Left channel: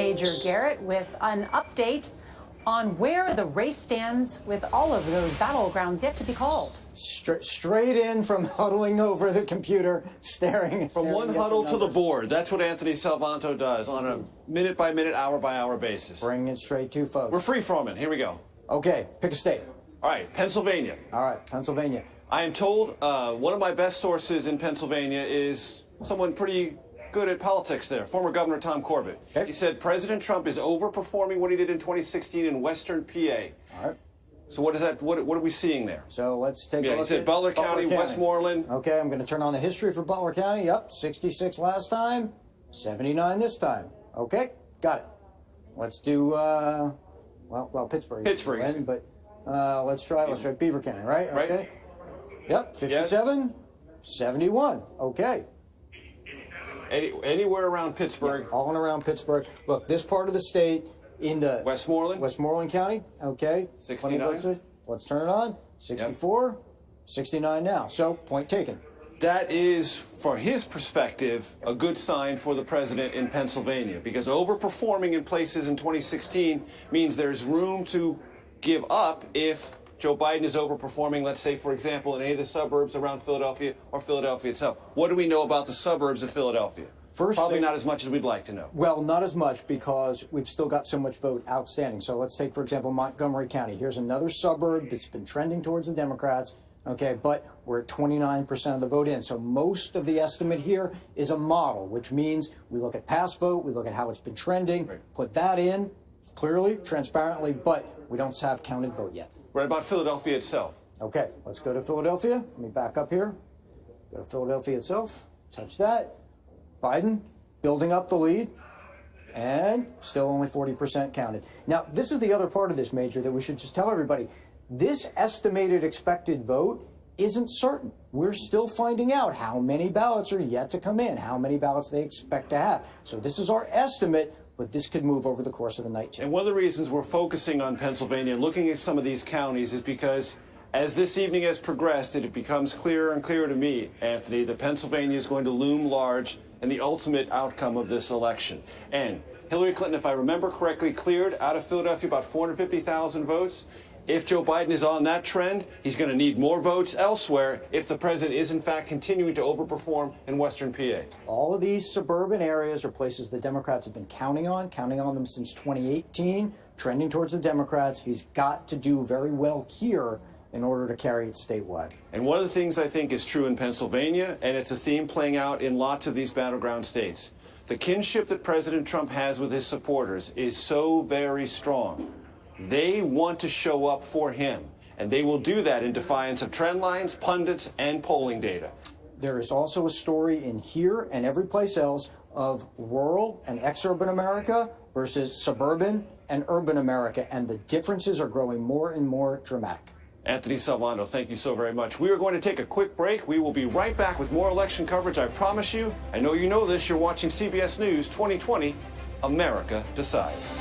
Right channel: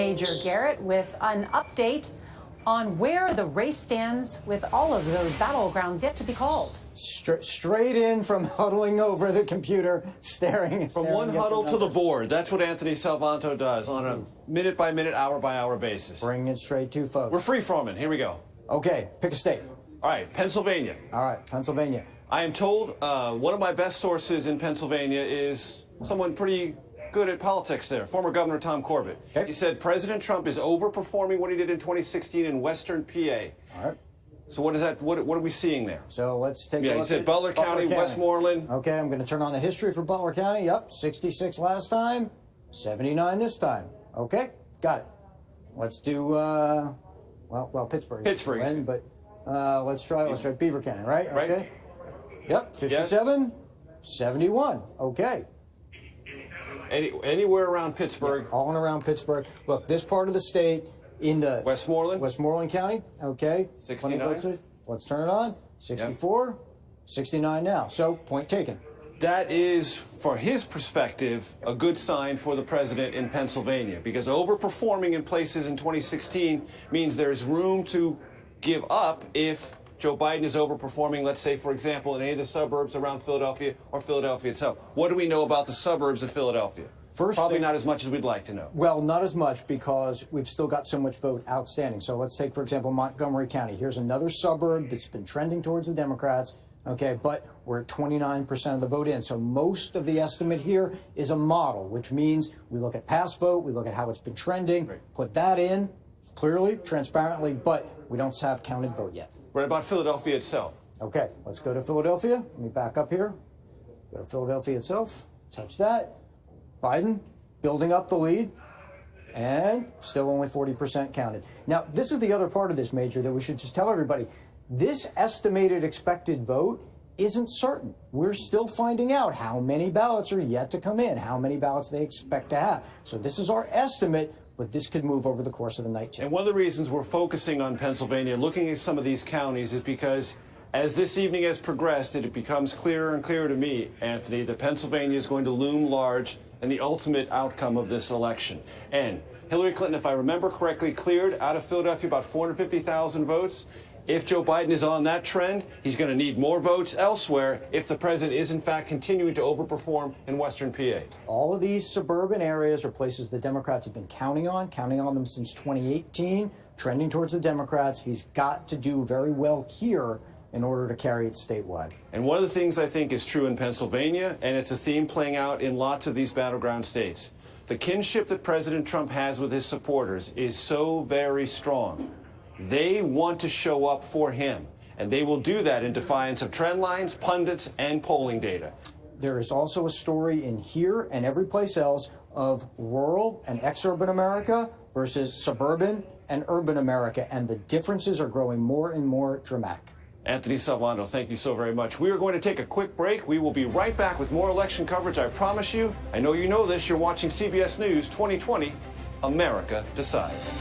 Major Garrett with an update on where the race stands with all of those battlegrounds yet to be called. Straight in from huddling over the computer, staring from one huddle to the board. That's what Anthony Salvanto does on a minute-by-minute, hour-by-hour basis. Bringing it straight to folks. We're free-forming. Here we go. Okay, pick a state. All right, Pennsylvania. All right, Pennsylvania. I am told one of my best sources in Pennsylvania is someone pretty good at politics there, former Governor Tom Corbett. Okay. He said President Trump is overperforming what he did in 2016 in Western PA. All right. So what is that? What are we seeing there? So let's take a look. He said Butler County, Westmoreland. Okay, I'm going to turn on the history for Butler County. Yep, 66 last time, 79 this time. Okay, got it. Let's do, well, Pittsburgh. Pittsburgh. Win, but let's try Beaver County, right? Right. Okay. Yep, 57, yes. 71. Okay. Anywhere around Pittsburgh. Yeah, all and around Pittsburgh. Look, this part of the state in the Westmoreland County. Okay. 69. Let's turn it on. 64, yep. 69 now. So point taken. That is, for his perspective, a good sign for the president in Pennsylvania, because overperforming in places in 2016 means there's room to give up if Joe Biden is overperforming, let's say, for example, in any of the suburbs around Philadelphia or Philadelphia itself. What do we know about the suburbs of Philadelphia? Probably not as much as we'd like to know. Well, not as much because we've still got so much vote outstanding. So let's take, for example, Montgomery County. Here's another suburb that's been trending towards the Democrats, okay, but we're at 29% of the vote in. So most of the estimate here is a model, which means we look at past vote, we look at how it's been trending, put that in clearly, transparently, but we don't have counted vote yet. What about Philadelphia itself? Okay, let's go to Philadelphia. Let me back up here. Go to Philadelphia itself. Touch that. Biden building up the lead, and still only 40% counted. Now, this is the other part of this, Major, that we should just tell everybody. This estimated expected vote isn't certain. We're still finding out how many ballots are yet to come in, how many ballots they expect to have. So this is our estimate, but this could move over the course of the night, too. And one of the reasons we're focusing on Pennsylvania, looking at some of these counties, is because as this evening has progressed, it becomes clearer and clearer to me, Anthony, that Pennsylvania is going to loom large in the ultimate outcome of this election. And Hillary Clinton, if I remember correctly, cleared out of Philadelphia about 450,000 votes. If Joe Biden is on that trend, he's going to need more votes elsewhere if the president is, in fact, continuing to overperform in Western PA. All of these suburban areas are places the Democrats have been counting on them since 2018, trending towards the Democrats. He's got to do very well here in order to carry it statewide. And one of the things I think is true in Pennsylvania, and it's a theme playing out in lots of these battleground states, the kinship that President Trump has with his supporters is so very strong. They want to show up for him, and they will do that in defiance of trend lines, pundits, and polling data. There is also a story in here and every place else of rural and exurban America versus suburban and urban America, and the differences are growing more and more dramatic. Anthony Salvanto, thank you so very much. We are going to take a quick break. We will be right back with more election coverage, I promise you. I know you know this. You're watching CBS News 2020. America Decides.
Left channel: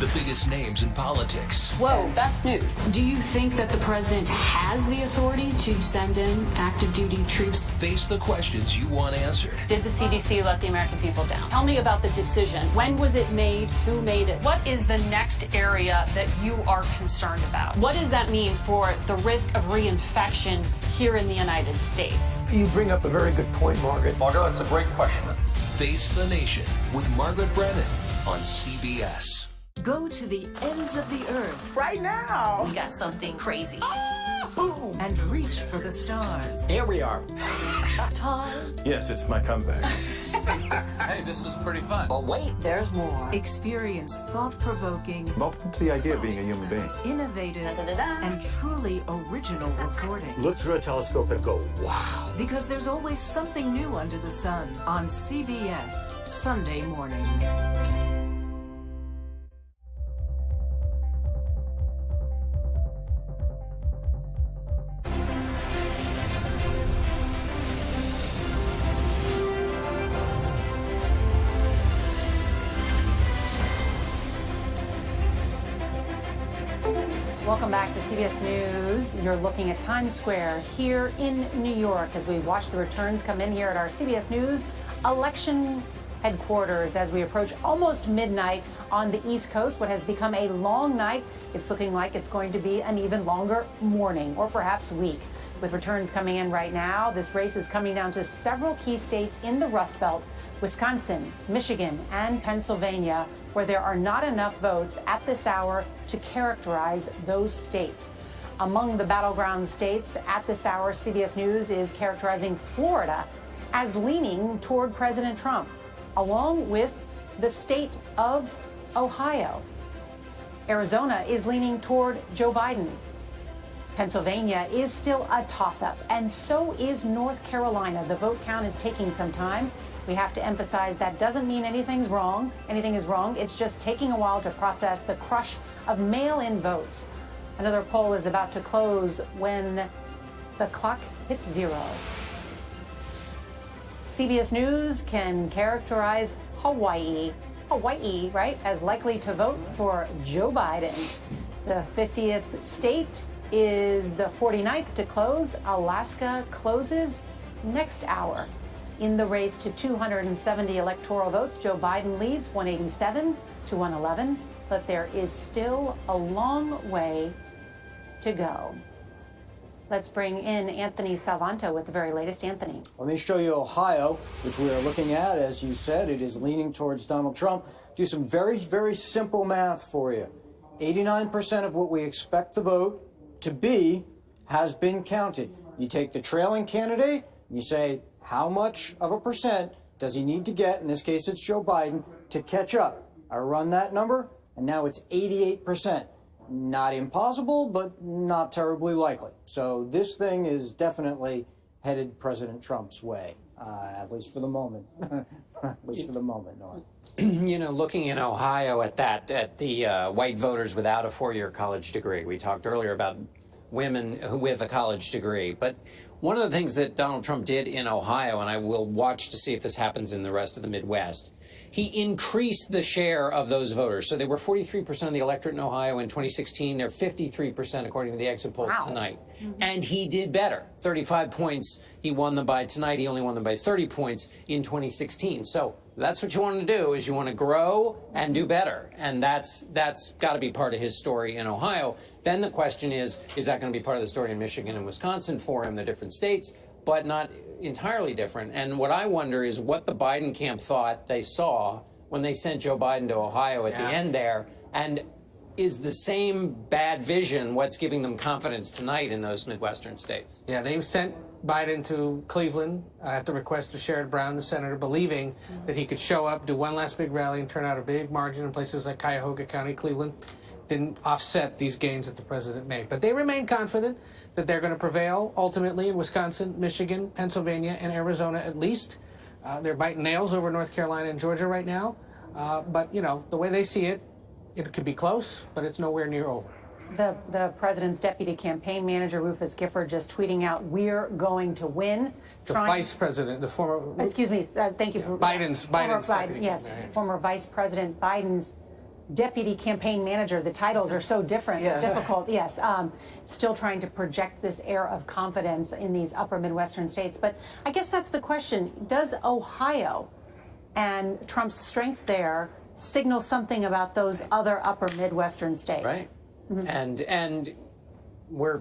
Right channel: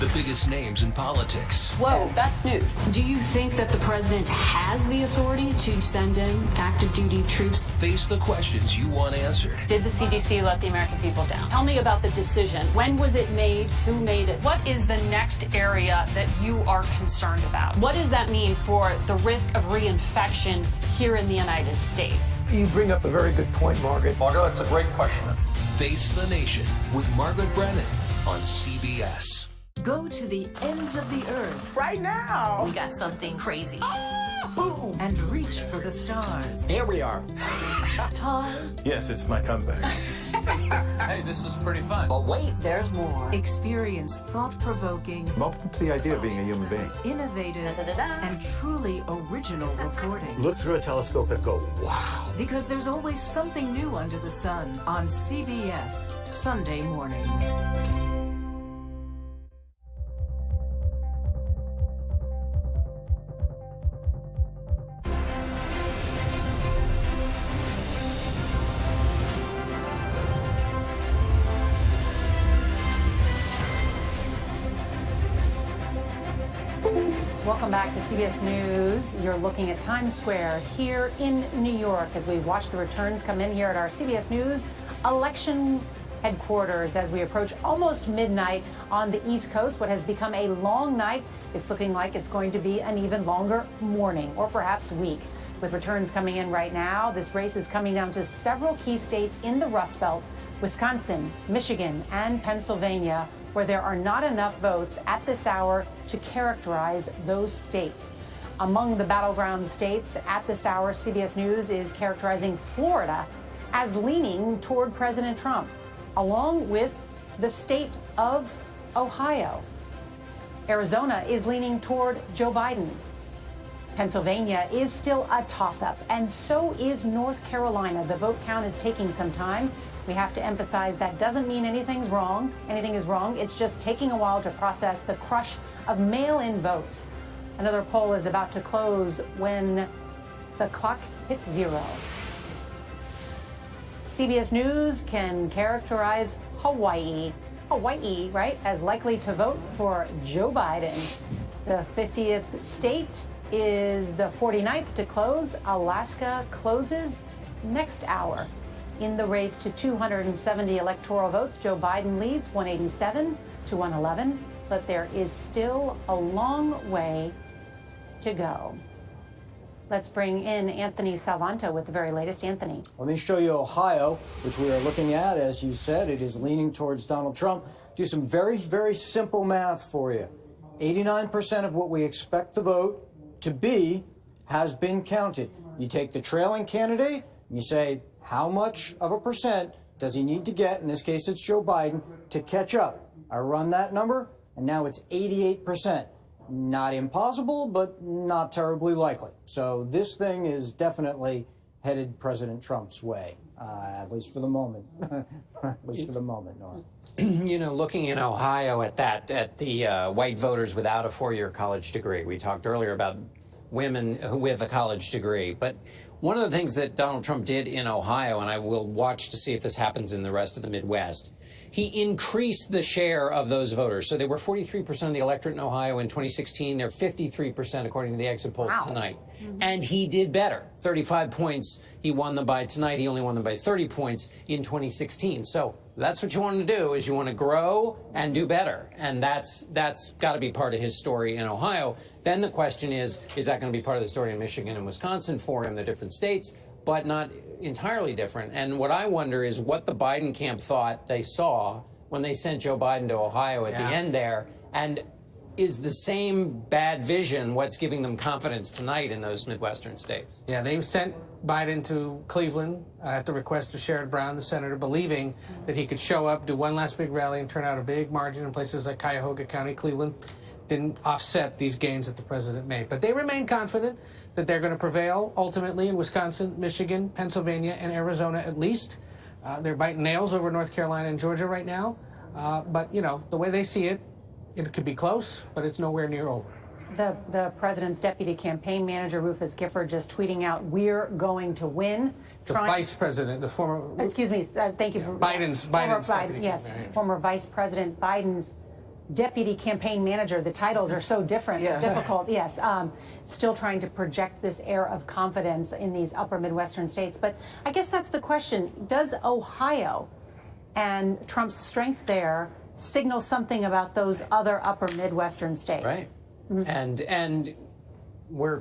The biggest names in politics. Whoa, that's news. Do you think that the president has the authority to send in active duty troops? Face the questions you want answered. Did the CDC let the American people down? Tell me about the decision. When was it made? Who made it? What is the next area that you are concerned about? What does that mean for the risk of reinfection here in the United States? You bring up a very good point, Margaret. Margaret, that's a great question. Face the Nation with Margaret Brennan on CBS. Go to the ends of the earth. Right now. We got something crazy. Boom. And reach for the stars. Here we are. Tom. Yes, it's my comeback. Hey, this is pretty fun. But wait, there's more. Experience thought-provoking. I'm open to the idea of being a human being. Innovative. And truly original reporting. Look through a telescope and go, wow. Because there's always something new under the sun on CBS Sunday morning. Welcome back to CBS News. You're looking at Times Square here in New York as we watch the returns come in here at our CBS News election headquarters as we approach almost midnight on the East Coast. What has become a long night, it's looking like it's going to be an even longer morning or perhaps week. With returns coming in right now, this race is coming down to several key states in the Rust Belt, Wisconsin, Michigan, and Pennsylvania, where there are not enough votes at this hour to characterize those states. Among the battleground states at this hour, CBS News is characterizing Florida as leaning toward President Trump, along with the state of Ohio. Arizona is leaning toward Joe Biden. Pennsylvania is still a toss-up, and so is North Carolina. The vote count is taking some time. We have to emphasize that doesn't mean anything is wrong. It's just taking a while to process the crush of mail-in votes. Another poll is about to close when the clock hits 0. CBS News can characterize Hawaii, right, as likely to vote for Joe Biden. The 50th state is the 49th to close. Alaska closes next hour. In the race to 270 electoral votes, Joe Biden leads 187 to 111, but there is still a long way to go. Let's bring in Anthony Salvanto with the very latest. Anthony. Let me show you Ohio, which we are looking at. As you said, it is leaning towards Donald Trump. Do some very, very simple math for you. 89% of what we expect the vote to be has been counted. You take the trailing candidate, and you say, how much of a percent does he need to get, in this case it's Joe Biden, to catch up? I run that number, and now it's 88%. Not impossible, but not terribly likely. So this thing is definitely headed President Trump's way, at least for the moment. At least for the moment, Nora. You know, looking in Ohio at the white voters without a four-year college degree. We talked earlier about women with a college degree, but one of the things that Donald Trump did in Ohio, and I will watch to see if this happens in the rest of the Midwest, he increased the share of those voters. So they were 43% of the electorate in Ohio in 2016. They're 53% according to the exit polls tonight. And he did better. 35 points he won them by tonight. He only won them by 30 points in 2016. So that's what you want to do, is you want to grow and do better. And that's got to be part of his story in Ohio. Then the question is that going to be part of the story in Michigan and Wisconsin for him? They're different states, but not entirely different. And what I wonder is what the Biden camp thought they saw when they sent Joe Biden to Ohio at the end there. And is the same bad vision what's giving them confidence tonight in those Midwestern states? Yeah, they sent Biden to Cleveland at the request of Sherrod Brown, the senator, believing that he could show up, do one last big rally, and turn out a big margin in places like Cuyahoga County, Cleveland. Didn't offset these gains that the president made. But they remain confident that they're going to prevail ultimately in Wisconsin, Michigan, Pennsylvania, and Arizona at least. They're biting nails over North Carolina and Georgia right now. But, you know, the way they see it, it could be close, but it's nowhere near over. The president's deputy campaign manager, Rufus Gifford, just tweeting out, "We're going to win." The vice president, the former... Excuse me, thank you for... Biden's Biden, yes, former Vice President Biden's deputy campaign manager. The titles are so different, difficult, yes. Still trying to project this air of confidence in these upper Midwestern states. But I guess that's the question. Does Ohio and Trump's strength there signal something about those other upper Midwestern states? Right. And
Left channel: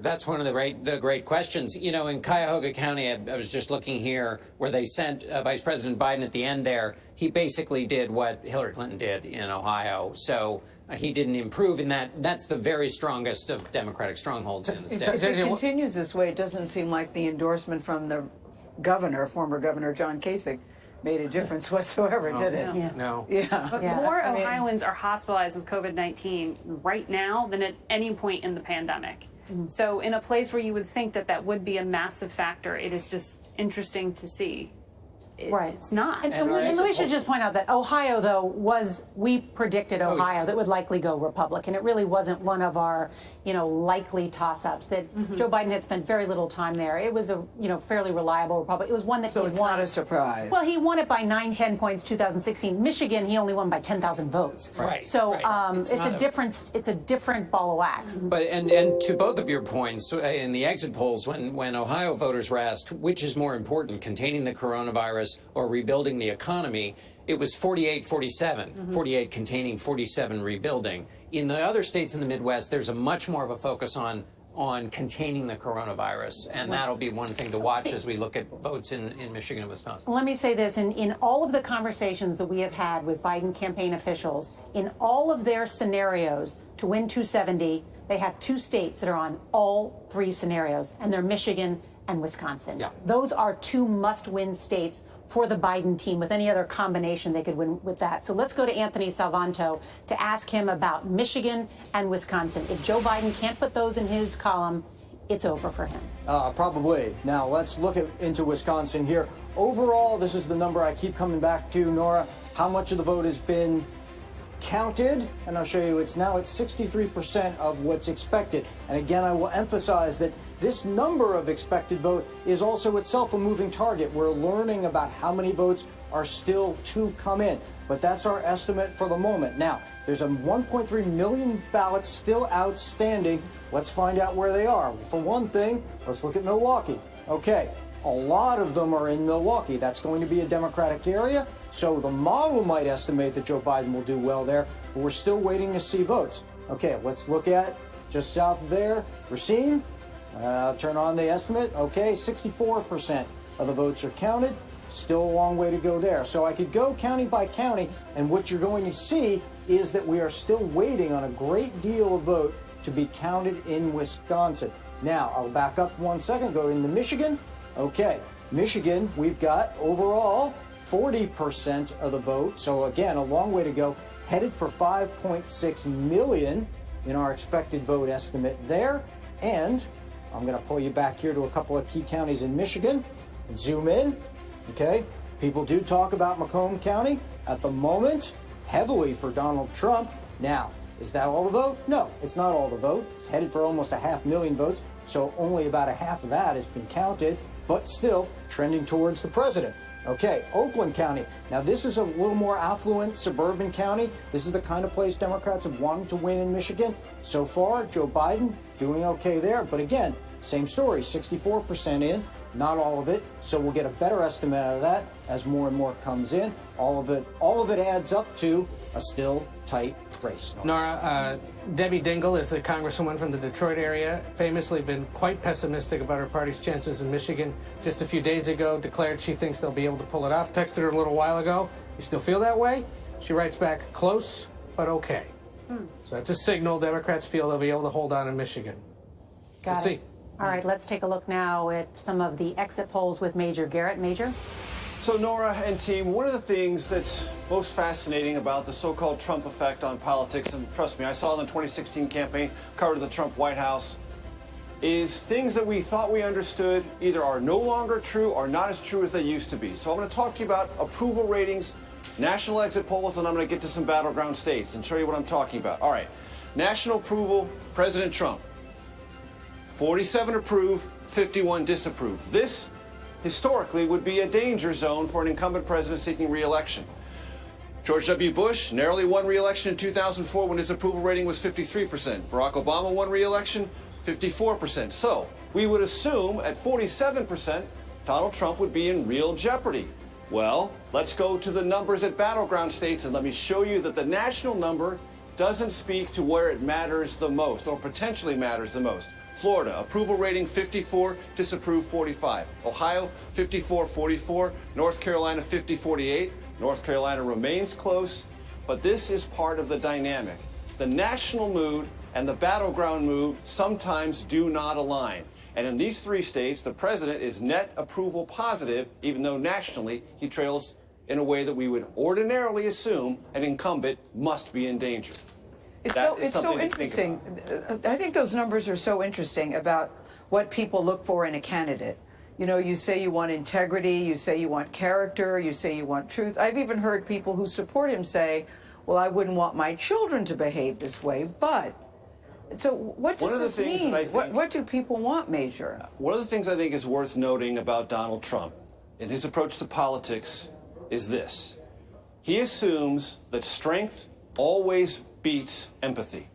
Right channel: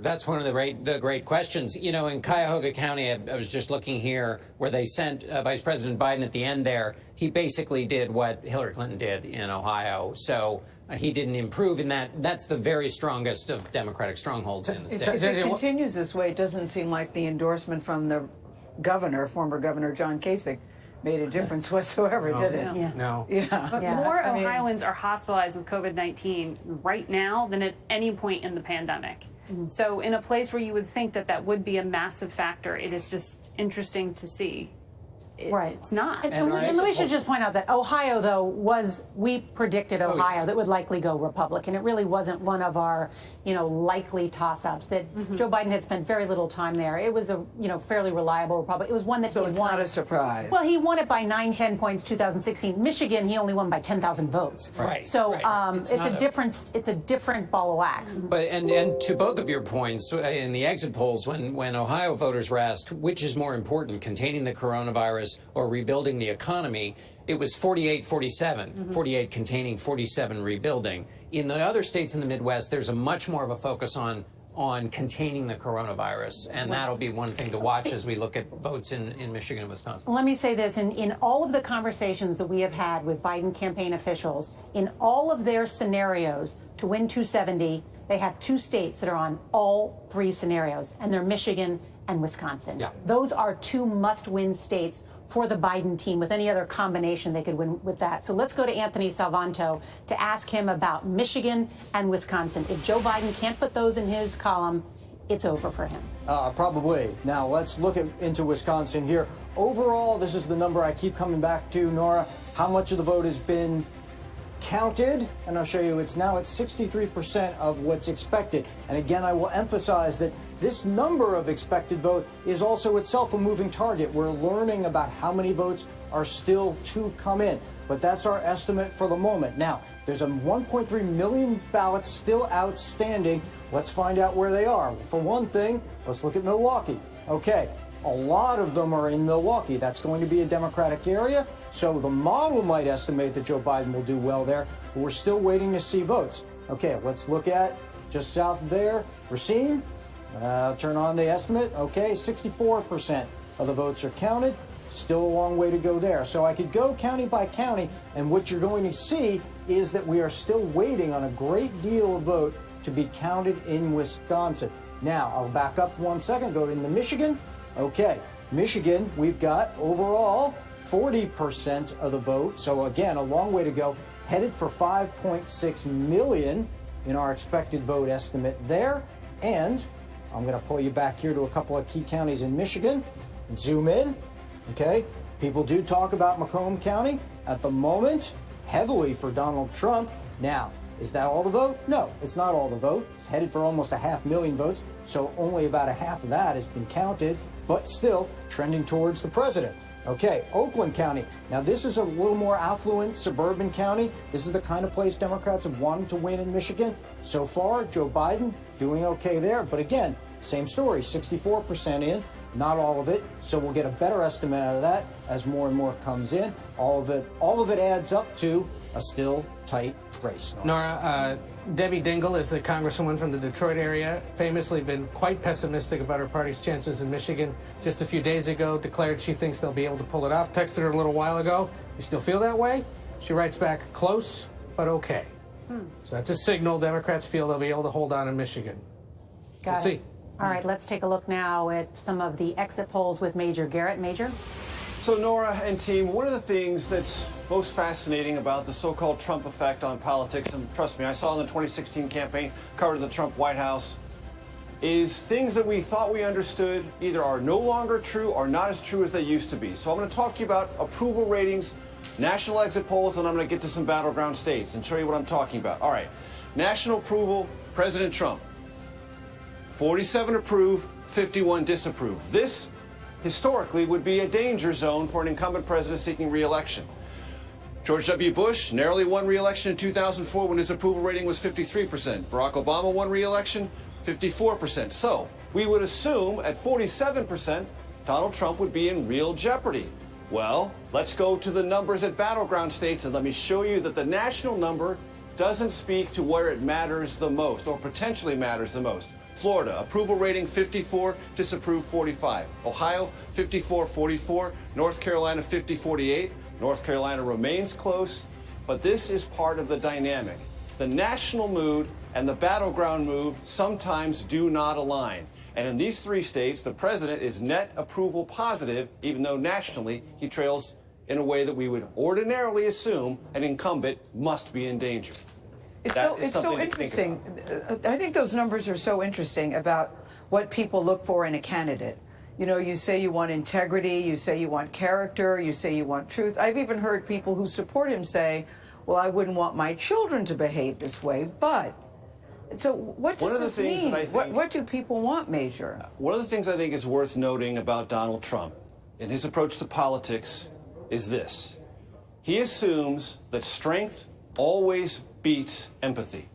that's one of the great questions. You know, in Cuyahoga County, I was just looking here, where they sent Vice President Biden at the end there. He basically did what Hillary Clinton did in Ohio. So he didn't improve in that. That's the very strongest of Democratic strongholds in the state. If it continues this way, it doesn't seem like the endorsement from the governor, former Governor John Kasich, made a difference whatsoever, did it? No. Yeah. But more Ohioans are hospitalized with COVID-19 right now than at any point in the pandemic. So in a place where you would think that would be a massive factor, it is just interesting to see. it's not. And we should just point out that Ohio, though, we predicted Ohio that would likely go Republican. It really wasn't one of our, likely toss-ups. That Joe Biden had spent very little time there. It was a, fairly reliable Republican. It was one that So he it's won. not a surprise. Well, he won it by 9-10 points 2016. Michigan, he only won by 10,000 votes. Right. So Right. it's a different ball of wax. But and to both of your points, in the exit polls, when Ohio voters were asked which is more important, containing the coronavirus or rebuilding the economy, it was 48-47. 48 containing, 47 rebuilding. In the other states in the Midwest, there's a much more of a focus on containing the coronavirus, and that'll be one thing to watch as we look at votes in Michigan and Wisconsin. Let me say this, in all of the conversations that we have had with Biden campaign officials, in all of their scenarios to win 270, they have two states that are on all three scenarios, and they're Michigan and Wisconsin. Yeah. Those are two must-win states for the Biden team. With any other combination, they could win with that. So let's go to Anthony Salvanto to ask him about Michigan and Wisconsin. If Joe Biden can't put those in his column, it's over for him. Probably. Now let's look into Wisconsin here. Overall, this is the number I keep coming back to, Nora. How much of the vote has been counted? And I'll show you. It's now at 63% of what's expected. And again, I will emphasize that this number of expected vote is also itself a moving target. We're learning about how many votes are still to come in, but that's our estimate for the moment. Now, there's a 1.3 million ballots still outstanding. Let's find out where they are. For one thing, let's look at Milwaukee. Okay, a lot of them are in Milwaukee. That's going to be a Democratic area, so the model might estimate that Joe Biden will do well there, but we're still waiting to see votes. Okay, let's look at just south of there, Racine. Turn on the estimate. Okay, 64% of the votes are counted. Still a long way to go there. So I could go county by county, and what you're going to see is that we are still waiting on a great deal of vote to be counted in Wisconsin. Now, I'll back up 1 second, go into Michigan. Okay, Michigan, we've got overall 40% of the vote. So again, a long way to go. Headed for 5.6 million in our expected vote estimate there. And I'm going to pull you back here to a couple of key counties in Michigan and zoom in. Okay, people do talk about Macomb County at the moment, heavily for Donald Trump. Now, is that all the vote? No, it's not all the vote. It's headed for almost 500,000 votes, so only about a half of that has been counted, but still trending towards the president. Okay, Oakland County. Now, this is a little more affluent suburban county. This is the kind of place Democrats have wanted to win in Michigan. So far, Joe Biden doing okay there. But again, same story, 64% in, not all of it. So we'll get a better estimate out of that as more and more comes in. All of it adds up to a still tight race. Nora, Debbie Dingell is the congresswoman from the Detroit area, famously been quite pessimistic about her party's chances in Michigan. Just a few days ago, declared she thinks they'll be able to pull it off. Texted her a little while ago. You still feel that way? She writes back, close, but okay. So that's a signal Democrats feel they'll be able to hold on in Michigan. We'll see. All right, let's take a look now at some of the exit polls with Major Garrett. Major? So Nora and team, one of the things that's most fascinating about the so-called Trump effect on politics, and trust me, I saw in the 2016 campaign, covered the Trump White House, is things that we thought we understood either are no longer true or not as true as they used to be. So I'm going to talk to you about approval ratings, national exit polls, and I'm going to get to some battleground states and show you what I'm talking about. All right, national approval, President Trump. 47 approve, 51 disapprove. This, historically, would be a danger zone for an incumbent president seeking re-election. George W. Bush narrowly won re-election in 2004 when his approval rating was 53%. Barack Obama won re-election, 54%. So we would assume at 47%, Donald Trump would be in real jeopardy. Well, let's go to the numbers at battleground states, and let me show you that the national number doesn't speak to where it matters the most, or potentially matters the most. Florida, approval rating 54, disapprove 45. Ohio, 54-44. North Carolina, 50-48. North Carolina remains close, but this is part of the dynamic. The national mood and the battleground mood sometimes do not align. And in these three states, the president is net approval positive, even though nationally he trails in a way that we would ordinarily assume an incumbent must be in danger. It's so interesting. I think those numbers are so interesting about what people look for in a candidate. You know, you say you want integrity, you say you want character, you say you want truth. I've even heard people who support him say, well, I wouldn't want my children to behave this way, but... So what does this mean? What do people want, Major? One of the things I think is worth noting about Donald Trump in his approach to politics is this. He assumes that strength always beats empathy,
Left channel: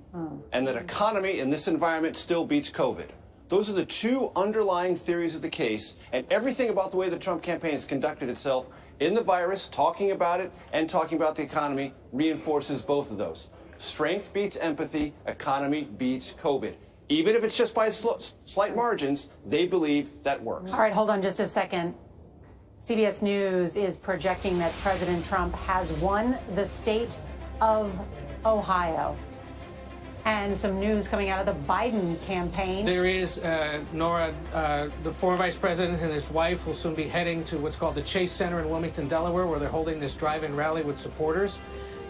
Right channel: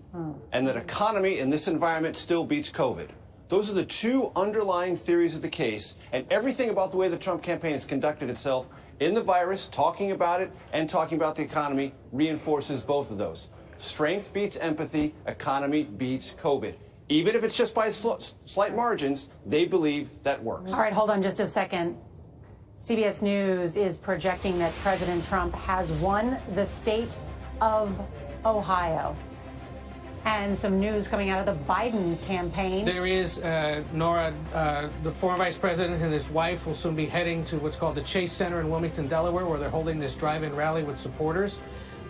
and that economy in this environment still beats COVID. Those are the two underlying theories of the case, and everything about the way the Trump campaign has conducted itself in the virus, talking about it and talking about the economy, reinforces both of those. Strength beats empathy, economy beats COVID. Even if it's just by slight margins, they believe that works. All right, hold on just a second. CBS News is projecting that President Trump has won the state of Ohio. And some news coming out of the Biden campaign. There is, Nora, the former vice president and his wife will soon be heading to what's called the Chase Center in Wilmington, Delaware, where they're holding this drive-in rally with supporters.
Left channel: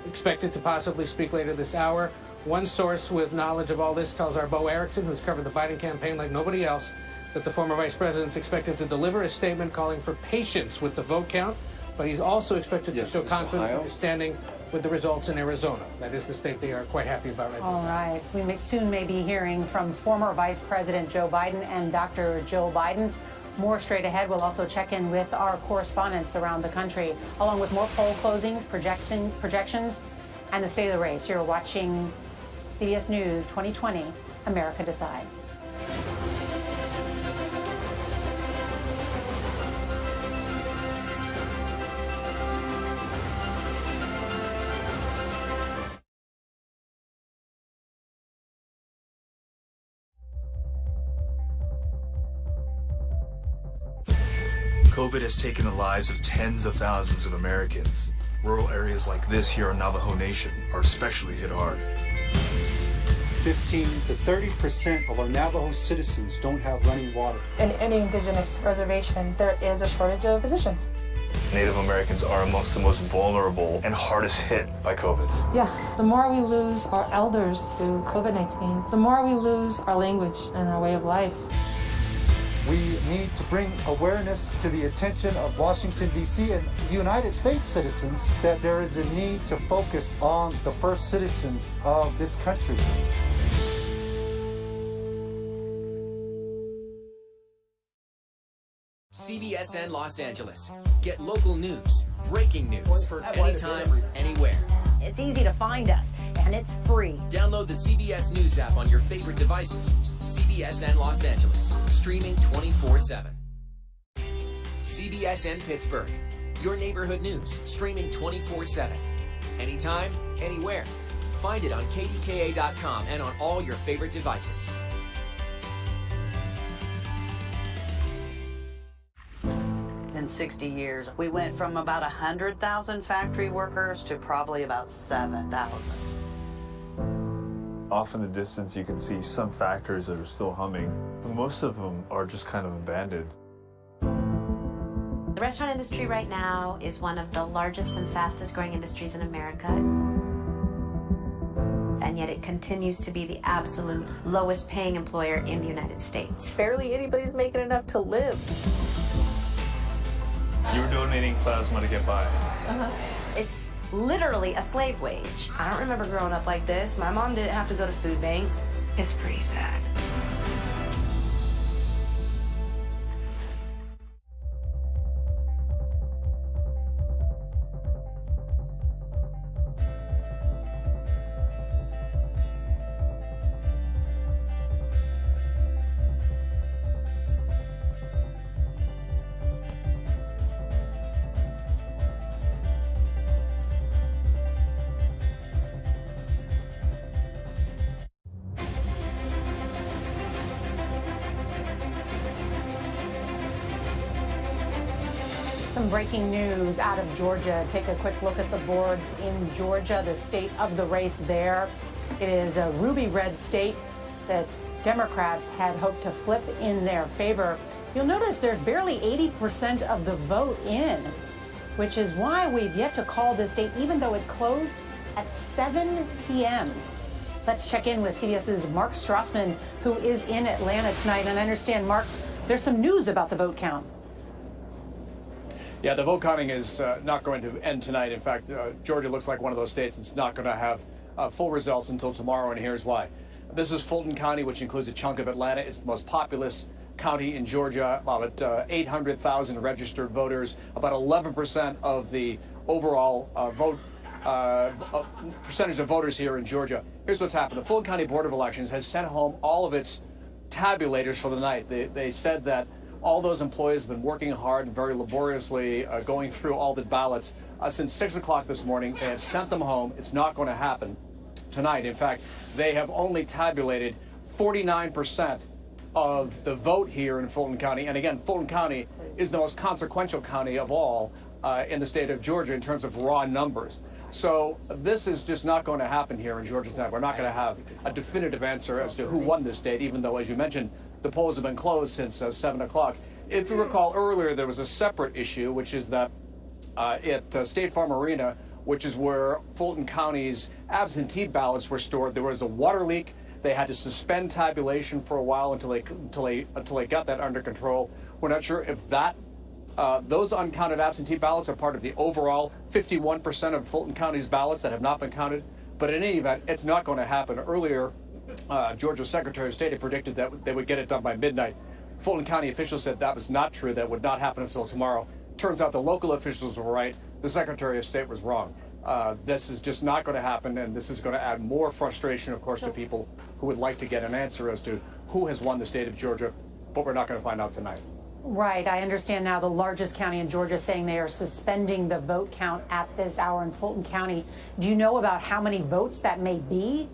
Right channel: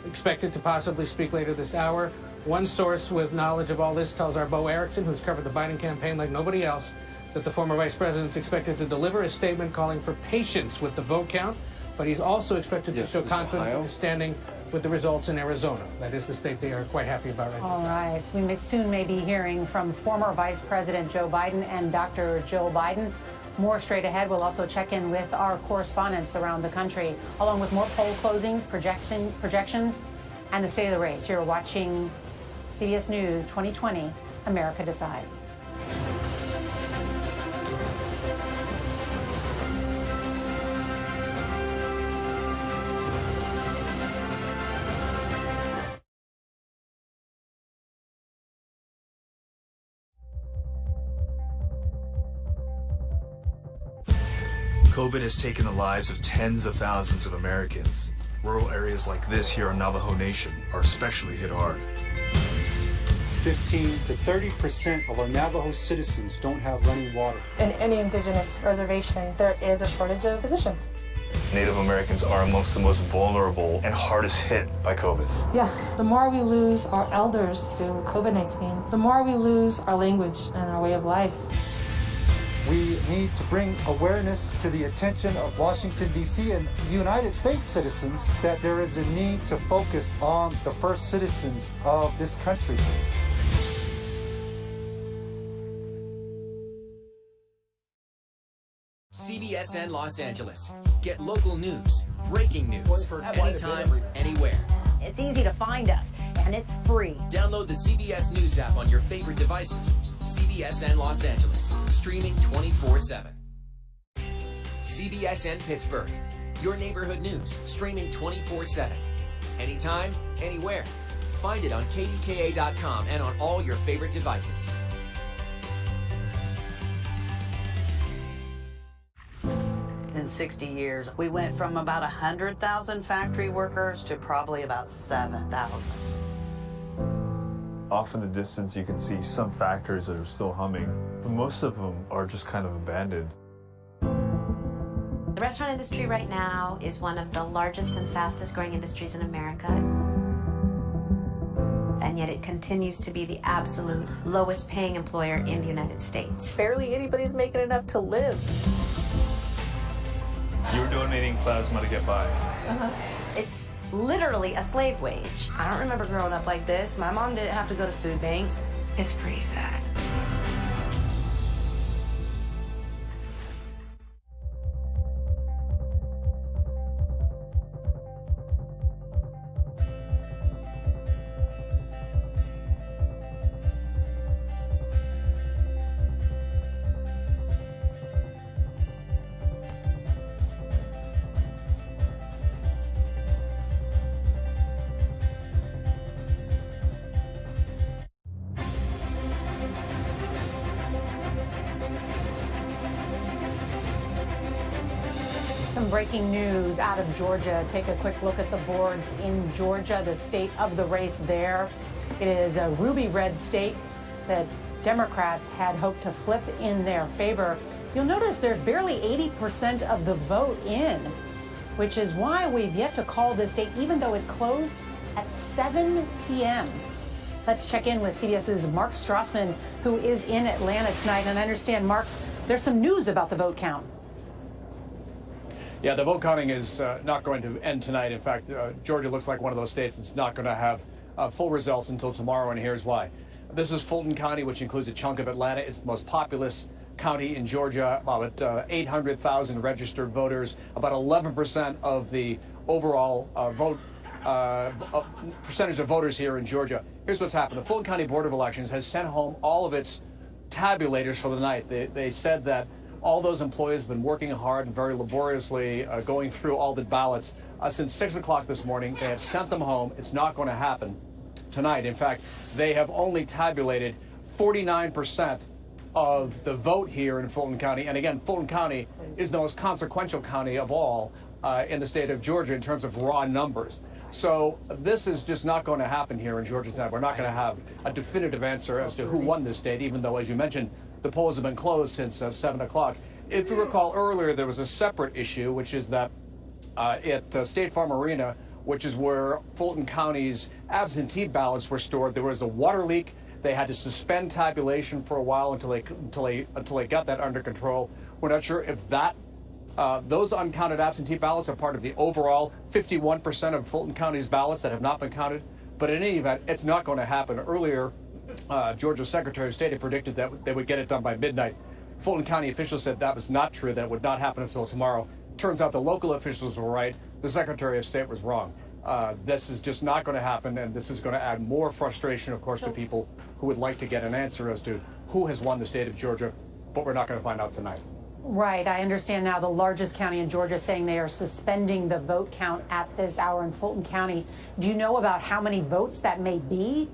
Expected to possibly speak later this hour. One source with knowledge of all this tells our Bo Erickson, who's covered the Biden campaign like nobody else, that the former vice president is expected to deliver a statement calling for patience with the vote count, but he's also expected to show confidence in his standing with the results in Arizona. That is the state they are quite happy about right now. All right. We soon may be hearing from former Vice President Joe Biden and Dr. Joe Biden. More straight ahead. We'll also check in with our correspondents around the country, along with more poll closings, projections, and the state of the race. You're watching CBS News 2020, America Decides. COVID has taken the lives of tens of thousands of Americans. Rural areas like this here in Navajo Nation are especially hit hard. 15 to 30% of our Navajo citizens don't have running water. In any indigenous reservation, there is a shortage of physicians. Native Americans are amongst the most vulnerable and hardest hit by COVID. Yeah, the more we lose our elders to COVID-19, the more we lose our language and our way of life. We need to bring awareness to the attention of Washington, D.C. and United States citizens that there is a need to focus on the first citizens of this country. CBSN Los Angeles. Get local news, breaking news, anytime, anywhere. It's easy to find us, and it's free. Download the CBS News app on your favorite devices. CBSN Los Angeles, streaming 24/7. CBSN Pittsburgh, your neighborhood news, streaming 24/7. Anytime, anywhere. Find it on KDKA.com and on all your favorite devices. In 60 years, we went from about 100,000 factory workers to probably about 7,000. Off in the distance, you can see some factories that are still humming. Most of them are just kind of abandoned. The restaurant industry right now is one of the largest and fastest growing industries in America. And yet it continues to be the absolute lowest paying employer in the United States. Barely anybody's making enough to live. You were donating plasma to get by. It's literally a slave wage. I don't remember growing up like this. My mom didn't have to go to food banks. It's pretty sad. Some breaking news out of Georgia. Take a quick look at the boards in Georgia, the state of the race there. It is a ruby red state that Democrats had hoped to flip in their favor. You'll notice there's barely 80% of the vote in, which is why we've yet to call this state, even though it closed at 7 p.m. Let's check in with CBS's Mark Strassman, who is in Atlanta tonight. And I understand, Mark, there's some news about the vote count. Yeah, the vote counting is not going to end tonight. In fact, Georgia looks like one of those states that's not going to have full results until tomorrow, and here's why. This is Fulton County, which includes a chunk of Atlanta. It's the most populous county in Georgia, about 800,000 registered voters, about 11% of the overall percentage of voters here in Georgia. Here's what's happened. The Fulton County Board of Elections has sent home all of its tabulators for the night. They said that all those employees have been working hard and very laboriously going through all the ballots since 6 o'clock this morning. They have sent them home. It's not going to happen tonight. In fact, they have only tabulated 49% of the vote here in Fulton County. And again, Fulton County is the most consequential county of all in the state of Georgia in terms of raw numbers. So this is just not going to happen here in Georgia tonight. We're not going to have a definitive answer as to who won this state, even though, as you mentioned, the polls have been closed since 7 o'clock. If you recall earlier, there was a separate issue, which is that at State Farm Arena, which is where Fulton County's absentee ballots were stored, there was a water leak. They had to suspend tabulation for a while until they got that under control. We're not sure if that those uncounted absentee ballots are part of the overall 51% of Fulton County's ballots that have not been counted. But in any event, it's not going to happen. Earlier, Georgia's Secretary of State had predicted that they would get it done by midnight. Fulton County officials said that was not true. That would not happen until tomorrow. Turns out the local officials were right. The Secretary of State was wrong. This is just not going to happen, and this is going to add more frustration, of course, to people who would like to get an answer as to who has won the state of Georgia, but we're not going to find out tonight. Right. I understand now the largest county in Georgia saying they are suspending the vote count at this hour in Fulton County. Do you know about how many votes that may be?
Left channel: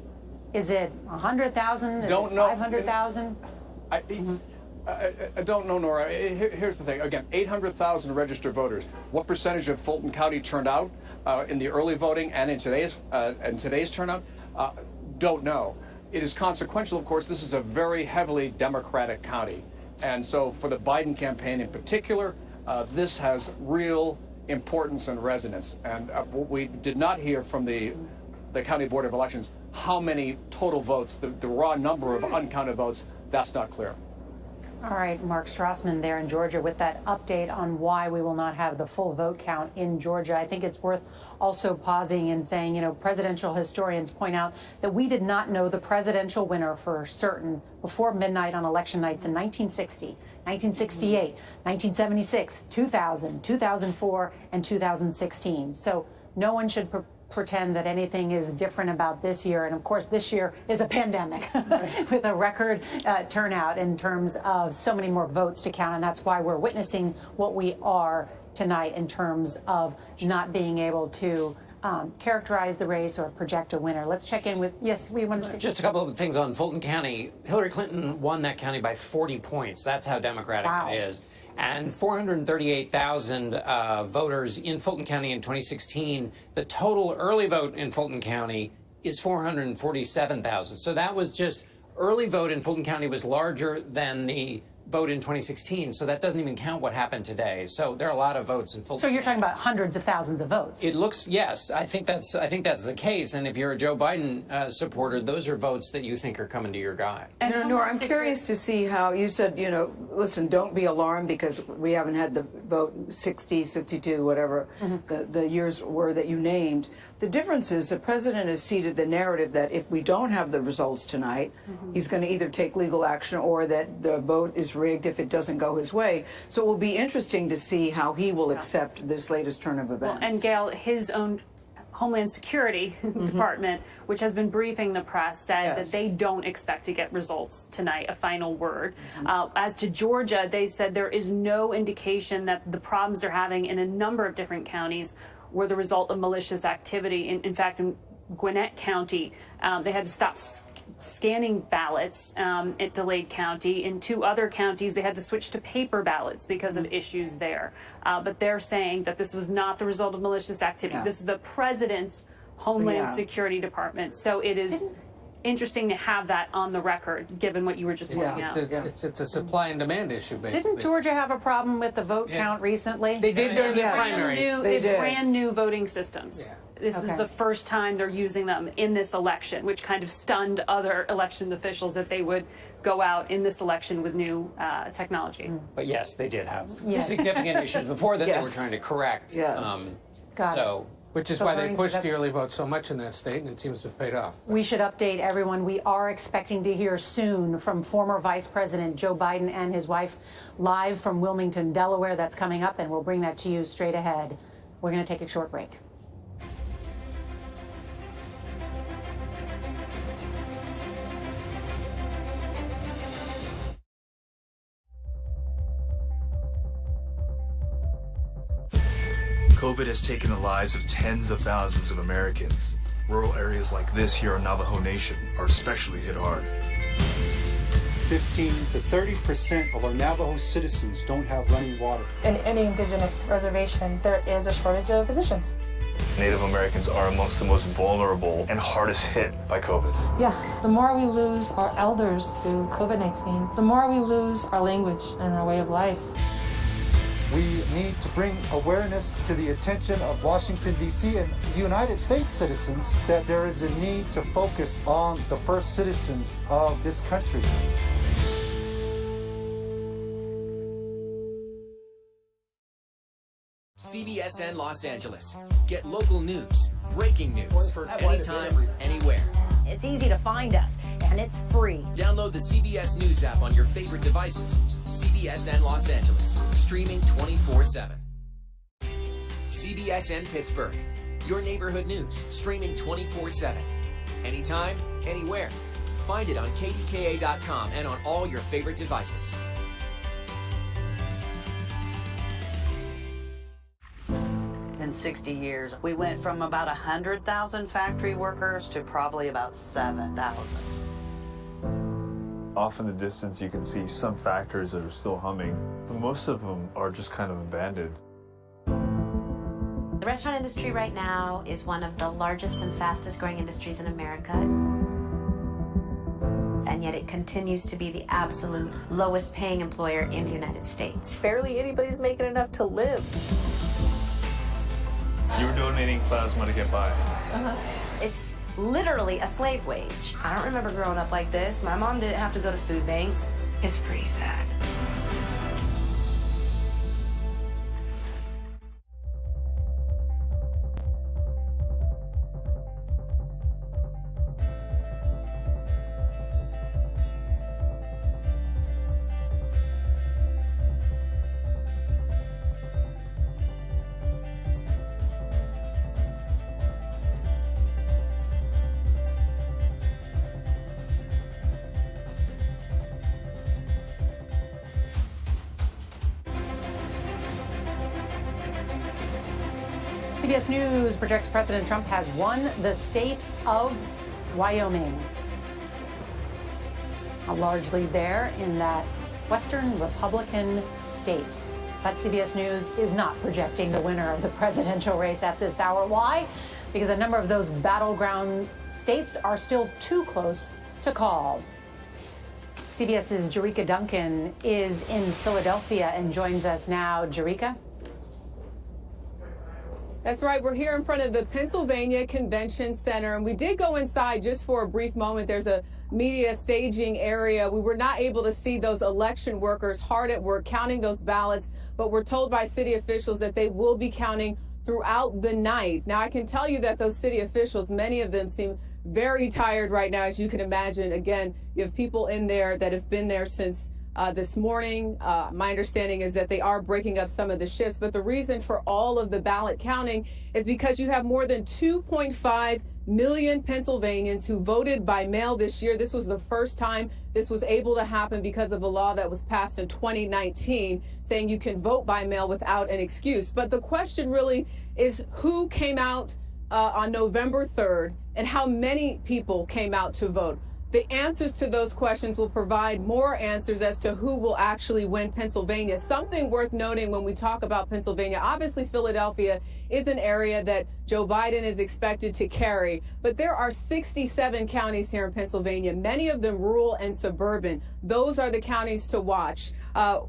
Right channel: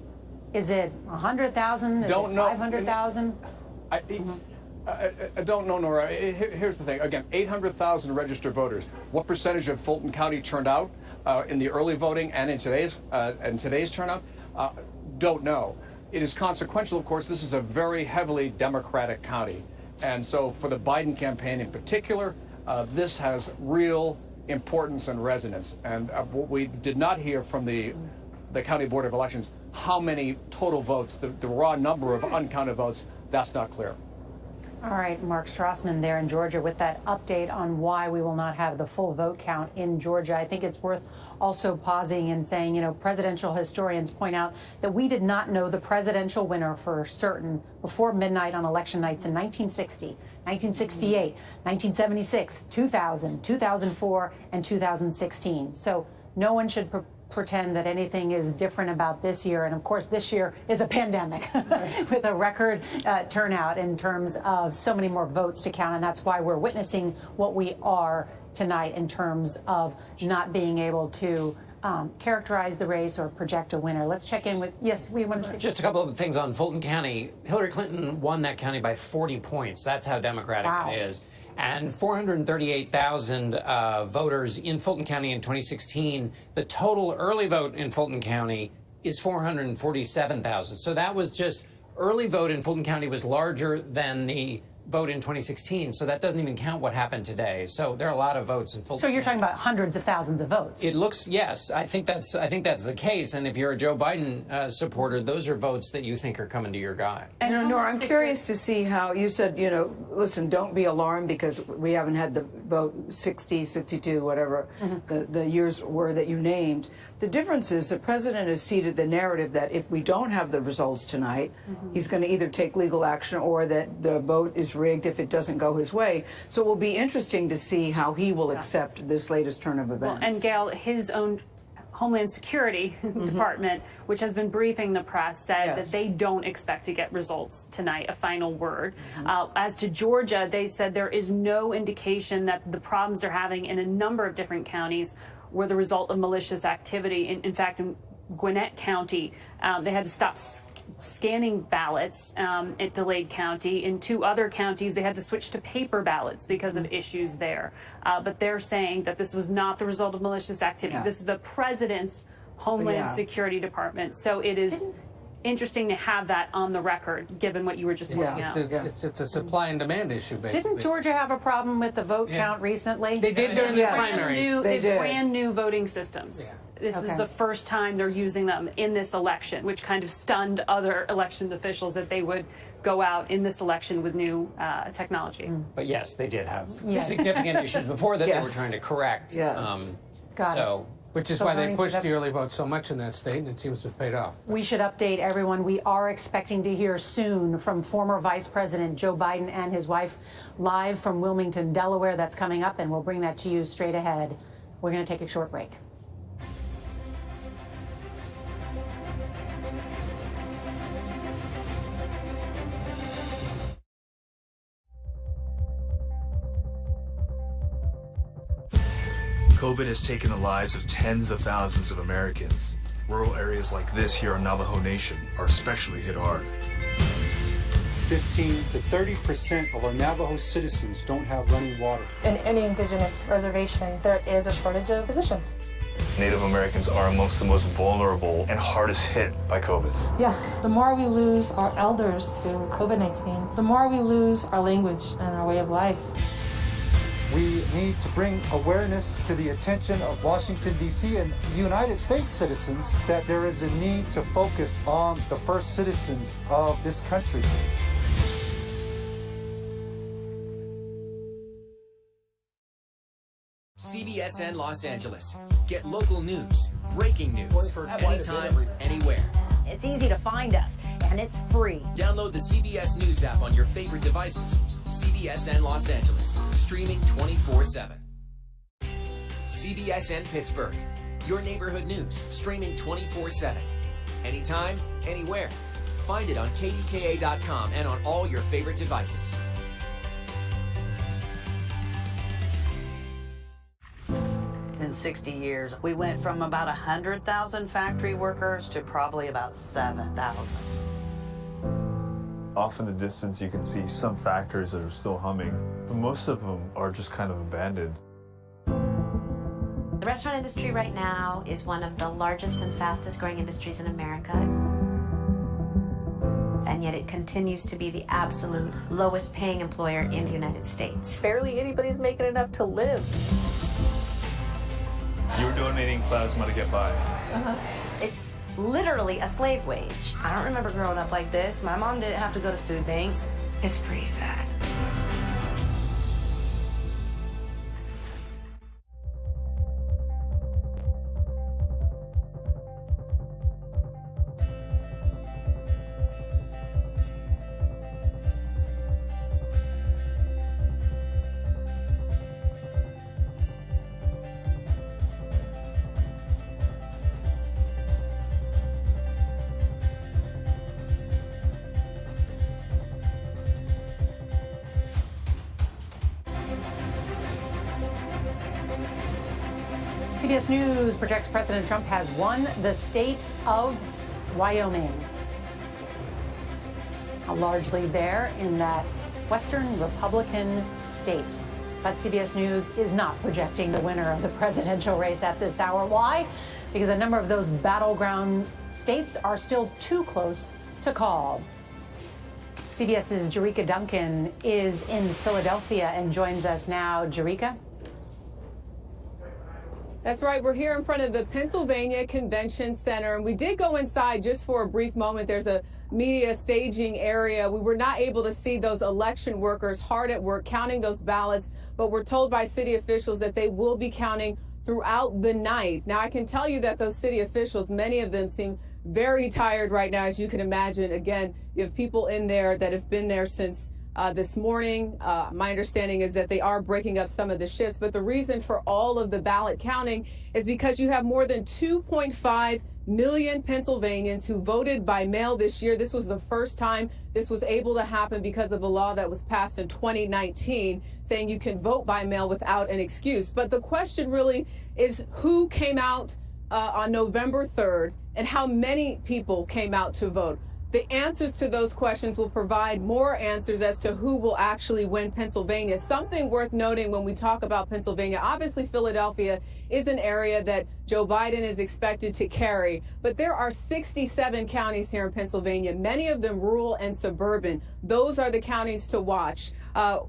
Is it 100,000? Is it 500,000? I don't know, Nora. Here's the thing. Again, 800,000 registered voters. What percentage of Fulton County turned out in the early voting and in today's turnout? Don't know. It is consequential, of course. This is a very heavily Democratic county. And so for the Biden campaign in particular, this has real importance and resonance. And we did not hear from the County Board of Elections how many total votes, the raw number of uncounted votes, that's not clear. All right, Mark Strassman there in Georgia with that update on why we will not have the full vote count in Georgia. I think it's worth also pausing and saying, you know, presidential historians point out that we did not know the presidential winner for certain before midnight on election nights in 1960, 1968, 1976, 2000, 2004, and 2016. So no one should pretend that anything is different about this year. And of course, this year is a pandemic with a record turnout in terms of so many more votes to count. And that's why we're witnessing what we are tonight in terms of not being able to characterize the race or project a winner. Let's check in with, yes, we want to say. Just a couple of things on Fulton County. Hillary Clinton won that county by 40 points. That's how Democratic it is. And 438,000 voters in Fulton County in 2016. The total early vote in Fulton County is 447,000. So that was just early vote in Fulton County was larger than the vote in 2016. So that doesn't even count what happened today. So there are a lot of votes in Fulton. So you're talking about hundreds of thousands of votes. It looks, yes, I think that's the case. And if you're a Joe Biden supporter, those are votes that you think are coming to your guy. You know, Nora, I'm curious to see how you said, you know, listen, don't be alarmed because we haven't had the vote 60, 62, whatever the years were that you named. The difference is the president has seeded the narrative that if we don't have the results tonight, he's going to either take legal action or that the vote is rigged if it doesn't go his way. So it will be interesting to see how he will accept this latest turn of events. Well, and Gail, his own Homeland Security Department, which has been briefing the press, said that they don't expect to get results tonight, a final word. As to Georgia, they said there is no indication that the problems they're having in a number of different counties were the result of malicious activity. In fact, in Gwinnett County, they had to stop scanning ballots at Dade County. In 2 other counties, they had to switch to paper ballots because of issues there. But they're saying that this was not the result of malicious activity. This is the president's Homeland Security Department. So it is interesting to have that on the record, given what you were just pointing out. It's a supply and demand issue, basically. Didn't Georgia have a problem with the vote count recently? They did during the primary. They brand new voting systems. This is the first time they're using them in this election, which kind of stunned other election officials that they would go out in this election with new technology. But yes, they did have Yes. significant issues before that they were Yes. trying to correct. Yes. Got it. Which is So why they voting pushed for the early vote so much in that state, and it seems to have paid off. We should update everyone. We are expecting to hear soon from former Vice President Joe Biden and his wife live from Wilmington, Delaware. That's coming up, and we'll bring that to you straight ahead. We're going to take a short break. COVID has taken the lives of tens of thousands of Americans. Rural areas like this here in Navajo Nation are especially hit hard. 15 to 30% of our Navajo citizens don't have running water. In any indigenous reservation, there is a shortage of physicians. Native Americans are amongst the most vulnerable and hardest hit by COVID. Yeah, the more we lose our elders to COVID-19, the more we lose our language and our way of life. We need to bring awareness to the attention of Washington, D.C. and United States citizens that there is a need to focus on the first citizens of this country. CBSN Los Angeles. Get local news, breaking news, anytime, anywhere. It's easy to find us, and it's free. Download the CBS News app on your favorite devices. CBSN Los Angeles, streaming 24/7. CBSN Pittsburgh, your neighborhood news, streaming 24/7. Anytime, anywhere. Find it on KDKA.com and on all your favorite devices. In 60 years, we went from about 100,000 factory workers to probably about 7,000. Off in the distance, you can see some factories that are still humming. Most of them are just kind of abandoned. The restaurant industry right now is one of the largest and fastest growing industries in America. And yet it continues to be the absolute lowest paying employer in the United States. Barely anybody's making enough to live. You're donating plasma to get by. It's literally a slave wage. I don't remember growing up like this. My mom didn't have to go to food banks. It's pretty sad. CBS News projects President Trump has won the state of Wyoming. A large lead there in that Western Republican state. But CBS News is not projecting the winner of the presidential race at this hour. Why? Because a number of those battleground states are still too close to call. CBS's Jerika Duncan is in Philadelphia and joins us now. Jerika? That's right. We're here in front of the Pennsylvania Convention Center, and we did go inside just for a brief moment. There's a media staging area. We were not able to see those election workers hard at work counting those ballots, but we're told by city officials that they will be counting throughout the night. Now, I can tell you that those city officials, many of them seem very tired right now, as you can imagine. Again, you have people in there that have been there since this morning. My understanding is that they are breaking up some of the shifts, but the reason for all of the ballot counting is because you have more than 2.5 million Pennsylvanians who voted by mail this year. This was the first time this was able to happen because of a law that was passed in 2019 saying you can vote by mail without an excuse. But the question really is who came out on November 3rd and how many people came out to vote. The answers to those questions will provide more answers as to who will actually win Pennsylvania. Something worth noting when we talk about Pennsylvania, obviously Philadelphia is an area that Joe Biden is expected to carry, but there are 67 counties here in Pennsylvania, many of them rural and suburban. Those are the counties to watch.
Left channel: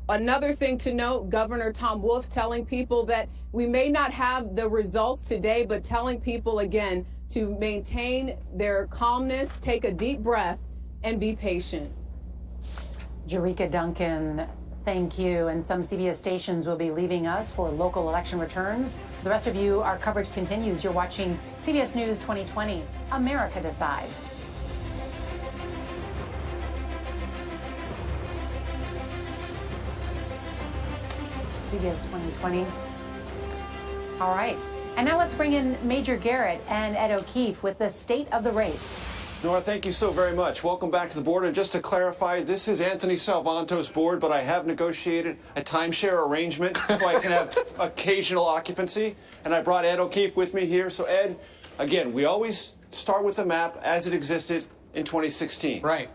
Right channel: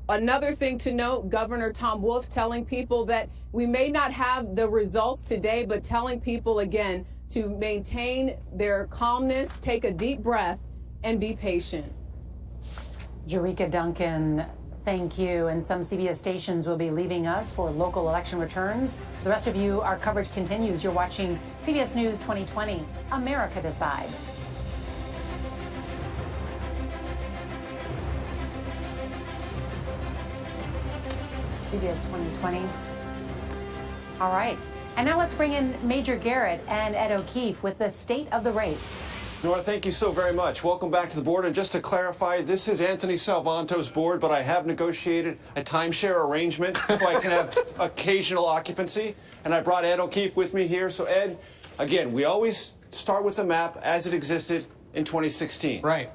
Another thing to note, Governor Tom Wolf telling people that we may not have the results today, but telling people again to maintain their calmness, take a deep breath, and be patient. Jerika Duncan, thank you. And some CBS stations will be leaving us for local election returns. The rest of you, our coverage continues. You're watching CBS News 2020, America Decides. CBS 2020. All right. And now let's bring in Major Garrett and Ed O'Keefe with the state of the race. Nora, thank you so very much. Welcome back to the board. And just to clarify, this is Anthony Salvanto's board, but I have negotiated a timeshare arrangement so I can have occasional occupancy. And I brought Ed O'Keefe with me here. So, Ed, again, we always start with the map as it existed in 2016. Right.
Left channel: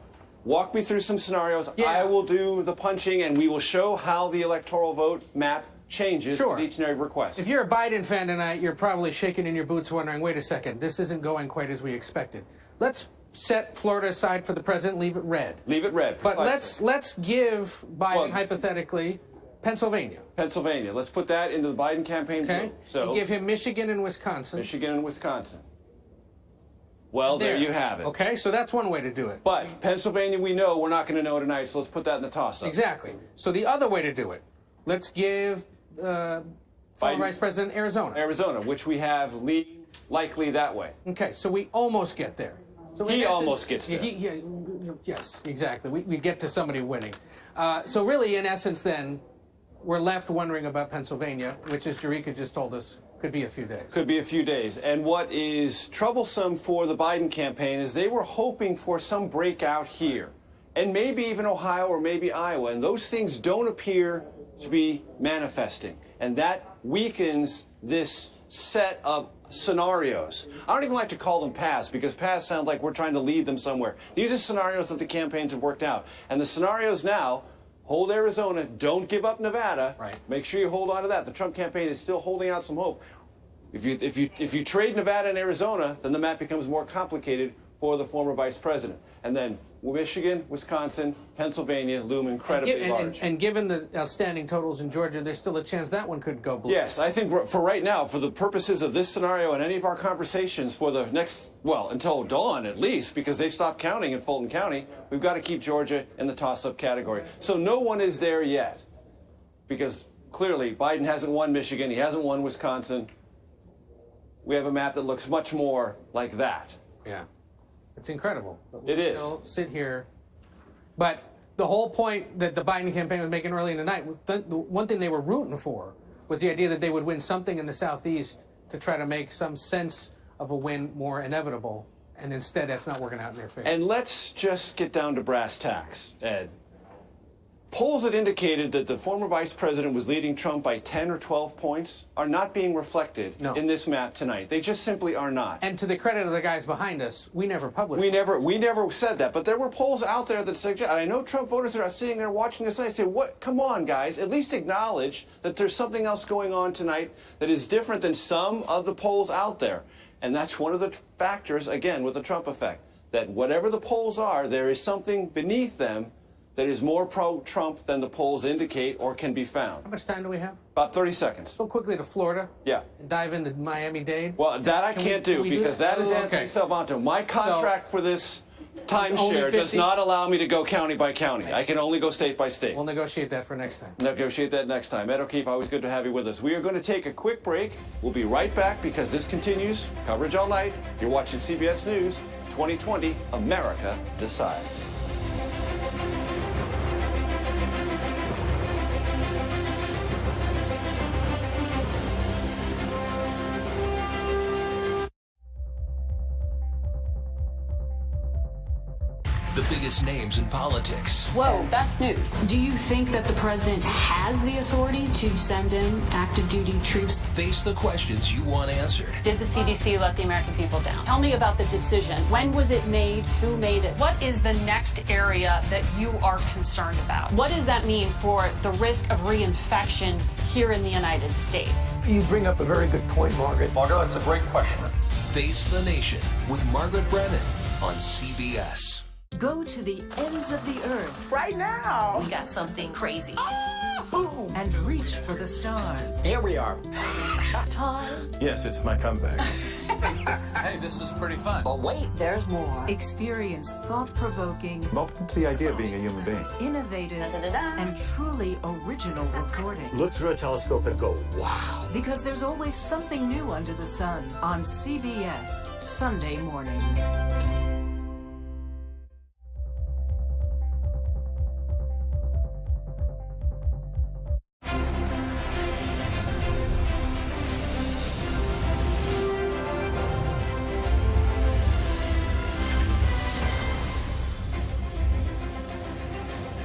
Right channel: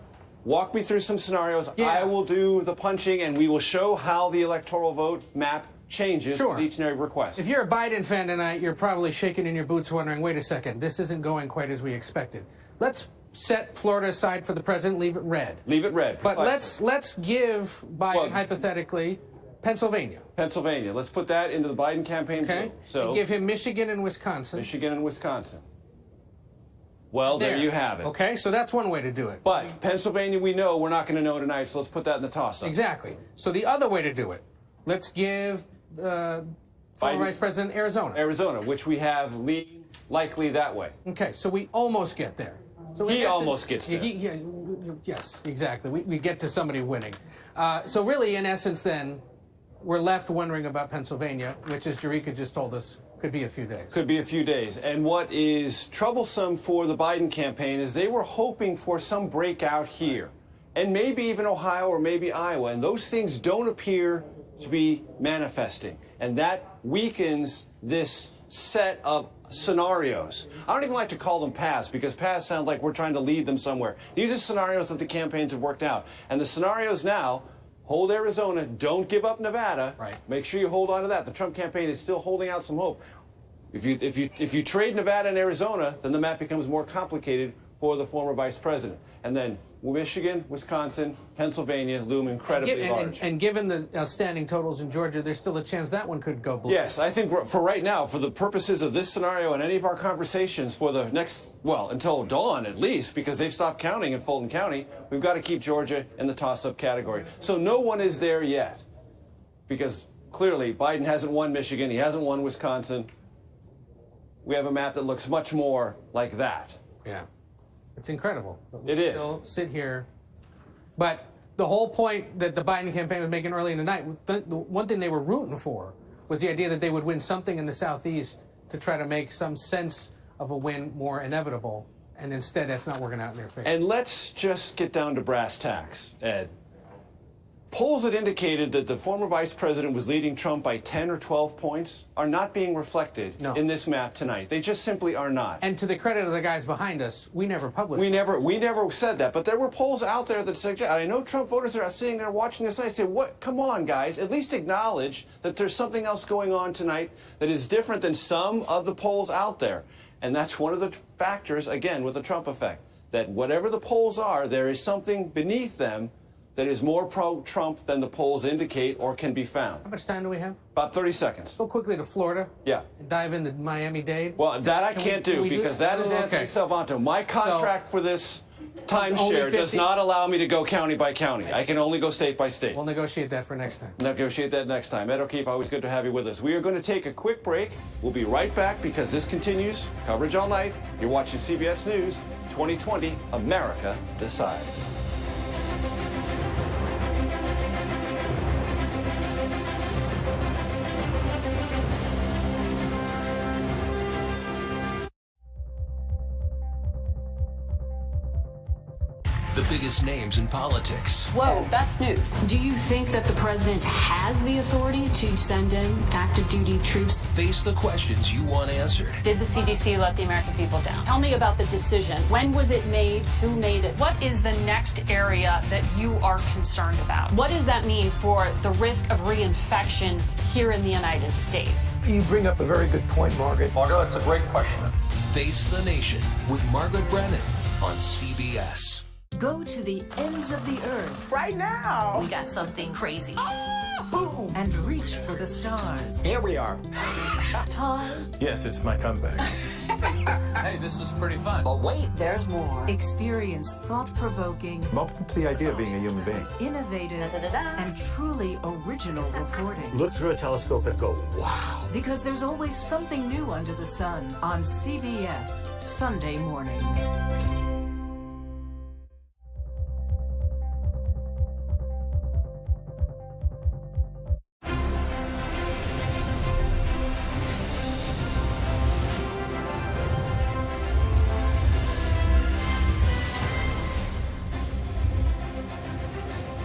Walk me through some scenarios. Yeah. I will do the punching, and we will show how the electoral vote map changes with each and every request. If you're a Biden fan tonight, you're probably shaking in your boots wondering, wait a second, this isn't going quite as we expected. Let's set Florida aside for the president, leave it red. Leave it red. But let's give Biden, hypothetically, Pennsylvania. Pennsylvania. Let's put that into the Biden campaign Okay. bill. So And give him Michigan and Wisconsin. Michigan and Wisconsin. Well, there you have it. Okay, so that's one way to do it. But Pennsylvania, we know we're not going to know tonight, so let's put that in the toss-up. Exactly. So the other way to do it, let's give former Vice President Arizona. Arizona, which we have leaning likely that way. Okay, so we almost get there. So in He essence, almost gets there. Yes, exactly. We get to somebody winning. So really, in essence, then, we're left wondering about Pennsylvania, which, as Jerika just told us, could be a few days. Could be a few days. And what is troublesome for the Biden campaign is they were hoping for some breakout here, and maybe even Ohio or maybe Iowa, and those things don't appear to be manifesting. And that weakens this set of scenarios. I don't even like to call them paths, because paths sound like we're trying to lead them somewhere. These are scenarios that the campaigns have worked out. And the scenarios now: hold Arizona, don't give up Nevada. Right. Make sure you hold on to that. The Trump campaign is still holding out some hope. If you trade Nevada and Arizona, then the map becomes more complicated for the former vice president. And then Michigan, Wisconsin, Pennsylvania loom incredibly large. And given the outstanding totals in Georgia, there's still a chance that one could go blue. Yes, I think for right now, for the purposes of this scenario and any of our conversations for the next, well, until dawn at least, because they've stopped counting in Fulton County, we've got to keep Georgia in the toss-up category. So no one is there yet, because clearly Biden hasn't won Michigan, he hasn't won Wisconsin. We have a map that looks much more like that. Yeah. It's incredible. But we It is. still sit here. But the whole point that the Biden campaign was making early in the night, the one thing they were rooting for was the idea that they would win something in the Southeast to try to make some sense of a win more inevitable. And instead, that's not working out in their favor. And let's just get down to brass tacks, Ed. Polls that indicated that the former vice president was leading Trump by 10 or 12 points are not being reflected in this map tonight. They just simply are not. And to the credit of the guys behind us, we never published We never said that, but there were polls out there that suggest, and I know Trump voters are sitting there watching this, and I say, what? Come on, guys, at least acknowledge that there's something else going on tonight that is different than some of the polls out there. And that's one of the factors, again, with the Trump effect, that whatever the polls are, there is something beneath them that is more pro-Trump than the polls indicate or can be found. How much time do we have? About 30 seconds. Go quickly to Florida. Yeah. And dive into Miami-Dade. Well, that I Can can't we do, do because that? that is Anthony Salvanto. My contract for this timeshare does not allow me to go county by county. I can only go state by state. We'll negotiate that for next time. Negotiate that next time. Ed O'Keefe, always good to have you with us. We are going to take a quick break. We'll be right back because this continues. Coverage all night. You're watching CBS News 2020, America Decides. The biggest names in politics. Whoa, that's news. Do you think that the president has the authority to send in active duty troops? Face the questions you want answered. Did the CDC let the American people down? Tell me about the decision. When was it made? Who made it? What is the next area that you are concerned about? What does that mean for the risk of reinfection here in the United States? You bring up a very good point, Margaret. Margaret, it's a great question. Face the Nation with Margaret Brennan on CBS. Go to the ends of the earth. Right now. We got something crazy. And reach for the stars. Here we are. Time. Yes, it's my comeback. Hey, this is pretty fun. But wait, there's more. Experience thought-provoking, I'm open to the idea of being a human being. innovative, and truly original reporting. Look through a telescope and go, wow. Because there's always something new under the sun on CBS Sunday morning.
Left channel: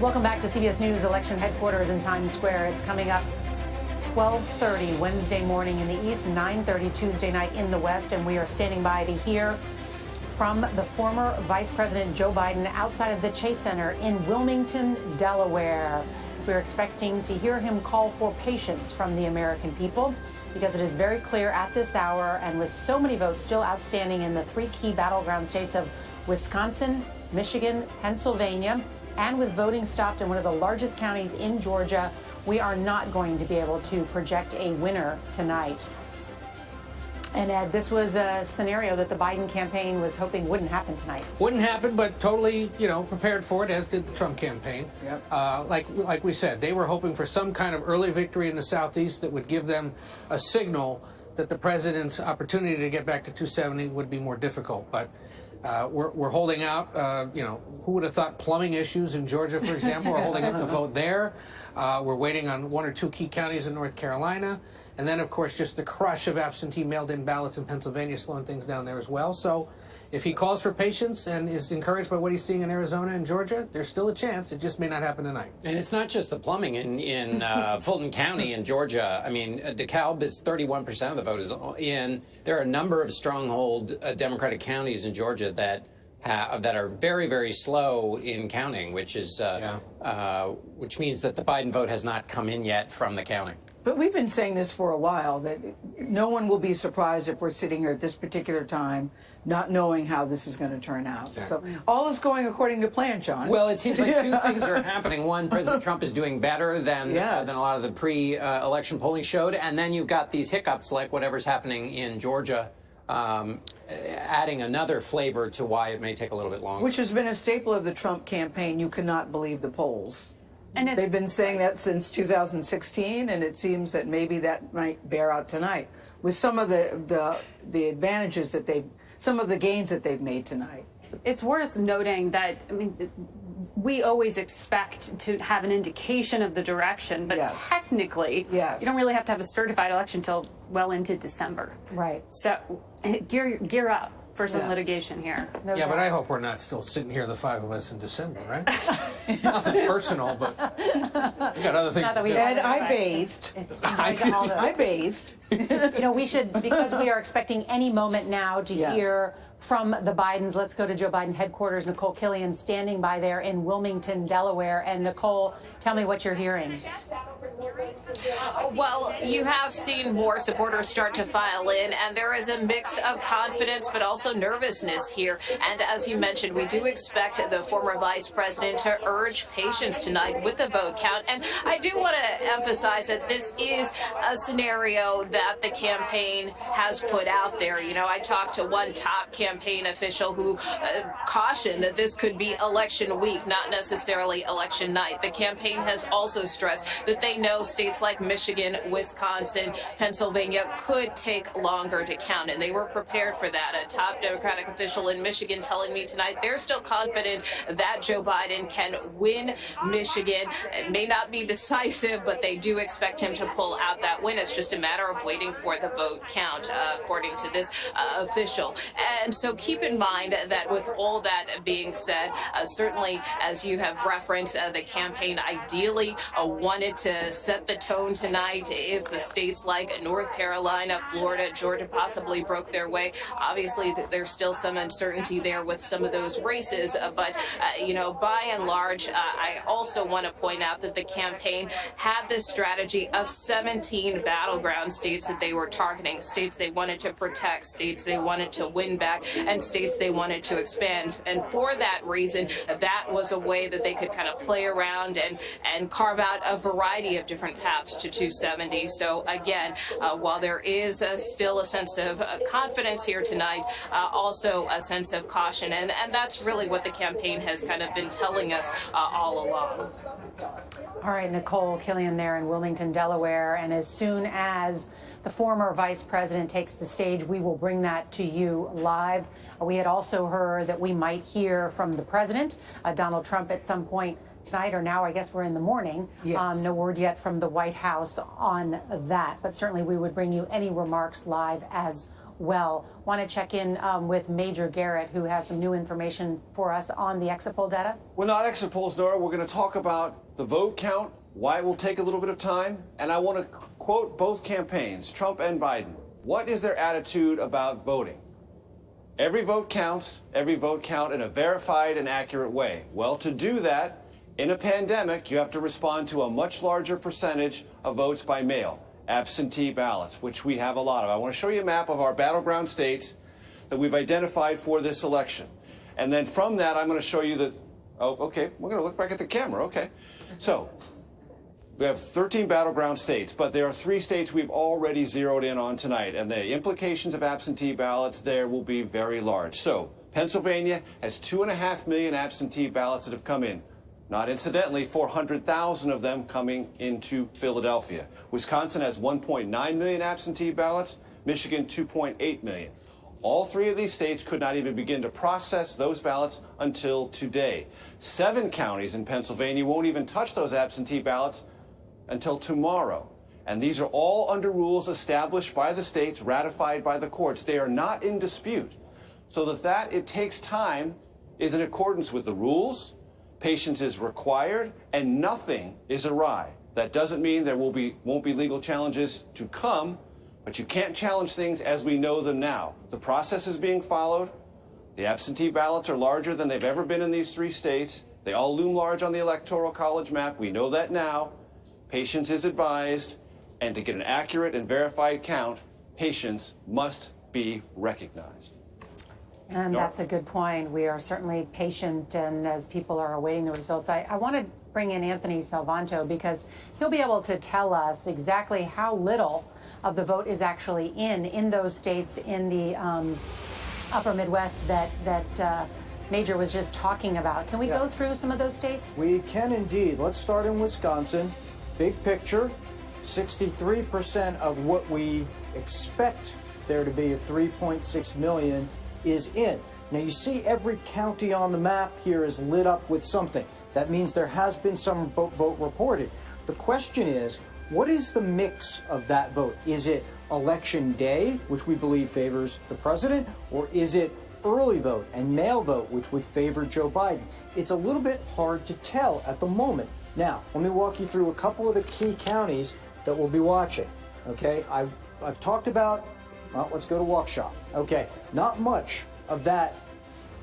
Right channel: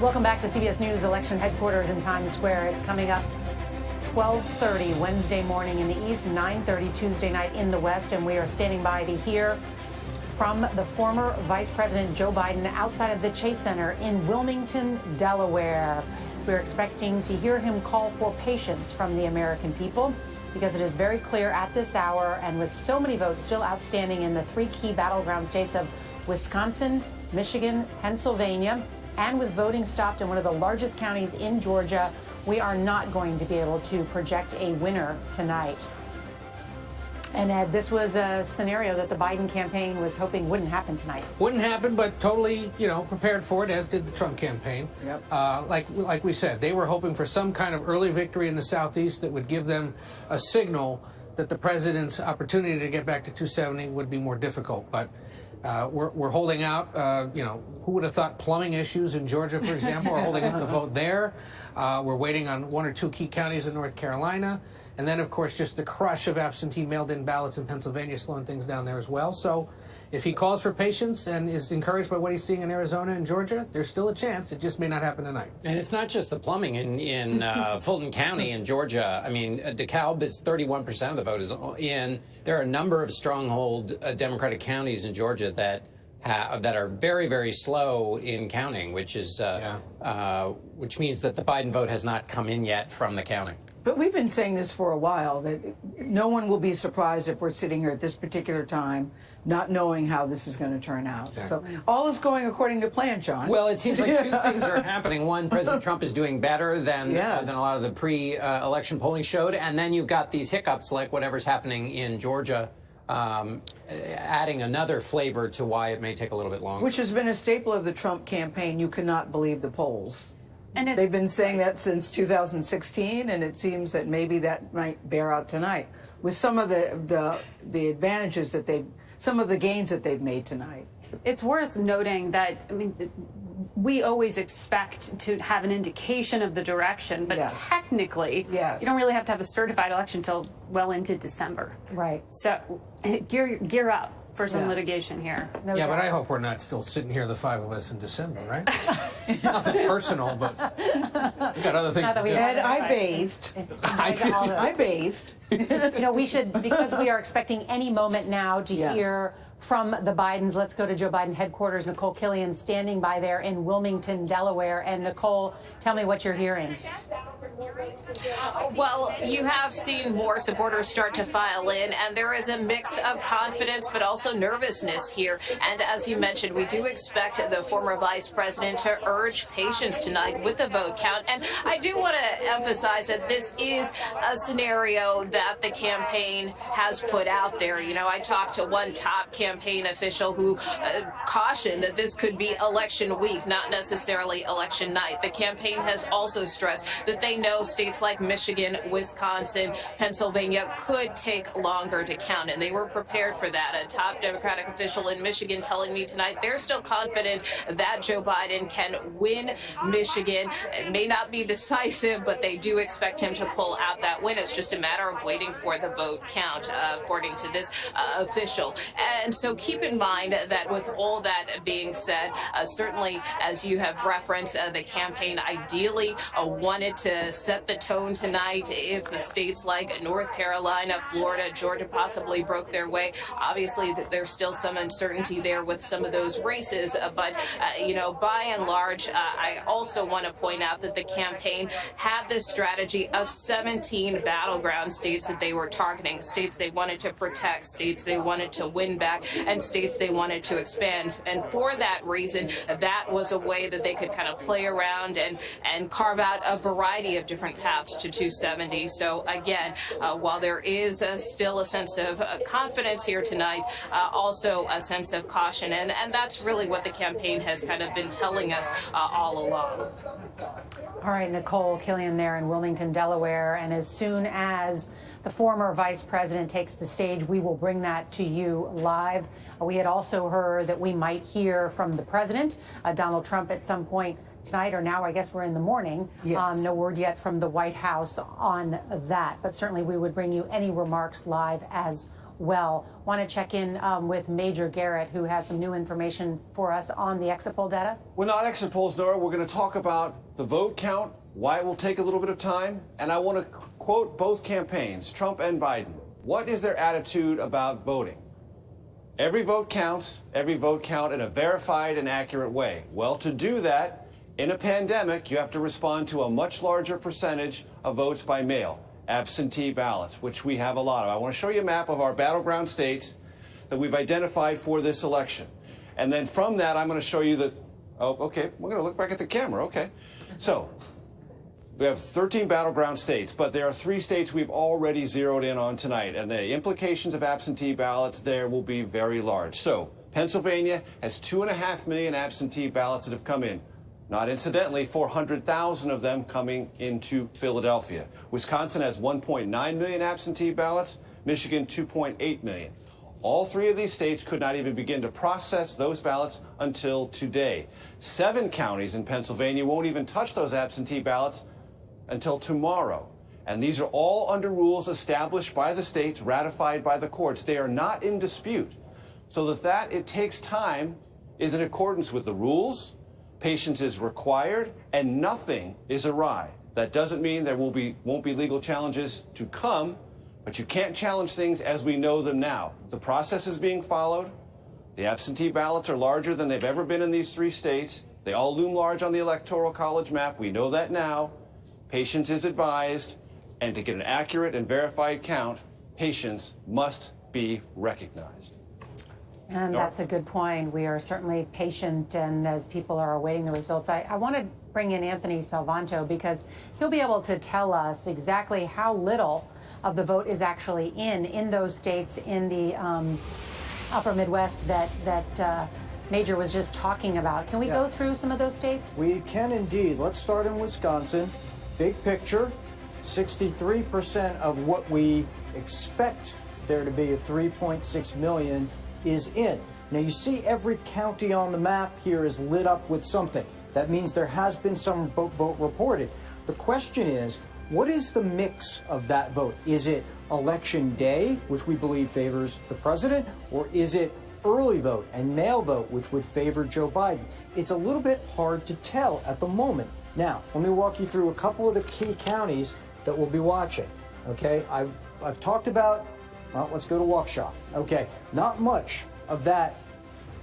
Welcome back to CBS News Election Headquarters in Times Square. It's coming up 12:30 Wednesday morning in the East, 9:30 Tuesday night in the West, and we are standing by to hear from the former Vice President Joe Biden outside of the Chase Center in Wilmington, Delaware. We're expecting to hear him call for patience from the American people because it is very clear at this hour, and with so many votes still outstanding in the three key battleground states of Wisconsin, Michigan, Pennsylvania, and with voting stopped in one of the largest counties in Georgia, we are not going to be able to project a winner tonight. And Ed, this was a scenario that the Biden campaign was hoping wouldn't happen tonight. Wouldn't happen, but totally, prepared for it, as did the Trump campaign. Yep. Like we said, they were hoping for some kind of early victory in the Southeast that would give them a signal that the president's opportunity to get back to 270 would be more difficult. But we're holding out. Who would have thought plumbing issues in Georgia, for example? We're holding up the vote there. We're waiting on one or two key counties in North Carolina. And then, of course, just the crush of absentee mailed-in ballots in Pennsylvania slowing things down there as well. So if he calls for patience and is encouraged by what he's seeing in Arizona and Georgia, there's still a chance. It just may not happen tonight. And it's not just the plumbing in Fulton County in Georgia. I mean, DeKalb is 31% of the vote is in. There are a number of stronghold Democratic counties in Georgia that are very, very slow in counting, which is which means that the Biden vote has not come in yet from the counting. But we've been saying this for a while, that no one will be surprised if we're sitting here at this particular time not knowing how this is going to turn out. Exactly. So all is going according to plan, John. Well, it seems like two things are happening. One, President Trump is doing better than a lot of the pre-election polling showed. And then you've got these hiccups like whatever's happening in Georgia, adding another flavor to why it may take a little bit longer. Which has been a staple of the Trump campaign. You cannot believe the polls. And they've been saying that since 2016, and it seems that maybe that might bear out tonight with some of the advantages that some of the gains that they've made tonight. It's worth noting that, we always expect to have an indication of the direction, but technically, you don't really have to have a certified election until well into December. Right. So gear up for some litigation here. But I hope we're not still sitting here, the five of us, in December, right? Nothing personal, but we got other things to do. Ed, I bathed. I bathed. We should, because we are expecting any moment now to hear from the Bidens. Let's go to Joe Biden headquarters. Nicole Killian standing by there in Wilmington, Delaware. And Nicole, tell me what you're hearing. Well, you have seen more supporters start to file in, and there is a mix of confidence but also nervousness here. And as you mentioned, we do expect the former vice president to urge patience tonight with the vote count. And I do want to emphasize that this is a scenario that the campaign has put out there. I talked to one top campaign official who cautioned that this could be election week, not necessarily election night. The campaign has also stressed that they know states like Michigan, Wisconsin, Pennsylvania could take longer to count, and they were prepared for that. A top Democratic official in Michigan telling me tonight they're still confident that Joe Biden can win Michigan. It may not be decisive, but they do expect him to pull out that win. It's just a matter of waiting for the vote count, according to this official. And so keep in mind that with all that being said, certainly, as you have referenced, the campaign ideally wanted to set the tone tonight. If states like North Carolina, Florida, Georgia possibly broke their way, obviously there's still some uncertainty there with some of those races. But, by and large, I also want to point out that the campaign had this strategy of 17 battleground states that they were targeting, states they wanted to protect, states they wanted to win back, and states they wanted to expand. And for that reason, that was a way that they could kind of play around and carve out a variety of different path to 270. So again, while there is still a sense of confidence here tonight, also a sense of caution. And that's really what the campaign has kind of been telling us all along. All right, Nicole Killian there in Wilmington, Delaware. And as soon as the former vice president takes the stage, we will bring that to you live. We had also heard that we might hear from the president, Donald Trump, at some point tonight, or now I guess we're in the morning. Yes. No word yet from the White House on that, but certainly we would bring you any remarks live as well. Want to check in with Major Garrett, who has some new information for us on the exit poll data? Well, not exit polls, Nora. We're going to talk about the vote count, why it will take a little bit of time, and I want to quote both campaigns, Trump and Biden. What is their attitude about voting? Every vote counts, every vote count in a verified and accurate way. Well, to do that, in a pandemic, you have to respond to a much larger percentage of votes by mail, absentee ballots, which we have a lot of. I want to show you a map of our battleground states that we've identified for this election. And then from that, I'm going to show you the, oh, okay, we're going to look back at the camera, okay. So, we have 13 battleground states, but there are 3 states we've already zeroed in on tonight, and the implications of absentee ballots there will be very large. So, Pennsylvania has 2.5 million absentee ballots that have come in. Not incidentally, 400,000 of them coming into Philadelphia. Wisconsin has 1.9 million absentee ballots, Michigan 2.8 million. All 3 of these states could not even begin to process those ballots until today. 7 counties in Pennsylvania won't even touch those absentee ballots until tomorrow. And these are all under rules established by the states, ratified by the courts. They are not in dispute. So that it takes time is in accordance with the rules. Patience is required, and nothing is awry. That doesn't mean there won't be legal challenges to come, but you can't challenge things as we know them now. The process is being followed. The absentee ballots are larger than they've ever been in these 3 states. They all loom large on the Electoral College map. We know that now. Patience is advised, and to get an accurate and verified count, patience must be recognized. And that's a good point. We are certainly patient, and as people are awaiting the results, I want to bring in Anthony Salvanto because he'll be able to tell us exactly how little of the vote is actually in those states in the upper Midwest that Major was just talking about. Can we go through some of those states? We can indeed. Let's start in Wisconsin. Big picture, 63% of what we expect there to be of 3.6 million is in. Now you see every county on the map here is lit up with something. That means there has been some vote reported. The question is, what is the mix of that vote? Is it election day, which we believe favors the president, or is it early vote and mail vote, which would favor Joe Biden? It's a little bit hard to tell at the moment. Now, let me walk you through a couple of the key counties that we'll be watching. Okay, I've talked about, well, let's go to Waukesha. Okay, not much of that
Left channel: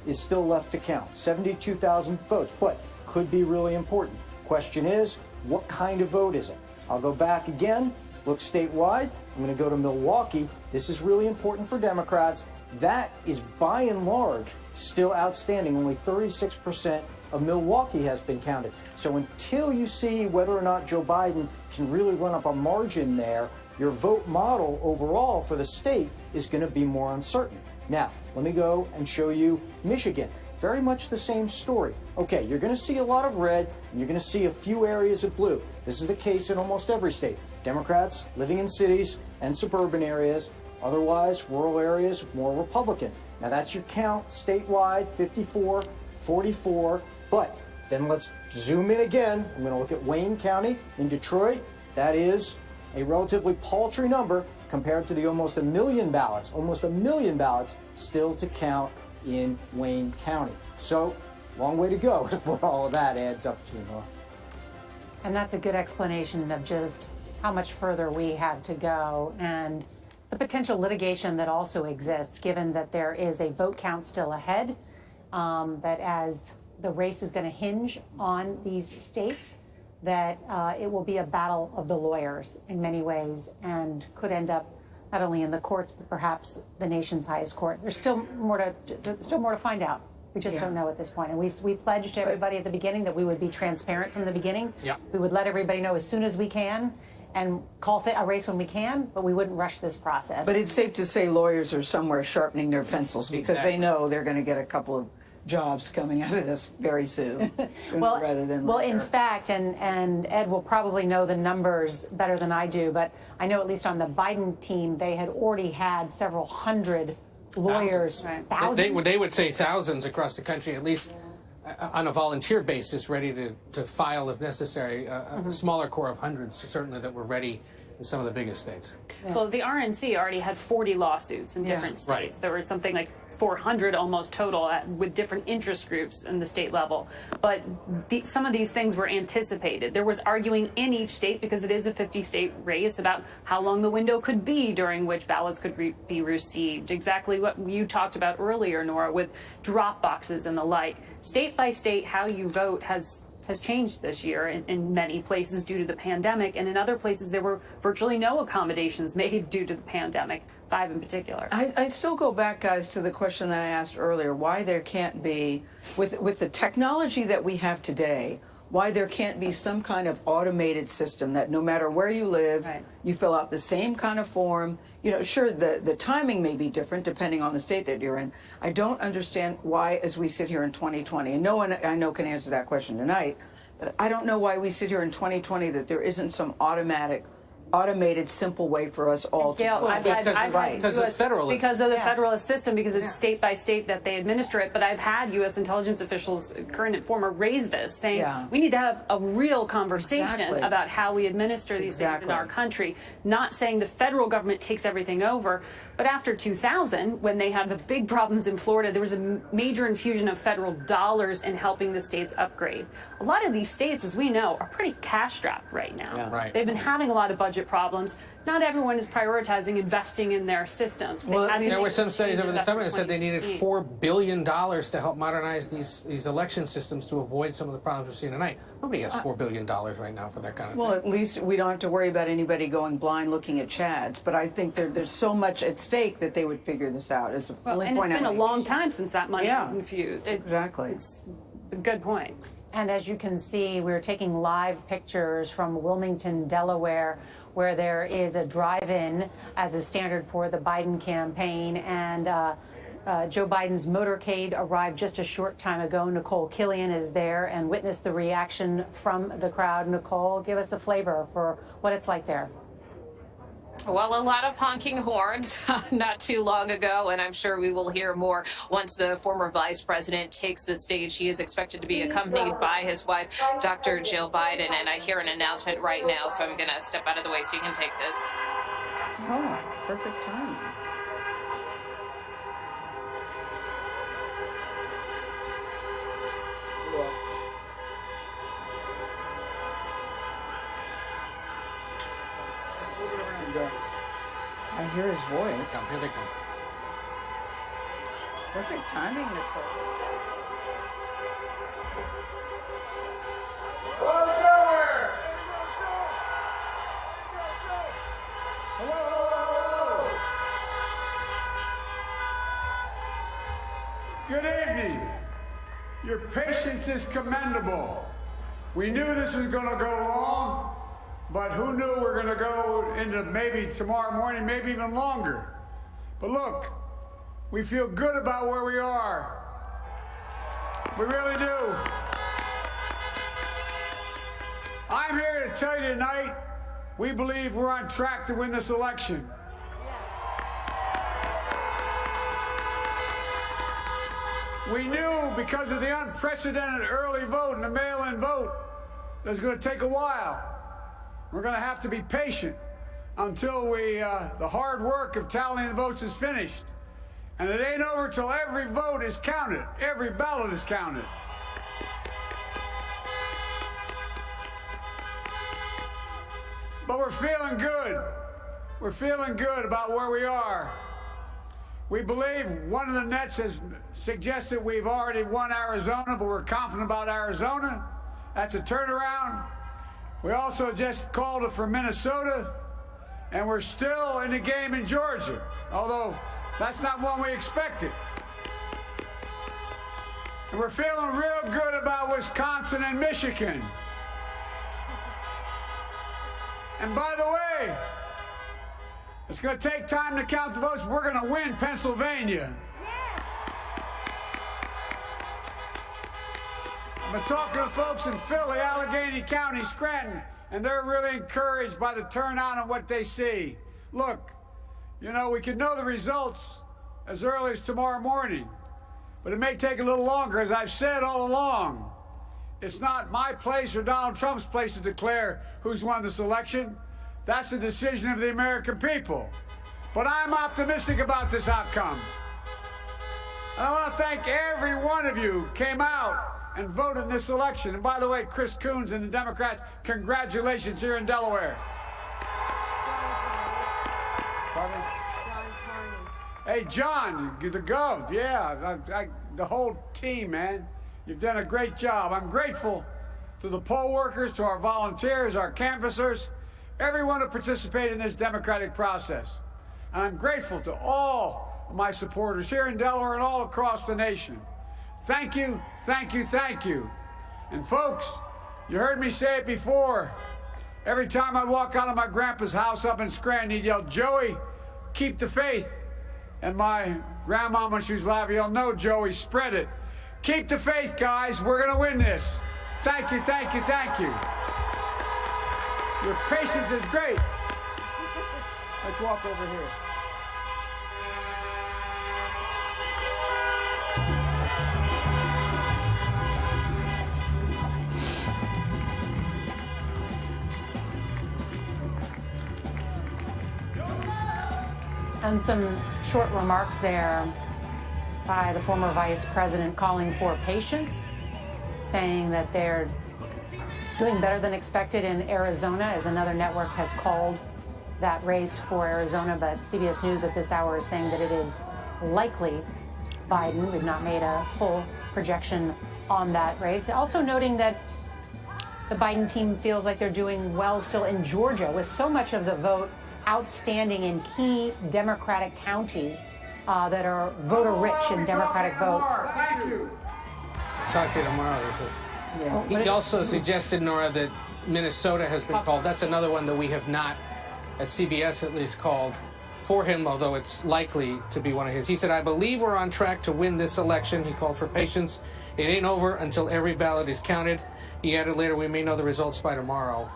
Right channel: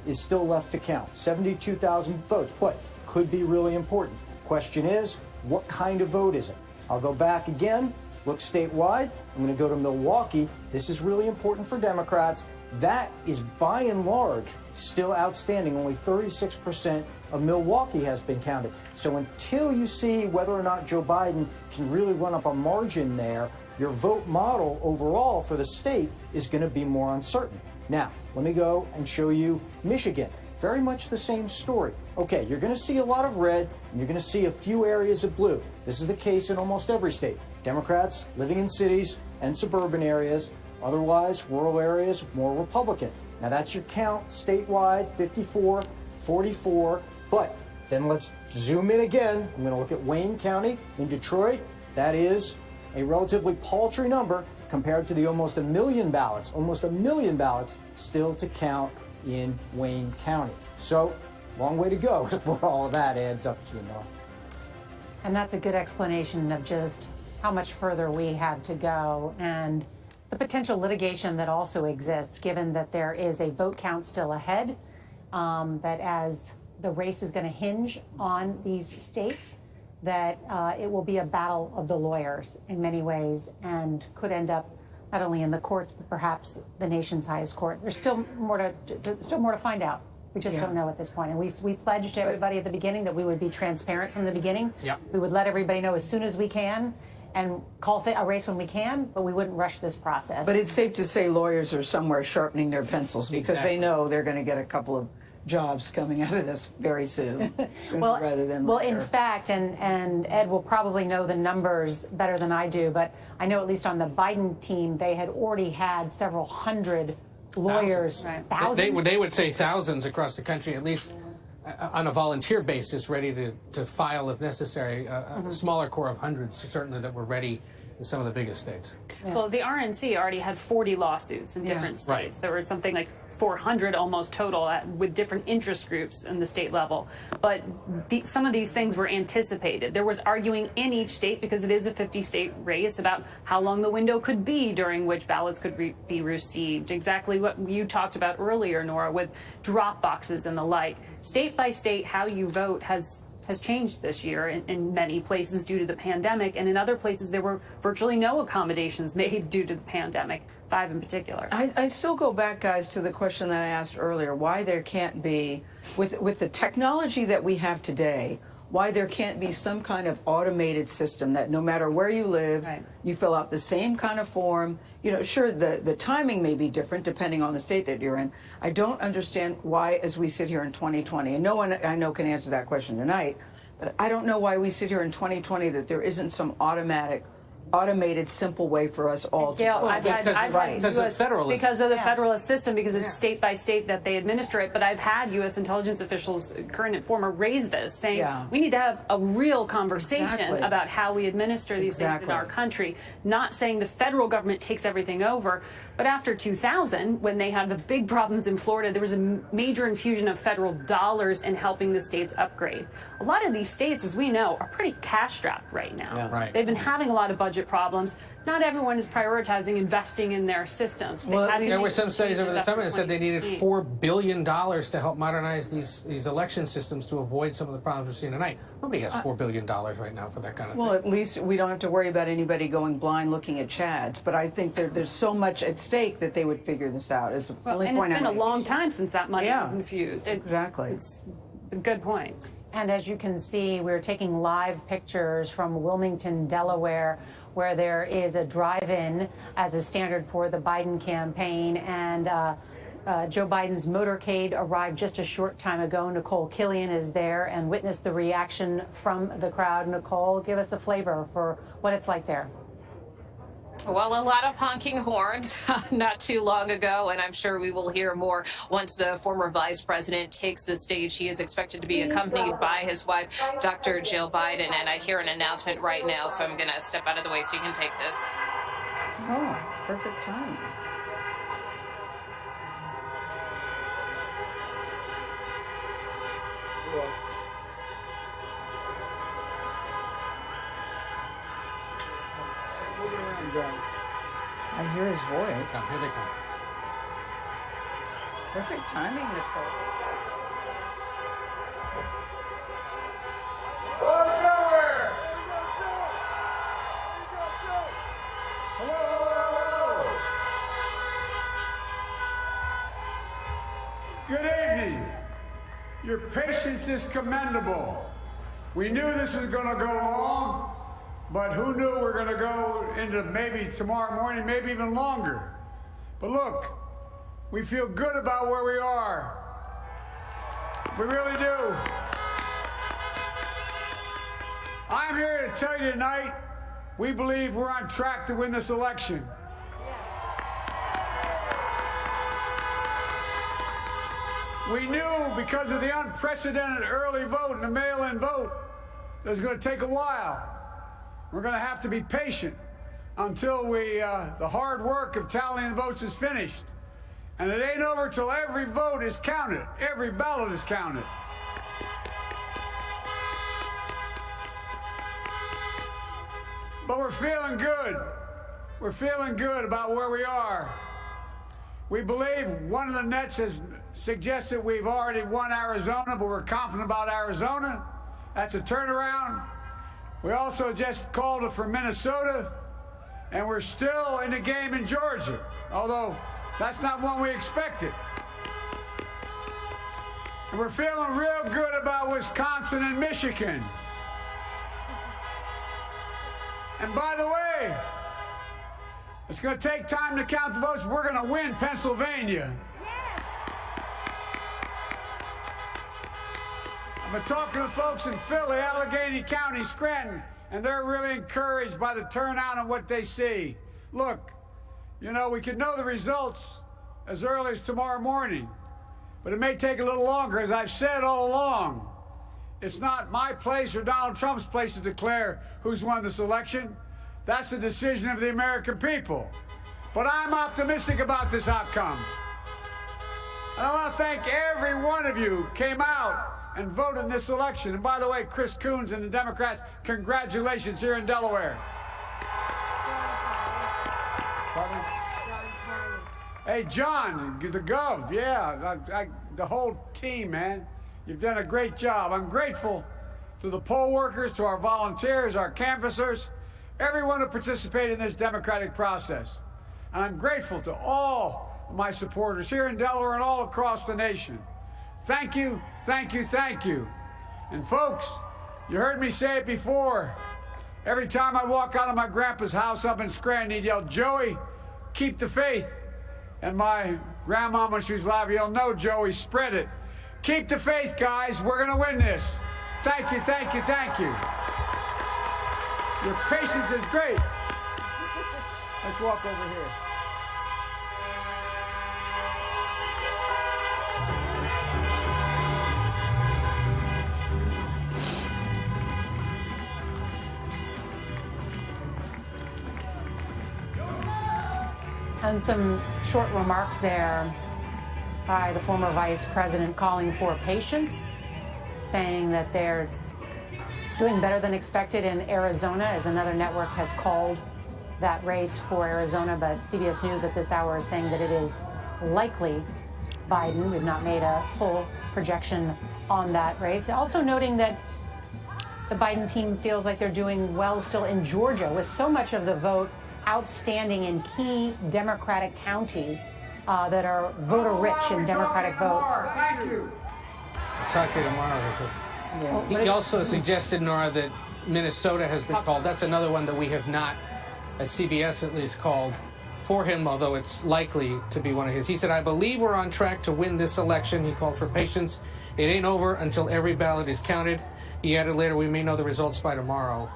is still left to count. 72,000 votes, but could be really important. Question is, what kind of vote is it? I'll go back again, look statewide. I'm going to go to Milwaukee. This is really important for Democrats. That is by and large still outstanding. Only 36% of Milwaukee has been counted. So until you see whether or not Joe Biden can really run up a margin there, your vote model overall for the state is going to be more uncertain. Now, let me go and show you Michigan. Very much the same story. Okay, you're going to see a lot of red, and you're going to see a few areas of blue. This is the case in almost every state. Democrats living in cities and suburban areas, otherwise rural areas, more Republican. Now that's your count statewide, 54, 44. But then let's zoom in again. I'm going to look at Wayne County in Detroit. That is a relatively paltry number compared to the almost a million ballots still to count in Wayne County. So, long way to go is what all of that adds up to, Nora. And that's a good explanation of just how much further we have to go and the potential litigation that also exists, given that there is a vote count still ahead, that as the race is going to hinge on these states, that it will be a battle of the lawyers in many ways and could end up not only in the courts, but perhaps the nation's highest court. There's still more to find out. We just don't know at this point. And we pledged to everybody at the beginning that we would be transparent from the beginning. Yeah. We would let everybody know as soon as we can. and call a race when we can, but we wouldn't rush this process. But it's safe to say lawyers are somewhere sharpening their pencils because they know they're going to get a couple of jobs coming out of this very soon, well, rather than well, later. in fact, and Ed will probably know the numbers better than I do, but I know at least on the Biden team, they had already had several hundred lawyers, thousands. They would say thousands across the country, at least on a volunteer basis, ready to file if necessary. A smaller core of hundreds, certainly, that were ready in some of the biggest states. Well, the RNC already had 40 lawsuits in different states. Right. There were something like 400 almost total with different interest groups in the state level. But some of these things were anticipated. There was arguing in each state, because it is a 50-state race, about how long the window could be during which ballots could be received. Exactly what you talked about earlier, Nora, with drop boxes and the like. State by state, how you vote has changed this year in many places due to the pandemic, and in other places there were virtually no accommodations made due to the pandemic, 5 in particular. I still go back, guys, to the question that I asked earlier, why there can't be, with the technology that we have today, why there can't be some kind of automated system that no matter where you live, you fill out the same kind of form. You know, sure, the timing may be different depending on the state that you're in. I don't understand why, as we sit here in 2020, and no one I know can answer that question tonight, but I don't know why we sit here in 2020 that there isn't some automated, simple way for us all to Gail, vote. because of the federalist system, because it's state by state that they administer it. But I've had U.S. intelligence officials, current and former, raise this, saying we need to have a real conversation about how we administer these things in our country. Not saying the federal government takes everything over, but after 2000, when they had the big problems in Florida, there was a major infusion of federal dollars in helping the states upgrade. A lot of these states, as we know, are pretty cash-strapped right now. Yeah. Right. They've been having a lot of budget problems. Not everyone is prioritizing investing in their systems. There were some studies over the summer that said they needed $4 billion to help modernize these election systems to avoid some of the problems we're seeing tonight. Nobody has $4 billion right now for that kind of thing. Well, at least we don't have to worry about anybody going blind looking at Chads. But I think there's so much at stake that they would figure this out. Is the only and point it's been I'm a long time since that money Yeah. was infused. Exactly. It's a good point. And as you can see, we're taking live pictures from Wilmington, Delaware, where there is a drive-in as a standard for the Biden campaign. And Joe Biden's motorcade arrived just a short time ago. Nicole Killian is there and witnessed the reaction from the crowd. Nicole, give us a flavor for what it's like there. Well, a lot of honking horns not too long ago, and I'm sure we will hear more once the former vice president takes the stage. He is expected to be accompanied by his wife, Dr. Jill Biden, and I hear an announcement right now, so I'm going to step out of the way so you can take this. Oh, perfect timing. I hear his voice. Here they come. Perfect timing, Nicole. Good evening. Your patience is commendable. We knew this was going to go long, but who knew we're going to go into maybe tomorrow morning, maybe even longer. But look, we feel good about where we are. We really do. I'm here to tell you tonight, we believe we're on track to win this election. We knew because of the unprecedented early vote and the mail-in vote that it's going to take a while. We're going to have to be patient until the hard work of tallying the votes is finished. And it ain't over till every vote is counted. Every ballot is counted. But we're feeling good. We're feeling good about where we are. We believe one of the nets has suggested we've already won Arizona, but we're confident about Arizona. That's a turnaround. We also just called it for Minnesota, and we're still in the game in Georgia, although that's not one we expected. And we're feeling real good about Wisconsin and Michigan. And by the way, it's going to take time to count the votes. We're going to win Pennsylvania. I've been talking to folks in Philly, Allegheny County, Scranton, and they're really encouraged by the turnout and what they see. Look, you know, we could know the results as early as tomorrow morning, but it may take a little longer. As I've said all along, it's not my place or Donald Trump's place to declare who's won this election. That's the decision of the American people. But I'm optimistic about this outcome. And I want to thank every one of you who came out and voted in this election. And by the way, Chris Coons and the Democrats, congratulations here in Delaware. Pardon? Hey, John, the Gov, yeah, the whole team, man. You've done a great job. I'm grateful to the poll workers, to our volunteers, our canvassers, everyone who participated in this democratic process. And I'm grateful to all of my supporters here in Delaware and all across the nation. Thank you, thank you, thank you. And folks, you heard me say it before. Every time I walk out of my grandpa's house up in Scranton, he'd yell, "Joey, keep the faith." And my grandma, when she was alive, yelled, "No, Joey, spread it." Keep the faith, guys. We're going to win this. Thank you, thank you, thank you. Your patience is great. Let's walk over here. And some short remarks there by the former vice president calling for patience, saying that they're doing better than expected in Arizona, as another network has called that race for Arizona. But CBS News at this hour is saying that it is likely Biden. We've not made a full projection on that race. Also noting that the Biden team feels like they're doing well still in Georgia, with so much of the vote outstanding in key Democratic counties that are voter-rich in Democratic votes. Thank you. Talk to you tomorrow. He also suggested, Nora, that Minnesota has been called. That's another one that we have not, at CBS at least, called for him, although it's likely to be one of his. He said, "I believe we're on track to win this election." He called for patience. It ain't over until every ballot is counted. He added later, "We may know the results by tomorrow."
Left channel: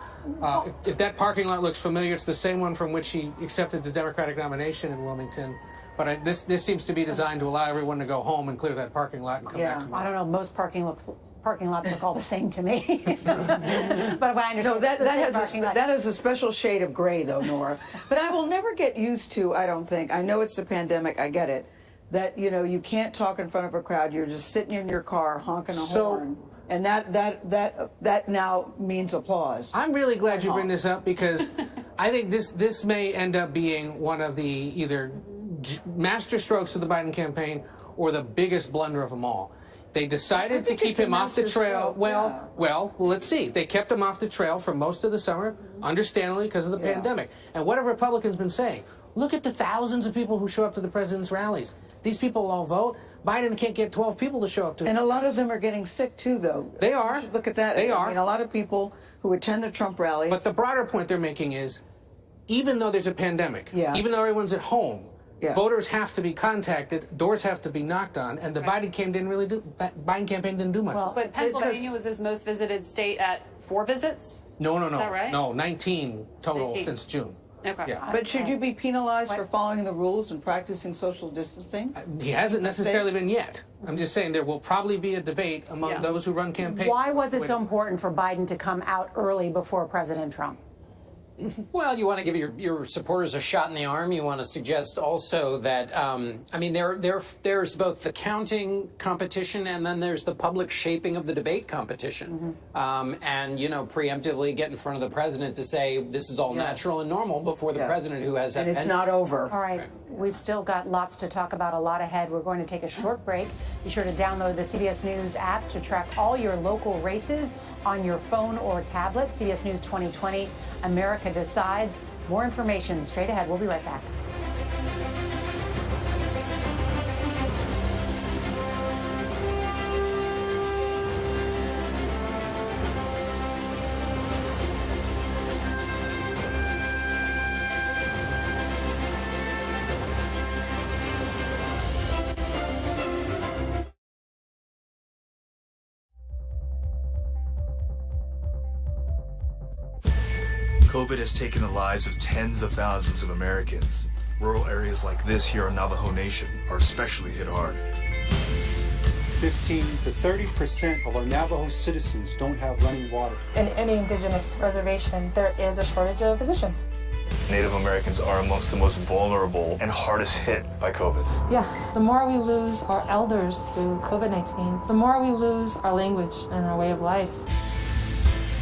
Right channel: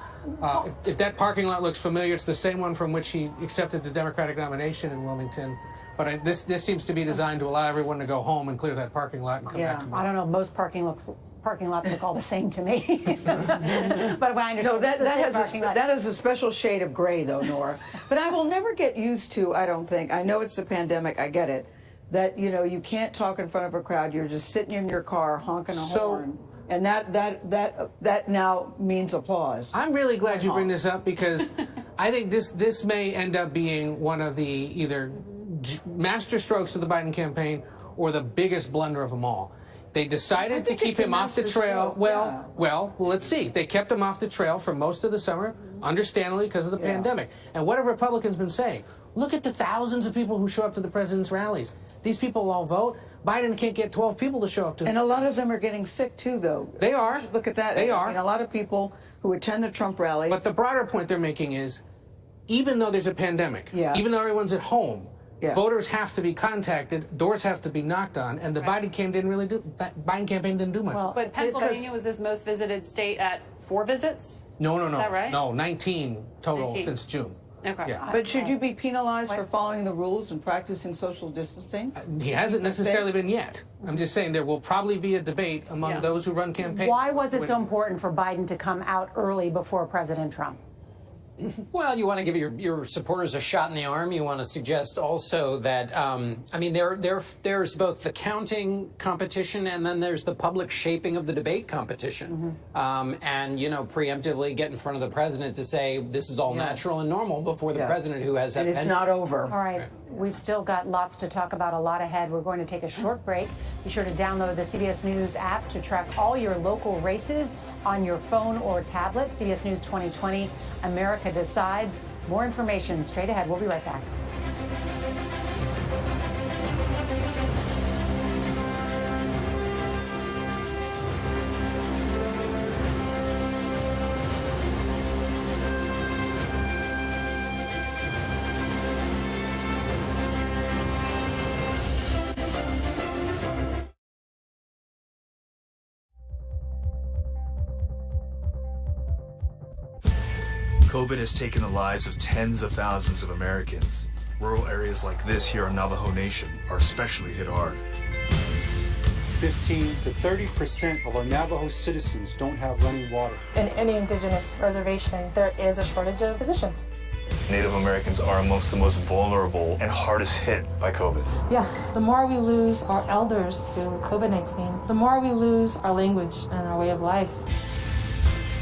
If that parking lot looks familiar, it's the same one from which he accepted the Democratic nomination in Wilmington. But this seems to be designed to allow everyone to go home and clear that parking lot and come back tomorrow. I don't know. Most parking lots look all the same to me. But when I understand, no, that has a special shade of gray, though, Nora. But I will never get used to. I don't think. I know it's the pandemic. I get it. That you can't talk in front of a crowd. You're just sitting in your car honking a horn. And that now means applause. I'm really glad you bring this up, because I think this may end up being one of the either master strokes of the Biden campaign or the biggest blunder of them all. They decided to keep him off the trail. Well, let's see. They kept him off the trail for most of the summer, understandably, because of the pandemic. And what have Republicans been saying? Look at the thousands of people who show up to the president's rallies. These people all vote. Biden can't get 12 people to show up to it. And a lot of them are getting sick, too, though. They are. Look at that. They are. I mean, a lot of people who attend the Trump rallies. But the broader point they're making is, even though there's a pandemic, even though everyone's at home, voters have to be contacted, doors have to be knocked on, and the Biden campaign didn't do much. Well, but Pennsylvania was his most visited state at 4 visits? No. Is that right? No, 19 total 19. since June. Okay. Yeah. But should you be penalized for following the rules and practicing social distancing? He hasn't necessarily been yet. I'm just saying there will probably be a debate among those who run campaigns. Why was it so important for Biden to come out early before President Trump? Well, you want to give your supporters a shot in the arm. You want to suggest also that, I mean, there's both the counting competition and then there's the public shaping of the debate competition. And, preemptively get in front of the president to say this is all natural and normal before the president who has that. And it's not over. All right. We've still got lots to talk about, a lot ahead. We're going to take a short break. Be sure to download the CBS News app to track all your local races on your phone or tablet. CBS News 2020, America Decides. More information straight ahead. We'll be right back. COVID has taken the lives of tens of thousands of Americans. Rural areas like this here in Navajo Nation are especially hit hard. 15 to 30% of our Navajo citizens don't have running water. In any indigenous reservation, there is a shortage of physicians. Native Americans are amongst the most vulnerable and hardest hit by COVID. Yeah, the more we lose our elders to COVID-19, the more we lose our language and our way of life.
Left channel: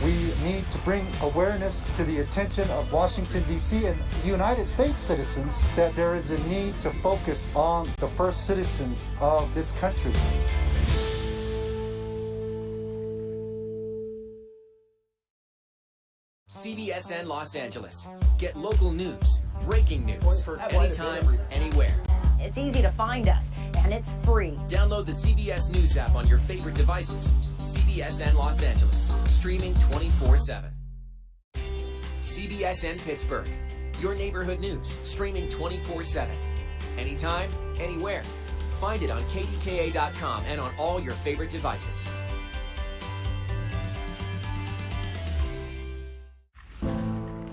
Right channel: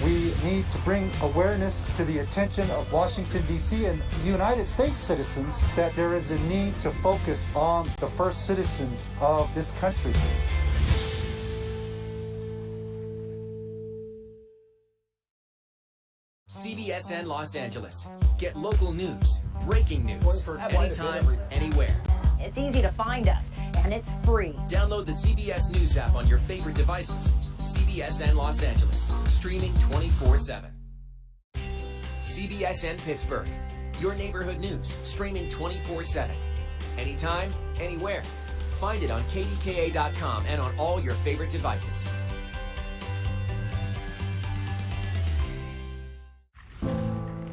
We need to bring awareness to the attention of Washington, D.C. and United States citizens that there is a need to focus on the first citizens of this country. CBSN Los Angeles. Get local news, breaking news, anytime, anywhere. It's easy to find us, and it's free. Download the CBS News app on your favorite devices. CBSN Los Angeles, streaming 24/7. CBSN Pittsburgh, your neighborhood news, streaming 24/7. Anytime, anywhere. Find it on KDKA.com and on all your favorite devices.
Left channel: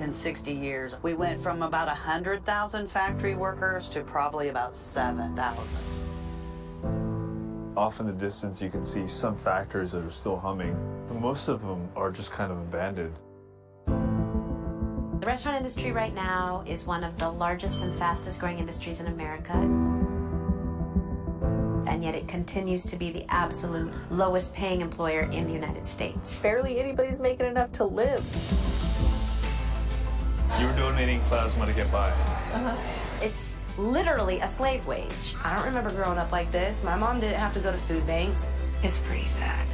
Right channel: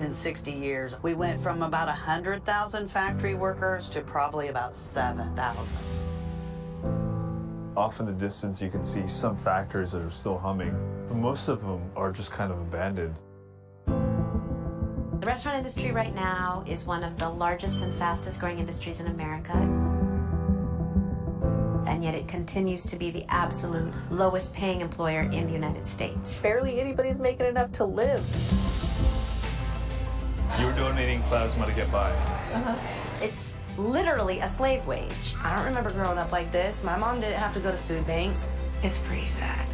In 60 years, we went from about 100,000 factory workers to probably about 7,000. Off in the distance, you can see some factories that are still humming. Most of them are just kind of abandoned. The restaurant industry right now is one of the largest and fastest growing industries in America. And yet it continues to be the absolute lowest paying employer in the United States. Barely anybody's making enough to live. You're donating plasma to get by. It's literally a slave wage. I don't remember growing up like this. My mom didn't have to go to food banks. It's pretty sad.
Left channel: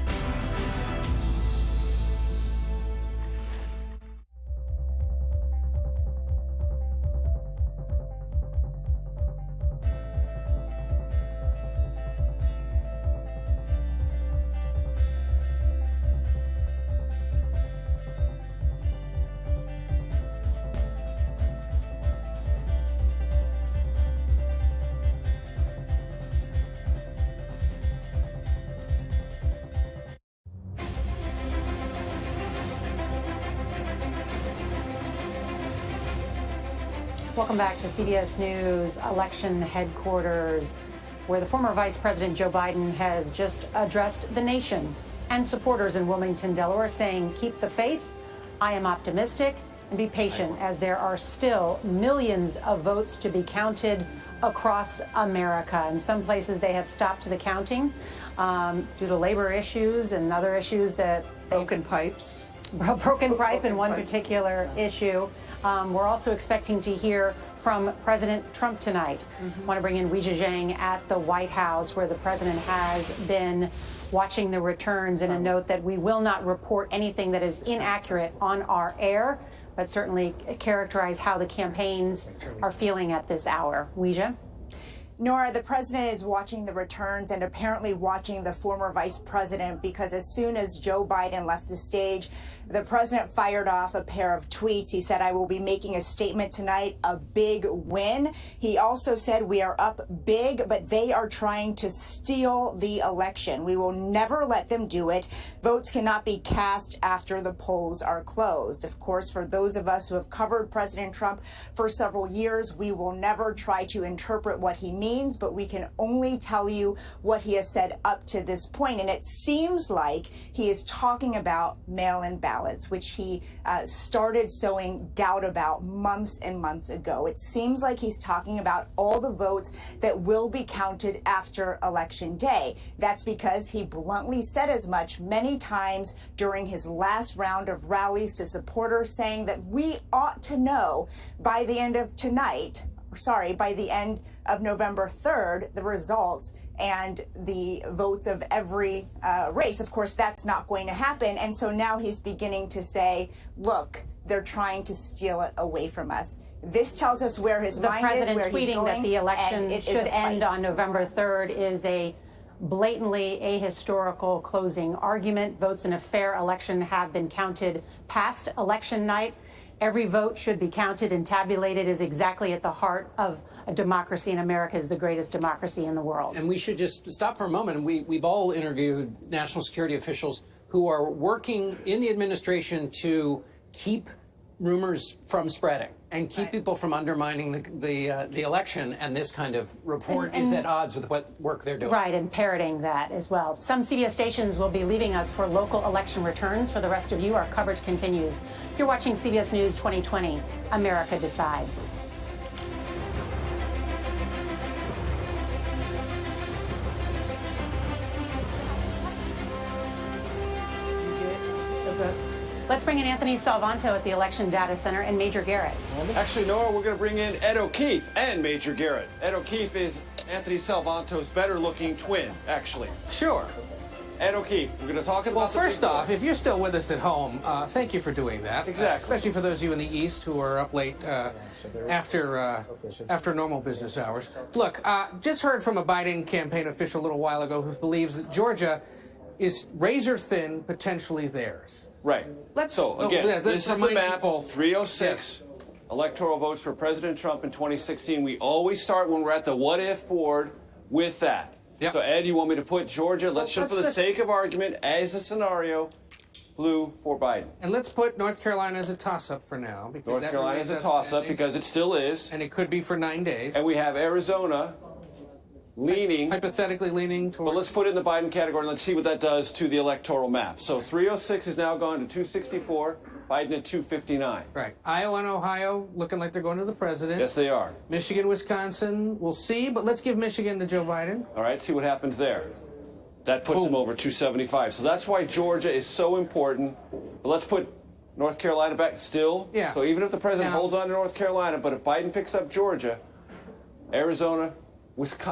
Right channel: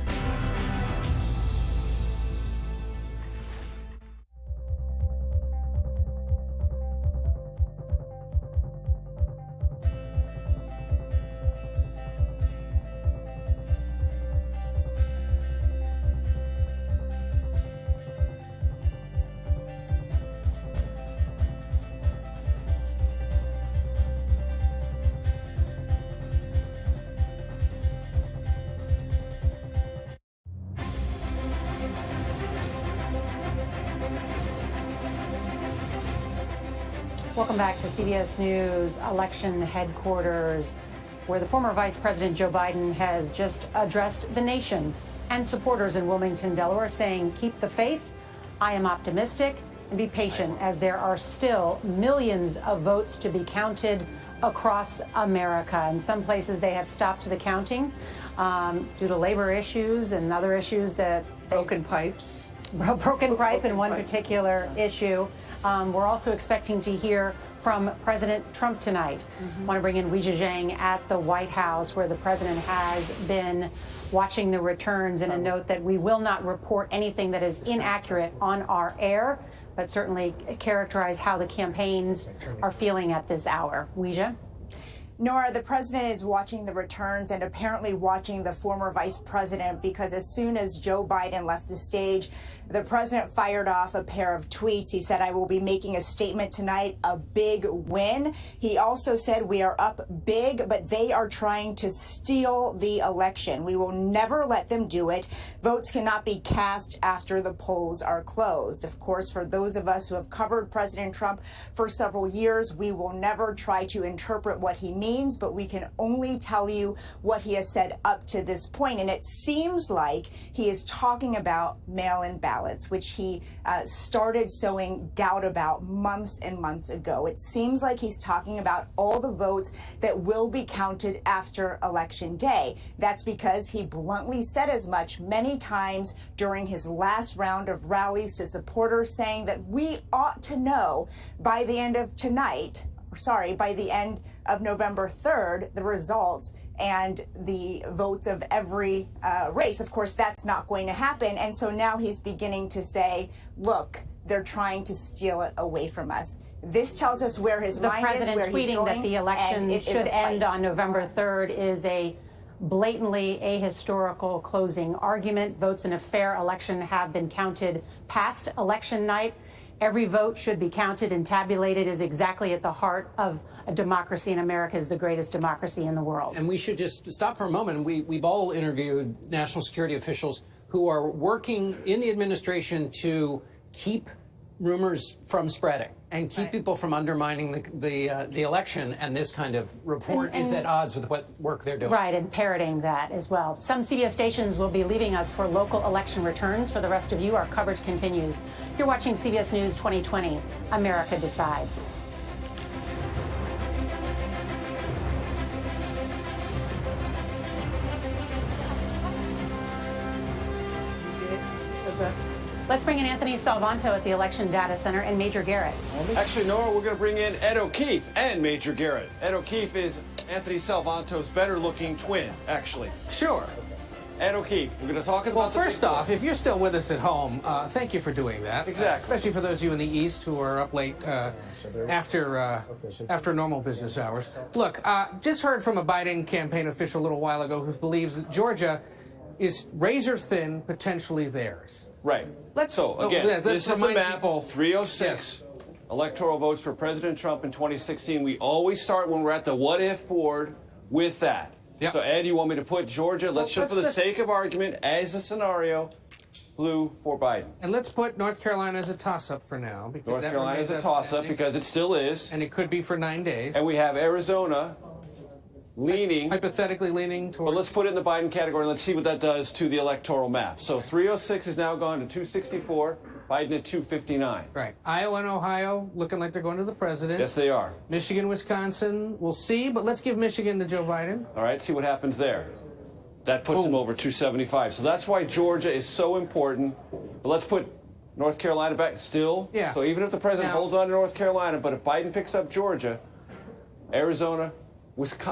Welcome back to CBS News election headquarters, where the former Vice President Joe Biden has just addressed the nation and supporters in Wilmington, Delaware, saying, keep the faith, I am optimistic, and be patient, as there are still millions of votes to be counted across America. In some places, they have stopped the counting due to labor issues and other issues that broken pipes. Broken pipe in one particular issue. We're also expecting to hear from President Trump tonight. Want to bring in Weijia Zhang at the White House, where the president has been watching the returns, in a note that we will not report anything that is inaccurate on our air, but certainly characterize how the campaigns are feeling at this hour. Weijia? Nora, the president is watching the returns and apparently watching the former vice president, because as soon as Joe Biden left the stage, the president fired off a pair of tweets. He said, I will be making a statement tonight, a big win. He also said, we are up big, but they are trying to steal the election. We will never let them do it. Votes cannot be cast after the polls are closed. Of course, for those of us who have covered President Trump for several years, we will never try to interpret what he means, but we can only tell you what he has said up to this point. And it seems like he is talking about mail-in ballots, which he started sowing doubt about months and months ago. It seems like he's talking about all the votes that will be counted after Election Day. That's because he bluntly said as much many times during his last round of rallies to supporters, saying that we ought to know by the end of tonight, by the end of November 3rd, the results and the votes of every race. Of course, that's not going to happen. And so now he's beginning to say, look, they're trying to steal it away from us. This tells us where his mind is, where he's going. The president tweeting that the election should end on November 3rd is a blatantly ahistorical closing argument. Votes in a fair election have been counted past election night. Every vote should be counted and tabulated, is exactly at the heart of a democracy, and America is the greatest democracy in the world. And we should just stop for a moment. We've all interviewed national security officials who are working in the administration to keep rumors from spreading and keep people from undermining the election, and this kind of report is at odds with what work they're doing. Right, and parroting that as well. Some CBS stations will be leaving us for local election returns. For the rest of you, our coverage continues. You're watching CBS News 2020, America Decides. Let's bring in Anthony Salvanto at the Election Data Center and Major Garrett. Actually, Nora, we're going to bring in Ed O'Keefe and Major Garrett. Ed O'Keefe is Anthony Salvanto's better-looking twin, actually. Sure. Ed O'Keefe, we're going to talk about Well, first off, if you're still with us at home, thank you for doing that. Exactly. Especially for those of you in the East who are up late after normal business hours. Look, just heard from a Biden campaign official a little while ago who believes that Georgia is razor thin, potentially theirs. Right. This is the map, 306 electoral votes for President Trump in 2016. We always start when we're at the what-if board with that. Yep. So, Ed, you want me to put Georgia, let's just for the sake of argument, as a scenario, blue for Biden. And let's put North Carolina as a toss-up for now. Because North Carolina is a toss-up because it still is. And it could be for 9 days. And we have Arizona leaning. Hypothetically leaning towards. But let's put it in the Biden category and let's see what that does to the electoral map. So 306 is now gone to 264, Biden at 259. Right. Iowa and Ohio looking like they're going to the president. Yes, they are. Michigan, Wisconsin, we'll see, but let's give Michigan to Joe Biden. All right, see what happens there. That puts him over 275. So that's why Georgia is so important. But let's put North Carolina back still. Yeah. So even if the president holds on to North Carolina, but if Biden picks up Georgia, Arizona,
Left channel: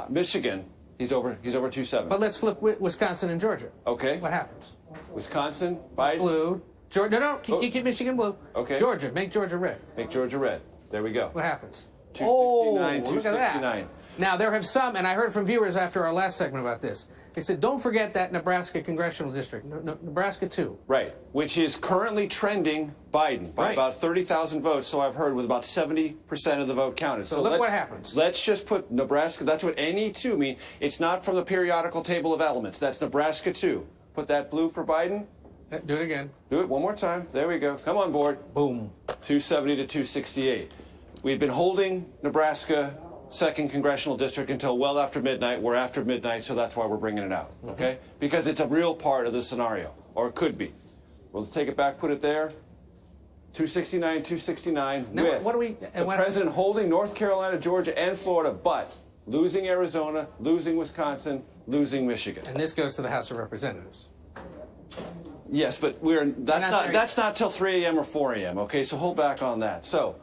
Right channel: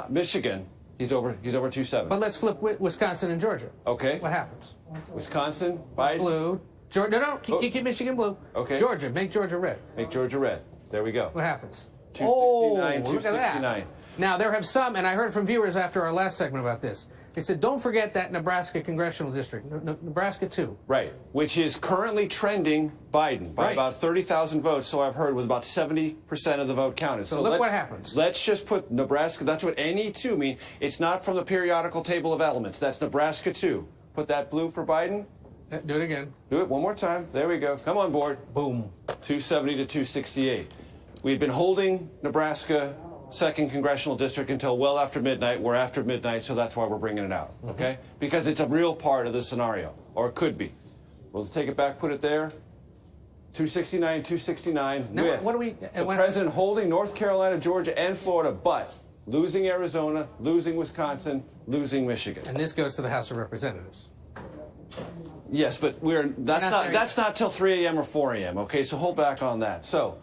Michigan, he's over 270. But let's flip Wisconsin and Georgia. Okay. What happens? Wisconsin, Biden. Blue. Georgia, no, keep Michigan blue. Okay. Georgia, make Georgia red. Make Georgia red. There we go. What happens? 269, look at that. 269. Now, there have some, and I heard from viewers after our last segment about this. They said, don't forget that Nebraska congressional district, Nebraska 2. Right, which is currently trending Biden by about 30,000 votes, so I've heard, with about 70% of the vote counted. So look what happens. Let's just put Nebraska, that's what NE2 means. It's not from the periodical table of elements. That's Nebraska 2. Put that blue for Biden. Do it again. Do it one more time. There we go. Come on board. Boom. 270 to 268. We've been holding Nebraska 2nd Congressional District until well after midnight. We're after midnight, so that's why we're bringing it out, okay? Because it's a real part of the scenario, or it could be. We'll take it back, put it there. 269, 269, now, with what do we, the president holding North Carolina, Georgia, and Florida, but losing Arizona, losing Wisconsin, losing Michigan. And this goes to the House of Representatives. Yes, but that's not till 3 a.m. or 4 a.m., okay? So hold back on that. So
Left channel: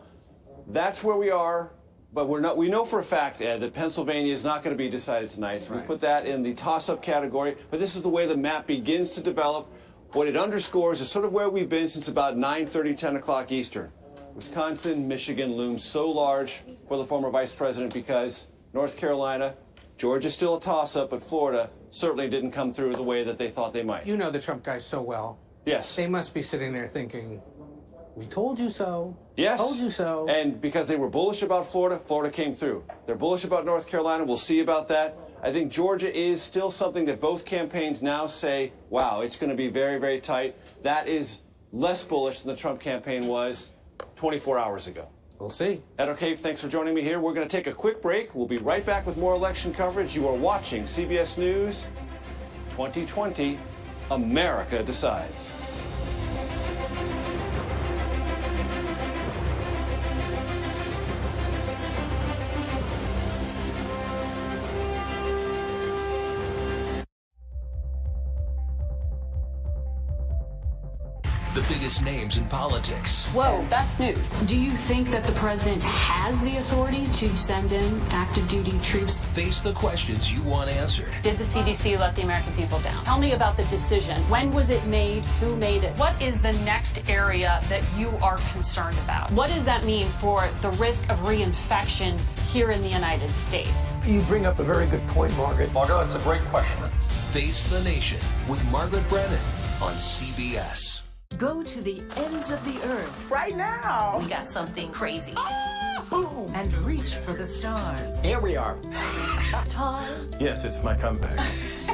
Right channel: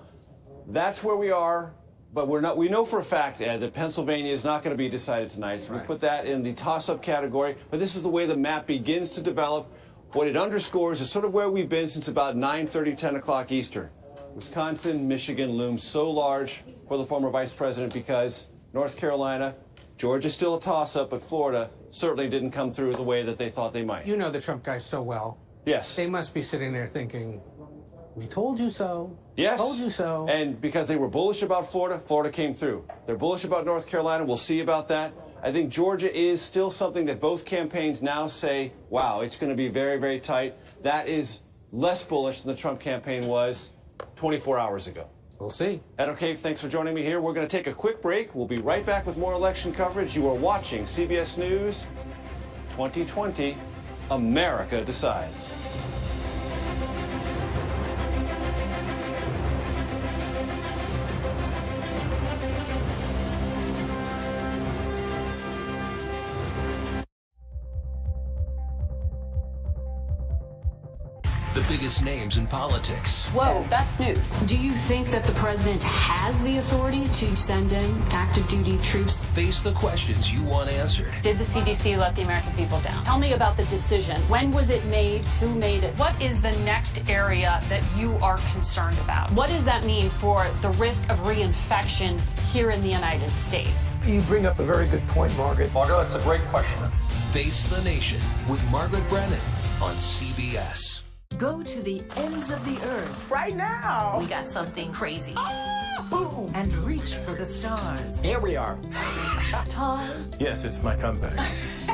that's where we are. But we know for a fact, Ed, that Pennsylvania is not going to be decided tonight. So we put that in the toss-up category. But this is the way the map begins to develop. What it underscores is sort of where we've been since about 9:30, 10 o'clock Eastern. Wisconsin, Michigan looms so large for the former vice president because North Carolina, Georgia's still a toss-up, but Florida certainly didn't come through the way that they thought they might. You know the Trump guys so well. Yes. They must be sitting there thinking, we told you so. Yes. Told you so. And because they were bullish about Florida, Florida came through. They're bullish about North Carolina. We'll see about that. I think Georgia is still something that both campaigns now say, wow, it's going to be very, very tight. That is less bullish than the Trump campaign was 24 hours ago. We'll see. Ed O'Keefe, thanks for joining me here. We're going to take a quick break. We'll be right back with more election coverage. You are watching CBS News 2020, America Decides. The biggest names in politics. Whoa, that's news. Do you think that the president has the authority to send in active duty troops? Face the questions you want answered. Did the CDC let the American people down? Tell me about the decision. When was it made? Who made it? What is the next area that you are concerned about? What does that mean for the risk of reinfection here in the United States? You bring up a very good point, Margaret. Margaret, that's a great question. Face the Nation with Margaret Brennan on CBS. Go to the ends of the earth. Right now. We got something crazy. Boom. And reach for the stars. Here we are. Tom. Yes, it's my comeback.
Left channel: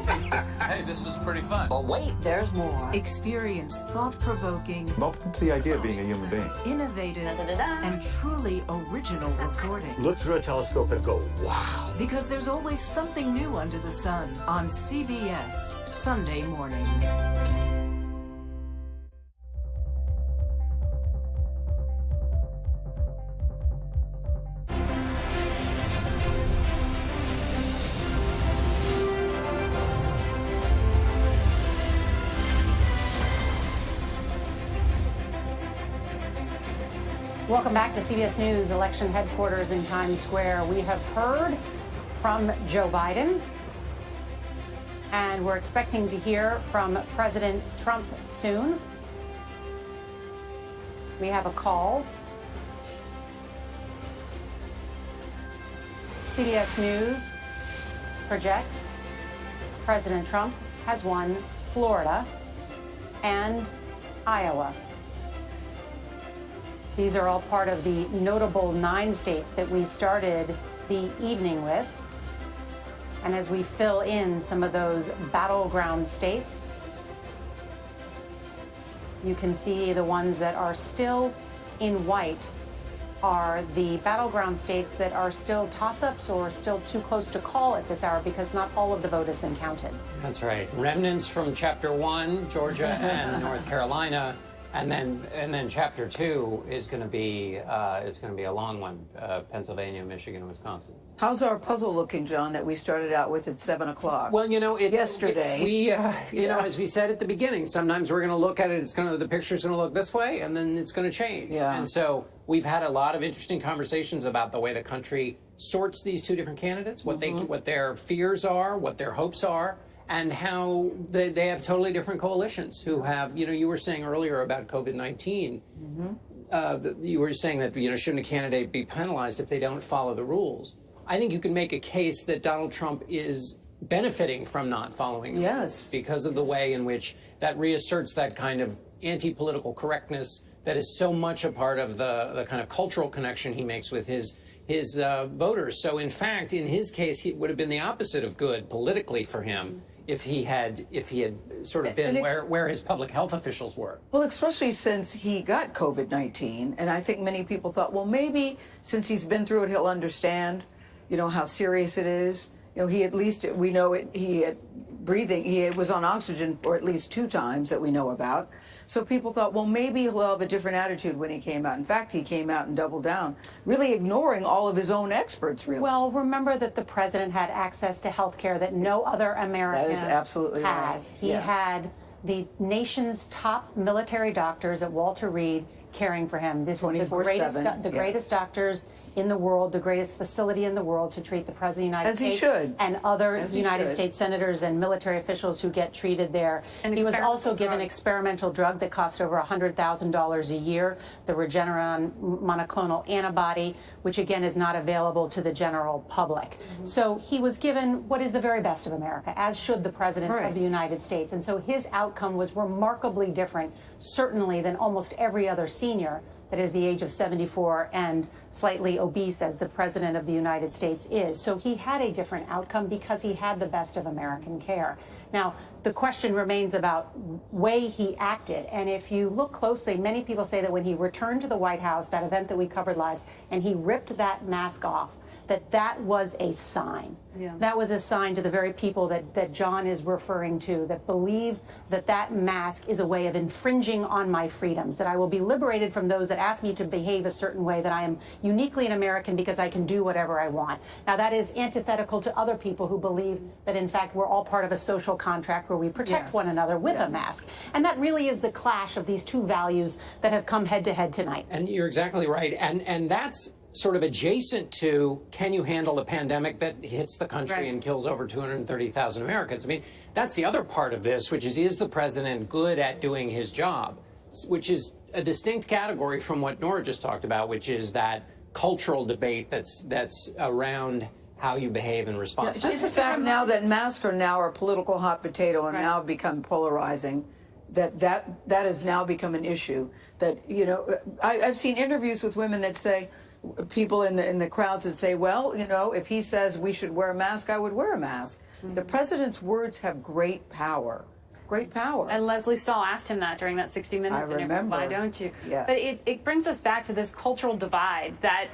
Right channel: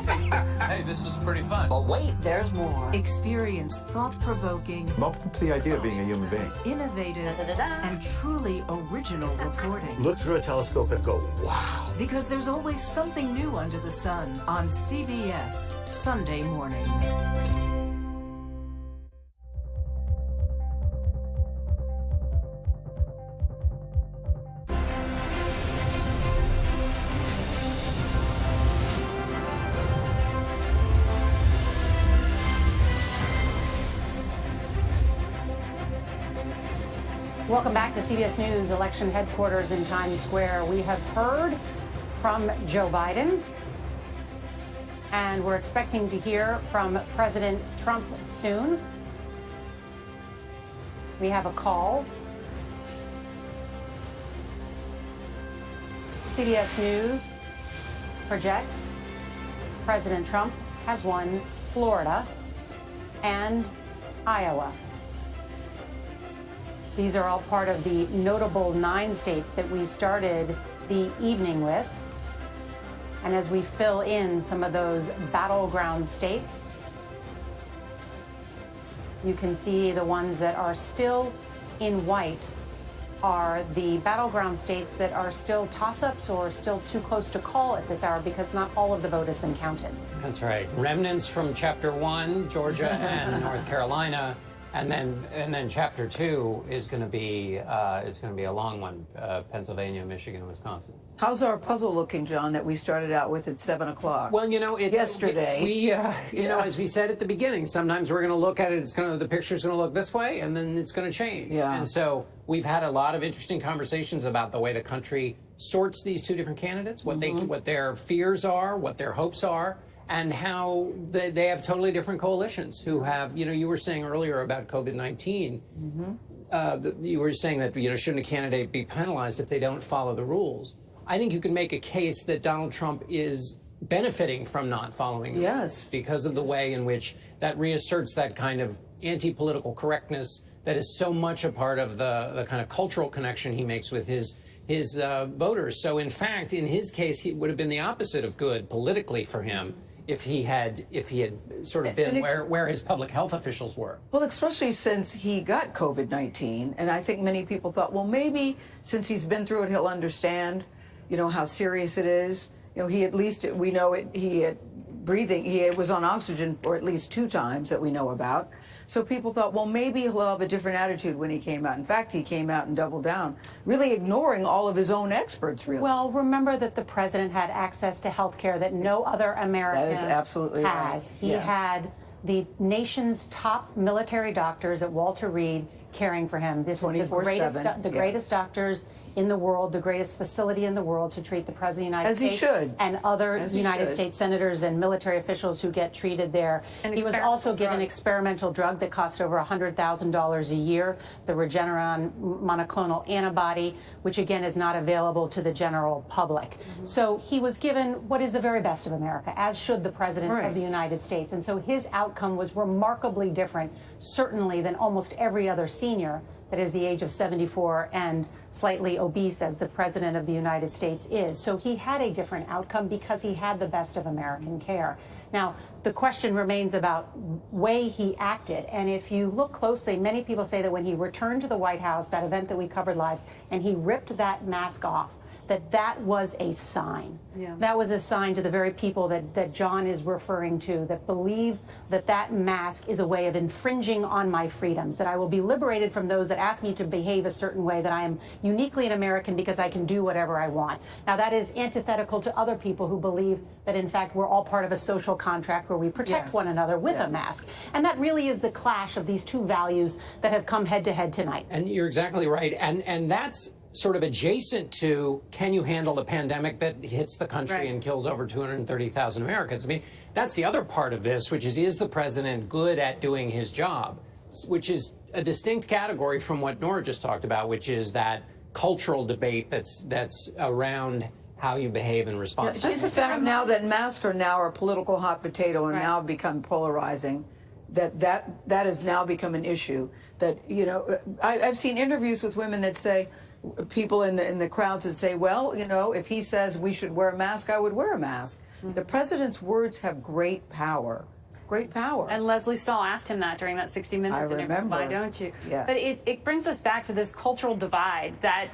Hey, this is pretty fun. But wait, there's more. Experience thought-provoking, I'm open to the idea of being a human being. innovative, and truly original reporting. Look through a telescope and go, wow. Because there's always something new under the sun on CBS Sunday morning. Welcome back to CBS News election headquarters in Times Square. We have heard from Joe Biden, and we're expecting to hear from President Trump soon. We have a call. CBS News projects President Trump has won Florida and Iowa. These are all part of the notable 9 states that we started the evening with. And as we fill in some of those battleground states, you can see the ones that are still in white are the battleground states that are still toss-ups or still too close to call at this hour because not all of the vote has been counted. That's right. Remnants from Chapter 1, Georgia and North Carolina. And then Chapter 2 is going to be a long one: Pennsylvania, Michigan, and Wisconsin. How's our puzzle looking, John, that we started out with at 7 o'clock? Well, it's yesterday. As we said at the beginning, sometimes we're going to look at it. The picture's going to look this way, and then it's going to change. Yeah. And so we've had a lot of interesting conversations about the way the country sorts these two different candidates, what their fears are, what their hopes are. And how they have totally different coalitions who have, you were saying earlier about COVID-19, you were saying that, shouldn't a candidate be penalized if they don't follow the rules? I think you can make a case that Donald Trump is benefiting from not following the rules because of the way in which that reasserts that kind of anti-political correctness that is so much a part of the kind of cultural connection he makes with his voters. So in fact, in his case, he would have been the opposite of good politically for him if he had sort of been where his public health officials were. Well, especially since he got COVID-19, and I think many people thought, well, maybe since he's been through it, he'll understand, how serious it is. He at least, we know it, he had breathing, he was on oxygen for at least 2 times that we know about. So people thought, well, maybe he'll have a different attitude when he came out. In fact, he came out and doubled down, really ignoring all of his own experts, really. Well, remember that the president had access to health care that no other American That is absolutely has. right. He had the nation's top military doctors at Walter Reed caring for him. This is the greatest doctors in the world, the greatest facility in the world to treat the President of the United States. As he should. And other United States senators and military officials who get treated there. He was also given experimental drug that cost over $100,000 a year, the Regeneron monoclonal antibody, which again is not available to the general public. So he was given what is the very best of America, as should the President of the United States. And so his outcome was remarkably different, certainly, than almost every other senior that is the age of 74 and slightly obese as the President of the United States is. So he had a different outcome because he had the best of American care. Now, the question remains about way he acted. And if you look closely, many people say that when he returned to the White House, that event that we covered live, and he ripped that mask off, that was a sign. Yeah. That was a sign to the very people that John is referring to, that believe that mask is a way of infringing on my freedoms, that I will be liberated from those that ask me to behave a certain way, that I am uniquely an American because I can do whatever I want. Now, that is antithetical to other people who believe that, in fact, we're all part of a social contract where we protect one another with a mask. And that really is the clash of these two values that have come head to head tonight. And you're exactly right. And that's sort of adjacent to, can you handle a pandemic that hits the country and kills over 230,000 Americans? I mean, that's the other part of this, which is the president good at doing his job? Which is a distinct category from what Nora just talked about, which is that cultural debate that's around how you behave in response to just the fact now that masks are now a political hot potato and now become polarizing, that has now become an issue. That, I've seen interviews with women that say, people in the crowds that say, well, if he says we should wear a mask, I would wear a mask. The president's words have great power. Great power. And Leslie Stahl asked him that during that 60 Minutes I interview. remember. Why don't you? Yeah. But it brings us back to this cultural divide that,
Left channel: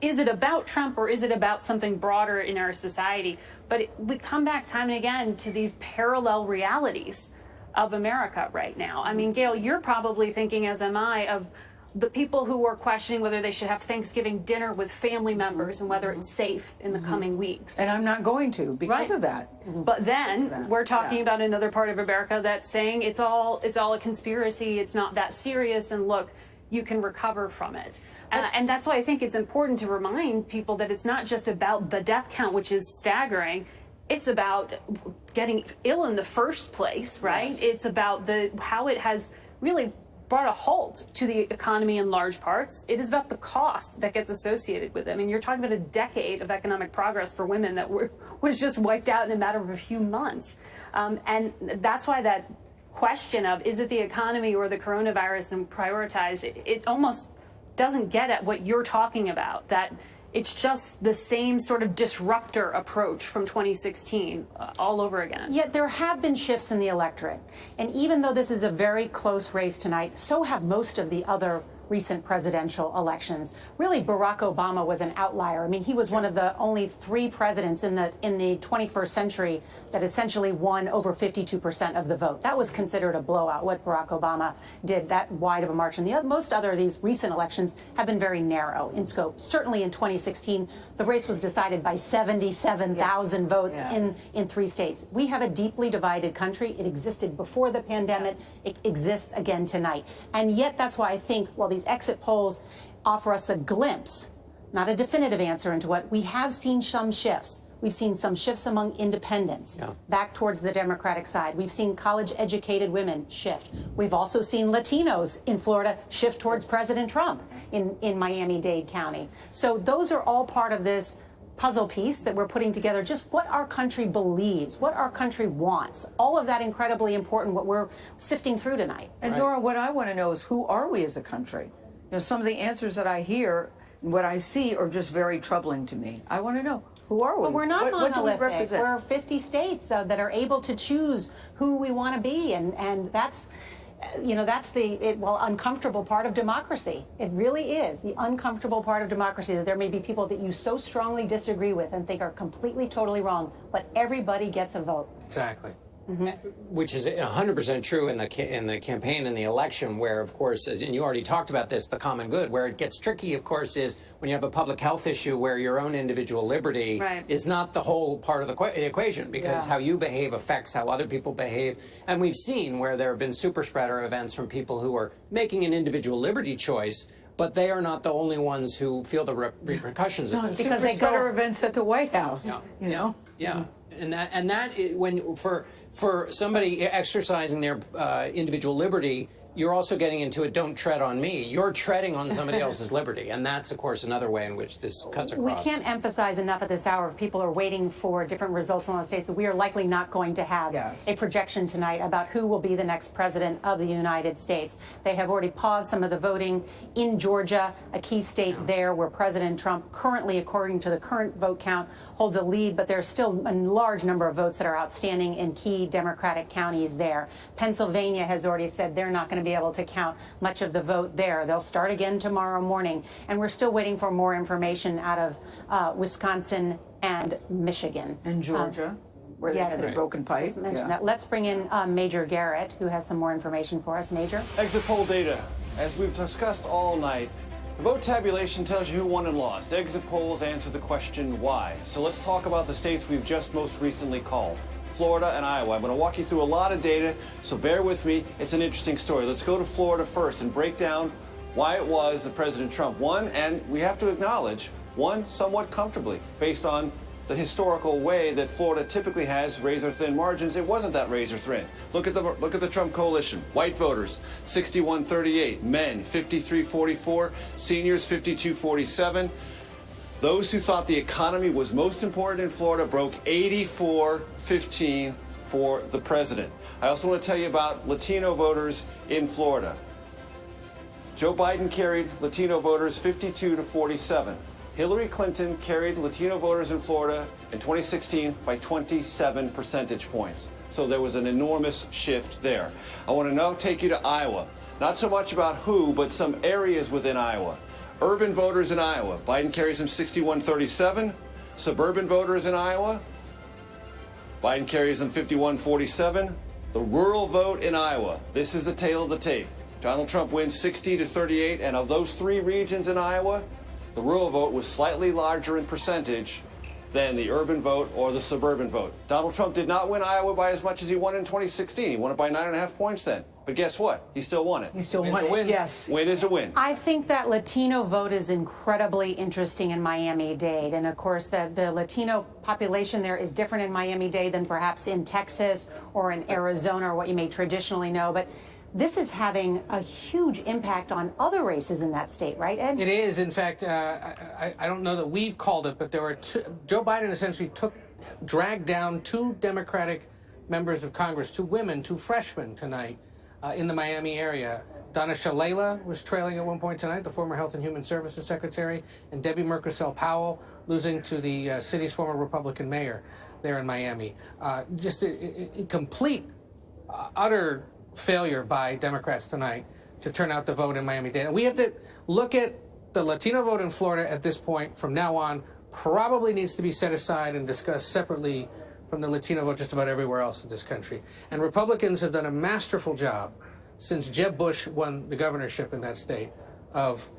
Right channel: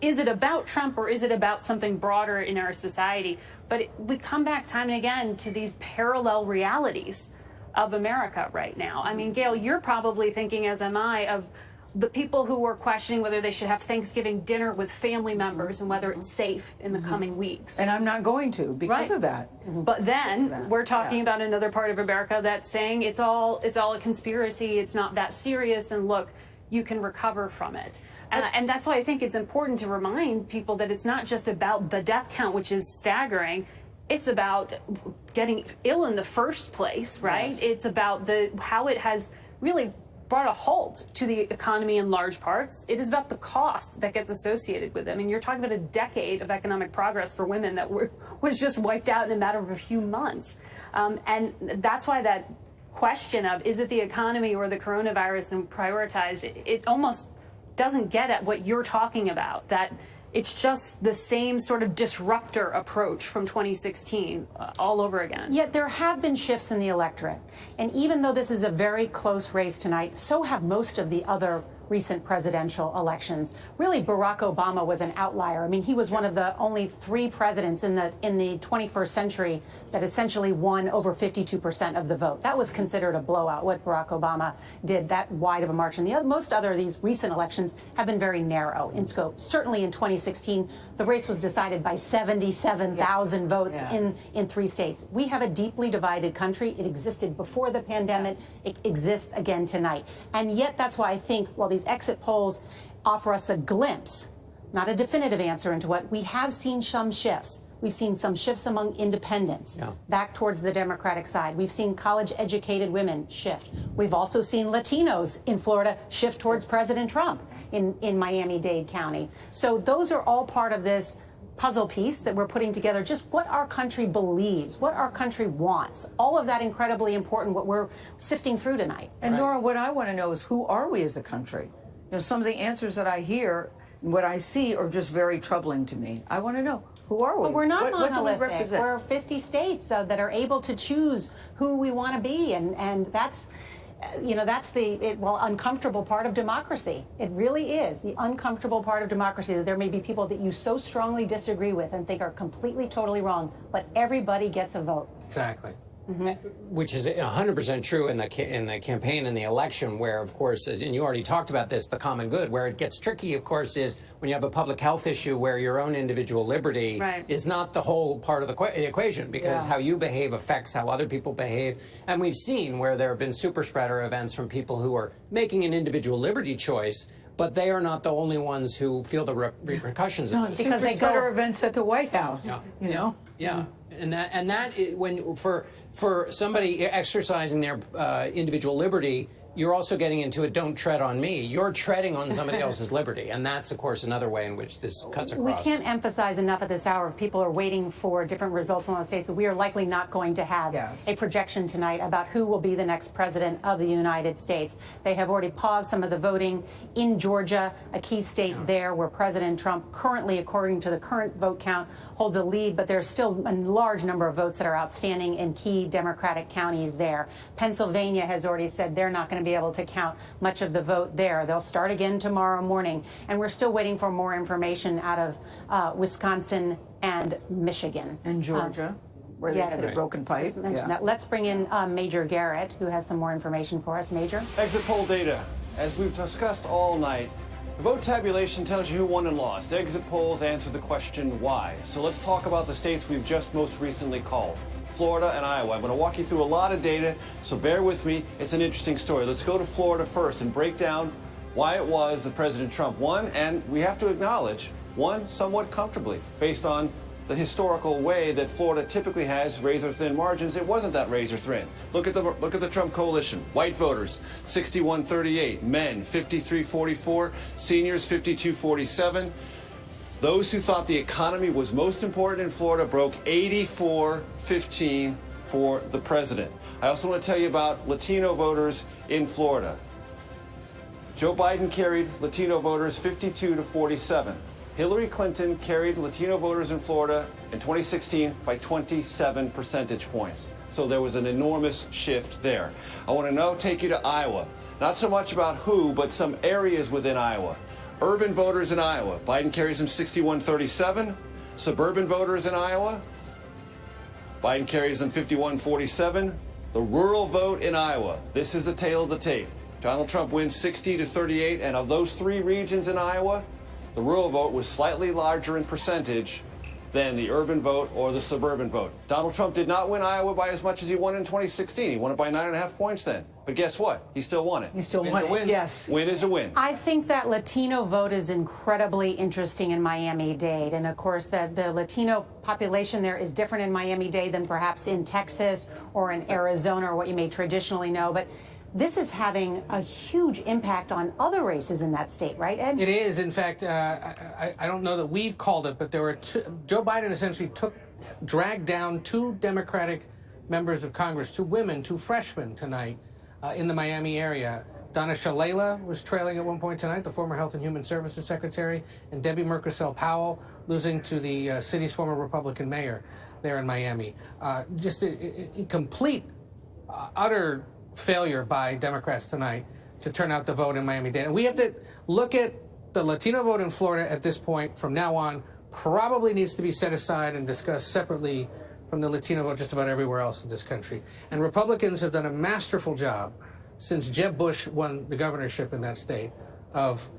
is it about Trump or is it about something broader in our society? But we come back time and again to these parallel realities of America right now. I mean, Gail, you're probably thinking, as am I, of the people who are questioning whether they should have Thanksgiving dinner with family members and whether it's safe in the coming weeks. And I'm not going to because of that. But then we're talking about another part of America that's saying it's all a conspiracy. It's not that serious. And look, you can recover from it. And that's why I think it's important to remind people that it's not just about the death count, which is staggering. It's about getting ill in the first place, right? Yes. It's about how it has really brought a halt to the economy in large parts. It is about the cost that gets associated with it. I mean, you're talking about a decade of economic progress for women that was just wiped out in a matter of a few months. And that's why that question of, is it the economy or the coronavirus and prioritize, it almost doesn't get at what you're talking about, that it's just the same sort of disruptor approach from 2016 all over again. Yet there have been shifts in the electorate. And even though this is a very close race tonight, so have most of the other recent presidential elections. Really, Barack Obama was an outlier. I mean, he was one of the only 3 presidents in the 21st century that essentially won over 52% of the vote. That was considered a blowout, what Barack Obama did, that wide of a margin. Most other of these recent elections have been very narrow in scope. Certainly in 2016, the race was decided by 77,000 votes in 3 states. We have a deeply divided country. It existed before the pandemic. It exists again tonight. And yet that's why I think, while these exit polls offer us a glimpse, not a definitive answer into what, we have seen some shifts. We've seen some shifts among independents back towards the Democratic side. We've seen college-educated women shift. We've also seen Latinos in Florida shift towards President Trump in Miami-Dade County. So those are all part of this puzzle piece that we're putting together, just what our country believes, what our country wants. All of that incredibly important, what we're sifting through tonight. And Nora, what I want to know is, who are we as a country? Some of the answers that I hear, what I see, are just very troubling to me. I want to know, who are we? But we're not what do we monolithic. represent? We're 50 states that are able to choose who we want to be, and that's, that's the uncomfortable part of democracy. It really is the uncomfortable part of democracy, that there may be people that you so strongly disagree with and think are completely, totally wrong, but everybody gets a vote. Exactly. Which is 100% true in the campaign and the election, where, of course, and you already talked about this, the common good. Where it gets tricky, of course, is when you have a public health issue where your own individual liberty is not the whole part of the equation, because how you behave affects how other people behave. And we've seen where there have been super spreader events from people who are making an individual liberty choice, but they are not the only ones who feel the repercussions of this. Because they go to events at the White House, Yeah, and that when for somebody exercising their individual liberty, you're also getting into it, don't tread on me. You're treading on somebody else's liberty. And that's, of course, another way in which this cuts across. We can't emphasize enough at this hour, if people are waiting for different results in the states, that we are likely not going to have a projection tonight about who will be the next president of the United States. They have already paused some of the voting in Georgia, a key state there where President Trump currently, according to the current vote count, holds a lead, but there's still a large number of votes that are outstanding in key Democratic counties there. Pennsylvania has already said they're not going to be able to count much of the vote there. They'll start again tomorrow morning, and we're still waiting for more information out of Wisconsin and Michigan. And Georgia, where they had the broken pipe. Just mentioned that. Let's bring in Major Garrett, who has some more information for us. Major? Exit poll data. As we've discussed all night, the vote tabulation tells you who won and lost. Exit polls answer the question why. So let's talk about the states we've just most recently called. Florida and Iowa. I'm going to walk you through a lot of data, so bear with me. It's an interesting story. Let's go to Florida first and break down why it was that President Trump won, and we have to acknowledge, won somewhat comfortably based on the historical way that Florida typically has razor-thin margins. It wasn't that razor-thin. Look at the Trump coalition. White voters, 61-38. Men, 53-44. Seniors, 52-47. Those who thought the economy was most important in Florida broke 84-15 for the president. I also want to tell you about Latino voters in Florida. Joe Biden carried Latino voters 52-47. Hillary Clinton carried Latino voters in Florida in 2016 by 27 percentage points. So there was an enormous shift there. I want to now take you to Iowa. Not so much about who, but some areas within Iowa. Urban voters in Iowa, Biden carries them 61-37. Suburban voters in Iowa, Biden carries them 51-47. The rural vote in Iowa, this is the tale of the tape. Donald Trump wins 60-38, and of those three regions in Iowa, the rural vote was slightly larger in percentage than the urban vote or the suburban vote. Donald Trump did not win Iowa by as much as he won in 2016. He won it by 9.5 points then. But guess what? He still won it. You still won it, yes. Win is a win. I think that Latino vote is incredibly interesting in Miami-Dade. And of course, the Latino population there is different in Miami-Dade than perhaps in Texas or in Arizona or what you may traditionally know. But this is having a huge impact on other races in that state, right, Ed? It is. In fact, I don't know that we've called it, but there were Joe Biden essentially dragged down two Democratic members of Congress, two women, two freshmen tonight in the Miami area. Donna Shalala was trailing at one point tonight, the former Health and Human Services Secretary, and Debbie Merkersell Powell losing to the city's former Republican mayor there in Miami. Just a complete, utter failure by Democrats tonight to turn out the vote in Miami-Dade. And we have to look at the Latino vote in Florida at this point. From now on, probably needs to be set aside and discussed separately from the Latino vote just about everywhere else in this country. And Republicans have done a masterful job since Jeb Bush won the governorship in that state of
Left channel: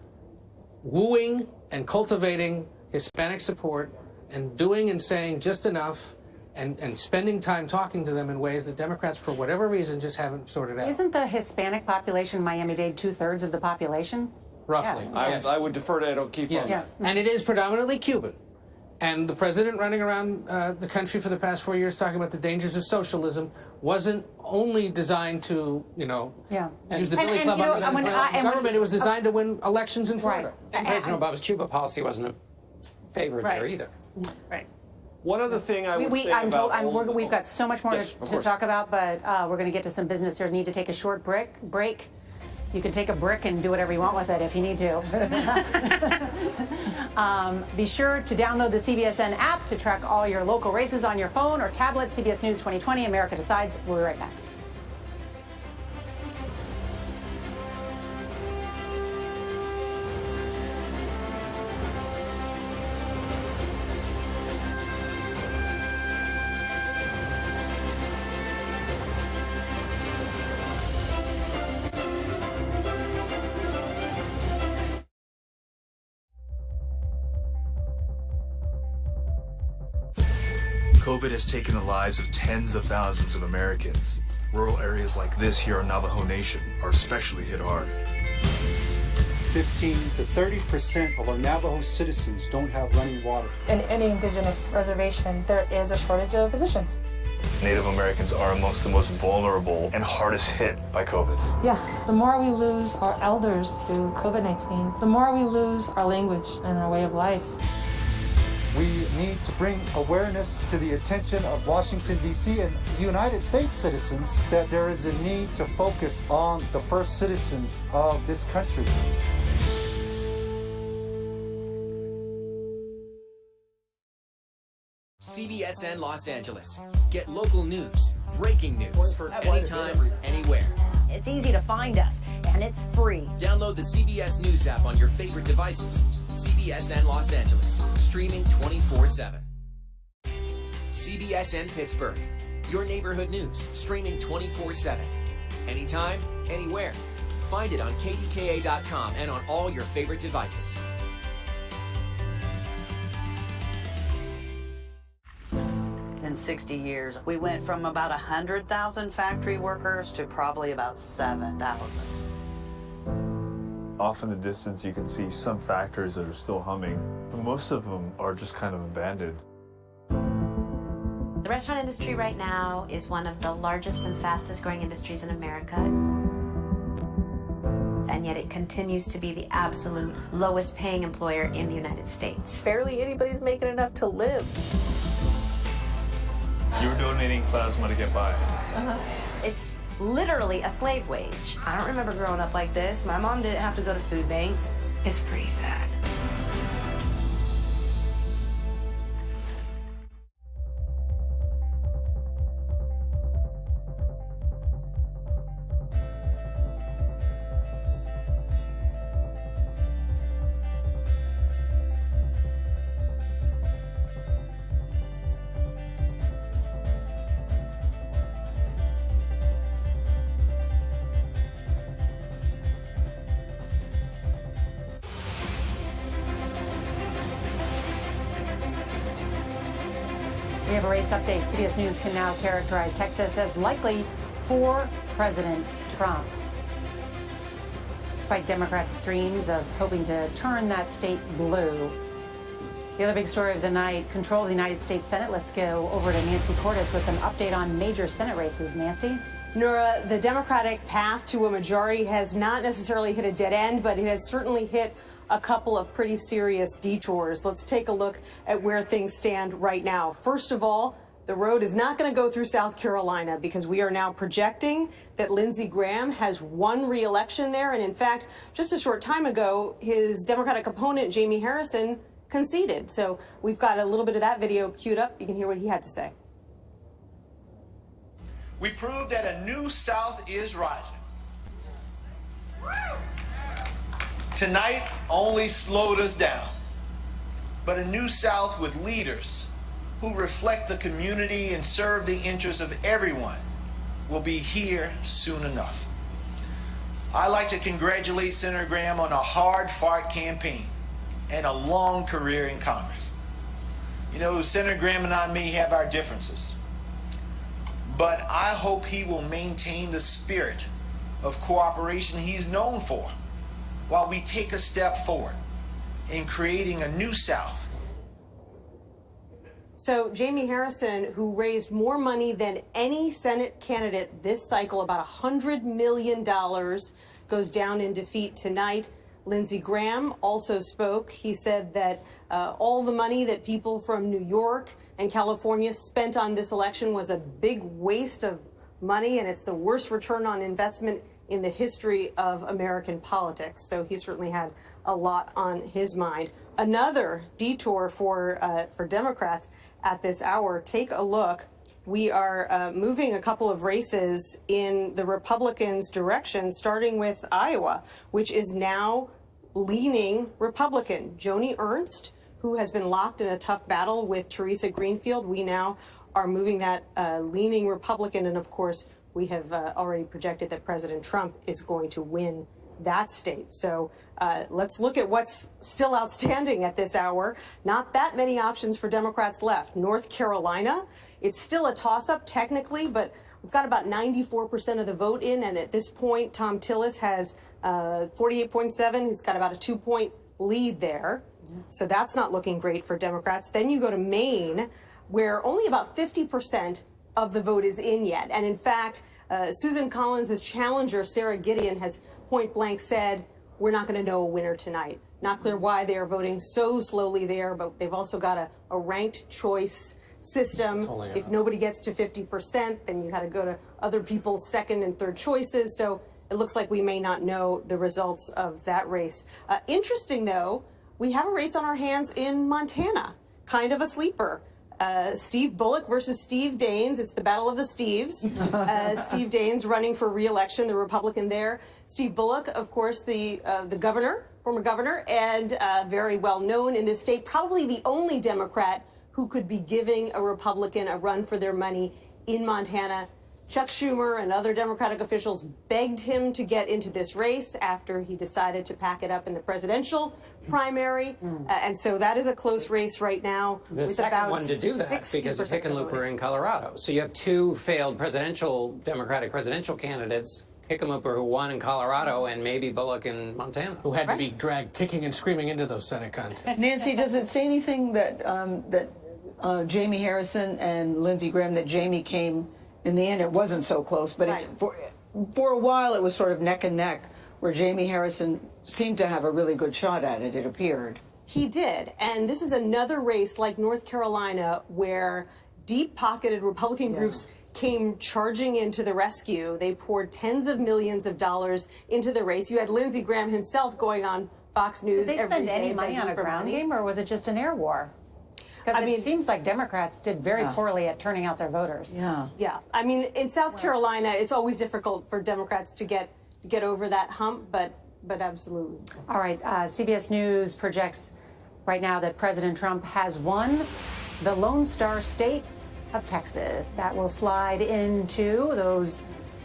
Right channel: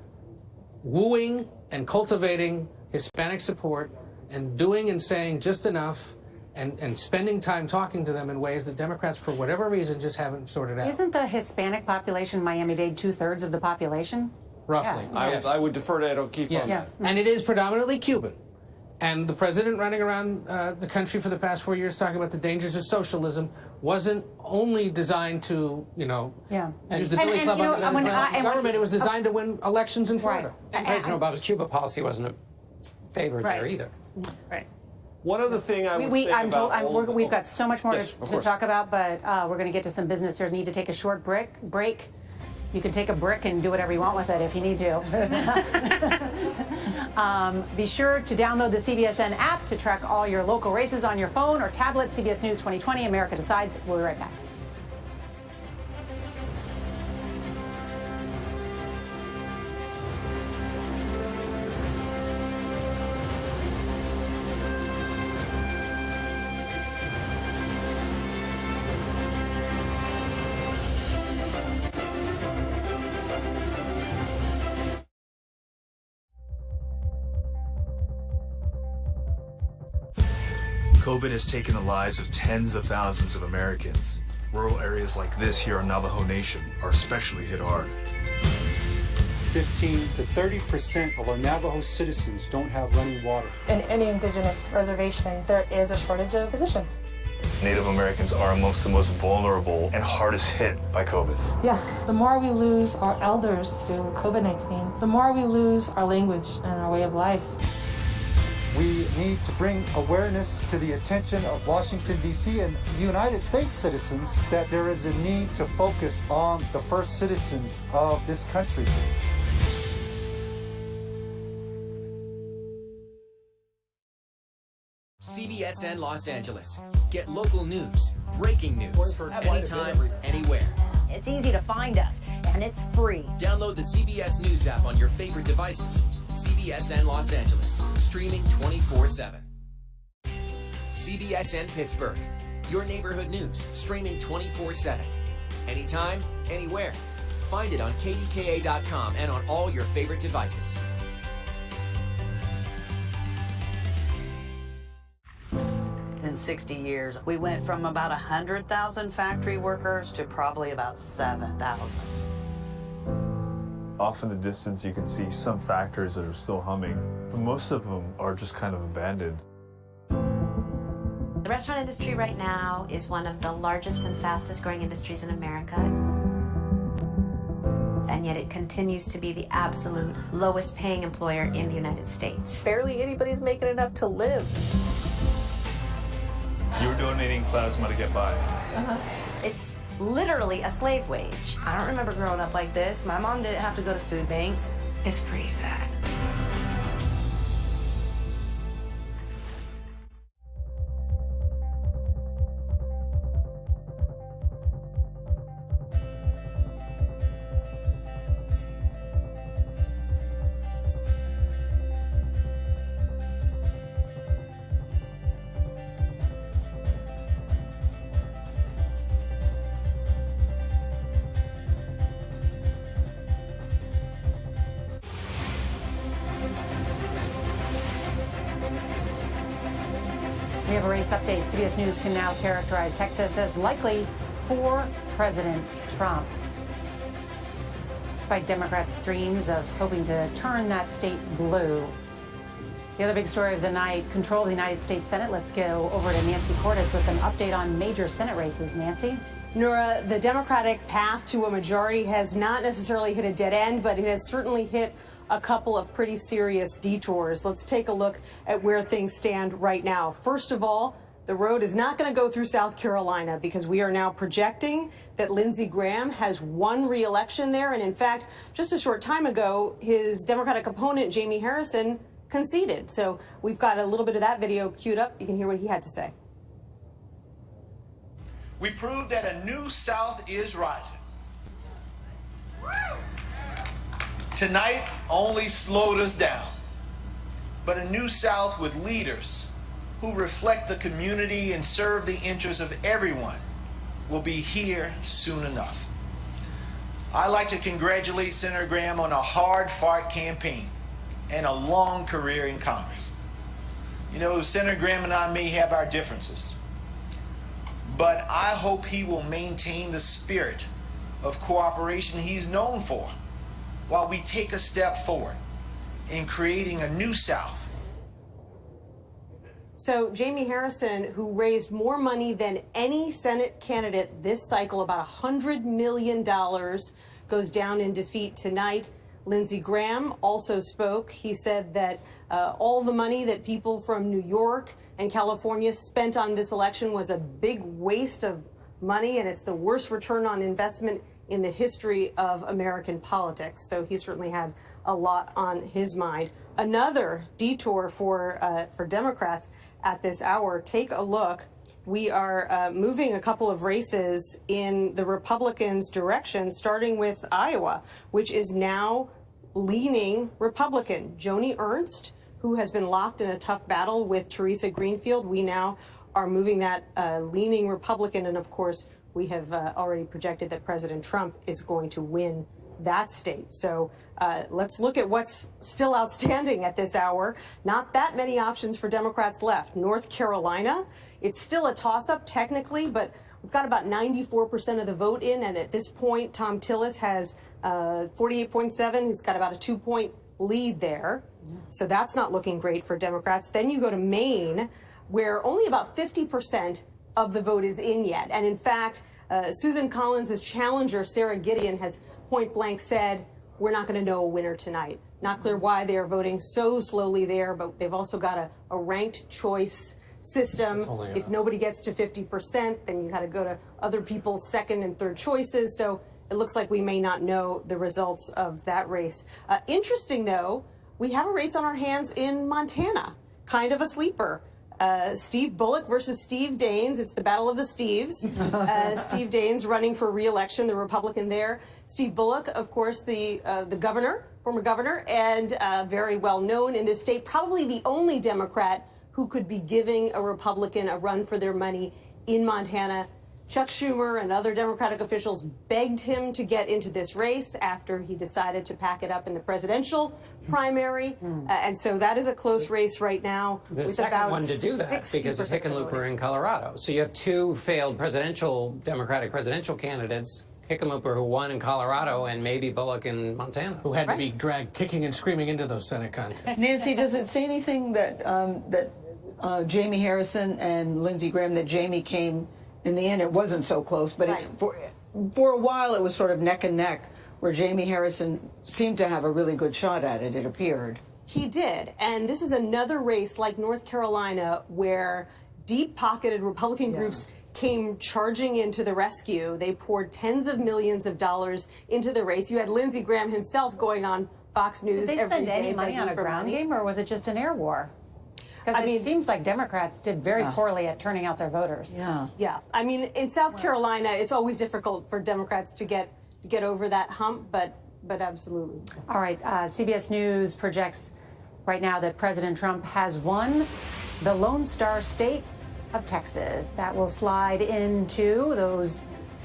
wooing and cultivating Hispanic support and doing and saying just enough and spending time talking to them in ways that Democrats, for whatever reason, just haven't sorted out. Isn't the Hispanic population in Miami-Dade 2/3 of the population? Roughly. Yeah. Yes. I would defer to Ed O'Keefe on that. And it is predominantly Cuban. And the president running around the country for the past 4 years talking about the dangers of socialism wasn't only designed to, use the Billy Club on the government. It was designed to win elections in Florida. Right. And President Obama's Cuba policy wasn't a favorite there either. Right. One other thing I would say about we've got so much more Yes, to of course. talk about, but we're going to get to some business here. Need to take a short break. You can take a brick and do whatever you want with it if you need to. Be sure to download the CBSN app to track all your local races on your phone or tablet. CBS News 2020, America Decides. We'll be right back. COVID has taken the lives of tens of thousands of Americans. Rural areas like this here in Navajo Nation are especially hit hard. 15 to 30% of our Navajo citizens don't have running water. In any indigenous reservation, there is a shortage of physicians. Native Americans are amongst the most vulnerable and hardest hit by COVID. Yeah, the more we lose our elders to COVID-19, the more we lose our language and our way of life. We need to bring awareness to the attention of Washington, D.C. and United States citizens that there is a need to focus on the first citizens of this country. CBSN Los Angeles. Get local news, breaking news, anytime, anywhere. It's easy to find us, and it's free. Download the CBS News app on your favorite devices. CBSN Los Angeles, streaming 24/7. CBSN Pittsburgh, your neighborhood news, streaming 24/7. Anytime, anywhere. Find it on KDKA.com and on all your favorite devices. In 60 years, we went from about 100,000 factory workers to probably about 7,000. Off in the distance, you can see some factories that are still humming. Most of them are just kind of abandoned. The restaurant industry right now is one of the largest and fastest growing industries in America. And yet it continues to be the absolute lowest paying employer in the United States. Barely anybody's making enough to live. You're donating plasma to get by. It's literally a slave wage. I don't remember growing up like this. My mom didn't have to go to food banks. It's pretty sad. race update. CBS News can now characterize Texas as likely for President Trump. Despite Democrats' dreams of hoping to turn that state blue. The other big story of the night, control of the United States Senate. Let's go over to Nancy Cordes with an update on major Senate races. Nancy? Nora, the Democratic path to a majority has not necessarily hit a dead end, but it has certainly hit a couple of pretty serious detours. Let's take a look at where things stand right now. First of all, the road is not going to go through South Carolina because we are now projecting that Lindsey Graham has won re-election there. And in fact, just a short time ago, his Democratic opponent, Jamie Harrison, conceded. So we've got a little bit of that video queued up. You can hear what he had to say. We proved that a new South is rising. Tonight only slowed us down, but a new South with leaders who reflect the community and serve the interests of everyone will be here soon enough. I'd like to congratulate Senator Graham on a hard-fought campaign and a long career in Congress. You know, Senator Graham and I may have our differences, but I hope he will maintain the spirit of cooperation he's known for while we take a step forward in creating a new South. So Jamie Harrison, who raised more money than any Senate candidate this cycle, about $100 million, goes down in defeat tonight. Lindsey Graham also spoke. He said that all the money that people from New York and California spent on this election was a big waste of money, and it's the worst return on investment in the history of American politics. So he certainly had a lot on his mind. Another detour for Democrats at this hour. Take a look. We are moving a couple of races in the Republicans' direction, starting with Iowa, which is now leaning Republican. Joni Ernst, who has been locked in a tough battle with Teresa Greenfield, we now are moving that leaning Republican. And of course, we have already projected that President Trump is going to win that state. So let's look at what's still outstanding at this hour. Not that many options for Democrats left. North Carolina, it's still a toss-up technically, but we've got about 94% of the vote in. And at this point, Tom Tillis has 48.7. He's got about a 2-point lead there. So that's not looking great for Democrats. Then you go to Maine, where only about 50% of the vote is in yet. And in fact, Susan Collins' challenger, Sarah Gideon, has point blank said, we're not going to know a winner tonight. Not clear why they are voting so slowly there, but they've also got a ranked choice system. If nobody gets to 50%, then you got to go to other people's second and third choices. So it looks like we may not know the results of that race. Interesting, though, we have a race on our hands in Montana, kind of a sleeper. Steve Bullock versus Steve Daines. It's the battle of the Steves. Steve Daines running for re-election, the Republican there. Steve Bullock, of course, the governor, former governor, and very well known in this state. Probably the only Democrat who could be giving a Republican a run for their money in Montana. Chuck Schumer and other Democratic officials begged him to get into this race after he decided to pack it up in the presidential primary. And so that is a close race right now. The second one to do that because of Hickenlooper in Colorado. So you have two failed Democratic presidential candidates, Hickenlooper, who won in Colorado, and maybe Bullock in Montana. Who had to be dragged kicking and screaming into those Senate contests. Nancy, does it say anything that Jamie Harrison and Lindsey Graham, that Jamie came, in the end it wasn't so close, but for a while it was sort of neck and neck, where Jamie Harrison seemed to have a really good shot at it, it appeared. He did. And this is another race like North Carolina where deep-pocketed Republican groups came charging into the rescue. They poured tens of millions of dollars into the race. You had Lindsey Graham himself going on Fox News every day. Did they spend any money on a ground game, or was it just an air war? Because it seems like Democrats did very poorly at turning out their voters. Yeah. I mean, in South Carolina, it's always difficult for Democrats to get over that hump, but absolutely. All right. CBS News projects right now that President Trump has won the Lone Star State of Texas. That will slide into those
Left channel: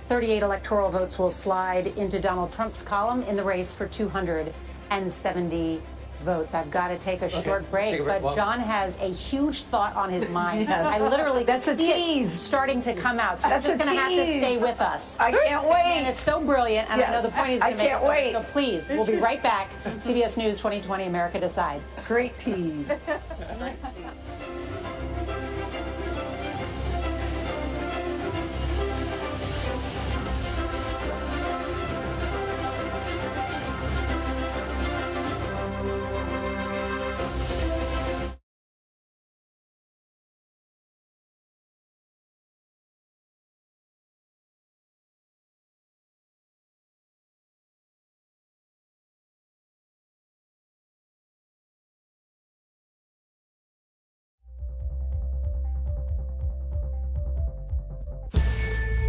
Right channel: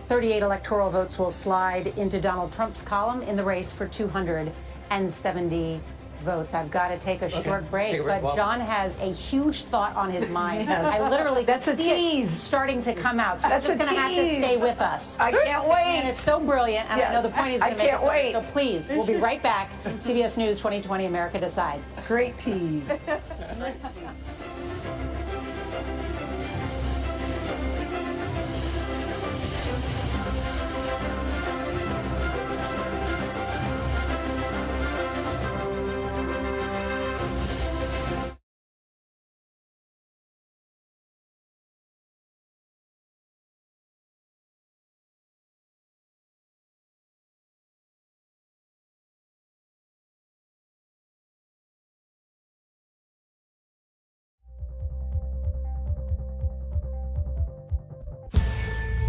38 electoral votes will slide into Donald Trump's column in the race for 270 votes. I've got to take a short break, Take a break. but Well, John has a huge thought on his mind. Yes. I literally That's a see it tease. starting to come out. So That's you're just a going to have to tease. stay with us. I can't wait. And it's so brilliant, and I know Yes. the point he's I going to make. can't us wait. So please, we'll be right back. CBS News 2020, America Decides. Great tease.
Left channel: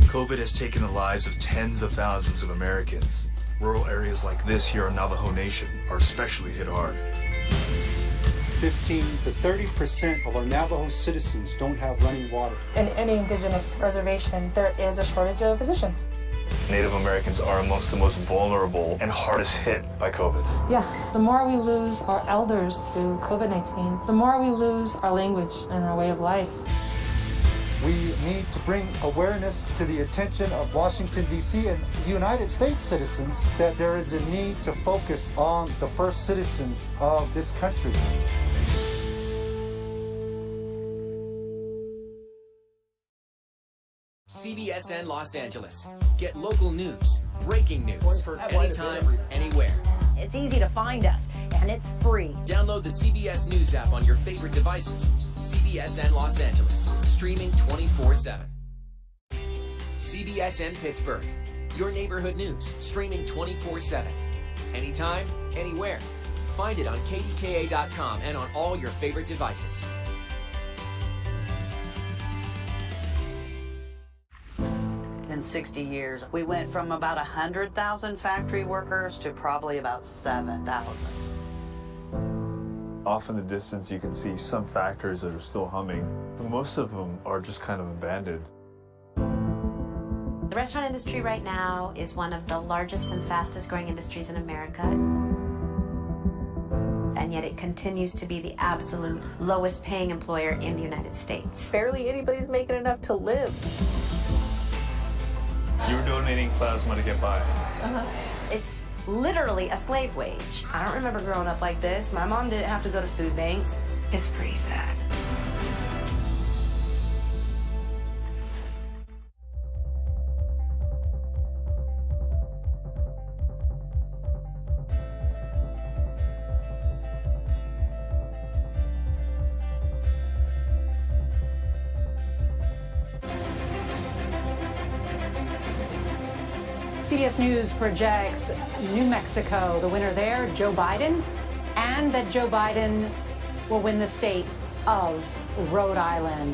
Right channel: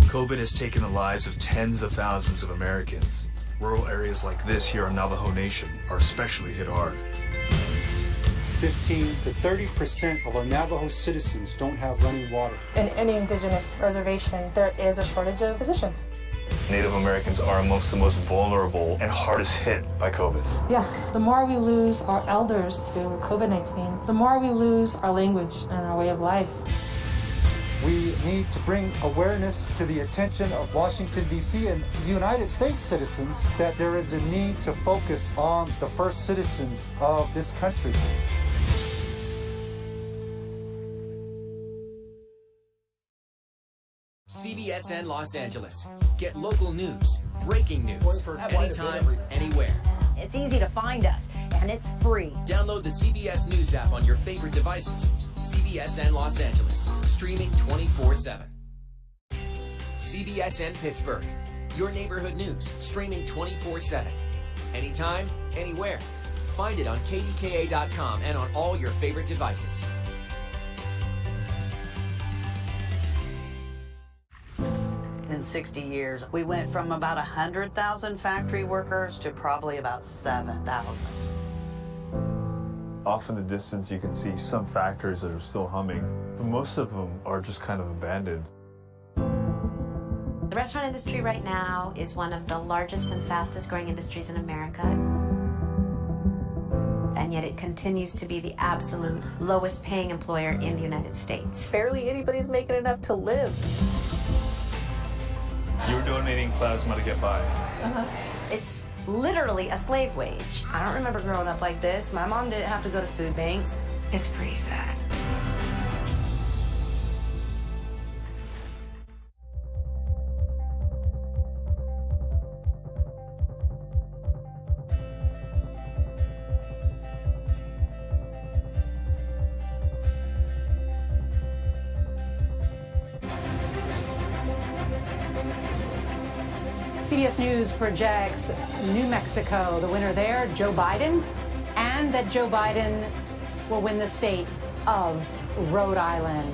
COVID has taken the lives of tens of thousands of Americans. Rural areas like this here in Navajo Nation are especially hit hard. 15 to 30% of our Navajo citizens don't have running water. In any indigenous reservation, there is a shortage of physicians. Native Americans are amongst the most vulnerable and hardest hit by COVID. Yeah, the more we lose our elders to COVID-19, the more we lose our language and our way of life. We need to bring awareness to the attention of Washington, D.C. and United States citizens that there is a need to focus on the first citizens of this country. CBSN Los Angeles. Get local news, breaking news, anytime, anywhere. It's easy to find us, and it's free. Download the CBS News app on your favorite devices. CBSN Los Angeles, streaming 24/7. CBSN Pittsburgh, your neighborhood news, streaming 24/7. Anytime, anywhere. Find it on KDKA.com and on all your favorite devices. In 60 years, we went from about 100,000 factory workers to probably about 7,000. Off in the distance, you can see some factories that are still humming, but most of them are just kind of abandoned. The restaurant industry right now is one of the largest and fastest growing industries in America. And yet it continues to be the absolute lowest paying employer in the United States. Barely anybody's making enough to live. You're donating plasma to get by. It's literally a slave wage. I don't remember growing up like this. My mom didn't have to go to food banks. It's pretty sad. CBS News projects New Mexico, the winner there, Joe Biden, and that Joe Biden will win the state of Rhode Island.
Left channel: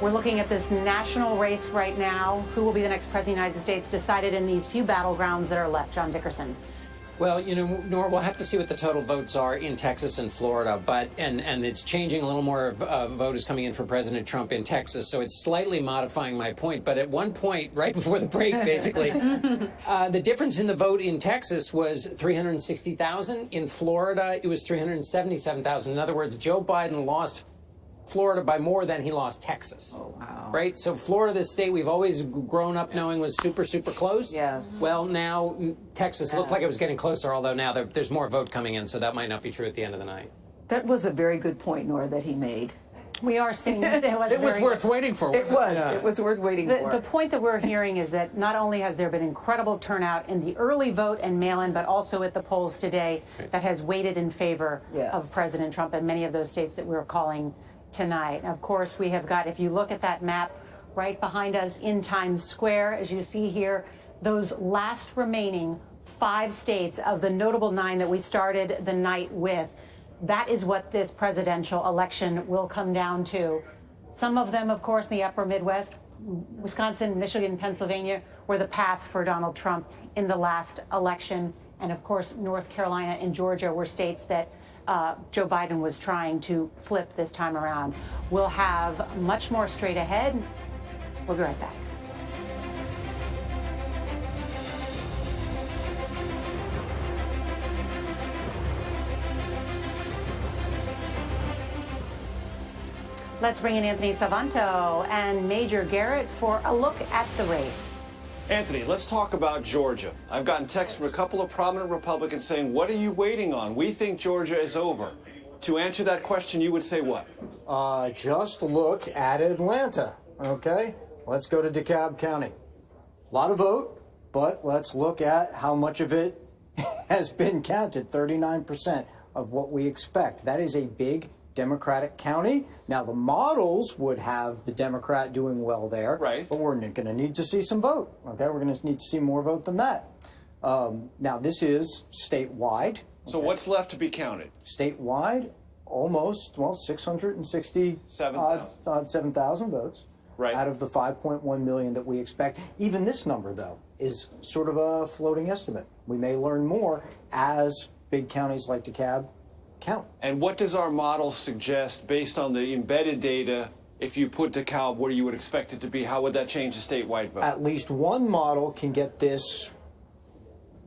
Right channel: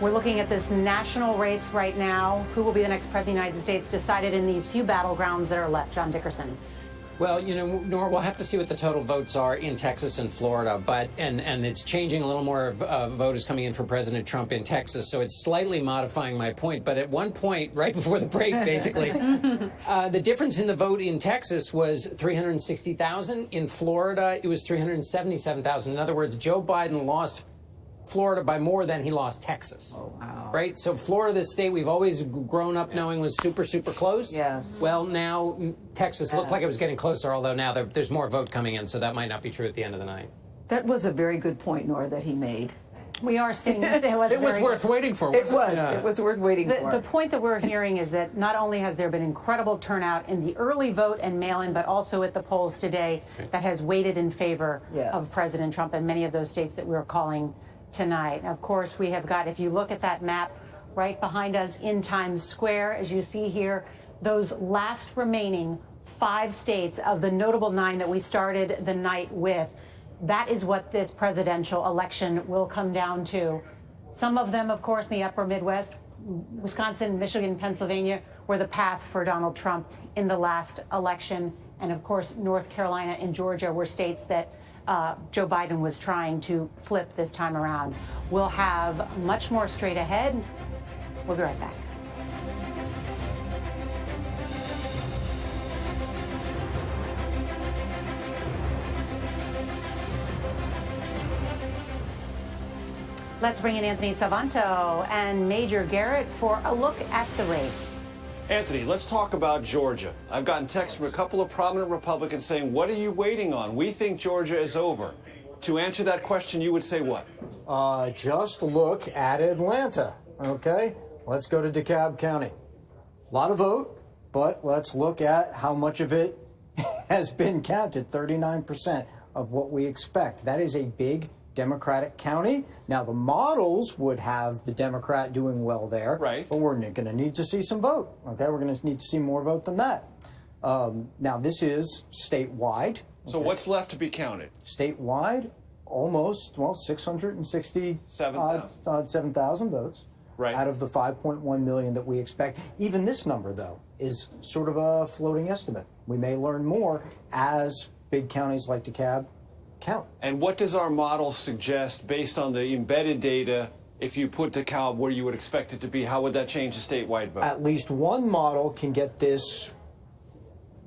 We're looking at this national race right now. Who will be the next president of the United States decided in these few battlegrounds that are left. John Dickerson. Well, you know, Nora, we'll have to see what the total votes are in Texas and Florida, but and it's changing. A little more vote is coming in for President Trump in Texas, so it's slightly modifying my point. But at one point, right before the break, basically, the difference in the vote in Texas was 360,000. In Florida, it was 377,000. In other words, Joe Biden lost Florida by more than he lost Texas. Oh, wow. Right? So Florida, the state we've always grown up knowing was super, super close. Yes. Well, now Texas looked like it was getting closer, although now there's more vote coming in, so that might not be true at the end of the night. That was a very good point, Nora, that he made. We are seeing this. It was worth waiting for. It was. Yeah. It was worth waiting for. The point that we're hearing is that not only has there been incredible turnout in the early vote and mail-in, but also at the polls today that has weighted in favor of President Trump in many of those states that we're calling tonight. Of course, we have got, if you look at that map right behind us in Times Square, as you see here, those last remaining 5 states of the notable 9 that we started the night with. That is what this presidential election will come down to. Some of them, of course, in the upper Midwest, Wisconsin, Michigan, Pennsylvania, were the path for Donald Trump in the last election. And of course, North Carolina and Georgia were states that Joe Biden was trying to flip this time around. We'll have much more straight ahead. We'll be right back. Let's bring in Anthony Savanto and Major Garrett for a look at the race. Anthony, let's talk about Georgia. I've gotten texts from a couple of prominent Republicans saying, what are you waiting on? We think Georgia is over. To answer that question, you would say what? Just look at Atlanta, okay? Let's go to DeKalb County. A lot of vote, but let's look at how much of it has been counted, 39% of what we expect. That is a big Democratic county. Now, the models would have the Democrat doing well there, right? But we're going to need to see some vote, okay? We're going to need to see more vote than that. Now, this is statewide. So what's left to be counted? Statewide, almost, well, 7,000 votes. Right. Out of the 5.1 million that we expect. Even this number, though, is sort of a floating estimate. We may learn more as big counties like DeKalb count. And what does our model suggest based on the embedded data? If you put DeKalb where you would expect it to be, how would that change the statewide vote? At least one model can get this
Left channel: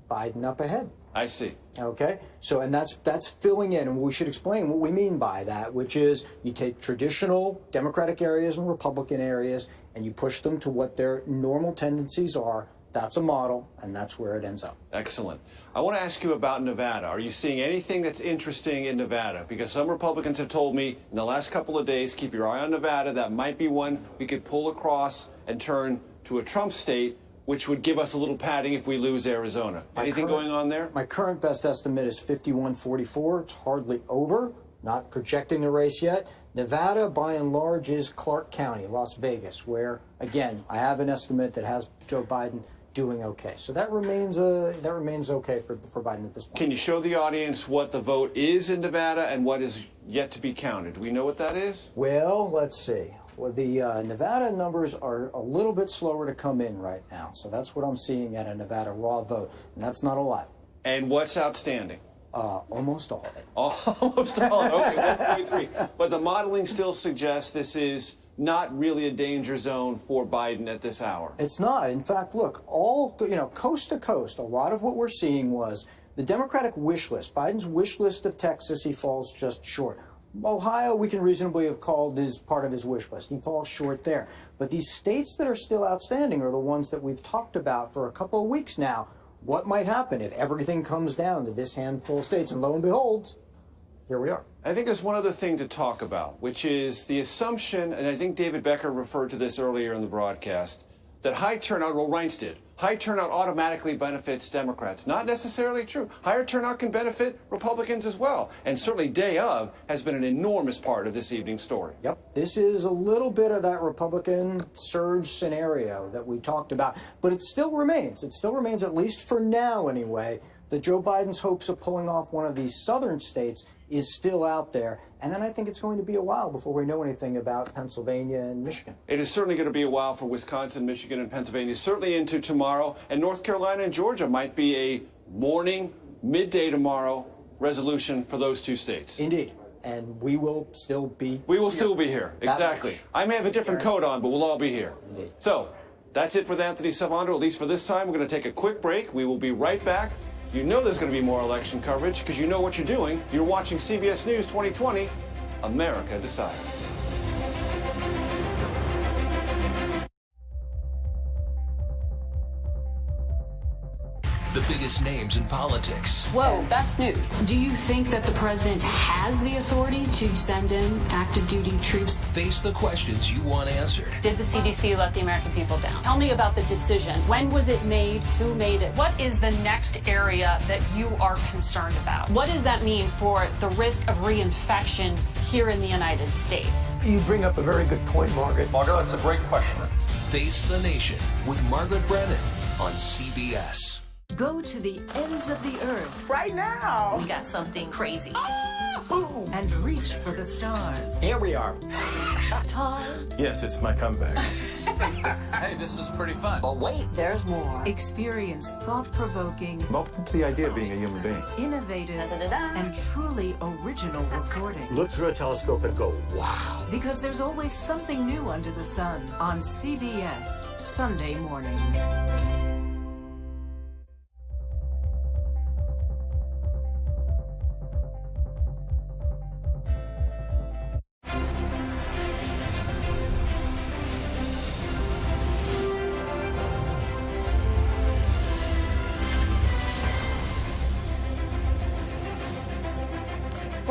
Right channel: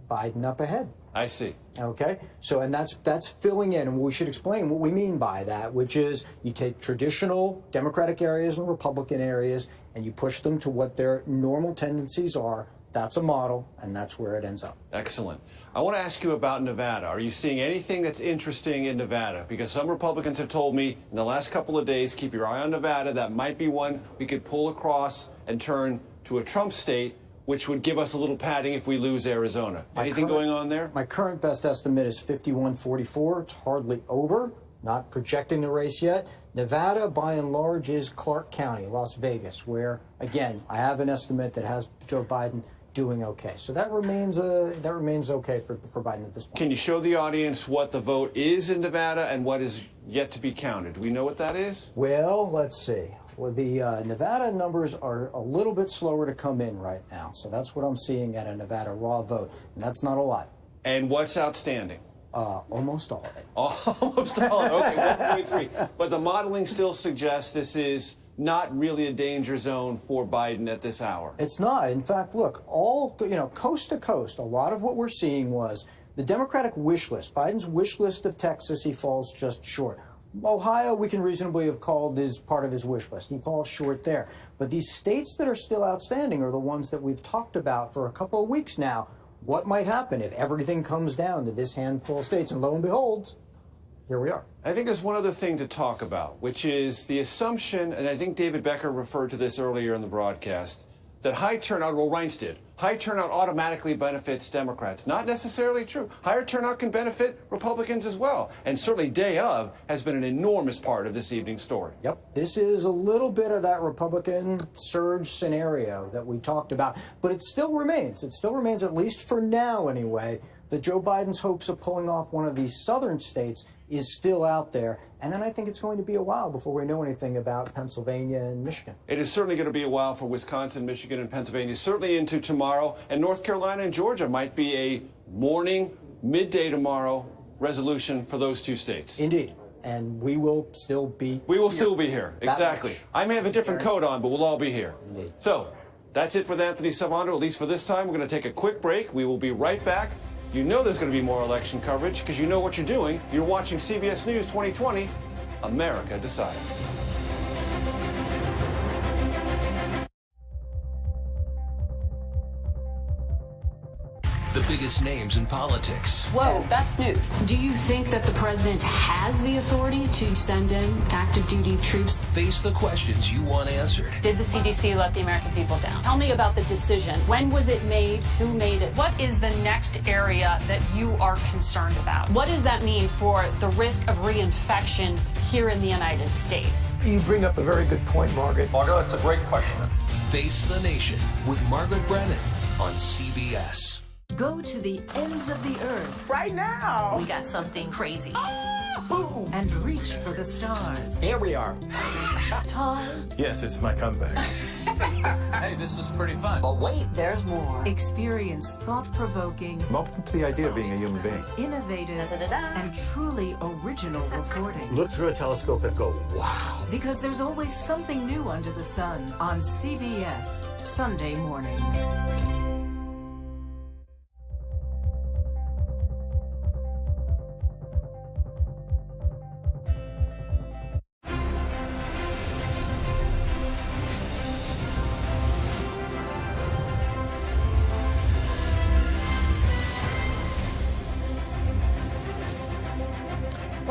Biden up ahead. I see. Okay, so and that's filling in, and we should explain what we mean by that, which is you take traditional Democratic areas and Republican areas and you push them to what their normal tendencies are. That's a model, and that's where it ends up. Excellent. I want to ask you about Nevada. Are you seeing anything that's interesting in Nevada? Because some Republicans have told me in the last couple of days, keep your eye on Nevada. That might be one we could pull across and turn to a Trump state, which would give us a little padding if we lose Arizona. Anything going on there? My current best estimate is 51-44. It's hardly over. Not projecting the race yet. Nevada, by and large, is Clark County, Las Vegas, where, again, I have an estimate that has Joe Biden doing okay. So that remains okay for Biden at this point. Can you show the audience what the vote is in Nevada and what is yet to be counted? Do we know what that is? Well, let's see. Well, the Nevada numbers are a little bit slower to come in right now. So that's what I'm seeing at a Nevada raw vote. And that's not a lot. And what's outstanding? Almost all of it. Almost all of it. Okay, 1.3. But the modeling still suggests this is not really a danger zone for Biden at this hour. It's not. In fact, look, coast to coast, a lot of what we're seeing was the Democratic wish list. Biden's wish list of Texas, he falls just short. Ohio, we can reasonably have called as part of his wish list. He falls short there. But these states that are still outstanding are the ones that we've talked about for a couple of weeks now. What might happen if everything comes down to this handful of states? And lo and behold, here we are. I think there's one other thing to talk about, which is the assumption, and I think David Becker referred to this earlier in the broadcast, that high turnout, well, Reince did, high turnout automatically benefits Democrats. Not necessarily true. Higher turnout can benefit Republicans as well. And certainly day of has been an enormous part of this evening's story. Yep. This is a little bit of that Republican surge scenario that we talked about. But it still remains. It still remains, at least for now anyway, that Joe Biden's hopes of pulling off one of these southern states is still out there. And then I think it's going to be a while before we know anything about Pennsylvania and Michigan. It is certainly going to be a while for Wisconsin, Michigan, and Pennsylvania, certainly into tomorrow. And North Carolina and Georgia might be a morning, midday tomorrow resolution for those two states. Indeed. And we will still be still be here. Exactly. I may have a different coat on, but we'll all be here. Indeed. So that's it with Anthony Savanto, at least for this time. We're going to take a quick break. We will be right back. You know there's going to be more election coverage because you know what you're doing. You're watching CBS News 2020. America Decides. The biggest names in politics. Whoa, that's news. Do you think that the president has the authority to send in active duty troops? Face the questions you want answered. Did the CDC let the American people down? Tell me about the decision. When was it made? Who made it? What is the next area that you are concerned about? What does that mean for the risk of reinfection here in the United States? You bring up a very good point, Margaret. Margaret, that's a great question. Face the Nation with Margaret Brennan on CBS. Go to the ends of the earth. Right now. We got something crazy. And reach for the stars. Here we are. Time. Yes, it's my comeback. Hey, this is pretty fun. But wait, there's more. Experience thought-provoking, I'm open to the idea of being a human being. innovative, and truly original reporting. Look through a telescope and go, wow. Because there's always something new under the sun on CBS Sunday morning.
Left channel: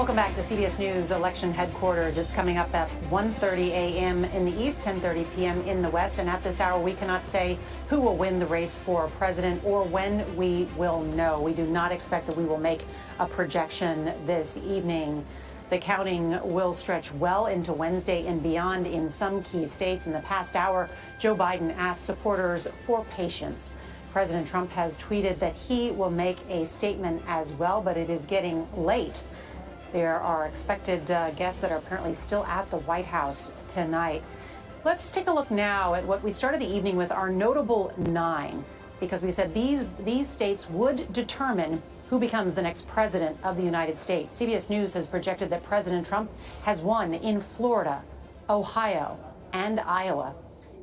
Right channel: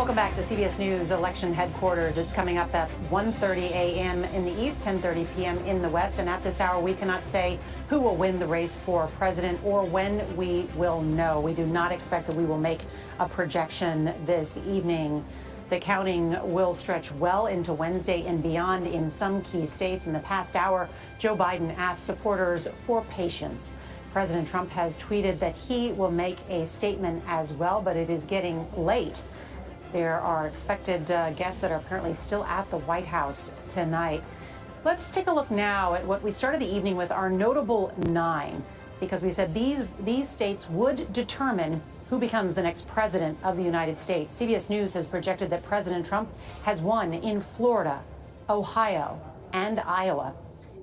Welcome back to CBS News Election Headquarters. It's coming up at 1:30 a.m. in the East, 10:30 p.m. in the West. And at this hour, we cannot say who will win the race for president or when we will know. We do not expect that we will make a projection this evening. The counting will stretch well into Wednesday and beyond in some key states. In the past hour, Joe Biden asked supporters for patience. President Trump has tweeted that he will make a statement as well, but it is getting late. There are expected guests that are apparently still at the White House tonight. Let's take a look now at what we started the evening with, our notable 9, because we said these states would determine who becomes the next president of the United States. CBS News has projected that President Trump has won in Florida, Ohio, and Iowa.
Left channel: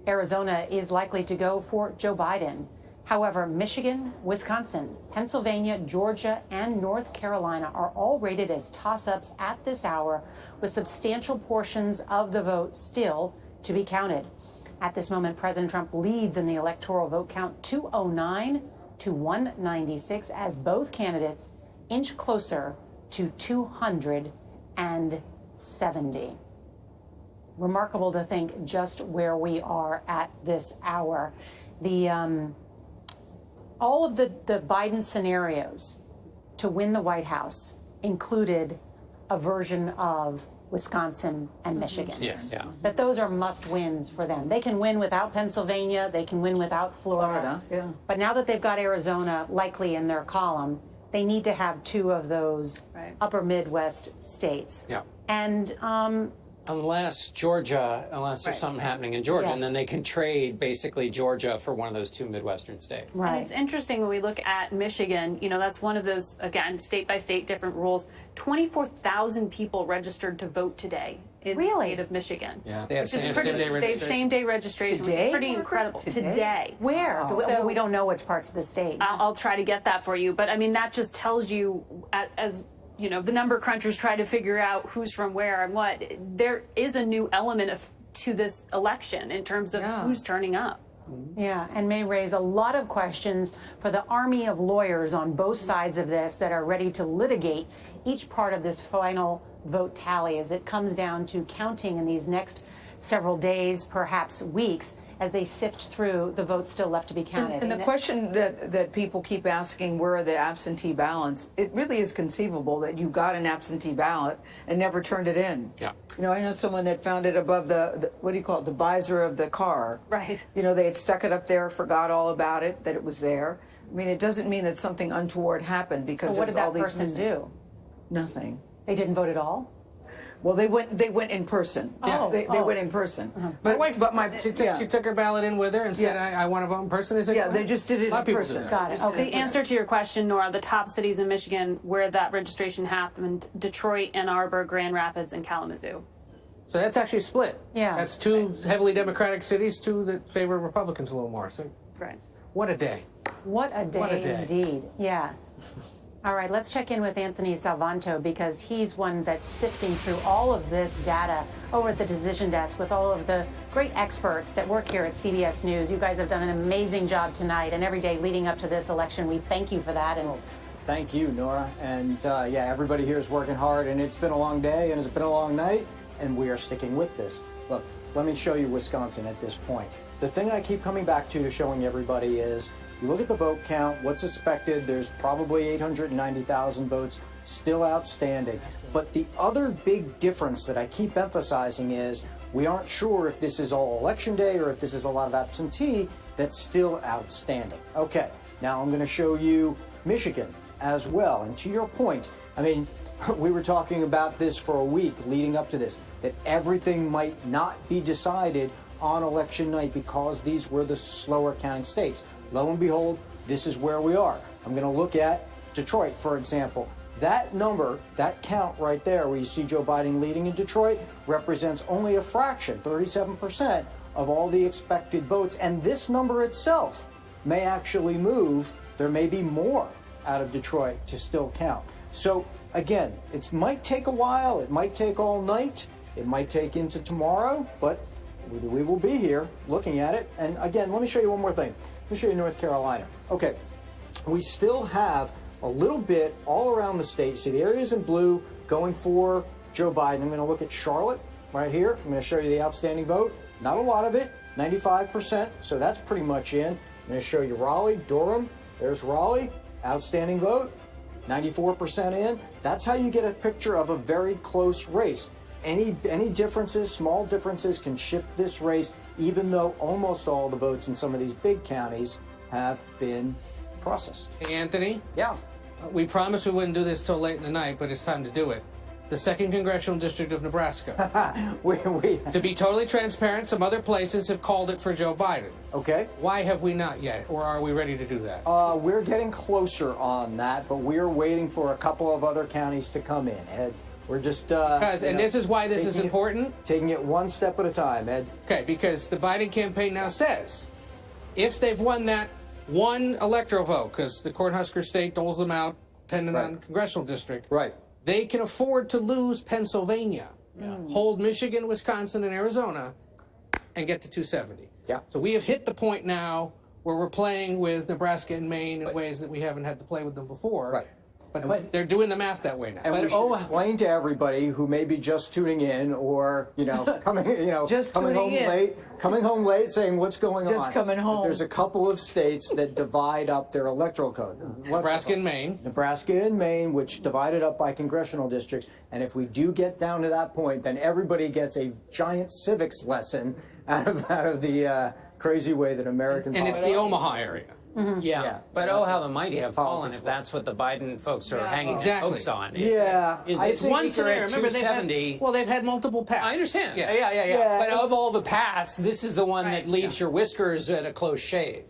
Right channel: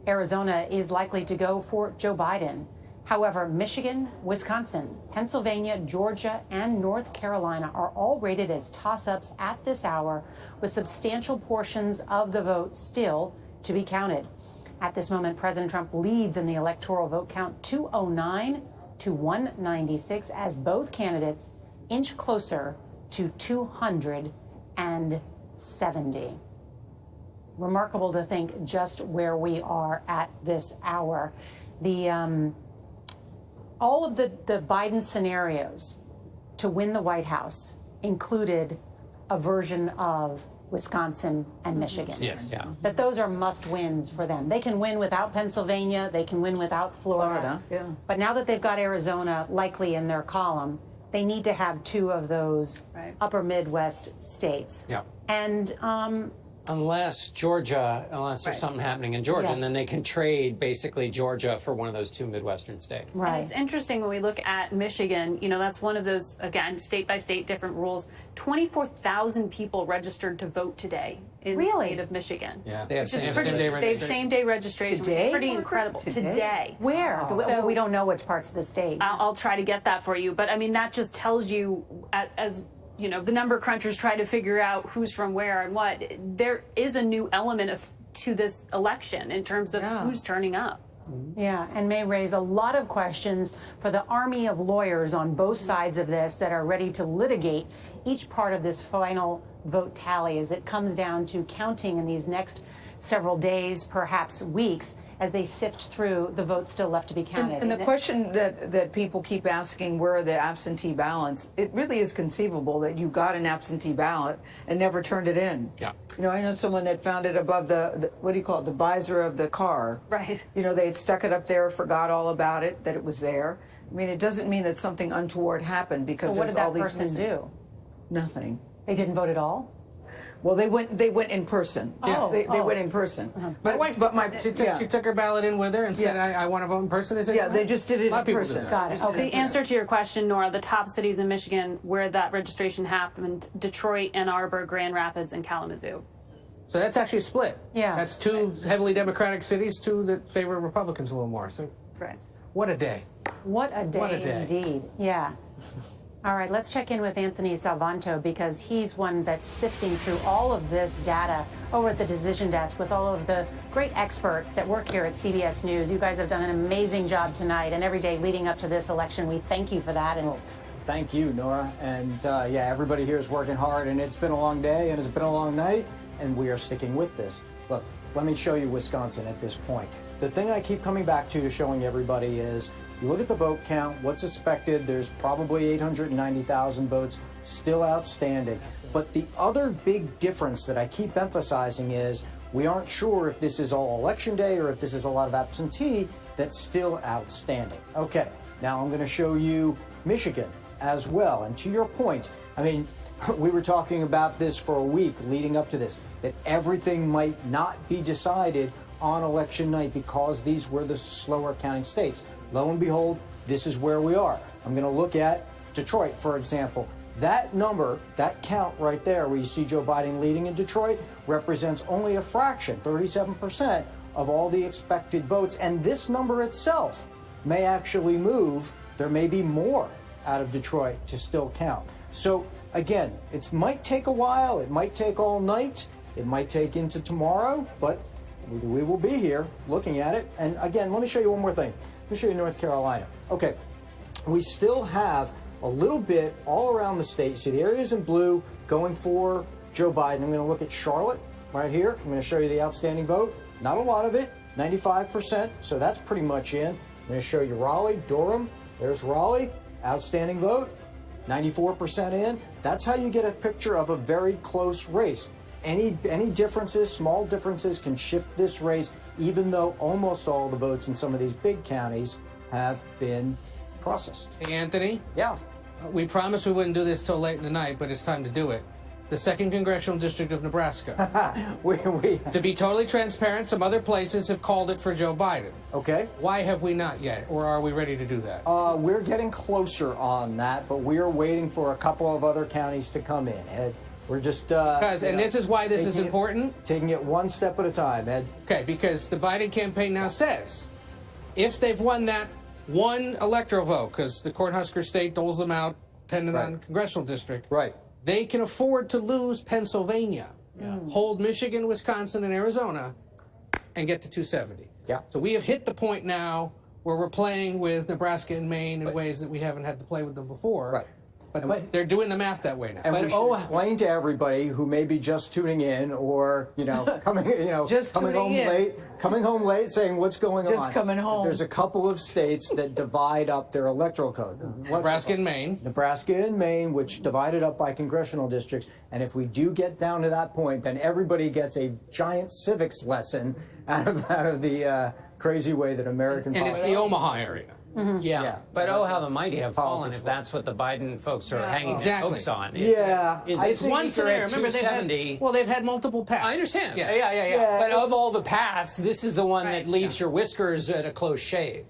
Arizona is likely to go for Joe Biden. However, Michigan, Wisconsin, Pennsylvania, Georgia, and North Carolina are all rated as toss-ups at this hour, with substantial portions of the vote still to be counted. At this moment, President Trump leads in the electoral vote count 209 to 196 as both candidates inch closer to 270. Remarkable to think just where we are at this hour. All of the Biden scenarios to win the White House included a version of Wisconsin and Michigan. Yes, yeah. That those are must-wins for them. They can win without Pennsylvania. They can win without Florida. Yeah. But now that they've got Arizona likely in their column, they need to have 2 of those upper Midwest states. Yeah. And unless there's something happening in Georgia, and then they can trade basically Georgia for one of those 2 Midwestern states. Right. And it's interesting when we look at Michigan, that's one of those, again, state by state, different rules. 24,000 people registered to vote today in the state of Michigan. Yeah, they have same-day registration. Which is pretty incredible. Today. Where? So, we don't know which parts of the state. I'll try to get that for you. But, I mean, that just tells you, as the number crunchers try to figure out who's from where and what, there is a new element to this election in terms of who's turning up. Yeah, and may raise a lot of questions for the army of lawyers on both sides of this that are ready to litigate each part of this final vote tally as it comes down to counting in these next several days, perhaps weeks, as they sift through the votes still left to be counted. And the question that people keep asking, where are the absentee ballots? It really is conceivable that you got an absentee ballot and never turned it in. Yeah. I know someone that found it above the what do you call it, the visor of the car. Right. They had stuck it up there, forgot all about it, that it was there. I mean, it doesn't mean that something untoward happened because so what there's did all that these person missing. do? Nothing. They didn't vote at all? Well, they went in person. They went in person. My wife, she took her ballot in with her and said, I want to vote in person. They said, they just did it in person. Got it. The answer to your question, Nora, the top cities in Michigan where that registration happened: Detroit, Ann Arbor, Grand Rapids, and Kalamazoo. So that's actually split. Yeah. That's 2 heavily Democratic cities, 2 that favor Republicans a little more. So, right. What a day. What a day indeed. Yeah. All right, let's check in with Anthony Salvanto because he's one that's sifting through all of this data over at the decision desk with all of the great experts that work here at CBS News. You guys have done an amazing job tonight and every day leading up to this election. We thank you for that. And thank you, Nora. And everybody here is working hard, and it's been a long day and it's been a long night, and we are sticking with this. Look, let me show you Wisconsin at this point. The thing I keep coming back to showing everybody is you look at the vote count, what's expected, there's probably 890,000 votes still outstanding. But the other big difference that I keep emphasizing is we aren't sure if this is all election day or if this is a lot of absentee that's still outstanding. Okay, now I'm going to show you Michigan as well. And to your point, I mean, we were talking about this for a week leading up to this, that everything might not be decided on election night because these were the slower counting states. Lo and behold, this is where we are. I'm going to look at Detroit, for example. That number, that count right there where you see Joe Biden leading in Detroit represents only a fraction, 37% of all the expected votes. And this number itself may actually move. There may be more out of Detroit to still count. So again, it might take a while. It might take all night. It might take into tomorrow, but we will be here looking at it. And again, let me show you one more thing. Let me show you North Carolina. Okay, we still have a little bit all around the state. See the areas in blue going for Joe Biden. I'm going to look at Charlotte right here. I'm going to show you the outstanding vote. Not a lot of it, 95%, so that's pretty much in. I'm going to show you Raleigh, Durham. There's Raleigh, outstanding vote, 94% in. That's how you get a picture of a very close race. Any differences, small differences, can shift this race, even though almost all the votes in some of these big counties have been processed. Hey, Anthony? Yeah. We promised we wouldn't do this till late in the night, but it's time to do it. The 2nd Congressional District of Nebraska. To be totally transparent, some other places have called it for Joe Biden. Okay. Why have we not yet, or are we ready to do that? We're getting closer on that, but we're waiting for a couple of other counties to come in, Ed. We're just... and this is why this is important? Taking it one step at a time, Ed. Okay, because the Biden campaign now says, if they've won that one electoral vote, because the Cornhusker state doles them out depending on congressional district, right, they can afford to lose Pennsylvania, hold Michigan, Wisconsin, and Arizona, and get to 270. Yeah. So we have hit the point now where we're playing with Nebraska and Maine in ways that we haven't had to play with them before. Right. But they're doing the math that way now. And we should explain to everybody who may be just tuning in or, coming home late saying what's going on. Just coming home. There's a couple of states that divide up their electoral code. Nebraska and Maine. Nebraska and Maine, which divided up by congressional districts. And if we do get down to that point, then everybody gets a giant civics lesson out of the crazy way that American And it's the Omaha area. Yeah, but how the mighty have fallen if that's what the Biden folks are hanging their hopes on. It's one at scenario. Remember, 270. they've had multiple paths. I understand. Yeah. But of all the paths, this is the one that leaves your whiskers at a close shave.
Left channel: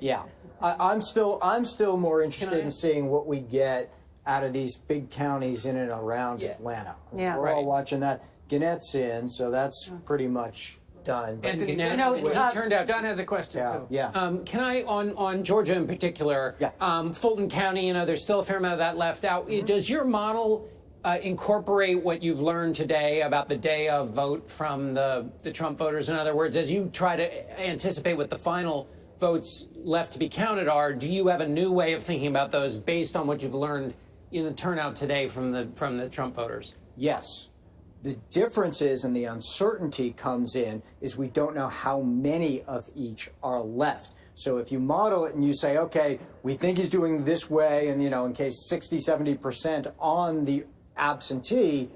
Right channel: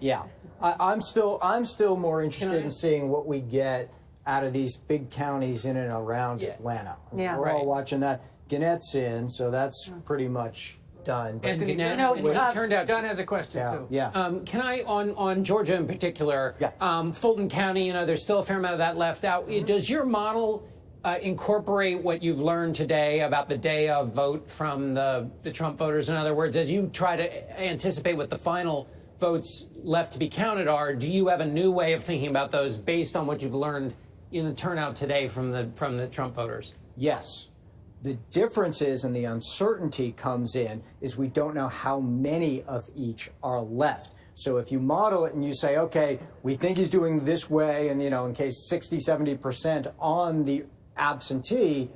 Yeah. I'm still more interested in seeing what we get out of these big counties in and around Atlanta. We're all watching that. Gannett's in, so that's pretty much done. And it turned out John has a question too. Can I on Georgia in particular? Fulton County, there's still a fair amount of that left out. Does your model incorporate what you've learned today about the day of vote from the Trump voters? In other words, as you try to anticipate what the final votes left to be counted are, do you have a new way of thinking about those based on what you've learned in the turnout today from the Trump voters? Yes. The difference is, and the uncertainty comes in, is we don't know how many of each are left. So if you model it and you say, okay, we think he's doing this way, and, in case 60, 70% on the absentee,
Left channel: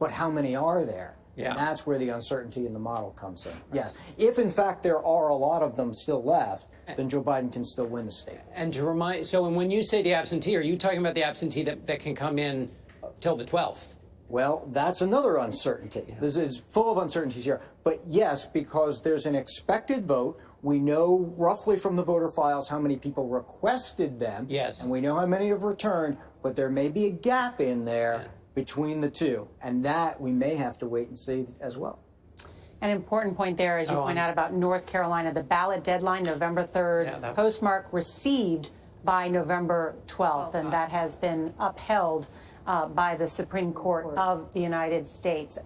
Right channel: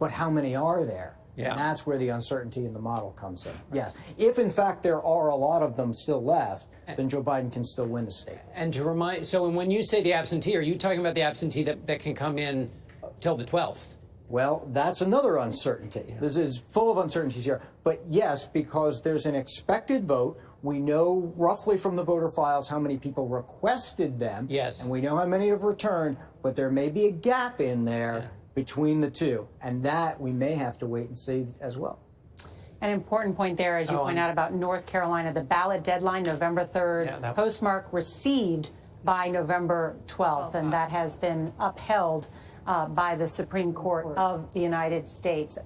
but how many are there? And that's where the uncertainty in the model comes in. Yes. If, in fact, there are a lot of them still left, then Joe Biden can still win the state. And to remind, so when you say the absentee, are you talking about the absentee that can come in till the 12th? Well, that's another uncertainty. This is full of uncertainties here. But yes, because there's an expected vote. We know roughly from the voter files how many people requested them. Yes. And we know how many have returned, but there may be a gap in there between the two. And that we may have to wait and see as well. An important point there, as you point out about North Carolina, the ballot deadline, November 3rd, postmark received by November 12th, and that has been upheld by the Supreme Court of the United States.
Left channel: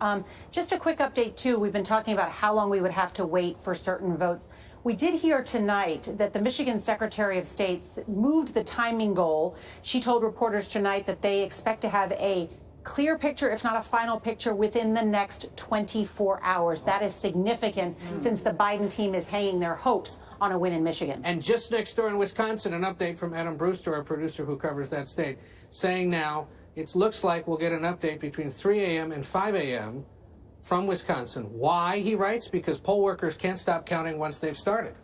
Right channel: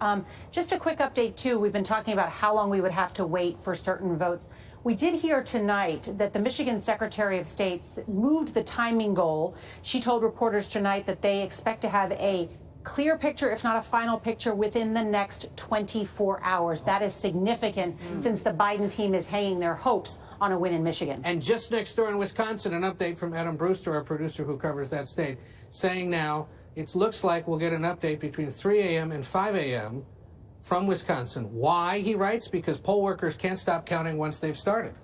Just a quick update, too. We've been talking about how long we would have to wait for certain votes. We did hear tonight that the Michigan Secretary of State moved the timing goal. She told reporters tonight that they expect to have a clear picture, if not a final picture, within the next 24 hours. That is significant since the Biden team is hanging their hopes on a win in Michigan. And just next door in Wisconsin, an update from Adam Brewster, our producer who covers that state, saying now it looks like we'll get an update between 3 a.m. and 5 a.m. from Wisconsin. Why, he writes? Because poll workers can't stop counting once they've started.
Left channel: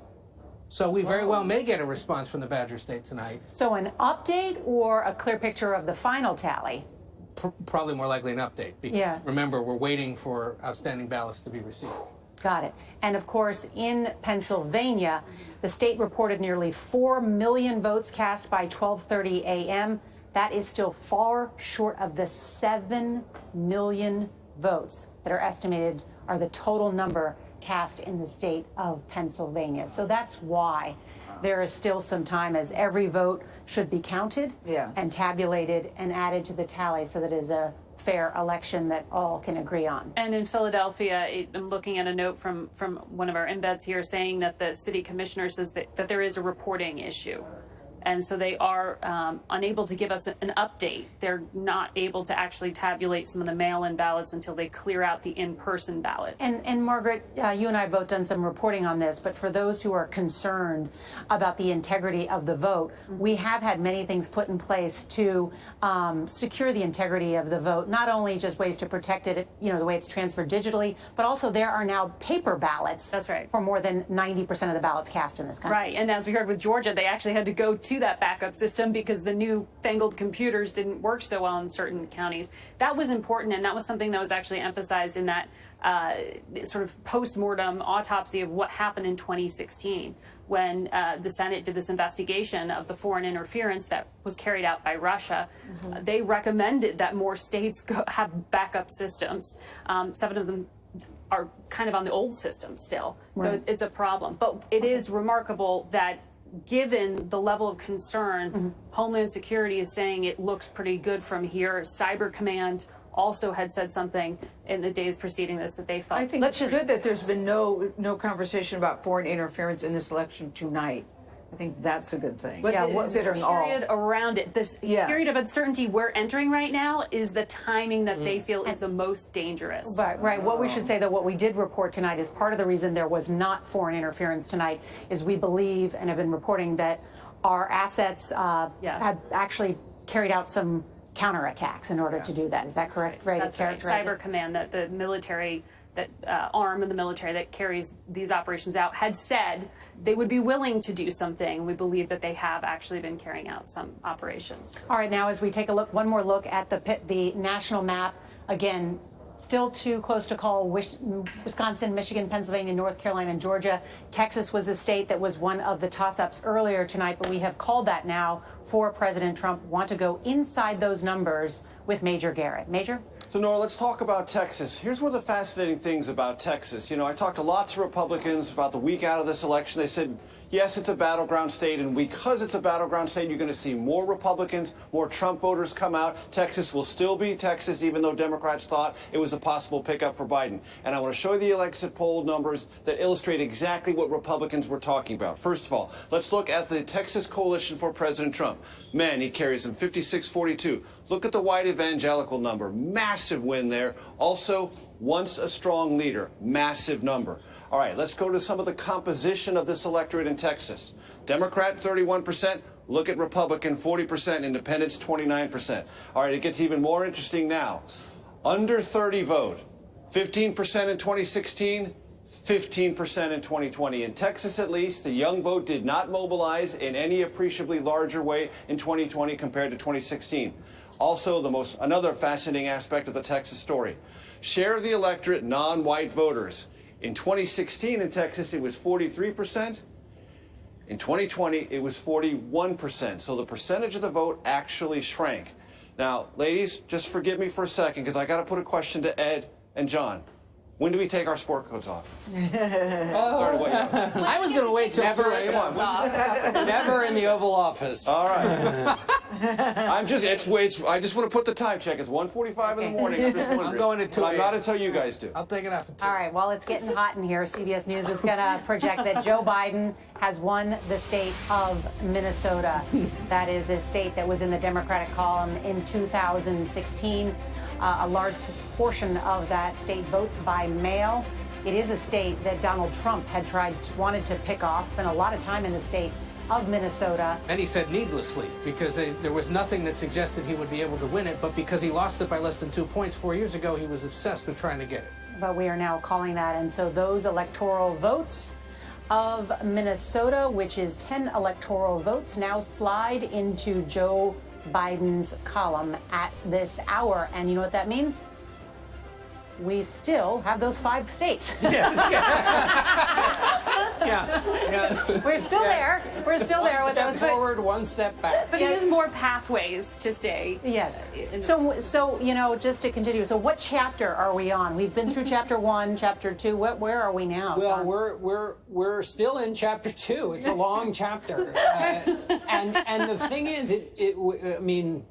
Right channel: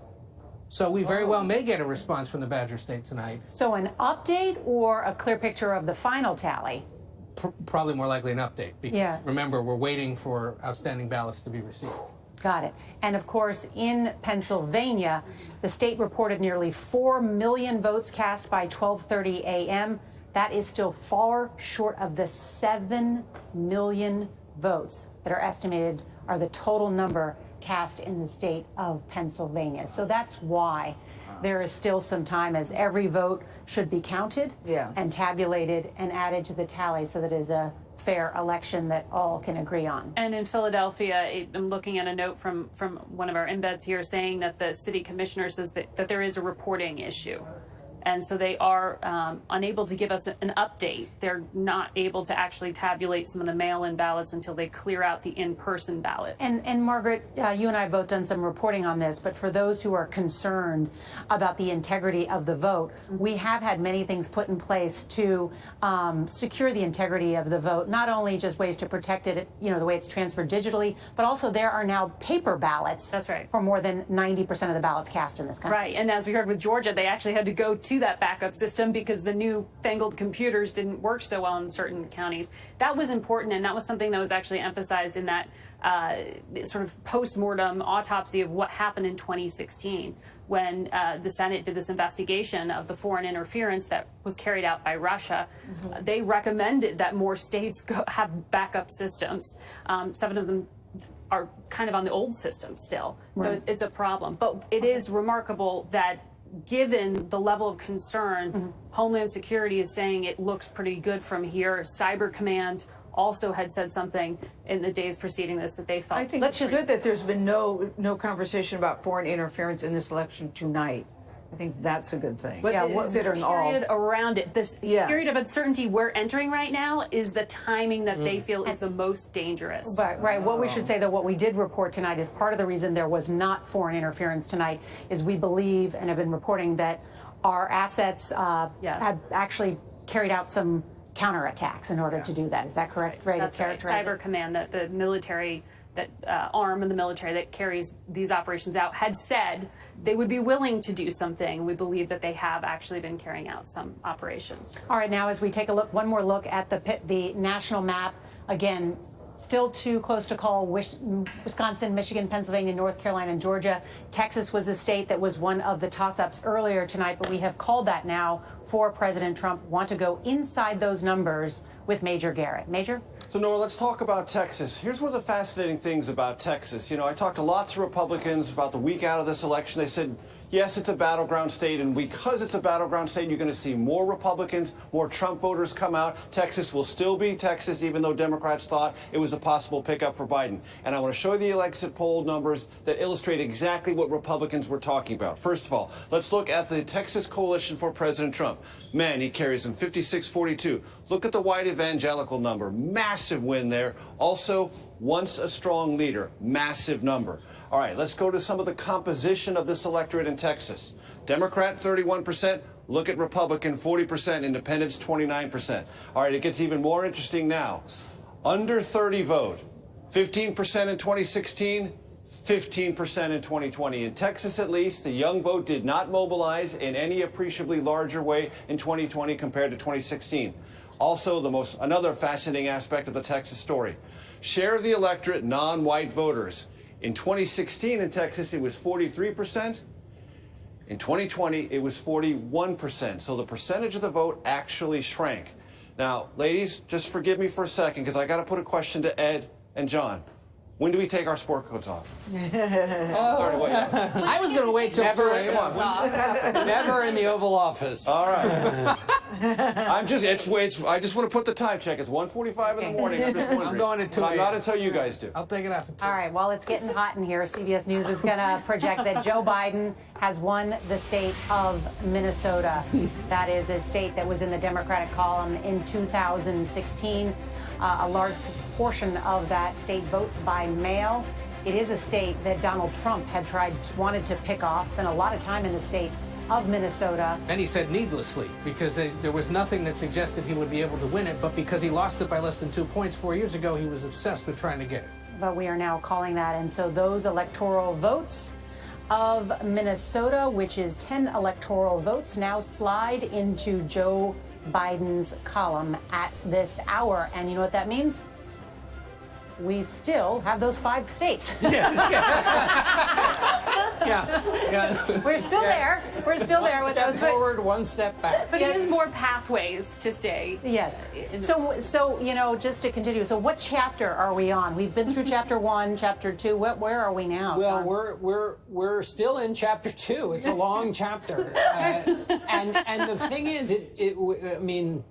So we very well may get a response from the Badger State tonight. So an update or a clear picture of the final tally? Probably more likely an update. Because remember, we're waiting for outstanding ballots to be received. Got it. And of course, in Pennsylvania, the state reported nearly 4 million votes cast by 12:30 a.m. That is still far short of the 7 million votes that are estimated are the total number cast in the state of Pennsylvania. So that's why there is still some time, as every vote should be counted and tabulated and added to the tally so that it is a fair election that all can agree on. And in Philadelphia, I'm looking at a note from one of our embeds here saying that the city commissioner says that there is a reporting issue. And so they are unable to give us an update. They're not able to actually tabulate some of the mail-in ballots until they clear out the in-person ballots. And Margaret, you and I have both done some reporting on this, but for those who are concerned about the integrity of the vote, we have had many things put in place to secure the integrity of the vote, not only just ways to protect it, the way it's transferred digitally, but also there are now paper ballots. That's right. For more than 90% of the ballots cast in this country. Right, and as we heard with Georgia, they actually had to go to that backup system because the new fangled computers didn't work so well in certain counties. That was important, and that was something that was actually emphasized in that sort of post-mortem autopsy of what happened in 2016 when the Senate did this investigation of the foreign interference that was carried out by Russia. They recommended that more states have backup systems. 7 of them are kind of on the old system still, so it's a problem. But it is remarkable that given the level of concern, Homeland Security is saying it looks pretty good from here. Cyber Command also had said something in the days preceding this that they felt. I think it's good that there's been no conversation about foreign interference in this election tonight. I think that's a good thing. But considering the period around it, this period of uncertainty we're entering right now is the timing that they feel is the most dangerous. Right. What we should say, though, what we did report tonight is part of the reason there was not foreign interference tonight is we believe and have been reporting that our assets have actually carried out some counterattacks in order to do that. Is that correct? Right. That's right. Cyber Command, that the military, that arm of the military that carries these operations out, had said they would be willing to do something. We believe that they have actually been carrying out some operations. All right, now as we take a look, one more look at the national map, again, still too close to call. Wisconsin, Michigan, Pennsylvania, North Carolina, and Georgia. Texas was a state that was one of the toss-ups earlier tonight, but we have called that now for President Trump. Want to go inside those numbers with Major Garrett. Major? So, Nora, let's talk about Texas. Here's one of the fascinating things about Texas. I talked to lots of Republicans about the week out of this election. They said, yes, it's a battleground state, and because it's a battleground state, you're going to see more Republicans, more Trump voters come out. Texas will still be Texas, even though Democrats thought it was a possible pickup for Biden. And I want to show you the exit poll numbers that illustrate exactly what Republicans were talking about. First of all, let's look at the Texas coalition for President Trump. Man, he carries them 56-42. Look at the white evangelical number. Massive win there. Also, once a strong leader. Massive number. All right, let's go to some of the composition of this electorate in Texas. Democrat, 31%. Look at Republican, 40%. Independents, 29%. All right, it gets even more interesting now. Under 30 vote, 15% in 2016, 15% in 2020. In Texas, at least, the young vote did not mobilize in any appreciably larger way in 2020 compared to 2016. Also, another fascinating aspect of the Texas story. Share of the electorate, non-white voters. In 2016 in Texas, it was 43%. In 2020, it was 41%. So the percentage of the vote actually shrank. Now, ladies, just forgive me for a second, because I got to put a question to Ed and John. When do we take our sport coats off? I was going to wait till never in the Oval Office. All right. I just want to put the time check. It's 1:45 in the morning. I'm just wondering. I'm going to I'm not until you guys do. I'll take it off. All right, well, it's getting hot in here. CBS News is going to project that Joe Biden has won the state of Minnesota. That is a state that was in the Democratic column in 2016. A large portion of that state votes by mail. It is a state that Donald Trump had wanted to pick off, spent a lot of time in the state of Minnesota. And he said needlessly, because there was nothing that suggested he would be able to win it, but because he lost it by less than 2 points 4 years ago, he was obsessed with trying to get it. But we are now calling that, and so those electoral votes of Minnesota, which is 10 electoral votes, now slide into Joe Biden's column at this hour. And you know what that means? We still have those 5 states. Yes. We're still there. We're still there with those. Forward, 1 step back. But there's more pathways to stay. Yes. So just to continue. So what chapter are we on? We've been through chapter 1, chapter 2. Where are we now? Well, John? we're still in chapter 2. It's a long chapter, and the thing is, I mean,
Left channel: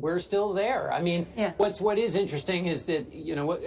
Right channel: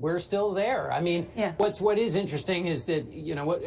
we're still there. I mean, what is interesting is that,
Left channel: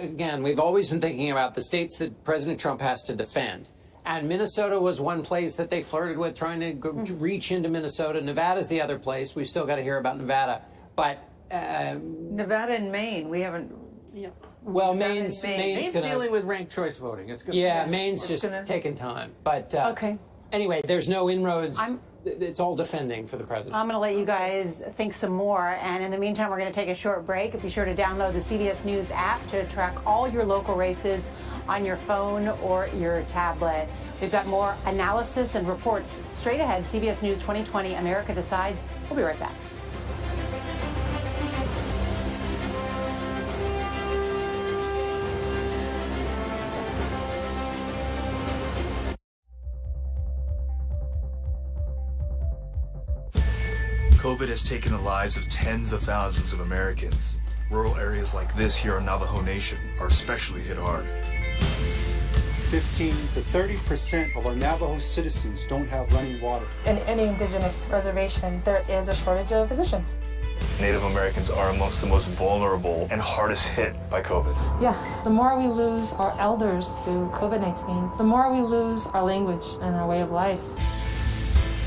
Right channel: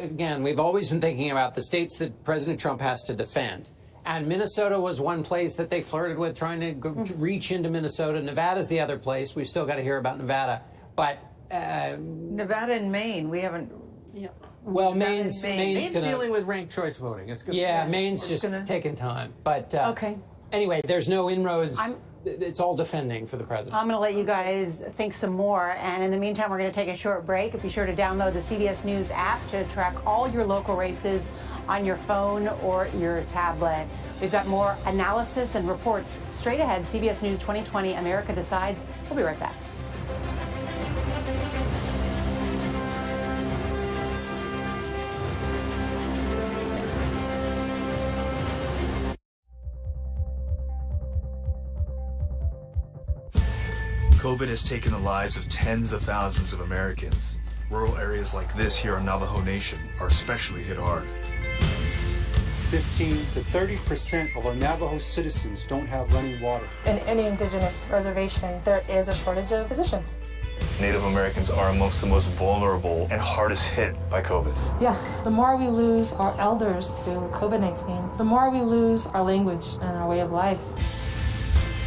again, we've always been thinking about the states that President Trump has to defend. And Minnesota was one place that they flirted with, trying to reach into Minnesota. Nevada's the other place. We've still got to hear about Nevada. But Nevada and Maine, we haven't. Yeah. Well, Maine's gonna, dealing with ranked choice voting. It's good. Yeah, Maine's just taking time. But okay. Anyway, there's no inroads. It's all defending for the president. I'm going to let you guys think some more. And in the meantime, we're going to take a short break. Be sure to download the CBS News app to track all your local races on your phone or your tablet. We've got more analysis and reports straight ahead. CBS News 2020, America Decides. We'll be right back. COVID has taken the lives of tens of thousands of Americans. Rural areas like this here on Navajo Nation are especially hit hard. 15 to 30% of our Navajo citizens don't have running water. In any indigenous reservation, there is a shortage of physicians. Native Americans are amongst the most vulnerable and hardest hit by COVID. Yeah, the more we lose our elders to COVID-19, the more we lose our language and our way of life.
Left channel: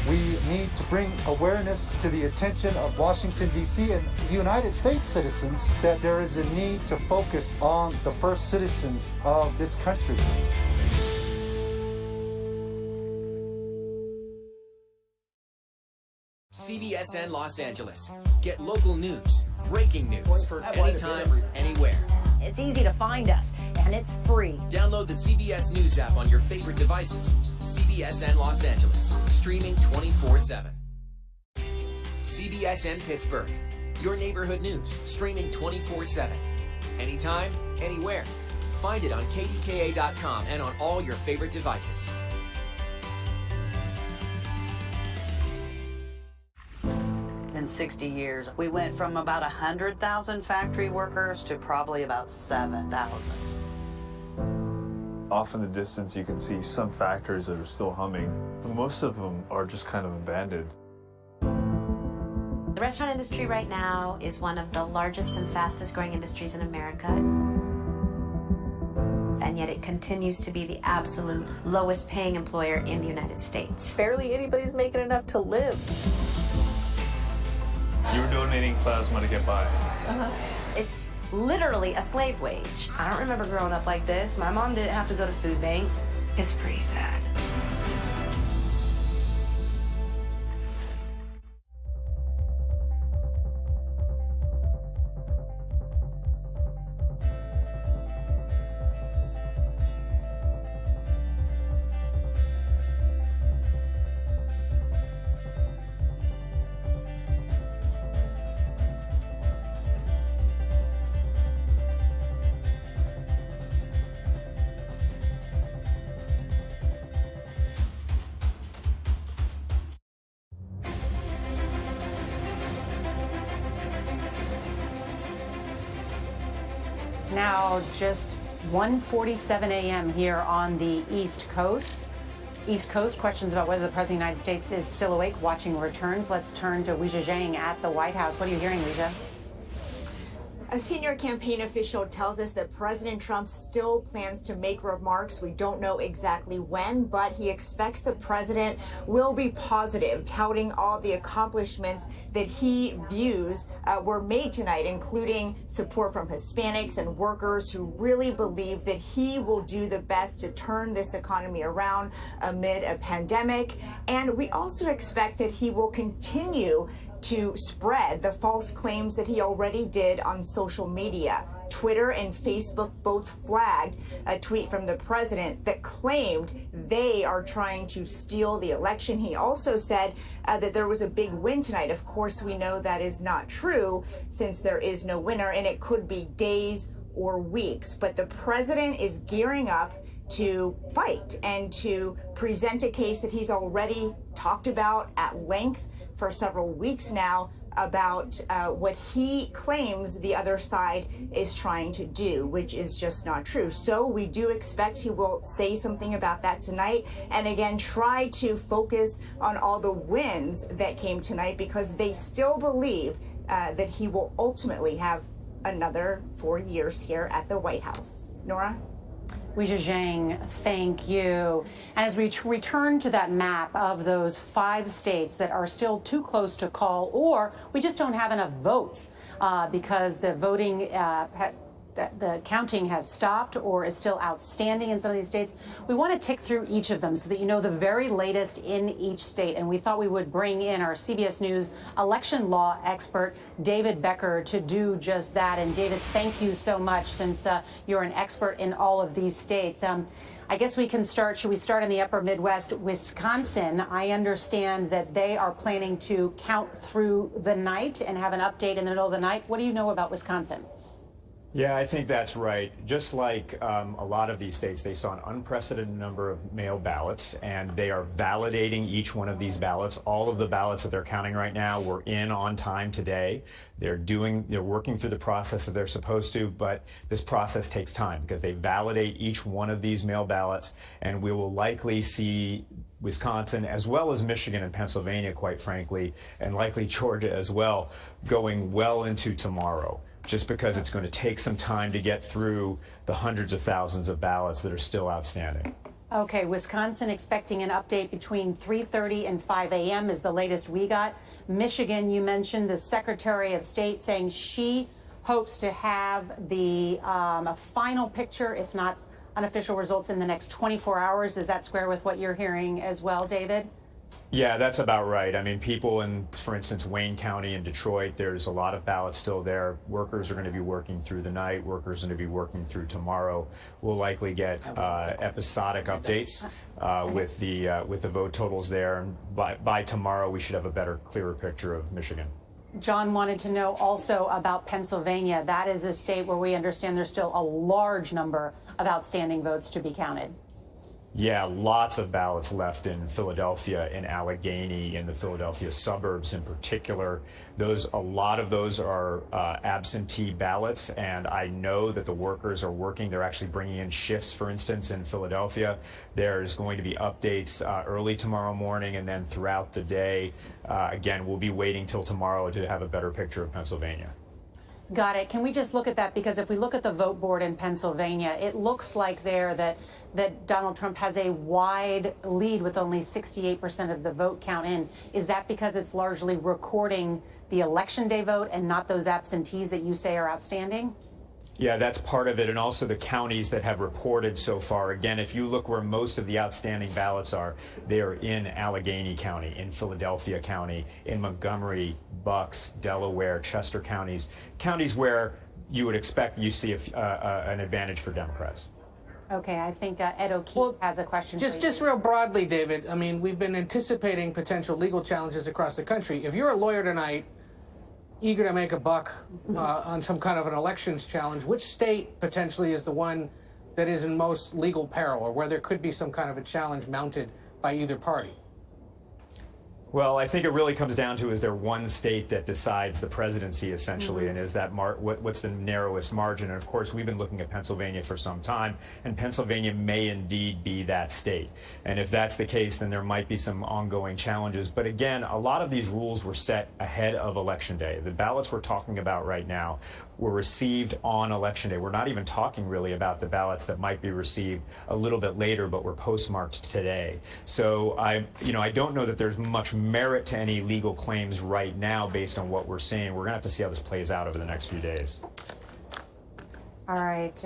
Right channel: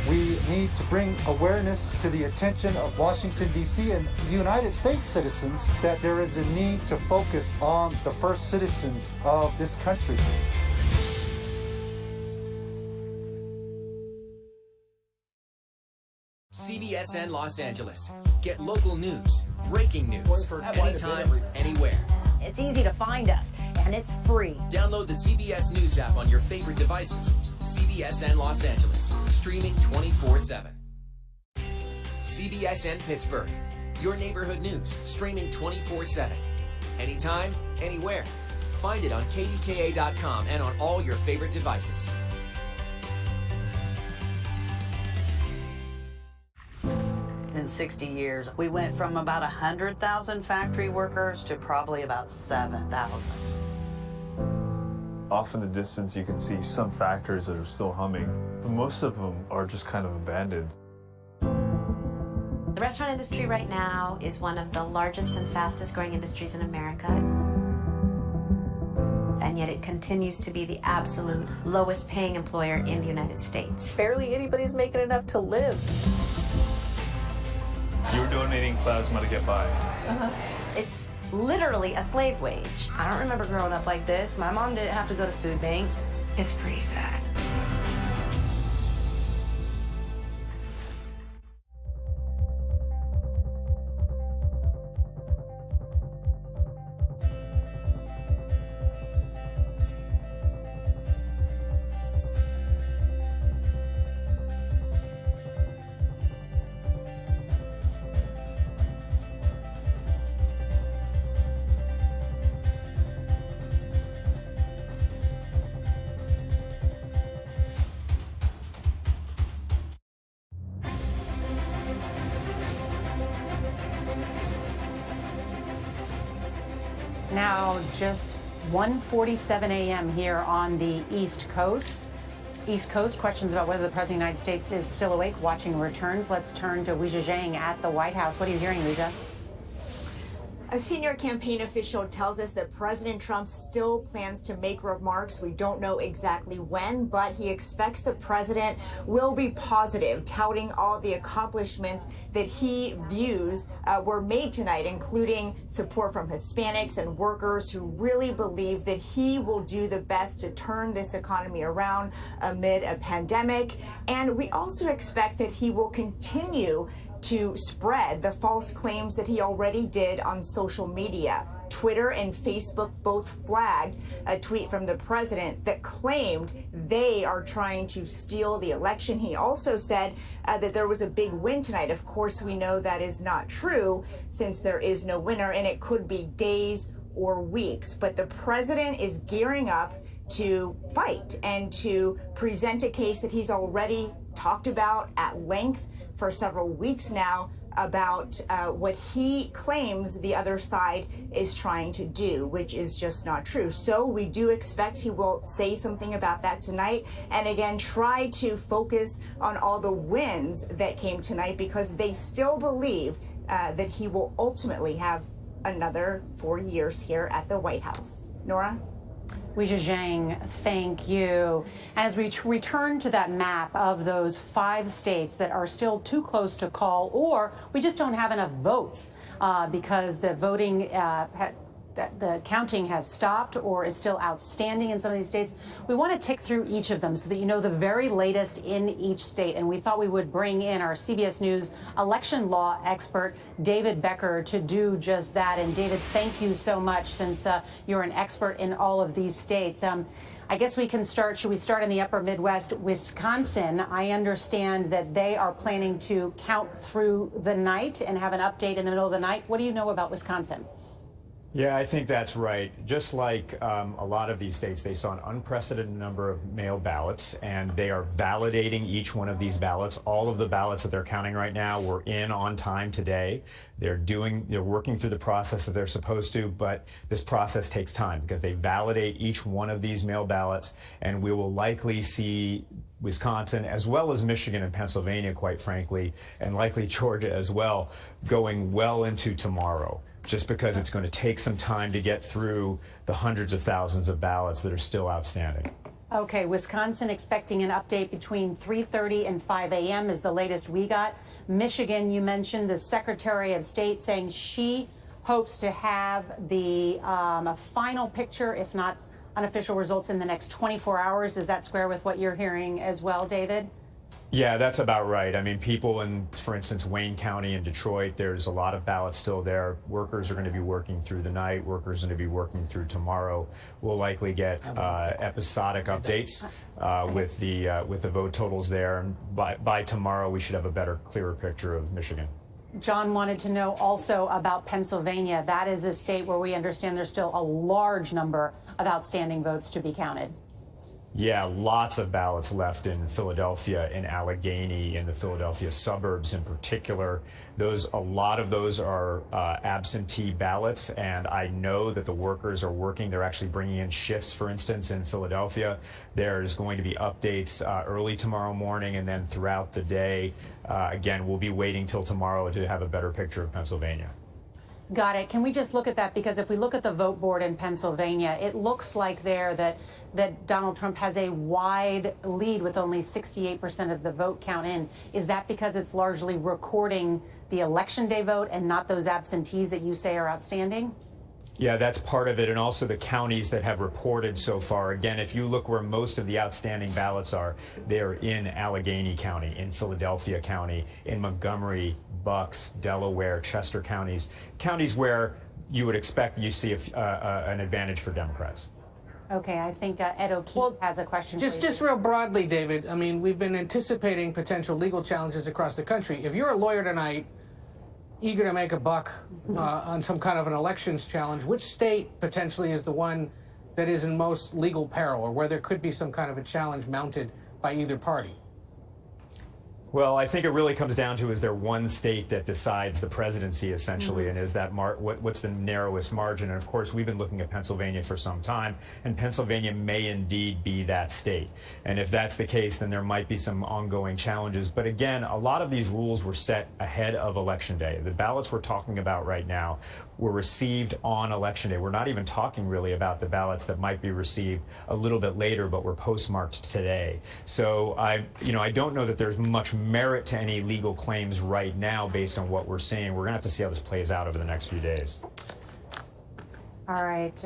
We need to bring awareness to the attention of Washington, D.C. and United States citizens that there is a need to focus on the first citizens of this country. CBSN Los Angeles. Get local news, breaking news, anytime, anywhere. It's easy to find us, and it's free. Download the CBS News app on your favorite devices. CBSN Los Angeles, streaming 24/7. CBSN Pittsburgh, your neighborhood news, streaming 24/7. Anytime, anywhere. Find it on KDKA.com and on all your favorite devices. In 60 years, we went from about 100,000 factory workers to probably about 7,000. Off in the distance, you can see some factories that are still humming. Most of them are just kind of abandoned. The restaurant industry right now is one of the largest and fastest growing industries in America. And yet it continues to be the absolute lowest paying employer in the United States. Barely anybody's making enough to live. You're donating plasma to get by. It's literally a slave wage. I don't remember growing up like this. My mom didn't have to go to food banks. It's pretty sad. Now, just 1:47 a.m. here on the East Coast. East Coast, questions about whether the President of the United States is still awake watching returns. Let's turn to Weijia Zhang at the White House. What are you hearing, Weijia? A senior campaign official tells us that President Trump still plans to make remarks. We don't know exactly when, but he expects the president will be positive, touting all the accomplishments that he views were made tonight, including support from Hispanics and workers who really believe that he will do the best to turn this economy around amid a pandemic. And we also expect that he will continue to spread the false claims that he already did on social media. Twitter and Facebook both flagged a tweet from the president that claimed they are trying to steal the election. He also said that there was a big win tonight. Of course, we know that is not true since there is no winner, and it could be days or weeks. But the president is gearing up to fight and to present a case that he's already talked about at length for several weeks now about what he claims the other side is trying to do, which is just not true. So we do expect he will say something about that tonight, and again try to focus on all the wins that came tonight, because they still believe that he will ultimately have another 4 years here at the White House. Nora? Weijia Zhang, thank you. As we return to that map of those 5 states that are still too close to call, or we just don't have enough votes because the voting the counting has stopped or is still outstanding in some of these states. We want to tick through each of them so that you know the very latest in each state. And we thought we would bring in our CBS News election law expert, David Becker, to do just that. And David, thank you so much, since you're an expert in all of these states. I guess we can start. Should we start in the upper Midwest? Wisconsin, I understand that they are planning to count through the night and have an update in the middle of the night. What do you know about Wisconsin? Yeah, I think that's right. Just like a lot of these states, they saw an unprecedented number of mail ballots, and they are validating each one of these ballots. All of the ballots that they're counting right now were in on time today. They're working through the process that they're supposed to, but this process takes time because they validate each one of these mail ballots, and we will likely see Wisconsin, as well as Michigan and Pennsylvania, quite frankly, and likely Georgia as well, going well into tomorrow, just because it's going to take some time to get through the hundreds of thousands of ballots that are still outstanding. Okay, Wisconsin expecting an update between 3:30 and 5 a.m. is the latest we got. Michigan, you mentioned the Secretary of State saying she hopes to have the final picture, if not unofficial results, in the next 24 hours. Does that square with what you're hearing as well, David? Yeah, that's about right. I mean, people in, for instance, Wayne County and Detroit, there's a lot of ballots still there. Workers are going to be working through the night. Workers are going to be working through tomorrow. We'll likely get episodic updates with the vote totals there. And by tomorrow, we should have a better, clearer picture of Michigan. John wanted to know also about Pennsylvania. That is a state where we understand there's still a large number of outstanding votes to be counted. Yeah, lots of ballots left in Philadelphia, in Allegheny, in the Philadelphia suburbs in particular. A lot of those are absentee ballots, and I know that the workers are working. They're actually bringing in shifts, for instance, in Philadelphia. There's going to be updates early tomorrow morning, and then throughout the day. Again, we'll be waiting till tomorrow to have a better picture of Pennsylvania. Got it. Can we just look at that? Because if we look at the vote board in Pennsylvania, it looks like there that Donald Trump has a wide lead with only 68% of the vote count in. Is that because it's largely recording the election day vote and not those absentees that you say are outstanding? Yeah, that's part of it, and also the counties that have reported so far. Again, if you look where most of the outstanding ballots are, they are in Allegheny County, in Philadelphia County, in Montgomery, Bucks, Delaware, Chester counties where you would expect you see an advantage for Democrats. Okay, I think Ed O'Keefe has a question. Just real broadly, David, I mean, we've been anticipating potential legal challenges across the country. If you're a lawyer tonight, eager to make a buck on some kind of an elections challenge, which state potentially is the one that is in most legal peril, or where there could be some kind of a challenge mounted by either party? Well, I think it really comes down to, is there one state that decides the presidency, essentially, and is that what's the narrowest margin? And of course, we've been looking at Pennsylvania for some time, and Pennsylvania may indeed be that state. And if that's the case, then there might be some ongoing challenges. But again, a lot of these rules were set ahead of Election Day. The ballots we're talking about right now were received on Election Day. We're not even talking really about the ballots that might be received a little bit later, but were postmarked today. So I don't know that there's much merit to any legal claims right now based on what we're seeing. We're going to have to see how this plays out over the next few days. All right,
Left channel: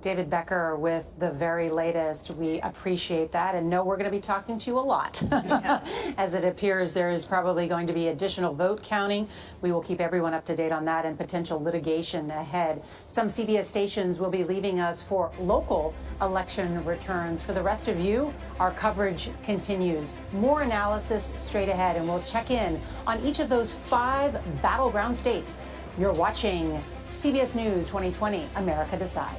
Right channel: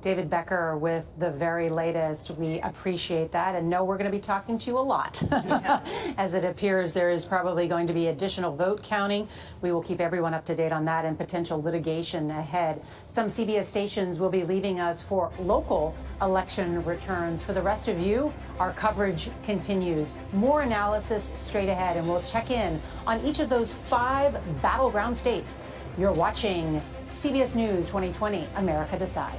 David Becker with the very latest. We appreciate that and know we're going to be talking to you a lot. As it appears, there is probably going to be additional vote counting. We will keep everyone up to date on that and potential litigation ahead. Some CBS stations will be leaving us for local election returns. For the rest of you, our coverage continues. More analysis straight ahead, and we'll check in on each of those 5 battleground states. You're watching CBS News 2020, America Decides.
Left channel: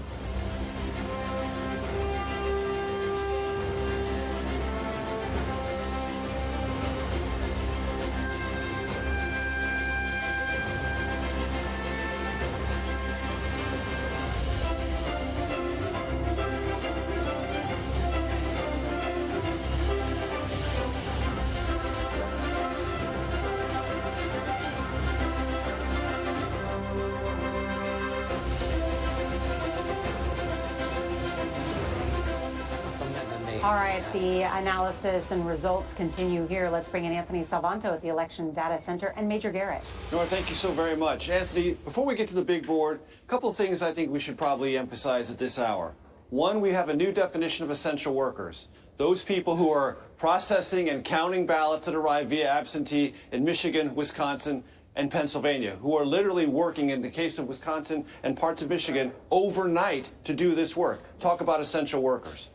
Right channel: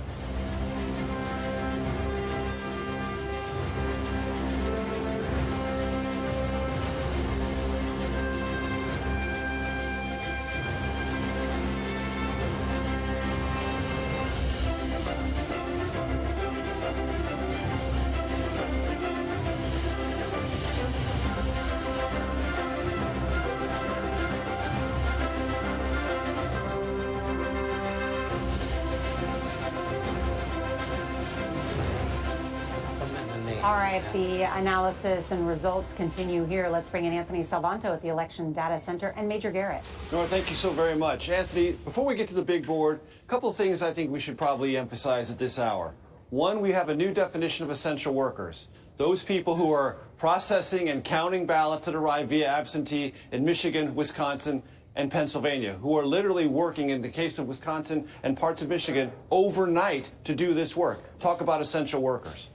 All right, the analysis and results continue here. Let's bring in Anthony Salvanto at the Election Data Center and Major Garrett. Nora, thank you so very much. Anthony, before we get to the big board, a couple of things I think we should probably emphasize at this hour. One, we have a new definition of essential workers. Those people who are processing and counting ballots that arrive via absentee in Michigan, Wisconsin, and Pennsylvania, who are literally working, in the case of Wisconsin and parts of Michigan, overnight to do this work. Talk about essential workers.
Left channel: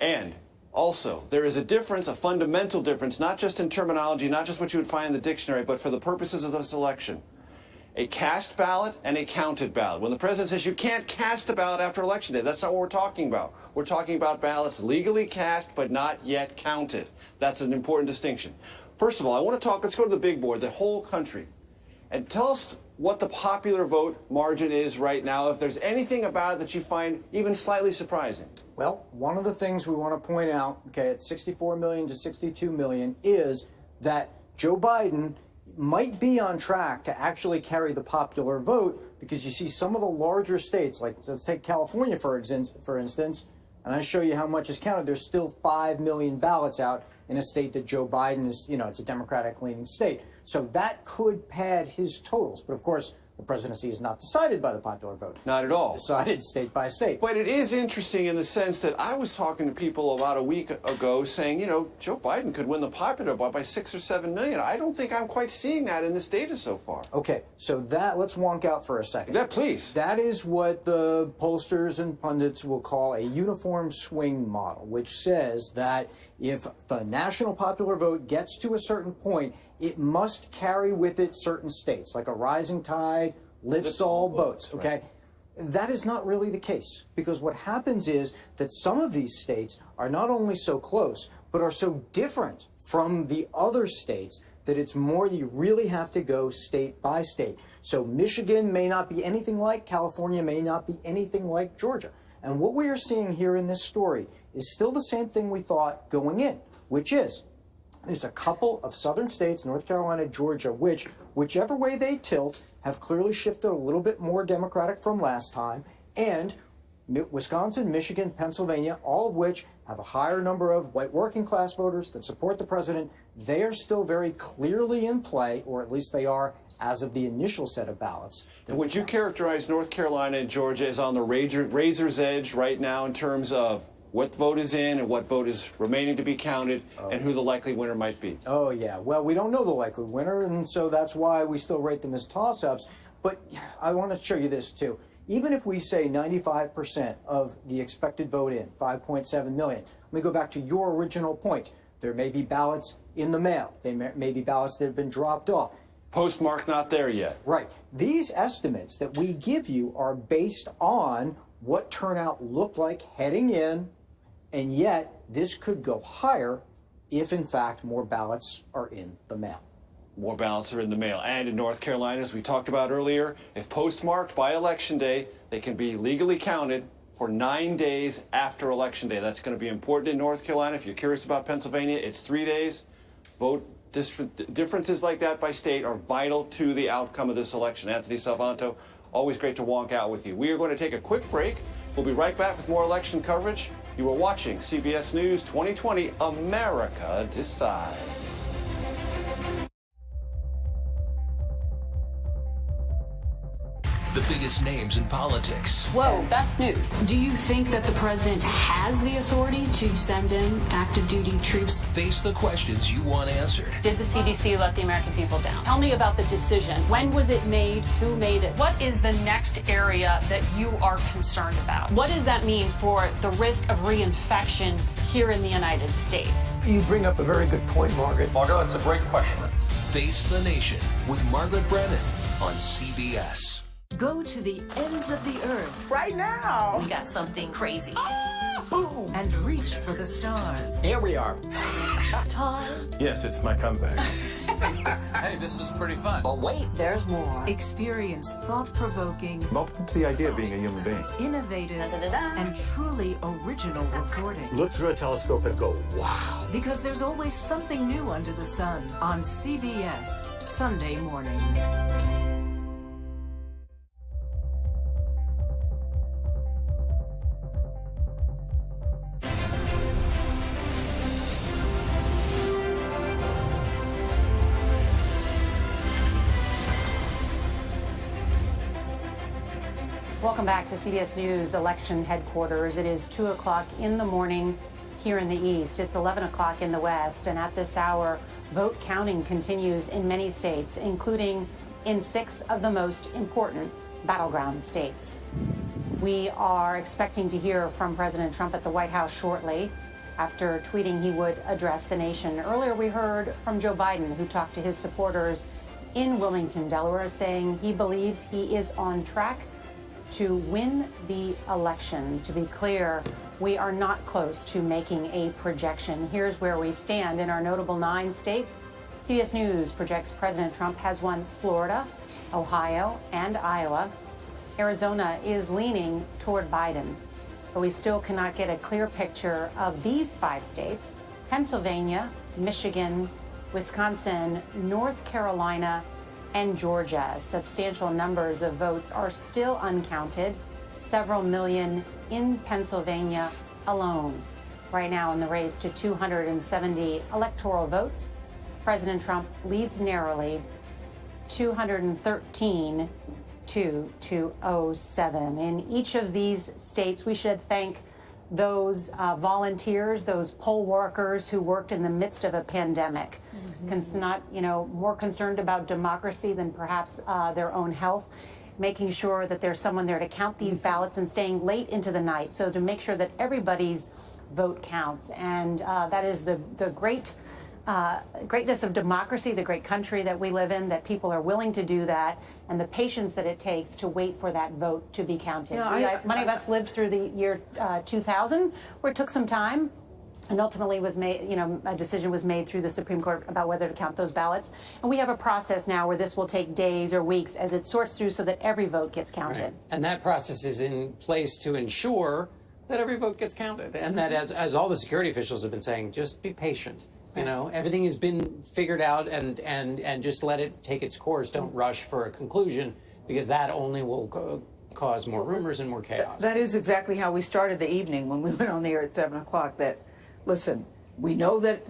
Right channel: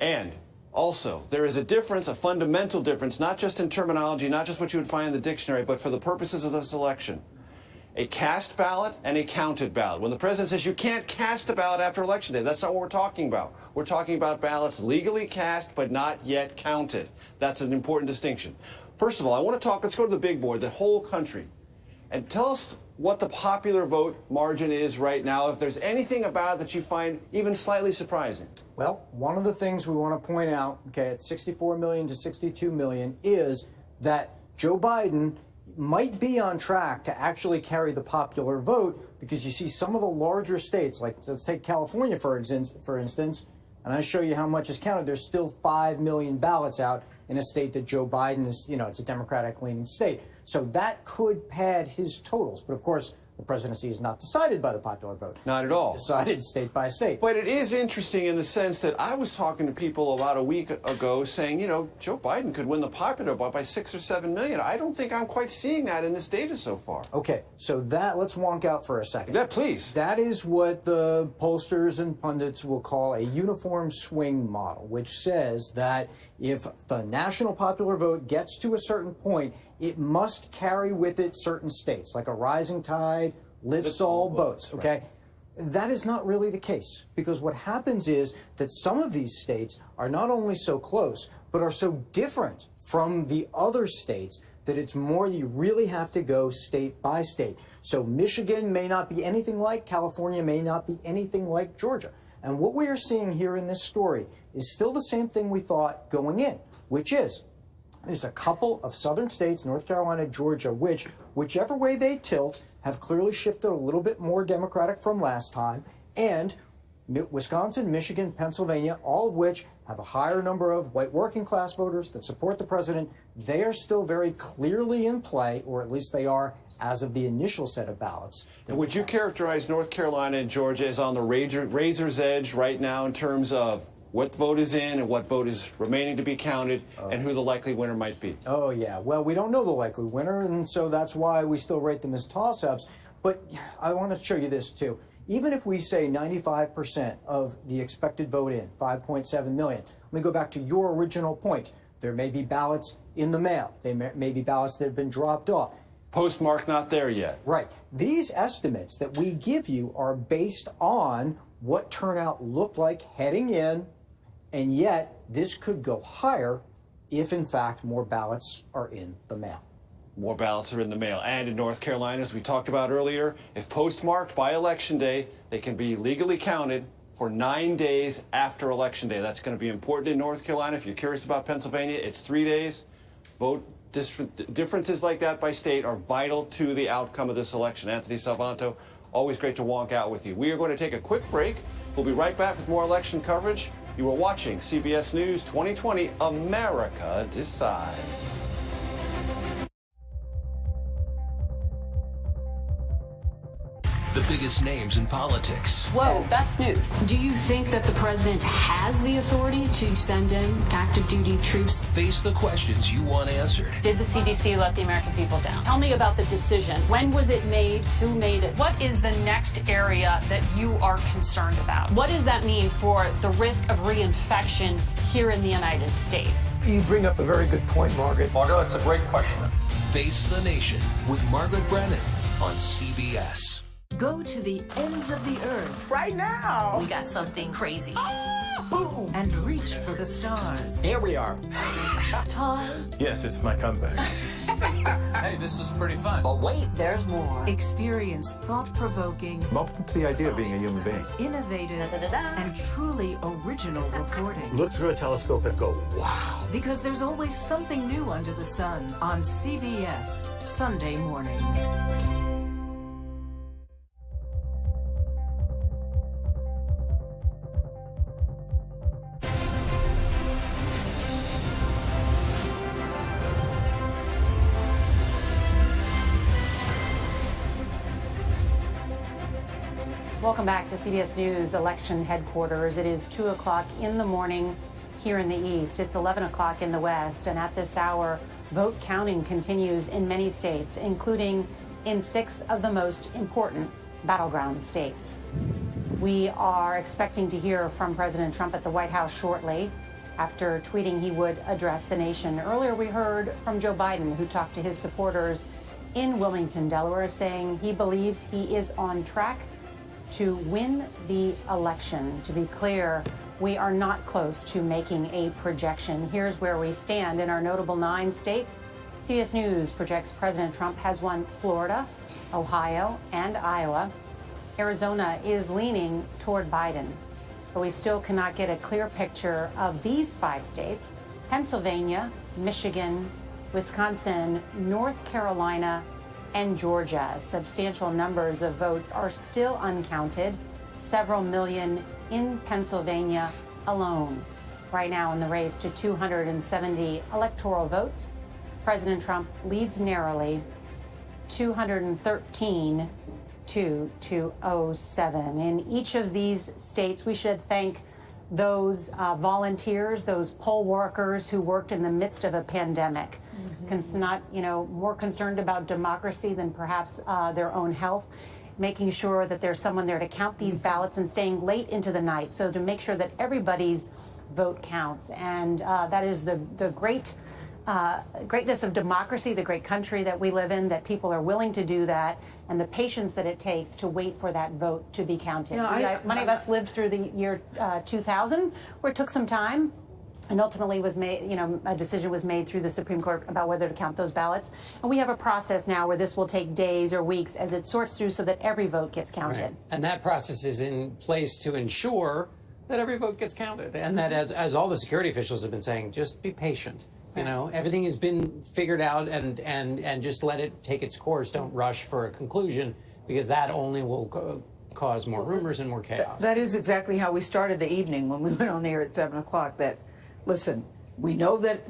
And also, there is a difference, a fundamental difference, not just in terminology, not just what you would find in the dictionary, but for the purposes of this election. A cast ballot and a counted ballot. When the president says you can't cast a ballot after Election Day, that's not what we're talking about. We're talking about ballots legally cast but not yet counted. That's an important distinction. First of all, I want to talk, let's go to the big board, the whole country. And tell us what the popular vote margin is right now, if there's anything about it that you find even slightly surprising. Well, one of the things we want to point out, okay, at 64 million to 62 million, is that Joe Biden might be on track to actually carry the popular vote, because you see some of the larger states, like let's take California for instance, and I show you how much is counted. There's still 5 million ballots out in a state that Joe Biden is, it's a Democratic-leaning state. So that could pad his totals. But of course, the presidency is not decided by the popular vote. Not at all. Decided state by state. But it is interesting in the sense that I was talking to people about a week ago saying, Joe Biden could win the popular vote by 6 or 7 million. I don't think I'm quite seeing that in this data so far. Okay, so let's wonk out for a second. Yeah, please. That is what the pollsters and pundits will call a uniform swing model, which says that if the national popular vote gets to a certain point, it must carry with it certain states, like a rising tide lifts all boats, okay? Right. That is not really the case, because what happens is that some of these states are not only so close, but are so different from the other states that it's more you really have to go state by state. So Michigan may not be anything like California, may not be anything like Georgia. And what we are seeing here in this story is still the same thing we thought going in, which is there's a couple of southern states, North Carolina, Georgia, which, whichever way they tilt, have clearly shifted a little bit more Democratic from last time, and Wisconsin, Michigan, Pennsylvania, all of which have a higher number of white working class voters that support the president. They are still very clearly in play, or at least they are as of the initial set of ballots. And would you characterize North Carolina and Georgia as on the razor's edge right now in terms of what vote is in and what vote is remaining to be counted, and who the likely winner might be? Oh, yeah. Well, we don't know the likely winner, and so that's why we still rate them as toss-ups. But I want to show you this, too. Even if we say 95% of the expected vote in, 5.7 million, let me go back to your original point. There may be ballots in the mail. There may be ballots that have been dropped off. Postmark not there yet. Right. These estimates that we give you are based on what turnout looked like heading in, and yet this could go higher if, in fact, more ballots are in the mail. More ballots are in the mail. And in North Carolina, as we talked about earlier, if postmarked by Election Day, they can be legally counted for 9 days after Election Day. That's going to be important in North Carolina. If you're curious about Pennsylvania, it's 3 days. Vote differences like that by state are vital to the outcome of this election. Anthony Salvanto, always great to wonk out with you. We are going to take a quick break. We'll be right back with more election coverage. You are watching CBS News 2020, America Decides. The biggest names in politics. Whoa, that's news. Do you think that the president has the authority to send in active duty troops? Face the questions you want answered. Did the CDC let the American people down? Tell me about the decision. When was it made? Who made it? What is the next area that you are concerned about? What does that mean for the risk of reinfection here in the United States? You bring up a very good point, Margaret. Margaret, that's a great question. Face the Nation with Margaret Brennan on CBS. Go to the ends of the earth. Right now. We got something crazy. Boom. And reach for the stars. Here we are. Tom. Yes, it's my comeback. Hey, this is pretty fun. But wait, there's more. Experience thought-provoking, I'm open to the idea of being a human being. innovative, and truly original reporting. Look through a telescope and go, wow. Because there's always something new under the sun on CBS Sunday morning. Welcome back to CBS News Election Headquarters. It is 2 o'clock in the morning here in the East. It's 11 o'clock in the West. And at this hour, vote counting continues in many states, including in 6 of the most important battleground states. We are expecting to hear from President Trump at the White House shortly after tweeting he would address the nation. Earlier, we heard from Joe Biden, who talked to his supporters in Wilmington, Delaware, saying he believes he is on track to win the election. To be clear, we are not close to making a projection. Here's where we stand. In our notable 9 states, CBS News projects President Trump has won Florida, Ohio, and Iowa. Arizona is leaning toward Biden, but we still cannot get a clear picture of these 5 states: Pennsylvania, Michigan, Wisconsin, North Carolina, and Georgia. Substantial numbers of votes are still uncounted, several million in Pennsylvania alone. Right now in the race to 270 electoral votes, President Trump leads narrowly, 213 to 207. In each of these states, we should thank those volunteers, those poll workers who worked in the midst of a pandemic. Not, more concerned about democracy than perhaps their own health, making sure that there's someone there to count these ballots and staying late into the night, so to make sure that everybody's vote counts. And that is the greatness of democracy, the great country that we live in, that people are willing to do that, and the patience that it takes to wait for that vote to be counted. Many of us lived through the year 2000, where it took some time. And ultimately was made, a decision was made through the Supreme Court about whether to count those ballots. And we have a process now where this will take days or weeks as it sorts through so that every vote gets counted. Right. And that process is in place to ensure that every vote gets counted. And that, as all the security officials have been saying, just be patient. Everything has been figured out, and just let it take its course. Don't rush for a conclusion, because that only will cause more rumors and more chaos. That is exactly how we started the evening when we went on the air at 7 o'clock. That, listen, we know that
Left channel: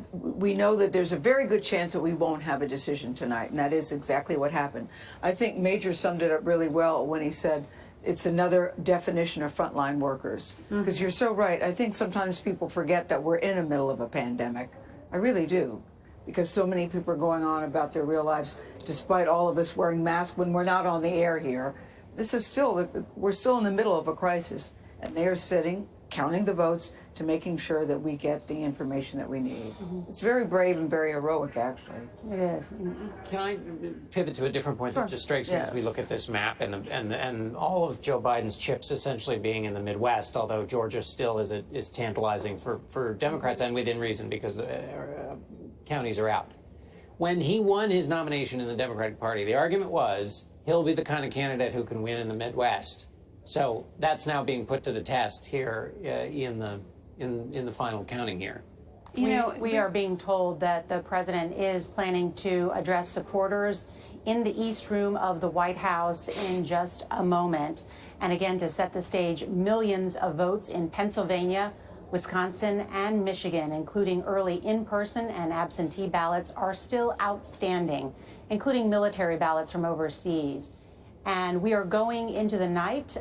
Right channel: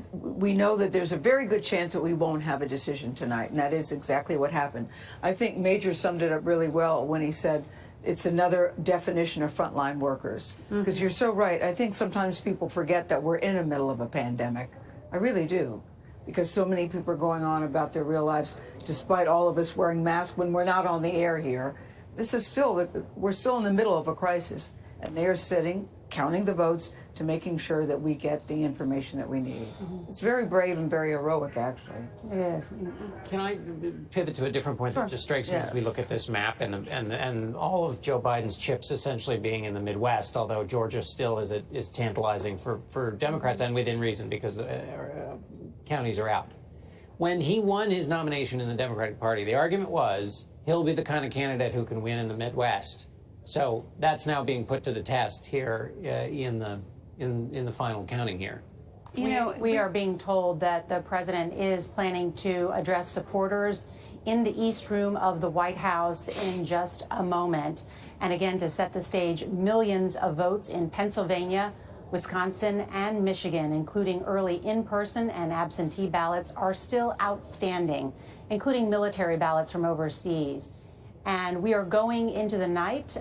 there's a very good chance that we won't have a decision tonight, and that is exactly what happened. I think Major summed it up really well when he said it's another definition of frontline workers. Because you're so right. I think sometimes people forget that we're in the middle of a pandemic. I really do. Because so many people are going on about their real lives, despite all of us wearing masks when we're not on the air here. We're still in the middle of a crisis, and they are sitting, counting the votes to making sure that we get the information that we need. It's very brave and very heroic, actually. It is. Can I pivot to a different point that just strikes me as we look at this map and all of Joe Biden's chips essentially being in the Midwest, although Georgia still is tantalizing for Democrats, and within reason, because counties are out. When he won his nomination in the Democratic Party, the argument was he'll be the kind of candidate who can win in the Midwest. So that's now being put to the test here in the final counting here. We are being told that the president is planning to address supporters in the East Room of the White House in just a moment. And again, to set the stage, millions of votes in Pennsylvania, Wisconsin, and Michigan, including early in-person and absentee ballots, are still outstanding, including military ballots from overseas. And we are going into the night.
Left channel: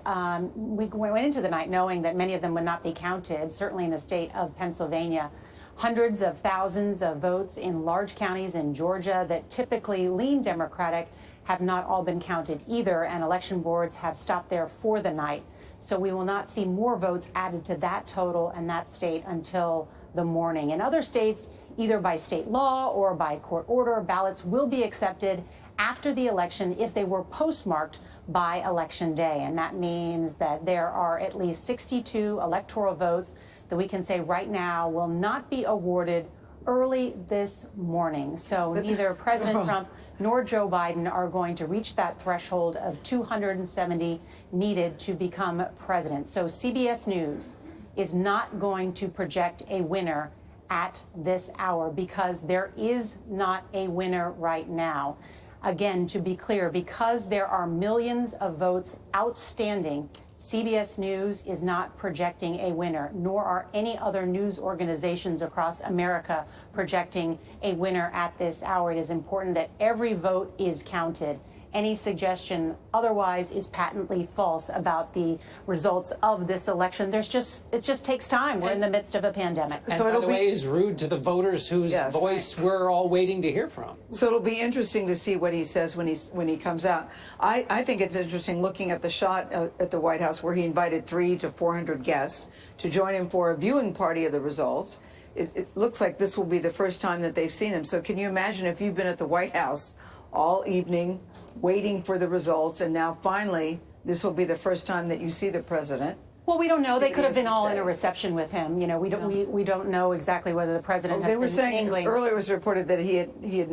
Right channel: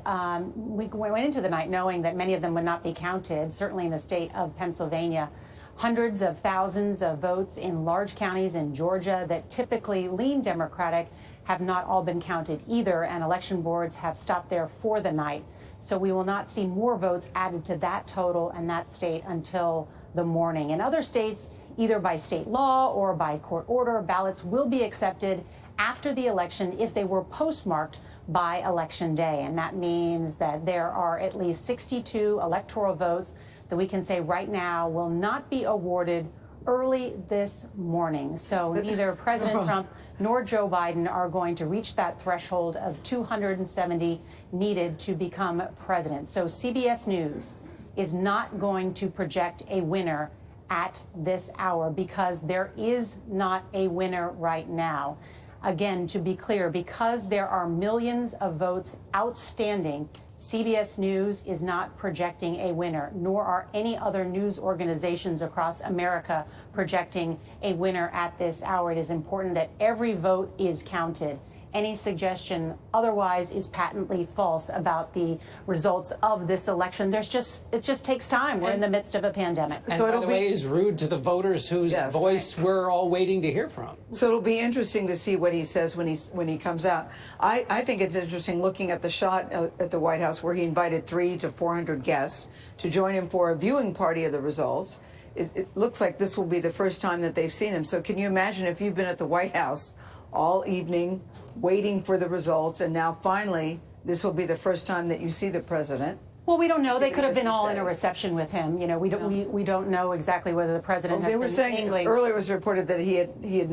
We went into the night knowing that many of them would not be counted, certainly in the state of Pennsylvania. Hundreds of thousands of votes in large counties in Georgia that typically lean Democratic have not all been counted either, and election boards have stopped there for the night. So we will not see more votes added to that total and that state until the morning. In other states, either by state law or by court order, ballots will be accepted after the election if they were postmarked by Election Day. And that means that there are at least 62 electoral votes that we can say right now will not be awarded early this morning. So neither President Trump nor Joe Biden are going to reach that threshold of 270 needed to become president. So CBS News is not going to project a winner at this hour because there is not a winner right now. Again, to be clear, because there are millions of votes outstanding, CBS News is not projecting a winner, nor are any other news organizations across America projecting a winner at this hour. It is important that every vote is counted. any suggestion otherwise is patently false about the results of this election. It just takes time. We're in the midst of a pandemic. And by the way, is rude to the voters whose voice we're all waiting to hear from. So it'll be interesting to see what he says when he comes out. I think it's interesting looking at the shot at the White House where he invited 300 to 400 guests to join him for a viewing party of the results. It looks like this will be the first time that they've seen him. So can you imagine if you've been at the White House all evening waiting for the results, and now finally this will be the first time that you see the president? Well, we don't know. They could have been all in a reception with him. You know, we don't know exactly whether the president. They were saying earlier it was reported that he had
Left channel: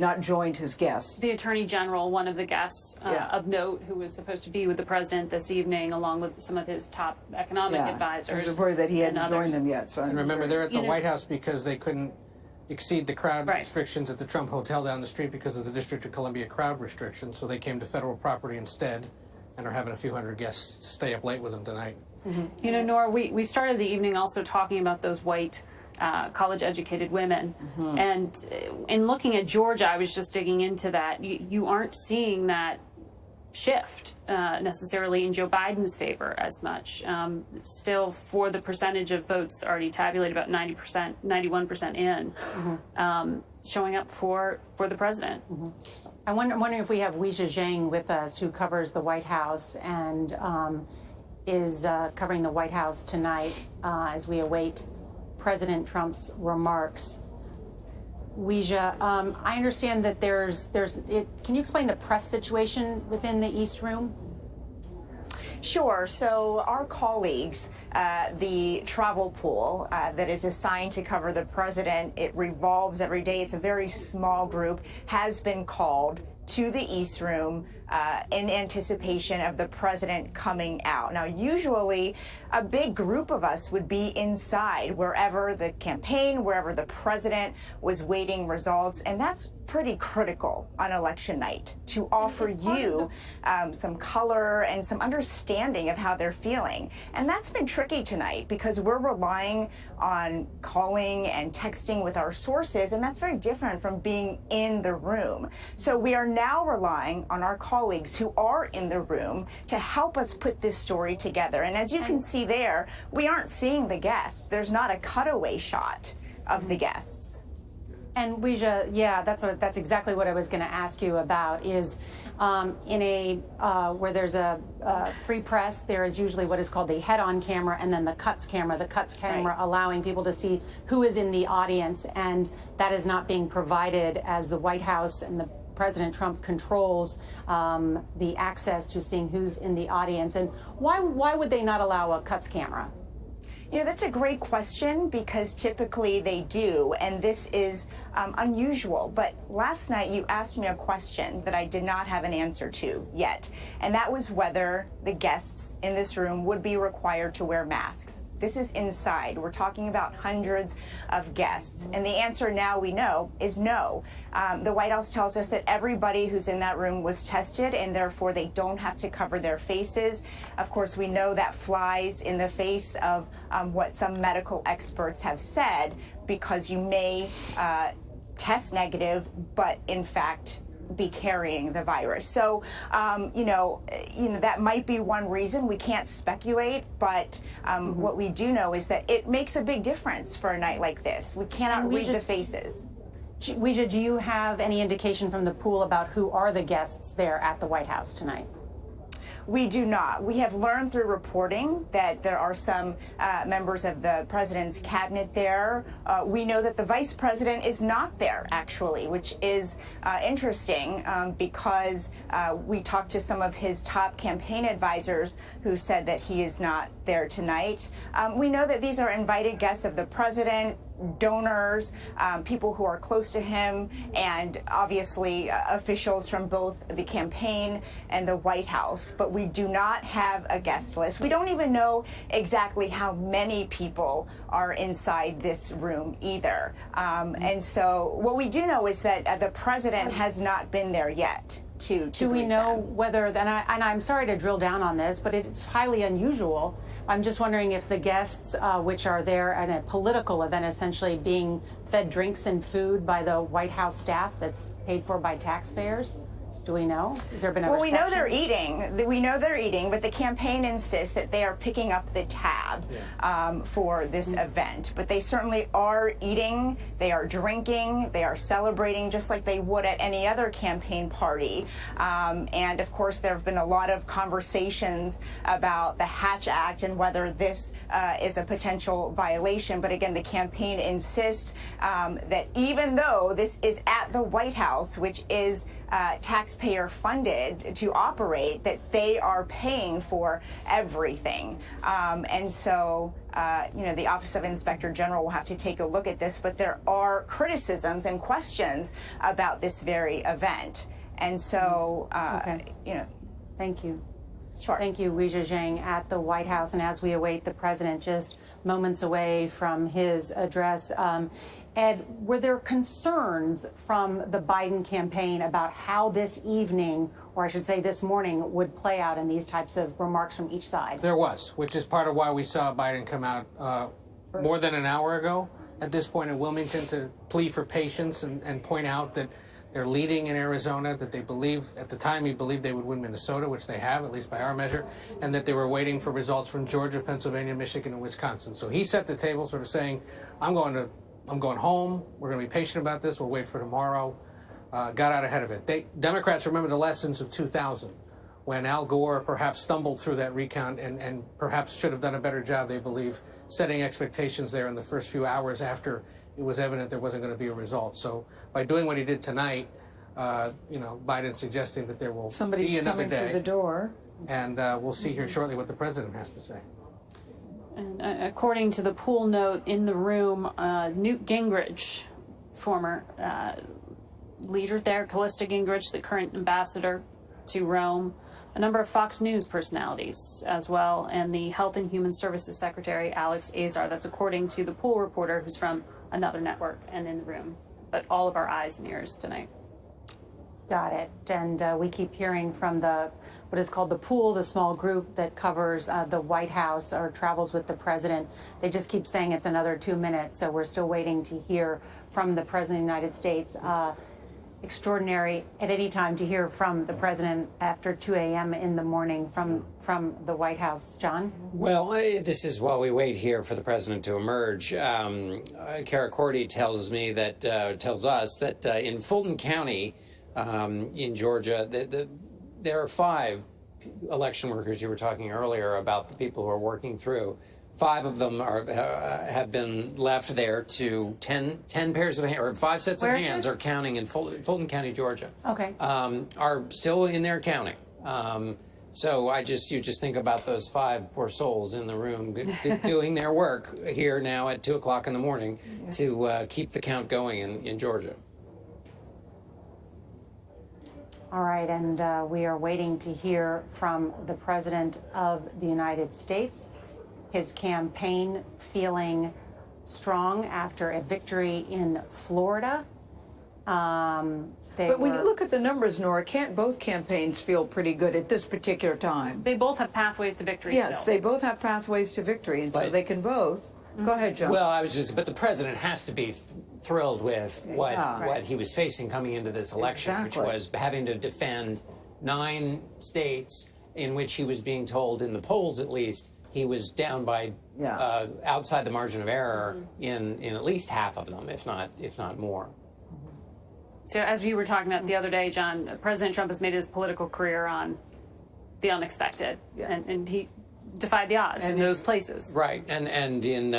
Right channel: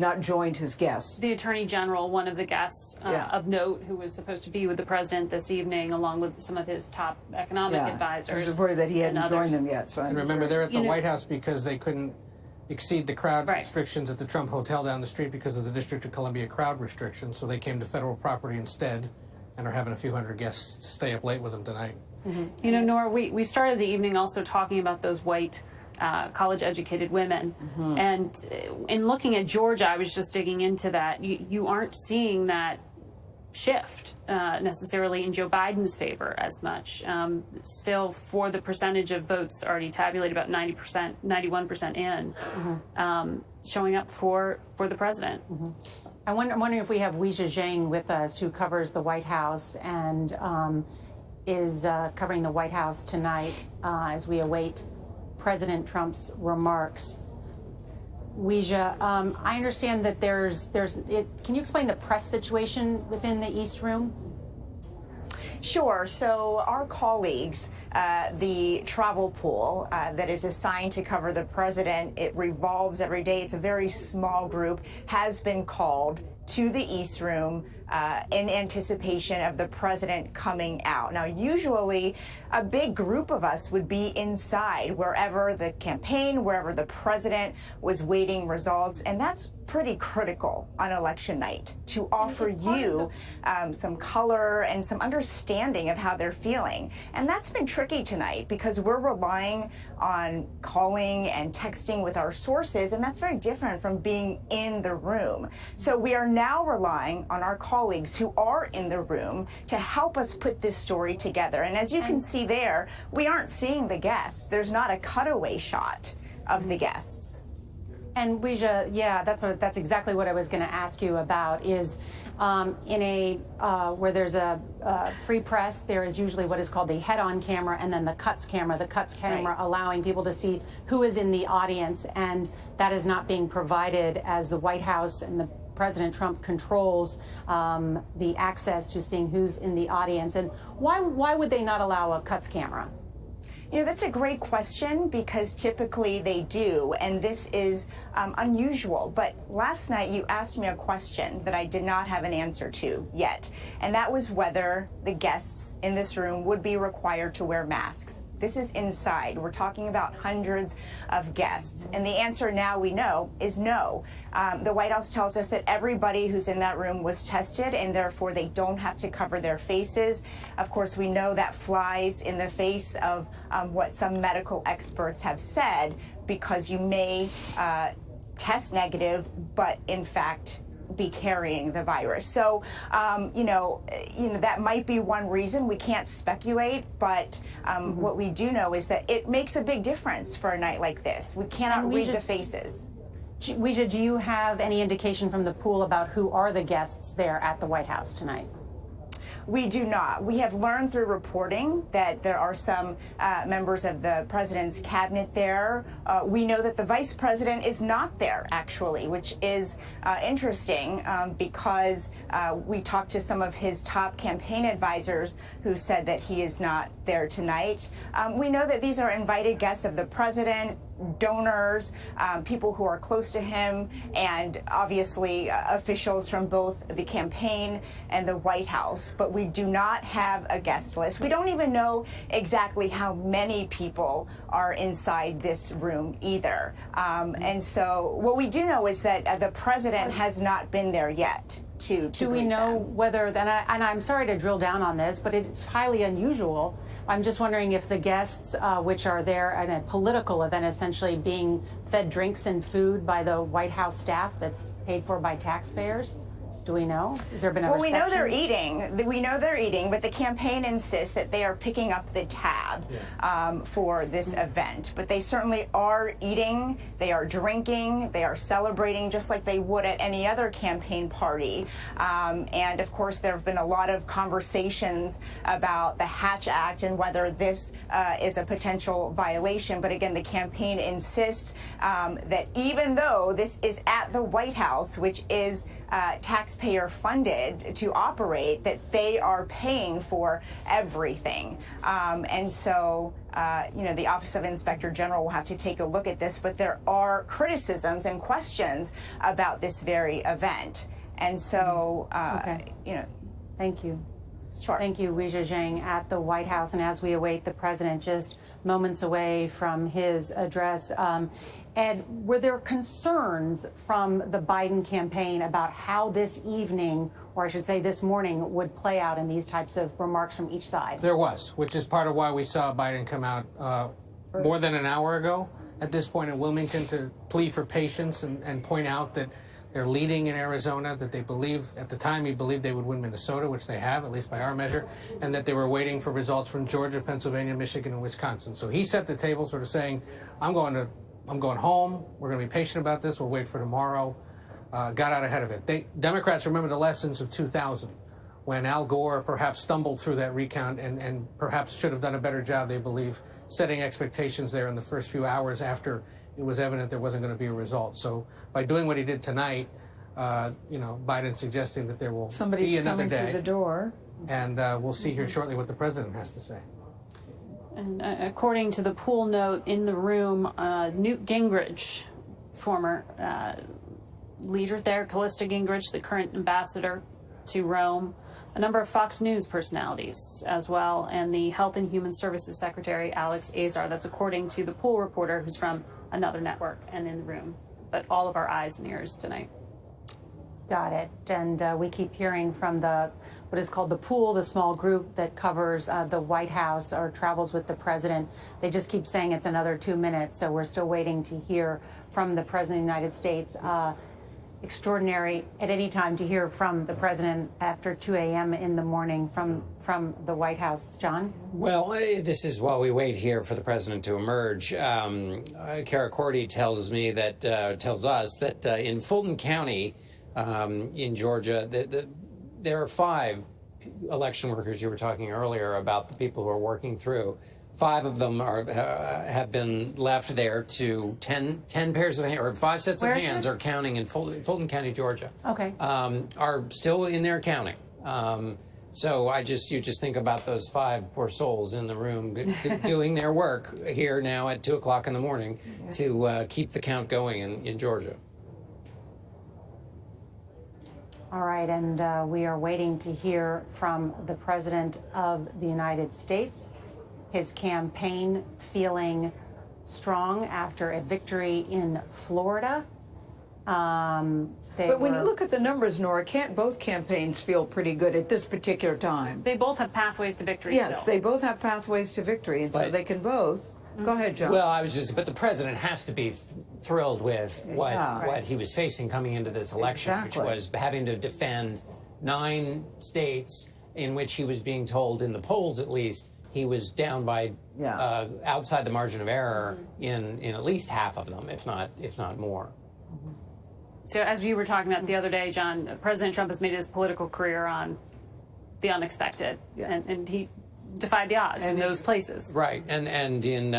not joined his guests. The Attorney General, one of the guests of note, who was supposed to be with the president this evening, along with some of his top economic advisors. It was reported that he hadn't joined them yet. So and remember, they're at the White House because they couldn't exceed the crowd restrictions at the Trump Hotel down the street because of the District of Columbia crowd restrictions. So they came to federal property instead and are having a few hundred guests stay up late with them tonight. You know, Nora, we started the evening also talking about those white college-educated women. And in looking at Georgia, I was just digging into that. You aren't seeing that shift necessarily in Joe Biden's favor as much. Still, for the percentage of votes already tabulated, about 90%, 91% in, showing up for the president. I'm wondering if we have Weijia Zhang with us, who covers the White House and is covering the White House tonight as we await President Trump's remarks. Weijia, I understand that can you explain the press situation within the East Room? Sure. So our colleagues, the travel pool that is assigned to cover the president, it revolves every day. It's a very small group, has been called to the East Room in anticipation of the president coming out. Now, usually a big group of us would be inside wherever the campaign, wherever the president was waiting results, and that's pretty critical on election night to offer you some color and some understanding of how they're feeling. And that's been tricky tonight because we're relying on calling and texting with our sources, and that's very different from being in the room. So we are now relying on our colleagues who are in the room to help us put this story together. And as you can see there, we aren't seeing the guests. There's not a cutaway shot of the guests. And Weijia, yeah, that's exactly what I was going to ask you about. Is in a where there's a free press, there is usually what is called the head-on camera and then the cuts camera. The cuts camera allowing people to see who is in the audience, and that is not being provided as the White House and the President Trump controls the access to seeing who's in the audience. And why would they not allow a cuts camera? You know, that's a great question because typically they do, and this is unusual. But last night you asked me a question that I did not have an answer to yet, and that was whether the guests in this room would be required to wear masks. This is inside. We're talking about hundreds of guests. And the answer now we know is no. The White House tells us that everybody who's in that room was tested, and therefore they don't have to cover their faces. Of course, we know that flies in the face of what some medical experts have said, because you may test negative, but in fact be carrying the virus. So, you know, that might be one reason. We can't speculate, but what we do know is that it makes a big difference for a night like this. We cannot read the faces. Weijia, do you have any indication from the pool about who are the guests there at the White House tonight? We do not. We have learned through reporting that there are some members of the president's cabinet there. We know that the vice president is not there, actually, which is interesting because we talked to some of his top campaign advisors who said that he is not there tonight. We know that these are invited guests of the president, donors, people who are close to him, and obviously officials from both the campaign and the White House. But we do not have a guest list. We don't even know exactly how many people are inside this room either. And so what we do know is that the president has not been there yet. Do we know whether, and I'm sorry to drill down on this, but it's highly unusual. I'm just wondering if the guests, which are there at a political event, essentially being fed drinks and food by the White House staff that's paid for by taxpayers? Do we know? Has there been a Well, we know reception? they're eating. We know they're eating, but the campaign insists that they are picking up the tab for this event. But they certainly are eating, they are drinking, they are celebrating just like they would at any other campaign party. And of course, there have been a lot of conversations about the Hatch Act and whether this is a potential violation. But again, the campaign insists that even though this is at the White House, which is taxpayer funded to operate, that they are paying for everything. And so, the Office of Inspector General will have to take a look at this, but there are criticisms and questions about this very event. And so, Thank you. Sure. Thank you, Weijia Zhang, at the White House. And as we await the president just moments away from his address, Ed, were there concerns from the Biden campaign about how this evening, or I should say this morning, would play out in these types of remarks from each side? There was, which is part of why we saw Biden come out more than an hour ago at this point in Wilmington to plead for patience and point out that they're leading in Arizona, that they believe, at the time he believed they would win Minnesota, which they have, at least by our measure, and that they were waiting for results from Georgia, Pennsylvania, Michigan, and Wisconsin. So he set the table sort of saying, I'm going home. We're going to be patient about this. We'll wait for tomorrow. Got out ahead of it. Democrats remember the lessons of 2000, when Al Gore perhaps stumbled through that recount and perhaps should have done a better job, they believe, setting expectations there in the first few hours after it was evident there wasn't going to be a result. So by doing what he did tonight, Biden's suggesting that there will be another day. Somebody's coming through the door. And we'll see here shortly what the president has to say. And according to the pool note in the room, Newt Gingrich, former leader there, Callista Gingrich, the current ambassador to Rome, a number of Fox News personalities as well, and the Health and Human Services Secretary, Alex Azar. That's according to the pool reporter, who's from another network and in the room. But all of our eyes and ears tonight. Got it. And we keep hearing from what is called the pool, the small group that covers the White House or travels with the president. They just keep saying it's another 2 minutes, so we're still waiting to hear from the president of the United States. Extraordinary at any time to hear from the president after 2 a.m. in the morning from the White House. John? Well, this is while we wait here for the president to emerge. Kara Cordy tells us that in Fulton County, in Georgia, there are 5 election workers. You were talking earlier about the people who are working through. 5 of them have been left there to 10 pairs of hands, or 5 sets of hands are counting in Fulton County, Georgia. Okay. Are still in there counting. So you just think about those 5 poor souls in the room doing their work here now at 2 o'clock in the morning to keep the count going in Georgia. All right, and we are waiting to hear from the President of the United States. His campaign feeling strong after a victory in Florida. But when you look at the numbers, Nora, can't both campaigns feel pretty good at this particular time? They both have pathways to victory. Yes, they both have pathways to victory, and so they can both. Go ahead, John. Well, but the president has to be thrilled with what he was facing coming into this election, which was having to defend 9 states in which he was being told, in the polls at least, he was down by outside the margin of error in at least half of them, if not more. So as we were talking about the other day, John, President Trump has made his political career on the unexpected, and he defied the odds in those places. Right, and in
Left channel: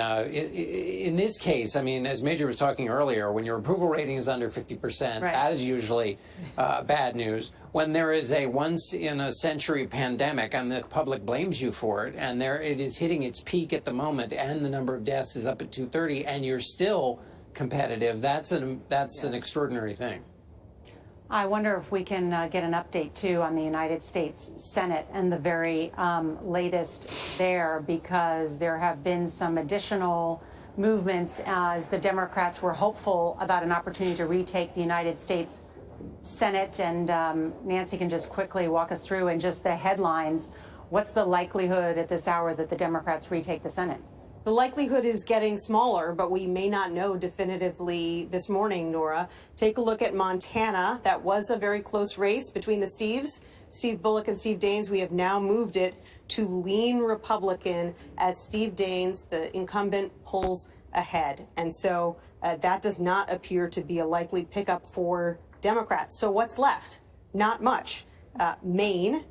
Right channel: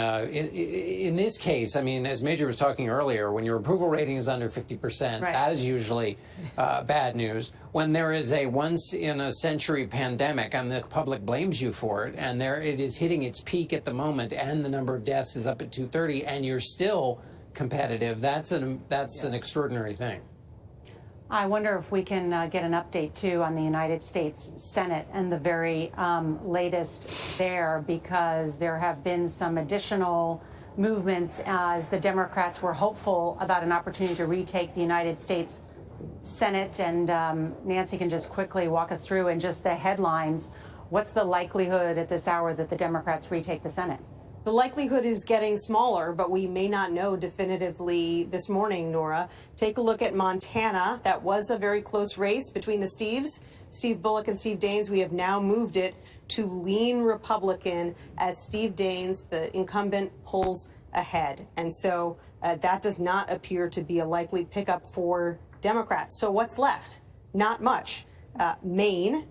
this case, I mean, as Major was talking earlier, when your approval rating is under 50%, that is usually bad news. When there is a once-in-a-century pandemic and the public blames you for it, and it is hitting its peak at the moment, and the number of deaths is up at 230, and you're still competitive, that's an extraordinary thing. I wonder if we can get an update, too, on the United States Senate and the very latest there, because there have been some additional movements as the Democrats were hopeful about an opportunity to retake the United States Senate. And Nancy can just quickly walk us through in just the headlines. What's the likelihood at this hour that the Democrats retake the Senate? The likelihood is getting smaller, but we may not know definitively this morning, Nora. Take a look at Montana. That was a very close race between the Steves, Steve Bullock and Steve Daines. We have now moved it to lean Republican as Steve Daines, the incumbent, pulls ahead. And so that does not appear to be a likely pickup for Democrats. So what's left? Not much. Maine,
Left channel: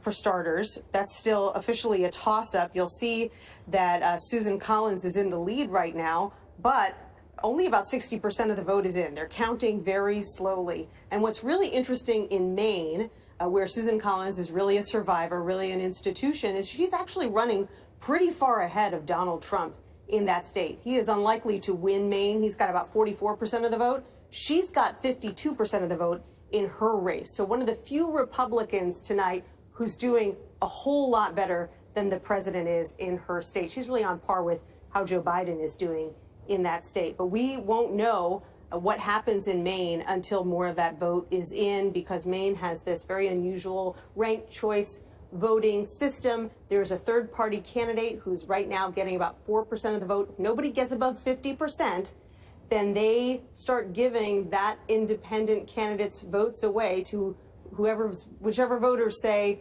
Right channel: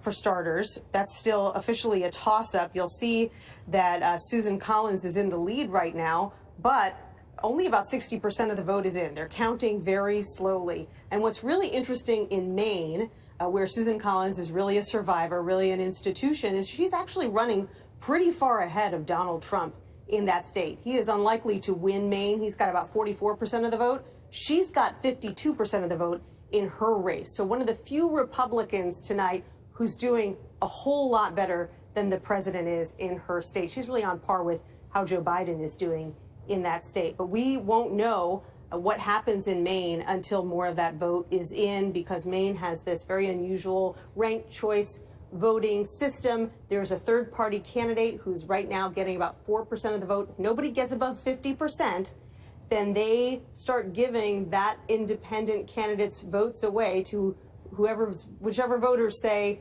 for starters, that's still officially a toss-up. You'll see that Susan Collins is in the lead right now, but only about 60% of the vote is in. They're counting very slowly. And what's really interesting in Maine, where Susan Collins is really a survivor, really an institution, is she's actually running pretty far ahead of Donald Trump in that state. He is unlikely to win Maine. He's got about 44% of the vote. She's got 52% of the vote in her race. So one of the few Republicans tonight who's doing a whole lot better than the president is in her state. She's really on par with how Joe Biden is doing in that state. But we won't know what happens in Maine until more of that vote is in, because Maine has this very unusual ranked choice voting system. There's a third-party candidate who's right now getting about 4% of the vote. If nobody gets above 50%, then they start giving that independent candidate's votes away to whichever voters say,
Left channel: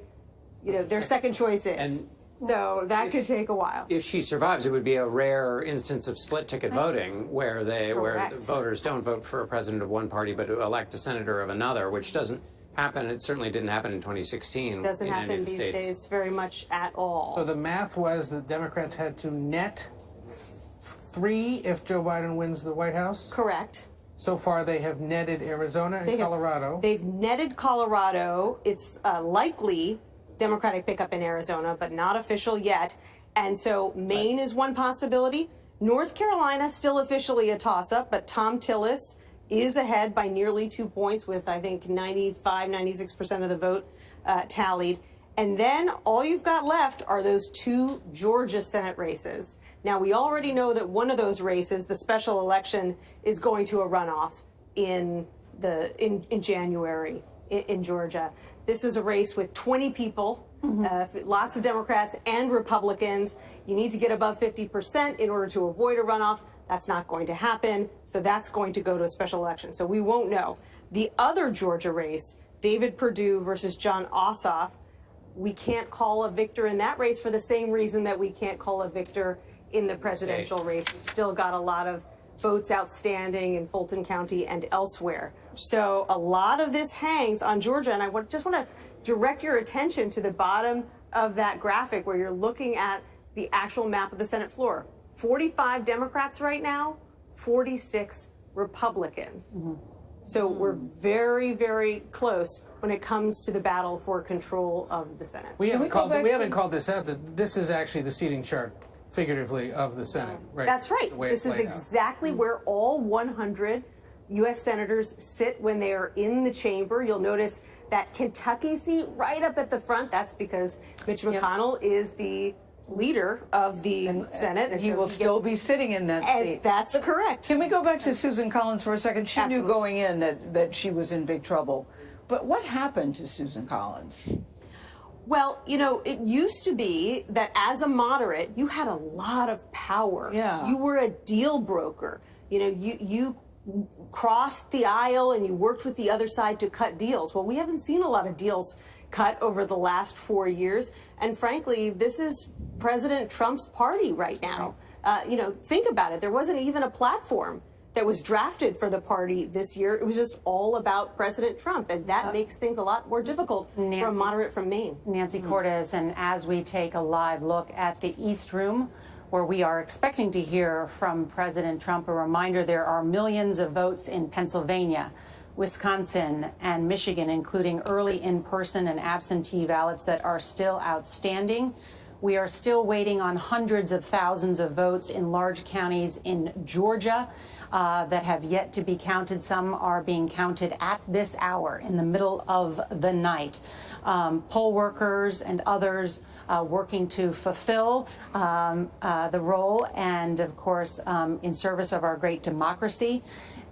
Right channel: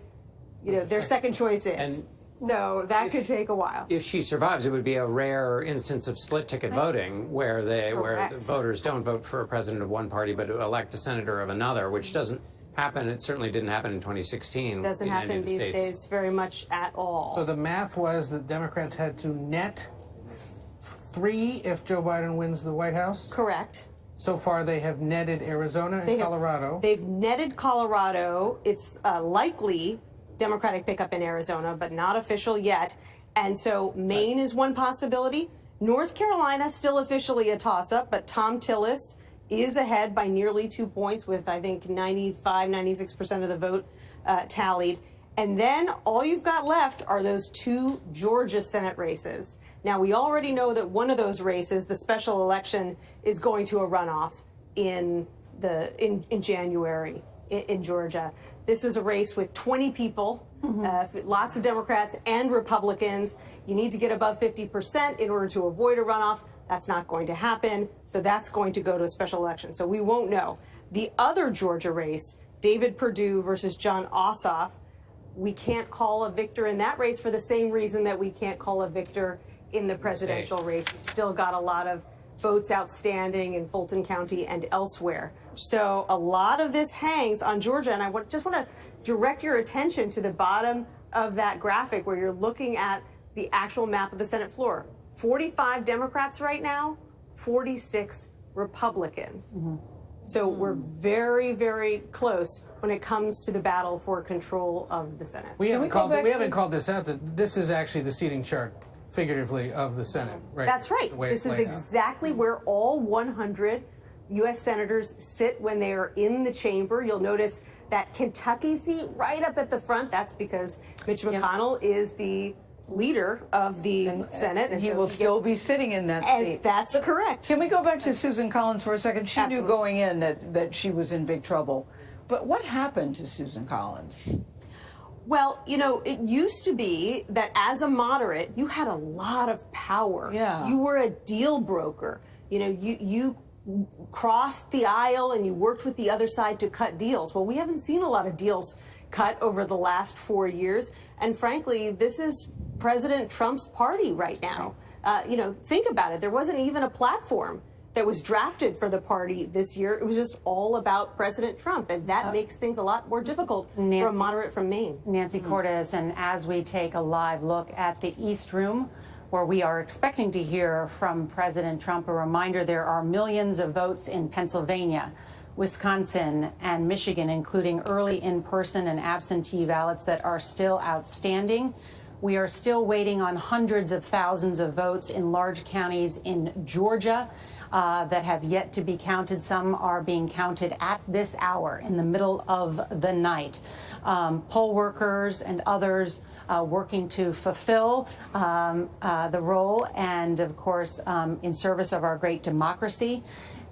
their second choice is. And so that could take a while. If she survives, it would be a rare instance of split ticket voting where the voters don't vote for a president of one party but elect a senator of another, which doesn't happen. It certainly didn't happen in 2016. It doesn't happen these days very much at all. So the math was that Democrats had to net 3 if Joe Biden wins the White House? Correct. So far, they have netted Arizona and Colorado. They've netted Colorado. It's likely Democratic pickup in Arizona, but not official yet. And so Maine is one possibility. North Carolina, still officially a toss-up, but Tom Tillis is ahead by nearly 2 points with, I think, 96% of the vote tallied. And then all you've got left are those 2 Georgia Senate races. Now, we already know that one of those races, the special election, is going to a runoff in January in Georgia. This was a race with 20 people, lots of Democrats and Republicans. You need to get above 50% in order to avoid a runoff. That's not going to happen, so that's going to go to a special election. So we won't know. The other Georgia race, David Perdue versus Jon Ossoff, we can't call a victor in that race for the same reason that we can't call a victor in the presidential race. We've still got a lot of votes outstanding in Fulton County and elsewhere. So a lot of this hangs on Georgia, and I just want to direct your attention to the bottom of that graphic where you're looking at the actual map of the Senate floor. 45 Democrats right now, 46 Republicans. So we're very, very close when it comes to the battle for control of the Senate. We haven't called this out. This is actually the seating chart, figuratively, of the Senate. Right? That's right. This is exactly where all 100 U.S. senators sit when they are in the chamber. You'll notice that Kentucky seat right up at the front. That's because Mitch McConnell is the leader of the Senate. And he will still be sitting in that seat. That's correct. Can we go back to Susan Collins for a second? She knew going in that she was in big trouble. But what happened to Susan Collins? Well, it used to be that as a moderate, you had a lot of power. Yeah. You were a deal broker. You crossed the aisle and you worked with the other side to cut deals. Well, we haven't seen a lot of deals cut over the last 4 years. And frankly, this is President Trump's party right now. Think about it. There wasn't even a platform that was drafted for the party this year. It was just all about President Trump, and that makes things a lot more difficult for a moderate from Maine. Nancy Cordes, and as we take a live look at the East Room, where we are expecting to hear from President Trump, a reminder there are millions of votes in Pennsylvania, Wisconsin, and Michigan, including early in-person and absentee ballots that are still outstanding. We are still waiting on hundreds of thousands of votes in large counties in Georgia that have yet to be counted. Some are being counted at this hour in the middle of the night. Poll workers and others working to fulfill the role and, of course, in service of our great democracy.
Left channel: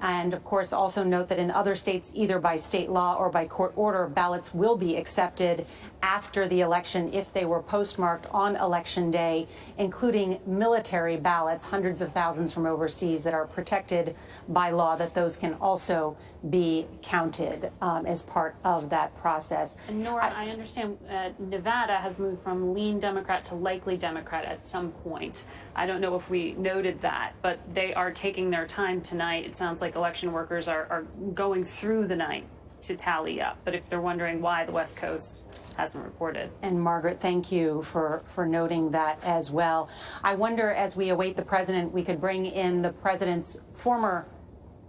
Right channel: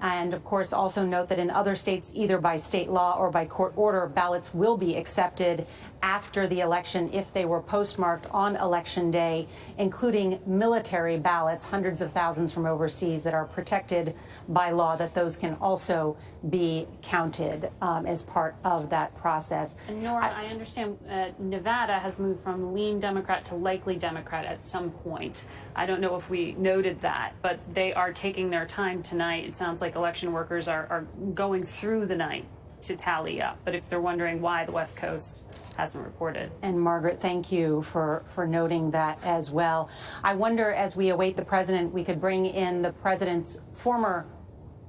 And, of course, also note that in other states, either by state law or by court order, ballots will be accepted after the election if they were postmarked on Election Day, including military ballots, hundreds of thousands from overseas that are protected by law, that those can also be counted as part of that process. And Nora, I understand Nevada has moved from lean Democrat to likely Democrat at some point. I don't know if we noted that, but they are taking their time tonight. It sounds like election workers are going through the night to tally up. But if they're wondering why the West Coast hasn't reported. And Margaret, thank you for noting that as well. I wonder, as we await the president, we could bring in the president's former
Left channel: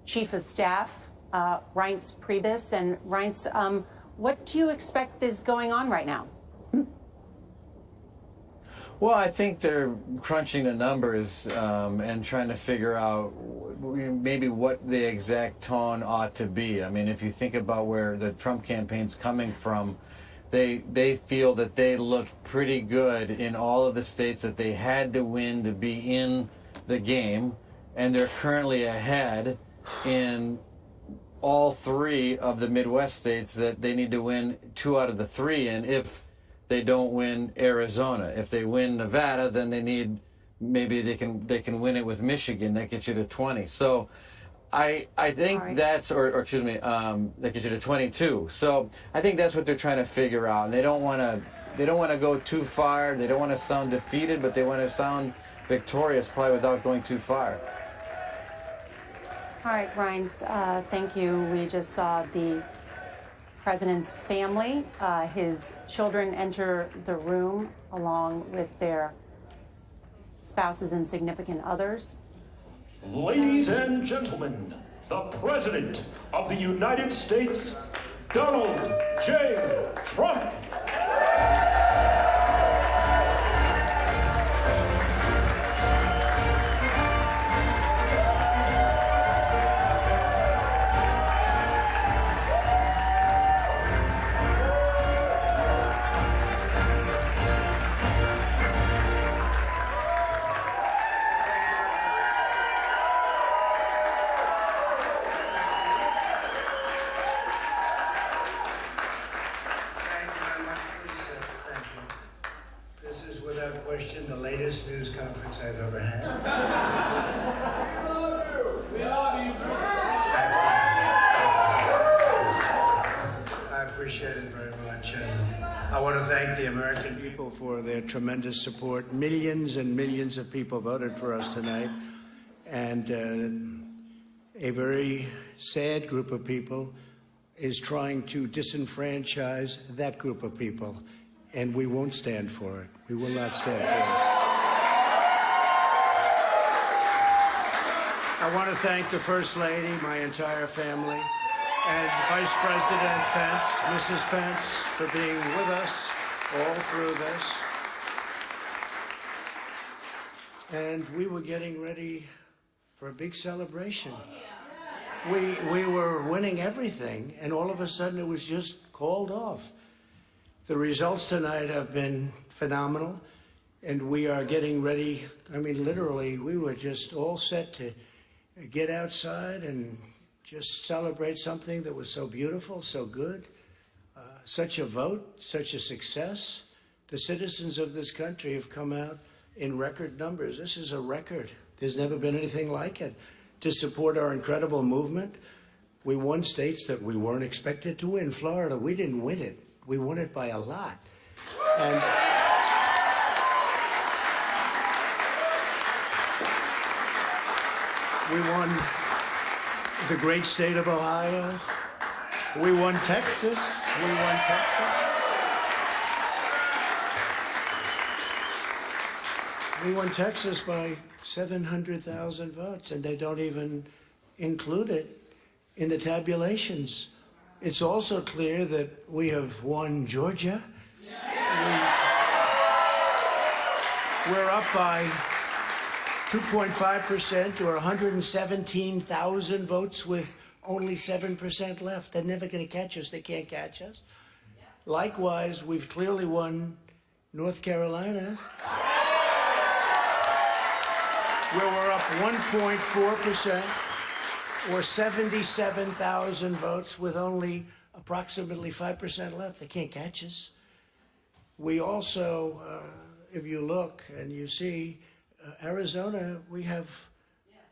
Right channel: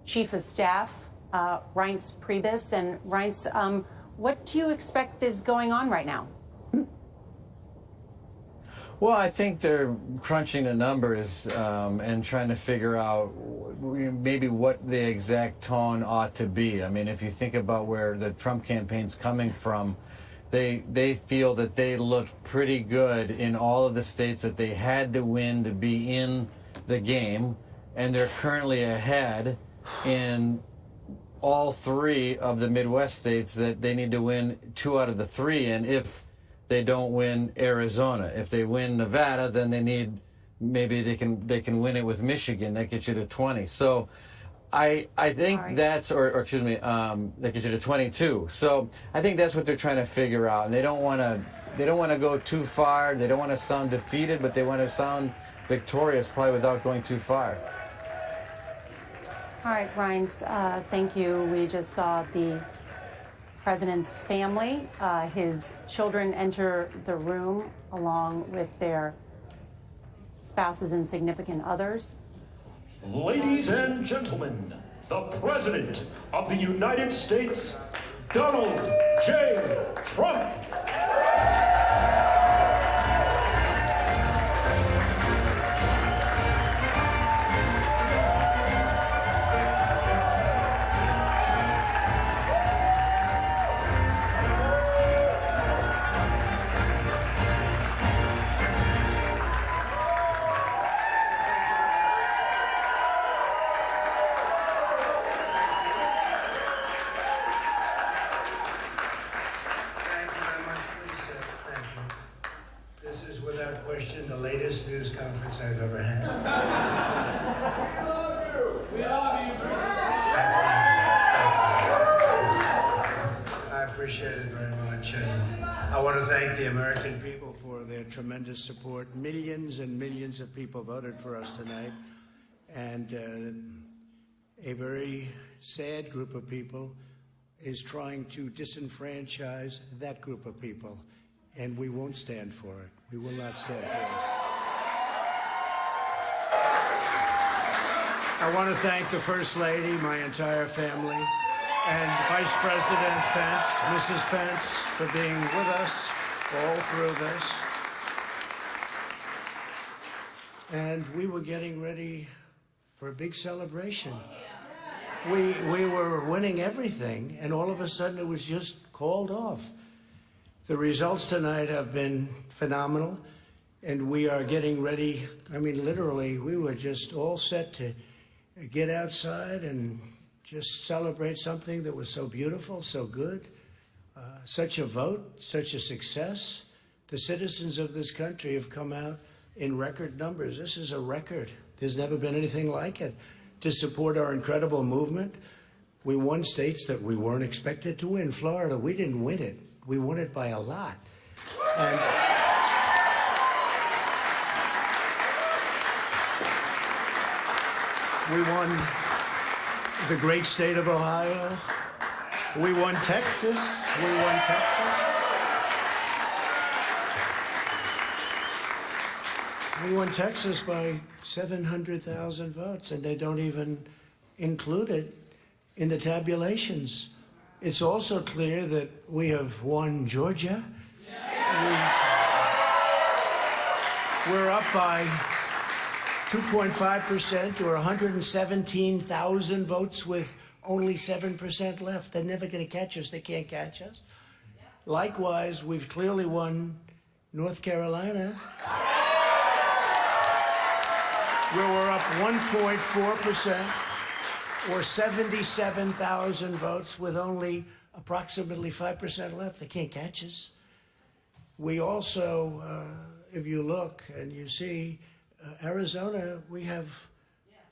chief of staff, Reince Priebus. And Reince, what do you expect is going on right now? Well, I think they're crunching the numbers and trying to figure out maybe what the exact tone ought to be. I mean, if you think about where the Trump campaign's coming from, they feel that they look pretty good in all of the states that they had to win to be in the game, and they're currently ahead in all 3 of the Midwest states that they need to win 2 out of the 3 in if they don't win Arizona. If they win Nevada, then they need, maybe they can win it with Michigan. That gets you to 20. So I think that's, or excuse me, that gets you to 22. So I think that's what they're trying to figure out. And they don't want to go too far. They don't want to sound defeated, but they want to sound victorious, probably without going too far. All right, Reince, thank you. We just saw the president's family, his children enter the room along with their spouses and significant others. Ladies and gentlemen, the President of the United States, Donald J. Trump. The latest news conference I've ever had. We love you. I appreciate it very much, and I want to thank the American people for their tremendous support. Millions and millions of people voted for us tonight, and a very sad group of people is trying to disenfranchise that group of people. And we won't stand for it. We will not stand for it. I want to thank the First Lady, my entire family, and Vice President Pence, Mrs. Pence, for being with us all through this. And we were getting ready for a big celebration. We were winning everything, and all of a sudden it was just called off. The results tonight have been phenomenal, and we are getting ready. I mean, literally, we were just all set to get outside and just celebrate something that was so beautiful, so good, such a vote, such a success. The citizens of this country have come out in record numbers. This is a record. There's never been anything like it. To support our incredible movement, we won states that we weren't expected to win. Florida, we didn't win it. We won it by a lot. And we won the great state of Ohio. We won Texas. We won Texas. We won Texas by 700,000 votes, and they don't even include it in the tabulations. It's also clear that we have won Georgia. We're up by 2.5% or 117,000 votes with only 7% left. They're never going to catch us. They can't catch us. Likewise, we've clearly won North Carolina, where we're up 1.4%. or 77,000 votes with only approximately 5% left. They can't catch us. We also, if you look and you see Arizona, we have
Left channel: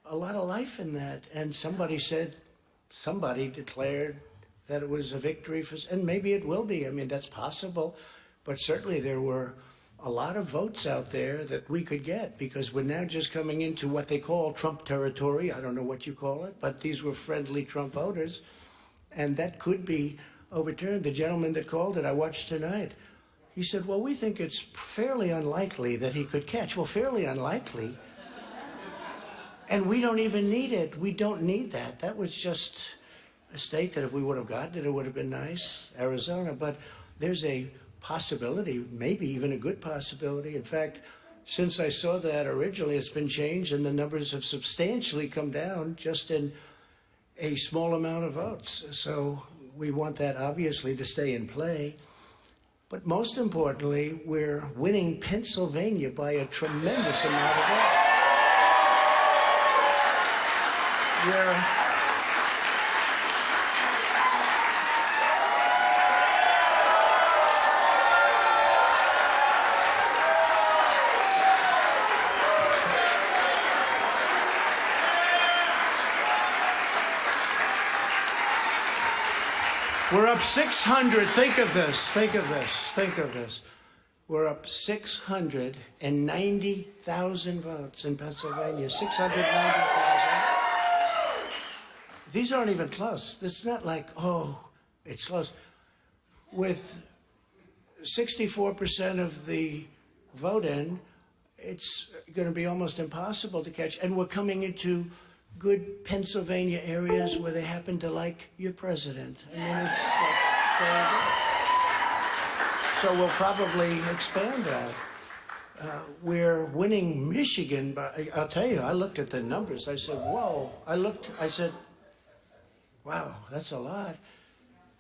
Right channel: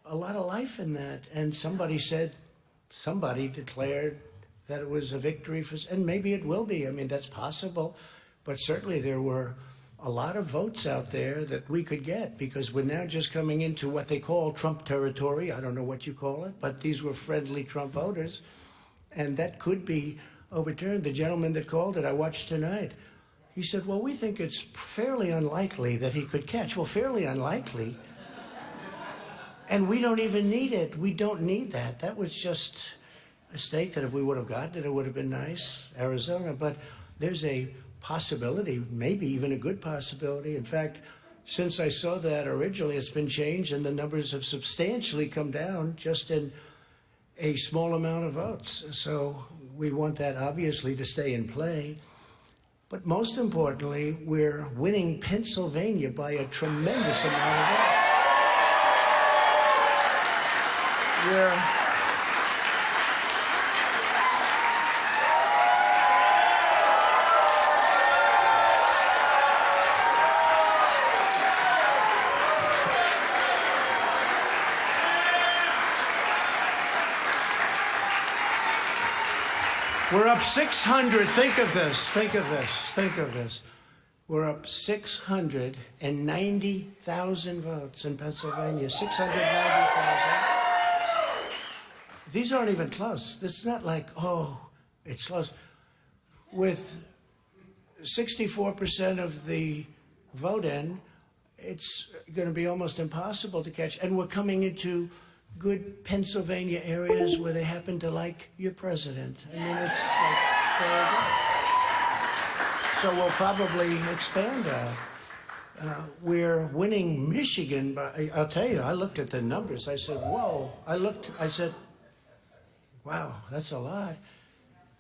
a lot of life in that. And somebody declared that it was a victory for, and maybe it will be. I mean, that's possible. But certainly there were a lot of votes out there that we could get, because we're now just coming into what they call Trump territory. I don't know what you call it, but these were friendly Trump voters. And that could be overturned. The gentleman that called it, I watched tonight, he said, well, we think it's fairly unlikely that he could catch. Well, fairly unlikely. And we don't even need it. We don't need that. That was just a state that if we would have gotten it, it would have been nice, Arizona. But there's a possibility, maybe even a good possibility. In fact, since I saw that originally, it's been changed and the numbers have substantially come down just in a small amount of votes. So we want that obviously to stay in play. But most importantly, we're winning Pennsylvania by a tremendous amount of votes. We're up 600. Think of this. Think of this. Think of this. We're up 690,000 votes in Pennsylvania. 690,000. These aren't even close. It's not like, oh, it's close. With 64% of the vote in, it's going to be almost impossible to catch. And we're coming into good Pennsylvania areas where they happen to like your president. I mean, it's like very good. So we'll probably expand that. We're winning Michigan, but I'll tell you, I looked at the numbers. I said, whoa. I said, wow, that's a lot.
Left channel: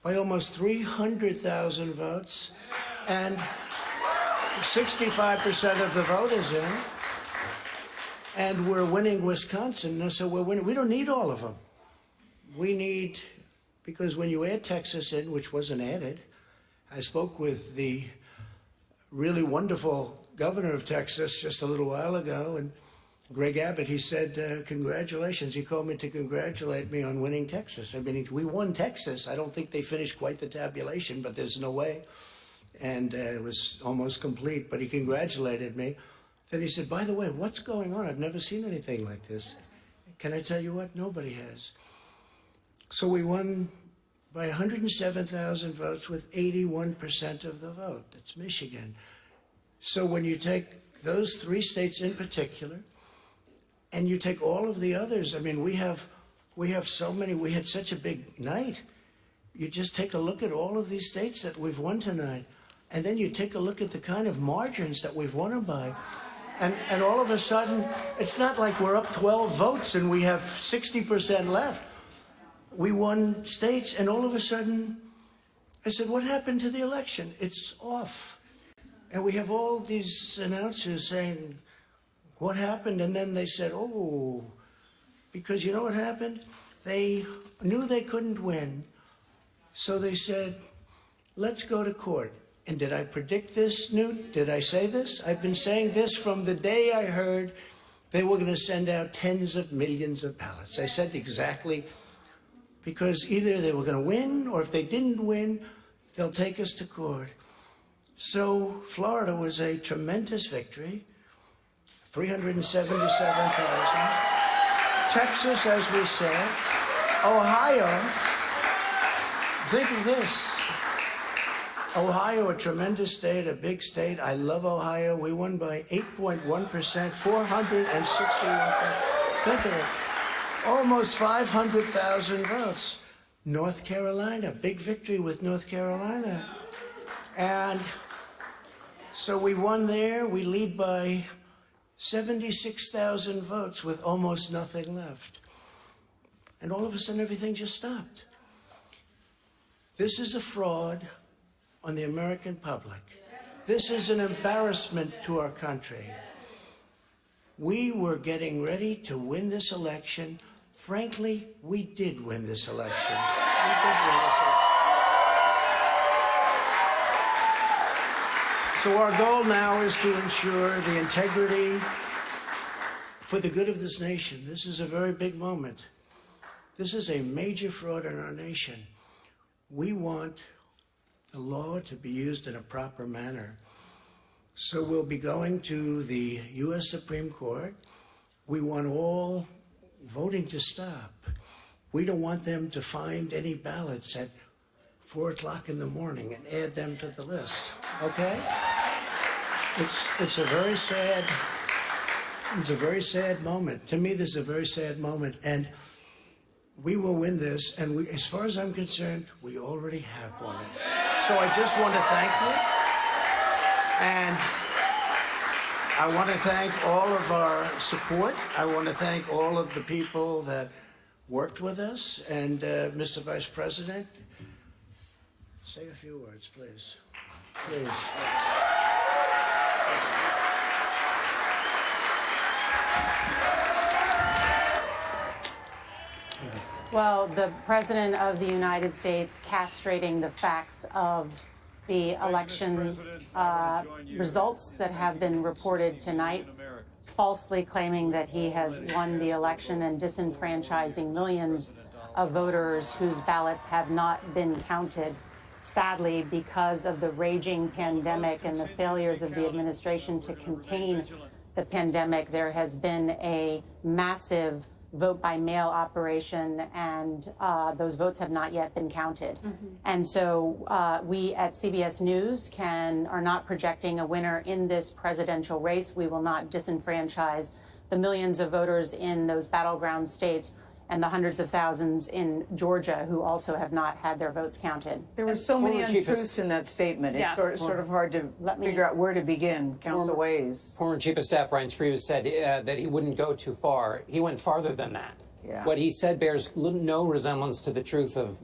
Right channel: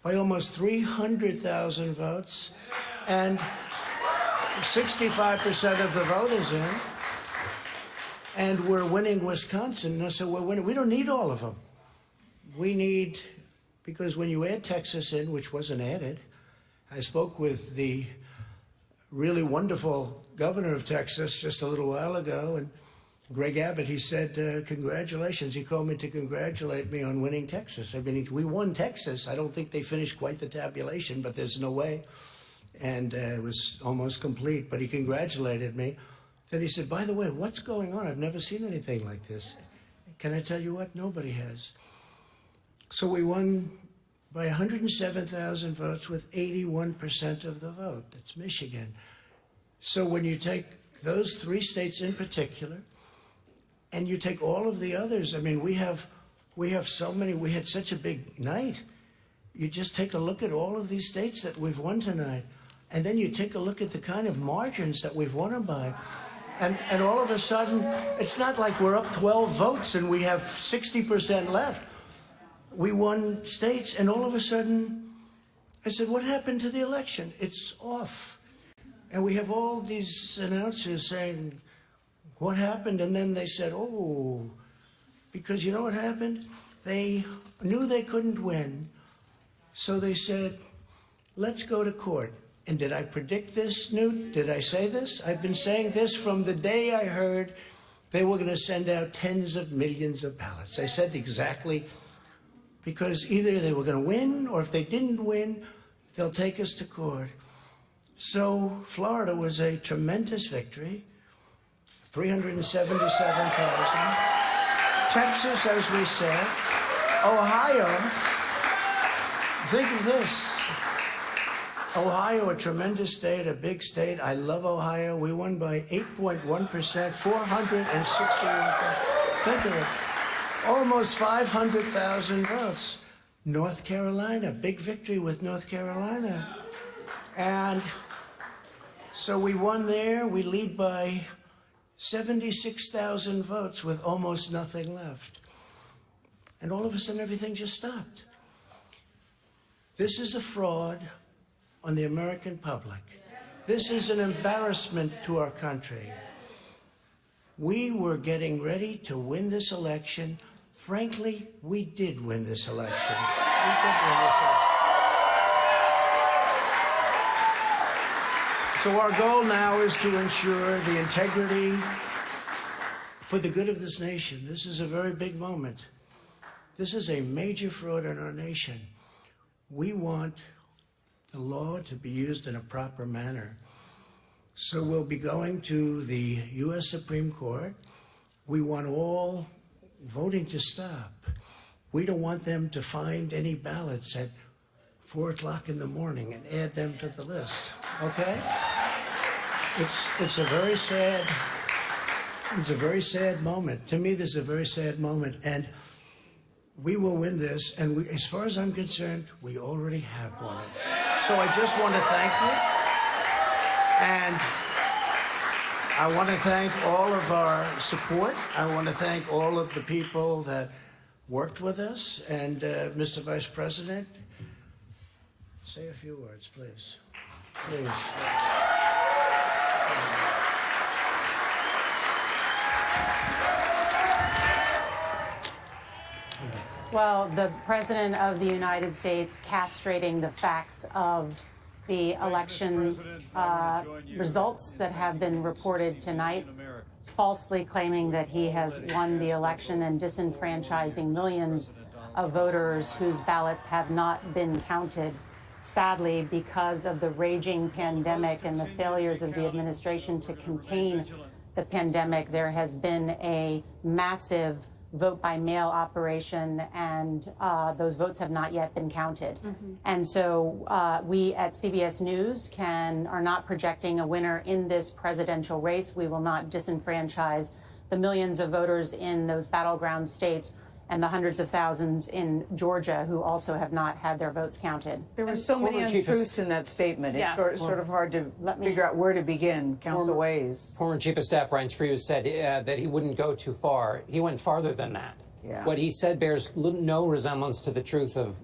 By almost 300,000 votes, and 65% of the vote is in. And we're winning Wisconsin, so we're winning. We don't need all of them. We need, because when you add Texas in, which wasn't added, I spoke with the really wonderful governor of Texas just a little while ago, and Greg Abbott, he said, congratulations. He called me to congratulate me on winning Texas. I mean, we won Texas. I don't think they finished quite the tabulation, but there's no way. And it was almost complete, but he congratulated me. Then he said, by the way, what's going on? I've never seen anything like this. Can I tell you what? Nobody has. So we won by 107,000 votes with 81% of the vote. That's Michigan. So when you take those three states in particular, and you take all of the others, I mean, we have so many, we had such a big night. You just take a look at all of these states that we've won tonight, and then you take a look at the kind of margins that we've won them by. And all of a sudden, it's not like we're up 12 votes and we have 60% left. We won states, and all of a sudden, I said, what happened to the election? It's off. And we have all these announcers saying, what happened? And then they said, oh, because you know what happened? They knew they couldn't win. So they said, let's go to court. And did I predict this, Newt? Did I say this? I've been saying this from the day I heard they were going to send out tens of millions of ballots. I said exactly, because either they were going to win, or if they didn't win, they'll take us to court. So Florida was a tremendous victory, 377,000. Texas, as we said. Ohio, think of this. Ohio, a tremendous state, a big state. I love Ohio. We won by 8.1%, 461. Think of it. Almost 500,000 votes. North Carolina, big victory with North Carolina. And so we won there. We lead by 76,000 votes with almost nothing left. And all of a sudden, everything just stopped. This is a fraud on the American public. This is an embarrassment to our country. We were getting ready to win this election. Frankly, we did win this election. We did win this election. So our goal now is to ensure the integrity for the good of this nation. This is a very big moment. This is a major fraud in our nation. We want the law to be used in a proper manner. So we'll be going to the U.S. Supreme Court. We want all voting to stop. We don't want them to find any ballots at 4 o'clock in the morning and add them to the list, okay? It's a very sad moment. To me, this is a very sad moment, and we will win this, and as far as I'm concerned, we already have won it. So I just want to thank you, and I want to thank all of our support. I want to thank all of the people that worked with us, and Mr. Vice President, say a few words, please. Please. Well, the President of the United States castrating the facts of the election results that have been reported tonight, falsely claiming that he has won the election and disenfranchising millions of voters whose ballots have not been counted. Sadly, because of the raging pandemic and the failures of the administration to contain the pandemic, there has been a massive vote-by-mail operation, and those votes have not yet been counted. And so we at CBS News are not projecting a winner in this presidential race. We will not disenfranchise the millions of voters in those battleground states and the hundreds of thousands in Georgia who also have not had their votes counted. There were so many untruths in that statement. It's sort of hard to figure out where to begin, count the ways. Former Chief of Staff Reince Priebus said that he wouldn't go too far. He went farther than that. Yeah. What he said bears no resemblance to the truth of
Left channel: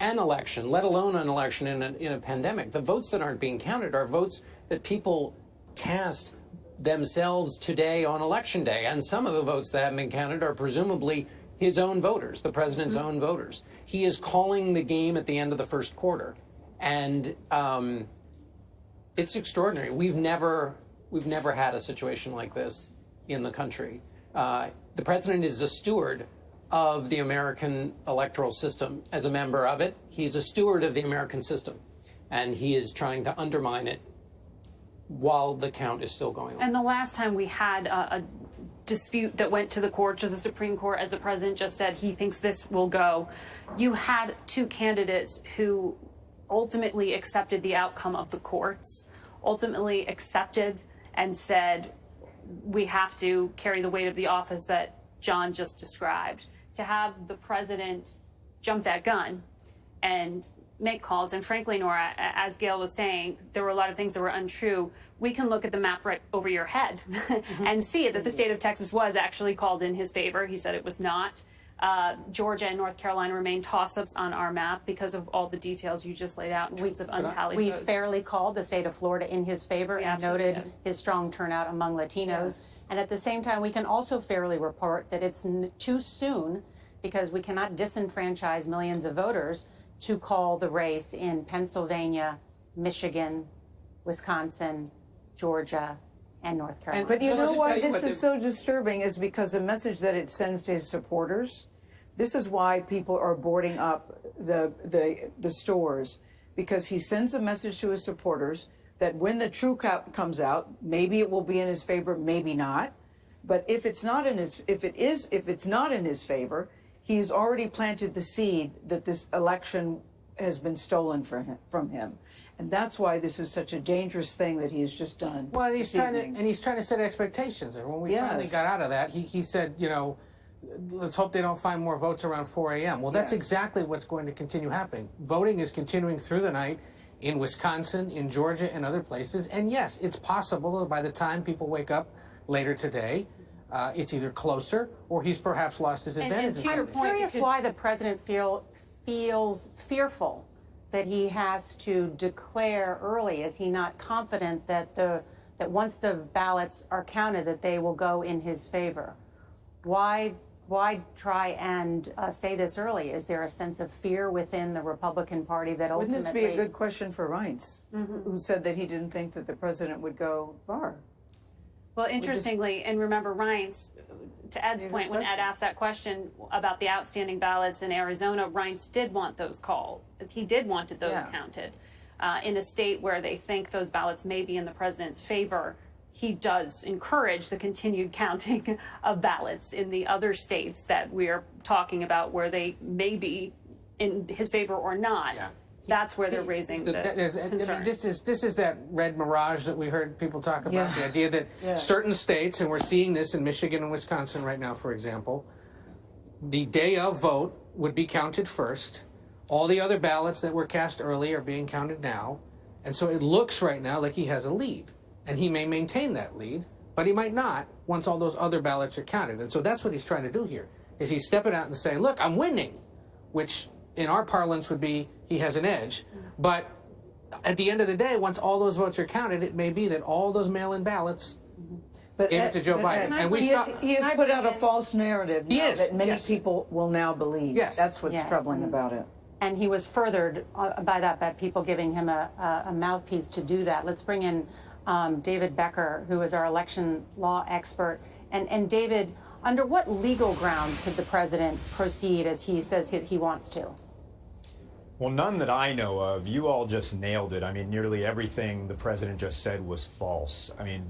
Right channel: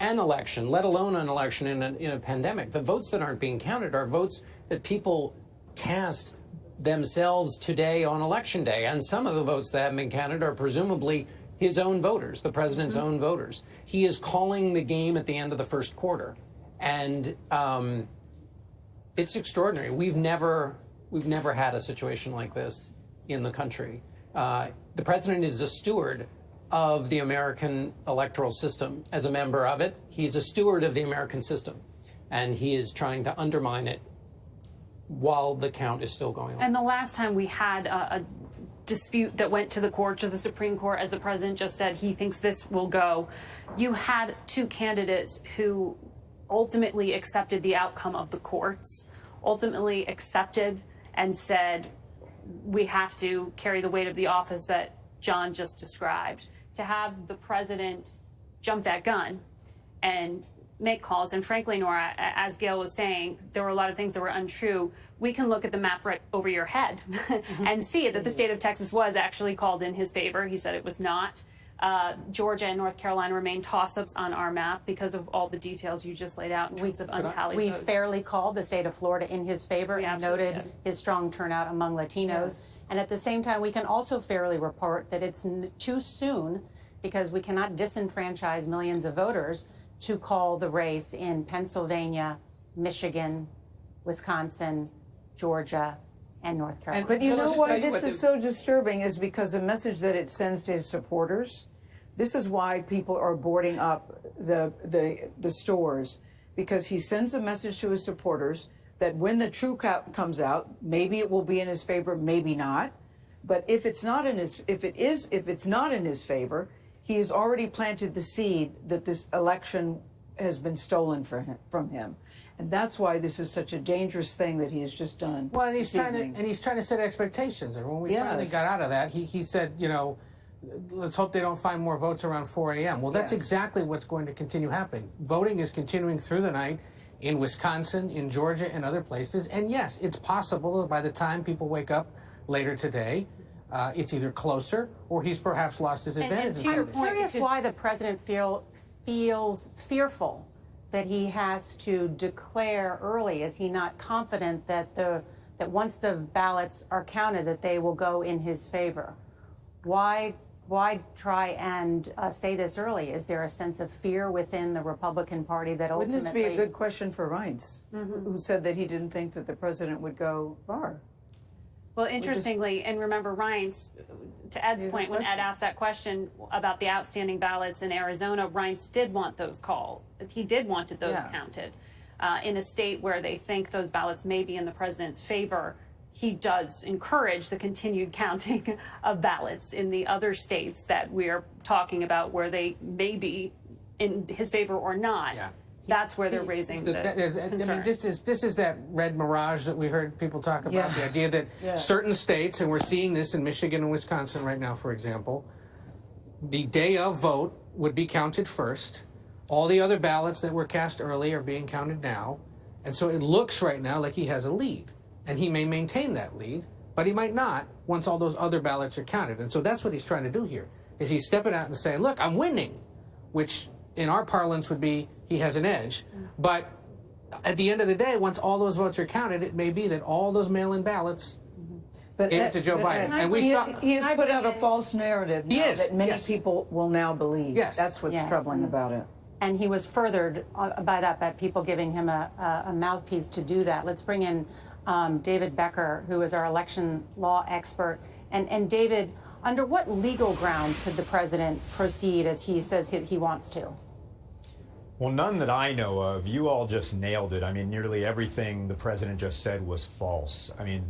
an election, let alone an election in a pandemic. The votes that aren't being counted are votes that people cast themselves today on Election Day. And some of the votes that haven't been counted are presumably his own voters, the president's own voters. He is calling the game at the end of the first quarter. And it's extraordinary. We've never had a situation like this in the country. The president is a steward of the American electoral system. As a member of it, he's a steward of the American system. And he is trying to undermine it while the count is still going on. And the last time we had a dispute that went to the court, to the Supreme Court, as the president just said, he thinks this will go. You had two candidates who ultimately accepted the outcome of the courts, ultimately accepted and said, we have to carry the weight of the office that John just described. To have the president jump that gun and make calls, and frankly, Nora, as Gail was saying, there were a lot of things that were untrue. We can look at the map right over your head and see that the state of Texas was actually called in his favor. He said it was not. Georgia and North Carolina remain toss-ups on our map because of all the details you just laid out in terms of untallied We votes. fairly called the state of Florida in his favor and noted his strong turnout among Latinos. Yes. And at the same time, we can also fairly report that it's too soon, because we cannot disenfranchise millions of voters, to call the race in Pennsylvania, Michigan, Wisconsin, Georgia, and North Carolina. But you know why this is so disturbing is because the message that it sends to his supporters. This is why people are boarding up the stores, because he sends a message to his supporters that when the true count comes out, maybe it will be in his favor, maybe not. But if it's not in his favor, he has already planted the seed that this election has been stolen from him. And that's why this is such a dangerous thing that he's just done. Well, he's trying to set expectations. And when we finally got out of that, he said, you know, let's hope they don't find more votes around 4 a.m. Well, that's exactly what's going to continue happening. Voting is continuing through the night in Wisconsin, in Georgia, and other places. And yes, it's possible that by the time people wake up later today, it's either closer or he's perhaps lost his advantage. I'm curious why the president feels fearful that he has to declare early. Is he not confident that once the ballots are counted, that they will go in his favor? Why why try and say this early? Is there a sense of fear within the Republican Party that ultimately... Wouldn't this be a good question for Reince, who said that he didn't think that the president would go far? Well, interestingly, and remember Reince, to Ed's point, when Ed asked that question about the outstanding ballots in Arizona, Reince did want those called. He did want those counted. In a state where they think those ballots may be in the president's favor, he does encourage the continued counting of ballots in the other states that we're talking about where they may be in his favor or not. Yeah. That's where they're raising the concern. I mean, this is that red mirage that we heard people talk about, the idea that certain states, and we're seeing this in Michigan and Wisconsin right now, for example, the day of vote would be counted first. All the other ballots that were cast early are being counted now. And so it looks right now like he has a lead. And he may maintain that lead, but he might not once all those other ballots are counted. And so that's what he's trying to do here, is he's stepping out and saying, look, I'm winning, which in our parlance would be he has an edge. But at the end of the day, once all those votes are counted, it may be that all those mail-in ballots gave it to Joe Biden. And he has put out a false narrative now that many people will now believe. Yes. That's what's troubling about it. And he was furthered by that, by people giving him a mouthpiece to do that. Let's bring in David Becker, who is our election law expert. And David, under what legal grounds could the president proceed as he says he wants to? Well, none that I know of. You all just nailed it. I mean, nearly everything the president just said was false. I mean,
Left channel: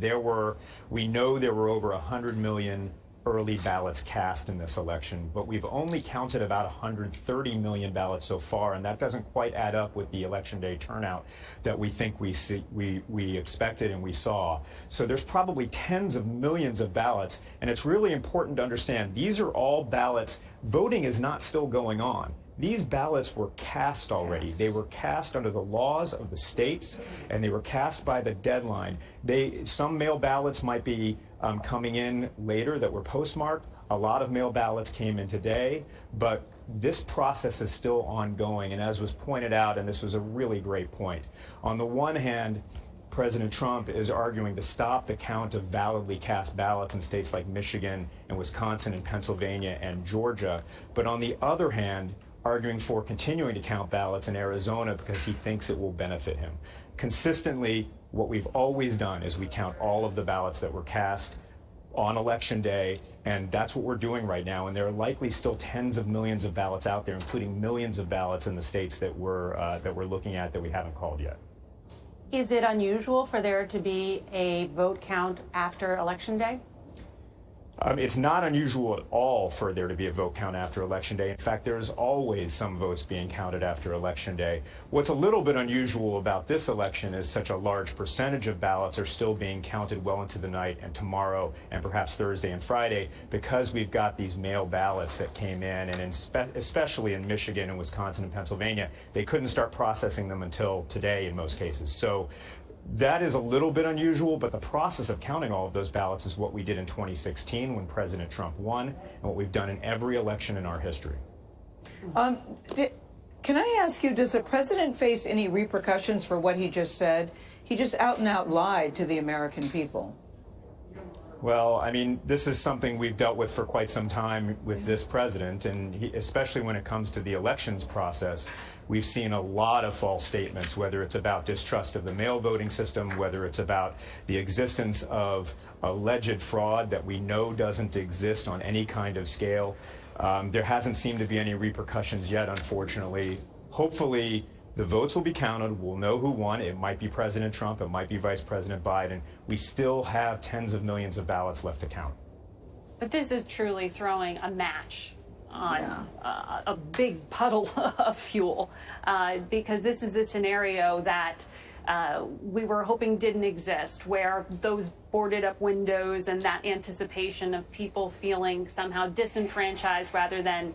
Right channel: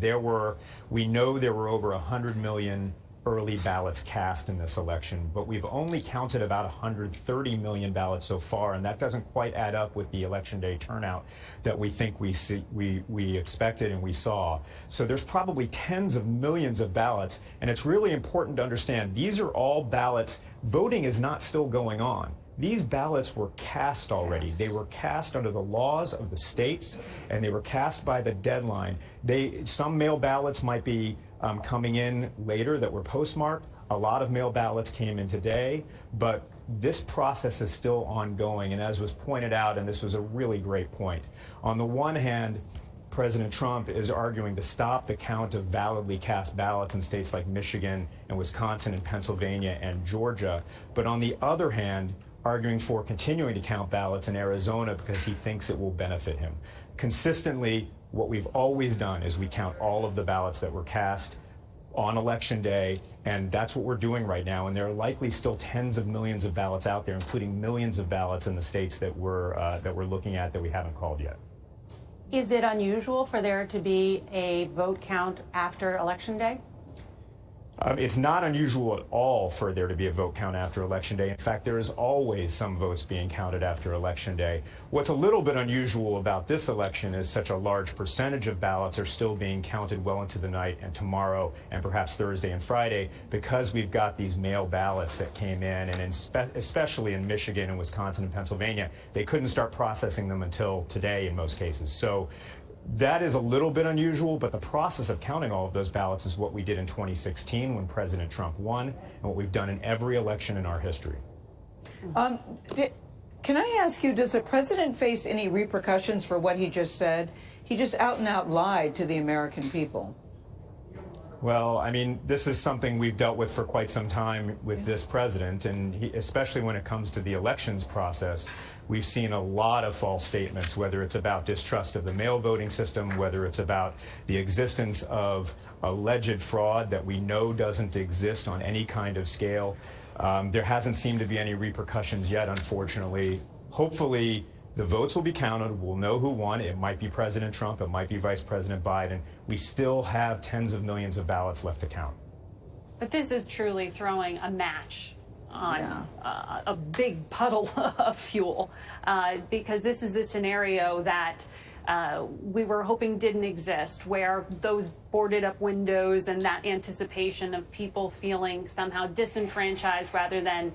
we know there were over 100 million early ballots cast in this election, but we've only counted about 130 million ballots so far, and that doesn't quite add up with the election day turnout that we think we expected and we saw. So there's probably tens of millions of ballots, and it's really important to understand these are all ballots. Voting is not still going on. These ballots were cast already. They were cast under the laws of the states, and they were cast by the deadline. Some mail ballots might be coming in later that were postmarked. A lot of mail ballots came in today, but this process is still ongoing. And as was pointed out, and this was a really great point, on the one hand, President Trump is arguing to stop the count of validly cast ballots in states like Michigan and Wisconsin and Pennsylvania and Georgia. But on the other hand, arguing for continuing to count ballots in Arizona because he thinks it will benefit him. Consistently, what we've always done is we count all of the ballots that were cast on Election Day, and that's what we're doing right now. And there are likely still tens of millions of ballots out there, including millions of ballots in the states that we're looking at that we haven't called yet. Is it unusual for there to be a vote count after Election Day? It's not unusual at all for there to be a vote count after Election Day. In fact, there is always some votes being counted after Election Day. What's a little bit unusual about this election is such a large percentage of ballots are still being counted well into the night and tomorrow and perhaps Thursday and Friday because we've got these mail ballots that came in, and especially in Michigan and Wisconsin and Pennsylvania, they couldn't start processing them until today in most cases. So that is a little bit unusual, but the process of counting all of those ballots is what we did in 2016 when President Trump won, and what we've done in every election in our history. Can I ask you, does the president face any repercussions for what he just said? He just out and out lied to the American people. Well, I mean, this is something we've dealt with for quite some time with this president, and especially when it comes to the elections process. We've seen a lot of false statements, whether it's about distrust of the mail voting system, whether it's about the existence of alleged fraud that we know doesn't exist on any kind of scale. There hasn't seemed to be any repercussions yet, unfortunately. Hopefully, the votes will be counted. We'll know who won. It might be President Trump. It might be Vice President Biden. We still have tens of millions of ballots left to count. But this is truly throwing a match on a big puddle of fuel, because this is the scenario that we were hoping didn't exist, where those boarded up windows and that anticipation of people feeling somehow disenfranchised rather than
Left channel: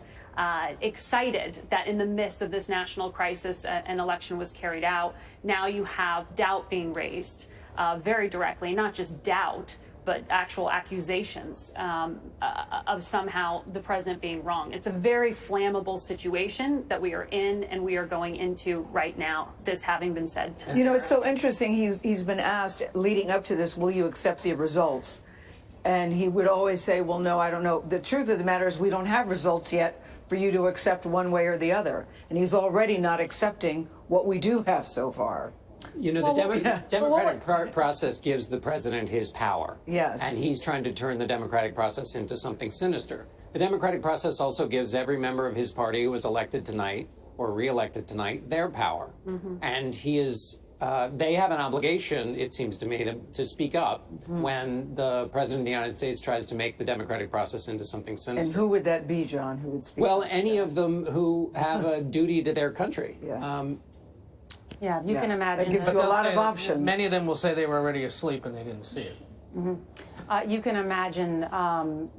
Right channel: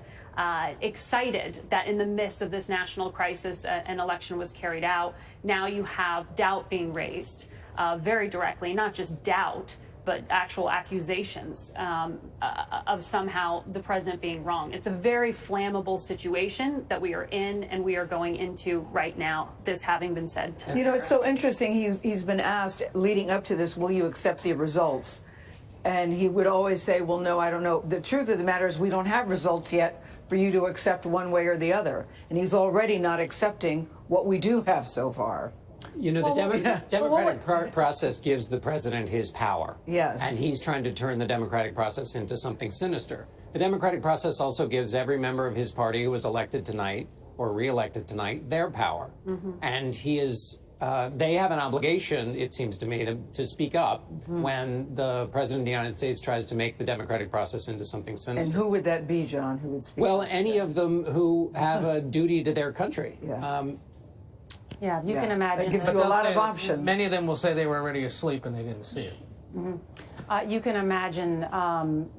excited that in the midst of this national crisis an election was carried out. Now you have doubt being raised very directly, not just doubt, but actual accusations of somehow the president being wrong. It's a very flammable situation that we are in and we are going into right now, this having been said. You know, it's so interesting. He's been asked leading up to this, will you accept the results? And he would always say, well, no, I don't know. The truth of the matter is we don't have results yet for you to accept one way or the other. And he's already not accepting what we do have so far. You know, the democratic process gives the president his power. Yes. And he's trying to turn the democratic process into something sinister. The democratic process also gives every member of his party who was elected tonight or re-elected tonight their power. And he is, they have an obligation, it seems to me, to speak up when the president of the United States tries to make the democratic process into something sinister. And who would that be, John, who would speak Well, up? any of them who have a duty to their country. Yeah, you can imagine. That gives you a lot of options. Many of them will say they were already asleep and they didn't see it. You can imagine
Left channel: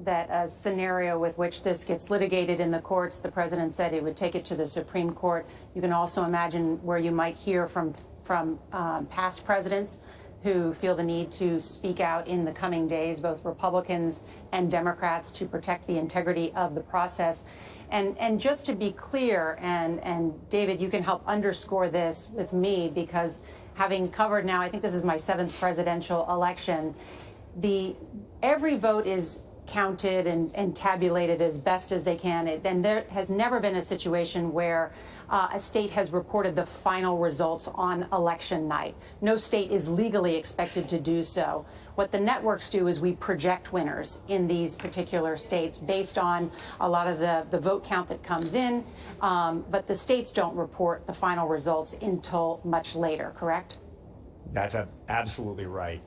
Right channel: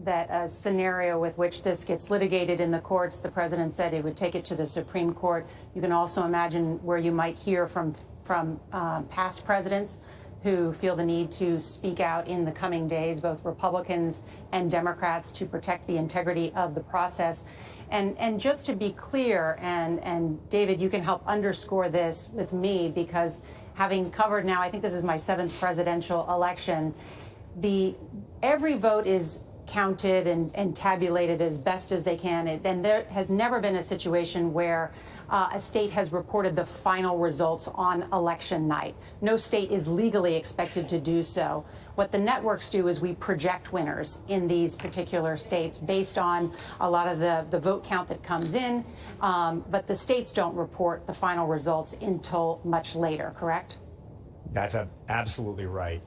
that a scenario with which this gets litigated in the courts. The president said he would take it to the Supreme Court. You can also imagine where you might hear from past presidents who feel the need to speak out in the coming days, both Republicans and Democrats, to protect the integrity of the process. And just to be clear, and David, you can help underscore this with me, because having covered now, I think this is my 7th presidential election, every vote is counted and tabulated as best as they can. And there has never been a situation where a state has reported the final results on election night. No state is legally expected to do so. What the networks do is we project winners in these particular states based on a lot of the vote count that comes in, but the states don't report the final results until much later, correct? That's absolutely right.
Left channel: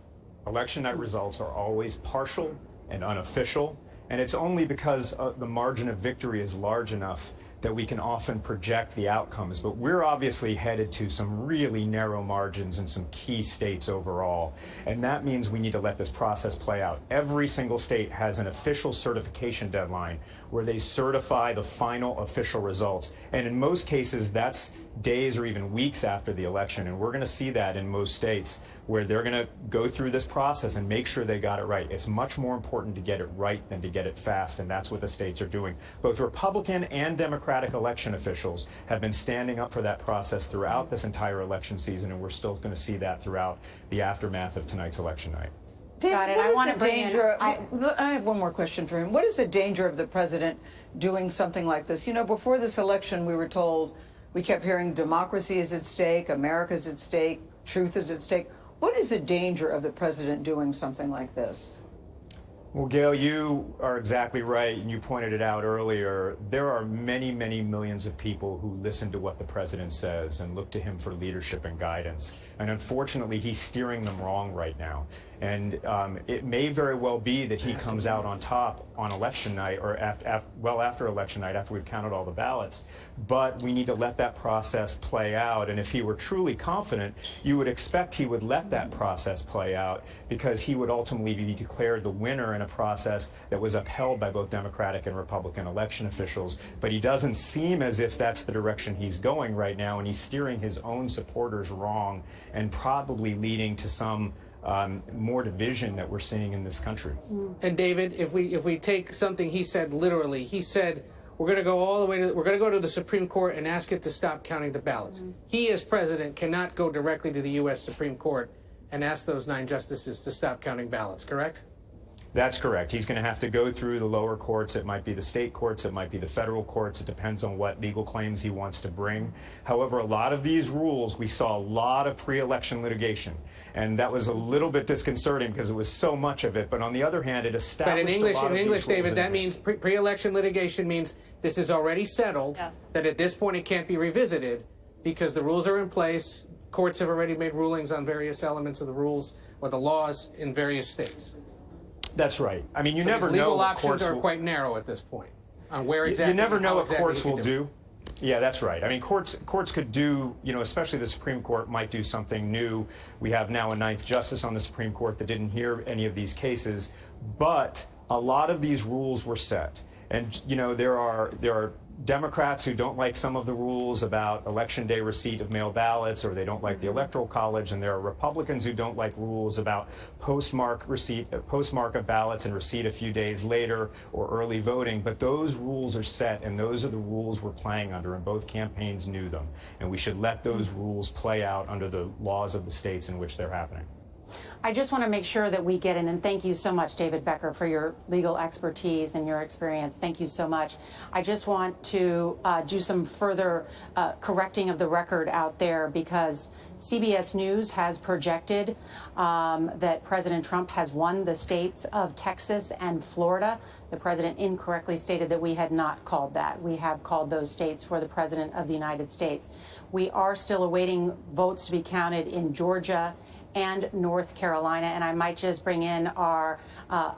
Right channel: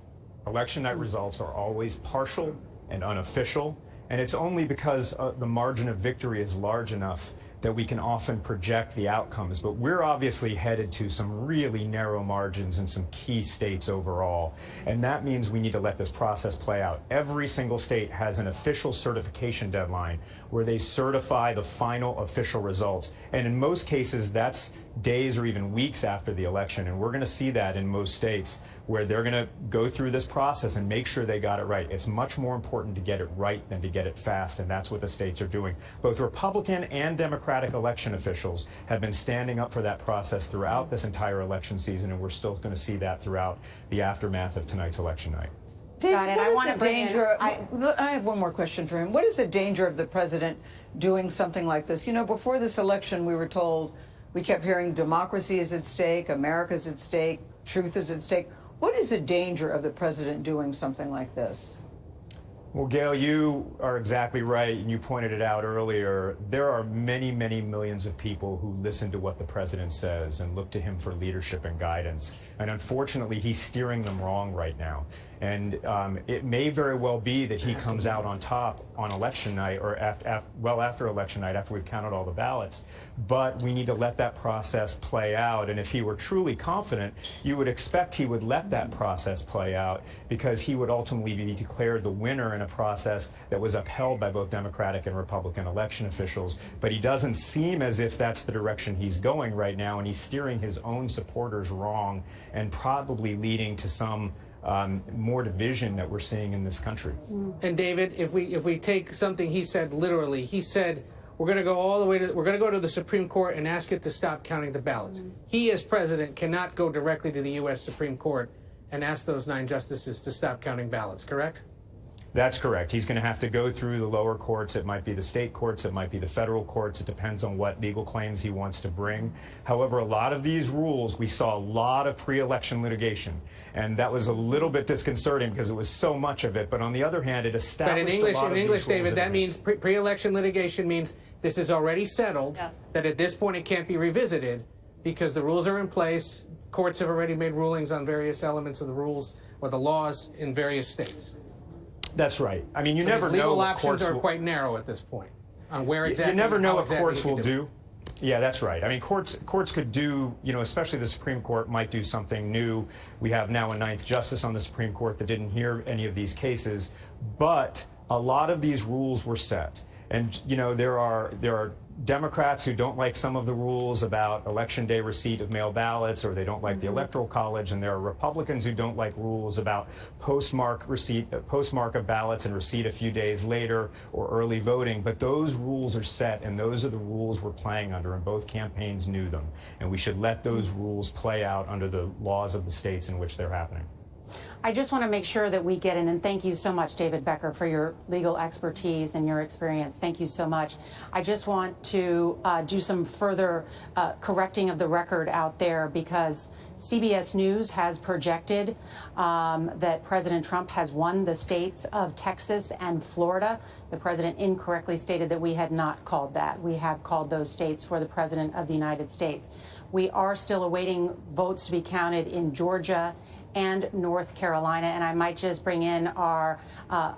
Election night results are always partial and unofficial, and it's only because the margin of victory is large enough that we can often project the outcomes. But we're obviously headed to some really narrow margins in some key states overall, and that means we need to let this process play out. Every single state has an official certification deadline where they certify the final official results, and in most cases that's days or even weeks after the election, and we're going to see that in most states where they're going to go through this process and make sure they got it right. It's much more important to get it right than to get it fast, and that's what the states are doing. Both Republican and Democratic election officials have been standing up for that process throughout this entire election season, and we're still going to see that throughout the aftermath of tonight's election night. David, Got it. what I is want the to bring danger? in. I have one more question for him. What is the danger of the president doing something like this? You know, before this election, we were told, we kept hearing democracy is at stake, America's at stake, truth is at stake. What is the danger of the president doing something like this? Well, Gail, you are exactly right, and you pointed it out earlier. There are many, many millions of people who listen to what the president says and look to him for leadership and guidance. And unfortunately, he's steering them wrong right now. And it may very well be that he comes out on top on election night, or after election night, after we've counted all the ballots. But we need to let that process play out. And if he were truly confident, you would expect he would let that process play out, because he would ultimately be declared the winner in a process that was upheld by both Democratic and Republican election officials. But he doesn't seem as if that's the direction he's going right now, and he's steering his own supporters wrong and probably leading to some more division that we're seeing in this country. And David, if we take something he said literally, he said we're going to go all the way we're going to go to the Supreme Court and ask it to stop counting the ballots. He, as president, cannot go directly to the U.S. Supreme Court and ask those 9 justices to stop counting ballots, correct? That's correct. He's going to have to go through the lower courts. It might be the state courts. It might be the federal courts. It depends on what legal claims he wants to bring. However, a lot of these rules, we saw a lot of pre-election litigation, and that was a little bit disconcerting because it was so much of it. But on the other hand, it established But a lot of in English, these rules David, that in means pre-election litigation means this is already settled, that at this point it can't be revisited because the rules are in place. Courts have already made rulings on various elements of the rules or the laws in various states. That's right. I mean, you So never these legal know what options courts are will, quite narrow at this point on where exactly. you never know how what exactly courts you will can do. Yeah, that's right. I mean, courts could do, you know, especially the Supreme Court might do something new. We have now a 9th justice on the Supreme Court that didn't hear any of these cases, but a lot of these rules were set. And, you know, there are Democrats who don't like some of the rules about election day receipt of mail ballots, or they don't like the Electoral College, and there are Republicans who don't like rules about postmark of ballots and receipt a few days later, or early voting. But those rules are set, and those are the rules we're playing under, and both campaigns knew them. And we should let those rules play out under the laws of the states in which they're happening. I just want to make sure that we get in, and thank you so much, David Becker, for your legal expertise and your experience. Thank you so much. I just want to do some further correcting of the record out there, because CBS News has projected that President Trump has won the states of Texas and Florida. The president incorrectly stated that we had not called that. We have called those states for the President of the United States. We are still awaiting votes to be counted in Georgia and North Carolina. And I might just bring in our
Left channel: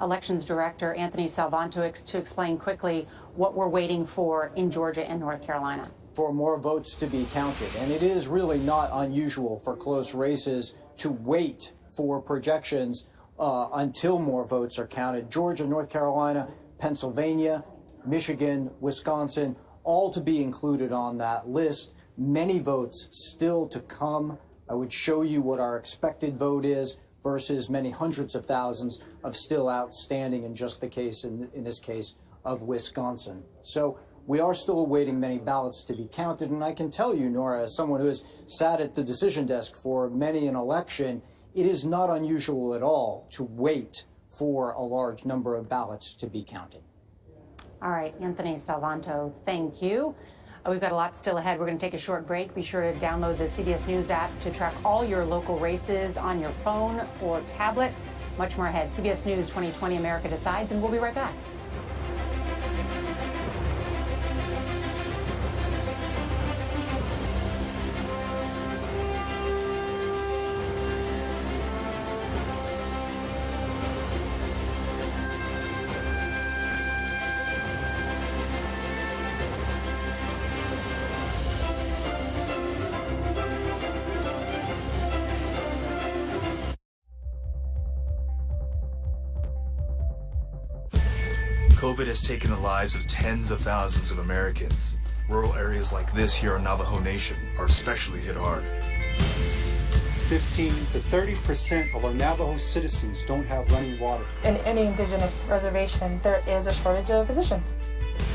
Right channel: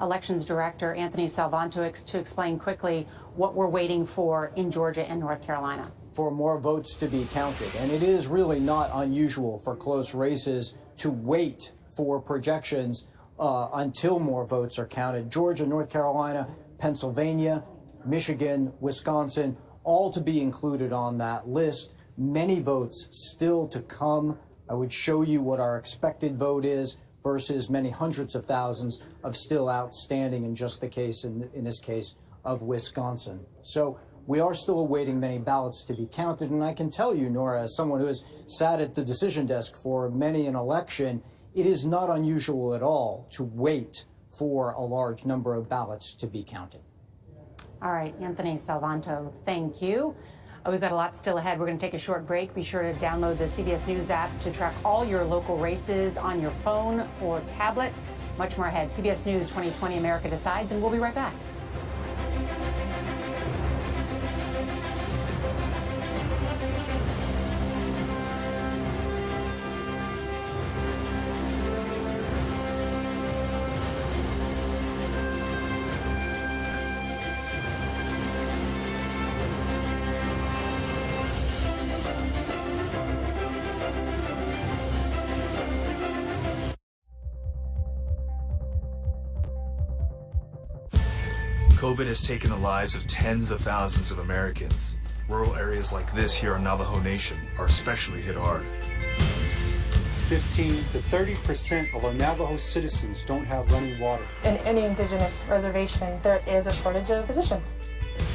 elections director, Anthony Salvanto, to explain quickly what we're waiting for in Georgia and North Carolina. For more votes to be counted. And it is really not unusual for close races to wait for projections until more votes are counted. Georgia, North Carolina, Pennsylvania, Michigan, Wisconsin, all to be included on that list. Many votes still to come. I would show you what our expected vote is versus many hundreds of thousands of still outstanding in just the case, in this case, of Wisconsin. So we are still awaiting many ballots to be counted. And I can tell you, Nora, as someone who has sat at the decision desk for many an election, it is not unusual at all to wait for a large number of ballots to be counted. All right, Anthony Salvanto, thank you. We've got a lot still ahead. We're going to take a short break. Be sure to download the CBS News app to track all your local races on your phone or tablet. Much more ahead. CBS News 2020 America Decides, and we'll be right back. COVID has taken the lives of tens of thousands of Americans. Rural areas like this here in Navajo Nation are especially hit hard. 15 to 30% of our Navajo citizens don't have running water. In any indigenous reservation, there is a shortage of physicians.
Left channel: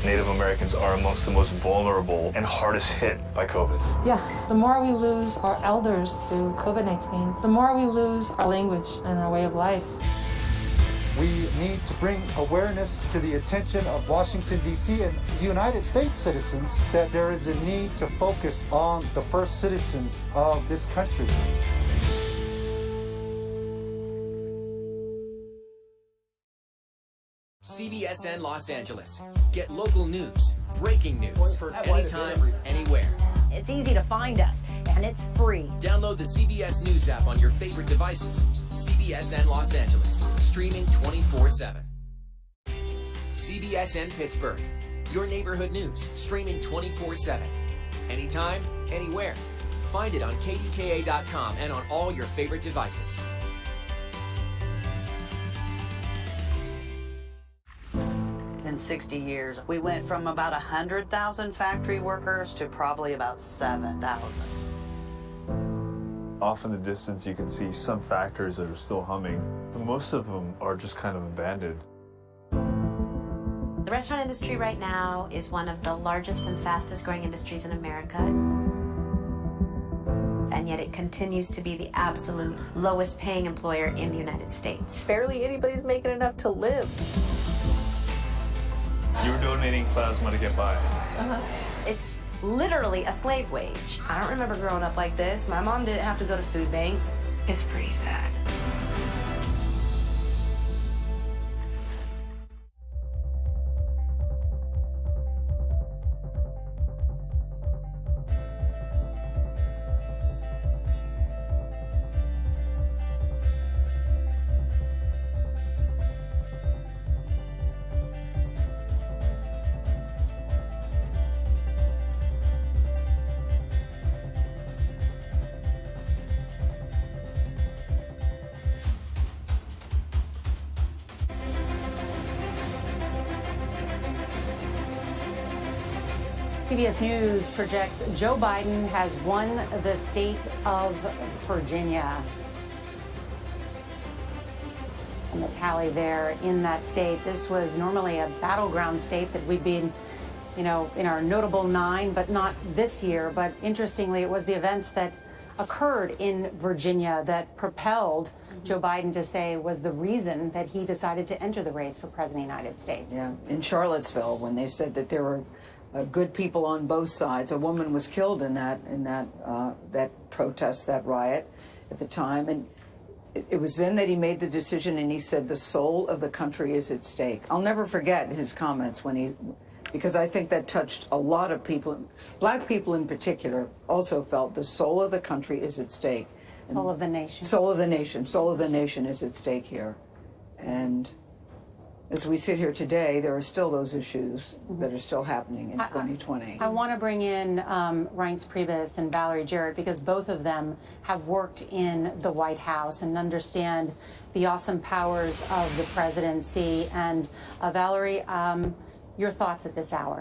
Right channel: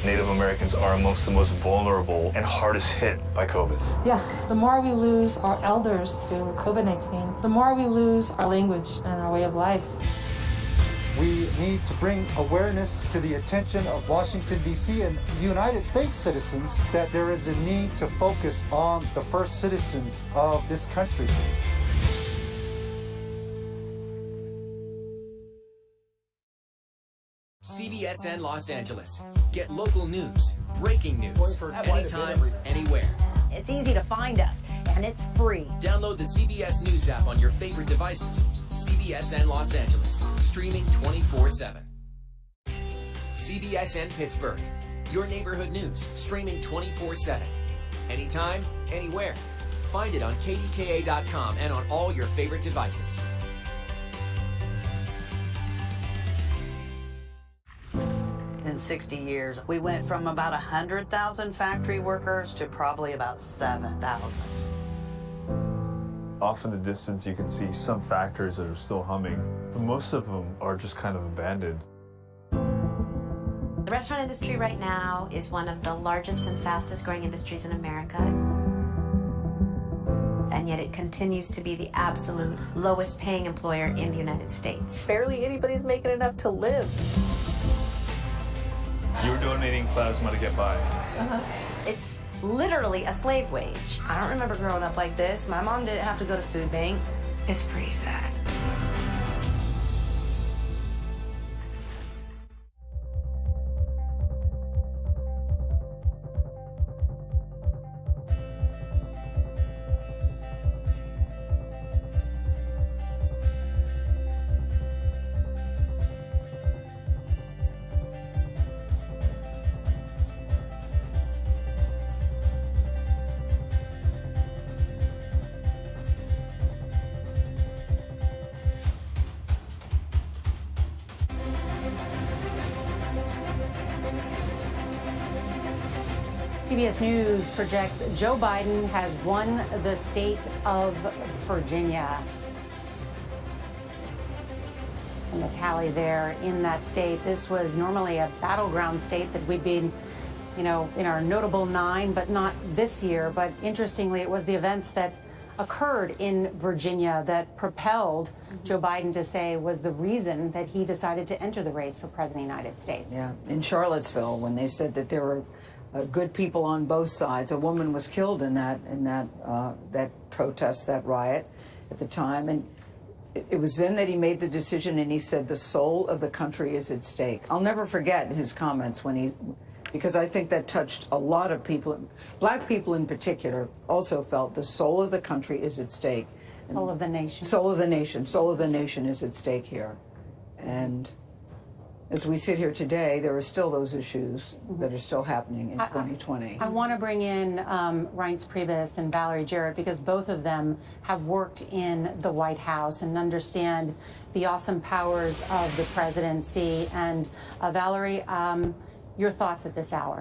Native Americans are amongst the most vulnerable and hardest hit by COVID. Yeah, the more we lose our elders to COVID-19, the more we lose our language and our way of life. We need to bring awareness to the attention of Washington, D.C. and United States citizens that there is a need to focus on the first citizens of this country. CBSN Los Angeles. Get local news, breaking news, anytime, anywhere. It's easy to find us, and it's free. Download the CBS News app on your favorite devices. CBSN Los Angeles, streaming 24/7. CBSN Pittsburgh, your neighborhood news, streaming 24/7. Anytime, anywhere. Find it on KDKA.com and on all your favorite devices. In 60 years, we went from about 100,000 factory workers to probably about 7,000. Off in the distance, you can see some factories that are still humming. Most of them are just kind of abandoned. The restaurant industry right now is one of the largest and fastest growing industries in America. And yet it continues to be the absolute lowest paying employer in the United States. Barely anybody's making enough to live. You're donating plasma to get by. It's literally a slave wage. I don't remember growing up like this. My mom didn't have to go to food banks. It's pretty sad. CBS News projects Joe Biden has won the state of Virginia. And the tally there in that state, this was normally a battleground state that we'd been, in our notable 9, but not this year. But interestingly, it was the events that occurred in Virginia that propelled Joe Biden to say was the reason that he decided to enter the race for President of the United States. Yeah, in Charlottesville, when they said that there were good people on both sides, a woman was killed in that protest, that riot at the time, and it was then that he made the decision, and he said the soul of the country is at stake. I'll never forget his comments because I think that touched a lot of people. Black people in particular also felt the soul of the country is at stake. Soul of the nation. Soul of the nation. Soul of the nation is at stake here. And as we sit here today, there are still those issues that are still happening in 2020. I want to bring in Reince Priebus and Valerie Jarrett because both of them have worked in the White House and understand the awesome powers of the presidency. And Valerie, your thoughts at this hour?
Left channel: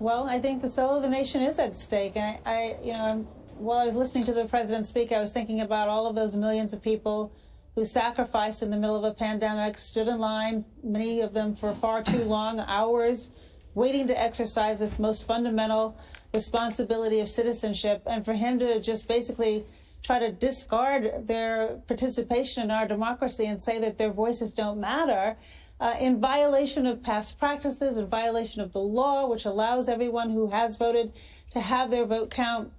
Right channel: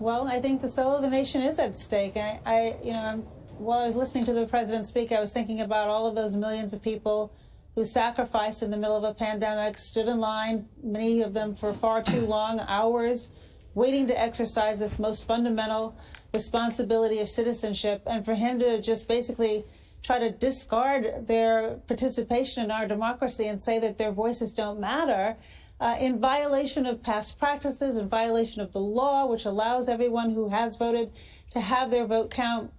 Well, I think the soul of the nation is at stake. And while I was listening to the president speak, I was thinking about all of those millions of people who sacrificed in the middle of a pandemic, stood in line, many of them for far too long hours, waiting to exercise this most fundamental responsibility of citizenship. And for him to just basically try to discard their participation in our democracy and say that their voices don't matter, in violation of past practices, in violation of the law, which allows everyone who has voted to have their vote count.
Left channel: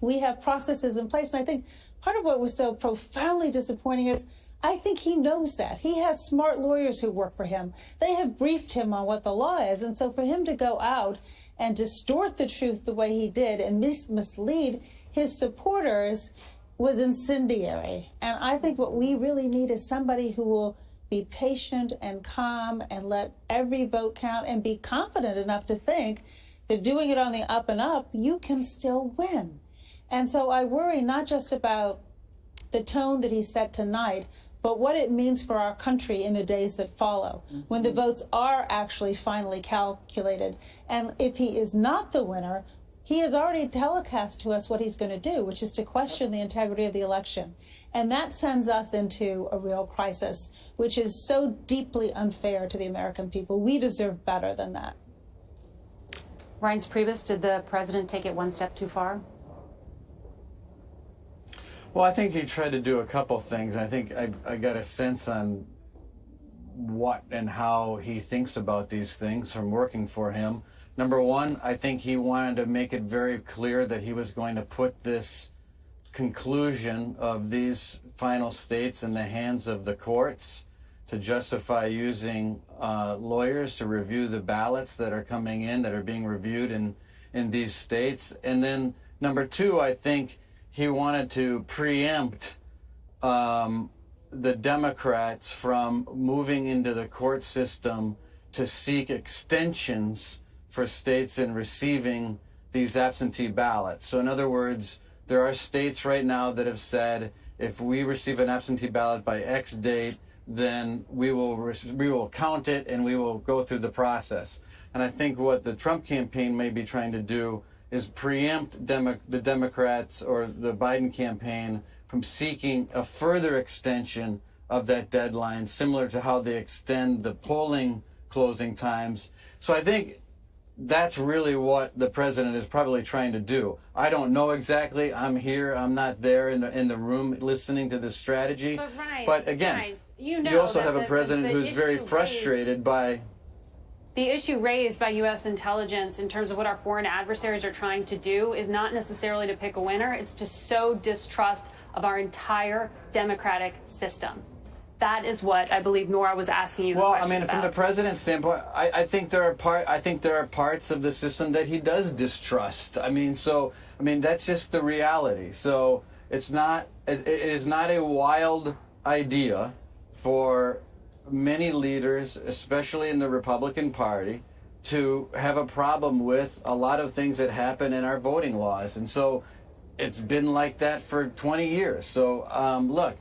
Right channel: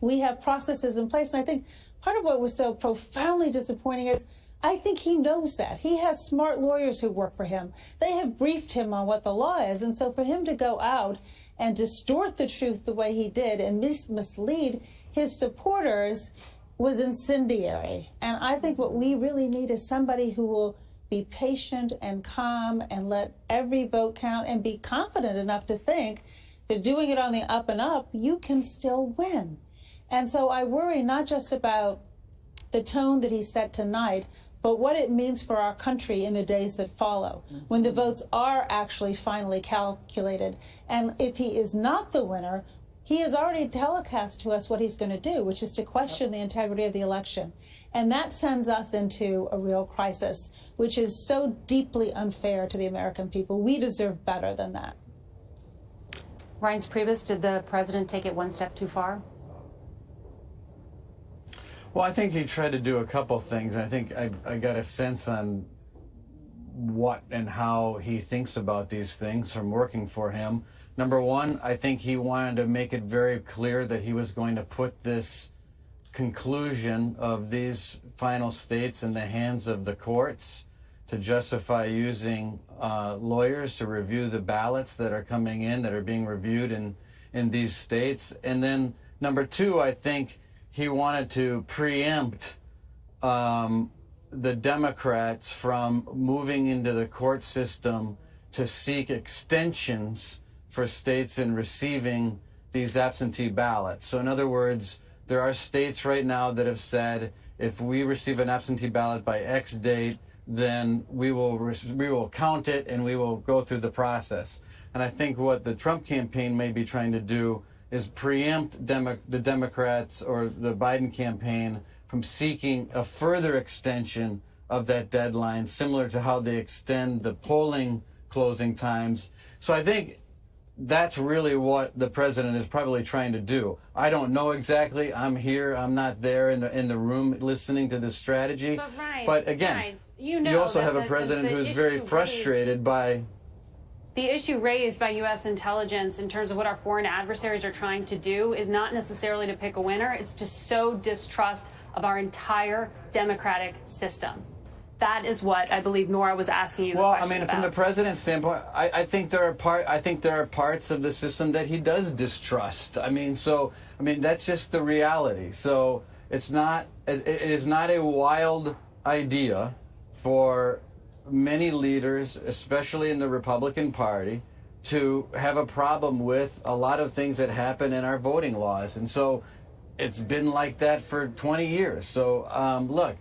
We have processes in place. And I think part of what was so profoundly disappointing is I think he knows that. He has smart lawyers who work for him. They have briefed him on what the law is. And so for him to go out and distort the truth the way he did and mislead his supporters was incendiary. And I think what we really need is somebody who will be patient and calm and let every vote count and be confident enough to think that doing it on the up and up, you can still win. And so I worry not just about the tone that he set tonight, but what it means for our country in the days that follow, when the votes are actually finally calculated. And if he is not the winner, he has already telecast to us what he's going to do, which is to question the integrity of the election. And that sends us into a real crisis, which is so deeply unfair to the American people. We deserve better than that. Reince Priebus, did the president take it one step too far? Well, I think he tried to do a couple things. I think I got a sense on what and how he thinks about these things from working for him. Number one, I think he wanted to make it very clear that he was going to put this conclusion of these final states in the hands of the courts to justify using lawyers to review the ballots that are coming in, that are being reviewed in these states. And then number two, I think he wanted to preempt the Democrats from moving into the court system to seek extensions for states in receiving these absentee ballots. So in other words, there are states right now that have said, if we receive an absentee ballot by X date, then we will count it and we will go through the process. And I think what the Trump campaign may be trying to do is preempt the Democrats or the Biden campaign from seeking a further extension of that deadline, similar to how they extend the polling closing times. So I think that's really what the president is probably trying to do. I don't know exactly. I'm here. I'm not there in the room listening to this strategy. But again, you also have a president who's very frustrated by the issue raised by U.S. intelligence in terms of what our foreign adversaries are trying to do is not necessarily to pick a winner. It's to sow distrust of our entire democratic system. That is what I believe Nora was asking you the question about. From the president's standpoint, I think there are parts of the system that he does distrust. That's just the reality. So it is not a wild idea for many leaders, especially in the Republican Party, to have a problem with a lot of things that happen in our voting laws. And so it's been like that for 20 years. So look,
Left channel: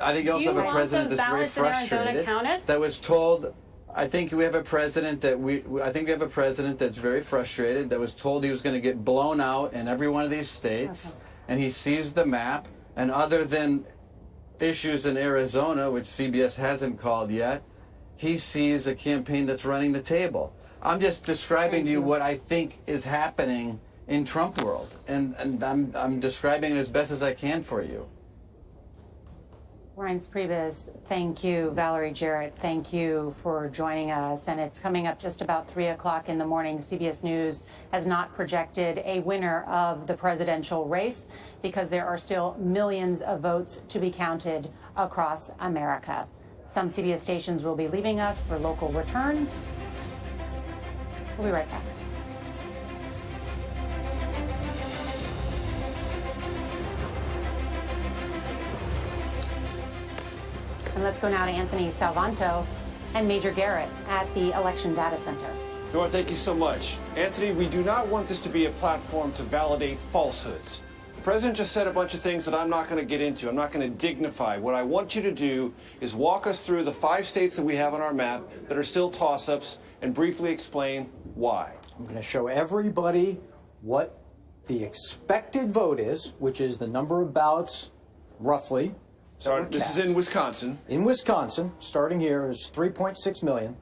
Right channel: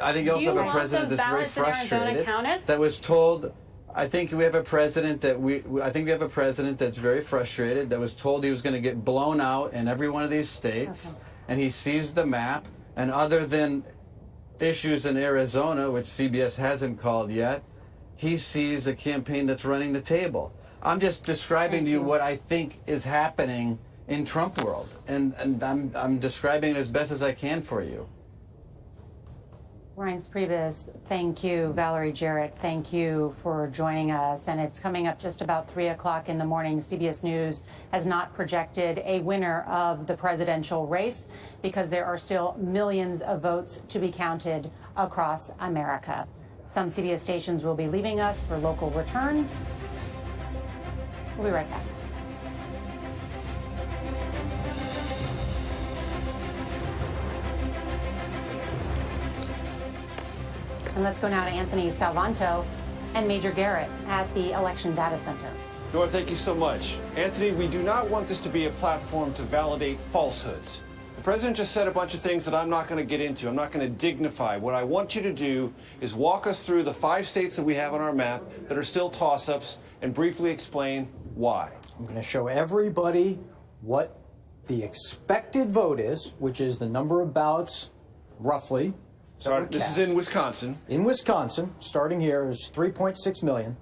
I think you also have a president that's very frustrated. That was told. I think we have a president that's very frustrated. That was told he was going to get blown out in every one of these states, and he sees the map. And other than issues in Arizona, which CBS hasn't called yet, he sees a campaign that's running the table. I'm just describing to you what I think is happening in Trump world, and I'm describing it as best as I can for you. Reince Priebus, thank you. Valerie Jarrett, thank you for joining us. And it's coming up just about 3 o'clock in the morning. CBS News has not projected a winner of the presidential race because there are still millions of votes to be counted across America. Some CBS stations will be leaving us for local returns. We'll be right back. And let's go now to Anthony Salvanto and Major Garrett at the Election Data Center. Nora, thank you so much. Anthony, we do not want this to be a platform to validate falsehoods. The president just said a bunch of things that I'm not going to get into. I'm not going to dignify. What I want you to do is walk us through the 5 states that we have on our map that are still toss-ups and briefly explain why. I'm going to show everybody what the expected vote is, which is the number of ballots, roughly. This is in Wisconsin. In Wisconsin, starting here, is 3.6 million.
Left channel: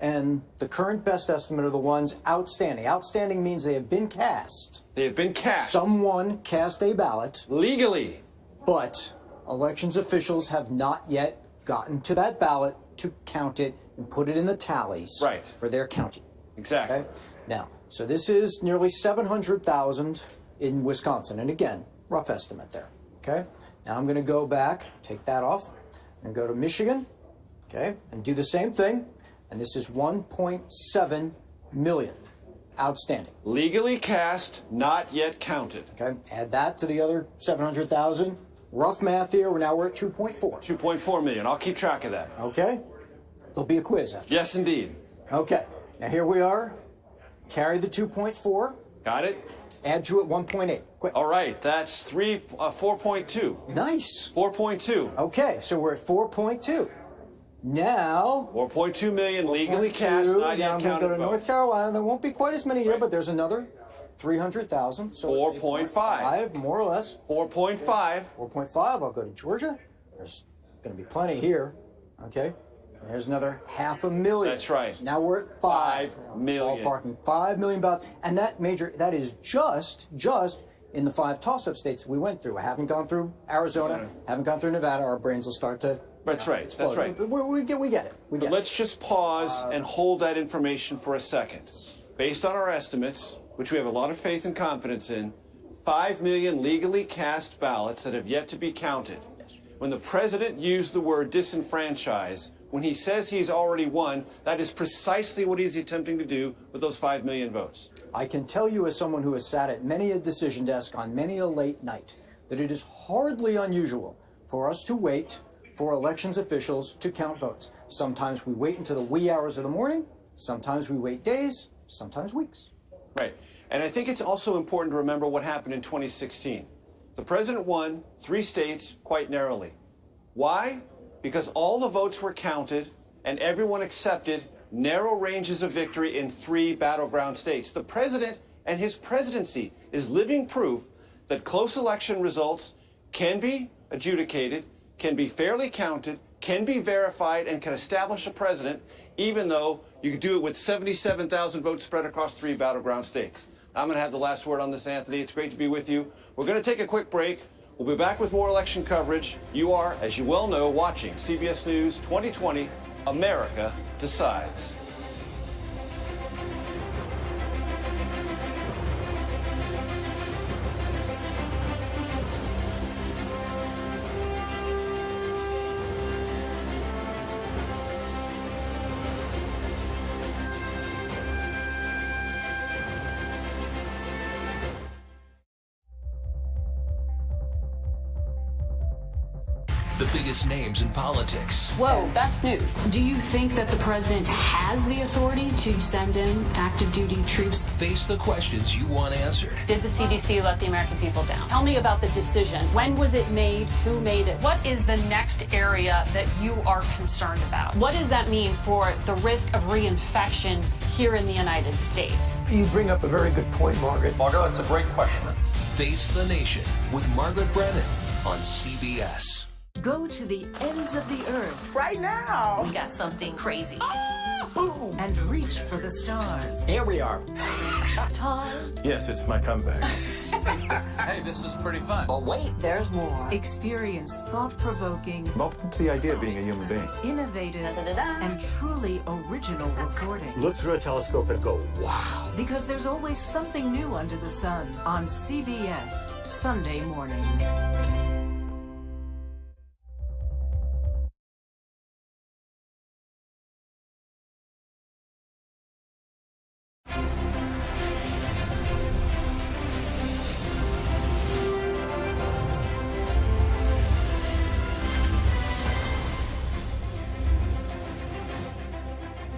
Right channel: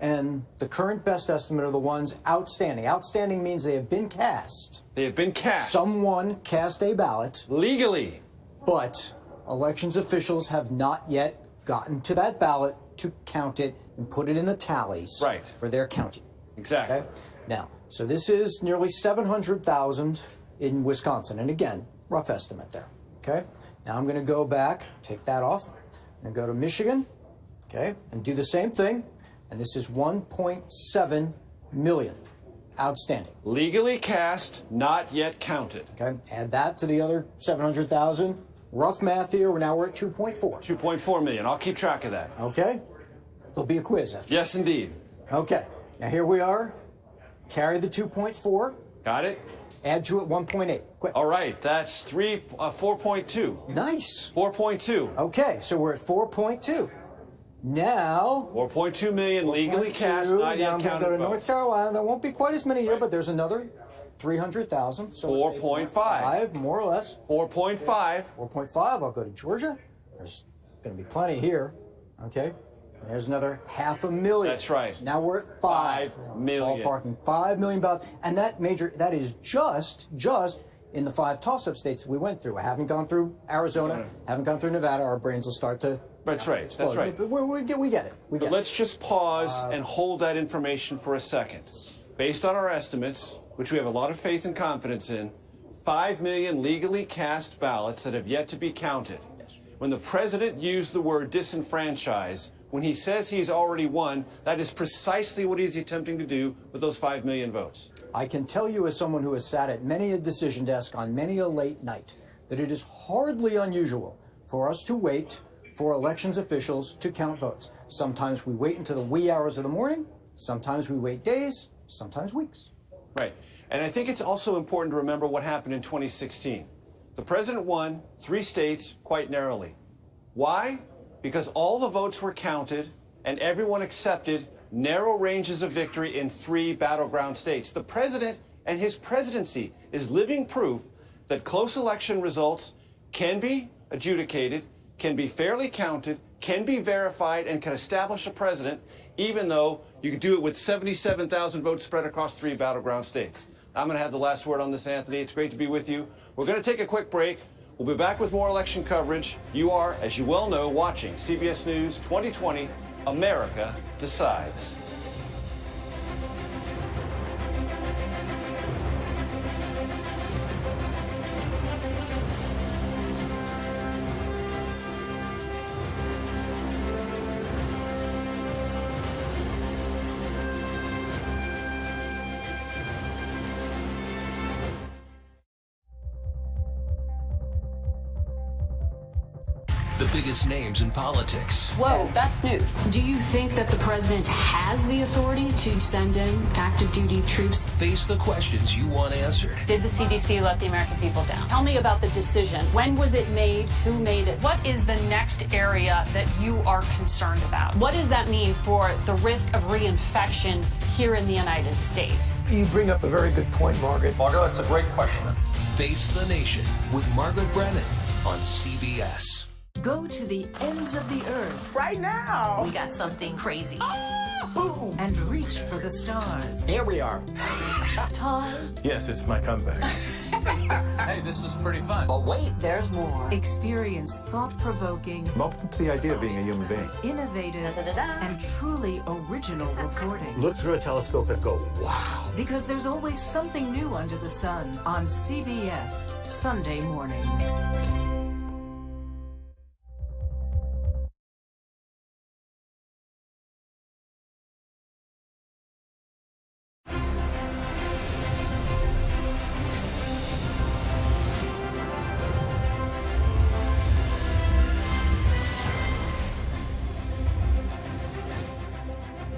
And the current best estimate are the ones outstanding. Outstanding means they have been cast. They have been cast. Someone cast a ballot. Legally. But elections officials have not yet gotten to that ballot to count it and put it in the tallies for their counting. Exactly. Okay? Now, so this is nearly 700,000 in Wisconsin. And again, rough estimate there. Okay? Now I'm going to go back, take that off, and go to Michigan, okay, and do the same thing. And this is 1.7 million outstanding. Legally cast, not yet counted. Okay, add that to the other 700,000. Rough math here, now we're at 2.4. 2.4 million. I'll keep track of that. Okay? There'll be a quiz after. Yes, indeed. Okay, now here we are. Carry the 2.4. Got it? Add to it 1.8. Quick. All right, that's 4.2. Nice. 4.2. Okay, so we're at 4.2. Now 4.2 million legally cast, not yet now I'm going to counted go to North votes. Carolina. There won't be quite as many here, but there's another 300,000. So 4.5. More or less. 4.5. 4.5. I'll go to Georgia. There's going to be plenty here. Okay. There's another 500,000. That's right. Now we're at 5 million. Ballparking 5 million ballots, and that is just in the 5 toss-up states we went through. I haven't gone through Arizona, haven't gone through Nevada. Our brains will start to. That's right. explode. That's right. We get it. But let's just pause and hold that information for a second. Based on our estimates, which we have a lot of faith and confidence in, 5 million legally cast ballots that have yet to be counted. When the president used the word disenfranchise, when he says he's already won, that is precisely what he's attempting to do with those 5 million votes. I can tell you, as someone who has sat at many a decision desk on many a late night, that it is hardly unusual for us to wait for elections officials to count votes. Sometimes we wait until the wee hours of the morning, sometimes we wait days, sometimes weeks. Right. And I think it's also important to remember what happened in 2016. The president won 3 states quite narrowly. Why? Because all the votes were counted and everyone accepted narrow ranges of victory in 3 battleground states. The president and his presidency is living proof that close election results can be adjudicated, can be fairly counted, can be verified, and can establish a president, even though you do it with 77,000 votes spread across 3 battleground states. I'm going to have the last word on this, Anthony. It's great to be with you. We're going to take a quick break. We'll be back with more election coverage. You are, as you well know, watching CBS News 2020, America Decides. The biggest names in politics. Whoa, that's news. Do you think that the president has the authority to send in active duty troops? Face the questions you want answered. Did the CDC let the American people down? Tell me about the decision. When was it made? Who made it? What is the next area that you are concerned about? What does that mean for the risk of reinfection here in the United States? You bring up a very good point, Margaret. Margaret, that's a great question. Face the Nation with Margaret Brennan on CBS. Go to the ends of the earth. Right now. We got something crazy. Oh, Boom! And reach for the stars. Here we are. Time. Yes, it's my comeback. Hey, this is pretty fun. But wait, there's more. Experience thought-provoking, Welcome to the idea of being a human being. innovative, and truly original reporting. Look through a telescope and go, wow. Because there's always something new under the sun on CBS Sunday morning.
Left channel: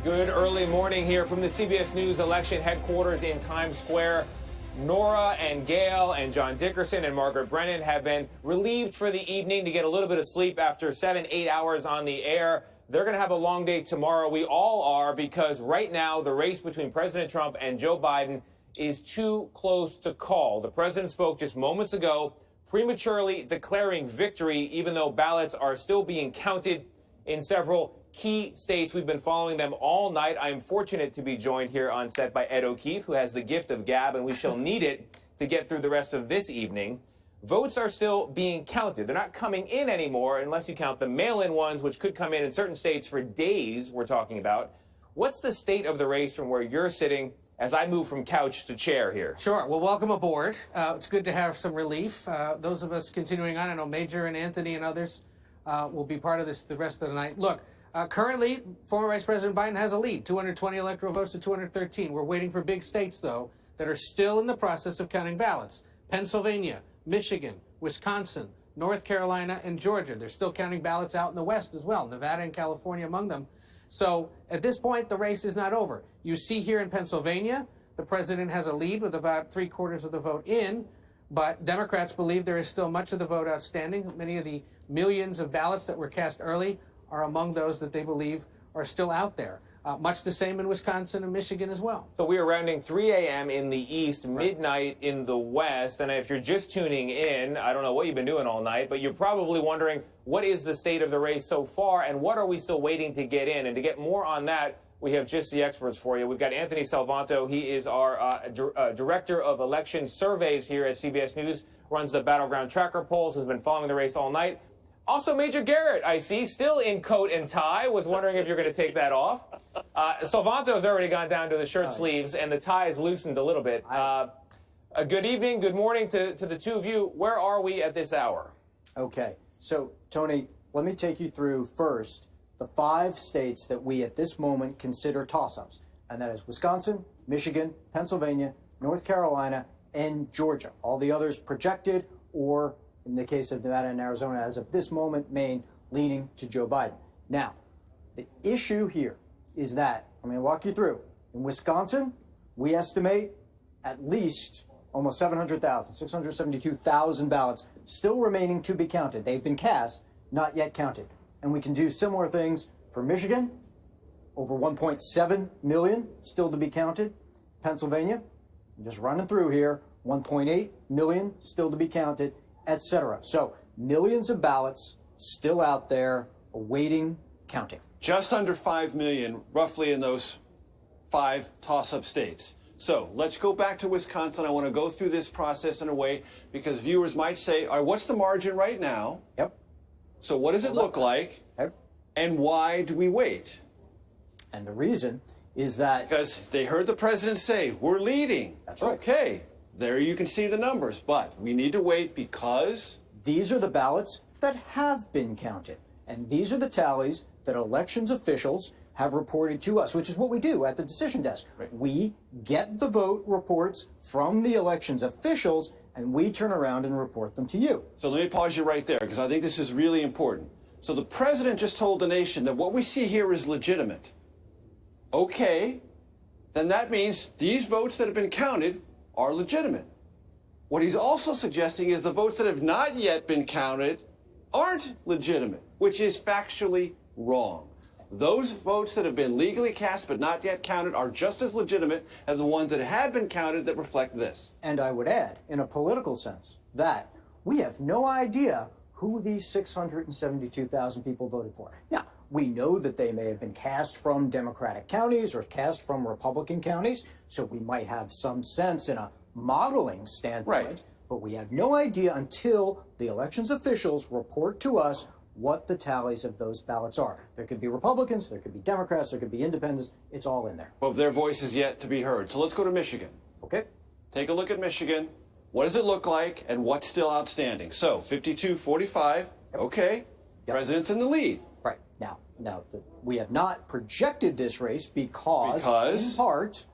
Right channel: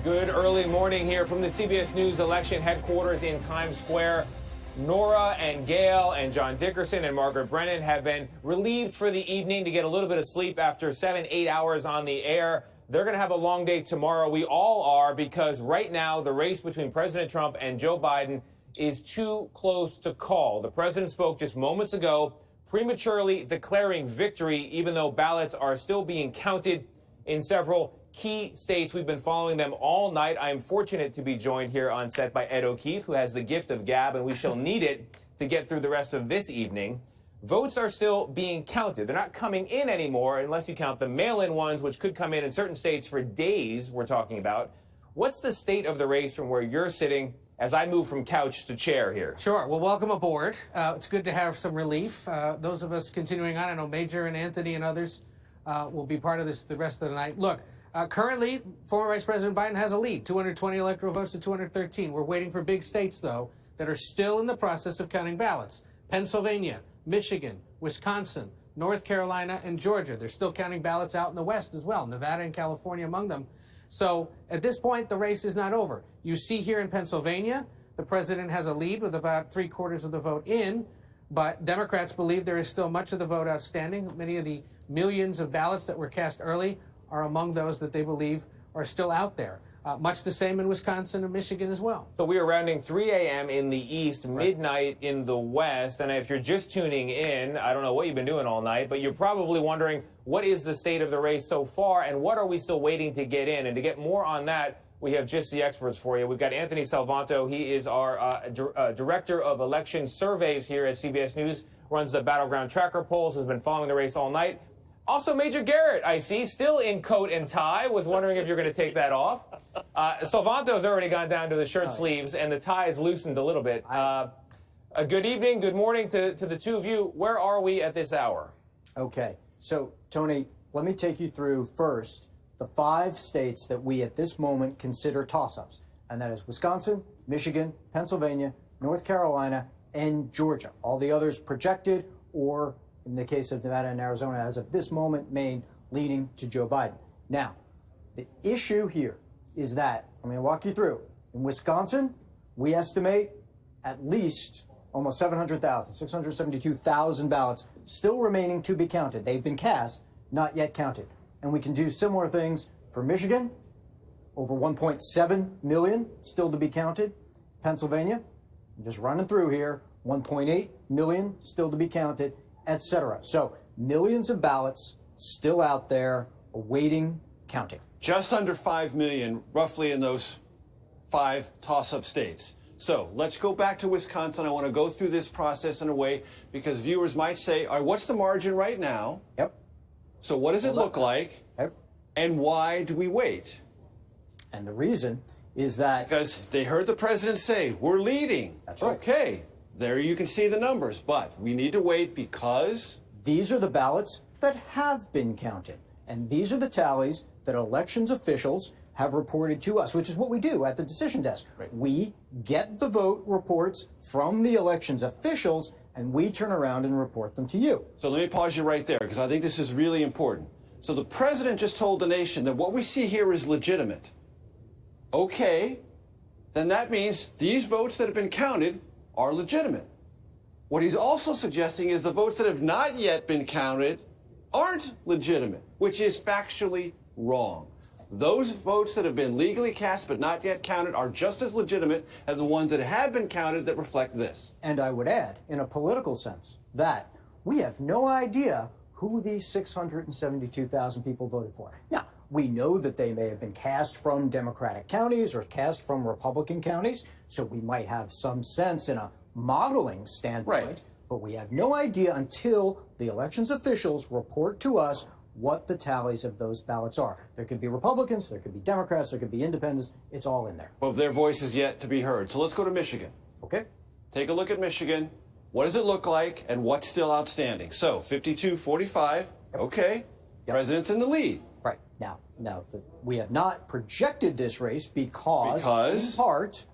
Good early morning here from the CBS News election headquarters in Times Square. Nora and Gail and John Dickerson and Margaret Brennan have been relieved for the evening to get a little bit of sleep after 7-8 hours on the air. They're going to have a long day tomorrow. We all are, because right now the race between President Trump and Joe Biden is too close to call. The president spoke just moments ago, prematurely declaring victory, even though ballots are still being counted in several key states. We've been following them all night. I am fortunate to be joined here on set by Ed O'Keefe, who has the gift of gab, and we shall need it to get through the rest of this evening. Votes are still being counted. They're not coming in anymore unless you count the mail-in ones, which could come in certain states for days, we're talking about. What's the state of the race from where you're sitting as I move from couch to chair here? Sure. Well, welcome aboard. It's good to have some relief. Those of us continuing on, I know Major and Anthony and others will be part of this the rest of the night. Look, currently, former Vice President Biden has a lead, 220 electoral votes to 213. We're waiting for big states, though, that are still in the process of counting ballots. Pennsylvania, Michigan, Wisconsin, North Carolina, and Georgia. They're still counting ballots out in the West as well, Nevada and California among them. So at this point, the race is not over. You see here in Pennsylvania, the president has a lead with about 3/4 of the vote in, but Democrats believe there is still much of the vote outstanding. Many of the millions of ballots that were cast early are among those that they believe are still out there. Much the same in Wisconsin and Michigan as well. So we are rounding 3 a.m. in the East, midnight in the West. And if you're just tuning in, I don't know what you've been doing all night, but you're probably wondering, what is the state of the race so far, and what are we still waiting to get in? And to get more on that, we have just the experts for you. We've got Anthony Salvanto. He is our Director of Election Surveys here at CBS News, runs the Battleground Tracker polls, has been following the race all night. Also, Major Garrett, I see, still in coat and tie. Was wondering if you're going to take that off. Salvanto's already gone down to the shirt sleeves, and the tie is loosened a little bit. A good evening, good morning to the two of you. Where are we at this hour? Okay, so, Tony, let me take you through first the 5 states that we at this moment consider toss-ups, and that is Wisconsin, Michigan, Pennsylvania, North Carolina, and Georgia. All the others projected, or in the case of Nevada and Arizona, as of this moment, Maine leaning to Joe Biden. Now, the issue here is that, I'm going to walk you through. In Wisconsin, we estimate at least almost 700,000, 672,000 ballots still remaining to be counted. They've been cast, not yet counted. And we can do similar things for Michigan, over 1.7 million still to be counted. Pennsylvania, I'm just running through here, 1.8 million still to be counted, etc. So millions of ballots still out there awaiting counting. Just under 5 million, roughly, in those 5 toss-up states. So let's go back to Wisconsin. I want to go through this process in a way because viewers might say, all right, what's the margin right now? Yep. So what does it look like? Yep. And why do we wait? And the reason is that... Because they heard the president say, we're leading. That's right. Okay, there you can see the numbers, but we need to wait because... These are the ballots that have been counted. And these are the tallies that elections officials have reported to us, which is what we do at the decision desk. Right. We get the vote reports from the elections officials, and we turn around and report them to you. So let me pause you right there, because I think this is really important. So the president just told the nation that what we see here is legitimate. Okay, then that means these votes that have been counted are legitimate. What he's also suggesting is the votes that have not yet been counted aren't legitimate, which is factually wrong. Those votes that have been legally cast but not yet counted are just as legitimate as the ones that have been counted that reflect this. And I would add, in a political sense, that we have no idea who these 672,000 people voted for. Now, We know that they may have been cast from Democratic counties or cast from Republican counties, so we might have some sense in a modeling standpoint. Right. But we have no idea until the elections officials report to us what the tallies of those ballots are. There could be Republicans, there could be Democrats, there could be independents. It's all in there. But their voice is yet to be heard. So let's go to Michigan. Okay. Take a look at Michigan. What does it look like and what's still outstanding? So 52-45, okay. President's in the lead. Right. Now, we have not projected this race because, in part,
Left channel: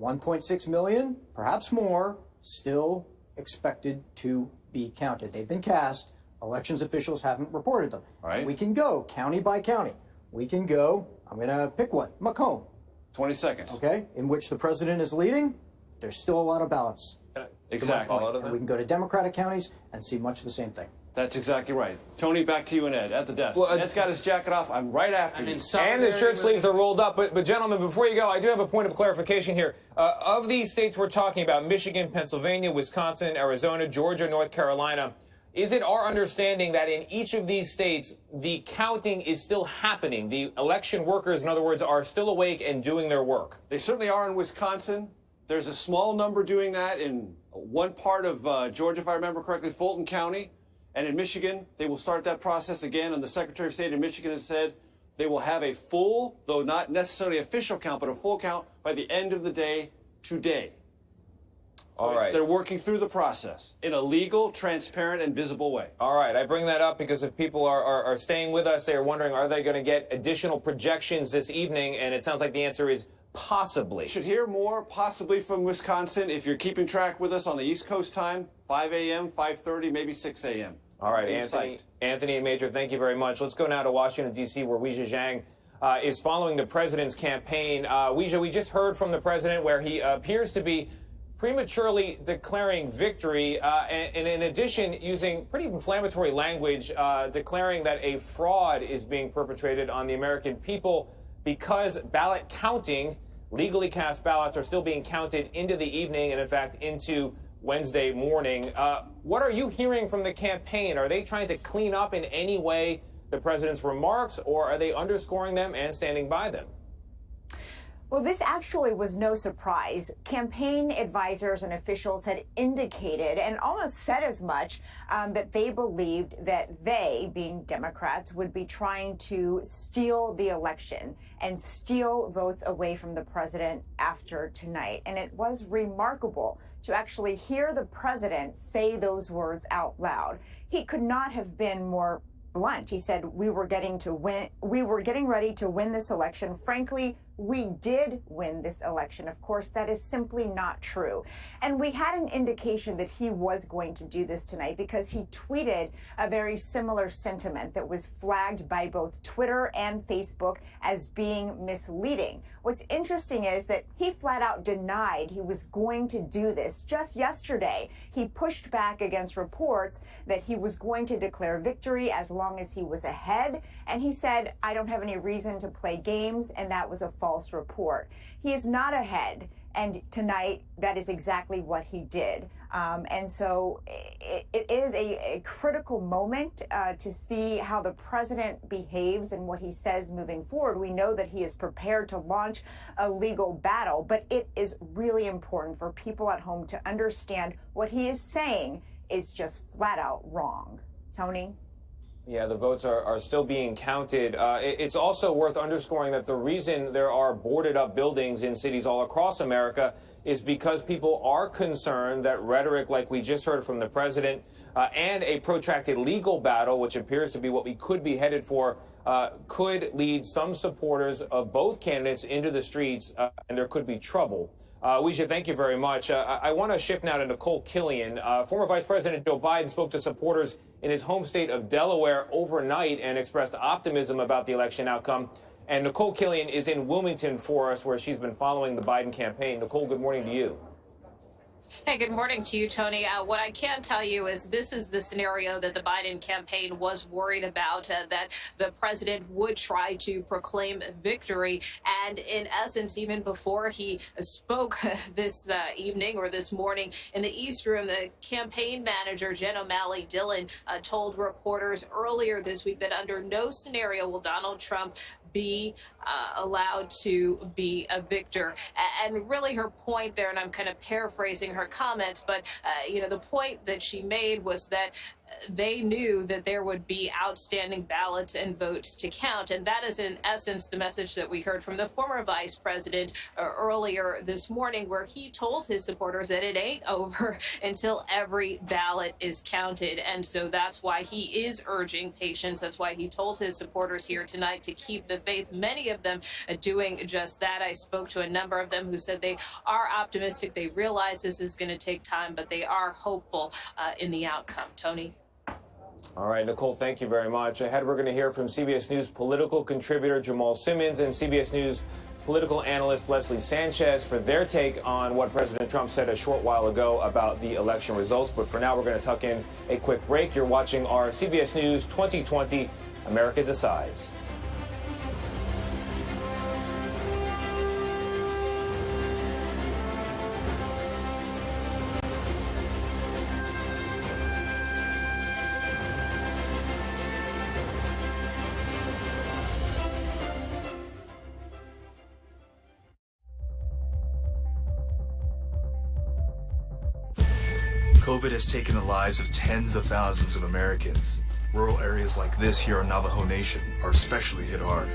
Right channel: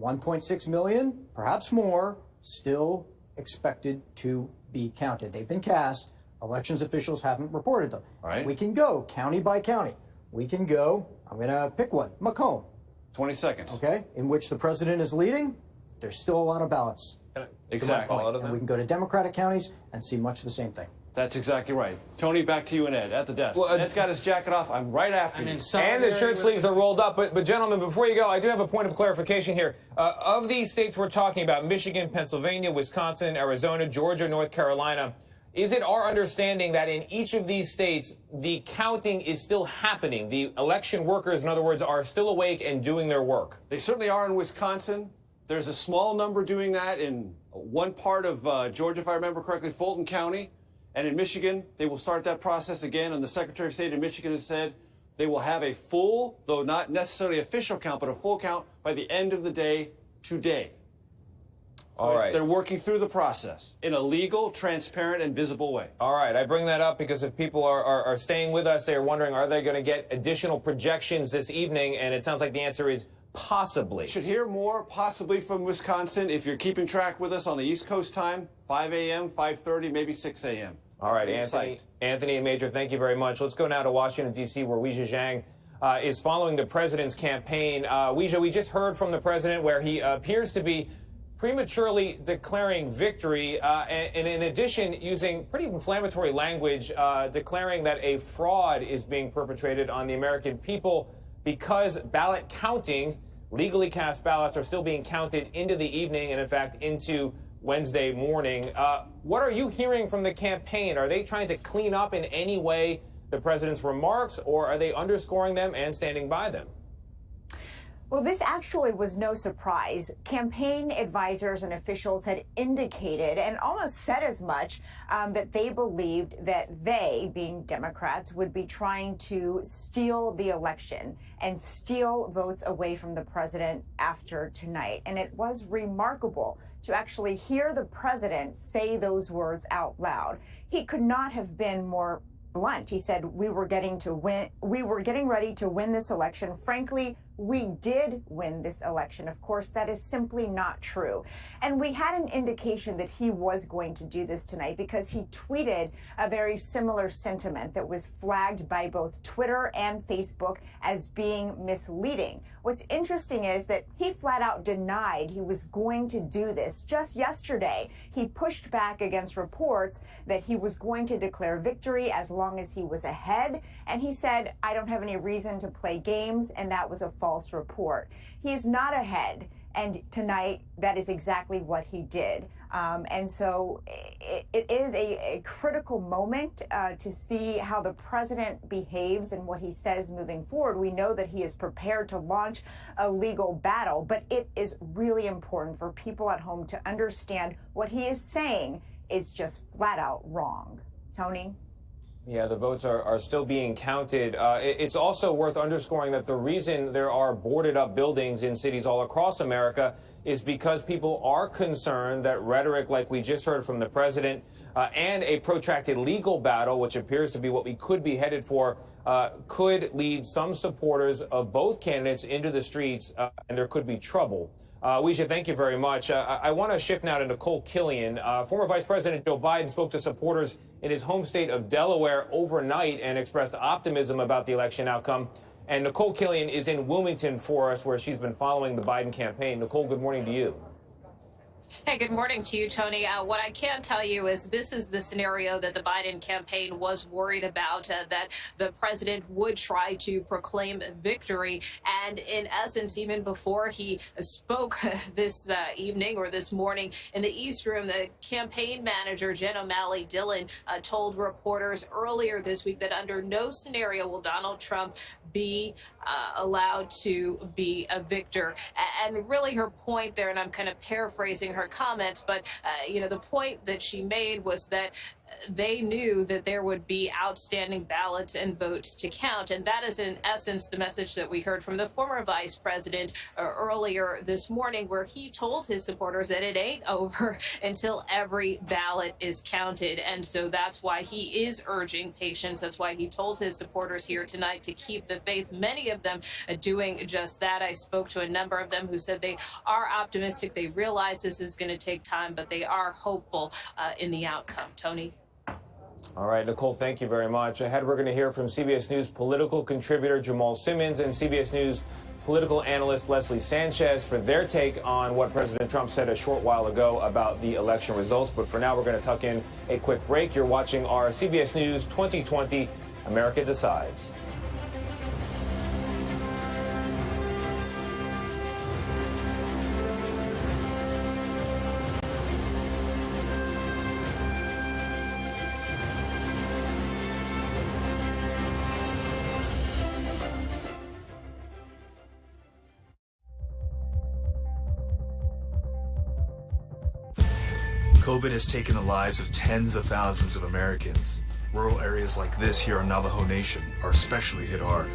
1.6 million, perhaps more, still expected to be counted. They've been cast. Elections officials haven't reported them. Right. We can go county by county. We can go, I'm going to pick one, Macomb. 20 seconds. Okay, in which the president is leading. There's still a lot of ballots. Exactly. And we can go to Democratic counties and see much of the same thing. That's exactly right. Tony, back to you and Ed at the desk. Well, Ed's got his jacket off. I'm right after you. And the shirt sleeves are rolled up. But gentlemen, before you go, I do have a point of clarification here. Of these states we're talking about, Michigan, Pennsylvania, Wisconsin, Arizona, Georgia, North Carolina, is it our understanding that in each of these states, the counting is still happening? The election workers, in other words, are still awake and doing their work? They certainly are in Wisconsin. There's a small number doing that in one part of Georgia, if I remember correctly, Fulton County. And in Michigan, they will start that process again. And the Secretary of State in Michigan has said they will have a full, though not necessarily official count, but a full count by the end of the day today. All right. They're working through the process in a legal, transparent, and visible way. All right. I bring that up because if people are staying with us, they're wondering, are they going to get additional projections this evening? And it sounds like the answer is possibly. You should hear more possibly from Wisconsin if you're keeping track with us on the East Coast time, 5 a.m., 5:30, maybe 6 a.m. All right, Anthony and Major, thank you very much. Let's go now to Washington, D.C., where Weijia Zhang is following the president's campaign. Weijia, we just heard from the president where he appears to be prematurely declaring victory, and in addition, using pretty inflammatory language, declaring that a fraud is being perpetrated on the American people because ballot counting, legally cast ballots, are still being counted into the evening and, in fact, into Wednesday morning. What are you hearing from the campaign? Are they trying to clean up in any way the president's remarks, or are they underscoring them and standing by them? Well, this actually was no surprise. Campaign advisors and officials had indicated and almost said as much that they believed that they, being Democrats, would be trying to steal the election and steal votes away from the president after tonight. And it was remarkable to actually hear the president say those words out loud. He could not have been more blunt. He said, we were getting ready to win this election. Frankly, we did win this election. Of course, that is simply not true. And we had an indication that he was going to do this tonight because he tweeted a very similar sentiment that was flagged by both Twitter and Facebook as being misleading. What's interesting is that he flat out denied he was going to do this. Just yesterday, he pushed back against reports that he was going to declare victory as long as he was ahead. And he said, I don't have any reason to play games, and that was a false report. He is not ahead. And tonight, that is exactly what he did. And so it is a critical moment to see how the president behaves and what he says moving forward. We know that he is prepared to launch a legal battle, but it is really important for people at home to understand what he is saying is just flat out wrong. Tony? Yeah, the votes are still being counted. It's also worth underscoring that the reason there are boarded up buildings in cities all across America is because people are concerned that rhetoric like we just heard from the president and a protracted legal battle, which appears to be what we could be headed for, could lead some supporters of both candidates into the streets, and there could be trouble. Weijia, thank you very much. I want to shift now to Nicole Killion. Former Vice President Joe Biden spoke to supporters in his home state of Delaware overnight and expressed optimism about the election outcome. And Nicole Killion is in Wilmington for us, where she's been following the Biden campaign. Nicole, good morning to you. Hey, good morning to you, Tony. What I can tell you is this is the scenario that the Biden campaign was worried about, that the president would try to proclaim victory. And in essence, even before he spoke this evening or this morning in the East Room, the campaign manager, Jen O'Malley Dillon, told reporters earlier this week that under no scenario will Donald Trump be allowed to be a victor. And really her point there, and I'm kind of paraphrasing her comments, but the point that she made was that they knew that there would be outstanding ballots and votes to count. And that is in essence the message that we heard from the former vice president earlier this morning, where he told his supporters that it ain't over until every ballot is counted. And so that's why he is urging patience. That's why he told his supporters here tonight to keep the faith. Many of them doing just that. I spoke to a number of them who said they are optimistic. They realize this is going to take time, but they are hopeful in the outcome. Tony? All right, Nicole, thank you very much. Ahead, we're going to hear from CBS News political contributor Jamal Simmons and CBS News political analyst Leslie Sanchez for their take on what President Trump said a short while ago about the election results. But for now, we're going to tuck in a quick break. You're watching our CBS News 2020 America Decides. COVID has taken the lives of tens of thousands of Americans. Rural areas like this here in Navajo Nation are especially hit hard.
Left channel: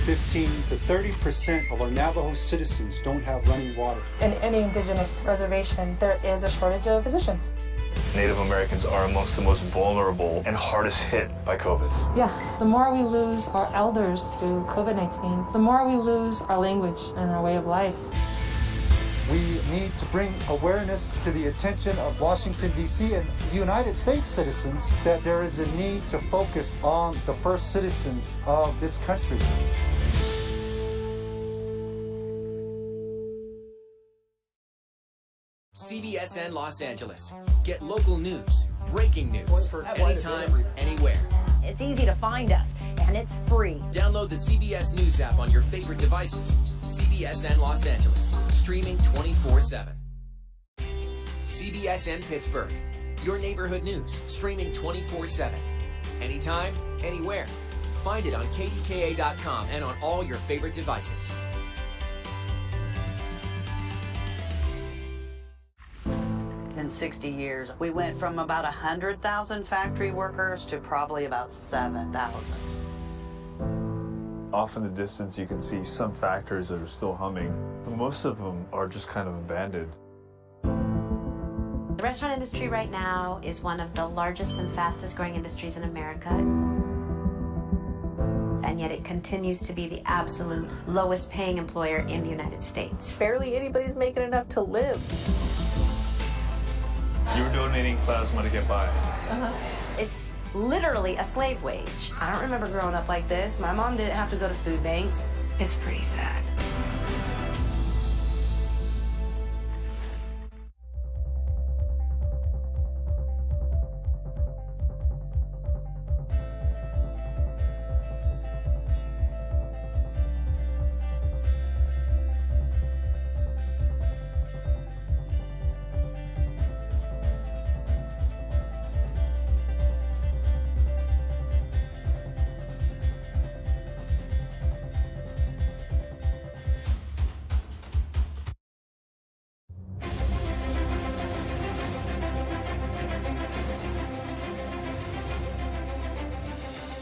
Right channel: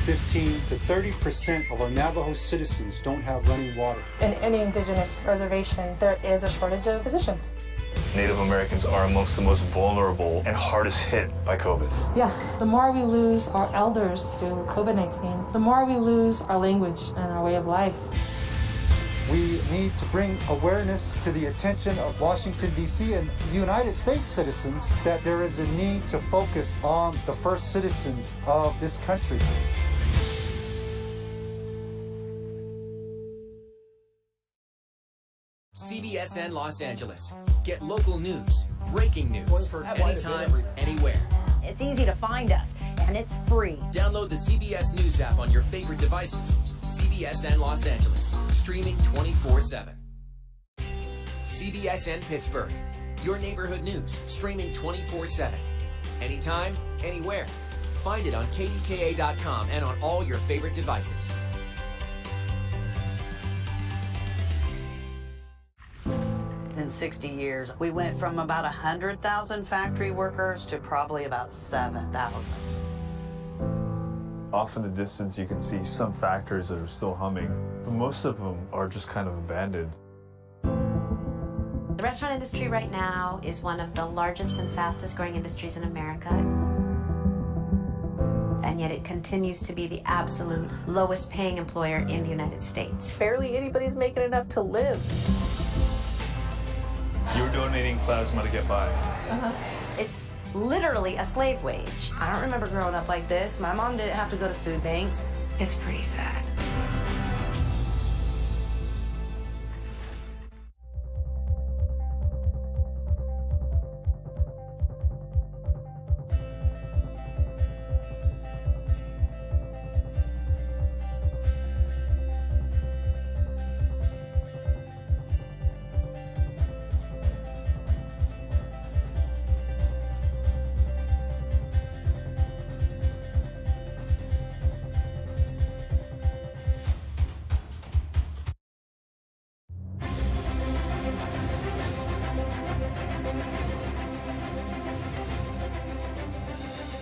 15 to 30% of our Navajo citizens don't have running water. In any indigenous reservation, there is a shortage of physicians. Native Americans are amongst the most vulnerable and hardest hit by COVID. Yeah, the more we lose our elders to COVID-19, the more we lose our language and our way of life. We need to bring awareness to the attention of Washington, D.C. and United States citizens that there is a need to focus on the first citizens of this country. CBSN Los Angeles. Get local news, breaking news, anytime, anywhere. It's easy to find us, and it's free. Download the CBS News app on your favorite devices. CBSN Los Angeles, streaming 24/7. CBSN Pittsburgh, your neighborhood news, streaming 24/7. Anytime, anywhere. Find it on KDKA.com and on all your favorite devices. In 60 years, we went from about 100,000 factory workers to probably about 7,000. Off in the distance, you can see some factories that are still humming. Most of them are just kind of abandoned. The restaurant industry right now is one of the largest and fastest growing industries in America. And yet it continues to be the absolute lowest paying employer in the United States. Barely anybody's making enough to live. You're donating plasma to get by. It's literally a slave wage. I don't remember growing up like this. My mom didn't have to go to food banks. It's pretty sad.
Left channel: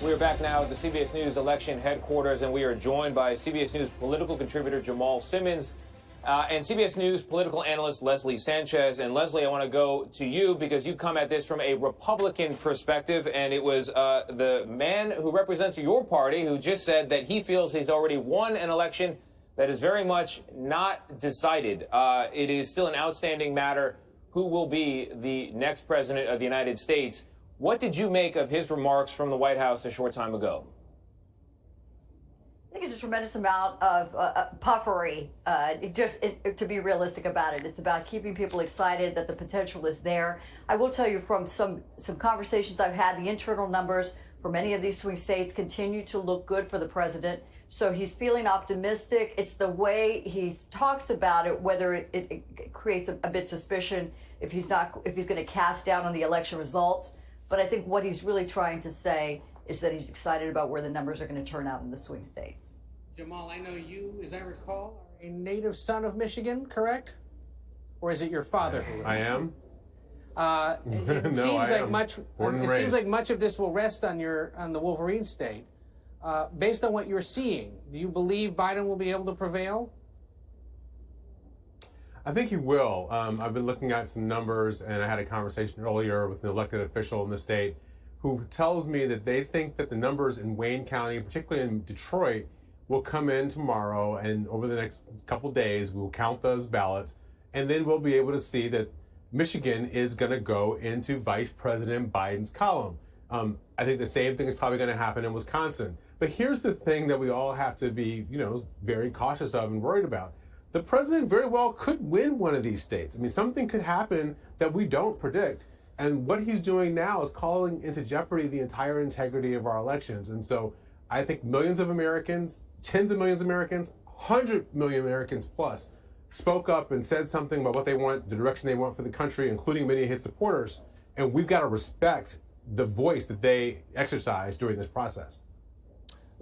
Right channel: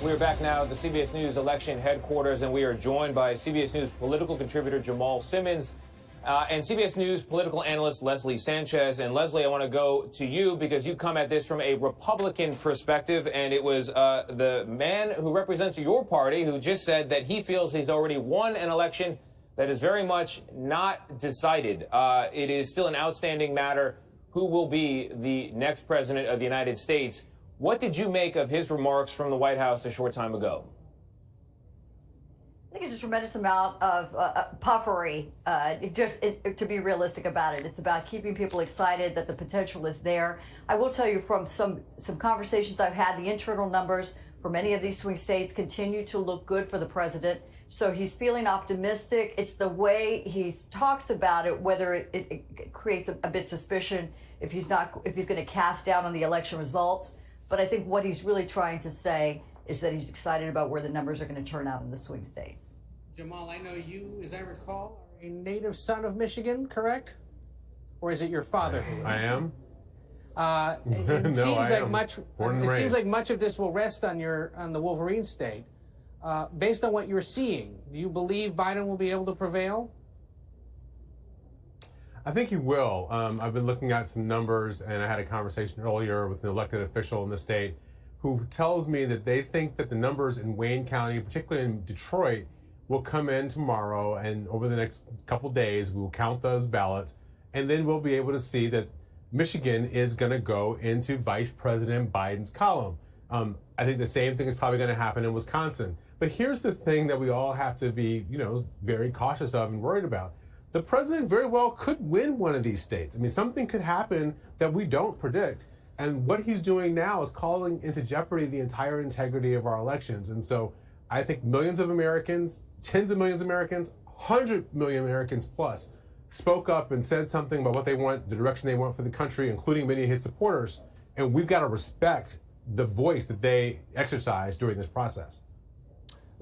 We are back now at the CBS News election headquarters, and we are joined by CBS News political contributor Jamal Simmons and CBS News political analyst Leslie Sanchez. And Leslie, I want to go to you because you come at this from a Republican perspective, and it was the man who represents your party who just said that he feels he's already won an election that is very much not decided. It is still an outstanding matter who will be the next president of the United States. What did you make of his remarks from the White House a short time ago? I think it's a tremendous amount of puffery. To be realistic about it, it's about keeping people excited that the potential is there. I will tell you from some conversations I've had, the internal numbers for many of these swing states continue to look good for the president. So he's feeling optimistic. It's the way he talks about it, whether it creates a bit suspicion if he's going to cast down on the election results. But I think what he's really trying to say is that he's excited about where the numbers are going to turn out in the swing states. Jamal, I know you, as I recall, are a native son of Michigan, correct? Or is it your father who is? I am. It No, seems I like am. much. Born and It seems raised. like much of this will rest on the Wolverine state. Based on what you're seeing, do you believe Biden will be able to prevail? I think he will. I've been looking at some numbers, and I had a conversation earlier with an elected official in the state who tells me that they think that the numbers in Wayne County, particularly in Detroit, will come in tomorrow, and over the next couple days, we'll count those ballots, and then we'll be able to see that Michigan is going to go into Vice President Biden's column. I think the same thing is probably going to happen in Wisconsin. But here's the thing that we all have to be, very cautious of and worried about. The president very well could win one of these states. I mean, something could happen that we don't predict. And what he's doing now is calling into jeopardy the entire integrity of our elections. And so I think millions of Americans, tens of millions of Americans, 100 million Americans plus, spoke up and said something about what they want, the direction they want for the country, including many of his supporters. And we've got to respect the voice that they exercise during this process.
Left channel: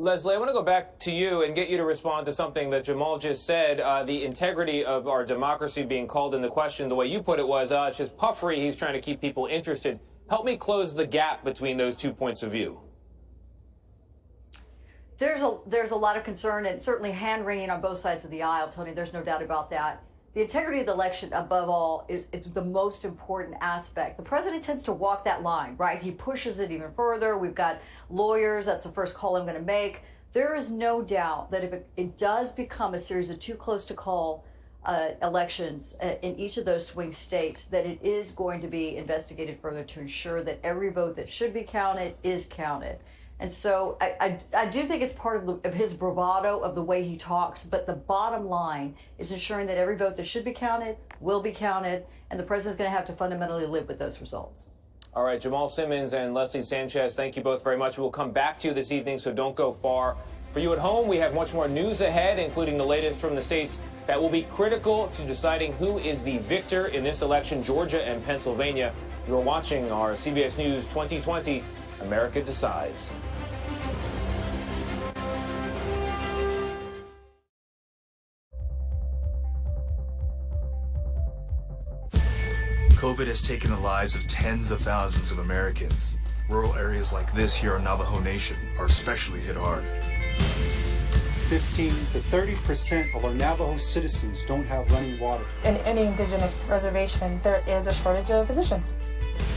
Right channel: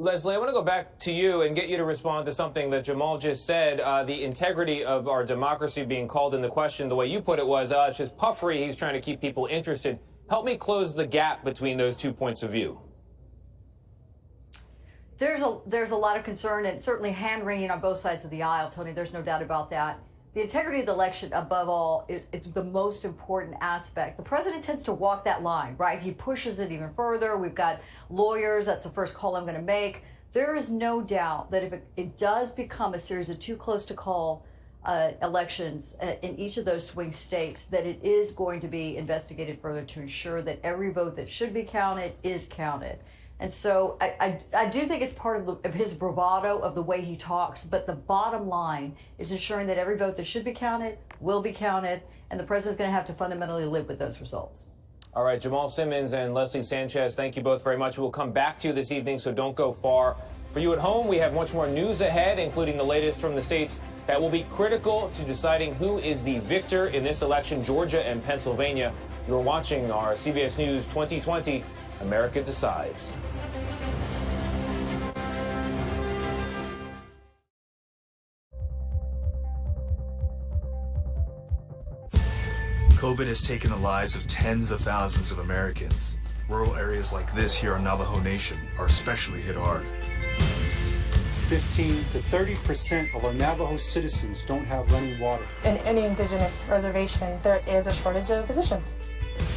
Leslie, I want to go back to you and get you to respond to something that Jamal just said. The integrity of our democracy being called into question, the way you put it was, it's just puffery. He's trying to keep people interested. Help me close the gap between those two points of view. There's a lot of concern and certainly hand-wringing on both sides of the aisle, Tony. There's no doubt about that. The integrity of the election, above all, it's the most important aspect. The president tends to walk that line, right? He pushes it even further. We've got lawyers. That's the first call I'm going to make. There is no doubt that if it does become a series of too close to call elections in each of those swing states, that it is going to be investigated further to ensure that every vote that should be counted is counted. And so I do think it's part of his bravado of the way he talks, but the bottom line is ensuring that every vote that should be counted will be counted, and the president's going to have to fundamentally live with those results. All right, Jamal Simmons and Leslie Sanchez, thank you both very much. We'll come back to you this evening, so don't go far. For you at home, we have much more news ahead, including the latest from the states that will be critical to deciding who is the victor in this election, Georgia and Pennsylvania. You're watching our CBS News 2020 America Decides. COVID has taken the lives of tens of thousands of Americans. Rural areas like this here on Navajo Nation are especially hit hard. 15 to 30% of our Navajo citizens don't have running water. In any indigenous reservation, there is a shortage of physicians.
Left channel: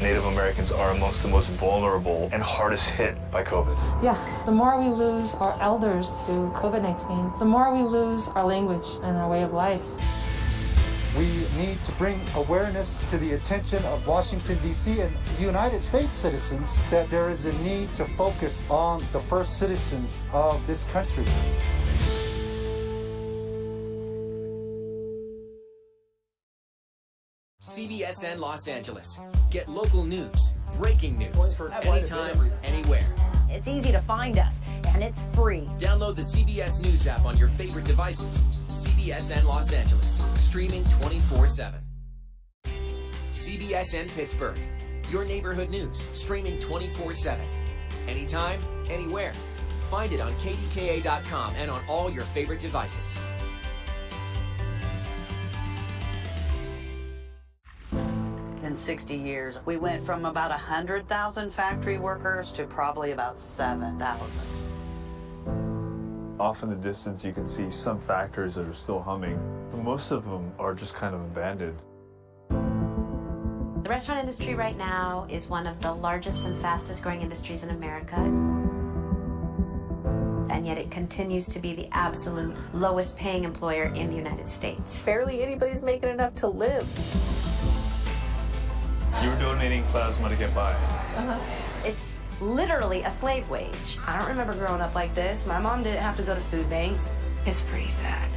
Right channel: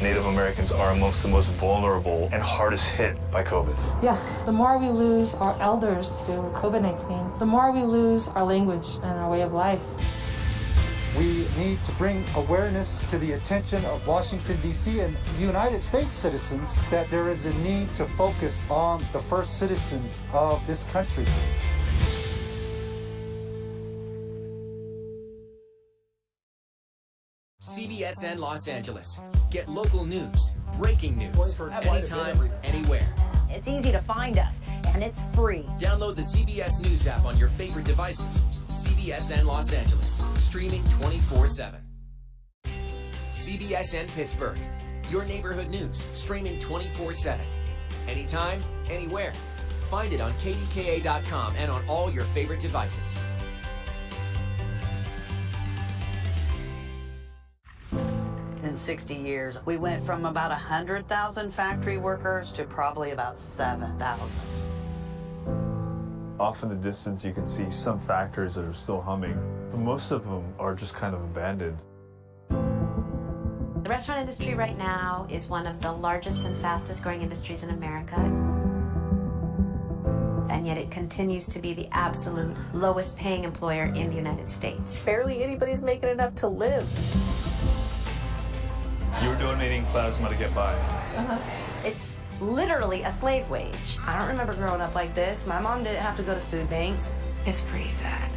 Native Americans are amongst the most vulnerable and hardest hit by COVID. Yeah, the more we lose our elders to COVID-19, the more we lose our language and our way of life. We need to bring awareness to the attention of Washington, D.C. and United States citizens that there is a need to focus on the first citizens of this country. CBSN Los Angeles. Get local news, breaking news, anytime, anywhere. It's easy to find us, and it's free. Download the CBS News app on your favorite devices. CBSN Los Angeles, streaming 24/7. CBSN Pittsburgh, your neighborhood news, streaming 24/7. Anytime, anywhere. Find it on KDKA.com and on all your favorite devices. In 60 years, we went from about 100,000 factory workers to probably about 7,000. Off in the distance, you can see some factories that are still humming. Most of them are just kind of abandoned. The restaurant industry right now is one of the largest and fastest growing industries in America. And yet it continues to be the absolute lowest paying employer in the United States. Barely anybody's making enough to live. You're donating plasma to get by. It's literally a slave wage. I don't remember growing up like this. My mom didn't have to go to food banks. It's pretty sad.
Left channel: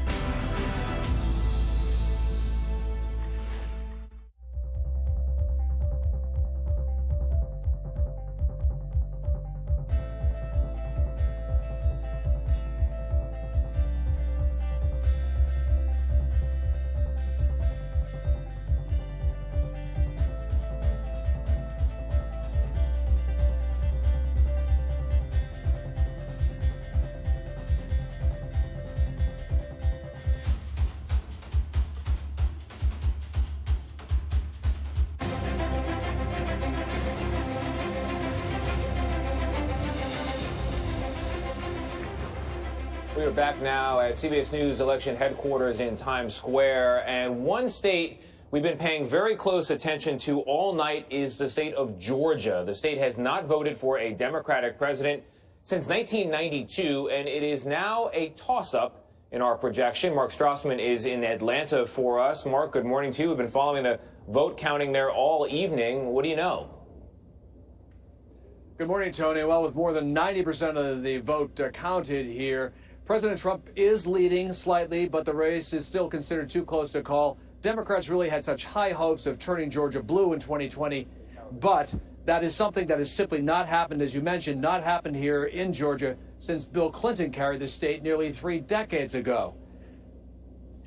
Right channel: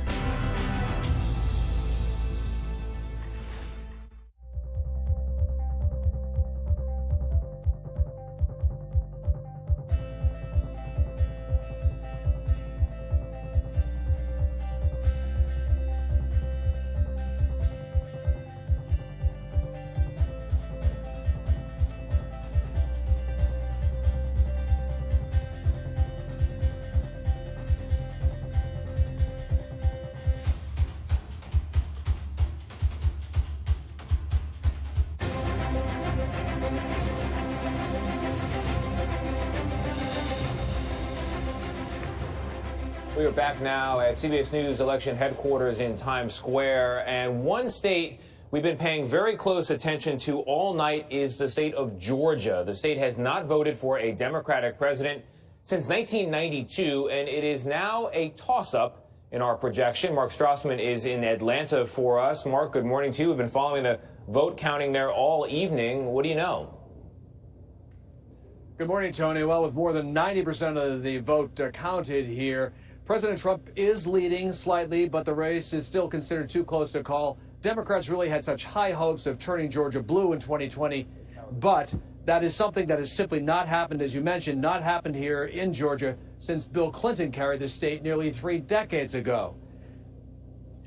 We are back now at CBS News election headquarters in Times Square, and one state we've been paying very close attention to all night is the state of Georgia. The state has not voted for a Democratic president since 1992, and it is now a toss-up in our projection. Mark Strassman is in Atlanta for us. Mark, good morning to you. We've been following the vote counting there all evening. What do you know? Good morning, Tony. Well, with more than 90% of the vote counted here, President Trump is leading slightly, but the race is still considered too close to call. Democrats really had such high hopes of turning Georgia blue in 2020, but that is something that has simply not happened, as you mentioned, not happened here in Georgia since Bill Clinton carried the state nearly 3 decades ago.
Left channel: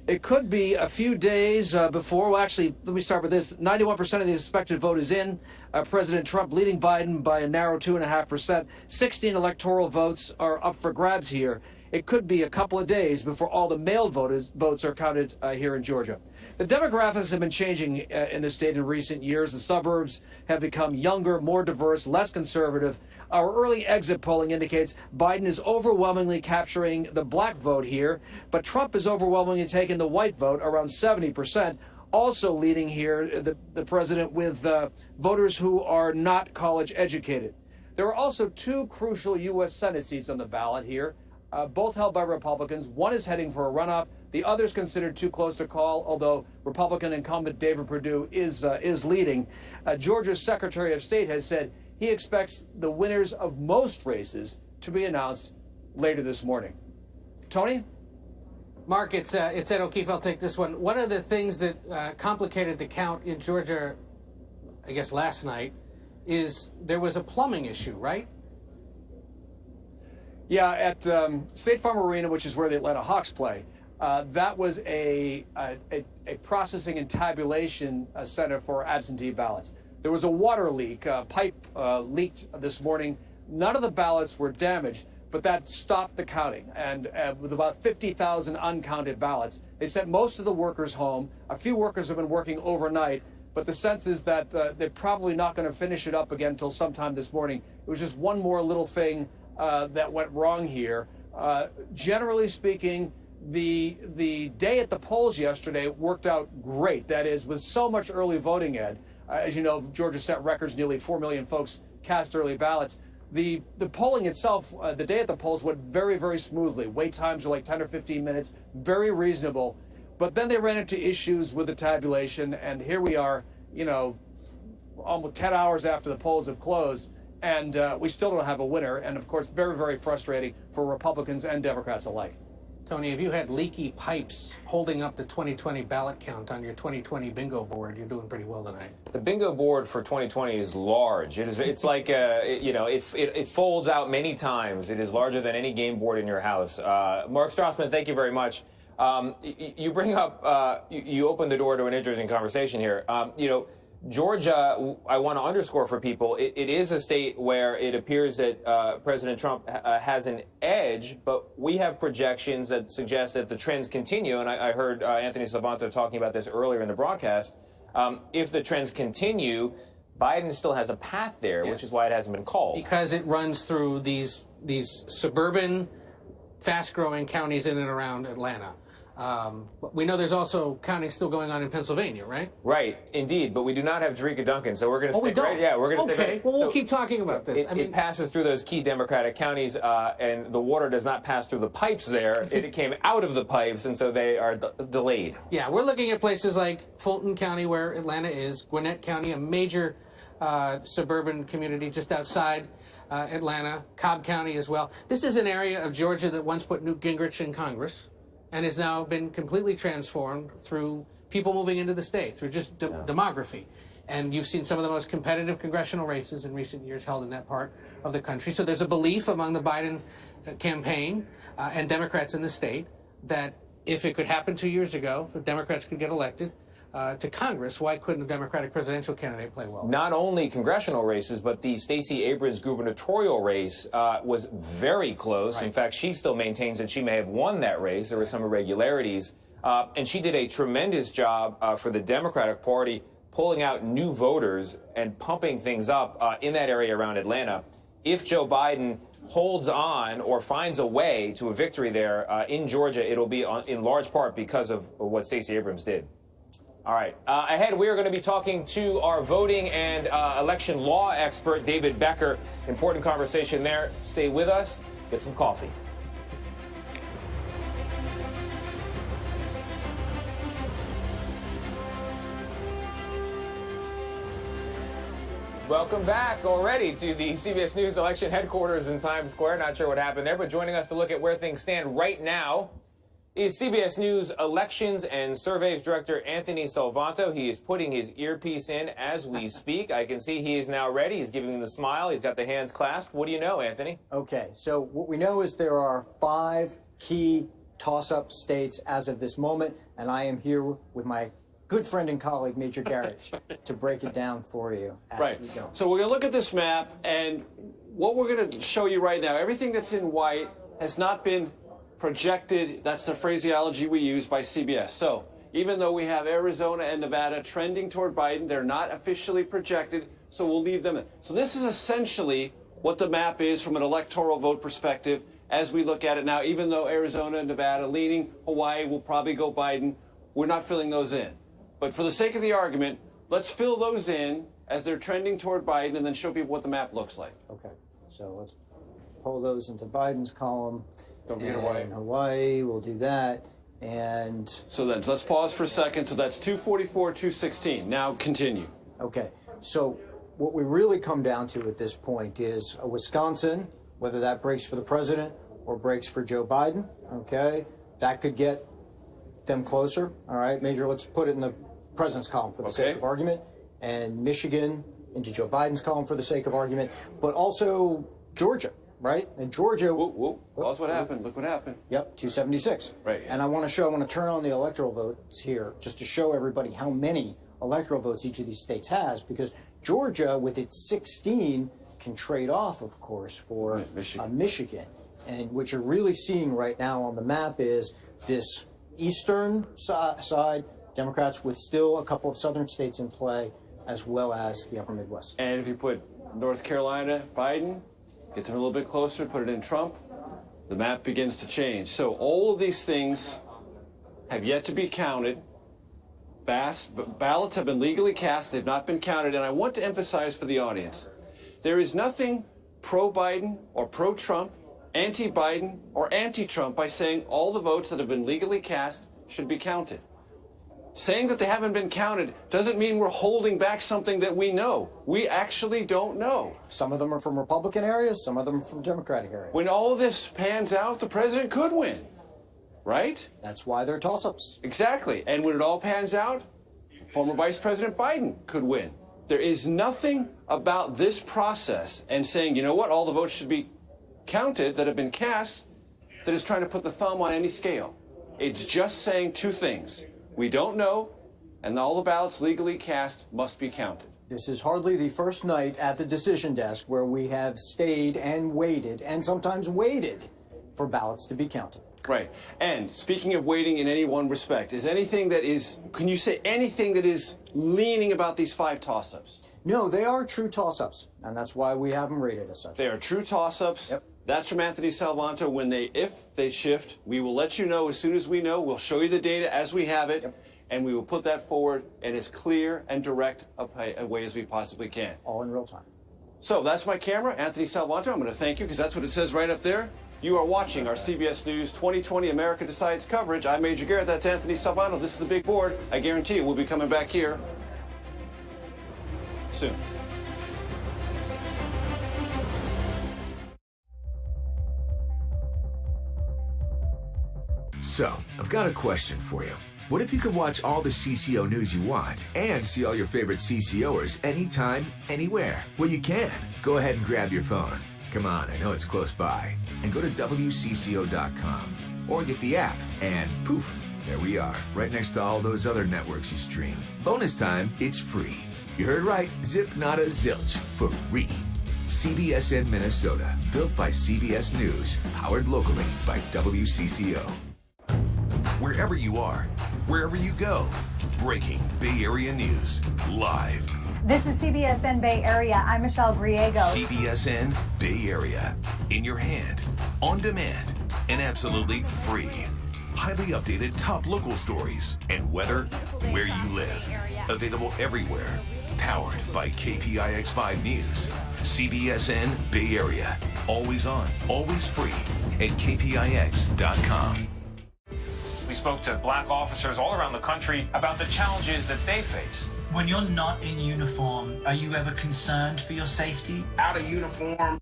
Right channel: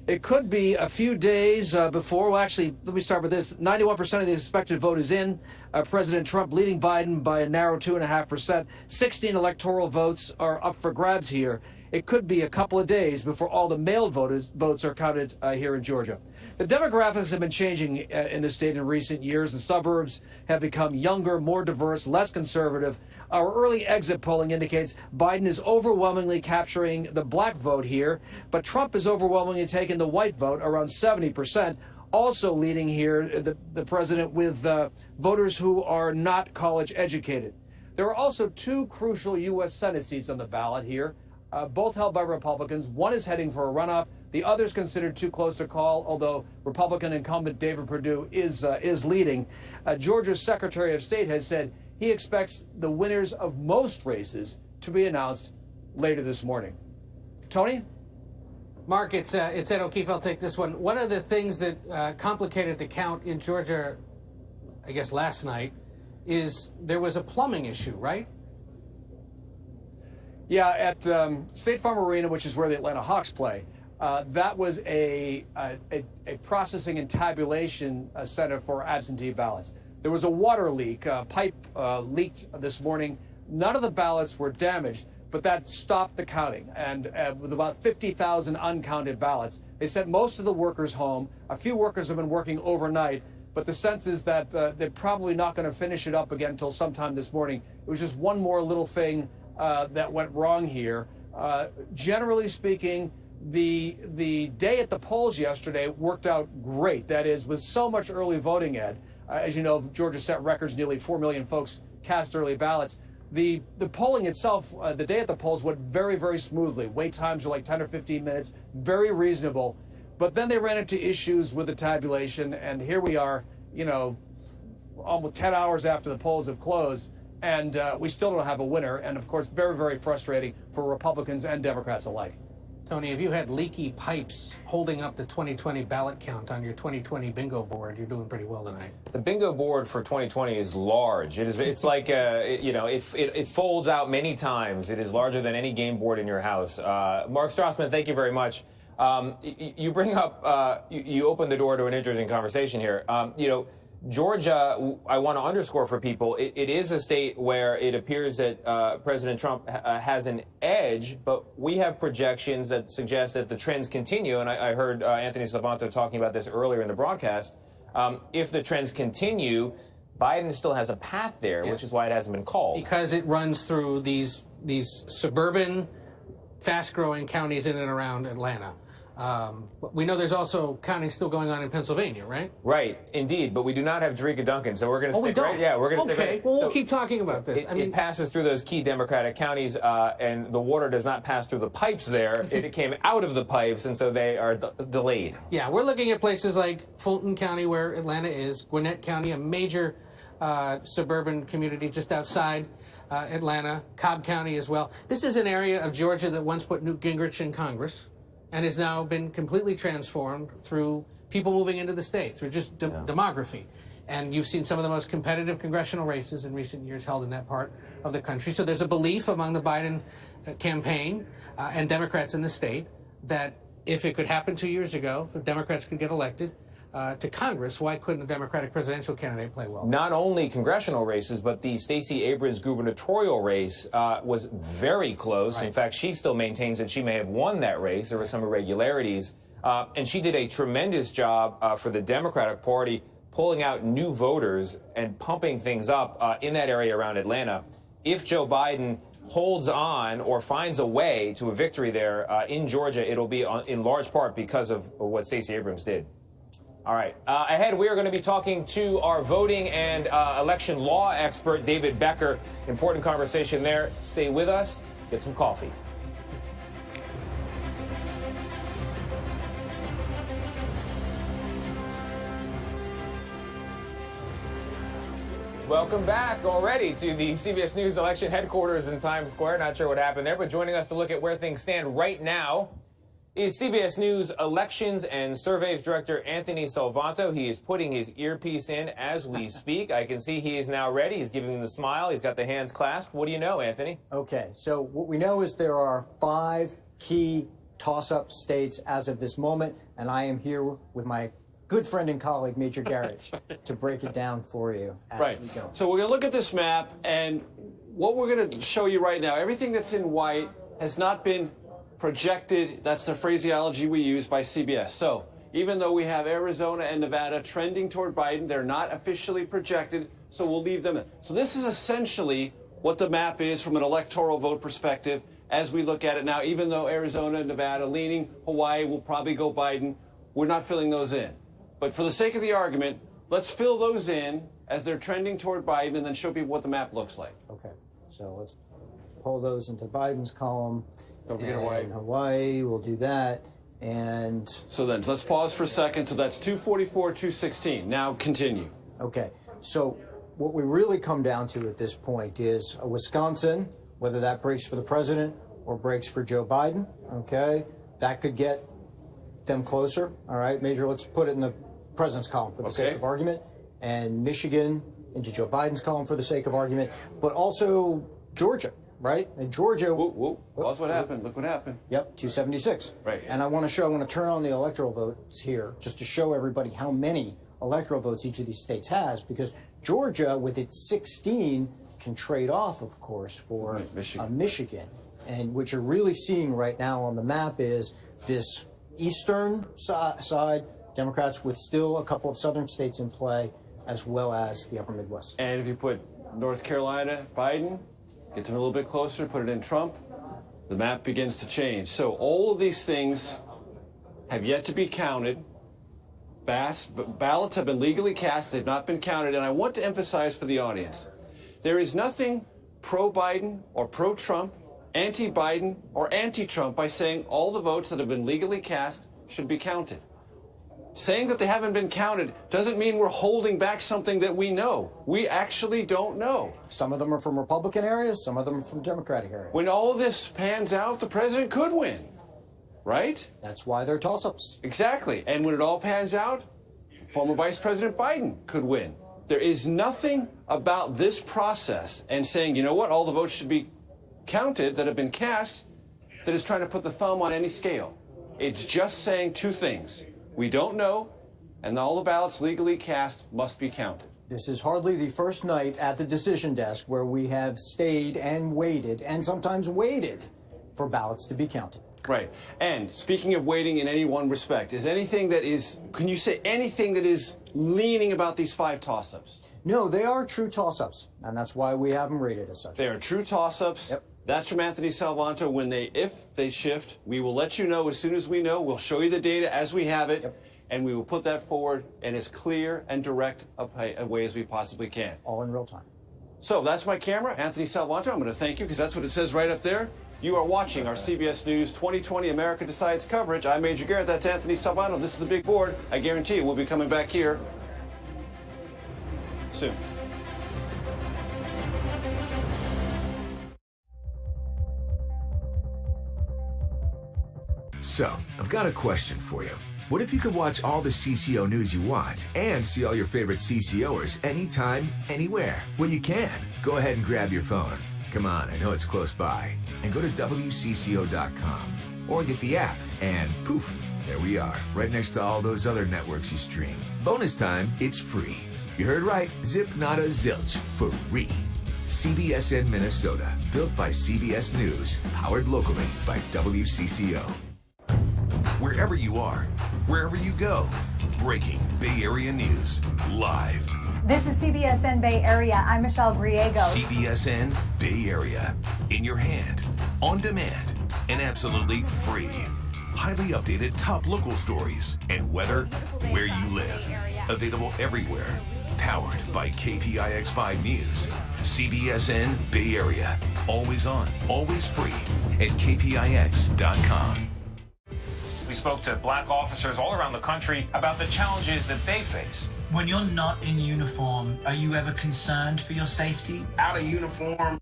It could be a few days before, well, actually, let me start with this. 91% of the expected vote is in. President Trump leading Biden by a narrow 2.5%. 16 electoral votes are up for grabs here. It could be a couple of days before all the mailed votes are counted here in Georgia. The demographics have been changing in the state in recent years. The suburbs have become younger, more diverse, less conservative. Our early exit polling indicates Biden is overwhelmingly capturing the black vote here, but Trump is overwhelmingly taking the white vote, around 70%, also leading here the president with voters who are not college educated. There are also 2 crucial U.S. Senate seats on the ballot here. Both held by Republicans. One is heading for a runoff. The other is considered too close to call, although Republican incumbent David Perdue is leading. Georgia's Secretary of State has said he expects the winners of most races to be announced later this morning. Tony? Mark, it's Ed O'Keefe. I'll take this one. One of the things that complicated the count in Georgia, I guess last night, is there was a plumbing issue, right? Yeah, at State Farm Arena, which is where the Atlanta Hawks play, that was a processing and tabulation center for absentee ballots. There was a water leak. Pipe leaked this morning. None of the ballots were damaged, but that stopped the counting. And with about 50,000 uncounted ballots, they sent most of the workers home. A few workers have been working overnight, but the sense is that they're probably not going to finish it up again until sometime this morning. It was just one more little thing that went wrong here. Generally speaking, the day at the polls yesterday worked out great. That is, with so much early voting, Ed. As you know, Georgia set records. Nearly 4 million folks cast early ballots. The polling itself, the day at the polls went very, very smoothly. Wait times were like 10 or 15 minutes, very reasonable. But then they ran into issues with the tabulation, and here we are, you know, almost 10 hours after the polls have closed. And we still don't have a winner. And, of course, very, very frustrating for Republicans and Democrats alike. Tony, if you had leaky pipes holding up the 2020 ballot count on your 2020 bingo board, you're doing pretty well tonight. The bingo board for 2020 is large. It's like, it folds out many times. It is larger than any game board in your house. Mark Strassman, thank you very much. You bring up, you open the door to an interesting conversation here. Georgia, I want to underscore for people, it is a state where it appears that President Trump has an edge, but we have projections that suggest that the trends continue, and I heard Anthony Salvanto talking about this earlier in the broadcast. If the trends continue, Biden still has a path there, yes, which is why it hasn't been called. Because it runs through these suburban, fast-growing counties in and around Atlanta. But we know there's also counting still going on in Pennsylvania, right? Right, indeed, but we do not have Jerika Duncan, so we're going to we stick don't. right. Yeah, we're going to stick right. Well, we'll So keep talking about this. It passes through those key Democratic counties, and the water does not pass through the pipes there. It came out of the pipes, and so they are delayed. Yeah, we're looking at places like Fulton County, where Atlanta is, Gwinnett County, a major suburban community just outside Atlanta, Cobb County as well. This is an area of Georgia that once put Newt Gingrich in Congress and has now been completely transformed through people moving into the state, through just demography. And you've seen some of the most competitive congressional races in recent years held in that part of the country. So there's a belief among the Biden campaign and Democrats in the state that if it could happen 2 years ago, if Democrats could get elected to Congress, why couldn't a Democratic presidential candidate play well? Not only congressional races, but the Stacey Abrams gubernatorial race was very close. Right. In fact, she still maintains that she may have won that race. There were some irregularities. And she did a tremendous job for the Democratic Party, pulling out new voters and pumping things up in that area around Atlanta. If Joe Biden holds on or finds a way to a victory there in Georgia, it'll be in large part because of what Stacey Abrams did. All right. Ahead, we are going to be talking to our voting and election law expert, David Becker. Important conversation there. Stay with us. Get some coffee. Welcome back already to the CBS News election headquarters in Times Square. Not sure what happened there, but joining us to look at where things stand right now is CBS News Elections and Surveys Director Anthony Salvanto. He is putting his earpiece in as we speak. I can see he is now ready. He's giving me the smile. He's got the hands clasped. What do you know, Anthony? Okay, so what we know is there are 5 key toss-up states as of this moment, and I am here with my good friend and colleague, Major Garrett, to break it down for you as we go. So we're going to look at this map, and what we're going to show you right now, everything that's in white has not been projected. That's the phraseology we use by CBS. So even though we have Arizona and Nevada trending toward Biden, they're not officially projected, so we'll leave them in. So this is essentially what the map is from an electoral vote perspective as we look at it now. Even though Arizona and Nevada leaning, Hawaii will probably go Biden, we're not filling those in. But for the sake of the argument, let's fill those in as they're trending toward Biden and then show people what the map looks like. Okay, so let's pull those into Biden's column. Don't forget Hawaii. Hawaii, we'll do that. And so then let's pause for a second. So that's 244, 216. Now continue. Okay, so what we really come down to at this point is Wisconsin, whether that breaks for the president or breaks for Joe Biden, okay? That could get them closer, all right? Major, let's put it in the president's column for the sake of argument, and Michigan into Joe Biden's column for the sake of argument, but also Georgia, right? And Georgia... That's what happened. Look what happened. Yep, 276. Right. And I want to turn on the electoral votes here just to show everybody how many electoral votes each of these states has, because Georgia, with its 16, can trade off, of course, for Michigan. And what you're really seeing right now on the map is this eastern side, Democrats with still a couple of southern states in play, as well as the upper Midwest. And if you put North Carolina, Biden, gets a little bit closer, put it in Trump, the map begins to change. So all of these things have yet to be counted. Ballots have been legally cast, they've not been counted, and I want to emphasize for the audience, there is nothing pro-Biden or pro-Trump, anti-Biden or anti-Trump by saying all the votes that have been legally cast should be counted. Saying that they haven't been counted doesn't mean we're holding back something that we know. We actually don't know. Some of them are from Republican areas, some of them are from Democratic areas. When all of this pans out, the president could win, right? That's why they're toss-ups. Exactly. And when it all pans out, former Vice President Biden could win. There is nothing about this process and saying, you know what, all the votes should be counted that have been cast that is trying to put the thumb on any scale. It's just saying 2 things. We don't know, and all the ballots legally cast must be counted. This is hardly the first night at the decision desk where we have stayed and waited, and sometimes waited, for ballots to be counted. Right. And speaking of waiting in any one respect, can you say anything that is leaning about these 5 toss-ups? No, they are true toss-ups, and that's why we have them rated as such. They are true toss-ups. Yep. That's from Anthony Salvanto. If they shift, we will let you know as soon as we know. We'll show you the data as we have it, and we will put that forward in as clear and direct a way as we possibly can. All in real time. So that's my camera, Anthony Salvanto. I'm going to thank you because that's what it says right up there. You are watching our CBS News 2020 America Decides coverage. I'm Major Garrett. That's Anthony Salvanto. This is the big board. I guarantee you we'll be coming back here soon. So, I've got a question for you. What if you could watch all the CCO news you want and see all your favorite CCOers anytime, anywhere? Well, you can. Go ahead and grab your phone. Come on, I know it's close by. And go to WCCO.com or get the app and poof, there we are, right next to all those other networks you stream. Bonus time, it's free. You heard right, zip nada zilch, free. CBSN Minnesota, built by CBS News, powered locally by WCCO. Wherever you are, wherever you go, breaking Bay Area news, live. This is CBSN Bay Area. I'm Michelle Griego. CBSN Bay Area. In your hand, on demand, and absolutely free. Highly updated top local stories and weather where you live. Available everywhere. Powered by KPIX5 News. CBSN Bay Area. Always on, always free at KPIX.com. We spoke to black officers all around the country about the challenges that they face. When you're not in uniform, are you ever concerned for your safety? Out of uniform.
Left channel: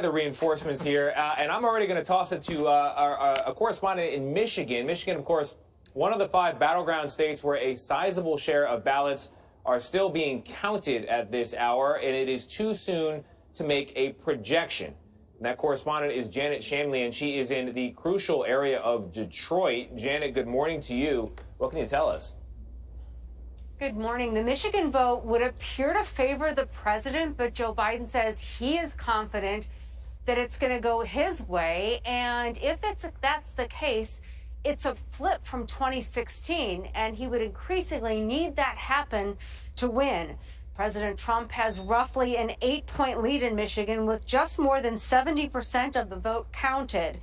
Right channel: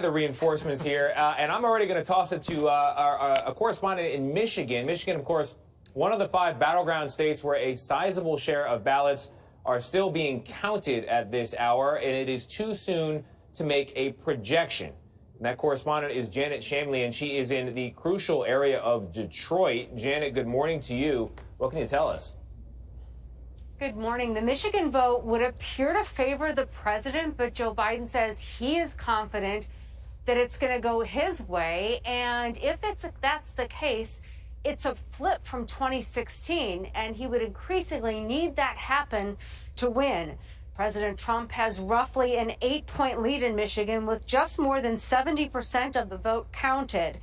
The reinforcements here, and I'm already going to toss it to a correspondent in Michigan. Michigan, of course, one of the 5 battleground states where a sizable share of ballots are still being counted at this hour, and it is too soon to make a projection. And that correspondent is Janet Shamley, and she is in the crucial area of Detroit. Janet, good morning to you. What can you tell us? Good morning. The Michigan vote would appear to favor the president, but Joe Biden says he is confident that it's going to go his way. And if that's the case, it's a flip from 2016, and he would increasingly need that happen to win. President Trump has roughly an 8-point lead in Michigan with just more than 70% of the vote counted.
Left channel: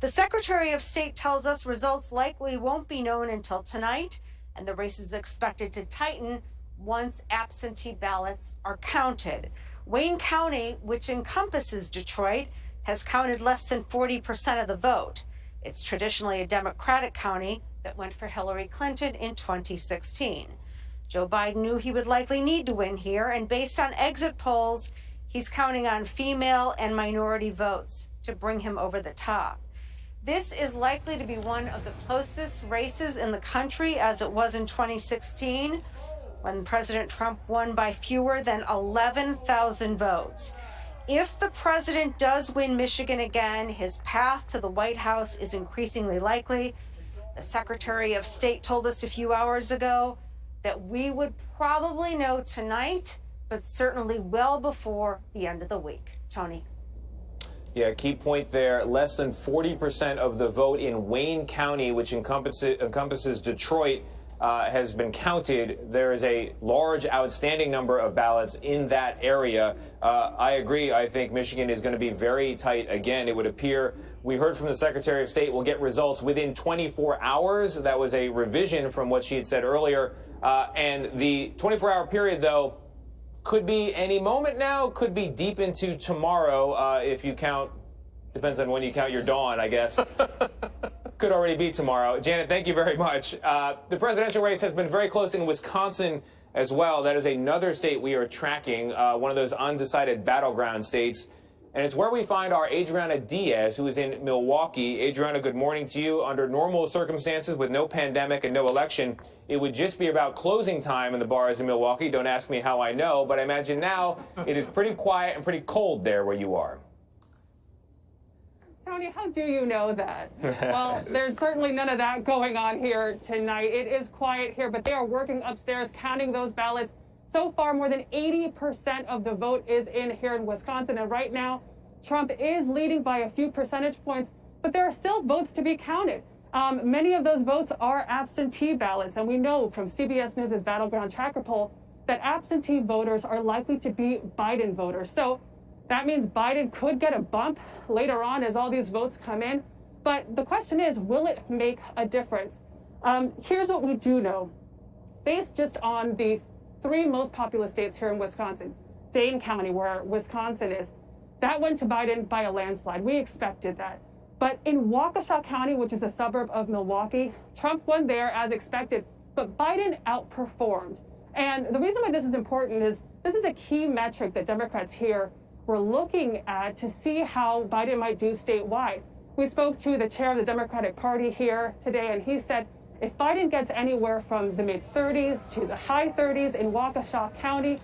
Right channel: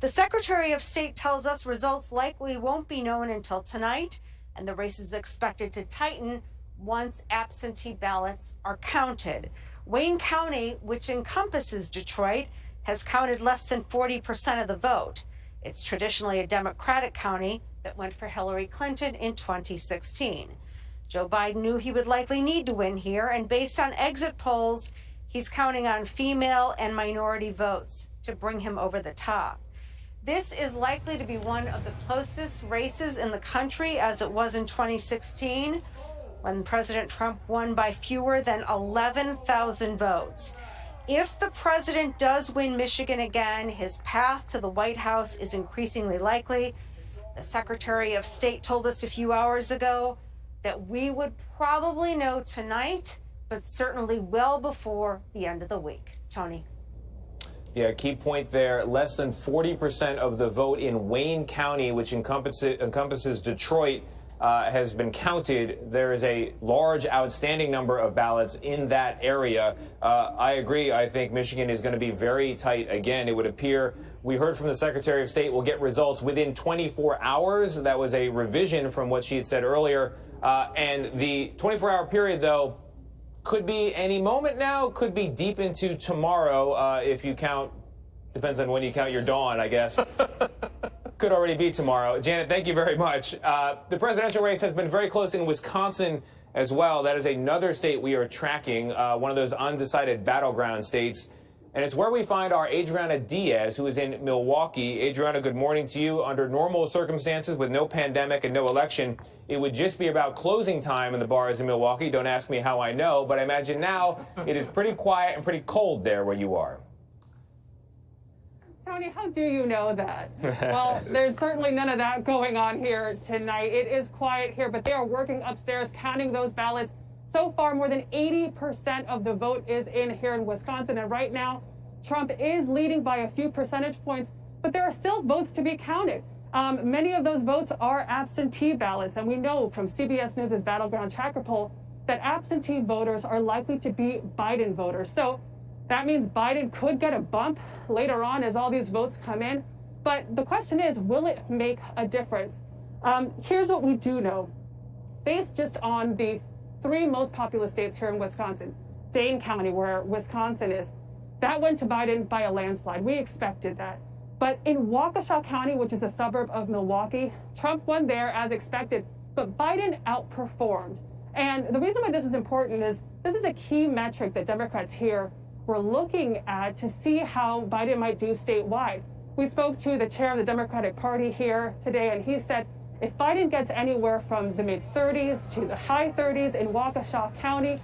The Secretary of State tells us results likely won't be known until tonight, and the race is expected to tighten once absentee ballots are counted. Wayne County, which encompasses Detroit, has counted less than 40% of the vote. It's traditionally a Democratic county that went for Hillary Clinton in 2016. Joe Biden knew he would likely need to win here, and based on exit polls, he's counting on female and minority votes to bring him over the top. This is likely to be one of the closest races in the country, as it was in 2016, when President Trump won by fewer than 11,000 votes. If the president does win Michigan again, his path to the White House is increasingly likely. The Secretary of State told us a few hours ago that we would probably know tonight, but certainly well before the end of the week. Tony. Yeah, key point there. Less than 40% of the vote in Wayne County, which encompasses Detroit, has been counted. There is a large outstanding number of ballots in that area. I agree. I think Michigan is going to be very tight again. It would appear, we heard from the Secretary of State, we'll get results within 24 hours. That was a revision from what she had said earlier. And the 24-hour period, though, could be any moment now, could be deep into tomorrow if you count, depends on when you count your dawn, I guess. Could already be tomorrow. Janet, thank you very much. The presidential race has been very close in Wisconsin as well. That is another state we are tracking, one of those undecided battleground states. And it's where we find our Adriana Diaz, who is in Milwaukee. Adriana, good morning to you. Under normal circumstances, with no pandemic and no election, it would just be about closing time in the bars in Milwaukee. Don't ask me how I know, but I imagine now it is pretty quiet and pretty cold there where you are. Tony, how do you know that? Well, there's certainly none of that going on here tonight. It is quiet here, but they are working upstairs, counting those ballots. So far, more than 80% of the vote is in here in Wisconsin. And right now, Trump is leading by a few percentage points, but there are still votes to be counted. Many of those votes are absentee ballots. And we know from CBS News' Battleground Tracker poll that absentee voters are likely to be Biden voters. So that means Biden could get a bump later on as all these votes come in. But the question is, will it make a difference? Here's what we do know. Based just on the 3 most populous states here in Wisconsin, Dane County, where Wisconsin is, that went to Biden by a landslide. We expected that. But in Waukesha County, which is a suburb of Milwaukee, Trump won there as expected, but Biden outperformed. And the reason why this is important is this is a key metric that Democrats here were looking at to see how Biden might do statewide. We spoke to the chair of the Democratic Party here today, and he said if Biden gets anywhere from the mid-30s to the high 30s in Waukesha County,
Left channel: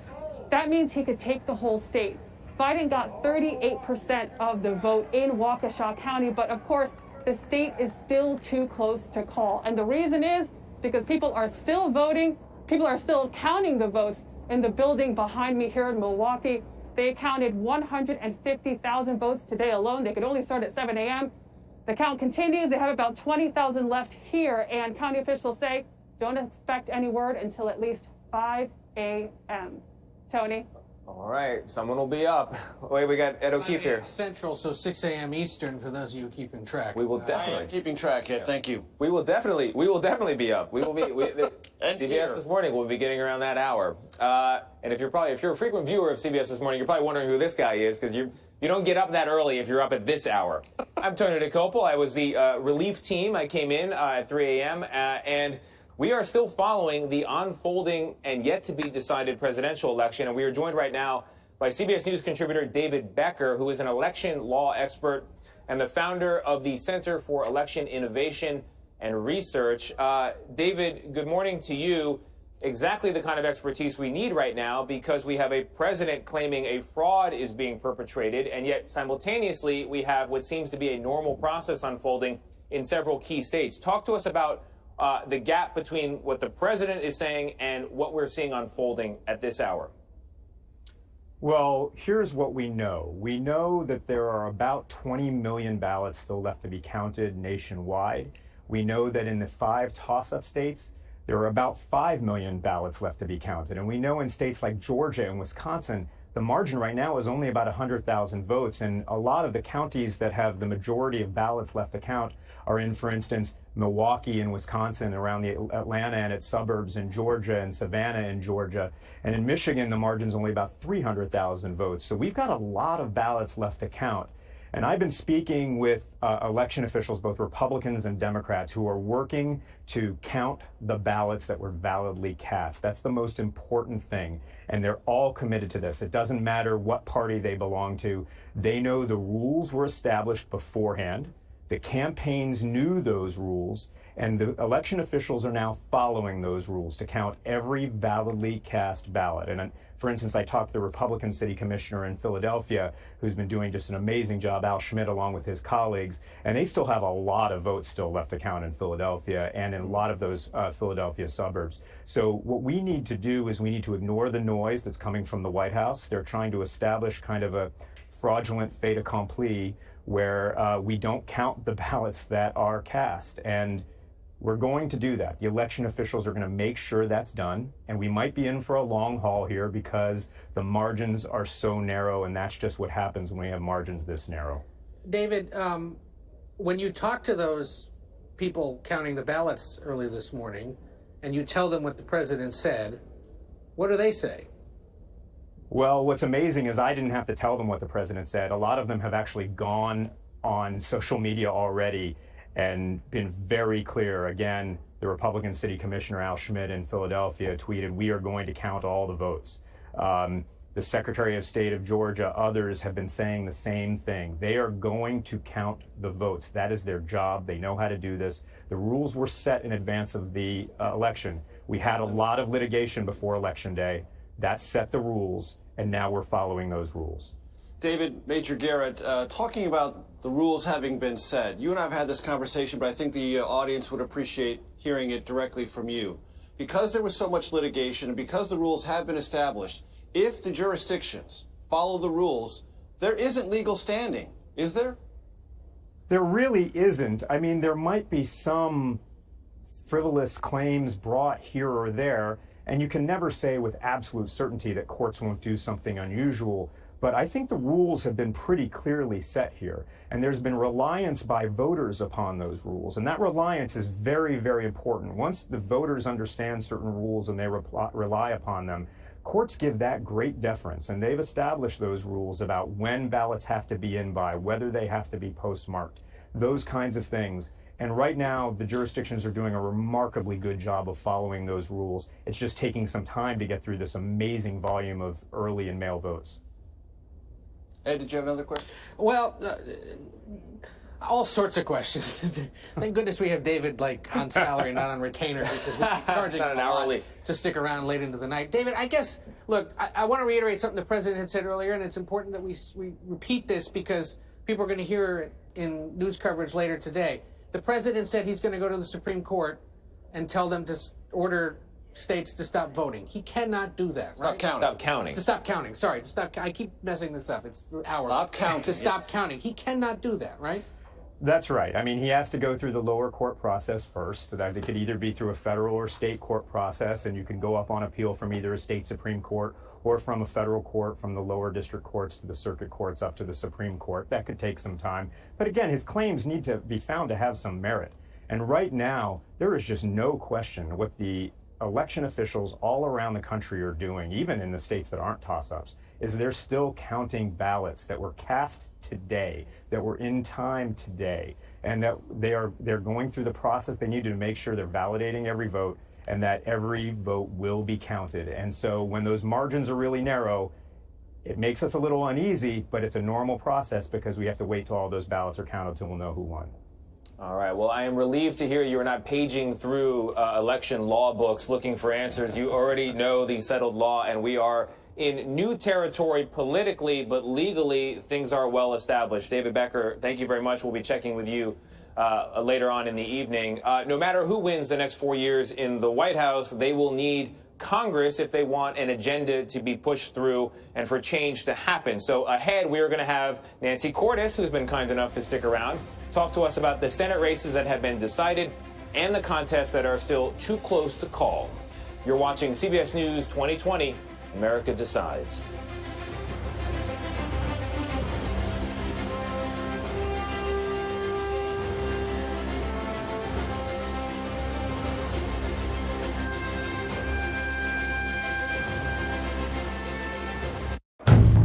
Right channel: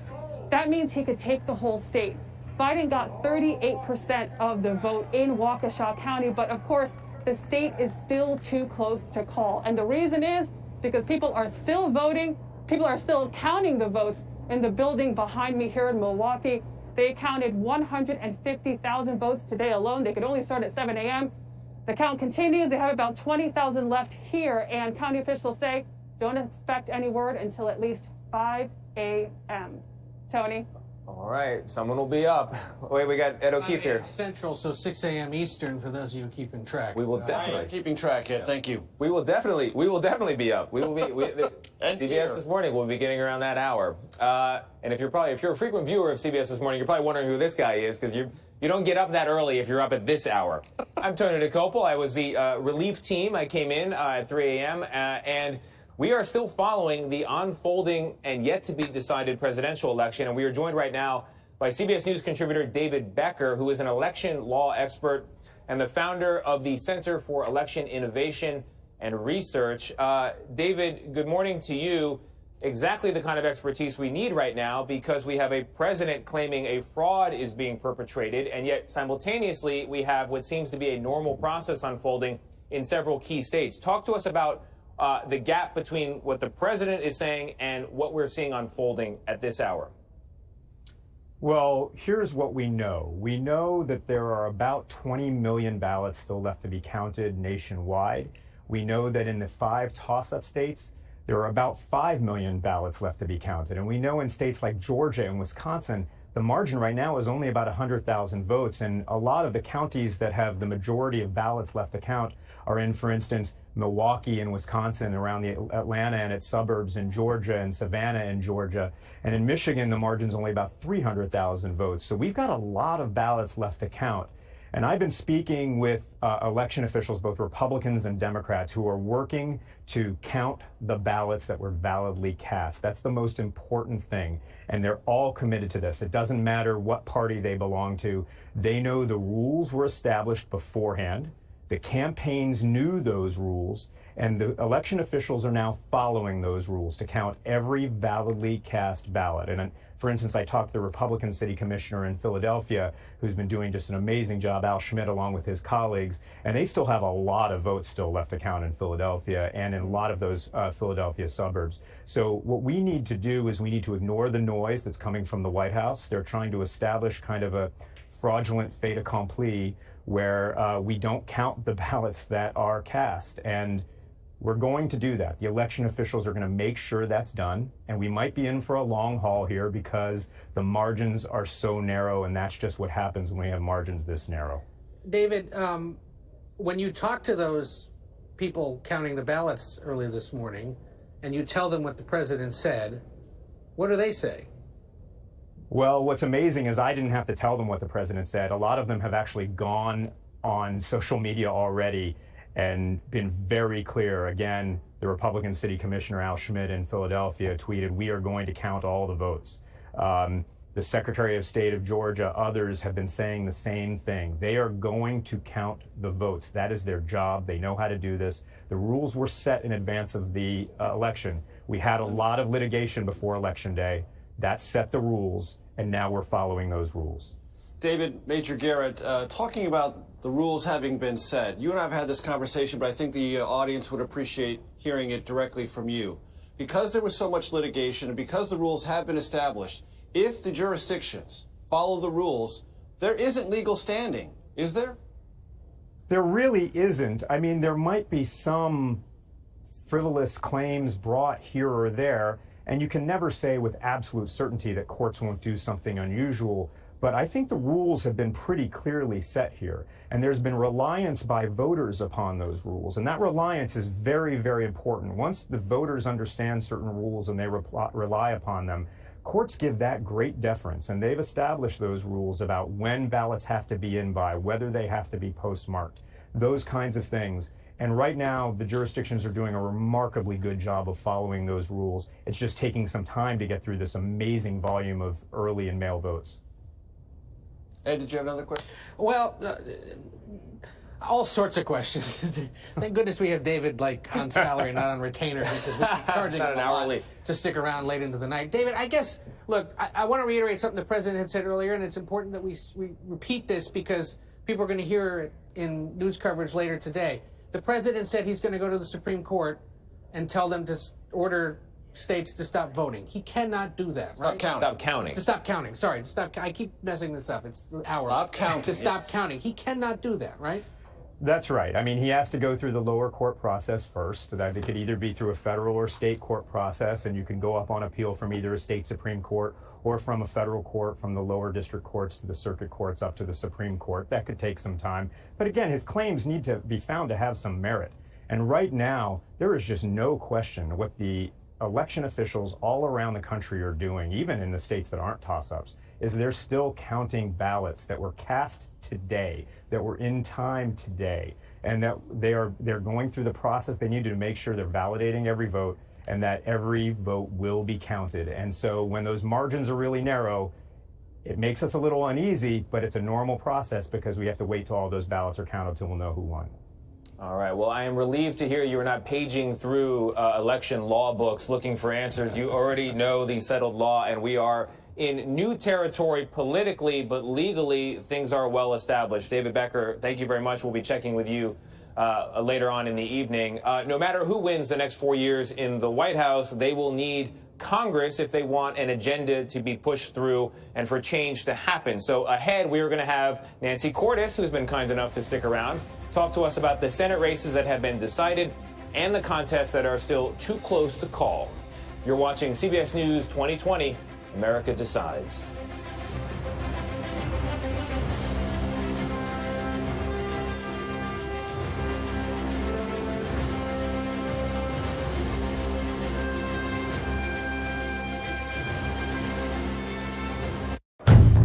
that means he could take the whole state. Biden got 38% of the vote in Waukesha County, but of course, the state is still too close to call. And the reason is because people are still voting, people are still counting the votes in the building behind me here in Milwaukee. They counted 150,000 votes today alone. They could only start at 7 a.m. The count continues. They have about 20,000 left here, and county officials say don't expect any word until at least 5 a.m. Tony? All right, someone will be up. Wait, we got Ed O'Keefe here. Central, so 6 a.m. Eastern for those of you keeping track. We will definitely. I am keeping track, Ed. Thank you. We will definitely be up. We will be. CBS This Morning will be getting around that hour. And if you're a frequent viewer of CBS This Morning, you're probably wondering who this guy is because you don't get up that early if you're up at this hour. I'm Tony DeCopel. I was the relief team. I came in at 3 a.m. And we are still following the unfolding and yet to be decided presidential election. And we are joined right now by CBS News contributor David Becker, who is an election law expert and the founder of the Center for Election Innovation and Research. David, good morning to you. Exactly the kind of expertise we need right now because we have a president claiming a fraud is being perpetrated, and yet simultaneously we have what seems to be a normal process unfolding in several key states. Talk to us about the gap between what the president is saying and what we're seeing unfolding at this hour. Well, here's what we know. We know that there are about 20 million ballots still left to be counted nationwide. We know that in the 5 toss-up states, there are about 5 million ballots left to be counted. And we know in states like Georgia and Wisconsin, the margin right now is only about 100,000 votes. And a lot of the counties that have the majority of ballots left to count are in, for instance, Milwaukee and Wisconsin, around the Atlanta and its suburbs in Georgia, and Savannah in Georgia. And in Michigan, the margin's only about 300,000 votes. So we've got a lot of ballots left to count. And I've been speaking with election officials, both Republicans and Democrats, who are working to count the ballots that were validly cast. That's the most important thing. And they're all committed to this. It doesn't matter what party they belong to. They know the rules were established beforehand. The campaigns knew those rules, and the election officials are now following those rules to count every validly cast ballot. And for instance, I talked to the Republican city commissioner in Philadelphia, who's been doing just an amazing job, Al Schmidt, along with his colleagues, and they still have a lot of votes still left to count in Philadelphia and in a lot of those Philadelphia suburbs. So what we need to do is we need to ignore the noise that's coming from the White House. They're trying to establish kind of a fraudulent fait accompli where we don't count the ballots that are cast. And we're going to do that. The election officials are going to make sure that's done. And we might be in for a long haul here because the margins are so narrow, and that's just what happens when we have margins this narrow. David, when you talk to those people counting the ballots early this morning and you tell them what the president said, what do they say? Well, what's amazing is I didn't have to tell them what the president said. A lot of them have actually gone on social media already and been very clear. Again, the Republican City Commissioner Al Schmidt in Philadelphia tweeted, "We are going to count all the votes." The Secretary of State of Georgia, others have been saying the same thing. They are going to count the votes. That is their job. They know how to do this. The rules were set in advance of the election. We had a lot of litigation before Election Day. That set the rules, and now we're following those rules. David, Major Garrett, talking about the rules having been set, you and I have had this conversation, but I think the audience would appreciate hearing it directly from you. Because there was so much litigation and because the rules have been established, if the jurisdictions follow the rules, there isn't legal standing, is there? There really isn't. I mean, there might be some frivolous claims brought here or there, and you can never say with absolute certainty that courts won't do something unusual. But I think the rules have been pretty clearly set here, and there's been reliance by voters upon those rules, and that reliance is very, very important. Once the voters understand certain rules and they rely upon them, courts give that great deference, and they've established those rules about when ballots have to be in by, whether they have to be postmarked, those kinds of things. And right now, the jurisdictions are doing a remarkably good job of following those rules. It's just taking some time to get through this amazing volume of early and mail votes. Ed, did you have another question? Well, all sorts of questions. Thank goodness we have David on salary, not on retainer, because we're encouraging him a lot to stick around late into the night. David, I guess, look, I want to reiterate something the president had said earlier, and it's important that we repeat this because people are going to hear it in news coverage later today. The president said he's going to go to the Supreme Court and tell them to order states to stop voting. He cannot do that. Stop counting. Stop counting. To stop counting. Sorry, to stop. I keep messing this up. It's the hour. Stop counting. To stop counting. He cannot do that, right? That's right. I mean, he has to go through the lower court process first. That it could either be through a federal or state court process, and you can go up on appeal from either a state Supreme Court or from a federal court, from the lower district courts to the circuit courts up to the Supreme Court. That could take some time. But again, his claims need to be found to have some merit. And right now, there is just no question what the election officials all around the country are doing, even in the states that aren't toss-ups, is they're still counting ballots that were cast today, that were in time today, and that they're going through the process they need to make sure they're validating every vote and that every vote will be counted. And so when those margins are really narrow, it makes us a little uneasy, but it's a normal process because we have to wait till all those ballots are counted till we'll know who won. All right. Well, I am relieved to hear you are not paging through election law books looking for answers. You already know the settled law, and we are in new territory politically, but legally, things are well established. David Becker, thank you very much. We'll be checking with you later on in the evening. No matter who wins the next 4 years in the White House, they will need Congress if they want an agenda to be pushed through and for change to happen. So ahead, we are going to have Nancy Cordes, who's been kind enough to stick around, talk to us about the Senate races that have been decided and the contests that are still too close to call. You're watching CBS News 2020, America Decides.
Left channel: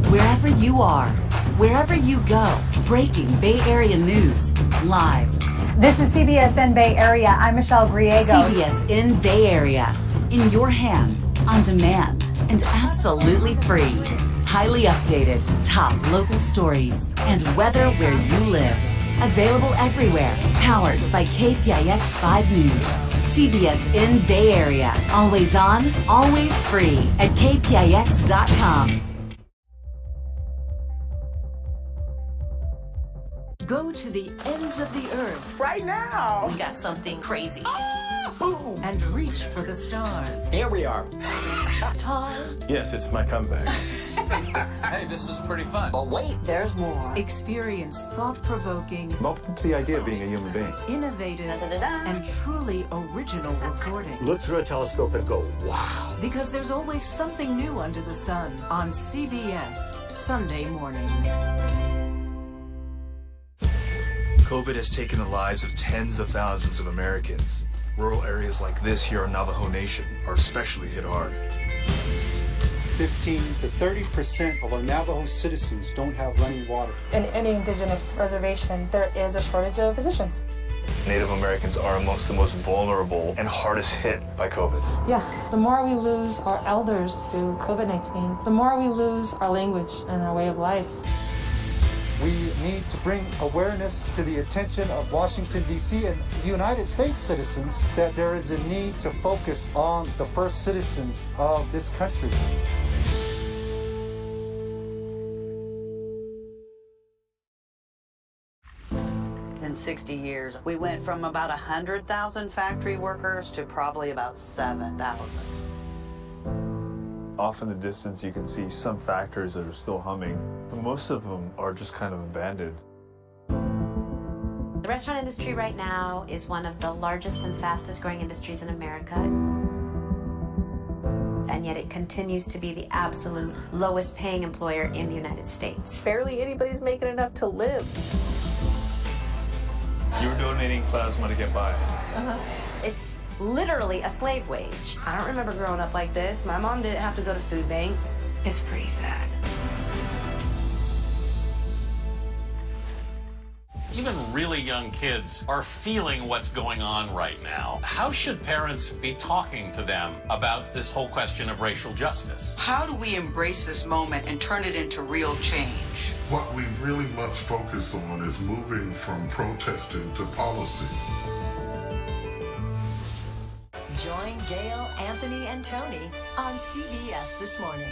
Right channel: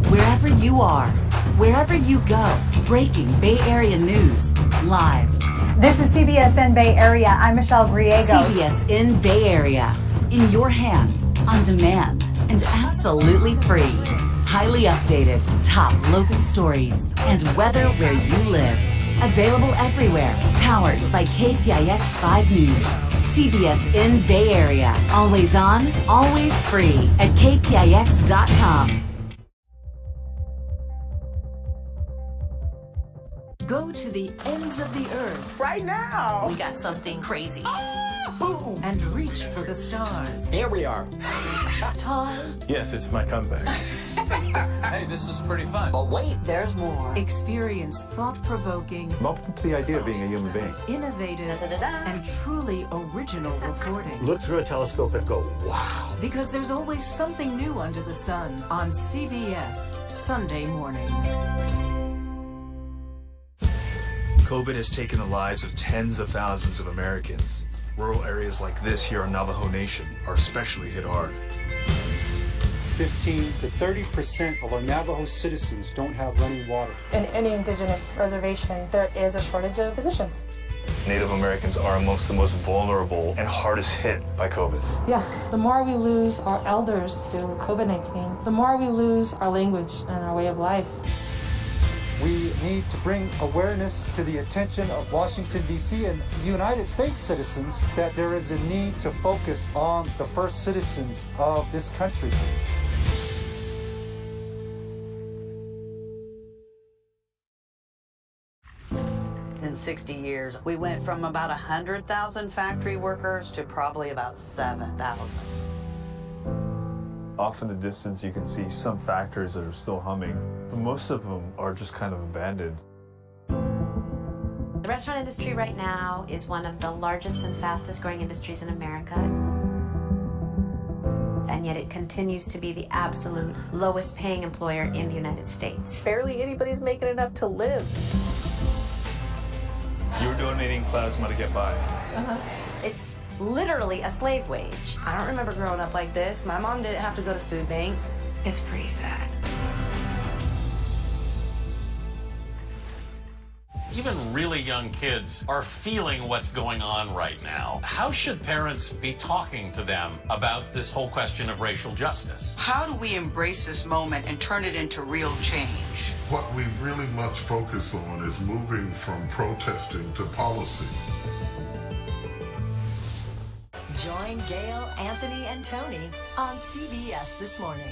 Wherever you are, wherever you go, breaking Bay Area news live. This is CBS in Bay Area. I'm Michelle Griego. CBS in Bay Area. In your hand, on demand, and absolutely free. Highly updated, top local stories, and weather where you live. Available everywhere. Powered by KPIX 5 News. CBS in Bay Area. Always on, always free at kpix.com. Go to the ends of the earth. Right now. We got something crazy. And reach for the stars. Here we are. Time. Yes, it's my comeback. Hey, this is pretty fun. But wait, there's more. Experience thought-provoking, I'm open to the idea of being a human being. innovative, and truly original reporting. Look through a telescope and go, wow. Because there's always something new under the sun on CBS Sunday morning. COVID has taken the lives of tens of thousands of Americans. Rural areas like this here in Navajo Nation are especially hit hard. 15 to 30% of our Navajo citizens don't have running water. In any indigenous reservation, there is a shortage of physicians. Native Americans are amongst the most vulnerable and hardest hit by COVID. Yeah, the more we lose our elders to COVID-19, the more we lose our language and our way of life. We need to bring awareness to the attention of Washington, D.C. and United States citizens that there is a need to focus on the first citizens of this country. within 60 years. We went from about 100,000 factory workers to probably about 7,000. Off in the distance, you can see some factories that are still humming, but most of them are just kind of abandoned. The restaurant industry right now is one of the largest and fastest growing industries in America. And yet it continues to be the absolute lowest paying employer in the United States. Barely anybody's making enough to live. You're donating plasma to get by. It's literally a slave wage. I don't remember growing up like this. My mom didn't have to go to food banks. It's pretty sad. Even really young kids are feeling what's going on right now. How should parents be talking to them about this whole question of racial justice? How do we embrace this moment and turn it into real change? What we really must focus on is moving from protesting to policy. Join Gail, Anthony, and Tony on CBS This Morning.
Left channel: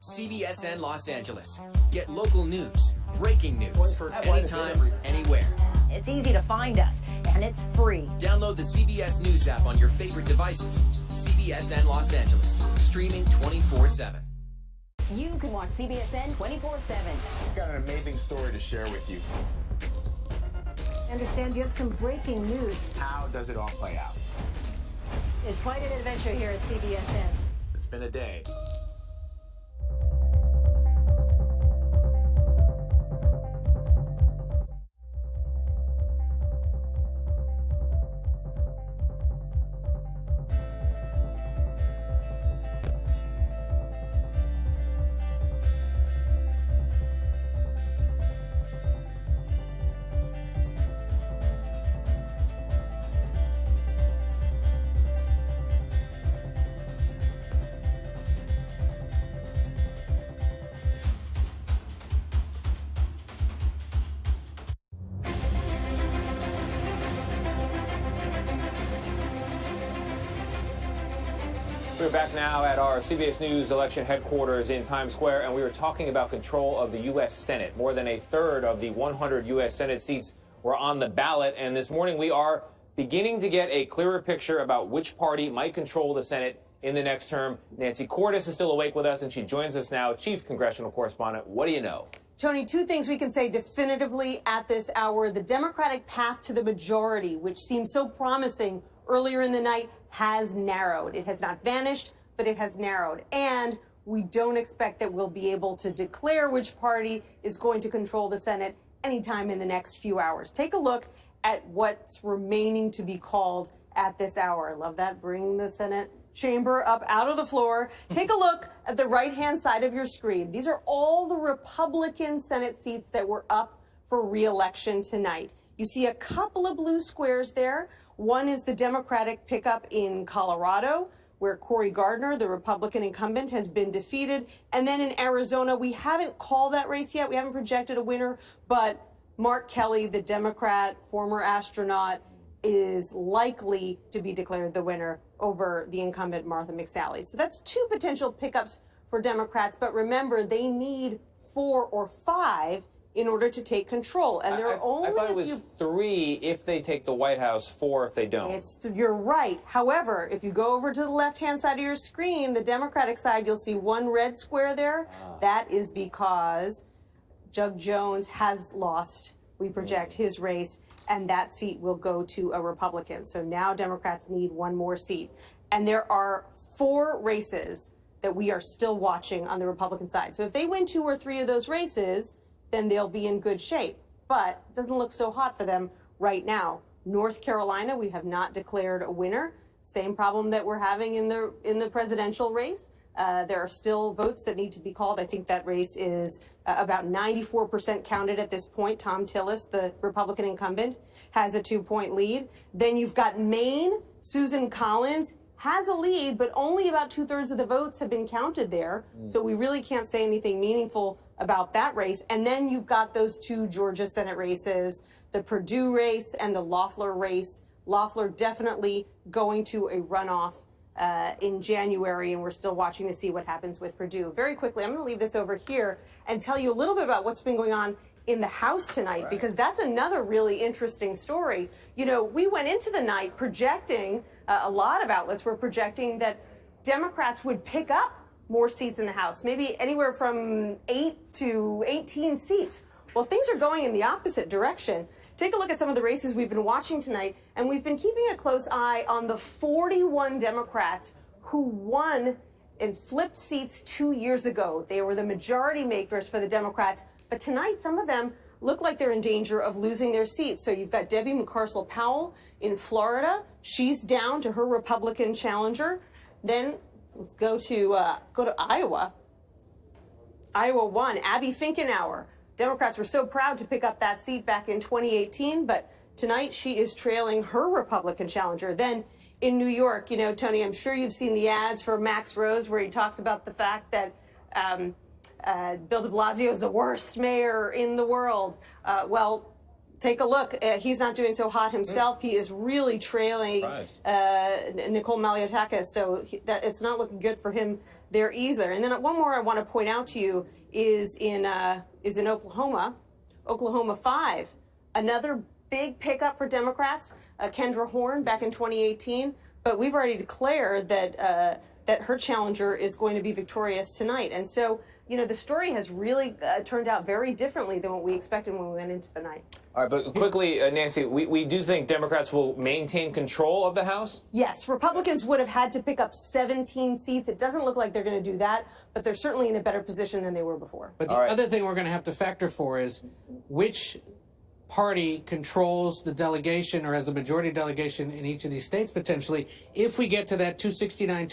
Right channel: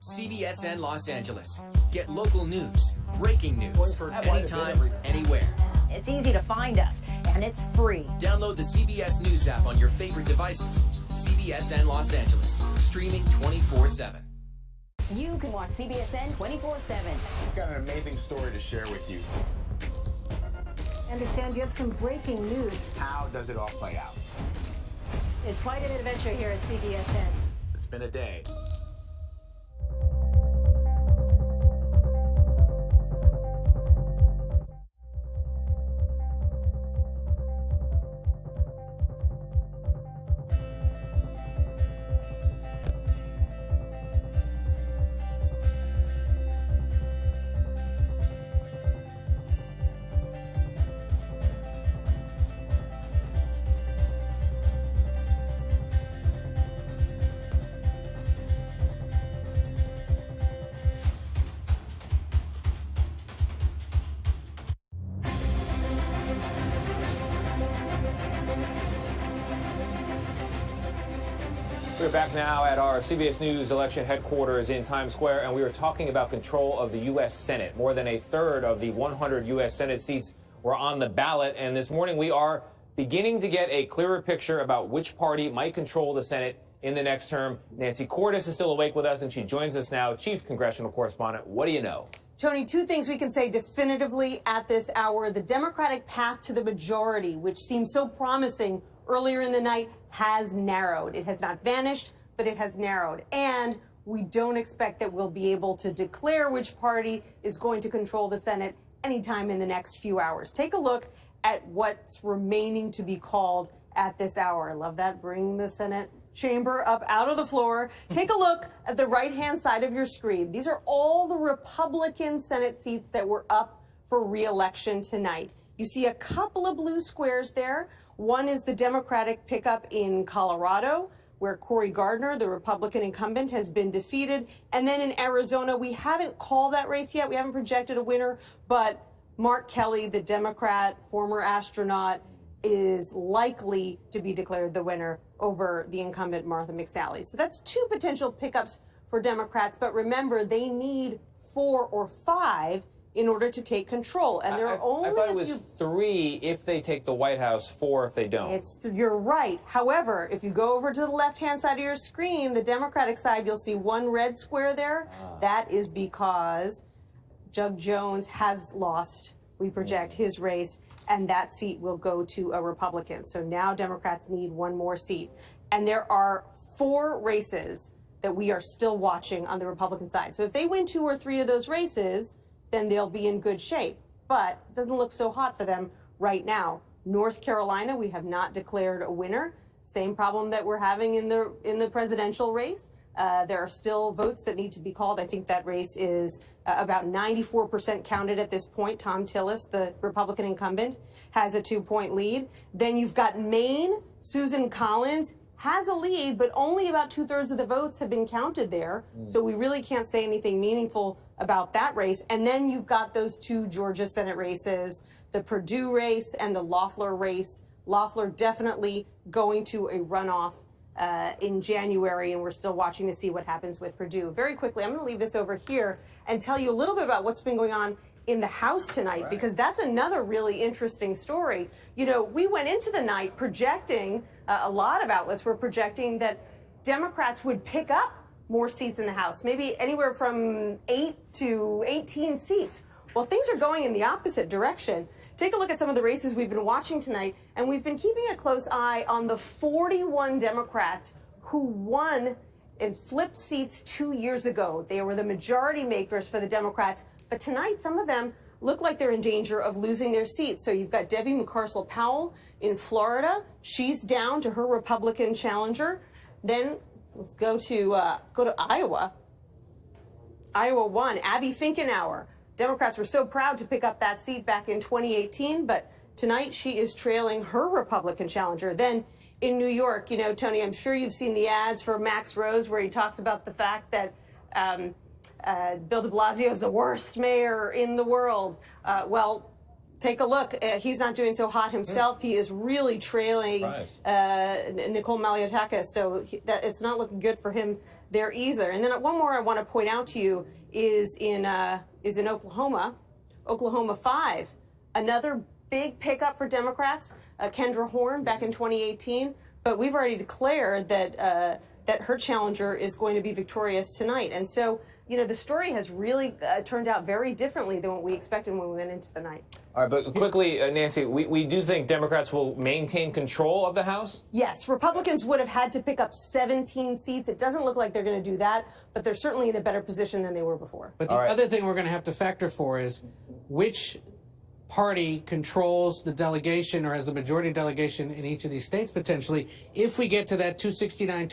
CBSN Los Angeles. Get local news, breaking news, anytime, anywhere. It's easy to find us, and it's free. Download the CBS News app on your favorite devices. CBSN Los Angeles, streaming 24/7. You can watch CBSN 24/7. We've got an amazing story to share with you. I understand you have some breaking news. How does it all play out? It's quite an adventure here at CBSN. It's been a day. We're back now at our CBS News election headquarters in Times Square, and we were talking about control of the U.S. Senate. More than a third of the 100 U.S. Senate seats were on the ballot, and this morning we are beginning to get a clearer picture about which party might control the Senate in the next term. Nancy Cordes is still awake with us, and she joins us now, Chief Congressional Correspondent. What do you know? Tony, two things we can say definitively at this hour. The Democratic path to the majority, which seemed so promising earlier in the night, has narrowed. It has not vanished, but it has narrowed. And we don't expect that we'll be able to declare which party is going to control the Senate anytime in the next few hours. Take a look at what's remaining to be called at this hour. I love that. Bring the Senate chamber up out of the floor. Take a look at the right-hand side of your screen. These are all the Republican Senate seats that were up for re-election tonight. You see a couple of blue squares there. One is the Democratic pickup in Colorado, where Cory Gardner, the Republican incumbent, has been defeated. And then in Arizona, we haven't called that race yet. We haven't projected a winner, but Mark Kelly, the Democrat, former astronaut, is likely to be declared the winner over the incumbent Martha McSally. So that's two potential pickups for Democrats. But remember, they need 4 or 5 in order to take control. And there are only I thought it was 3 if they take the White House, 4 if they don't. You're right. However, if you go over to the left-hand side of your screen, the Democratic side, you'll see one red square there. That is because Doug Jones has lost, we project, his race, and that seat will go to a Republican. So now Democrats need one more seat. And there are 4 races that we are still watching on the Republican side. So if they win 2 or 3 of those races, then they'll be in good shape. But it doesn't look so hot for them right now. North Carolina, we have not declared a winner. Same problem that we're having in the presidential race. There are still votes that need to be called. I think that race is about 94% counted at this point. Tom Tillis, the Republican incumbent, has a 2-point lead. Then you've got Maine. Susan Collins has a lead, but only about 2/3 of the votes have been counted there. So we really can't say anything meaningful about that race. And then you've got those 2 Georgia Senate races, the Perdue race and the Loeffler race. Loeffler definitely going to a runoff in January, and we're still watching to see what happens with Perdue. Very quickly, I'm going to leave this over here and tell you a little bit about what's been going on in the House tonight, because that's another really interesting story. You know, we went into the night projecting, a lot of outlets were projecting that Democrats would pick up more seats in the House, maybe anywhere from 8 to 18 seats. Well, things are going in the opposite direction. Take a look at some of the races we've been watching tonight, and we've been keeping a close eye on the 41 Democrats who won and flipped seats 2 years ago. They were the majority makers for the Democrats, but tonight some of them look like they're in danger of losing their seats. So you've got Debbie McCarsell-Powell in Florida. She's down to her Republican challenger. Then let's go to Iowa. Iowa won. Abby Finkenauer. Democrats were so proud to pick up that seat back in 2018, but tonight she is trailing her Republican challenger. Then in New York, you know, Tony, I'm sure you've seen the ads for Max Rose where he talks about the fact that Bill de Blasio is the worst mayor in the world. Well, take a look. He's not doing so hot himself. He is really trailing Nicole Maliotakis, so it's not looking good for him there either. And then one more I want to point out to you is in Oklahoma, Oklahoma 5, another big pickup for Democrats, Kendra Horn back in 2018. But we've already declared that that her challenger is going to be victorious tonight. And so, you know, the story has really turned out very differently than what we expected when we went into the night. All right, but quickly, Nancy, we do think Democrats will maintain control of the House? Yes, Republicans would have had to pick up 17 seats. It doesn't look like they're going to do that, but they're certainly in a better position than they were before. But the other thing we're going to have to factor for is which party controls the delegation or has the majority delegation in each of these states potentially if we get to that 269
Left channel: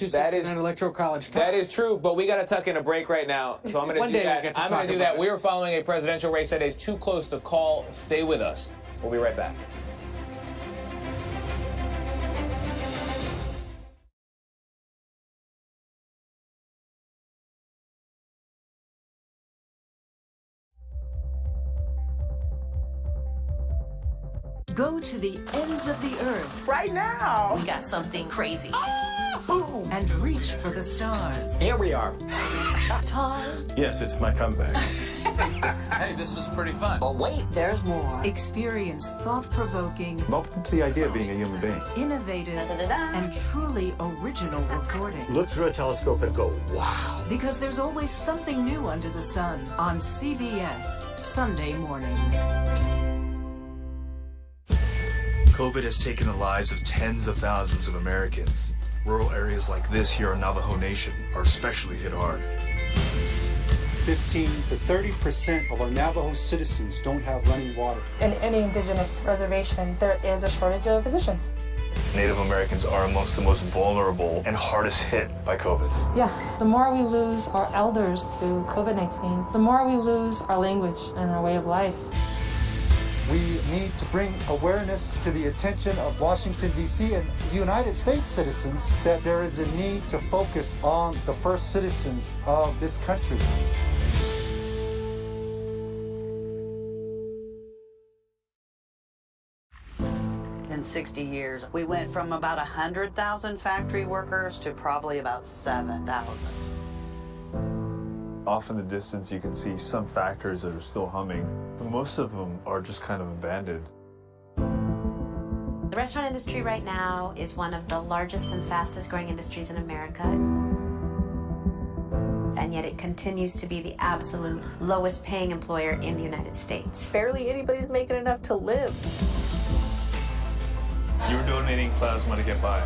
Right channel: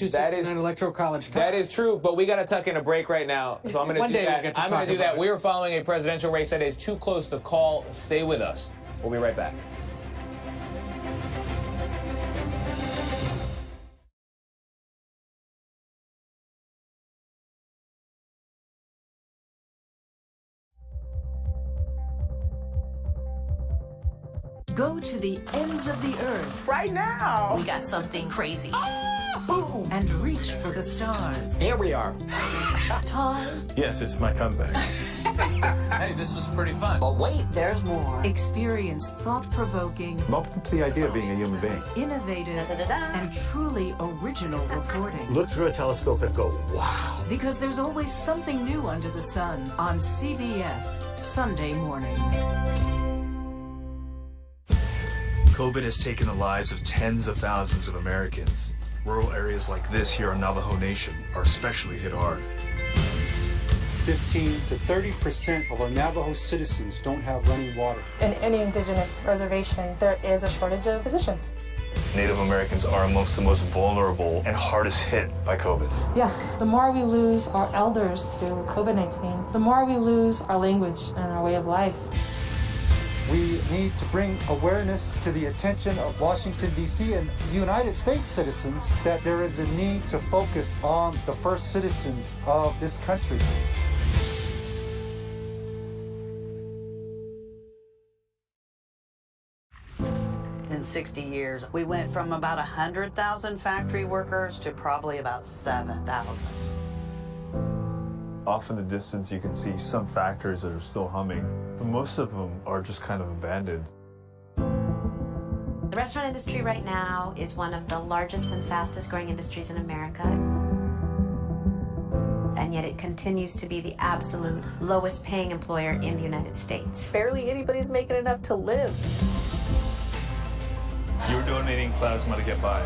electoral college time. That is true, but we got to tuck in a break right now, so I'm going to do that. I'm going to do that. We are following a presidential race that is too close to call. Stay with us. We'll be right back. Go to the ends of the earth. Right now. We got something crazy. And reach for the stars. Here we are. Tom. Yes, it's my comeback. Hey, this is pretty fun. But wait, there's more. Experience thought-provoking, I'm open to the idea of being a human being. innovative, and truly original reporting. Look through a telescope and go, wow. Because there's always something new under the sun on CBS Sunday morning. COVID has taken the lives of tens of thousands of Americans. Rural areas like this here on Navajo Nation are especially hit hard. 15 to 30% of our Navajo citizens don't have running water. In any indigenous reservation, there is a shortage of physicians. Native Americans are amongst the most vulnerable and hardest hit by COVID. Yeah, the more we lose our elders to COVID-19, the more we lose our language and our way of life. We need to bring awareness to the attention of Washington, D.C. and United States citizens that there is a need to focus on the first citizens of this country. In 60 years, we went from about 100,000 factory workers to probably about 7,000. Off in the distance, you can see some factories that are still humming, but most of them are just kind of abandoned. The restaurant industry right now is one of the largest and fastest growing industries in America. And yet it continues to be the absolute lowest paying employer in the United States. Barely anybody's making enough to live. You're donating plasma to get by.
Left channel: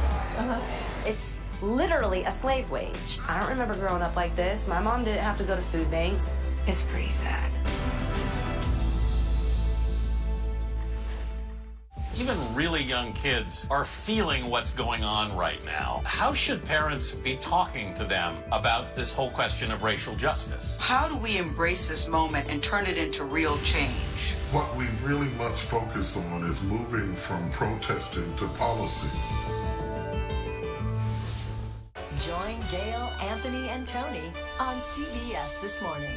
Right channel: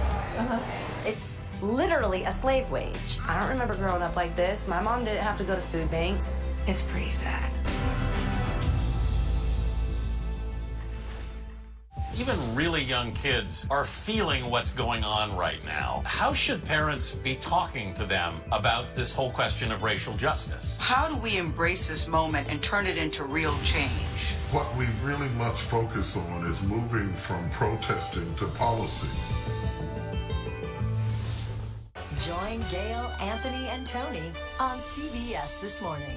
It's literally a slave wage. I don't remember growing up like this. My mom didn't have to go to food banks. It's pretty sad. Even really young kids are feeling what's going on right now. How should parents be talking to them about this whole question of racial justice? How do we embrace this moment and turn it into real change? What we really must focus on is moving from protesting to policy. Join Gail, Anthony, and Tony on CBS This Morning.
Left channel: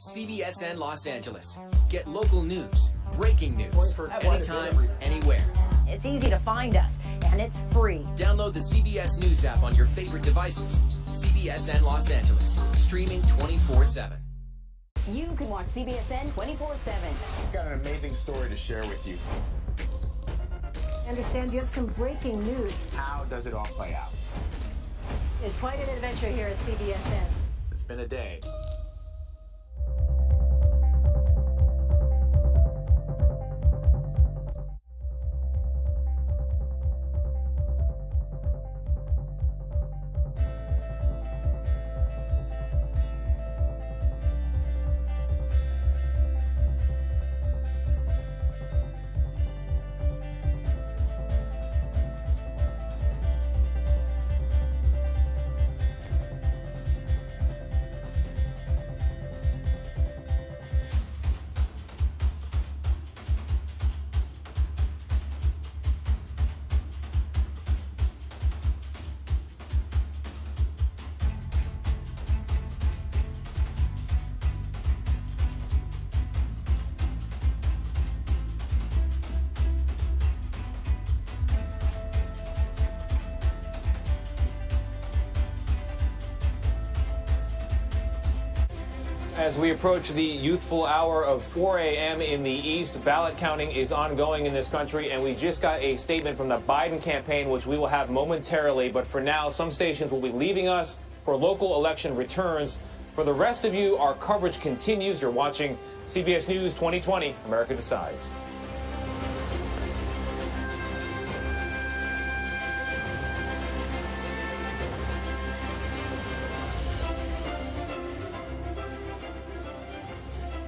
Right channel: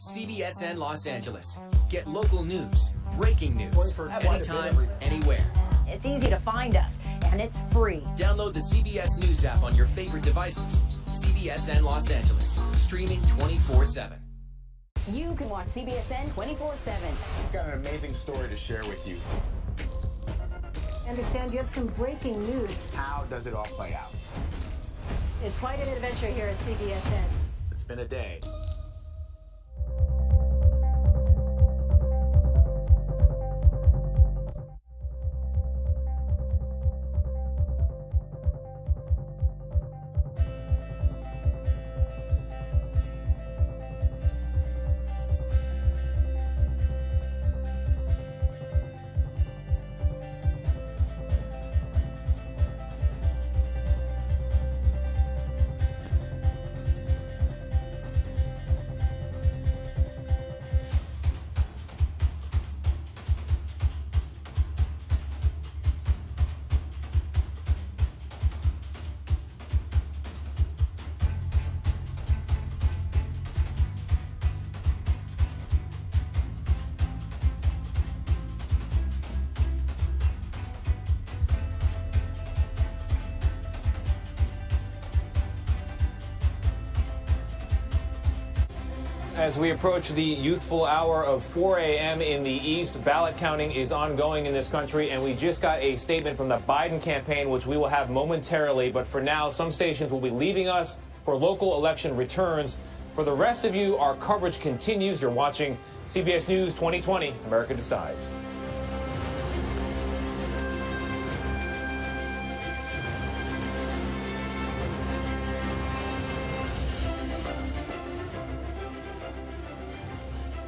CBSN Los Angeles. Get local news, breaking news, anytime, anywhere. It's easy to find us, and it's free. Download the CBS News app on your favorite devices. CBSN Los Angeles, streaming 24/7. You can watch CBSN 24/7. We've got an amazing story to share with you. I understand you have some breaking news. How does it all play out? It's quite an adventure here at CBSN. It's been a day. As we approach the youthful hour of 4 a.m. in the East, ballot counting is ongoing in this country, and we just got a statement from the Biden campaign, which we will have momentarily. But for now, some stations will be leaving us for local election returns. For the rest of you, our coverage continues. You're watching CBS News 2020, America Decides.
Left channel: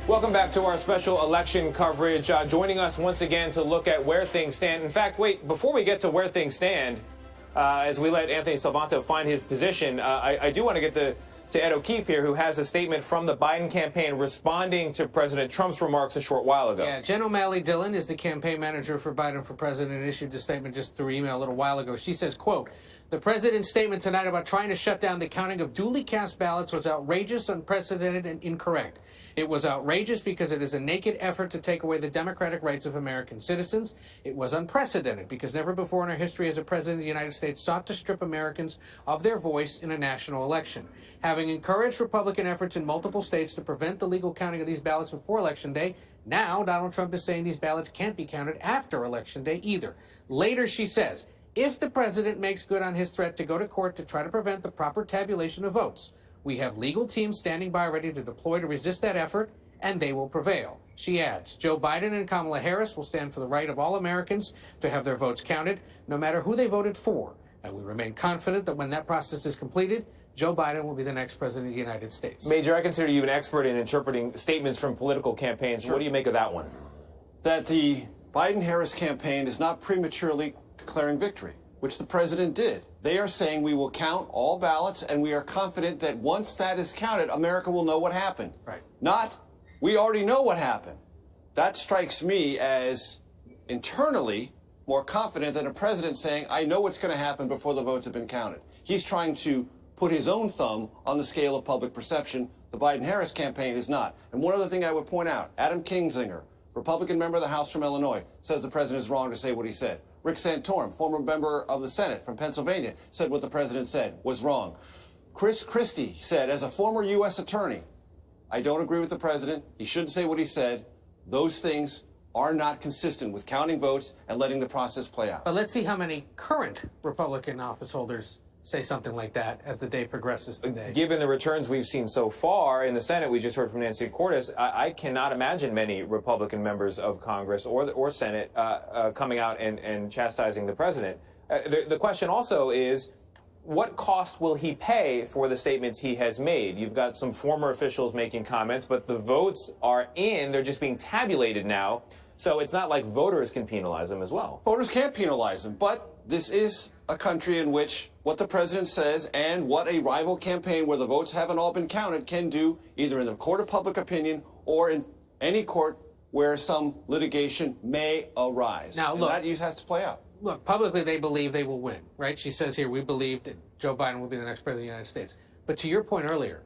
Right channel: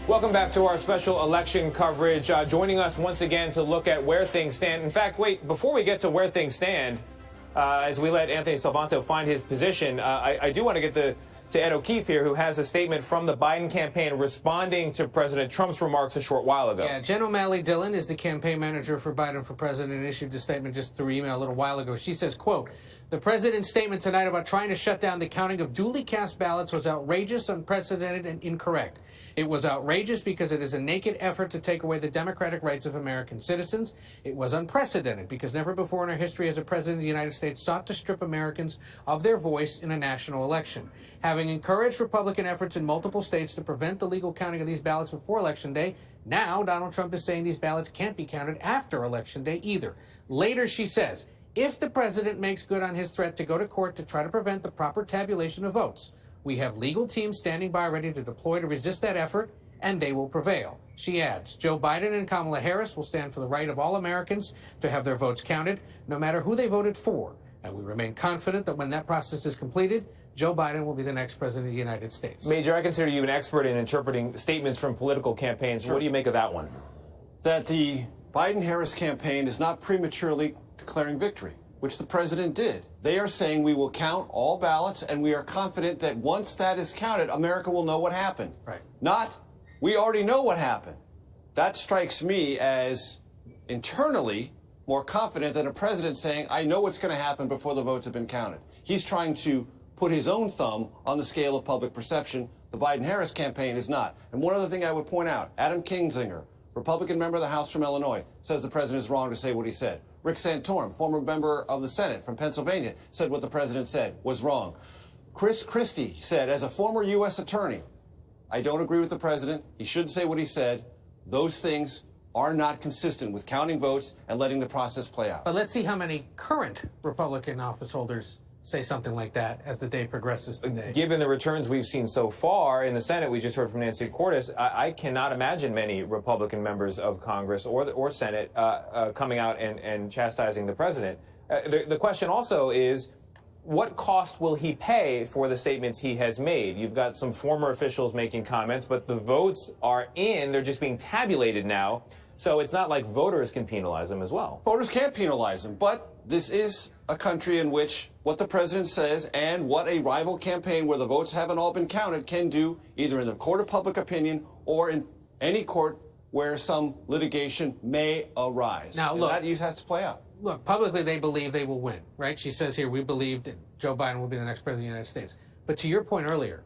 Welcome back to our special election coverage. Joining us once again to look at where things stand. In fact, wait, before we get to where things stand, as we let Anthony Salvanto find his position, I do want to get to Ed O'Keefe here, who has a statement from the Biden campaign responding to President Trump's remarks a short while ago. Yeah, Jen O'Malley Dillon is the campaign manager for Biden for president and issued a statement just through email a little while ago. She says, quote, "The president's statement tonight about trying to shut down the counting of duly cast ballots was outrageous, unprecedented, and incorrect. It was outrageous because it is a naked effort to take away the democratic rights of American citizens. It was unprecedented because never before in our history has a president of the United States sought to strip Americans of their voice in a national election. Having encouraged Republican efforts in multiple states to prevent the legal counting of these ballots before Election Day, now Donald Trump is saying these ballots can't be counted after Election Day either." Later, she says, "If the president makes good on his threat to go to court to try to prevent the proper tabulation of votes, we have legal teams standing by ready to deploy to resist that effort, and they will prevail." She adds, "Joe Biden and Kamala Harris will stand for the right of all Americans to have their votes counted, no matter who they voted for. And we remain confident that when that process is completed, Joe Biden will be the next president of the United States." Major, I consider you an expert in interpreting statements from political campaigns. Sure. What do you make of that one? That the Biden-Harris campaign is not prematurely declaring victory, which the president did. They are saying we will count all ballots, and we are confident that once that is counted, America will know what happened. Right. Not, we already know what happened. That strikes me as internally more confident than a president saying, I know what's going to happen before the votes have been counted. He's trying to put his own thumb on the scale of public perception. The Biden-Harris campaign is not. And one other thing I would point out, Adam Kinzinger, Republican member of the House from Illinois, says the president is wrong to say what he said. Rick Santorum, former member of the Senate from Pennsylvania, said what the president said was wrong. Chris Christie said, as a former U.S. attorney, I don't agree with the president. He shouldn't say what he said. Those things are not consistent with counting votes and letting the process play out. But let's see how many current Republican office holders say something like that as the day progresses today. Given the returns we've seen so far in the Senate, we just heard from Nancy Cordes, I cannot imagine many Republican members of Congress or Senate coming out and chastising the president. The question also is, what cost will he pay for the statements he has made? You've got some former officials making comments, but the votes are in. They're just being tabulated now. So it's not like voters can penalize him as well. Voters can't penalize him, but this is a country in which what the president says and what a rival campaign where the votes haven't all been counted can do, either in the court of public opinion or in any court where some litigation may arise. Now, look, and that has to play out. Look, publicly they believe they will win, right? She says here, we believe that Joe Biden will be the next president of the United States. But to your point earlier,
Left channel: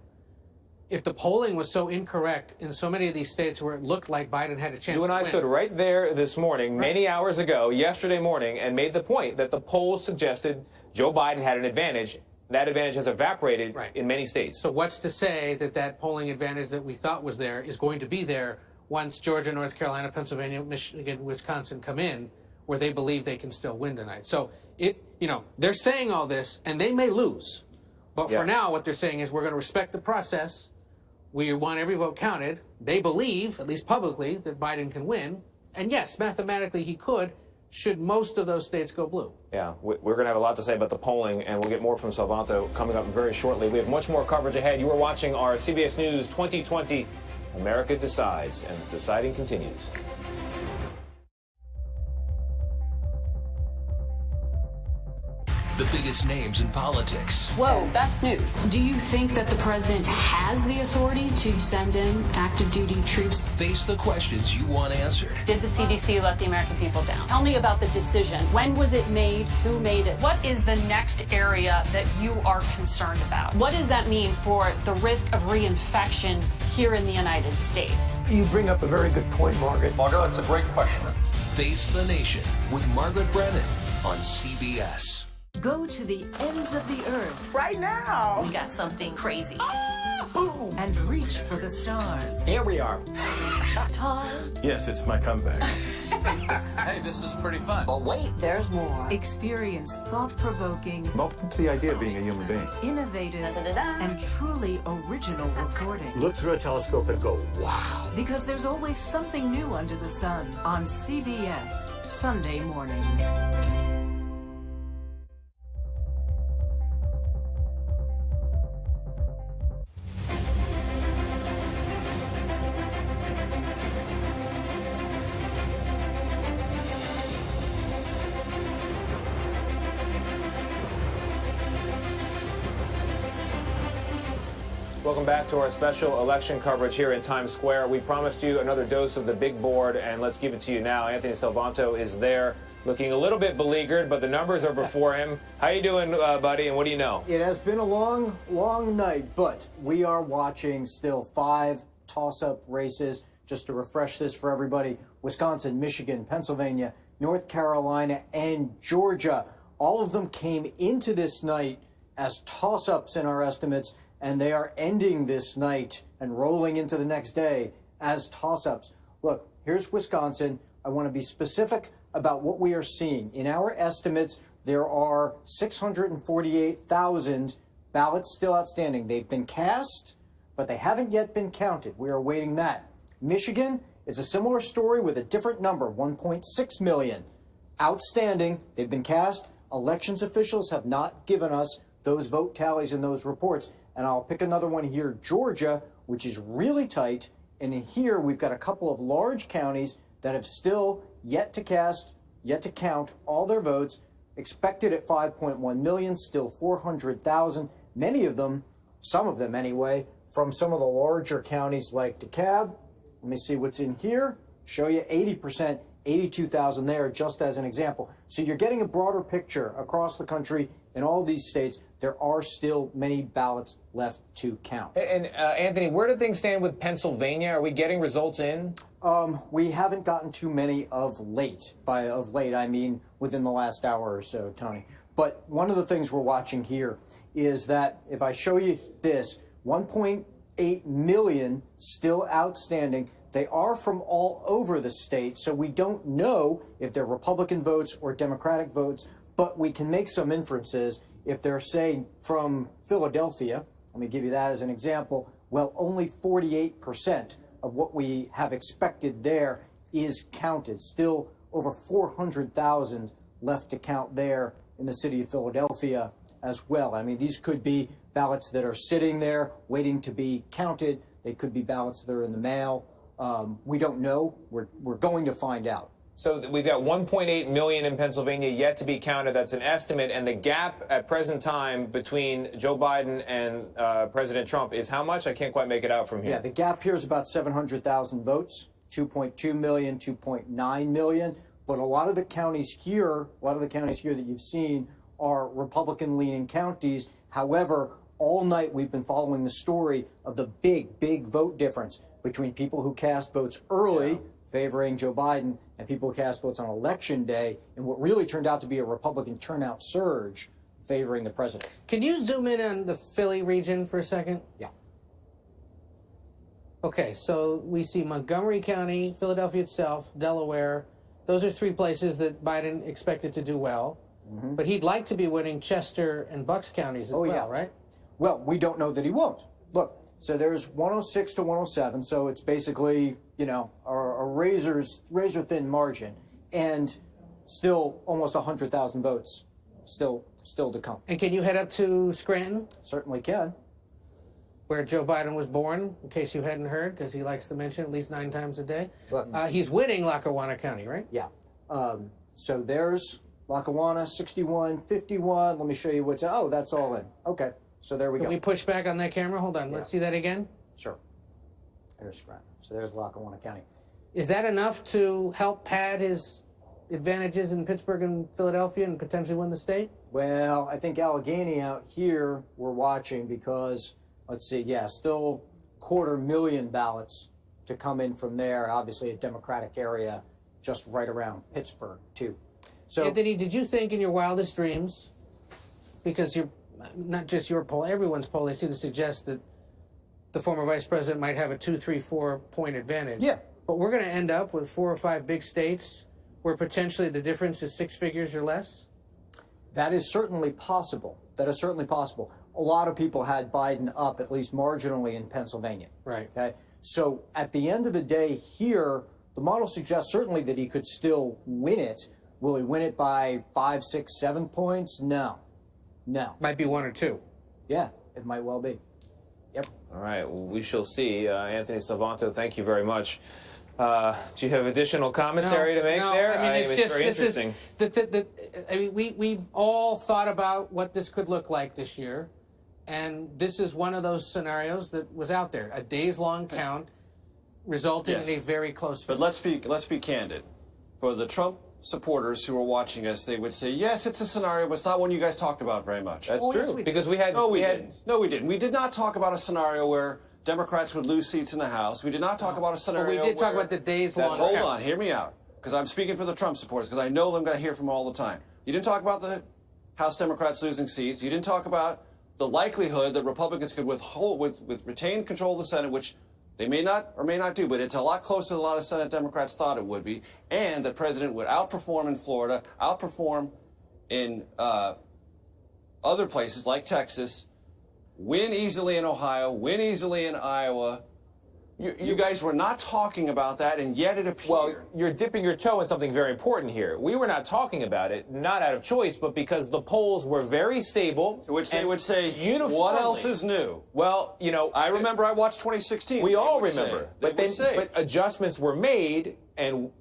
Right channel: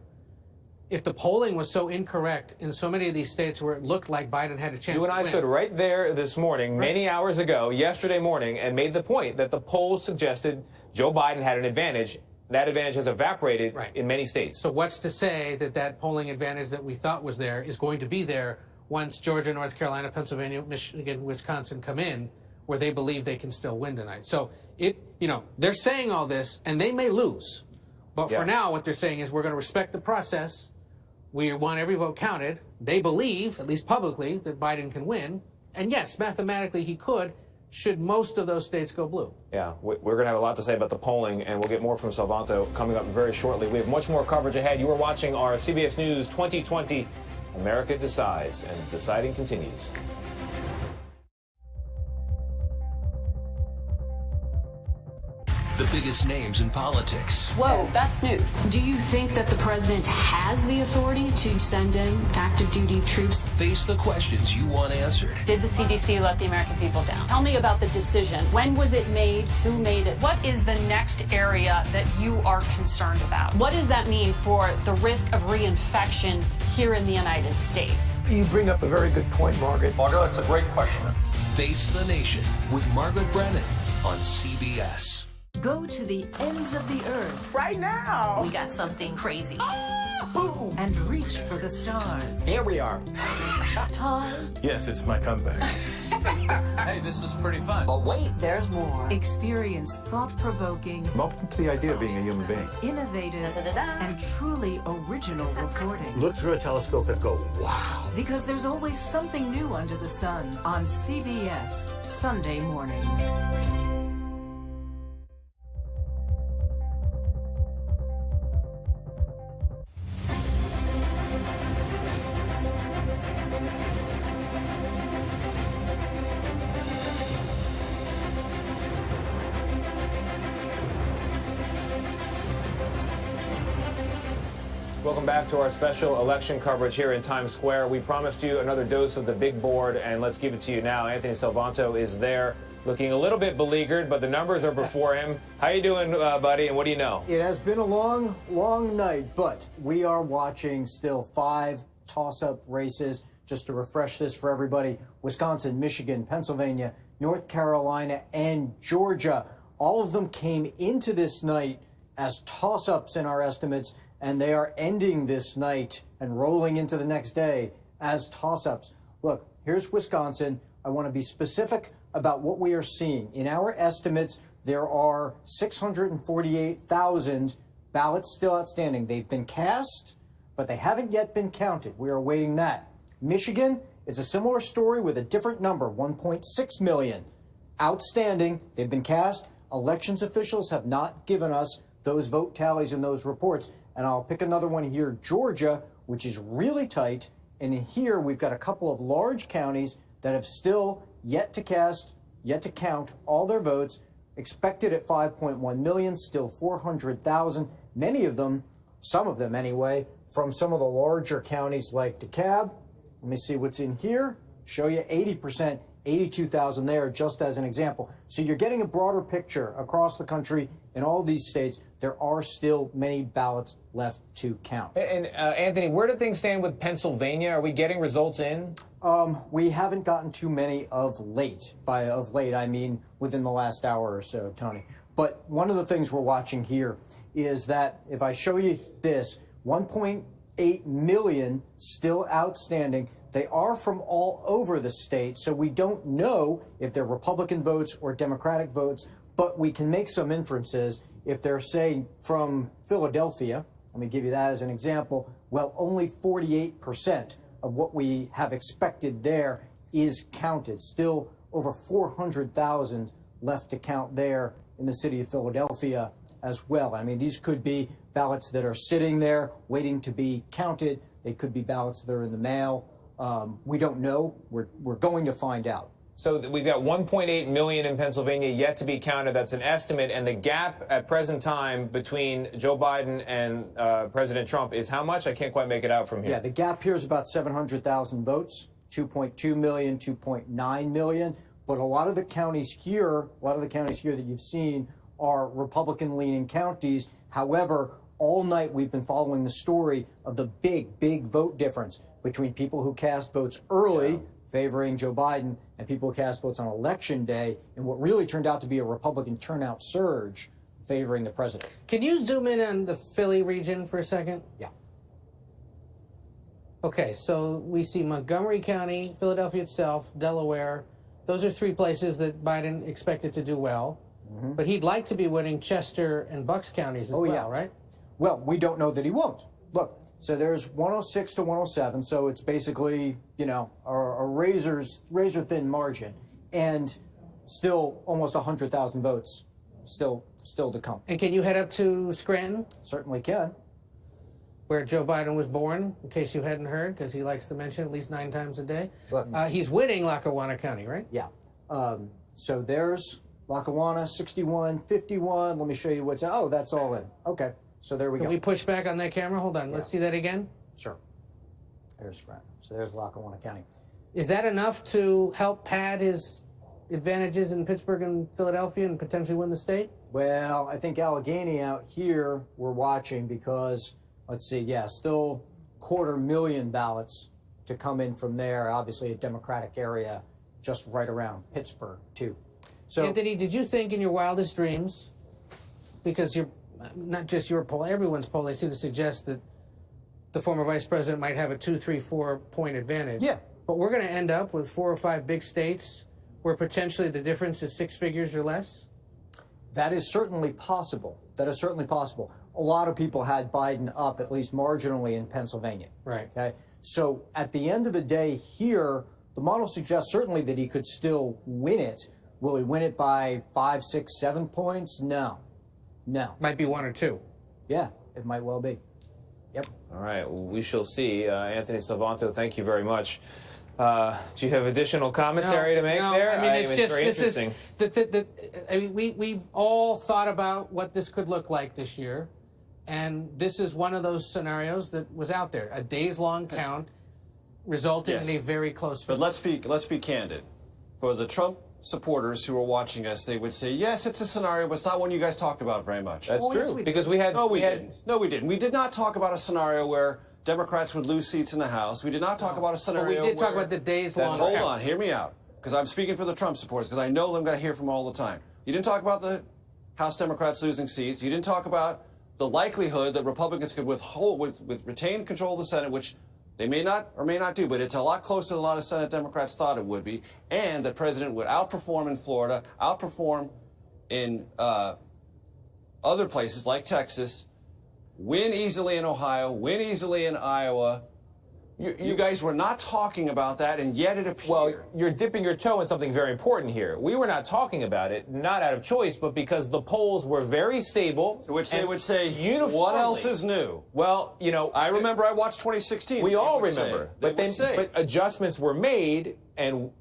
if the polling was so incorrect in so many of these states where it looked like Biden had a chance to win. You and I stood right there this morning, many hours ago, yesterday morning, and made the point that the polls suggested Joe Biden had an advantage. that advantage has evaporated in many states. So what's to say that that polling advantage that we thought was there is going to be there once Georgia, North Carolina, Pennsylvania, Michigan, Wisconsin come in, where they believe they can still win tonight? So they're saying all this, and they may lose. But for now, what they're saying is we're going to respect the process. We want every vote counted. They believe, at least publicly, that Biden can win. And yes, mathematically he could, should most of those states go blue. Yeah, we're going to have a lot to say about the polling, and we'll get more from Salvanto coming up very shortly. We have much more coverage ahead. You are watching our CBS News 2020 America Decides, and deciding continues. The biggest names in politics. Whoa, that's news. Do you think that the president has the authority to send in active duty troops? Face the questions you want answered. Did the CDC let the American people down? Tell me about the decision. When was it made? Who made it? What is the next area that you are concerned about? What does that mean for the risk of reinfection here in the United States? You bring up a very good point, Margaret. Margaret, that's a great question. Face the Nation with Margaret Brennan on CBS. Go to the ends of the earth. Right now. We got something crazy. And reach for the stars. Here we are. Time. Yes, it's my comeback. Hey, this is pretty fun. But wait, there's more. Experience thought-provoking, I'm open to the idea of being a human being. innovative, and truly original reporting. Look through a telescope and go, wow. Because there's always something new under the sun on CBS Sunday morning. Welcome back to our special election coverage here in Times Square. We promised you another dose of the big board, and let's give it to you now. Anthony Salvanto is there, looking a little bit beleaguered, but the numbers are before him. How you doing, buddy, and what do you know? It has been a long, long night, but we are watching still 5 toss-up races. Just to refresh this for everybody, Wisconsin, Michigan, Pennsylvania, North Carolina, and Georgia. All of them came into this night as toss-ups in our estimates, and they are ending this night and rolling into the next day as toss-ups. Look, here's Wisconsin. I want to be specific about what we are seeing. In our estimates, there are 648,000 ballots still outstanding. They've been cast, but they haven't yet been counted. We are awaiting that. Michigan, it's a similar story with a different number, 1.6 million. Outstanding, they've been cast. Elections officials have not given us those vote tallies and those reports. And I'll pick another one here, Georgia, which is really tight. And in here, we've got a couple of large counties that have still yet to cast, yet to count all their votes, expected at 5.1 million, still 400,000. Many of them, some of them anyway, from some of the larger counties like DeKalb. Let me see what's in here. Show you 80%, 82,000 there, just as an example. So you're getting a broader picture across the country in all these states. There are still many ballots left to count. And Anthony, where do things stand with Pennsylvania? Are we getting results in? We haven't gotten too many of late. By of late, I mean within the last hour or so, Tony. But one of the things we're watching here is that if I show you this, 1.8 million still outstanding. They are from all over the state, so we don't know if they're Republican votes or Democratic votes, but we can make some inferences. If they're, say, from Philadelphia, let me give you that as an example, well, only 48% of what we have expected there is counted. Still over 400,000 left to count there in the city of Philadelphia as well. I mean, these could be ballots that are sitting there waiting to be counted. They could be ballots that are in the mail. We don't know. We're going to find out. So we've got 1.8 million in Pennsylvania yet to be counted. That's an estimate. And the gap at present time between Joe Biden and President Trump is how much? I can't quite make it out from here. Yeah, the gap here is about 700,000 votes, 2.2 million, 2.9 million. But a lot of the counties here that you've seen are Republican-leaning counties. However, all night we've been following the story of the big vote difference between people who cast votes early, favoring Joe Biden, and people who cast votes on Election Day, and what really turned out to be a Republican turnout surge favoring the president. Can you zoom in on the Philly region for a second? Yeah. Okay, so we see Montgomery County, Philadelphia itself, Delaware. Those are three places that Biden expected to do well. Mm-hmm. But he'd like to be winning Chester and Bucks counties as well, right? Well, we don't know that he won't. Look, so there's 106 to 107, so it's basically, you know, a razor-thin margin, and still almost 100,000 votes still to come. And can you head up to Scranton? Certainly can. Where Joe Biden was born, in case you hadn't heard, because he likes to mention at least 9 times a day. Look, he's winning Lackawanna County, right? Yeah. So there's Lackawanna, 61, 51. Let me show you what's... Oh, that's all in. Okay. So there we go. Can we push back on that camera? Hold on. Let's see that again. Sure. There's Scranton. So there's Lackawanna County. Is that enough to help pad his advantages in Pittsburgh and Philadelphia and potentially win the state? Well, I think Allegheny out here we're watching because, let's see, yeah, still 250,000 ballots to come in from there. Obviously a Democratic area just right around Pittsburgh, too. So, Anthony, did you think in your wildest dreams, because you're not just your poll, everyone's poll, they seem to suggest that the former vice president might have a 2, 3, 4 point advantage. Yeah. But we're going to end up with 4 or 5 big states where potentially the difference is 6 figures or less? that is certainly possible. That is certainly possible. A lot of people had Biden up at least marginally in Pennsylvania. Right. Okay. So at the end of the day here, the model suggests certainly that he could still win it. Will he win it by 5, 6, 7 points? No. No. Might be 1 or 2. Yeah, it might well be. Yep. All right, we shall see. Anthony Salvanto, thank you very much. Do you have additional commentary to make there? I mean, it's just very this interesting. is I mean, we've all thought about what this could look like this year, and this is one of those scenarios that was out there. A days-long count resulting in a very close. But let's be candid. For the Trump supporters who are watching us, they would say, yes, it's a scenario, but it's not one you guys talked about very much. That's true, because we had... No, we didn't. No, we didn't. We did not talk about a scenario where Democrats would lose seats in the House. We did not talk about a scenario But we did talk about the days-long Hold count. on, hear me out, because I'm speaking for the Trump supporters, because I know I'm going to hear from them all the time. You didn't talk about the House Democrats losing seats. You didn't talk about the likelihood that Republicans could retain control of the Senate, which they may not or may not do, but it's a lot closer than a lot of Senate Democrats thought it would be, and the president would outperform in Florida, outperform in other places like Texas, win easily in Ohio, win easily in Iowa. You guys were not talking about that, and yet it appeared. Well, you're dipping your toe in something very important here. We were not talking about it, not out of choice, but because the polls were very stable. Which they would say, uniformly. What else is new? Well, you know... I remember I watched 2016. We all remember. But adjustments were made, and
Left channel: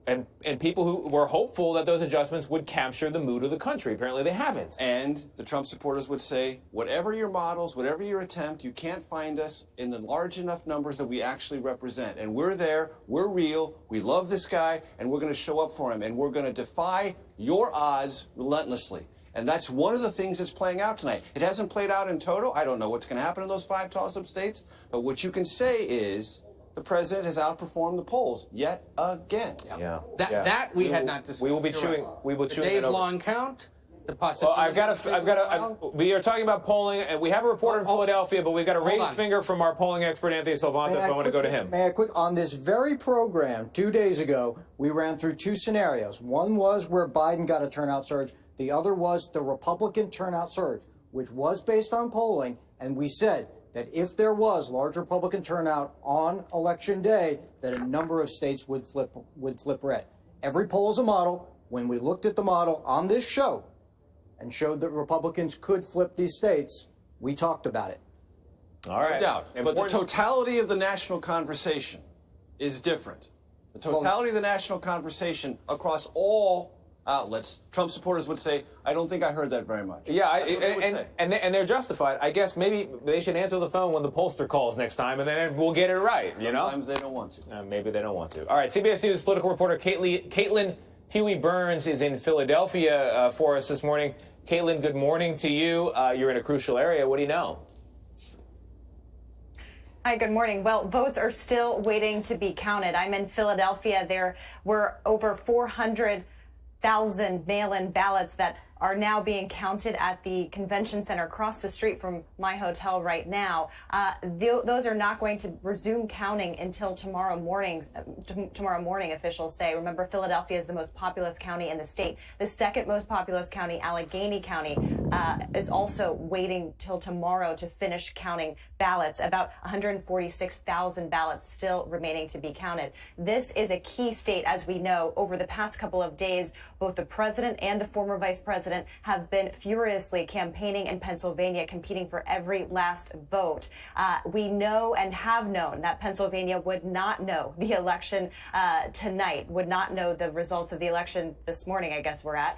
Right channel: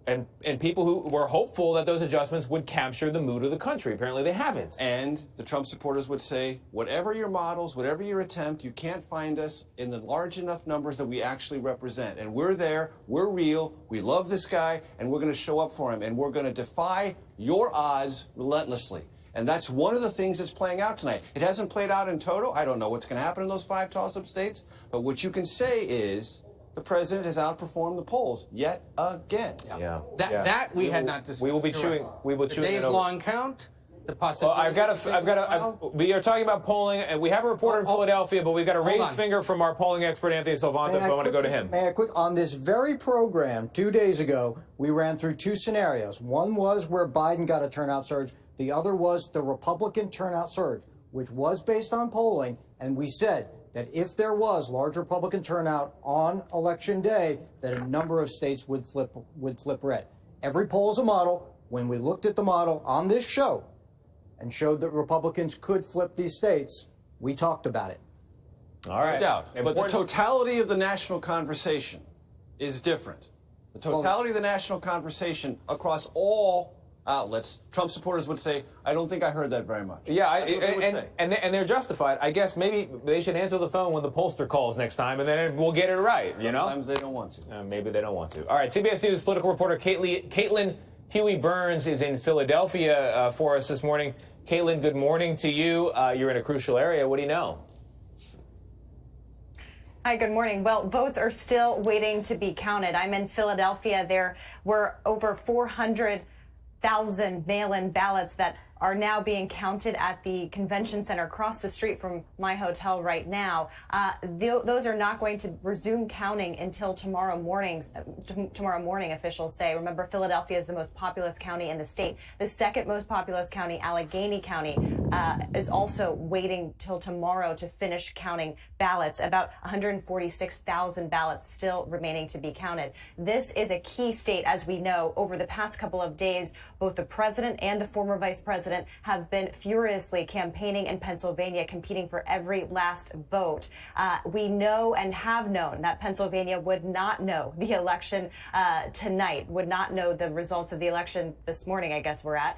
people who were hopeful that those adjustments would capture the mood of the country. Apparently they haven't. And the Trump supporters would say, whatever your models, whatever your attempt, you can't find us in the large enough numbers that we actually represent. And we're there, we're real, we love this guy, and we're going to show up for him. And we're going to defy your odds relentlessly. And that's one of the things that's playing out tonight. It hasn't played out in total. I don't know what's going to happen in those 5 toss-up states. But what you can say is the president has outperformed the polls yet again. Yeah. That we had not discussed. We will be chewing. We will chew it over. Days-long count. The possibility. We are talking about polling, and we have a reporter in Philadelphia, but we've got a raised finger from our polling expert, Anthony Salvanto, so I want to go to him. May I quick, on this very program 2 days ago, we ran through 2 scenarios. One was where Biden got a turnout surge. The other was the Republican turnout surge, which was based on polling, and we said that if there was large Republican turnout on Election Day, that a number of states would flip red. Every poll is a model. When we looked at the model on this show and showed that Republicans could flip these states, we talked about it. All right. No doubt. But the totality of the national conversation is different. The totality of the national conversation across all outlets, Trump supporters would say, I don't think I heard that very much. Yeah, and they're justified. I guess maybe they should answer the phone when the pollster calls next time, and then we'll get it right, you know? Sometimes they don't want to. Maybe they don't want to. All right, CBS News political reporter Caitlin Huey-Burns is in Philadelphia for us this morning. Caitlin, good morning to you. You're in a crucial area. What do you know? Hi, good morning. Well, votes are still waiting to be counted. I'm in Philadelphia. There were over 400,000 mail-in ballots that are now being counted at the convention center across the street from my hotel right now. Those are not going to resume counting until tomorrow morning, officials say. Remember, Philadelphia is the most populous county in the state. The second most populous county, Allegheny County, is also waiting till tomorrow to finish counting ballots. About 146,000 ballots still remaining to be counted. This is a key state, as we know. Over the past couple of days, both the president and the former vice president have been furiously campaigning in Pennsylvania, competing for every last vote. We know and have known that Pennsylvania would not know the election tonight, would not know the results of the election this morning, I guess we're at,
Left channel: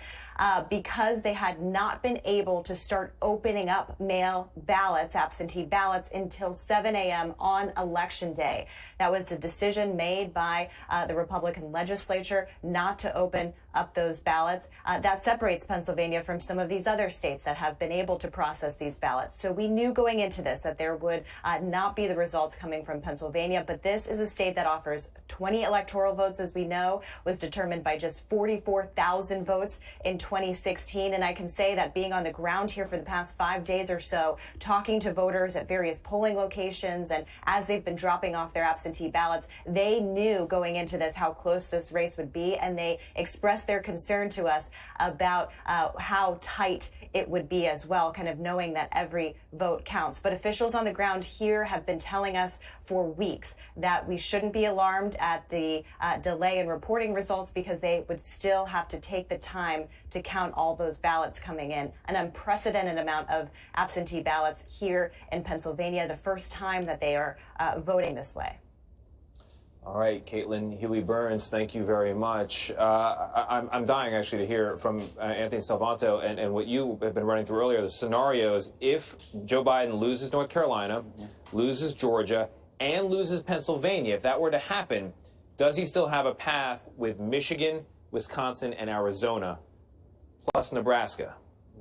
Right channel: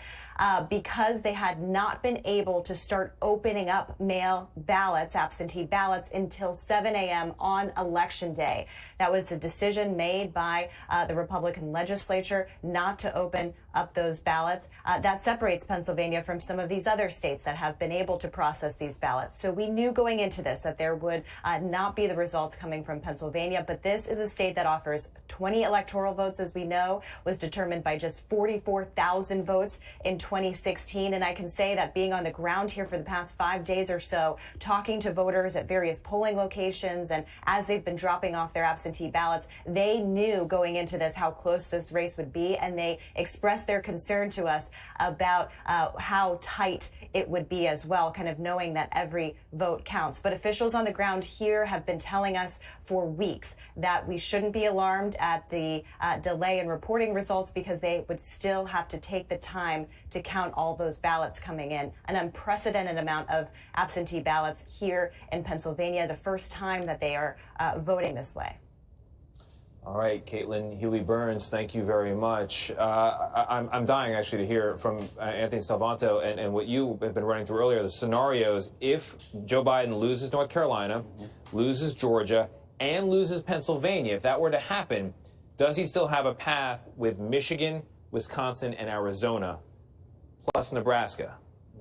because they had not been able to start opening up mail ballots, absentee ballots, until 7 a.m. on Election Day. That was a decision made by the Republican legislature not to open up those ballots. That separates Pennsylvania from some of these other states that have been able to process these ballots. So we knew going into this that there would not be the results coming from Pennsylvania, but this is a state that offers 20 electoral votes, as we know, was determined by just 44,000 votes in 2016. And I can say that being on the ground here for the past 5 days or so, talking to voters at various polling locations, and as they've been dropping off their absentee ballots, they knew going into this how close this race would be, and they expressed their concern to us about how tight it would be as well, kind of knowing that every vote counts. But officials on the ground here have been telling us for weeks that we shouldn't be alarmed at the delay in reporting results, because they would still have to take the time to count all those ballots coming in. An unprecedented amount of absentee ballots here in Pennsylvania, the first time that they are voting this way. All right, Caitlin Huey-Burns, thank you very much. I'm dying, actually, to hear from Anthony Salvanto and what you have been running through earlier, the scenarios if Joe Biden loses North Carolina, loses Georgia, and loses Pennsylvania. If that were to happen, does he still have a path with Michigan, Wisconsin, and Arizona, plus Nebraska,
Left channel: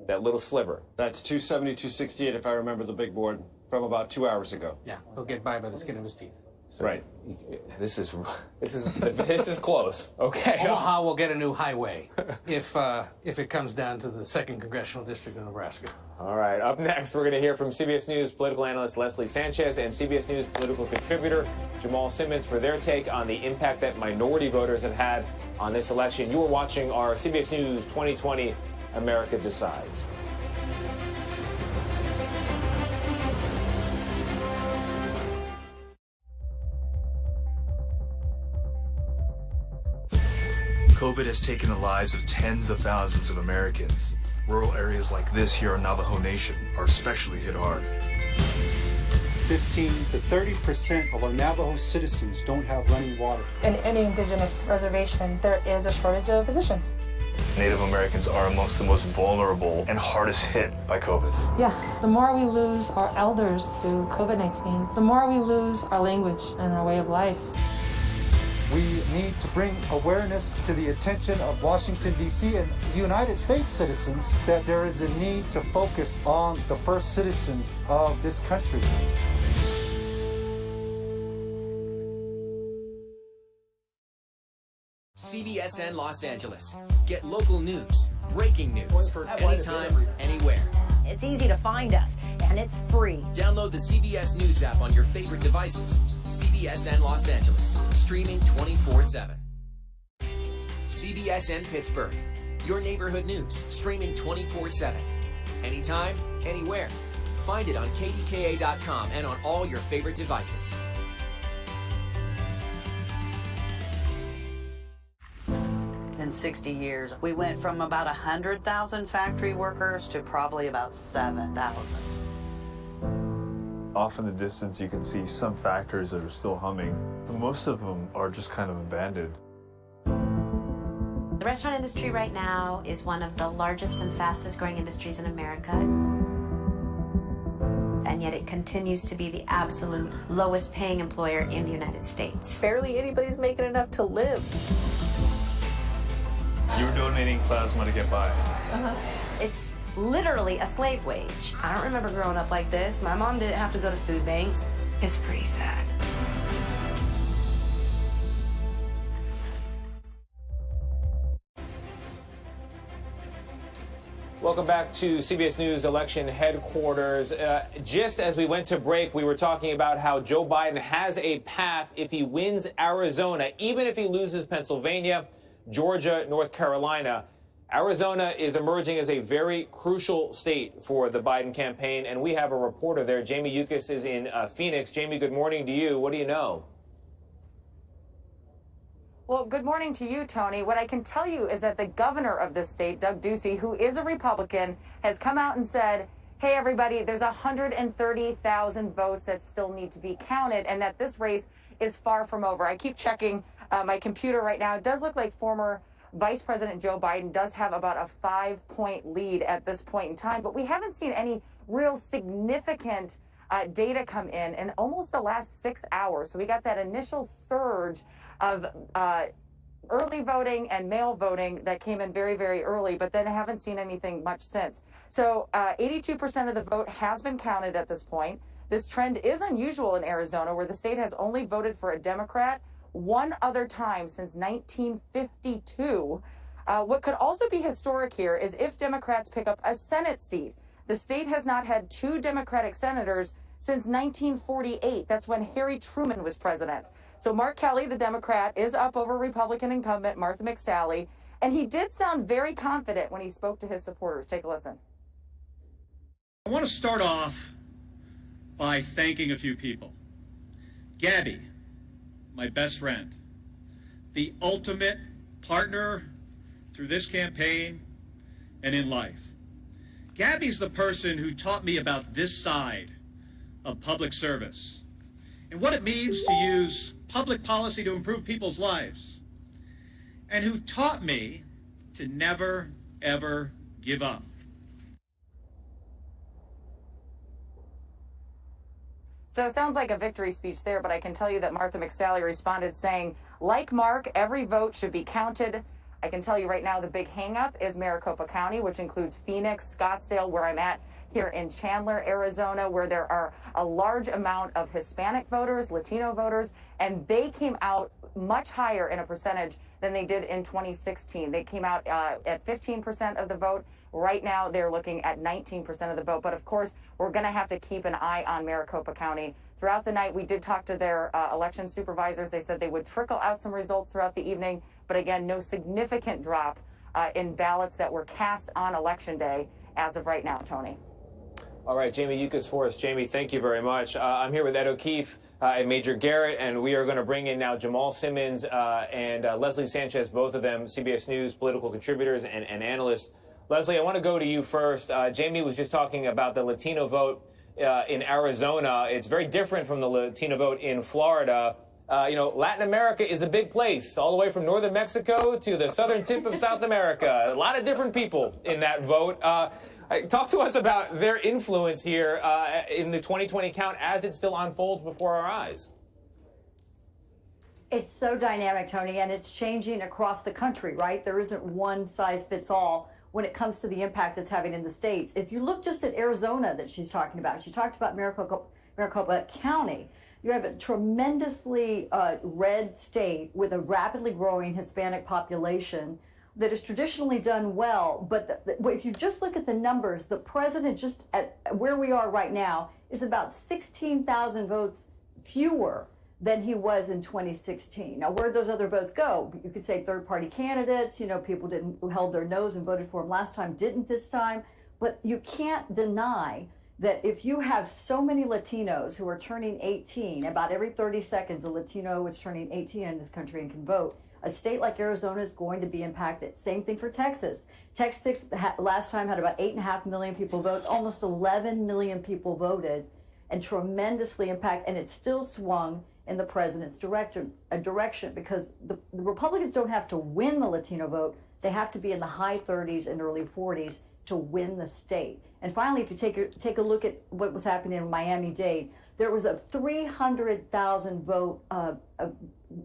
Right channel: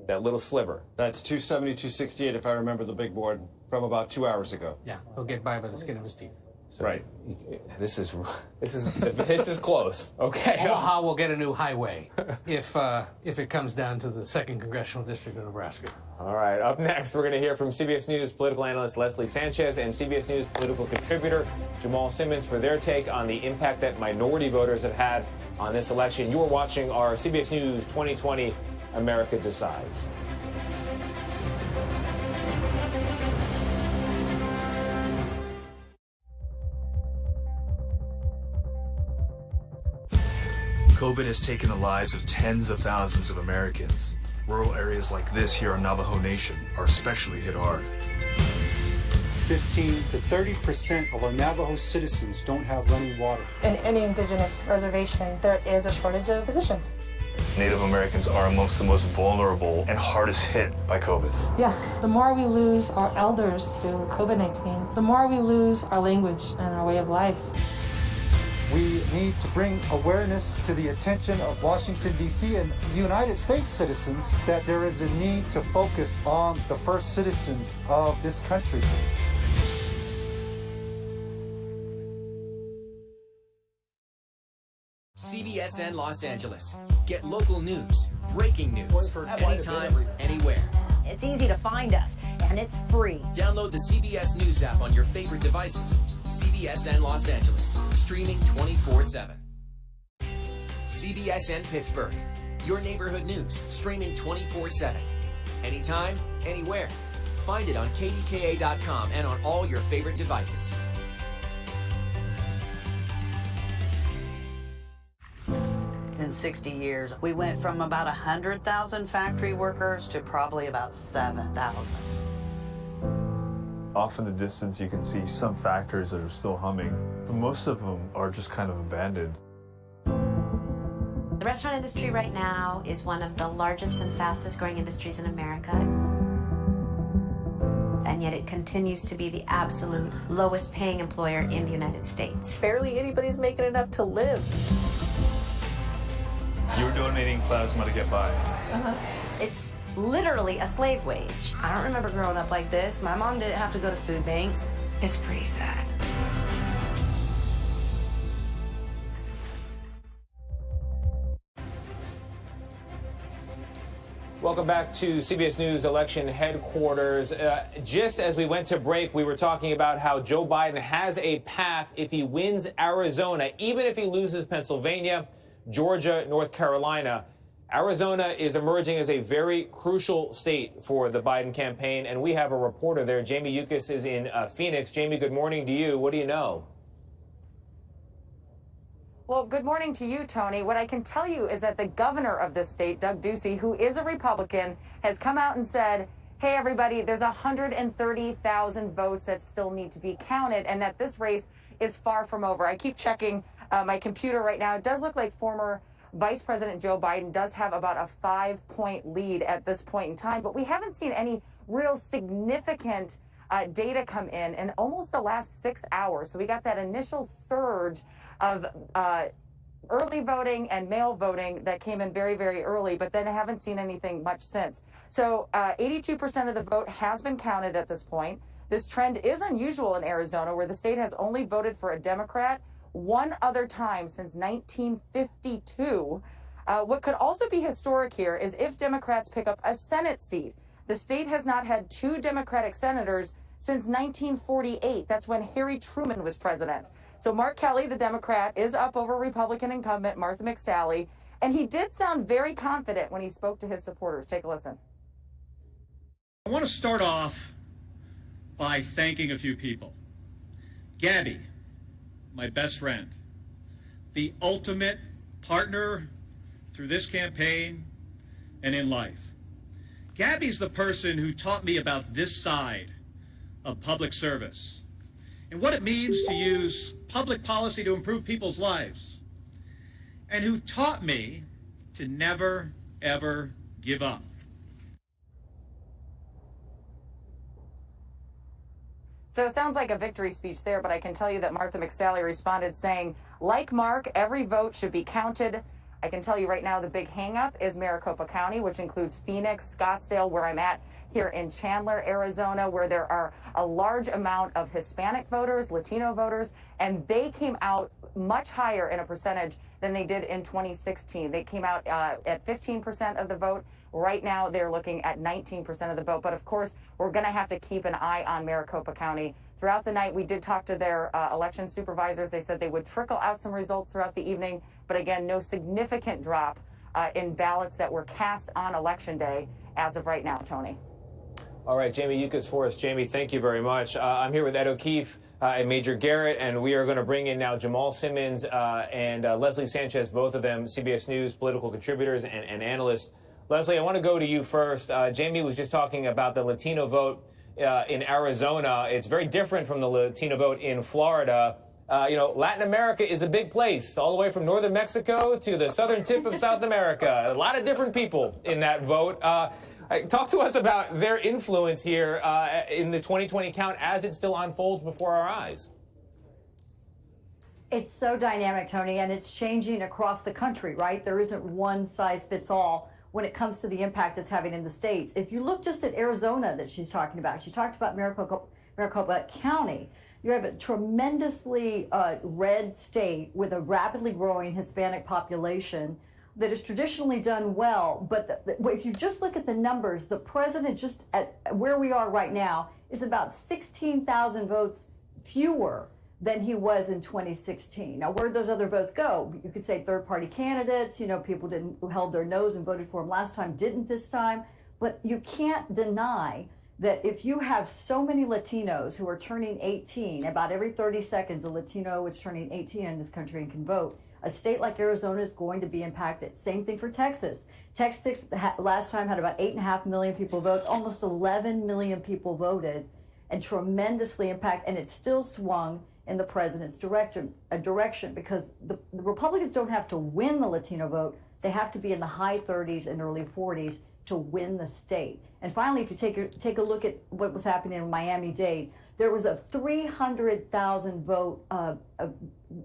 that little sliver? That's 270, 268, if I remember the big board from about 2 hours ago. Yeah, he'll get by the skin of his teeth. So right. This is close. Okay. Omaha will get a new highway if it comes down to the 2nd Congressional District of Nebraska. All right. Up next, we're going to hear from CBS News political analyst Leslie Sanchez and CBS News political contributor Jamal Simmons for their take on the impact that minority voters have had on this election. You are watching our CBS News 2020 America Decides. COVID has taken the lives of tens of thousands of Americans. Rural areas like this here in Navajo Nation are especially hit hard. 15 to 30% of our Navajo citizens don't have running water. In any indigenous reservation, there is a shortage of physicians. Native Americans are amongst the most vulnerable and hardest hit by COVID. Yeah, the more we lose our elders to COVID-19, the more we lose our language and our way of life. We need to bring awareness to the attention of Washington, D.C. and United States citizens that there is a need to focus on the first citizens of this country. CBSN Los Angeles. Get local news, breaking news, anytime, anywhere. It's easy to find us, and it's free. Download the CBS News app on your favorite devices. CBSN Los Angeles, streaming 24/7. CBSN Pittsburgh, your neighborhood news, streaming 24/7. Anytime, anywhere. Find it on KDKA.com and on all your favorite devices. In 60 years, we went from about 100,000 factory workers to probably about 7,000. Off in the distance, you can see some factories that are still humming. Most of them are just kind of abandoned. The restaurant industry right now is one of the largest and fastest growing industries in America. And yet it continues to be the absolute lowest paying employer in the United States. Barely anybody's making enough to live. You're donating plasma to get by. It's literally a slave wage. I don't remember growing up like this. My mom didn't have to go to food banks. It's pretty sad. Welcome back to CBS News Election Headquarters. Just as we went to break, we were talking about how Joe Biden has a path if he wins Arizona, even if he loses Pennsylvania, Georgia, North Carolina. Arizona is emerging as a very crucial state for the Biden campaign, and we have a reporter there. Jamie Yuccas is in Phoenix. Jamie, good morning to you. What do you know? Well, good morning to you, Tony. What I can tell you is that the governor of this state, Doug Ducey, who is a Republican, has come out and said, hey, everybody, there's 130,000 votes that still need to be counted, and that this race is far from over. I keep checking my computer right now. It does look like former Vice President Joe Biden does have about a 5-point lead at this point in time, but we haven't seen any real significant data come in almost the last 6 hours. So we got that initial surge of early voting and mail voting that came in very, very early, but then I haven't seen anything much since. So 82% of the vote has been counted at this point. This trend is unusual in Arizona, where the state has only voted for a Democrat one other time since 1952. What could also be historic here is if Democrats pick up a Senate seat. The state has not had 2 Democratic senators since 1948. That's when Harry Truman was president. So Mark Kelly, the Democrat, is up over Republican incumbent Martha McSally, and he did sound very confident when he spoke to his supporters. Take a listen. I want to start off by thanking a few people. Gabby, my best friend, the ultimate partner through this campaign and in life. Gabby's the person who taught me about this side of public service and what it means to use public policy to improve people's lives, and who taught me to never, ever give up. So it sounds like a victory speech there, but I can tell you that Martha McSally responded saying, like Mark, every vote should be counted. I can tell you right now the big hang-up is Maricopa County, which includes Phoenix, Scottsdale, where I'm at here in Chandler, Arizona, where there are a large amount of Hispanic voters, Latino voters, and they came out much higher in a percentage than they did in 2016. They came out at 15% of the vote. Right now, they're looking at 19% of the vote. But of course, we're going to have to keep an eye on Maricopa County. Throughout the night, we did talk to their election supervisors. They said they would trickle out some results throughout the evening. But again, no significant drop in ballots that were cast on Election Day as of right now, Tony. All right, Jamie Yuccas for us. Jamie, thank you very much. I'm here with Ed O'Keefe and Major Garrett, and we are going to bring in now Jamal Simmons and Leslie Sanchez, both of them CBS News political contributors and analysts. Leslie, I want to go to you first. Jamie was just talking about the Latino vote in Arizona. It's very different from the Latino vote in Florida. Latin America is a big place, all the way from northern Mexico to the southern tip of South America. A lot of different people in that vote. Talk to us about their influence here in the 2020 count as it still unfolds before our eyes. It's so dynamic, Tony, and it's changing across the country, right? There isn't one size fits all when it comes to the impact it's having in the states. If you look just at Arizona that she's talking about, she talked about Maricopa County. You have a tremendously red state with a rapidly growing Hispanic population that has traditionally done well. But if you just look at the numbers, the president just at where we are right now is about 16,000 votes fewer than he was in 2016. Now, where'd those other votes go? You could say third-party candidates, people who held their nose and voted for him last time didn't this time. But you can't deny that if you have so many Latinos who are turning 18, about every 30 seconds a Latino is turning 18 in this country and can vote, a state like Arizona is going to be impacted. Same thing for Texas. Texas last time had about 8.5 million people vote. Almost 11 million people voted, and tremendously impacted, and it still swung in the president's direction because the Republicans don't have to win the Latino vote. They have to be in the high 30s and early 40s to win the state. And finally, if you take a look at what was happening in Miami-Dade, there was a 300,000 vote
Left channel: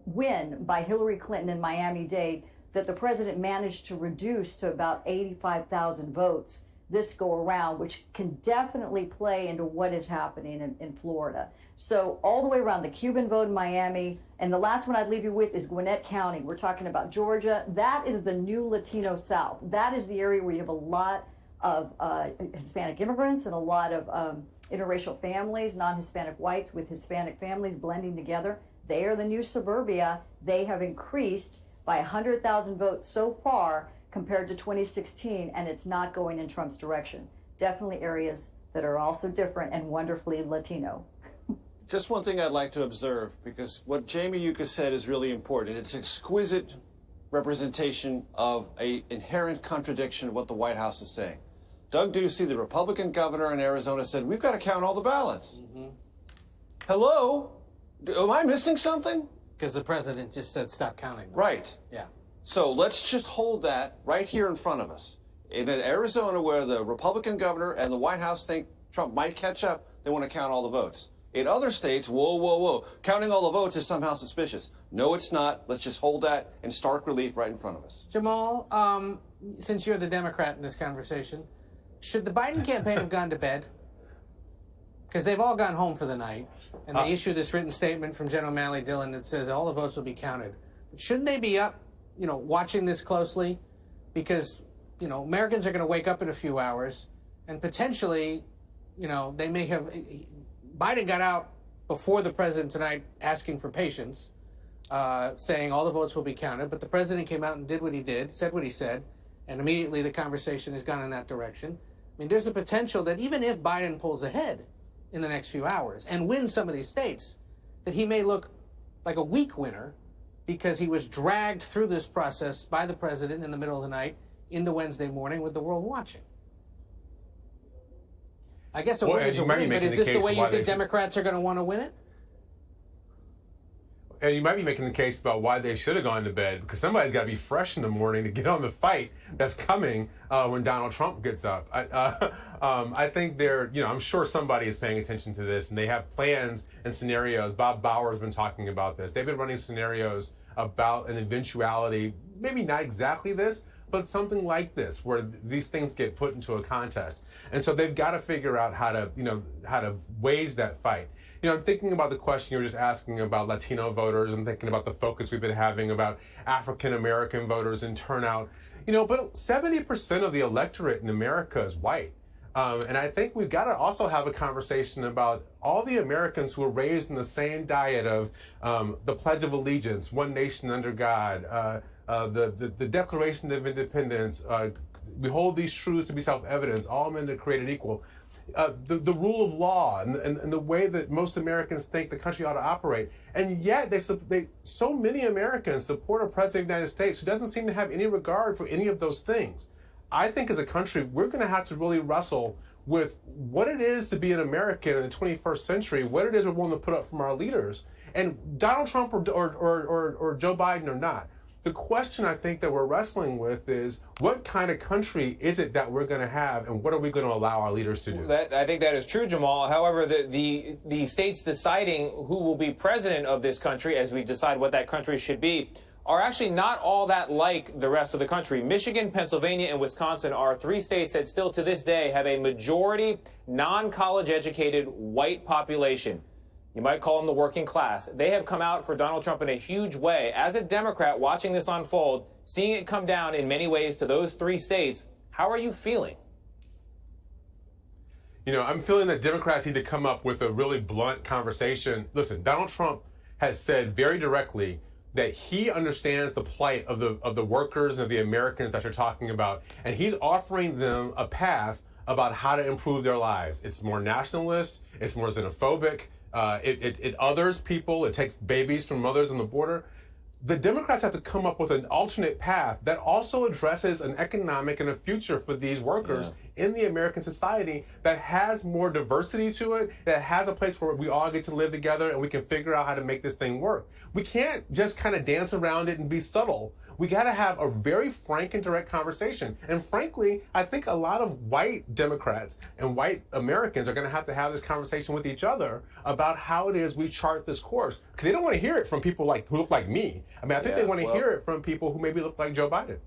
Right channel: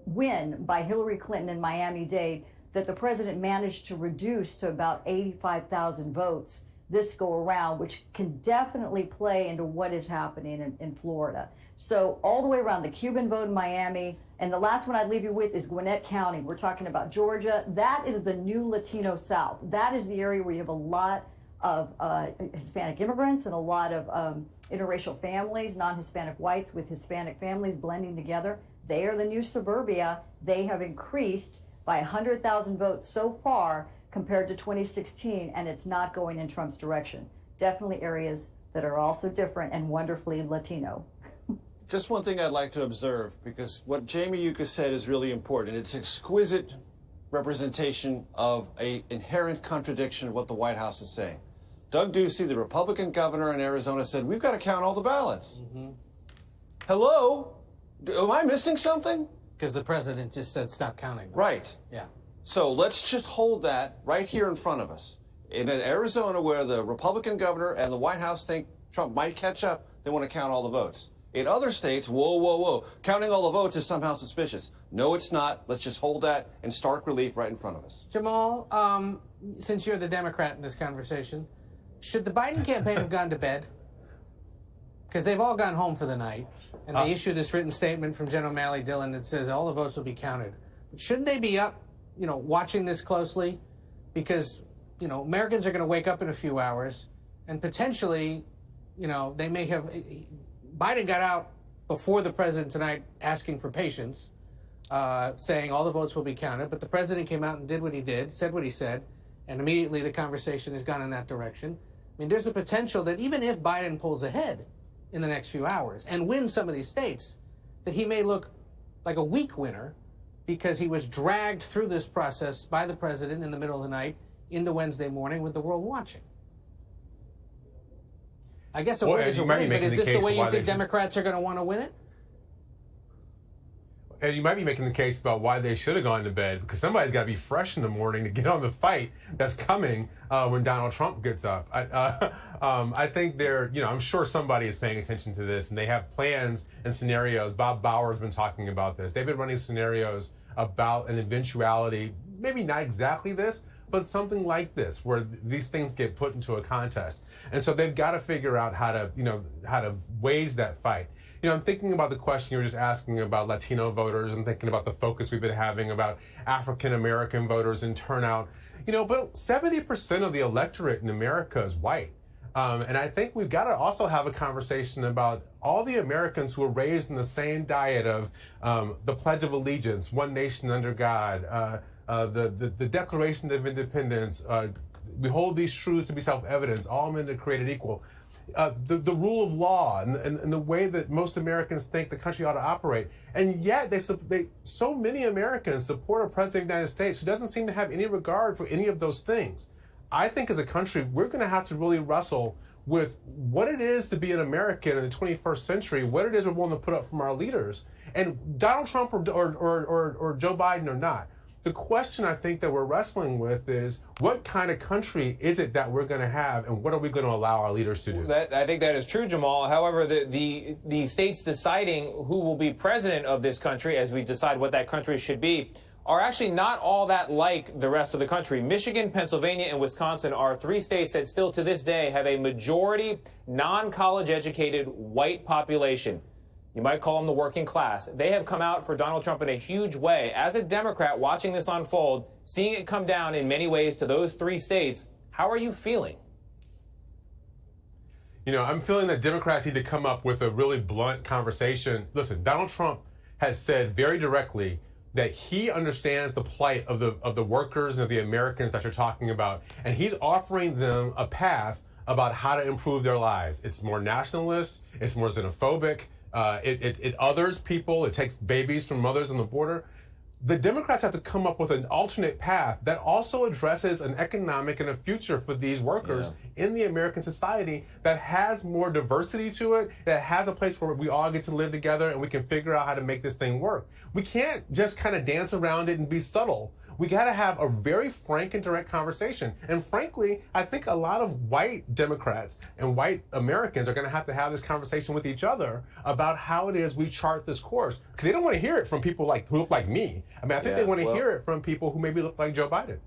win by Hillary Clinton in Miami-Dade that the president managed to reduce to about 85,000 votes this go around, which can definitely play into what is happening in Florida. So all the way around, the Cuban vote in Miami, and the last one I'd leave you with is Gwinnett County. We're talking about Georgia. That is the new Latino South. That is the area where you have a lot of Hispanic immigrants and a lot of interracial families, non-Hispanic whites with Hispanic families blending together. They are the new suburbia. They have increased by 100,000 votes so far compared to 2016, and it's not going in Trump's direction. Definitely areas that are also different and wonderfully Latino. Just one thing I'd like to observe, because what Jamie Yucca said is really important. It's exquisite representation of an inherent contradiction of what the White House is saying. Doug Ducey, the Republican governor in Arizona, said, we've got to count all the ballots. Hello? Am I missing something? Because the president just said stop counting. Right. Yeah. So let's just hold that right here in front of us. In Arizona, where the Republican governor and the White House think Trump might catch up, they want to count all the votes. In other states, whoa, whoa, whoa, counting all the votes is somehow suspicious. No, it's not. Let's just hold that in stark relief right in front of us. Jamal, since you're the Democrat in this conversation, should the Biden campaign have gone to bed? Because they've all gone home for the night, and they issued this written statement from General O'Malley Dillon that says all the votes will be counted. But shouldn't they be up, watching this closely? Because, Americans are going to wake up in a few hours, and potentially, they may have... Biden got out before the president tonight asking for patience, saying all the votes will be counted, but the president came out and did what he did, said what he said, and immediately the conversation has gone in that direction. I mean, there's a potential that even if Biden pulls ahead in the next few hours and wins some of these states, that he may look like a weak winner because he was dragged through this process by the president in the middle of the night into Wednesday morning with the world watching. I guess a win is a win, but is this the way you think Democrats are going to want to win it? And you might be making the case about why they should have gone to bed, because somebody's got to be fresh in the morning to get on the fight that's coming when Donald Trump gets up. I think I'm sure somebody is paying attention to this, and they have plans and scenarios. Bob Bauer's been talking about this. They've been running scenarios about an eventuality, maybe not exactly this, but something like this, where these things get put into a contest. And so they've got to figure out how to wage that fight. I'm thinking about the question you were just asking about Latino voters. I'm thinking about the focus we've been having about African-American voters and turnout. But 70% of the electorate in America is white. And I think we've got to also have a conversation about all the Americans who were raised in the same diet of the Pledge of Allegiance, one nation under God, the Declaration of Independence, we hold these truths to be self-evident, all men are created equal. The rule of law and the way that most Americans think the country ought to operate. And yet so many Americans support a president of the United States who doesn't seem to have any regard for any of those things. I think as a country, we're going to have to really wrestle with what it is to be an American in the 21st century, what it is we're willing to put up from our leaders. And Donald Trump or Joe Biden or not, the question I think that we're wrestling with is what kind of country is it that we're going to have, and what are we going to allow our leaders to do? I think that is true, Jamal. However, the states deciding who will be president of this country, as we decide what that country should be, are actually not all that like the rest of the country. Michigan, Pennsylvania, and Wisconsin are three states that still to this day have a majority non-college educated white population. You might call them the working class. They have come out for Donald Trump in a huge way. As a Democrat watching this unfold, seeing it come down in many ways to those three states, how are you feeling? I'm feeling that Democrats need to come up with a really blunt conversation. Listen, Donald Trump has said very directly that he understands the plight of the workers and of the Americans that you're talking about, and he's offering them a path about how to improve their lives. It's more nationalist, it's more xenophobic, it others people, it takes babies from mothers on the border. The Democrats have to come up with an alternate path that also addresses an economic and a future for these workers in the American society that has more diversity to it, that has a place where we all get to live together and we can figure out how to make this thing work. We can't just kind of dance around it and be subtle. We got to have a very frank and direct conversation. And frankly, I think a lot of white Democrats and white Americans are going to have this conversation with each other about how it is we chart this course. Because they don't want to hear it from people who look like me. I mean, I think they want to hear it from people who maybe look like Joe Biden.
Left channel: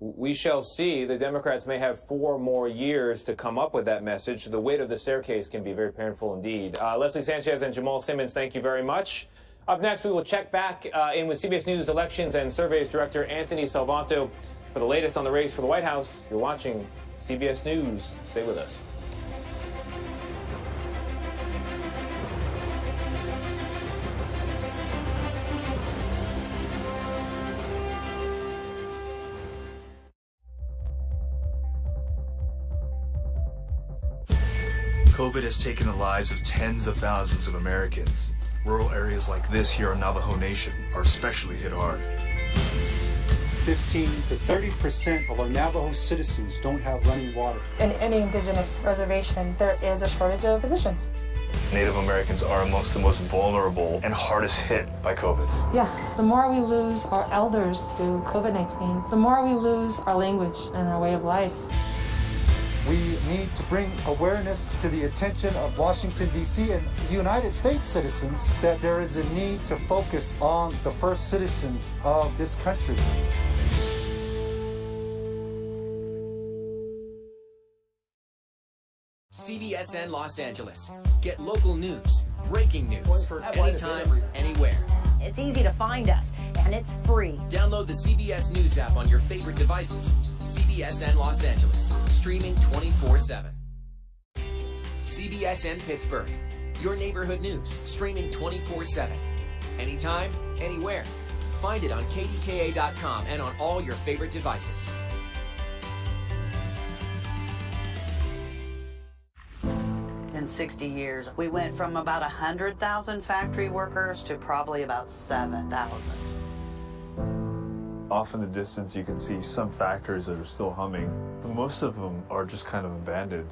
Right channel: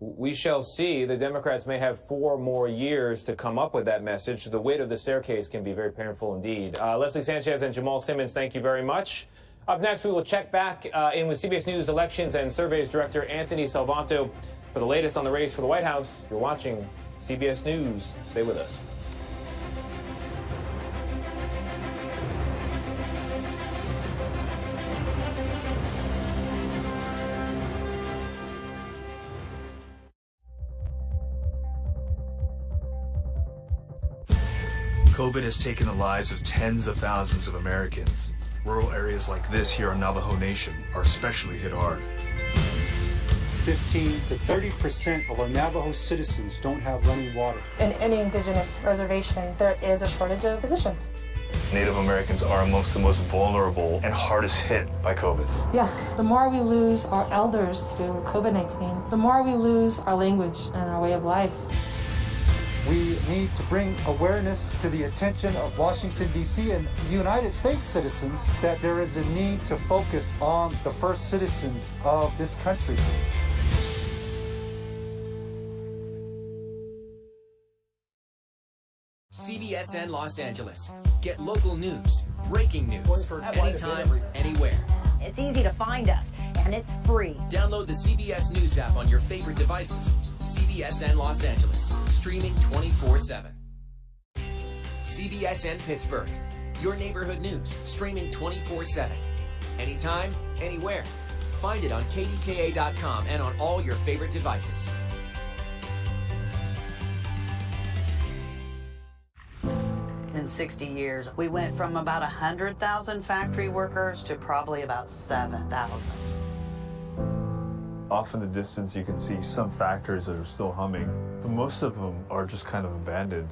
We shall see. The Democrats may have 4 more years to come up with that message. The weight of the staircase can be very painful indeed. Leslie Sanchez and Jamal Simmons, thank you very much. Up next, we will check back in with CBS News Elections and Surveys Director Anthony Salvanto for the latest on the race for the White House. You're watching CBS News. Stay with us. COVID has taken the lives of tens of thousands of Americans. Rural areas like this here on Navajo Nation are especially hit hard. 15 to 30% of our Navajo citizens don't have running water. In any indigenous reservation, there is a shortage of physicians. Native Americans are amongst the most vulnerable and hardest hit by COVID. Yeah, the more we lose our elders to COVID-19, the more we lose our language and our way of life. We need to bring awareness to the attention of Washington, D.C. and United States citizens that there is a need to focus on the first citizens of this country. CBSN Los Angeles. Get local news, breaking news, anytime, anywhere. It's easy to find us, and it's free. Download the CBS News app on your favorite devices. CBSN Los Angeles, streaming 24/7. CBSN Pittsburgh, your neighborhood news, streaming 24/7. Anytime, anywhere. Find it on KDKA.com and on all your favorite devices. In 60 years, we went from about 100,000 factory workers to probably about 7,000. Off in the distance, you can see some factories that are still humming, but most of them are just kind of abandoned.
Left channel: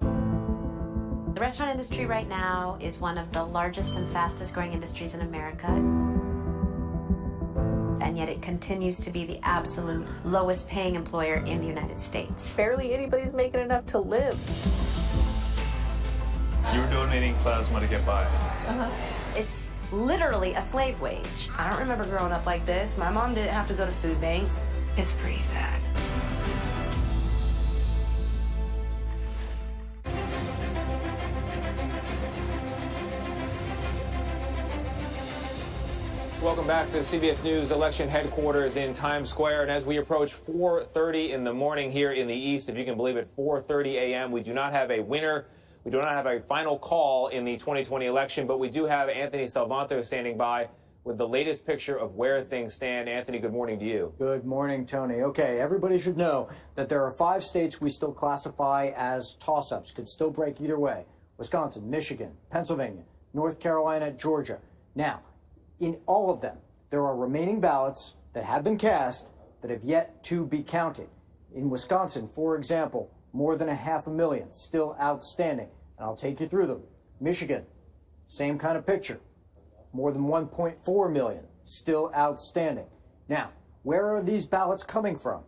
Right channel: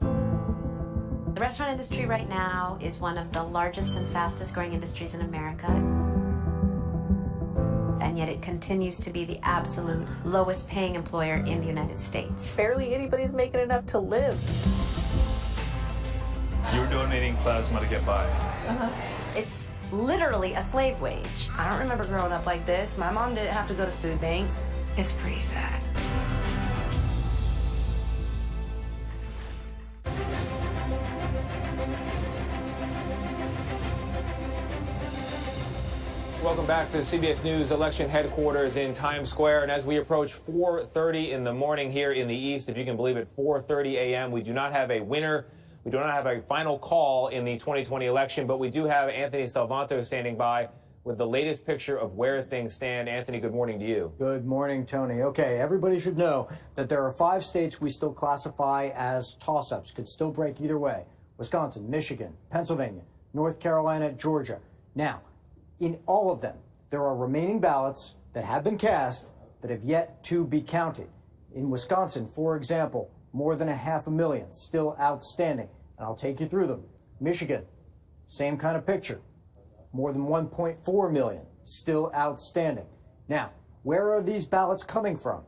The restaurant industry right now is one of the largest and fastest growing industries in America. And yet it continues to be the absolute lowest paying employer in the United States. Barely anybody's making enough to live. You're donating plasma to get by. It's literally a slave wage. I don't remember growing up like this. My mom didn't have to go to food banks. It's pretty sad. Welcome back to CBS News election headquarters in Times Square. And as we approach 4:30 in the morning here in the East, if you can believe it, 4:30 a.m., we do not have a winner. We do not have a final call in the 2020 election, but we do have Anthony Salvanto standing by with the latest picture of where things stand. Anthony, good morning to you. Good morning, Tony. Okay, everybody should know that there are 5 states we still classify as toss-ups, could still break either way. Wisconsin, Michigan, Pennsylvania, North Carolina, Georgia. Now, in all of them, there are remaining ballots that have been cast that have yet to be counted. In Wisconsin, for example, more than 500,000 still outstanding, and I'll take you through them. Michigan, same kind of picture. More than 1.4 million still outstanding. Now, where are these ballots coming from?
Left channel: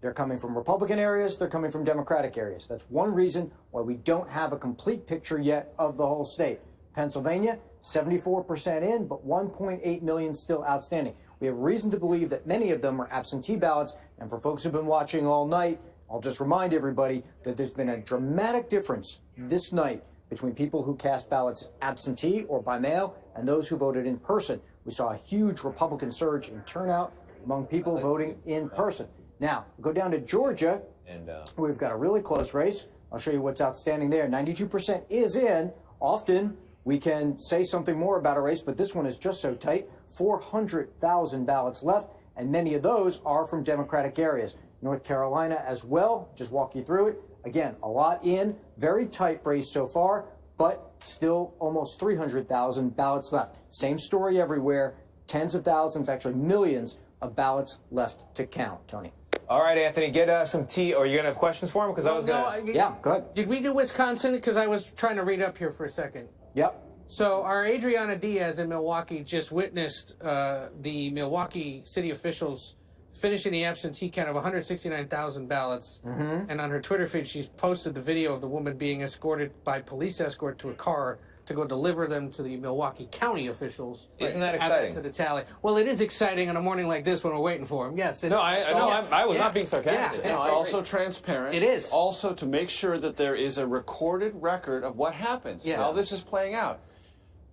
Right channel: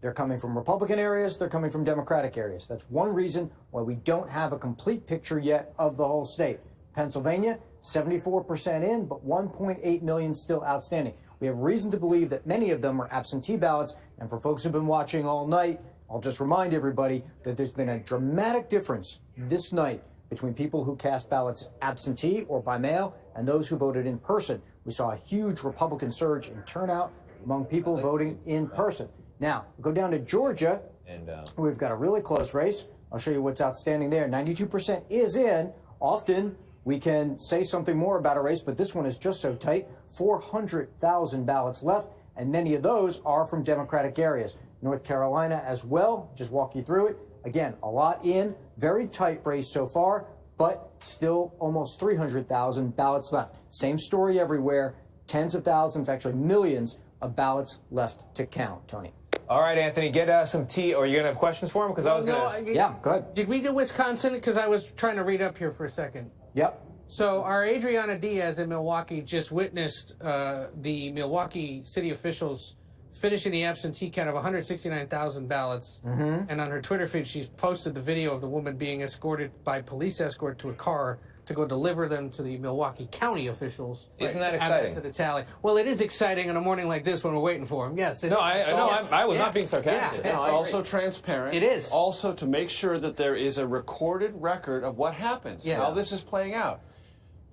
They're coming from Republican areas, they're coming from Democratic areas. That's one reason why we don't have a complete picture yet of the whole state. Pennsylvania, 74% in, but 1.8 million still outstanding. We have reason to believe that many of them are absentee ballots, and for folks who've been watching all night, I'll just remind everybody that there's been a dramatic difference this night between people who cast ballots absentee or by mail and those who voted in person. We saw a huge Republican surge in turnout among people voting in person. Now, go down to Georgia, and we've got a really close race. I'll show you what's outstanding there. 92% is in. Often, we can say something more about a race, but this one is just so tight. 400,000 ballots left, and many of those are from Democratic areas. North Carolina as well, just walk you through it. Again, a lot in, very tight race so far, but still almost 300,000 ballots left. Same story everywhere, tens of thousands, actually millions of ballots left to count, Tony. All right, Anthony, get some tea. Or are you going to have questions for him? Because I was going to... Yeah, go ahead. Did we do Wisconsin? Because I was trying to read up here for a second. Yep. So our Adriana Diaz in Milwaukee just witnessed the Milwaukee city officials finishing the absentee count of 169,000 ballots. Mm-hmm. And on her Twitter feed, she's posted the video of the woman being escorted by police escort to a car to go deliver them to the Milwaukee County officials. Isn't that add them exciting? To the tally. Well, it is exciting on a morning like this when we're waiting for them. Yes. I was not being sarcastic. It's also transparent. It is. Also to make sure that there is a recorded record of what happens, how this is playing out.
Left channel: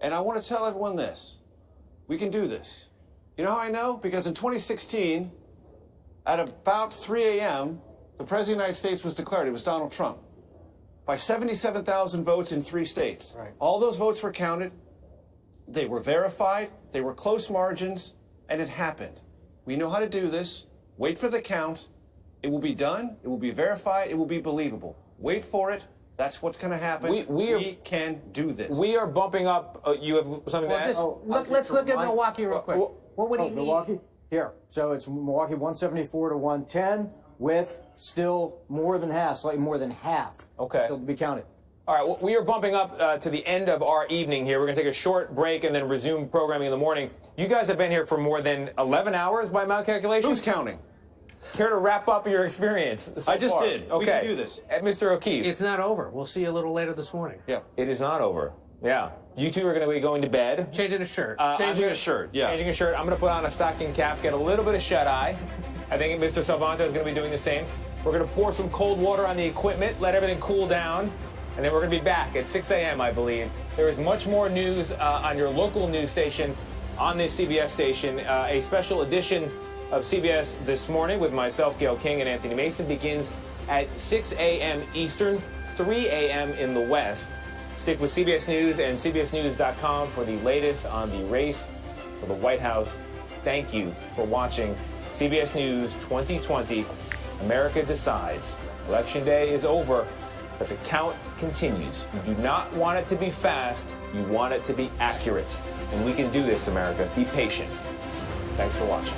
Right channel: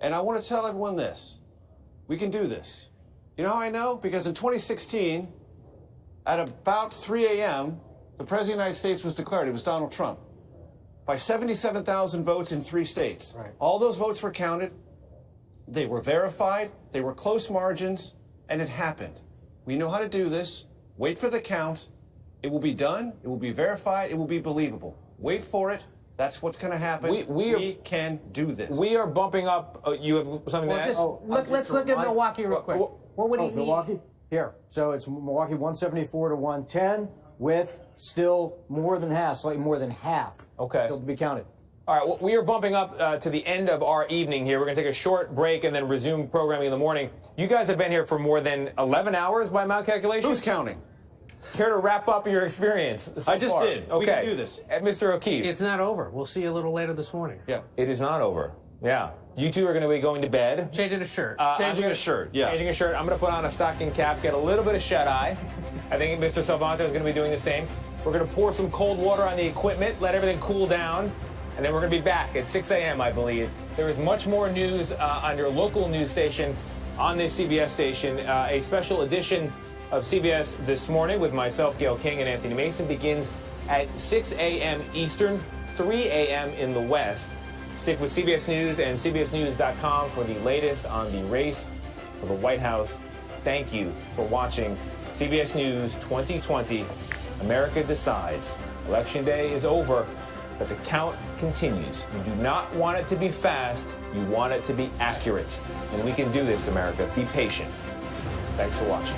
And I want to tell everyone this. We can do this. You know how I know? Because in 2016, at about 3 a.m., the President of the United States was declared. It was Donald Trump. By 77,000 votes in 3 states. Right. All those votes were counted. They were verified. They were close margins. And it happened. We know how to do this. Wait for the count. It will be done. It will be verified. It will be believable. Wait for it. That's what's going to happen. We can do this. We are bumping up. You have something to add? Let's look at Milwaukee real quick. What would he need? Milwaukee? Here. So it's Milwaukee 174 to 110 with still more than half, slightly more than half. Okay. Still to be counted. All right, well, we are bumping up to the end of our evening here. We're going to take a short break and then resume programming in the morning. You guys have been here for more than 11 hours by my calculation. Who's counting? Care to wrap up your experience so I just far? did. Okay. We can do this. Mr. O'Keefe. It's not over. We'll see you a little later this morning. Yeah. It is not over. Yeah. You two are going to be going to bed. Changing a shirt. Changing a shirt, yeah. Changing a shirt. I'm going to put on a stocking cap, get a little bit of shut-eye. I think Mr. Salvanto is going to be doing the same. We're going to pour some cold water on the equipment, let everything cool down, and then we're going to be back at 6 a.m., I believe. There is much more news on your local news station, on this CBS station. A special edition of CBS This Morning with myself, Gayle King, and Anthony Mason begins at 6 a.m. Eastern, 3 a.m. in the West. Stick with CBS News and CBSNews.com for the latest on the race for the White House. Thank you for watching CBS News 2020. America decides. Election day is over, but the count continues. You do not want it to be fast. You want it to be accurate. And we can do this, America. Be patient. Thanks for watching.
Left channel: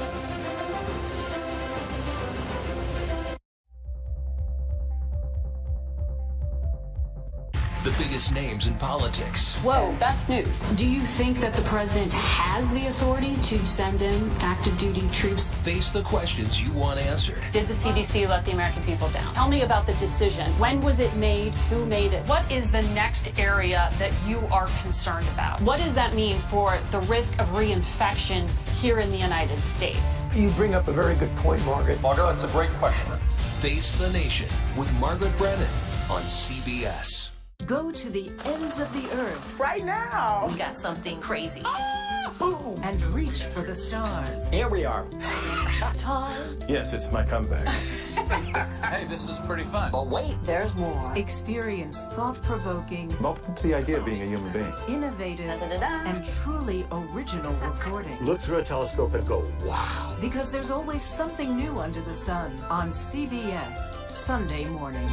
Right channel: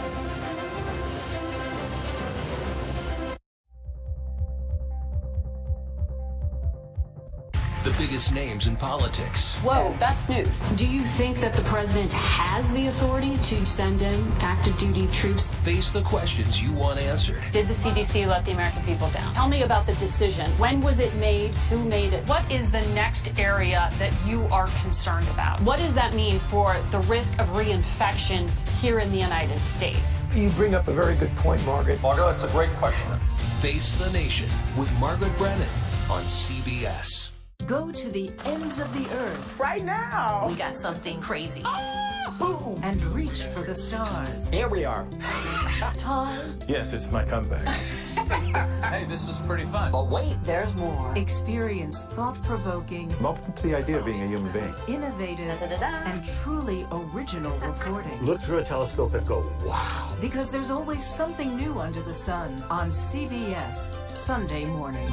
The biggest names in politics. Whoa, that's news. Do you think that the president has the authority to send in active duty troops? Face the questions you want answered. Did the CDC let the American people down? Tell me about the decision. When was it made? Who made it? What is the next area that you are concerned about? What does that mean for the risk of reinfection here in the United States? You bring up a very good point, Margaret. Margaret, that's a great question. Face the Nation with Margaret Brennan on CBS. Go to the ends of the earth. Right now. We got something crazy. And reach for the stars. Here we are. Tom? Yes, it's my comeback. Hey, this is pretty fun. But wait, there's more. Experience thought-provoking, I'm open to the idea of being a human being. innovative, and truly original reporting. Look through a telescope and go, wow. Because there's always something new under the sun on CBS Sunday morning.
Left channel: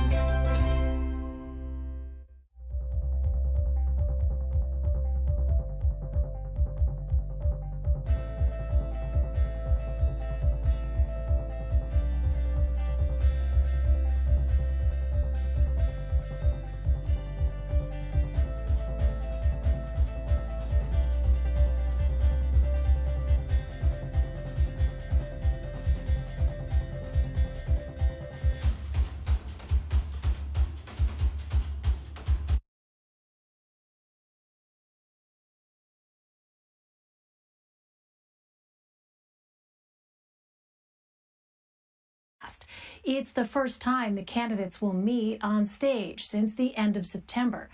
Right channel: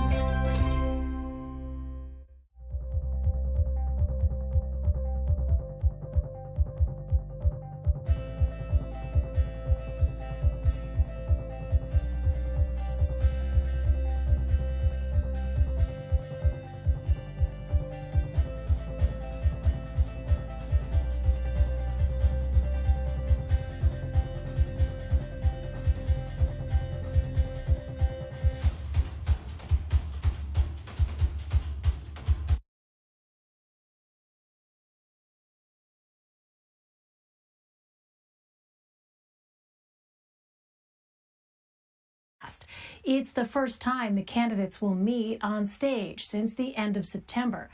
It's the first time the candidates will meet on stage since the end of September.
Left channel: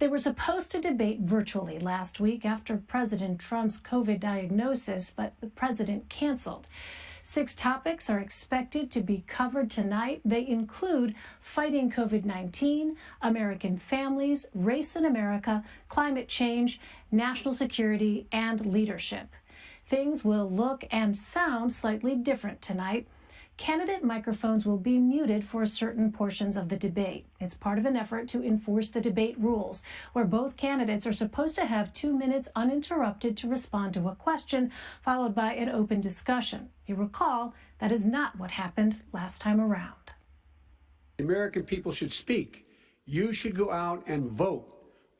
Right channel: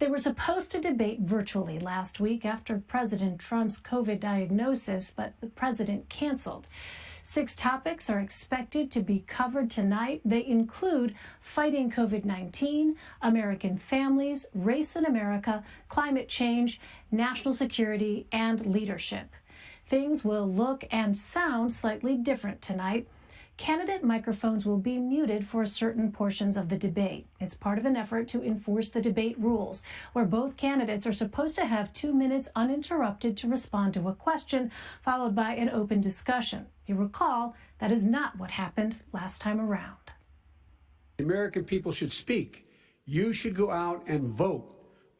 They were supposed to debate virtually last week after President Trump's COVID diagnosis, but the president canceled. 6 topics are expected to be covered tonight. They include fighting COVID-19, American families, race in America, climate change, national security, and leadership. Things will look and sound slightly different tonight. Candidate microphones will be muted for certain portions of the debate. It's part of an effort to enforce the debate rules, where both candidates are supposed to have 2 minutes uninterrupted to respond to a question, followed by an open discussion. You recall, that is not what happened last time around. The American people should speak. You should go out and vote.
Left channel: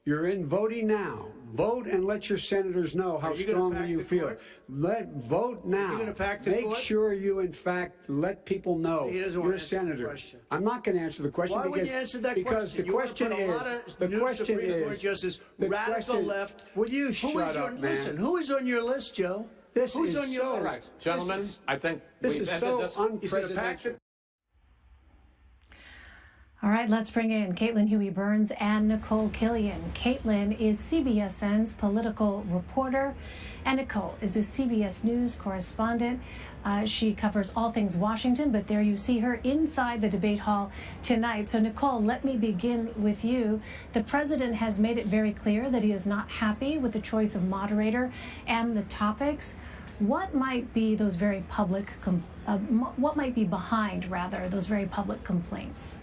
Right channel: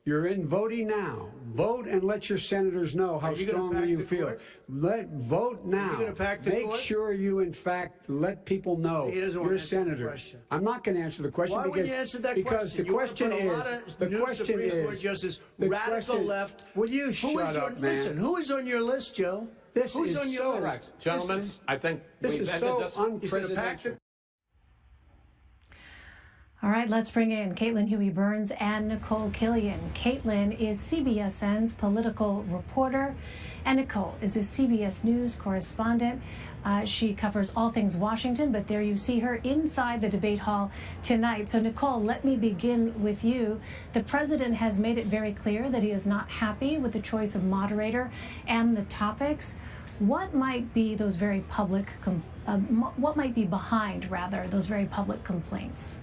You're in voting now. Vote and let your senators know how strongly you feel. Vote now. Make sure you, in fact, let people know you're a senator. I'm not going to answer the question because the question is radical left. Will you shut up, man? Listen, who is on your list, Joe? Who's on your list? Gentlemen, I think this is so unprecedented. All right, let's bring in Caitlin Huey-Burns and Nicole Killion. Caitlin is CBSN's political reporter, and Nicole is a CBS News correspondent. She covers all things Washington, but there you see her inside the debate hall tonight. So, Nicole, let me begin with you. The president has made it very clear that he is not happy with the choice of moderator and the topics. What might be those very public, what might be behind, rather, those very public complaints?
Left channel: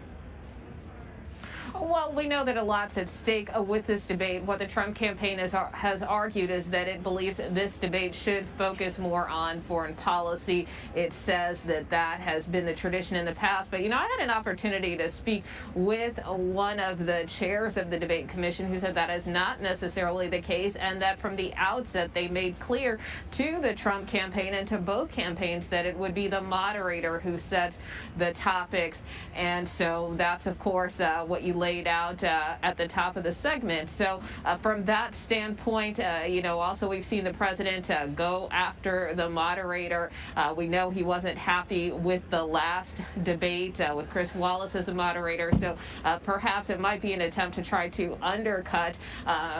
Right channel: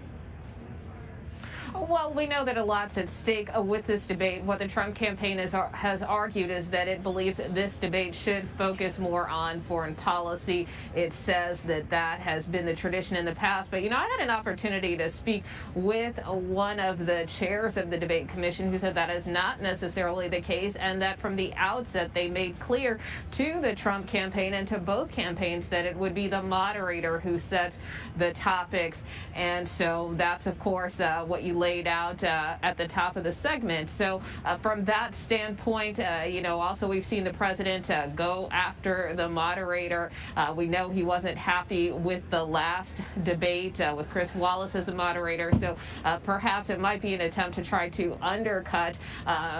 Well, we know that a lot's at stake with this debate. What the Trump campaign has argued is that it believes this debate should focus more on foreign policy. It says that that has been the tradition in the past. But, you know, I had an opportunity to speak with one of the chairs of the debate commission who said that is not necessarily the case, and that from the outset they made clear to the Trump campaign and to both campaigns that it would be the moderator who sets the topics. And so that's, of course, what you laid out at the top of the segment. So from that standpoint, you know, also we've seen the president go after the moderator. We know he wasn't happy with the last debate with Chris Wallace as the moderator. So perhaps it might be an attempt to try to undercut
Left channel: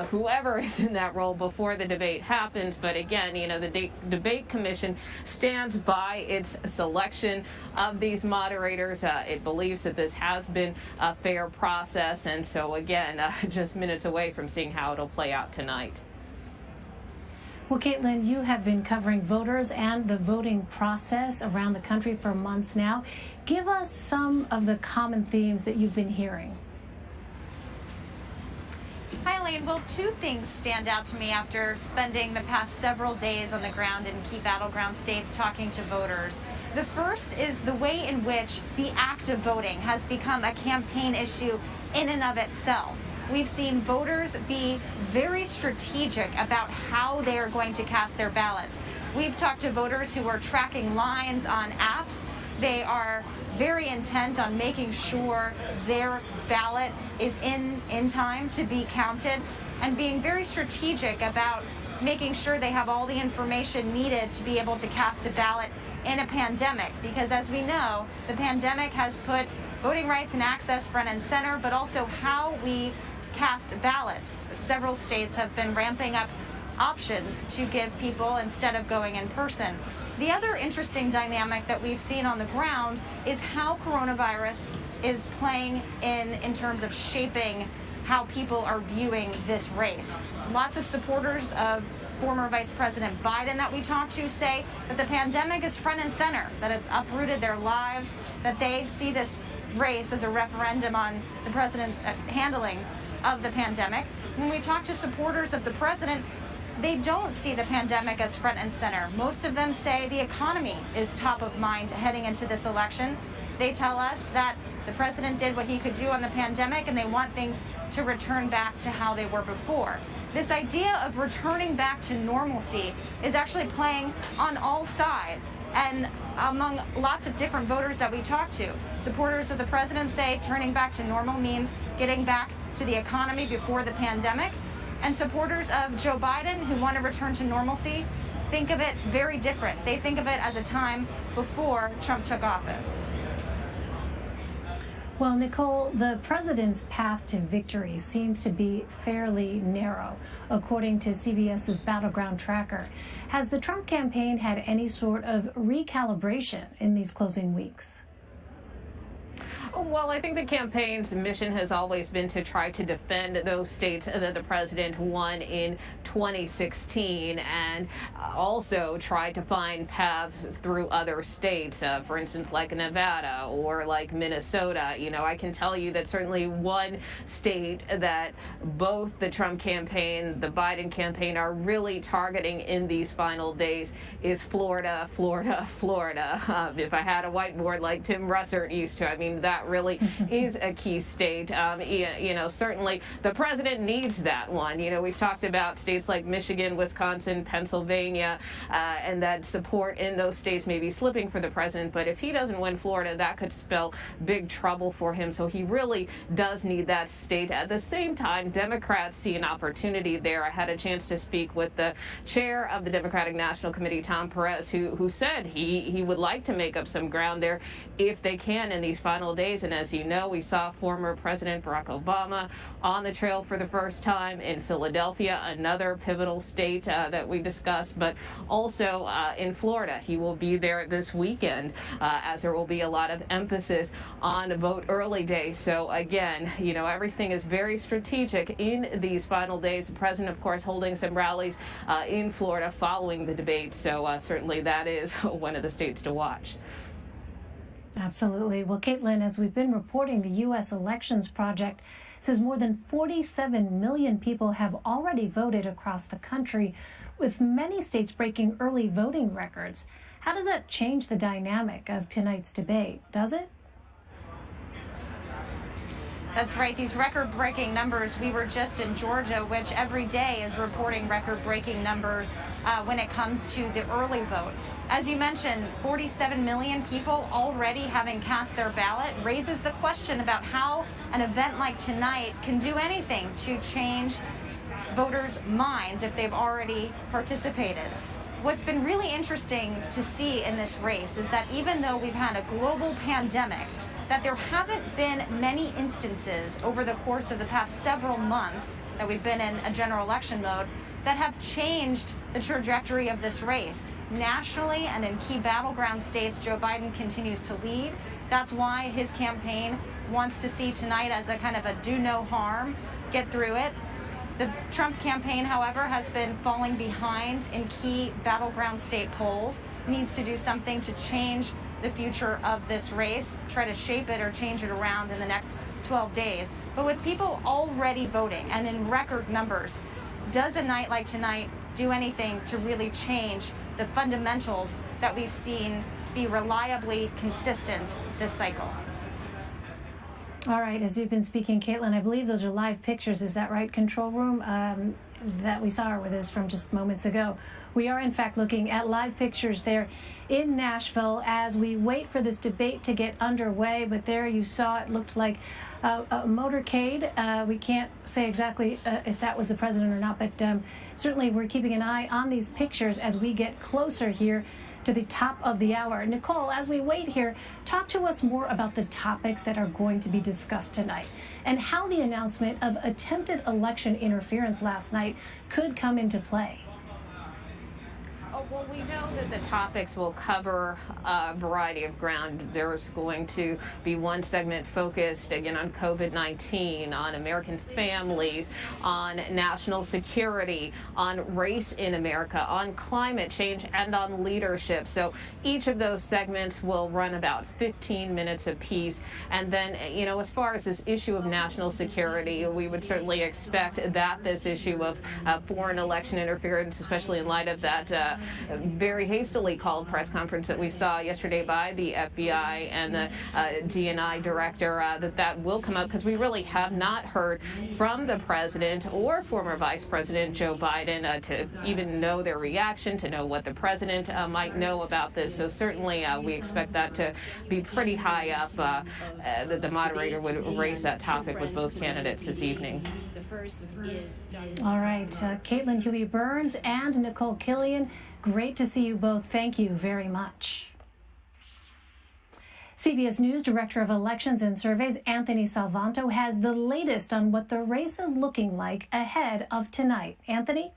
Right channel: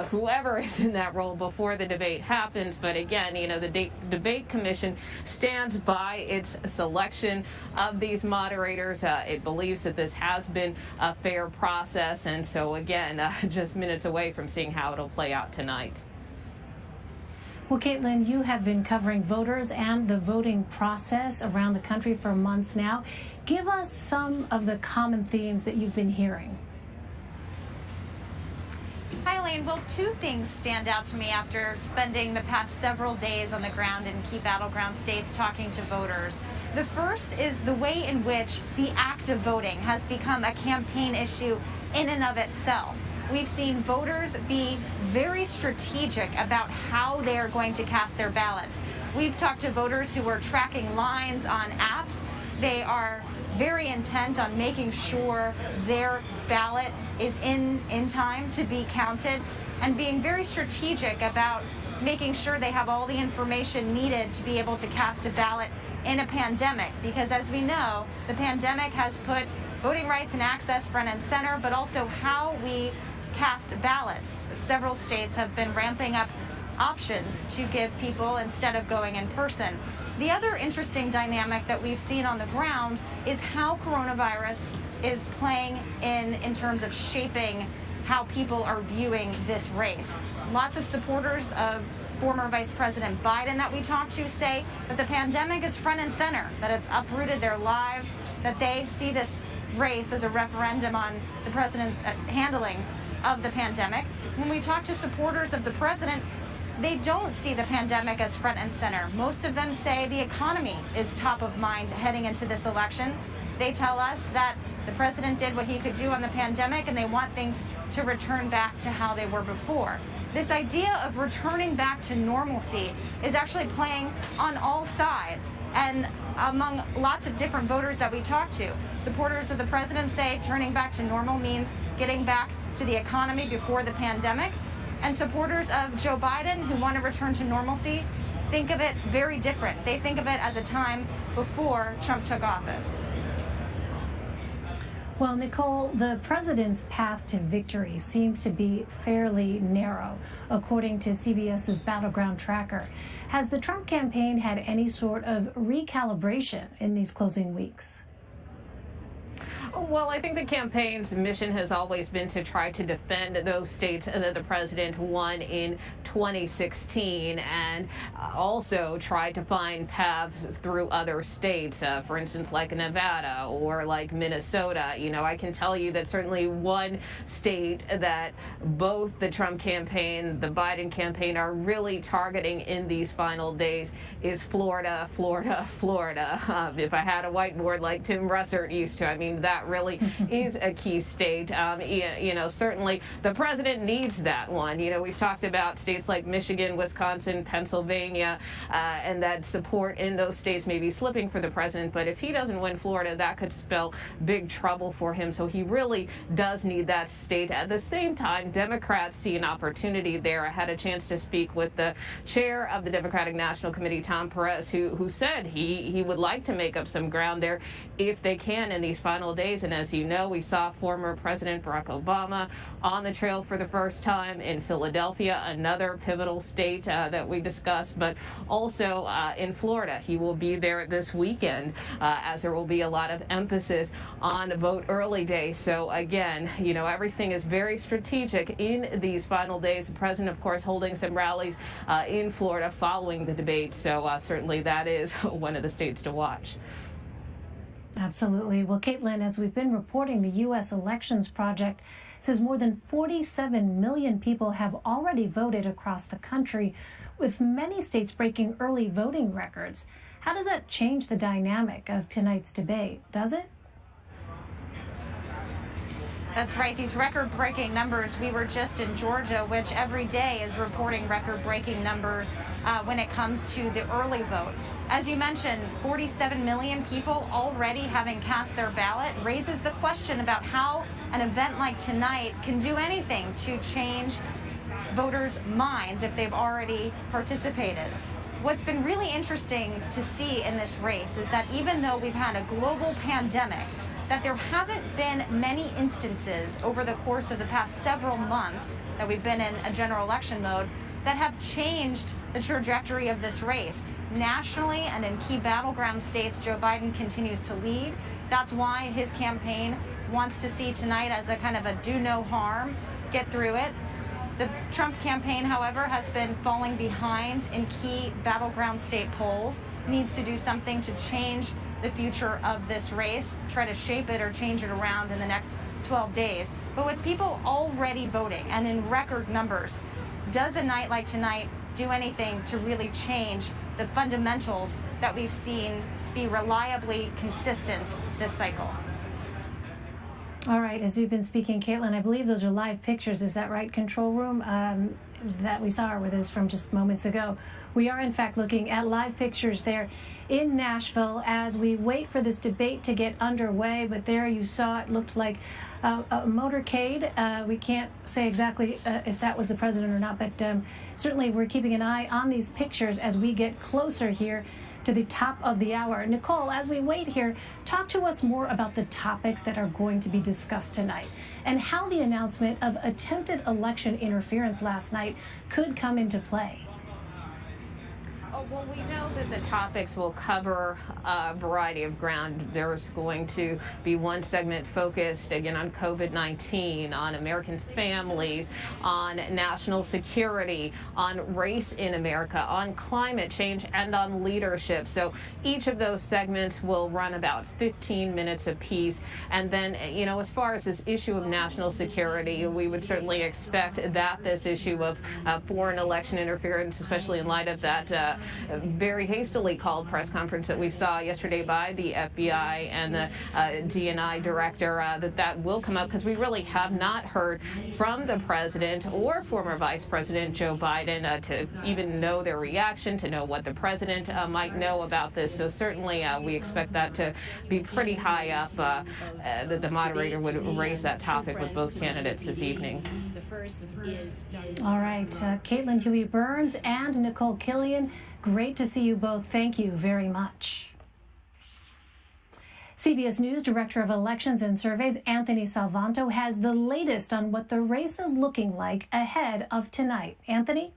whoever is in that role before the debate happens. But again, you know, the debate commission stands by its selection of these moderators. It believes that this has been a fair process. And so, again, just minutes away from seeing how it'll play out tonight. Well, Caitlin, you have been covering voters and the voting process around the country for months now. Give us some of the common themes that you've been hearing. Hi, Lane. Well, two things stand out to me after spending the past several days on the ground in key battleground states talking to voters. The first is the way in which the act of voting has become a campaign issue in and of itself. We've seen voters be very strategic about how they are going to cast their ballots. We've talked to voters who are tracking lines on apps. They are very intent on making sure their ballot is in time to be counted, and being very strategic about making sure they have all the information needed to be able to cast a ballot in a pandemic. Because as we know, the pandemic has put voting rights and access front and center, but also how we cast ballots. Several states have been ramping up options to give people instead of going in person. The other interesting dynamic that we've seen on the ground is how coronavirus is playing in terms of shaping how people are viewing this race. Lots of supporters of former Vice President Biden that we talked to say that the pandemic is front and center, that it's uprooted their lives, that they see this race as a referendum on the president's handling of the pandemic. When we talk to supporters of the president, they don't see the pandemic as front and center. Most of them say the economy is top of mind heading into this election. They tell us that the president did what he could do on the pandemic, and they want things to return back to how they were before. This idea of returning back to normalcy is actually playing on all sides and among lots of different voters that we talk to. Supporters of the president say turning back to normal means getting back to the economy before the pandemic. And supporters of Joe Biden who want to return to normalcy think of it very different. They think of it as a time before Trump took office. Well, Nicole, the president's path to victory seems to be fairly narrow, according to CBS's Battleground Tracker. Has the Trump campaign had any sort of recalibration in these closing weeks? Well, I think the campaign's mission has always been to try to defend those states that the president won in 2016, and also try to find paths through other states, for instance, like Nevada or like Minnesota. You know, I can tell you that certainly one state that both the Trump campaign, the Biden campaign are really targeting in these final days is Florida, Florida, Florida. If I had a whiteboard like Tim Russert used to, I mean, that really is a key state. You know, certainly the president needs that one. You know, we've talked about states like Michigan, Wisconsin, Pennsylvania, and that support in those states may be slipping for the president. But if he doesn't win Florida, that could spell big trouble for him. So he really does need that state. At the same time, Democrats see an opportunity there. I had a chance to speak with the chair of the Democratic National Committee, Tom Perez, who said he would like to make up some ground there if they can in these final final days. And as you know, we saw former President Barack Obama on the trail for the first time in Philadelphia, another pivotal state that we discussed, but also in Florida. He will be there this weekend as there will be a lot of emphasis on vote early day. So again, you know, everything is very strategic in these final days. The president, of course, holding some rallies in Florida following the debate. So certainly that is one of the states to watch. Absolutely. Well, Caitlin, as we've been reporting, the U.S. Elections Project says more than 47 million people have already voted across the country, with many states breaking early voting records. How does that change the dynamic of tonight's debate? Does it? That's right. These record-breaking numbers. We were just in Georgia, which every day is reporting record-breaking numbers when it comes to the early vote. As you mentioned, 47 million people already having cast their ballot raises the question about how an event like tonight can do anything to change voters' minds if they've already participated. What's been really interesting to see in this race is that even though we've had a global pandemic, that there haven't been many instances over the course of the past several months that we've been in a general election mode that have changed the trajectory of this race. Nationally and in key battleground states, Joe Biden continues to lead. That's why his campaign wants to see tonight as a kind of a do no harm, get through it. The Trump campaign, however, has been falling behind in key battleground state polls, needs to do something to change the future of this race, try to shape it or change it around in the next 12 days. But with people already voting and in record numbers, does a night like tonight do anything to really change the fundamentals that we've seen be reliably consistent this cycle? All right, as you've been speaking, Caitlin, I believe those are live pictures. Is that right, control room, that we saw, or were those from just moments ago? We are, in fact, looking at live pictures there in Nashville as we wait for this debate to get underway. But there you saw it looked like a motorcade. We can't say exactly if that was the president or not, but certainly we're keeping an eye on these pictures as we get closer here to the top of the hour. Nicole, as we wait here, talk to us more about the topics that are going to be discussed tonight and how the announcement of attempted election interference last night could come into play. Well, we know that the topics will cover a variety of ground. There's going to be one segment focused, again, on COVID-19, on American families, on national security, on race in America, on climate change, and on leadership. So each of those segments will run about 15 minutes apiece. And then, you know, as far as this issue of national security, we would certainly expect that this issue of foreign election interference, especially in light of that very hastily called press conference that we saw yesterday by the FBI and the DNI director, that will come up, because we really have not heard from the president or former Vice President Joe Biden to even know their reaction, to know what the president might know about this. So certainly we expect that to be pretty high up, that the moderator would raise that topic with both candidates this evening. All right, Caitlin Huey-Burns and Nicole Killion, great to see you both. Thank you very much. CBS News Director of Elections and Surveys Anthony Salvanto has the latest on what the race is looking like ahead of tonight. Anthony?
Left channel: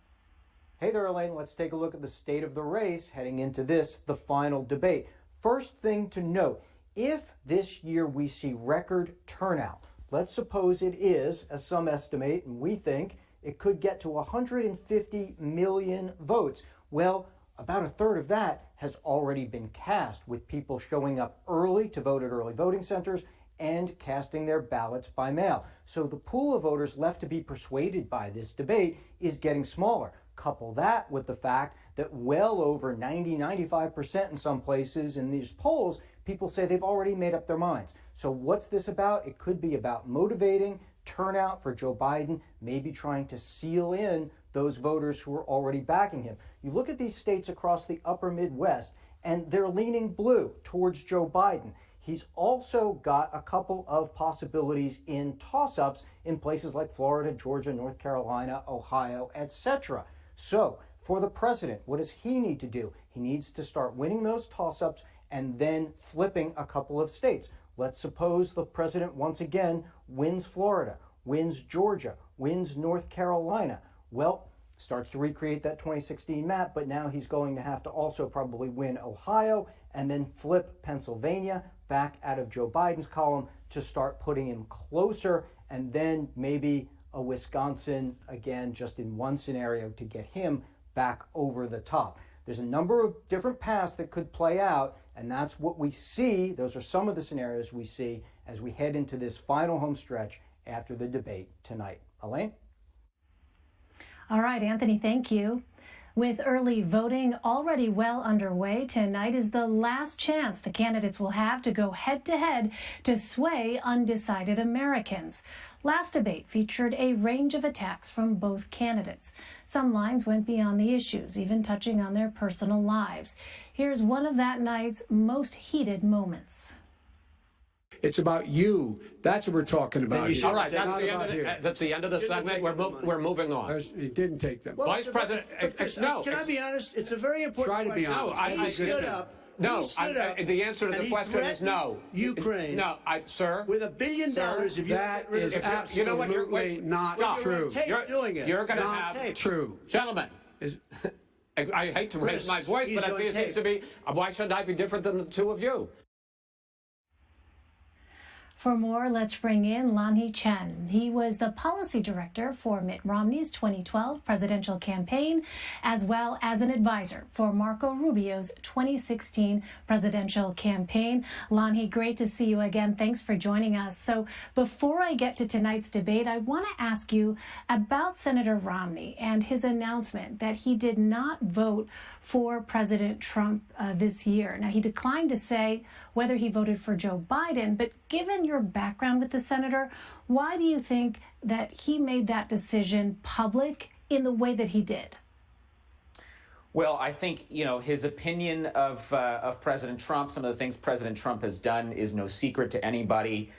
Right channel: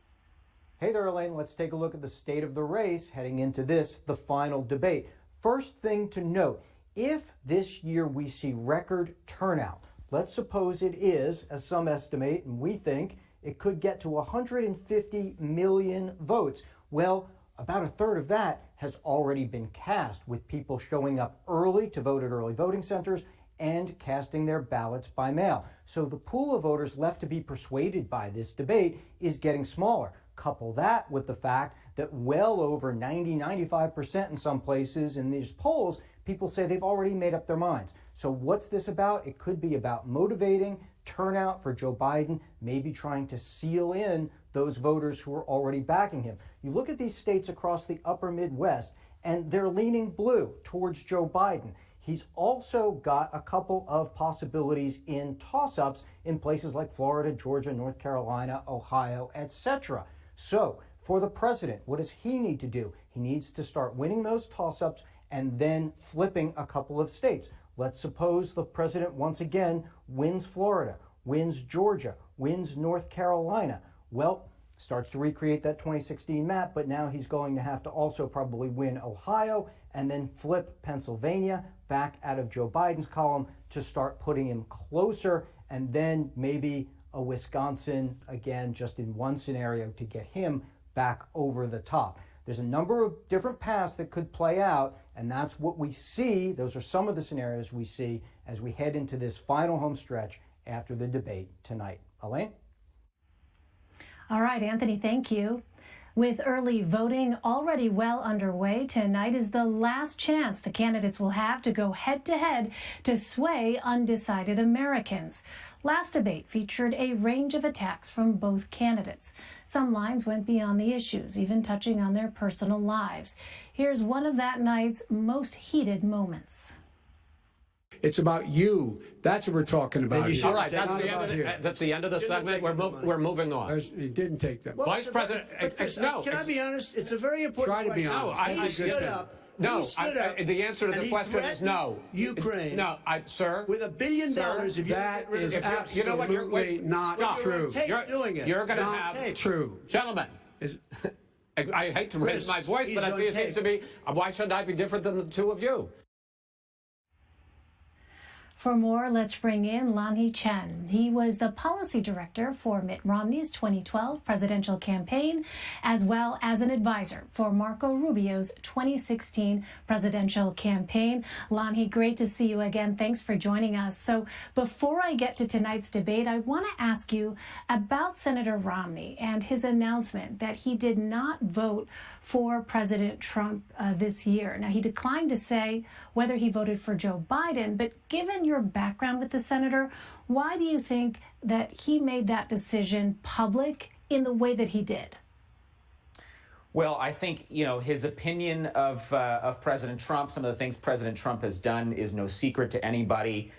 Hey there, Elaine. Let's take a look at the state of the race heading into this, the final debate. First thing to note, if this year we see record turnout, let's suppose it is, as some estimate, and we think, it could get to 150 million votes. Well, about a third of that has already been cast, with people showing up early to vote at early voting centers and casting their ballots by mail. So the pool of voters left to be persuaded by this debate is getting smaller. Couple that with the fact that well over 90-95% in some places in these polls, people say they've already made up their minds. So what's this about? It could be about motivating turnout for Joe Biden, maybe trying to seal in those voters who are already backing him. You look at these states across the upper Midwest, and they're leaning blue towards Joe Biden. He's also got a couple of possibilities in toss-ups in places like Florida, Georgia, North Carolina, Ohio, etc. So for the president, what does he need to do? He needs to start winning those toss-ups and then flipping a couple of states. Let's suppose the president once again wins Florida, wins Georgia, wins North Carolina. Well, starts to recreate that 2016 map, but now he's going to have to also probably win Ohio and then flip Pennsylvania back out of Joe Biden's column to start putting him closer, and then maybe a Wisconsin again, just in one scenario, to get him back over the top. There's a number of different paths that could play out, and that's what we see. Those are some of the scenarios we see as we head into this final home stretch after the debate tonight. Elaine? All right, Anthony, thank you. With early voting already well underway, tonight is the last chance the candidates will have to go head-to-head to sway undecided Americans. Last debate featured a range of attacks from both candidates. Some lines went beyond the issues, even touching on their personal lives. Here's one of that night's most heated moments. It's about you. That's what we're talking about. All right, that's the end of the segment. We're moving on. It didn't take them. Well, Vice President, no. Can I be honest? It's a very important Try to be question. honest. He stood up. No, the answer to the question is no. Ukraine. No, sir. With $1 billion, if you that is absolutely you know what, you're, not true. You're going to have true. Gentlemen. I hate to raise my voice, but I see it seems to be. Why shouldn't I be different than the two of you? For more, let's bring in Lanhee Chen. He was the policy director for Mitt Romney's 2012 presidential campaign, as well as an advisor for Marco Rubio's 2016 presidential campaign. Lanhee, great to see you again. Thanks for joining us. So before I get to tonight's debate, I want to ask you about Senator Romney and his announcement that he did not vote for President Trump this year. Now, he declined to say whether he voted for Joe Biden, but given your background with the senator, why do you think that he made that decision public in the way that he did? Well, I think, his opinion of President Trump, some of the things President Trump has done is no secret to anybody.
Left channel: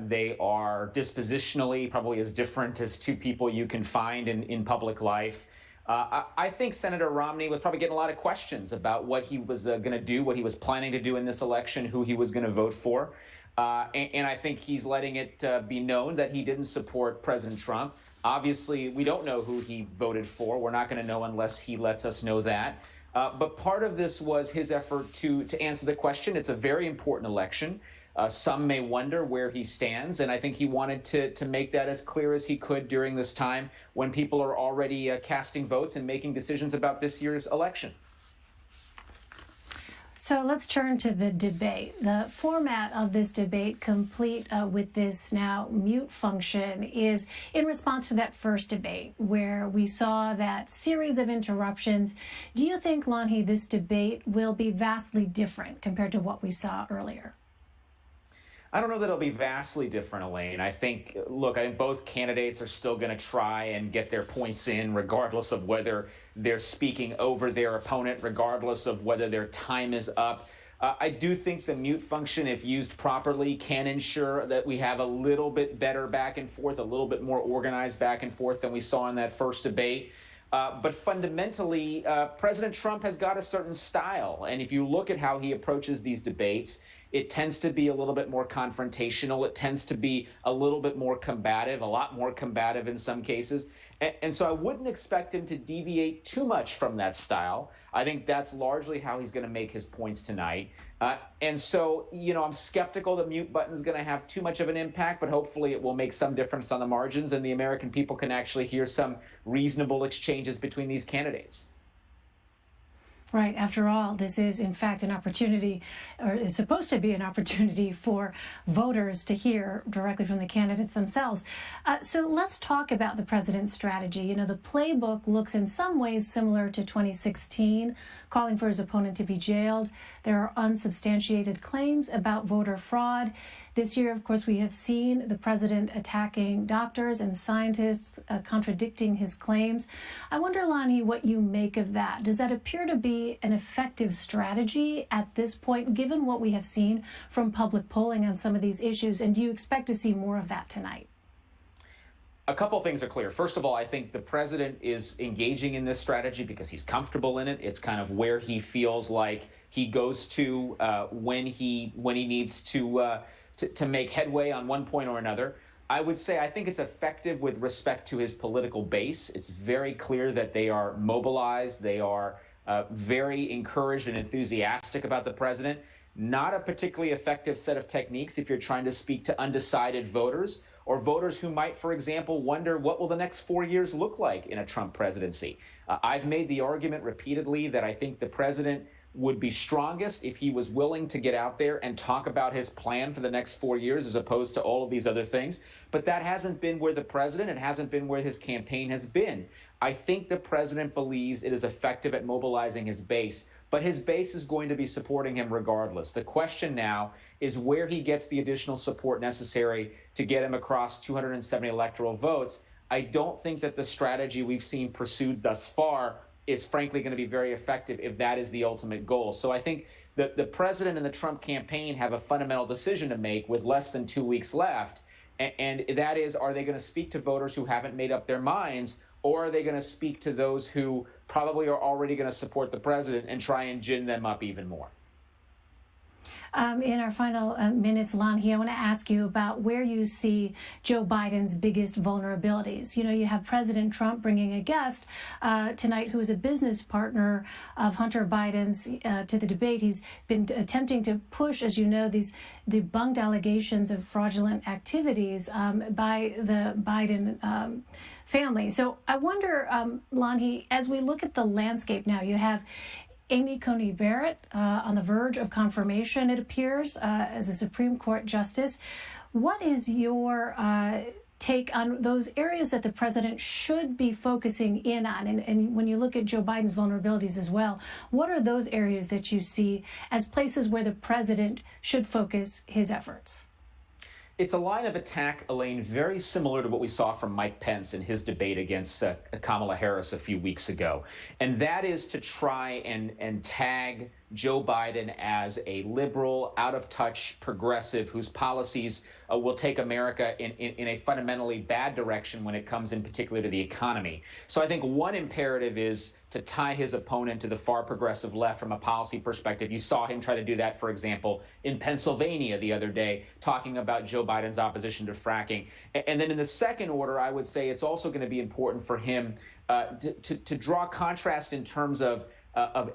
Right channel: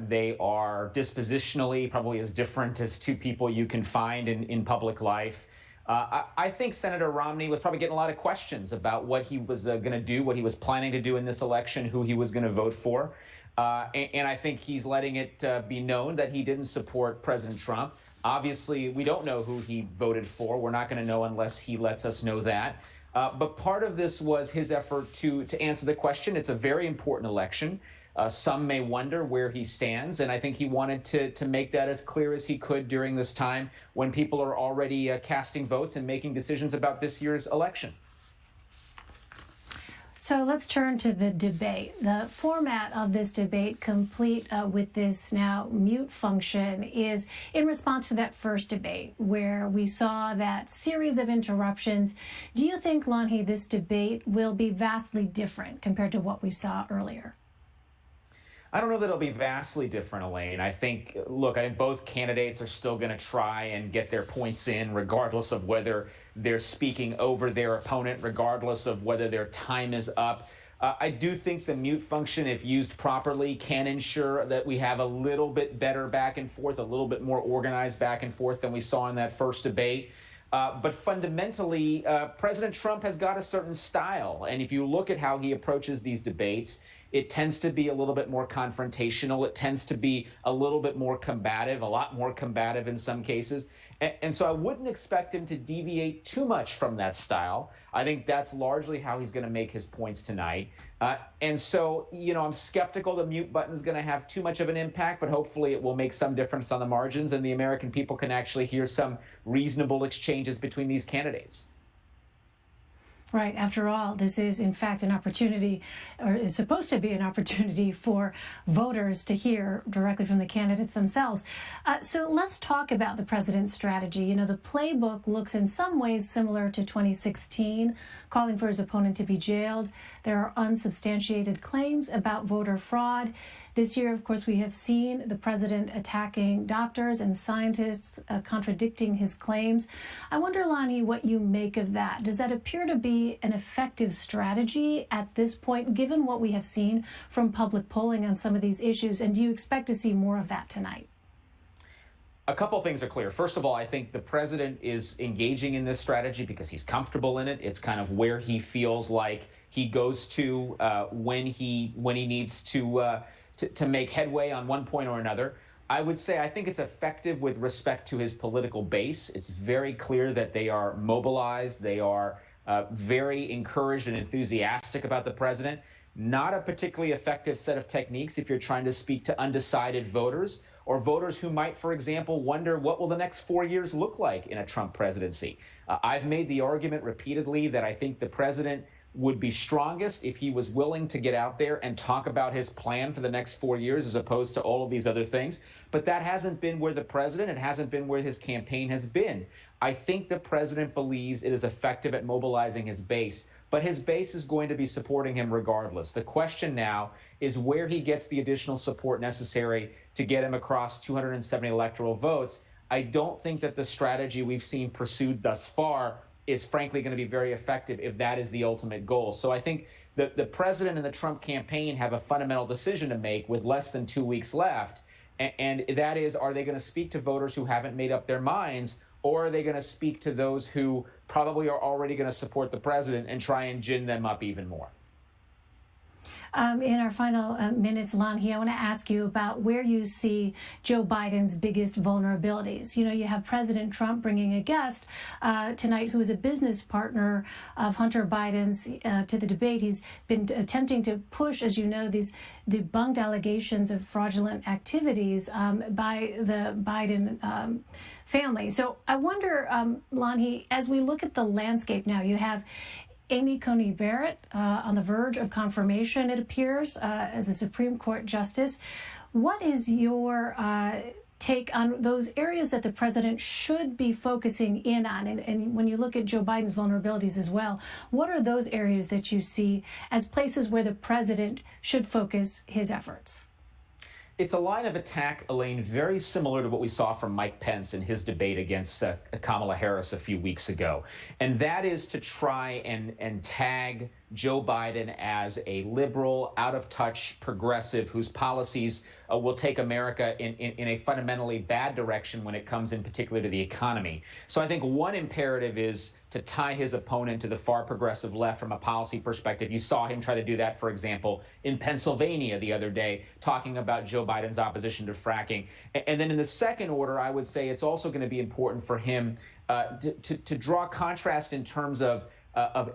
They are dispositionally probably as different as two people you can find in public life. I think Senator Romney was probably getting a lot of questions about what he was going to do, what he was planning to do in this election, who he was going to vote for. And I think he's letting it be known that he didn't support President Trump. Obviously, we don't know who he voted for. We're not going to know unless he lets us know that. But part of this was his effort to answer the question. It's a very important election. Some may wonder where he stands, and I think he wanted to make that as clear as he could during this time when people are already casting votes and making decisions about this year's election. So let's turn to the debate. The format of this debate, complete with this now mute function, is in response to that first debate where we saw that series of interruptions. Do you think, Lanhee, this debate will be vastly different compared to what we saw earlier? I don't know that it'll be vastly different, Elaine. I think both candidates are still going to try and get their points in, regardless of whether they're speaking over their opponent, regardless of whether their time is up. I do think the mute function, if used properly, can ensure that we have a little bit better back and forth, a little bit more organized back and forth than we saw in that first debate. But fundamentally, President Trump has got a certain style. And if you look at how he approaches these debates, it tends to be a little bit more confrontational. It tends to be a little bit more combative, a lot more combative in some cases. And so I wouldn't expect him to deviate too much from that style. I think that's largely how he's going to make his points tonight. And so, I'm skeptical the mute button is going to have too much of an impact, but hopefully it will make some difference on the margins and the American people can actually hear some reasonable exchanges between these candidates. Right. After all, this is, in fact, an opportunity, or is supposed to be an opportunity for voters to hear directly from the candidates themselves. So let's talk about the president's strategy. The playbook looks in some ways similar to 2016, calling for his opponent to be jailed. There are unsubstantiated claims about voter fraud. This year, of course, we have seen the president attacking doctors and scientists, contradicting his claims. I wonder, Lanhee, what you make of that. Does that appear to be an effective strategy at this point, given what we have seen from public polling on some of these issues? And do you expect to see more of that tonight? A couple of things are clear. First of all, I think the president is engaging in this strategy because he's comfortable in it. It's kind of where he feels like he goes to when he needs to to make headway on one point or another. I would say I think it's effective with respect to his political base. It's very clear that they are mobilized. They are very encouraged and enthusiastic about the president. Not a particularly effective set of techniques if you're trying to speak to undecided voters or voters who might, for example, wonder what will the next 4 years look like in a Trump presidency. I've made the argument repeatedly that I think the president would be strongest if he was willing to get out there and talk about his plan for the next 4 years as opposed to all of these other things. But that hasn't been where the president, it hasn't been where his campaign has been. I think the president believes it is effective at mobilizing his base, but his base is going to be supporting him regardless. The question now is where he gets the additional support necessary to get him across 270 electoral votes. I don't think that the strategy we've seen pursued thus far is frankly going to be very effective if that is the ultimate goal. So I think that the president and the Trump campaign have a fundamental decision to make with less than 2 weeks left. And that is, are they going to speak to voters who haven't made up their minds, or are they going to speak to those who probably are already going to support the president and try and gin them up even more? In our final minutes, Lanhi, I want to ask you about where you see Joe Biden's biggest vulnerabilities. You know, you have President Trump bringing a guest tonight who is a business partner of Hunter Biden's to the debate. He's been attempting to push, as you know, these debunked allegations of fraudulent activities by the Biden family. So I wonder, Lanhi, as we look at the landscape now, you have Amy Coney Barrett on the verge of confirmation, it appears, as a Supreme Court justice. What is your take on those areas that the president should be focusing in on? And when you look at Joe Biden's vulnerabilities as well, what are those areas that you see as places where the president should focus his efforts? It's a line of attack, Elaine, very similar to what we saw from Mike Pence in his debate against Kamala Harris a few weeks ago. And that is to try and tag Joe Biden as a liberal, out-of-touch progressive whose policies will take America in a fundamentally bad direction when it comes in particular to the economy. So I think one imperative is to tie his opponent to the far progressive left from a policy perspective. You saw him try to do that, for example, in Pennsylvania the other day, talking about Joe Biden's opposition to fracking. And then in the second order, I would say it's also going to be important for him to draw contrast in terms of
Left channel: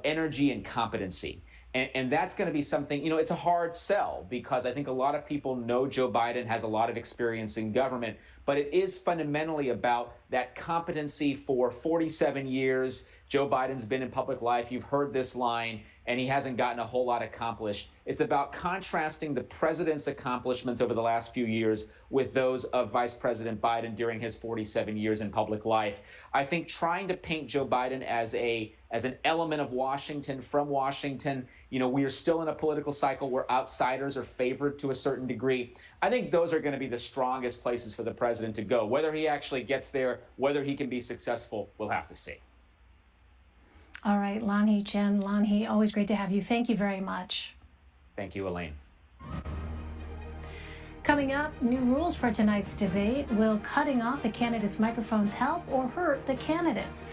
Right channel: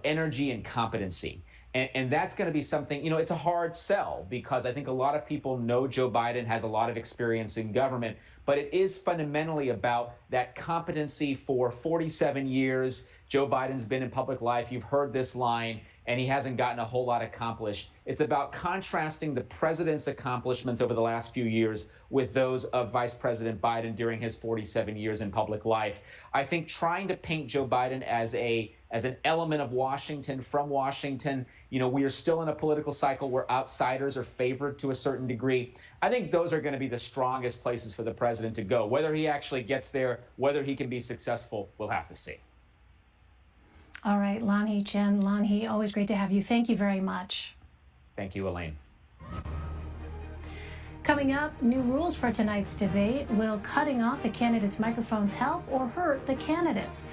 energy and competency. And that's going to be something, you know, it's a hard sell because I think a lot of people know Joe Biden has a lot of experience in government, but it is fundamentally about that competency. For 47 years, Joe Biden's been in public life. You've heard this line, and he hasn't gotten a whole lot accomplished. It's about contrasting the president's accomplishments over the last few years with those of Vice President Biden during his 47 years in public life. I think trying to paint Joe Biden as an element of Washington, from Washington, you know, we are still in a political cycle where outsiders are favored to a certain degree. I think those are going to be the strongest places for the president to go. Whether he actually gets there, whether he can be successful, we'll have to see. All right, Lanhi Chen. Lanhi, always great to have you. Thank you very much. Thank you, Elaine. Coming up, new rules for tonight's debate. Will cutting off the candidates' microphones help or hurt the candidates?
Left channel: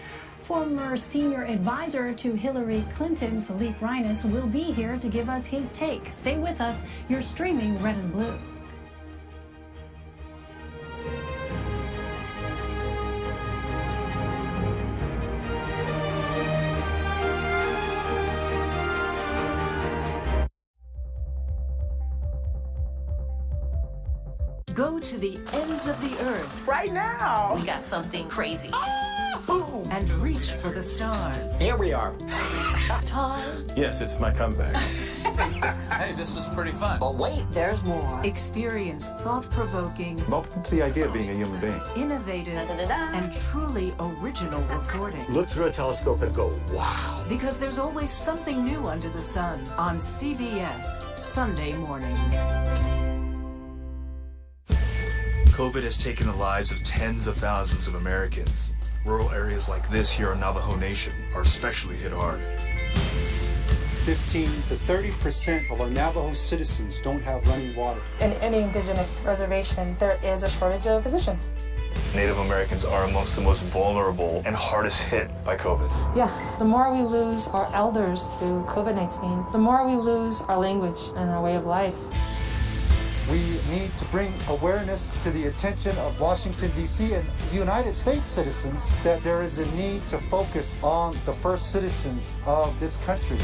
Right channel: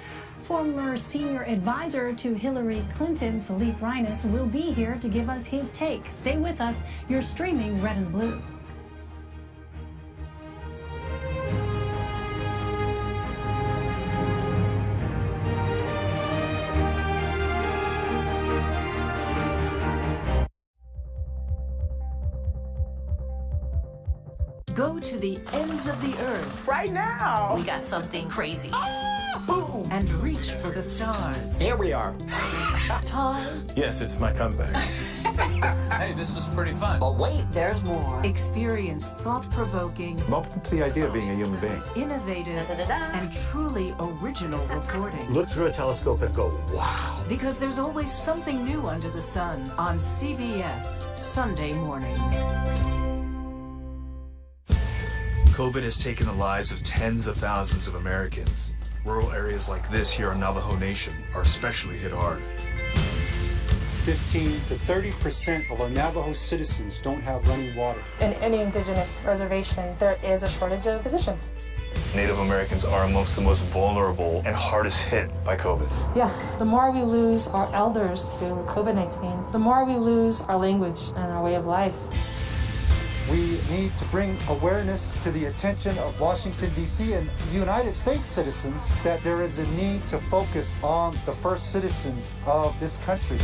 Former senior advisor to Hillary Clinton, Philippe Reines, will be here to give us his take. Stay with us. You're streaming Red and Blue. Go to the ends of the earth. Right now. We got something crazy. And reach for the stars. Here we are. Tom. Yes, it's my comeback. Hey, this is pretty fun. But wait, there's more. Experience thought-provoking, I'm open to the idea of being a human being. innovative, and truly original reporting. Look through a telescope and go, wow. Because there's always something new under the sun on CBS Sunday morning. COVID has taken the lives of tens of thousands of Americans. Rural areas like this here on Navajo Nation are especially hit hard. 15 to 30% of our Navajo citizens don't have running water. In any indigenous reservation, there is a shortage of physicians. Native Americans are amongst the most vulnerable and hardest hit by COVID. Yeah, the more we lose our elders to COVID-19, the more we lose our language and our way of life. We need to bring awareness to the attention of Washington, D.C. and United States citizens that there is a need to focus on the first citizens of this country.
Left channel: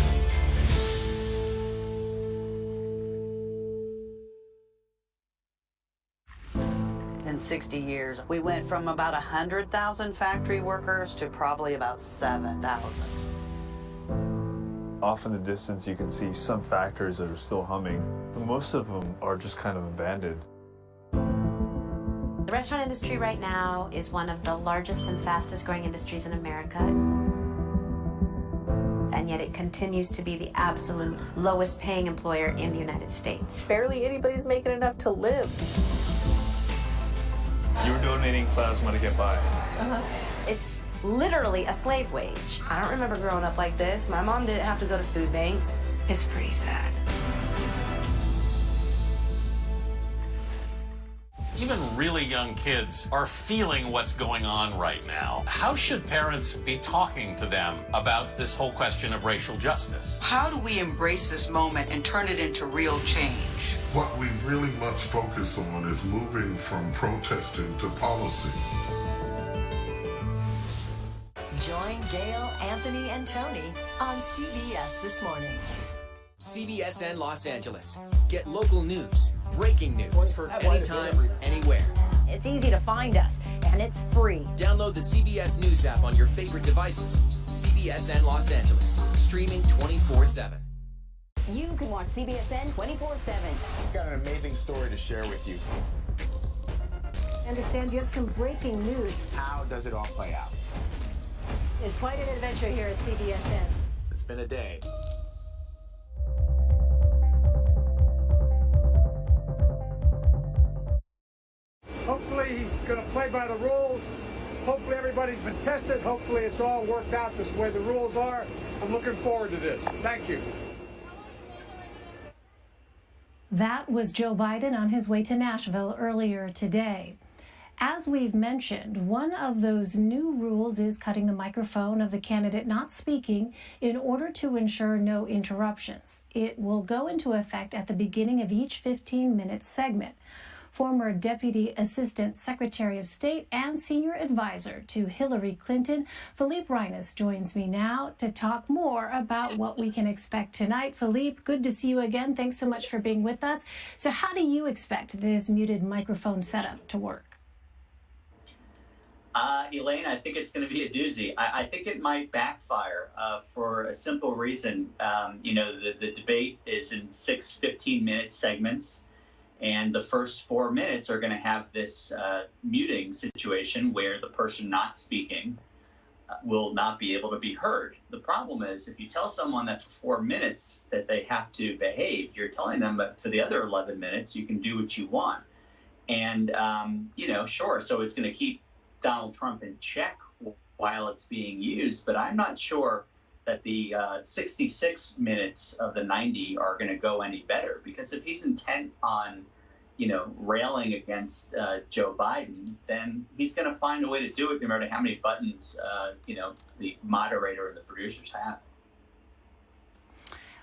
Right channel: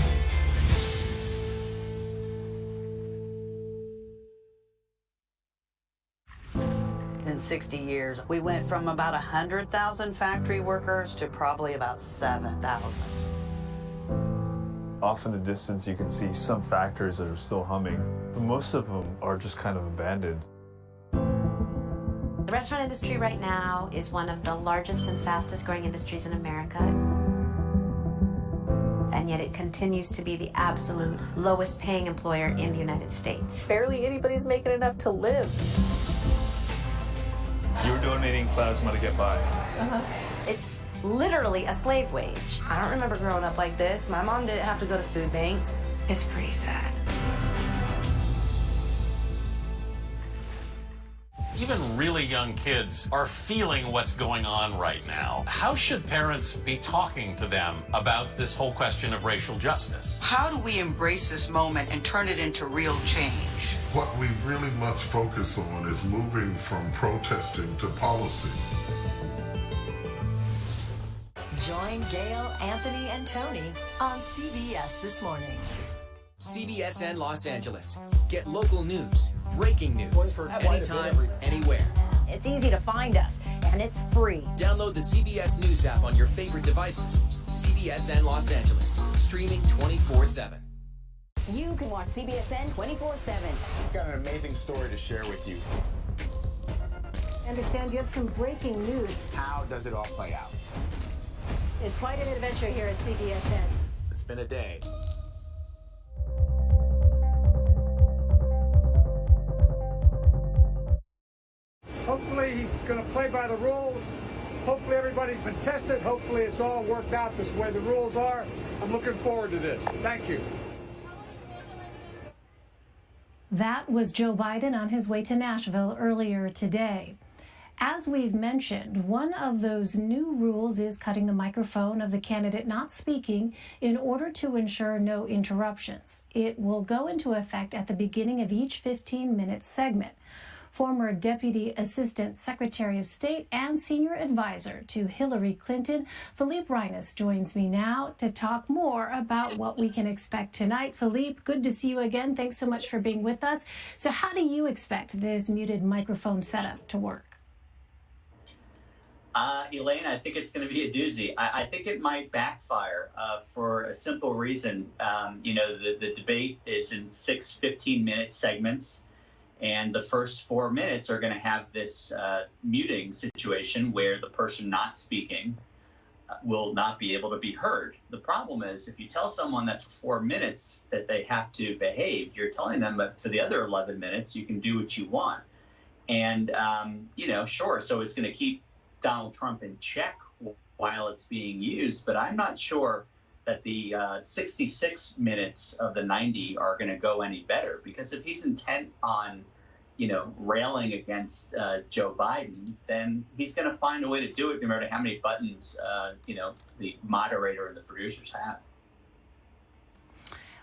In 60 years, we went from about 100,000 factory workers to probably about 7,000. Off in the distance, you can see some factories that are still humming, but most of them are just kind of abandoned. The restaurant industry right now is one of the largest and fastest growing industries in America. And yet it continues to be the absolute lowest paying employer in the United States. Barely anybody's making enough to live. You're donating plasma to get by. It's literally a slave wage. I don't remember growing up like this. My mom didn't have to go to food banks. It's pretty sad. Even really young kids are feeling what's going on right now. How should parents be talking to them about this whole question of racial justice? How do we embrace this moment and turn it into real change? What we really must focus on is moving from protesting to policy. Join Gail, Anthony, and Tony on CBS This Morning. CBSN Los Angeles. Get local news, breaking news, anytime, anywhere. It's easy to find us, and it's free. Download the CBS News app on your favorite devices. CBSN Los Angeles, streaming 24/7. You can watch CBSN 24/7. I've got an amazing story to share with you. I understand you have some breaking news. How does it all play out? It's quite an adventure here at CBSN. It's been a day. Hopefully he's going to play by the rules. Hopefully everybody's been tested. Hopefully it's all worked out this way the rules are. I'm looking forward to this. Thank you. That was Joe Biden on his way to Nashville earlier today. As we've mentioned, one of those new rules is cutting the microphone of the candidate not speaking in order to ensure no interruptions. It will go into effect at the beginning of each 15-minute segment. Former Deputy Assistant Secretary of State and Senior Advisor to Hillary Clinton, Philippe Reines, joins me now to talk more about what we can expect tonight. Philippe, good to see you again. Thanks so much for being with us. So how do you expect this muted microphone setup to work? Elaine, I think it's going to be a doozy. I think it might backfire for a simple reason. The debate is in 6 15-minute segments, and the first 4 minutes are going to have this muting situation where the person not speaking will not be able to be heard. The problem is if you tell someone that for 4 minutes that they have to behave, you're telling them that for the other 11 minutes you can do what you want. And, sure, so it's going to keep Donald Trump in check while it's being used, but I'm not sure that the 66 minutes of the 90 are going to go any better, because if he's intent on, railing against Joe Biden, then he's going to find a way to do it no matter how many buttons, the moderator and the producers have.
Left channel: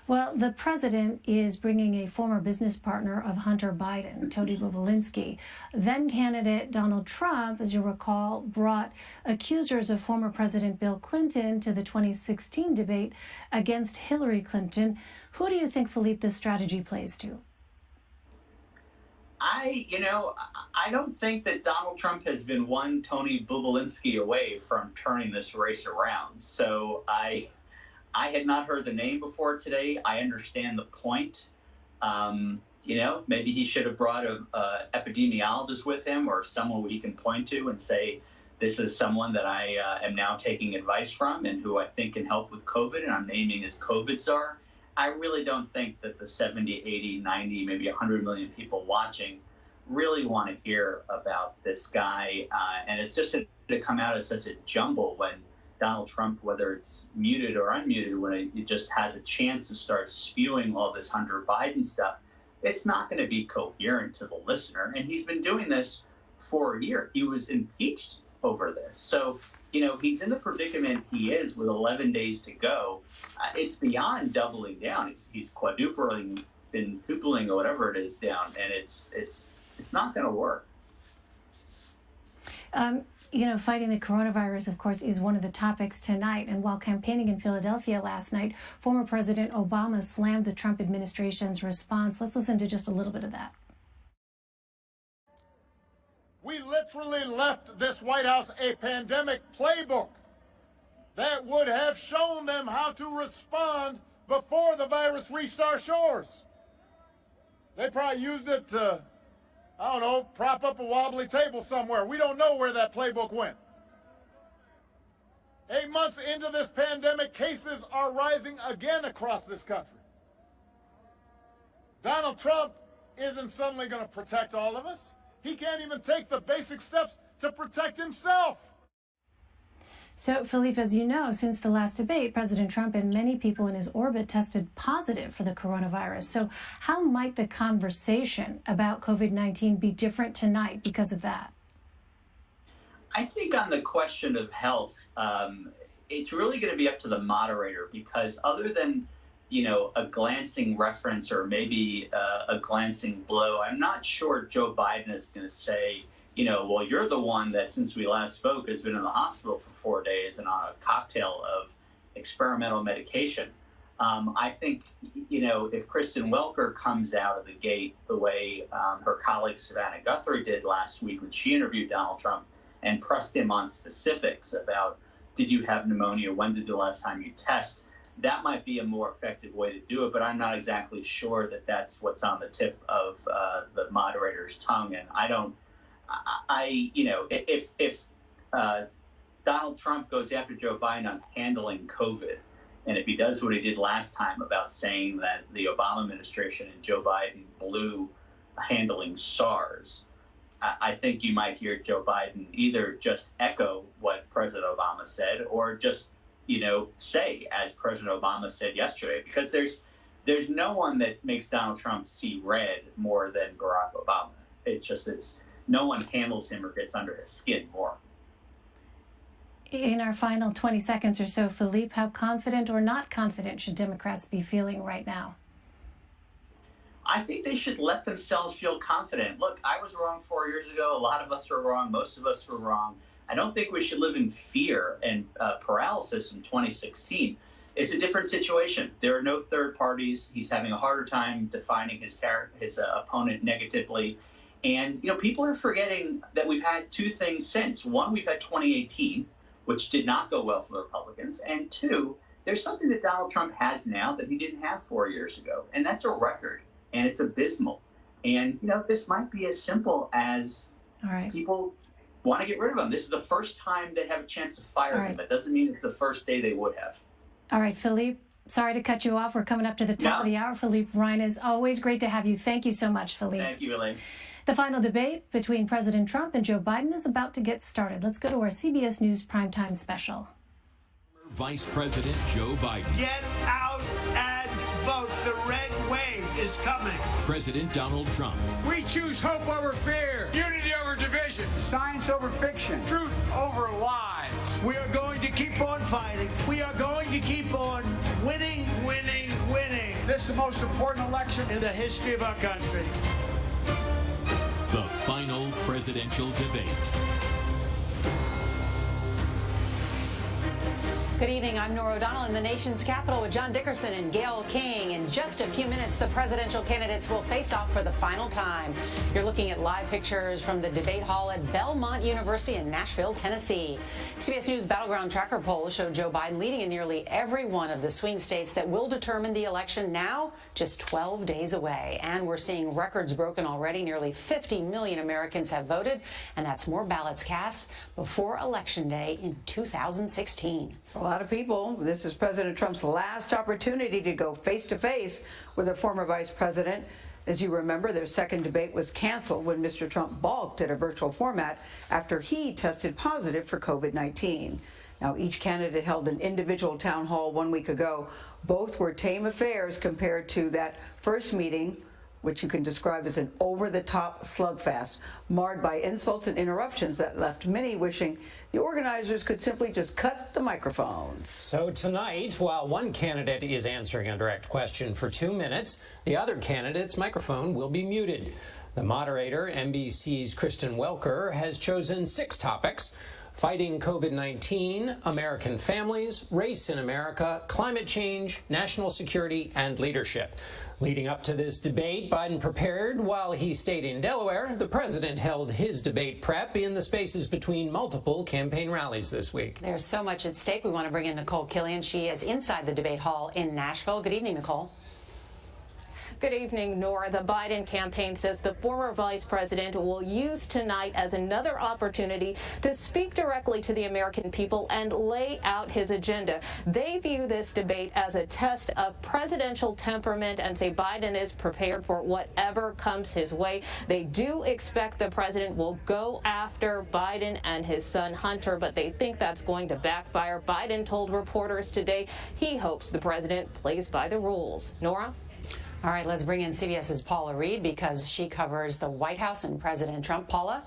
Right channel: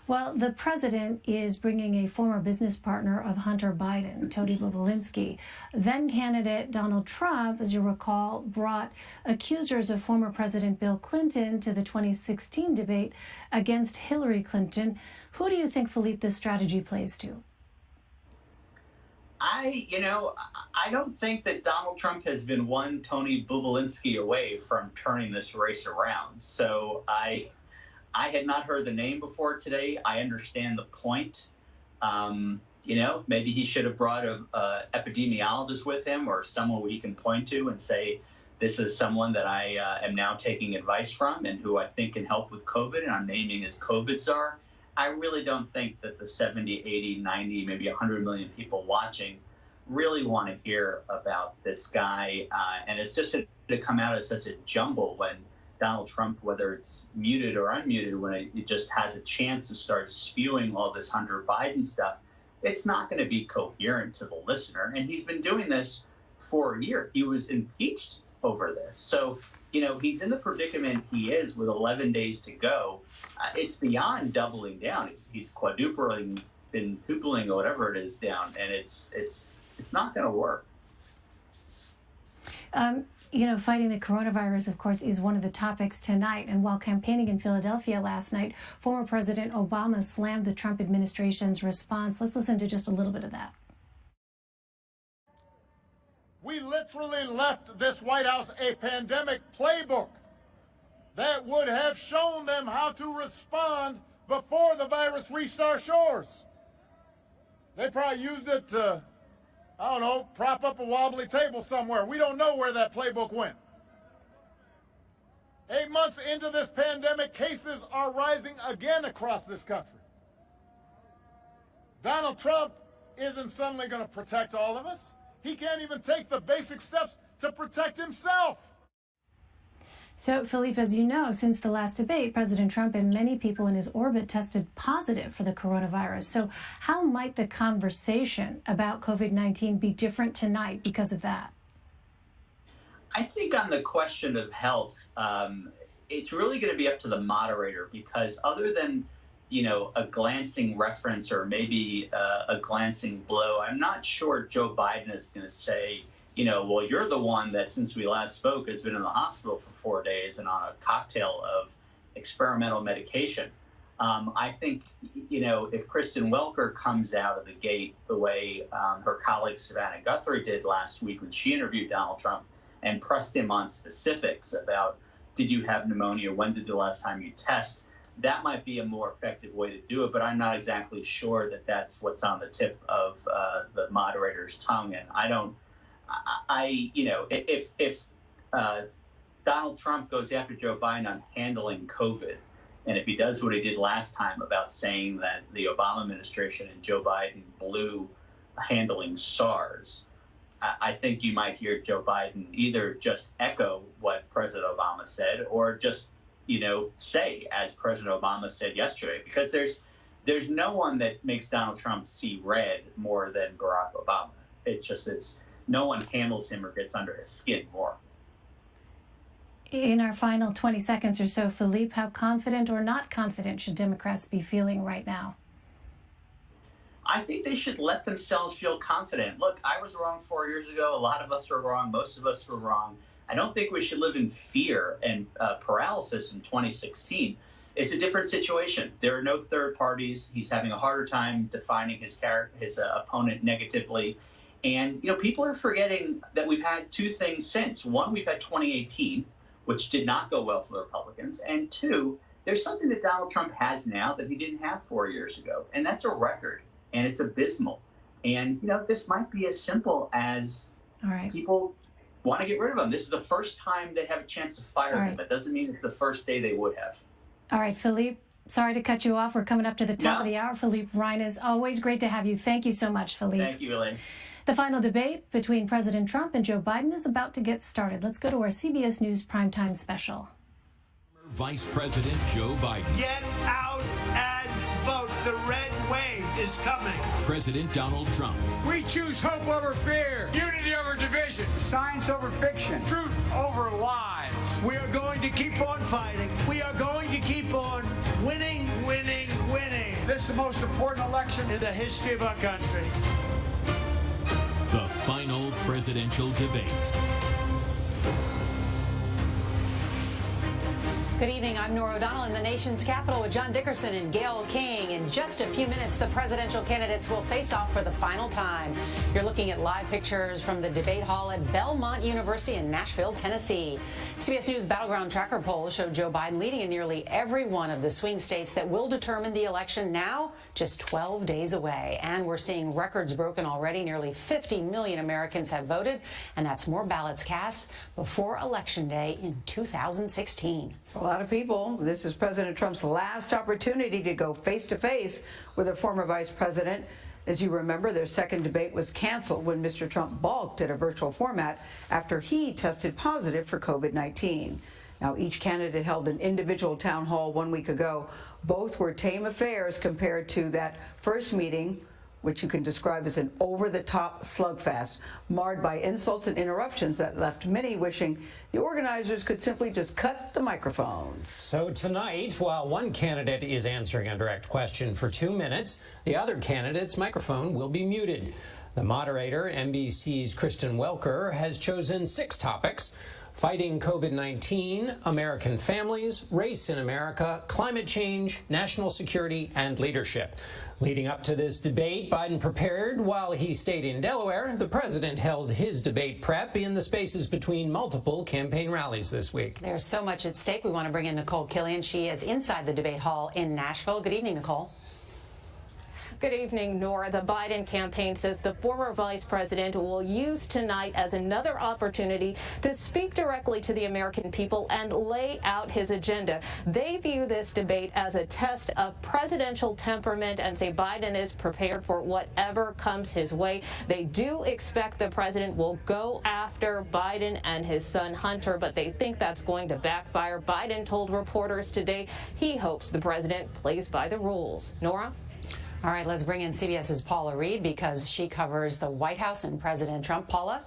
Well, the president is bringing a former business partner of Hunter Biden, Tony Bobulinski. Then candidate Donald Trump, as you recall, brought accusers of former President Bill Clinton to the 2016 debate against Hillary Clinton. Who do you think, Philippe, this strategy plays to? I don't think that Donald Trump has been one Tony Bobulinski away from turning this race around. So I had not heard the name before today. I understand the point. Maybe he should have brought a epidemiologist with him, or someone he can point to and say, this is someone that I am now taking advice from and who I think can help with COVID, and I'm naming as COVID czar. I really don't think that the 70, 80, 90, maybe 100 million people watching really want to hear about this guy. And it's just to come out as such a jumble when Donald Trump, whether it's muted or unmuted, when it just has a chance to start spewing all this Hunter Biden stuff, it's not going to be coherent to the listener. And he's been doing this for a year. He was impeached over this. So, he's in the predicament he is with 11 days to go. It's beyond doubling down. He's quadrupling, quintupling, or whatever it is down. And it's It's not going to work. You know, fighting the coronavirus, of course, is one of the topics tonight. And while campaigning in Philadelphia last night, former President Obama slammed the Trump administration's response. Let's listen to just a little bit of that. We literally left this White House a pandemic playbook that would have shown them how to respond before the virus reached our shores. They probably used it to, I don't know, prop up a wobbly table somewhere. We don't know where that playbook went. 8 months into this pandemic, cases are rising again across this country. Donald Trump isn't suddenly going to protect all of us. He can't even take the basic steps to protect himself. So, Philippe, as you know, since the last debate, President Trump and many people in his orbit tested positive for the coronavirus. So how might the conversation about COVID-19 be different tonight because of that? I think on the question of health, it's really going to be up to the moderator, because other than, you know, a glancing reference or maybe a glancing blow, I'm not sure Joe Biden is going to say, you know, well, you're the one that since we last spoke has been in the hospital for 4 days and on a cocktail of experimental medication. I think, you know, if Kristen Welker comes out of the gate the way her colleague Savannah Guthrie did last week when she interviewed Donald Trump and pressed him on specifics about, did you have pneumonia? When did the last time you test? That might be a more effective way to do it, but I'm not exactly sure that that's what's on the tip of the moderator's tongue. And you know, if Donald Trump goes after Joe Biden on handling COVID, and if he does what he did last time about saying that the Obama administration and Joe Biden blew handling SARS, I think you might hear Joe Biden either just echo what President Obama said or just, you know, say, as President Obama said yesterday, because there's no one that makes Donald Trump see red more than Barack Obama. It's no one handles him or gets under his skin more. In our final 20 seconds or so, Philippe, how confident or not confident should Democrats be feeling right now? I think they should let themselves feel confident. Look, I was wrong 4 years ago. A lot of us were wrong. Most of us were wrong. I don't think we should live in fear and paralysis in 2016. It's a different situation. There are no third parties. He's having a harder time defining his opponent negatively. And, you know, people are forgetting that we've had two things since. One, we've had 2018, which did not go well for the Republicans. And two, there's something that Donald Trump has now that he didn't have 4 years ago. And that's a record. And it's abysmal. And, you know, this might be as simple as people want to get rid of him. This is the first time they have a chance to fire him. That doesn't mean it's the first day they would have. All right, Philippe, sorry to cut you off. We're coming up to the top of the hour. Philippe Reines, always great to have you. Thank you so much, Philippe. Thank you, Elaine. The final debate between President Trump and Joe Biden is about to get started. Let's go to our CBS News Primetime Special. Vice President Joe Biden. Get out and vote. The red wave is coming. President Donald Trump. We choose hope over fear, unity over division, science over fiction, truth over lies. We are going to keep on fighting. We are going to keep on winning, winning, winning. This is the most important election in the history of our country. The final presidential debate. Good evening. I'm Norah O'Donnell in the nation's capital with John Dickerson and Gayle King. In just a few minutes, the presidential candidates will face off for the final time. You're looking at live pictures from the debate hall at Belmont University in Nashville, Tennessee. CBS News Battleground Tracker polls show Joe Biden leading in nearly every one of the swing states that will determine the election, now just 12 days away. And we're seeing records broken already. Nearly 50 million Americans have voted, and that's more ballots cast before Election Day in 2016. A lot of people. This is President Trump's last opportunity to go face-to-face with a former vice president. As you remember, their second debate was canceled when Mr. Trump balked at a virtual format after he tested positive for COVID-19. Now, each candidate held an individual town hall 1 week ago. Both were tame affairs compared to that first meeting, which you can describe as an over-the-top slugfest, marred by insults and interruptions that left many wishing the organizers could simply just cut the microphones. So tonight, while one candidate is answering a direct question for 2 minutes, the other candidate's microphone will be muted. The moderator, NBC's Kristen Welker, has chosen 6 topics: fighting COVID-19, American families, race in America, climate change, national security, and leadership. Leading up to this debate, Biden prepared while he stayed in Delaware. The president held his debate prep in the spaces between multiple campaign rallies this week. There's so much at stake. We want to bring in Nicole Killian. She is inside the debate hall in Nashville. Good evening, Nicole. Good evening, Nora. The Biden campaign says the former vice president will use tonight as another opportunity to speak directly to the American people and lay out his agenda. They view this debate as a test of presidential temperament and say Biden is prepared for whatever comes his way. They do expect the president will go after Biden and his son Hunter, but they think that's going to backfire. Biden told reporters today he hopes the president plays by the rules. Nora? All right, let's bring in CBS's Paula Reed because she covers the White House and President Trump. Paula?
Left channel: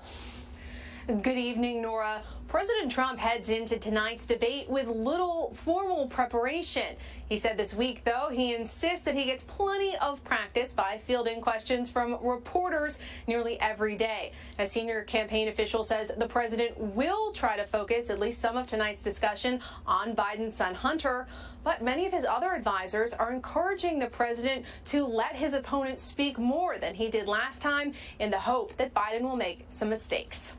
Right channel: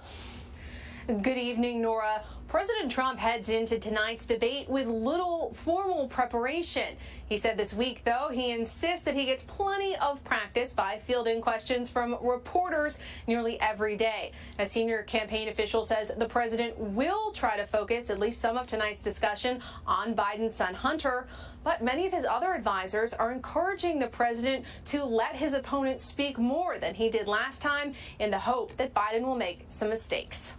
Good evening, Nora. President Trump heads into tonight's debate with little formal preparation. He said this week, though, he insists that he gets plenty of practice by fielding questions from reporters nearly every day. A senior campaign official says the president will try to focus at least some of tonight's discussion on Biden's son Hunter. But many of his other advisors are encouraging the president to let his opponent speak more than he did last time in the hope that Biden will make some mistakes.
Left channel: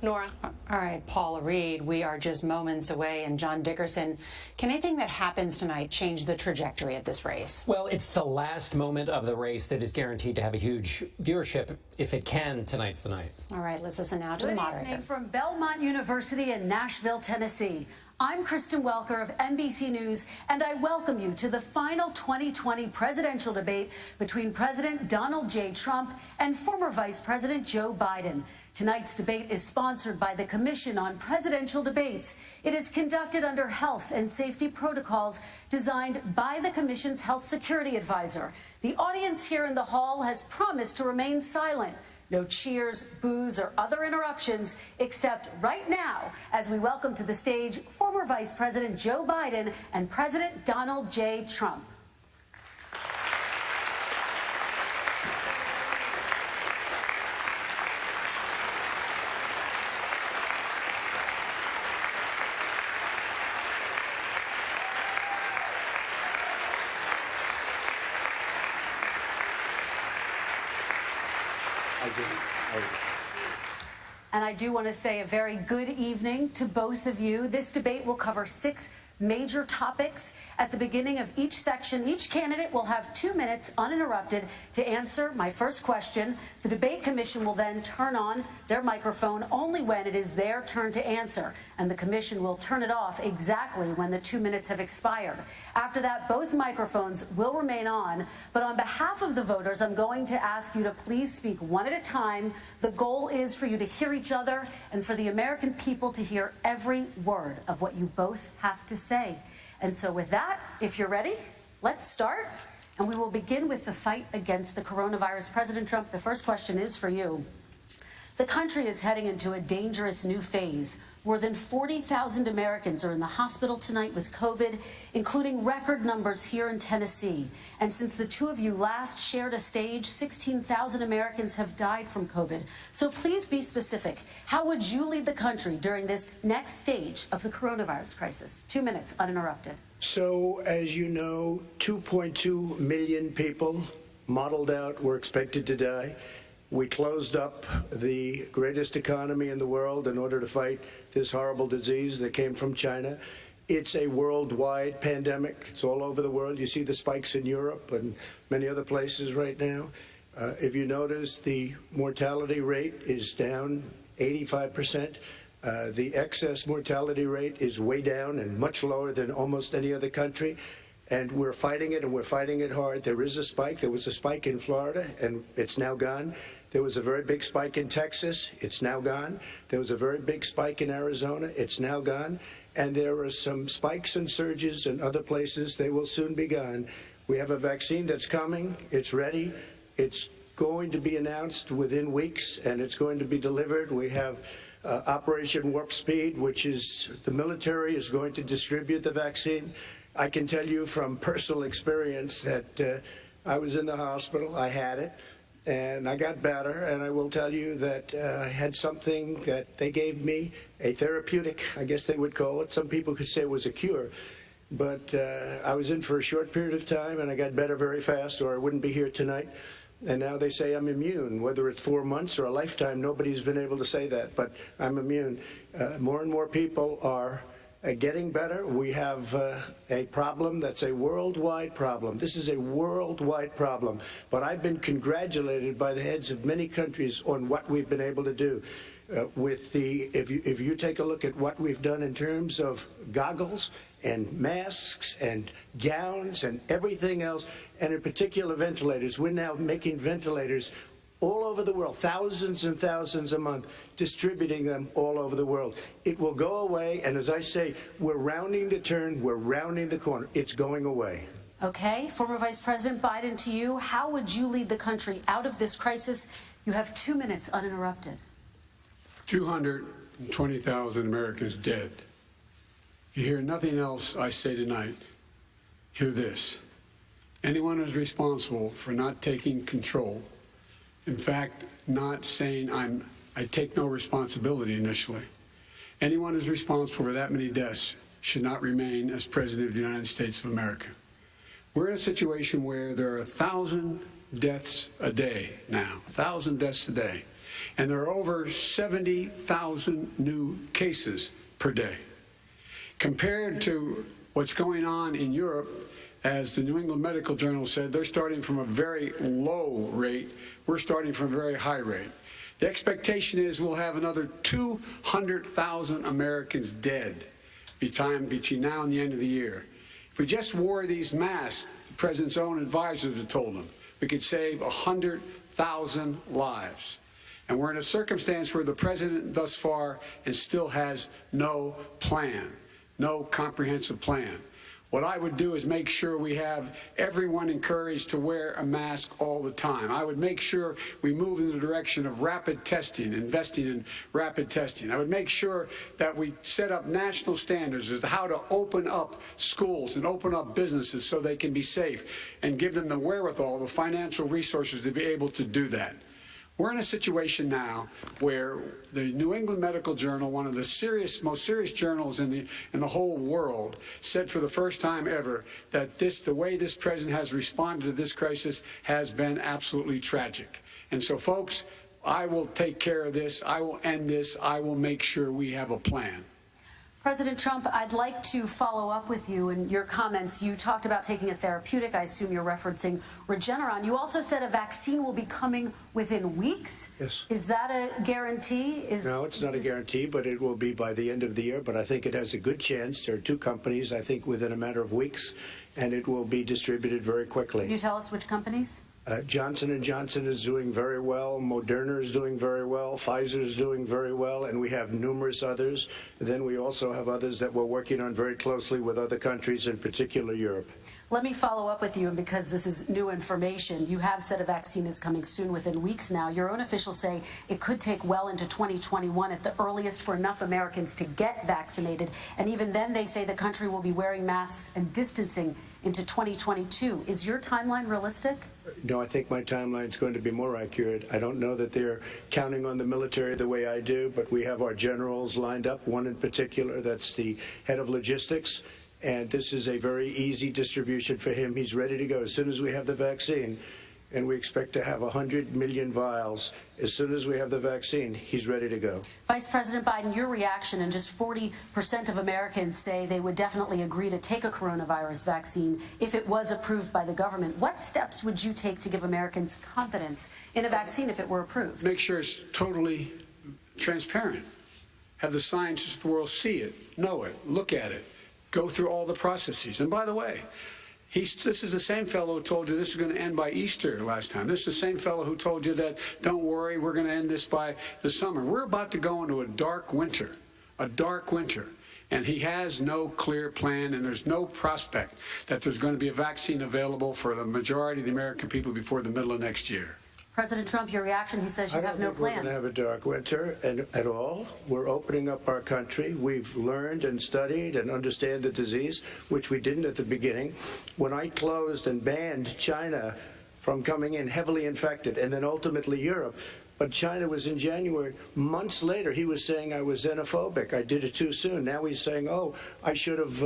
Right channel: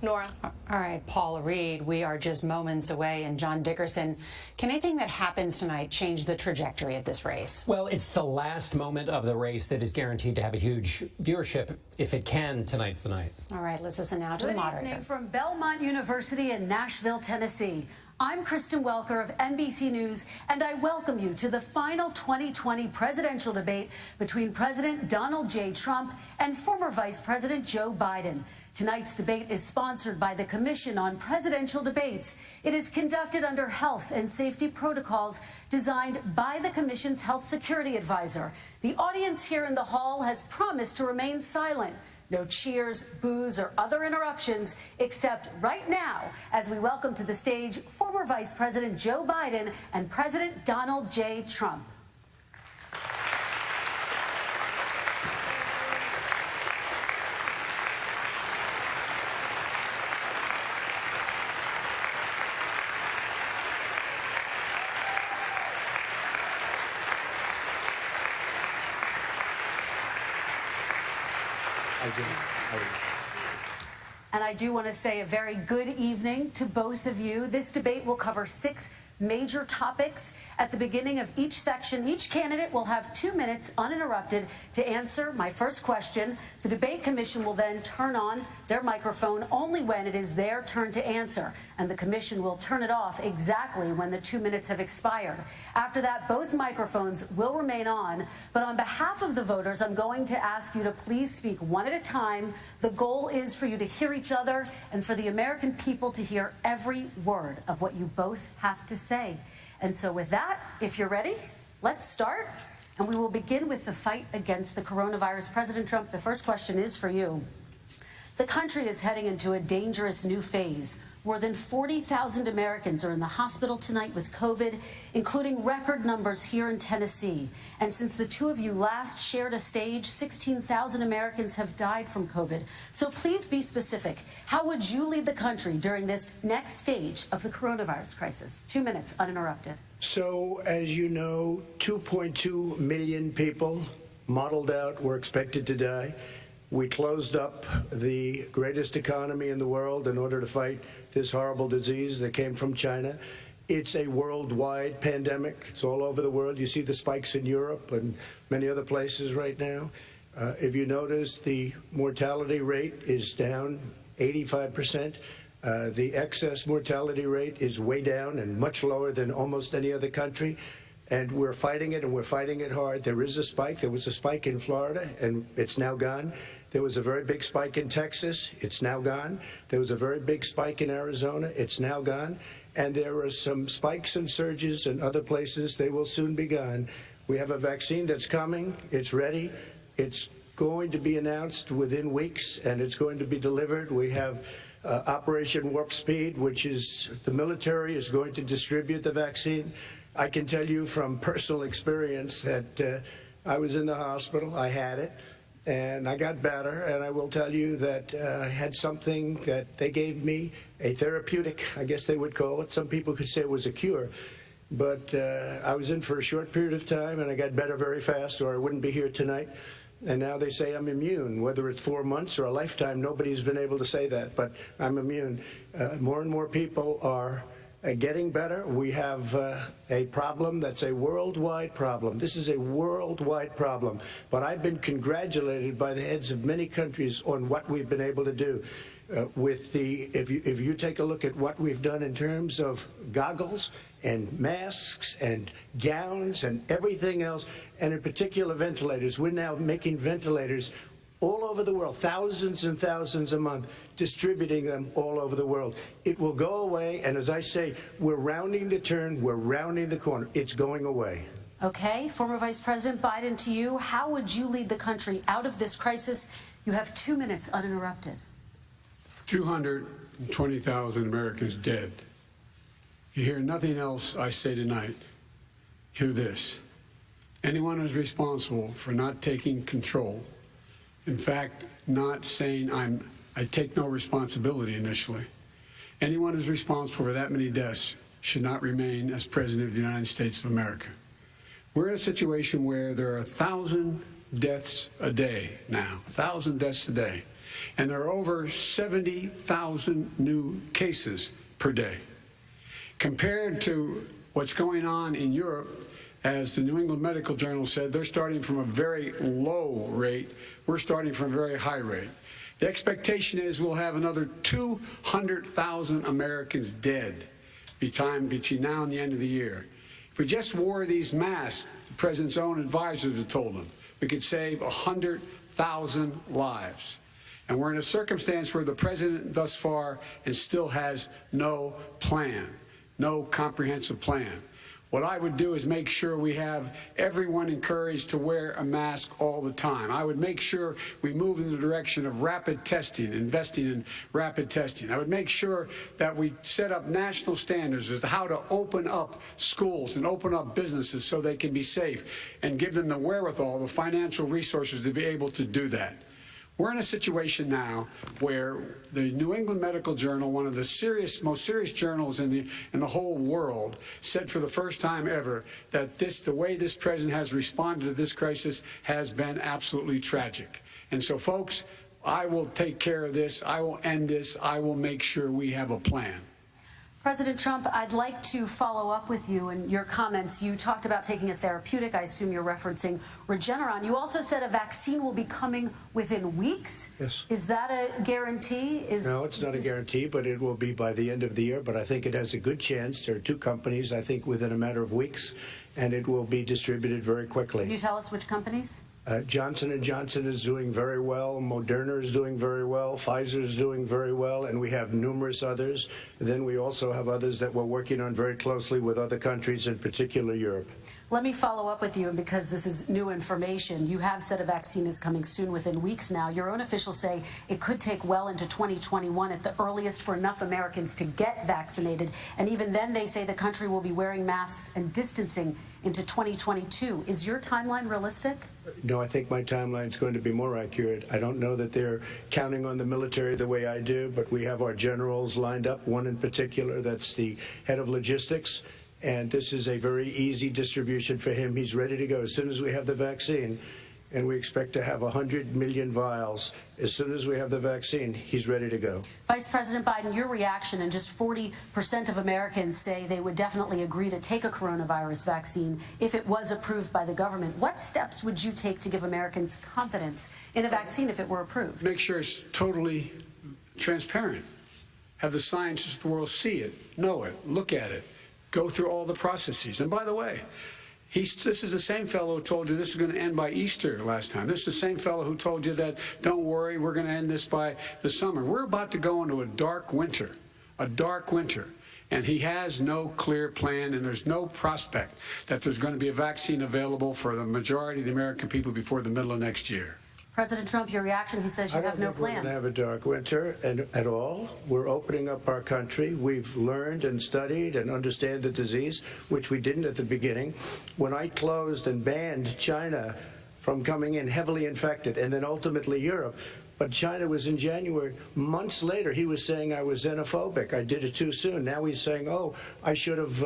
Nora. All right, Paula Reed, we are just moments away. And John Dickerson, can anything that happens tonight change the trajectory of this race? Well, it's the last moment of the race that is guaranteed to have a huge viewership. If it can, tonight's the night. All right, let's listen now to the moderator. Good evening from Belmont University in Nashville, Tennessee. I'm Kristen Welker of NBC News, and I welcome you to the final 2020 presidential debate between President Donald J. Trump and former Vice President Joe Biden. Tonight's debate is sponsored by the Commission on Presidential Debates. It is conducted under health and safety protocols designed by the Commission's health security advisor. The audience here in the hall has promised to remain silent. No cheers, boos, or other interruptions, except right now, as we welcome to the stage former Vice President Joe Biden and President Donald J. Trump. And I do want to say a very good evening to both of you. This debate will cover 6 major topics. At the beginning of each section, each candidate will have 2 minutes uninterrupted to answer my first question. The debate commission will then turn on their microphone only when it is their turn to answer, and the commission will turn it off exactly when the 2 minutes have expired. After that, both microphones will remain on, but on behalf of the voters, I'm going to ask you to please speak one at a time. The goal is for you to hear each other and for the American people to hear every word of what you both have to say. And so with that, if you're ready, let's start. And we will begin with the fight against the coronavirus. President Trump, the first question is for you. The country is heading into a dangerous new phase. More than 40,000 Americans are in the hospital tonight with COVID, including record numbers here in Tennessee. And since the two of you last shared a stage, 16,000 Americans have died from COVID. So please be specific. How would you lead the country during this next stage of the coronavirus crisis? 2 minutes uninterrupted. So, as you know, 2.2 million people modeled out were expected to die. We closed up the greatest economy in the world in order to fight this horrible disease that came from China. It's a worldwide pandemic. It's all over the world. You see the spikes in Europe and many other places right now. If you notice, the mortality rate is down 85%. The excess mortality rate is way down and much lower than almost any other country. And we're fighting it, and we're fighting it hard. There is a spike. There was a spike in Florida, and it's now gone. There was a very big spike in Texas. It's now gone. There was a very big spike in Arizona. It's now gone. And there are some spikes and surges in other places. They will soon be gone. We have a vaccine that's coming. It's ready. It's going to be announced within weeks, and it's going to be delivered. We have Operation Warp Speed, which is the military is going to distribute the vaccine. I can tell you from personal experience that I was in the hospital. I had it. And I got better, and I will tell you that I had something that they gave me, a therapeutic, I guess they would call it. Some people could say it was a cure. But I was in for a short period of time, and I got better very fast, or I wouldn't be here tonight. And now they say I'm immune. Whether it's 4 months or a lifetime, nobody's been able to say that, but I'm immune. More and more people are getting better. We have a problem that's a worldwide problem. This is a worldwide problem. But I've been congratulated by the heads of many countries on what we've been able to do. If you take a look at what we've done in terms of goggles and masks and gowns and everything else, and in particular ventilators, we're now making ventilators all over the world, thousands and thousands a month, distributing them all over the world. It will go away, and as I say, we're rounding the turn, we're rounding the corner. It's going away. Okay, former Vice President Biden, to you, how would you lead the country out of this crisis? You have 2 minutes uninterrupted. 220,000 Americans dead. If you hear nothing else I say tonight, hear this. Anyone who's responsible for not taking control, in fact, not saying I take no responsibility initially, anyone who's responsible for that many deaths should not remain as President of the United States of America. We're in a situation where there are 1,000 deaths a day now, 1,000 deaths a day. And there are over 70,000 new cases per day. Compared to what's going on in Europe, as the New England Medical Journal said, they're starting from a very low rate. We're starting from a very high rate. The expectation is we'll have another 200,000 Americans dead between now and the end of the year. If we just wore these masks, the president's own advisors have told him, we could save 100,000 lives. And we're in a circumstance where the president thus far and still has no plan, no comprehensive plan. What I would do is make sure we have everyone encouraged to wear a mask all the time. I would make sure we move in the direction of rapid testing, investing in rapid testing. I would make sure that we set up national standards as to how to open up schools and open up businesses so they can be safe and give them the wherewithal, the financial resources to be able to do that. We're in a situation now where the New England Medical Journal, one of the most serious journals in the whole world, said for the first time ever that the way this president has responded to this crisis has been absolutely tragic. And so, folks, I will take care of this. I will end this. I will make sure we have a plan. President Trump, I'd like to follow up with you in your comments. You talked about taking a therapeutic. I assume you're referencing Regeneron. You also said a vaccine will be coming within weeks. Yes. Is that a guarantee? No, it's not a guarantee, but it will be by the end of the year. But I think it has a good chance. There are two companies, I think, within a matter of weeks, and it will be distributed very quickly. Can you tell us which companies? Johnson & Johnson is doing very well. Moderna is doing very well. Pfizer is doing very well. And we have numerous others. Then we also have others that we're working on very closely with other countries, in particular Europe. Let me follow up with you, and because this is new information, you have said a vaccine is coming soon, within weeks now. Your own officials say it could take well into 2021 at the earliest for enough Americans to get vaccinated. And even then, they say the country will be wearing masks and distancing into 2022. Is your timeline realistic? No, I think my timeline is going to be more accurate. I don't know that they're counting on the military the way I do, but we have our generals lined up, one in particular that's the head of logistics, and this is a very easy distribution for him. He's ready to go as soon as we have the vaccine, and we expect to have 100 million vials. As soon as we have the vaccine, he's ready to go. Vice President Biden, your reaction, and just 40% of Americans say they would definitely agree to take a coronavirus vaccine if it was approved by the government. What steps would you take to give Americans confidence in a vaccine if it were approved? Make sure it's totally transparent. Have the scientists of the world see it, know it, look at it, go through all the processes. And by the way, this is the same fellow who told you this is going to end by Easter last time. This is the same fellow who told you that, don't worry, we're going to end this by the summer. We're about to go into a dark winter, and he has no clear plan, and there's no prospect that there's going to be a vaccine available for the majority of the American people before the middle of next year. President Trump, your reaction, he says you have no plan. I don't think we're going to have a dark winter at all. We're opening up our country. We've learned and studied and understand the disease, which we didn't at the beginning. When I closed and banned China from coming in heavily infected, and then ultimately Europe. But China was in January. Months later, he was saying I was xenophobic. I did it too soon. Now he's saying, oh, I should have,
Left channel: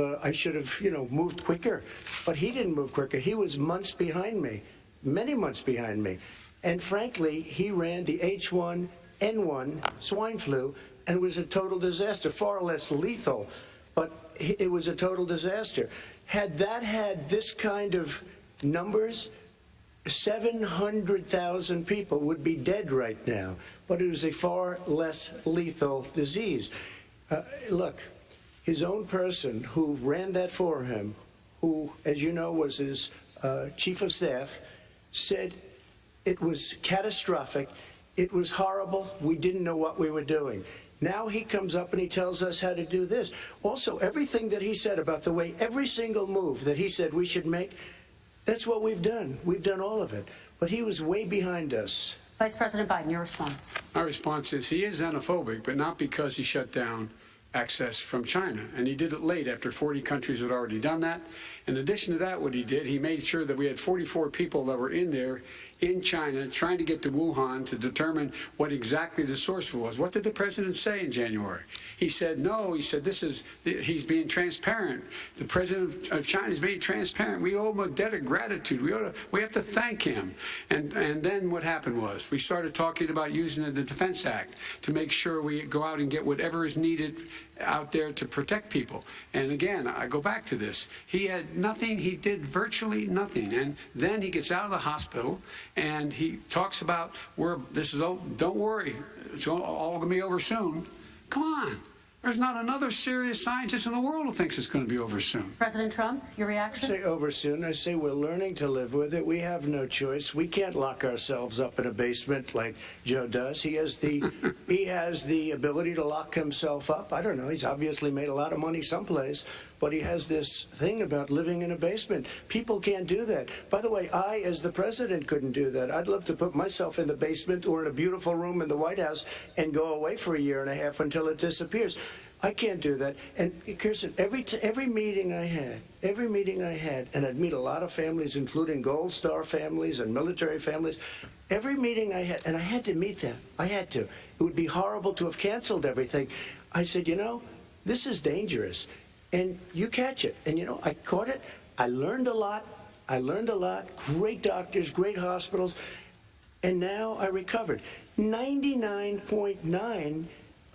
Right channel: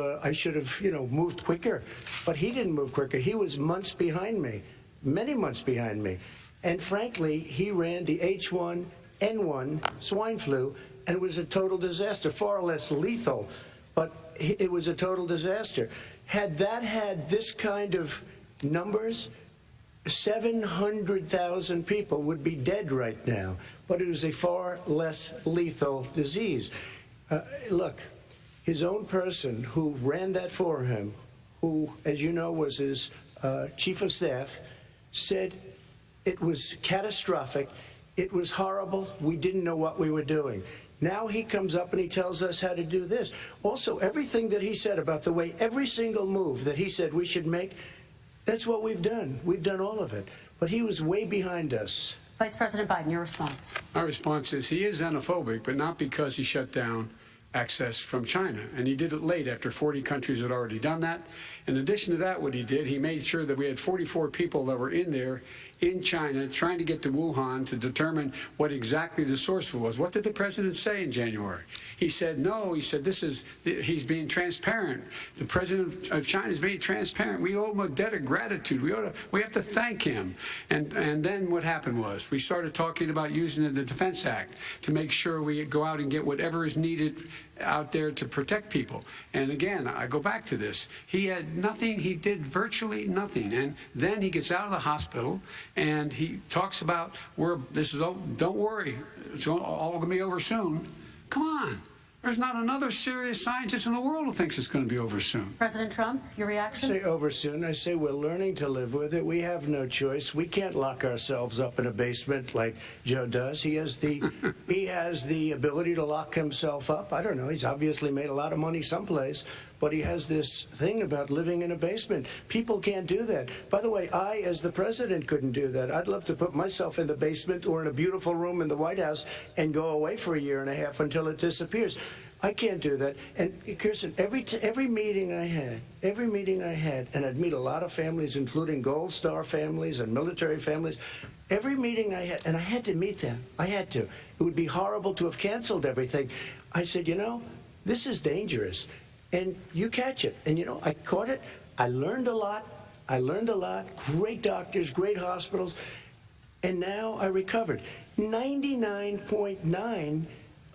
moved quicker. But he didn't move quicker. He was months behind me, many months behind me. And frankly, he ran the H1N1 swine flu, and it was a total disaster, far less lethal, but it was a total disaster. Had that had this kind of numbers, 700,000 people would be dead right now, but it was a far less lethal disease. Look, his own person who ran that for him, who, as you know, was his chief of staff, said it was catastrophic, it was horrible, we didn't know what we were doing. Now he comes up and he tells us how to do this. Also, everything that he said about the way every single move that he said we should make, that's what we've done. We've done all of it. But he was way behind us. Vice President Biden, your response. Our response is he is xenophobic, but not because he shut down access from China. And he did it late after 40 countries had already done that. In addition to that, what he did, he made sure that we had 44 people that were in there in China trying to get to Wuhan to determine what exactly the source was. What did the president say in January? He said, no, he said, he's being transparent. The president of China is being transparent. We owe him a debt of gratitude. We have to thank him. And then what happened was we started talking about using the Defense Act to make sure we go out and get whatever is needed out there to protect people. And again, I go back to this. He had nothing. He did virtually nothing. And then he gets out of the hospital and he talks about don't worry, it's all going to be over soon. Come on. There's not another serious scientist in the world who thinks it's going to be over soon. President Trump, your reaction? I say over soon. I say we're learning to live with it. We have no choice. We can't lock ourselves up in a basement like Joe does. He has the ability to lock himself up. I don't know. He's obviously made a lot of money someplace, but he has this thing about living in a basement. People can't do that. By the way, I, as the president, couldn't do that. I'd love to put myself in the basement or in a beautiful room in the White House and go away for a year and a half until it disappears. I can't do that. And Kirsten, every meeting I had, and I'd meet a lot of families, including Gold Star families and military families, every meeting I had, and I had to meet them. I had to. It would be horrible to have canceled everything. I said, this is dangerous. And you catch it. And, I caught it. I learned a lot. Great doctors, great hospitals. And now I recovered. 99.9%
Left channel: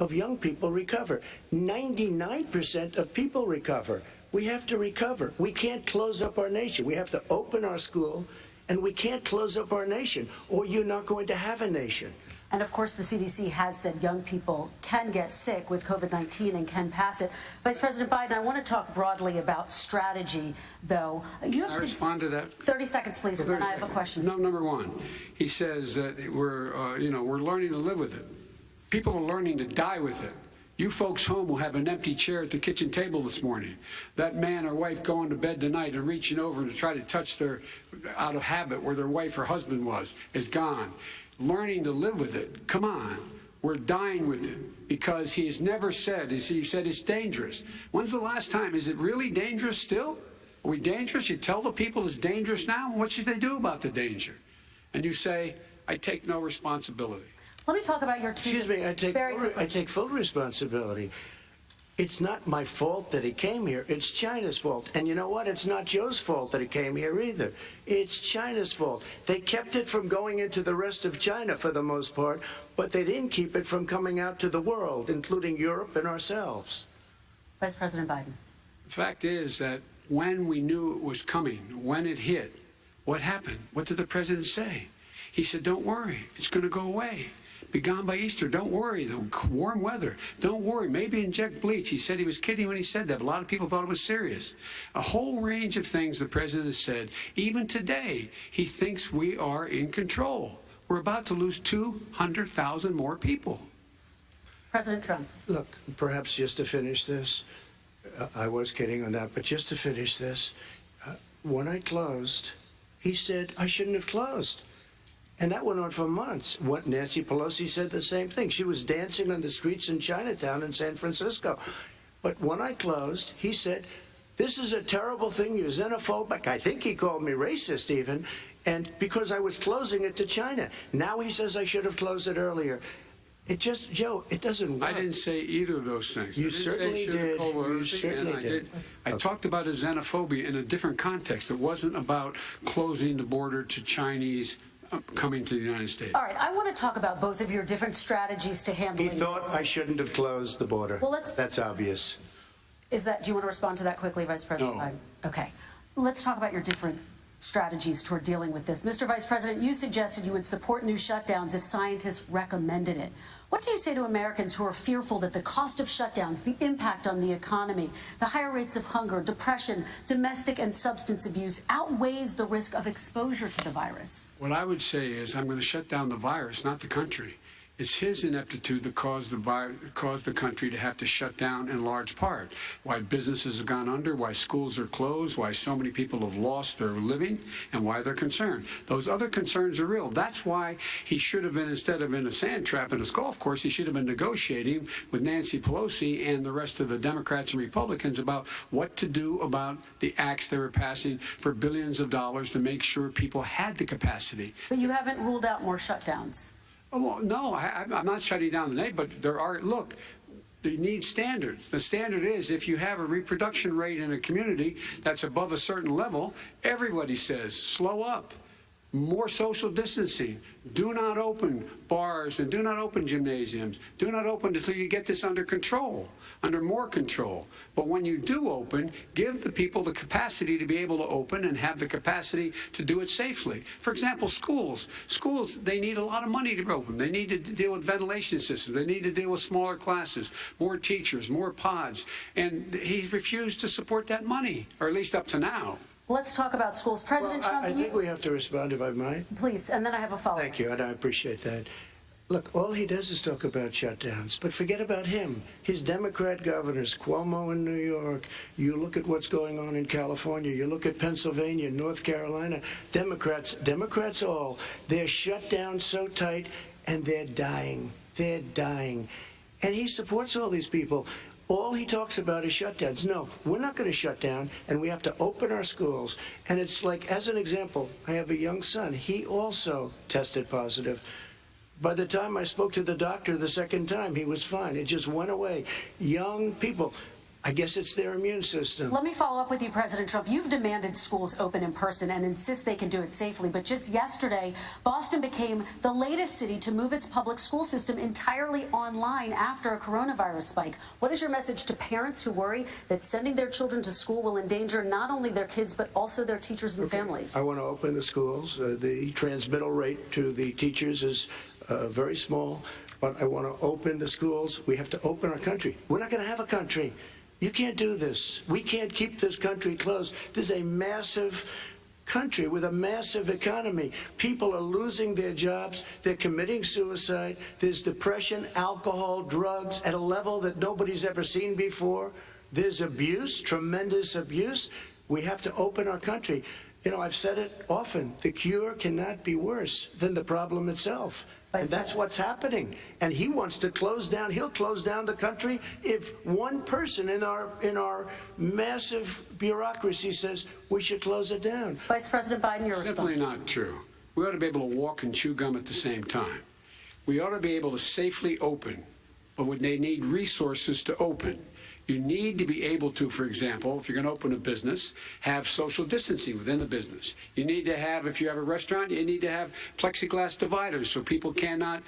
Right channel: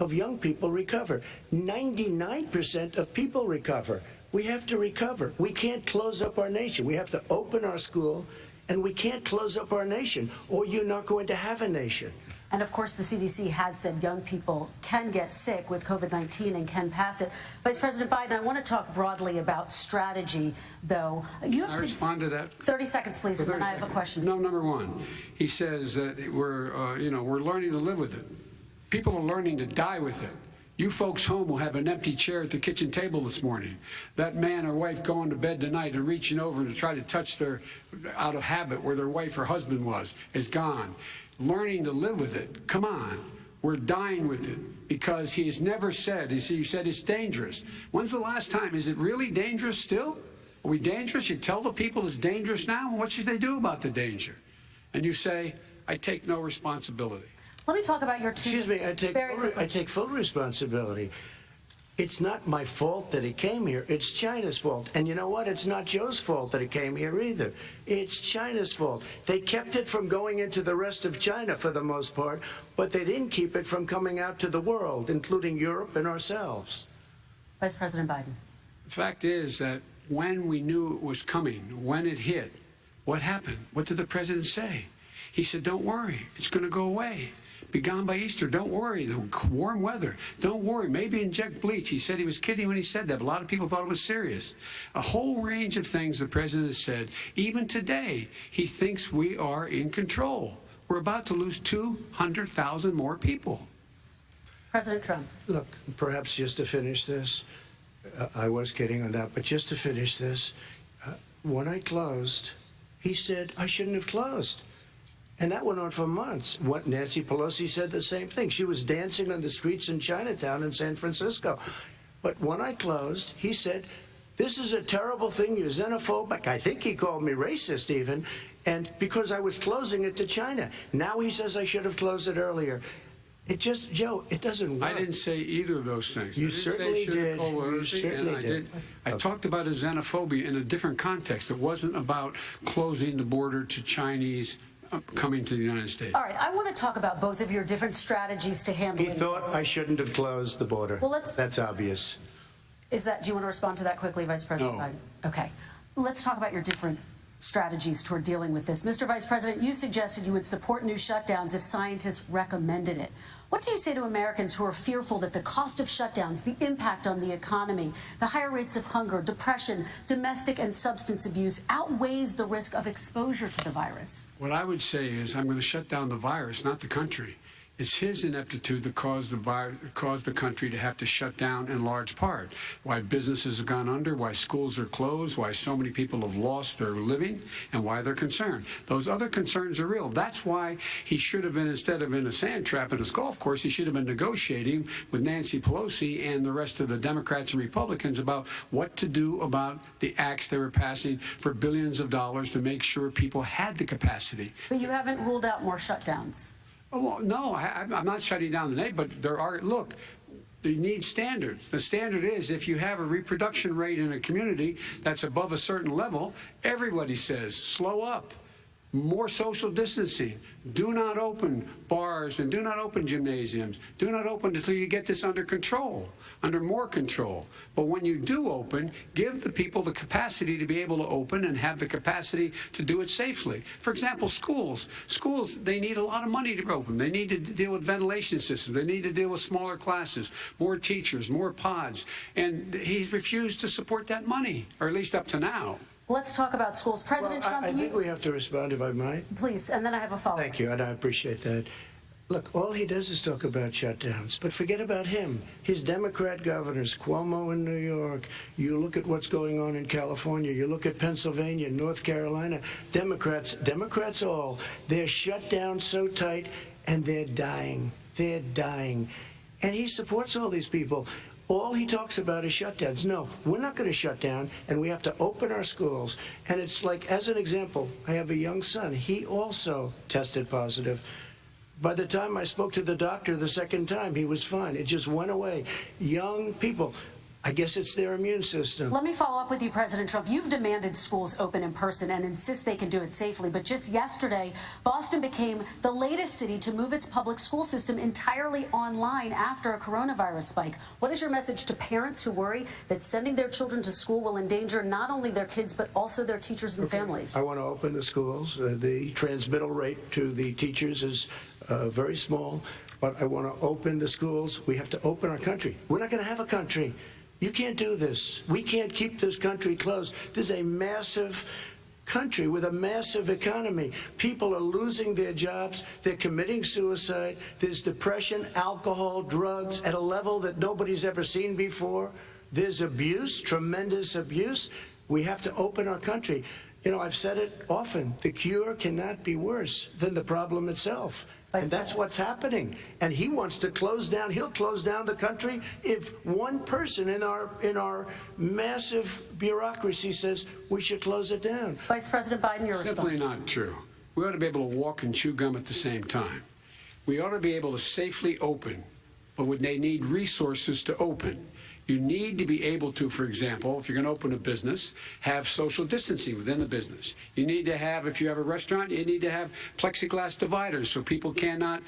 of young people recover. 99% of people recover. We have to recover. We can't close up our nation. We have to open our school, and we can't close up our nation, or you're not going to have a nation. And of course, the CDC has said young people can get sick with COVID-19 and can pass it. Vice President Biden, I want to talk broadly about strategy, though. Can I respond to that? 30 seconds, please, and then I have a question. No, number one, he says that we're learning to live with it. People are learning to die with it. You folks home will have an empty chair at the kitchen table this morning. That man or wife going to bed tonight and reaching over to try to touch out of habit where their wife or husband is gone. Learning to live with it. Come on. We're dying with it because he has never said, you said it's dangerous. When's the last time? Is it really dangerous still? Are we dangerous? You tell the people it's dangerous now? What should they do about the danger? And you say, I take no responsibility. Let me talk about your two. Excuse me, I take full responsibility. It's not my fault that he came here. It's China's fault. And you know what? It's not Joe's fault that he came here either. It's China's fault. They kept it from going into the rest of China for the most part, but they didn't keep it from coming out to the world, including Europe and ourselves. Vice President Biden. The fact is that when we knew it was coming, when it hit, what happened? What did the president say? He said, don't worry, it's going to go away. Be gone by Easter. Don't worry. The warm weather. Don't worry. Maybe inject bleach. He said he was kidding when he said that, but a lot of people thought it was serious. A whole range of things the president has said. Even today, he thinks we are in control. We're about to lose 200,000 more people. President Trump. Look, perhaps just to finish this, I was kidding on that, but just to finish this, when I closed, he said I shouldn't have closed. And that went on for months. Nancy Pelosi said the same thing. She was dancing on the streets in Chinatown in San Francisco. But when I closed, he said, this is a terrible thing. You're xenophobic. I think he called me racist even. And because I was closing it to China. Now he says I should have closed it earlier. It just, Joe, it doesn't work. I didn't say either of those things. You certainly did. You certainly did. I talked about a xenophobia in a different context. It wasn't about closing the border to Chinese coming to the United States. All right, I want to talk about both of your different strategies to handle He thought I shouldn't have closed the border. Well, that's obvious. Do you want to respond to that quickly, Vice President Biden? Okay. Let's talk about your different strategies toward dealing with this. Mr. Vice President, you suggested you would support new shutdowns if scientists recommended it. What do you say to Americans who are fearful that the cost of shutdowns, the impact on the economy, the higher rates of hunger, depression, domestic and substance abuse outweighs the risk of exposure to the virus? What I would say is I'm going to shut down the virus, not the country. It's his ineptitude that caused the country to have to shut down in large part. Why businesses have gone under, why schools are closed, why so many people have lost their living, and why they're concerned. Those other concerns are real. That's why he should have been, instead of in a sand trap at his golf course, he should have been negotiating with Nancy Pelosi and the rest of the Democrats and Republicans about what to do about the acts they were passing for billions of dollars to make sure people had the capacity. But you haven't ruled out more shutdowns. Oh, well, no, I'm not shutting down the name, but there are, look, you need standards. The standard is if you have a reproduction rate in a community that's above a certain level, everybody says, slow up. More social distancing. Do not open bars and do not open gymnasiums. Do not open until you get this under control, under more control. But when you do open, give the people the capacity to be able to open and have the capacity to do it safely. For example, schools. Schools, they need a lot of money to open. They need to deal with ventilation systems. They need to deal with smaller classes, more teachers, more pods. And he's refused to support that money, or at least up to now. Let's talk about schools. President Trump, I think we have to respond, if I might. Please, and then I have a follow-up. Thank you, and I appreciate that. Look, all he does is talk about shutdowns, but forget about him. His Democrat governors, Cuomo in New York, you look at what's going on in California, you look at Pennsylvania, North Carolina, Democrats all, they're shut down so tight, and they're dying. They're dying. And he supports all these people. All he talks about is shutdowns. No, we're not going to shut down, and we have to open our schools. And it's like, as an example, I have a young son. He also tested positive. By the time I spoke to the doctor the second time, he was fine. It just went away. Young people, I guess it's their immune system. Let me follow up with you, President Trump. You've demanded schools open in person and insist they can do it safely. But just yesterday, Boston became the latest city to move its public school system entirely online after a coronavirus spike. What is your message to parents who worry that sending their children to school will endanger not only their kids, but also their teachers and families? I want to open the schools. The transmittal rate to the teachers is very small, but I want to open the schools. We have to open our country. We're not going to have a country. You can't do this. We can't keep this country closed. This is a massive country with a massive economy. People are losing their jobs. They're committing suicide. There's depression, alcohol, drugs at a level that nobody's ever seen before. There's abuse, tremendous abuse. We have to open our country. You know, I've said it often. The cure cannot be worse than the problem itself. And that's what's happening. And he wants to close down. He'll close down the country if one person in our massive bureaucracy says we should close it down. Vice President Biden, your response. Simply not true. We ought to be able to walk and chew gum at the same time. We ought to be able to safely open, but when they need resources to open. You need to be able to, for example, if you're going to open a business, have social distancing within the business. You need to have, if you have a restaurant, you need to have plexiglass dividers so people cannot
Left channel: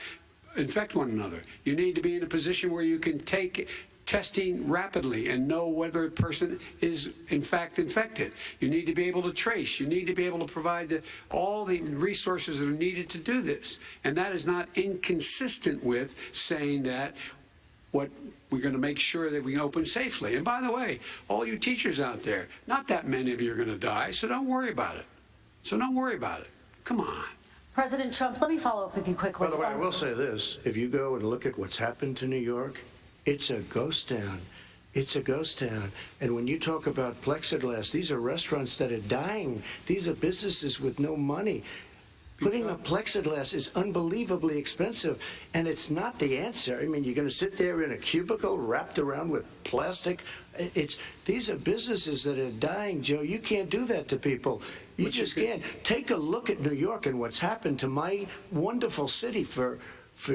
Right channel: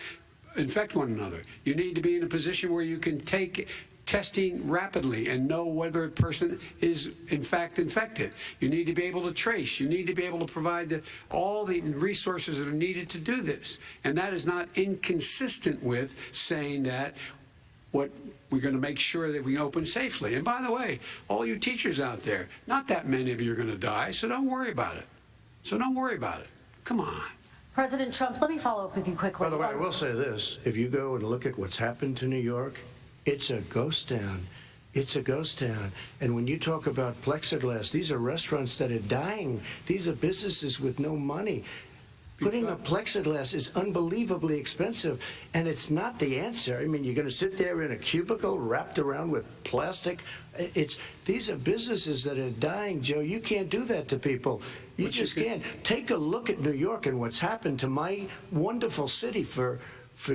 infect one another. You need to be in a position where you can take testing rapidly and know whether a person is in fact infected. You need to be able to trace. You need to be able to provide all the resources that are needed to do this. And that is not inconsistent with saying that we're going to make sure that we open safely. And by the way, all you teachers out there, not that many of you are going to die, so don't worry about it. Come on. President Trump, let me follow up with you quickly. By the way, I will say this. If you go and look at what's happened to New York, it's a ghost town. It's a ghost town. And when you talk about plexiglass, these are restaurants that are dying. These are businesses with no money. Putting up plexiglass is unbelievably expensive, and it's not the answer. I mean, you're going to sit there in a cubicle wrapped around with plastic. These are businesses that are dying, Joe. You can't do that to people. You just can't. Take a look at New York and what's happened to my wonderful city for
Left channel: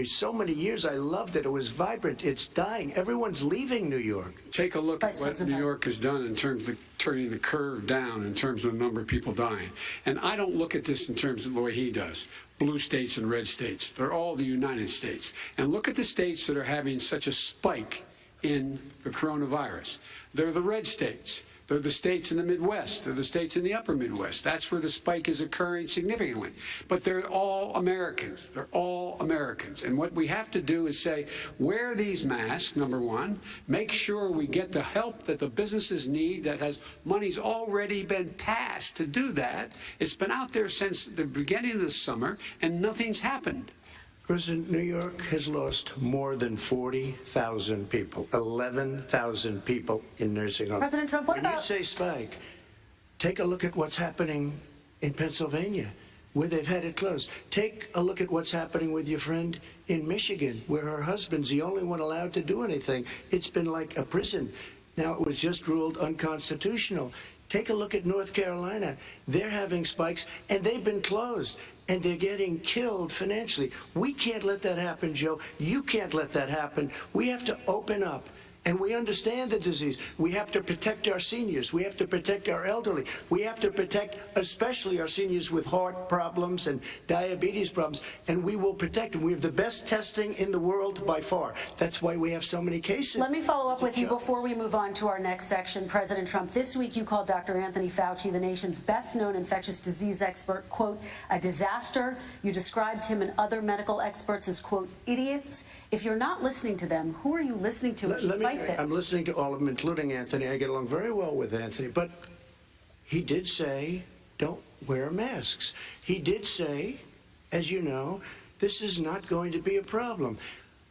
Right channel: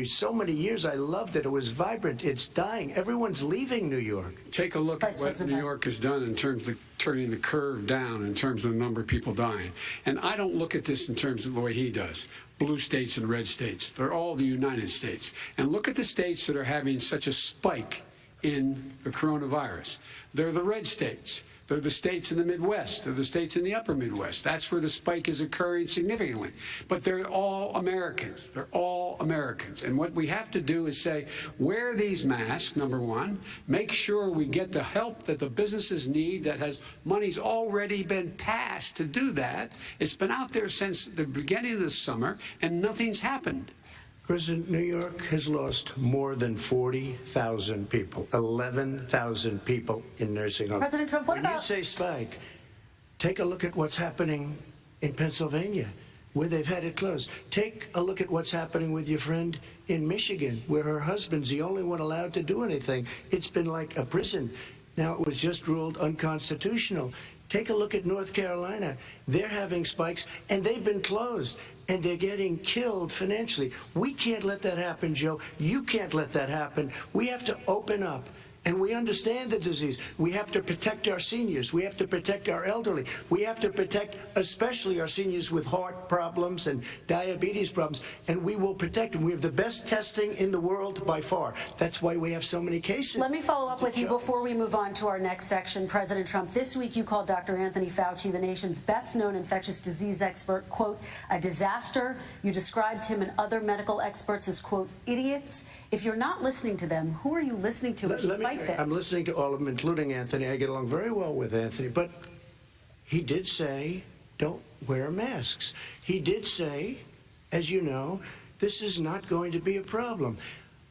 so many years. I loved it. It was vibrant. It's dying. Everyone's leaving New York. Take a look at what New York has done in terms of turning the curve down in terms of the number of people dying. And I don't look at this in terms of the way he does. Blue states and red states. They're all the United States. And look at the states that are having such a spike in the coronavirus. They're the red states. They're the states in the Midwest. They're the states in the upper Midwest. That's where the spike is occurring significantly. But they're all Americans. They're all Americans. And what we have to do is say, wear these masks, number one. Make sure we get the help that the businesses need that has money's already been passed to do that. It's been out there since the beginning of the summer, and nothing's happened. President, New York has lost more than 40,000 people, 11,000 people in nursing homes. President Trump, what about... When you say spike, take a look at what's happening in Pennsylvania, where they've had it closed. Take a look at what's happening with your friend in Michigan, where her husband's the only one allowed to do anything. It's been like a prison. Now, it was just ruled unconstitutional. Take a look at North Carolina. They're having spikes, and they've been closed. And they're getting killed financially. We can't let that happen, Joe. You can't let that happen. We have to open up. And we understand the disease. We have to protect our seniors. We have to protect our elderly. We have to protect especially our seniors with heart problems and diabetes problems. And we will protect them. We have the best testing in the world by far. That's why we have so many cases. Let me follow up with you before we move on to our next section. President Trump, this week you called Dr. Anthony Fauci, the nation's best-known infectious disease expert, quote, a disaster. You described him and other medical experts as, quote, idiots. If you're not listening to them, who are you listening to? I'm listening to all of them, including Anthony. I get along very well with Anthony. But he did say, don't wear masks. He did say, as you know, this is not going to be a problem.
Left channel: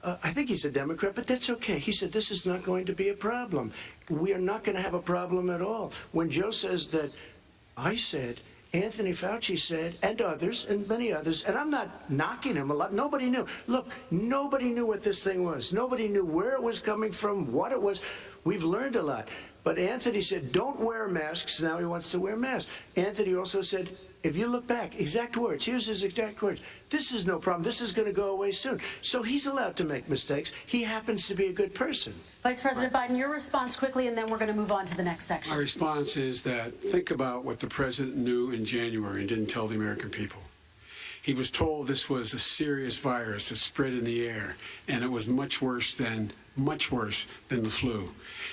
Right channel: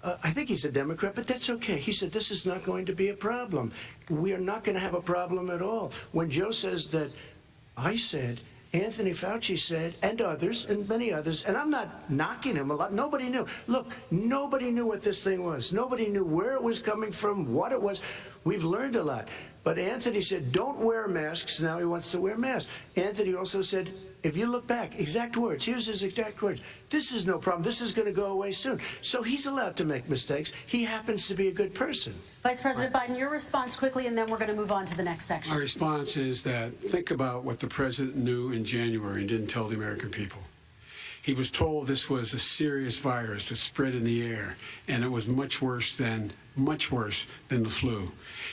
I think he's a Democrat, but that's okay. He said this is not going to be a problem. We are not going to have a problem at all. When Joe says that, I said, Anthony Fauci said, and others, and many others, and I'm not knocking him a lot. Nobody knew. Look, nobody knew what this thing was. Nobody knew where it was coming from, what it was. We've learned a lot. But Anthony said, don't wear masks. Now he wants to wear masks. Anthony also said, if you look back, exact words, here's his exact words. This is no problem. This is going to go away soon. So he's allowed to make mistakes. He happens to be a good person. Vice President Biden, your response quickly, and then we're going to move on to the next section. My response is that think about what the president knew in January and didn't tell the American people. He was told this was a serious virus that spread in the air, and it was much worse than the flu.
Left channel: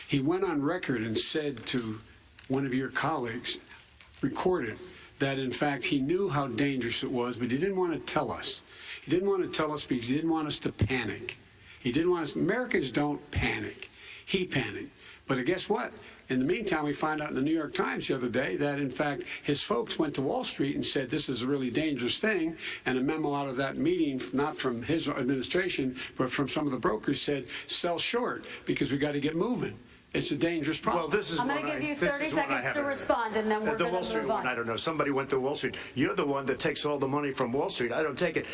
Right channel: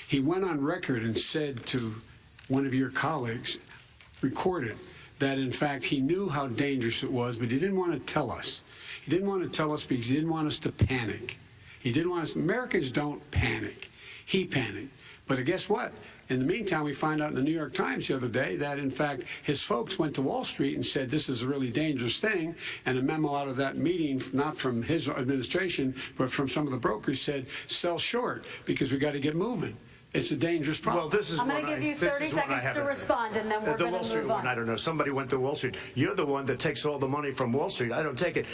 He went on record and said to one of your colleagues, recorded, that in fact he knew how dangerous it was, but he didn't want to tell us. He didn't want to tell us because he didn't want us to panic. He didn't want us. Americans don't panic. He panicked. But guess what? In the meantime, we find out in the New York Times the other day that, in fact, his folks went to Wall Street and said this is a really dangerous thing. And a memo out of that meeting, not from his administration, but from some of the brokers, said sell short because we got to get moving. It's a dangerous problem. Well, this is I'm going to give you 30 seconds to respond, and then we're going to move on. The Wall Street one, I don't know. Somebody went to Wall Street. You're the one that takes all the money from Wall Street. I don't take it.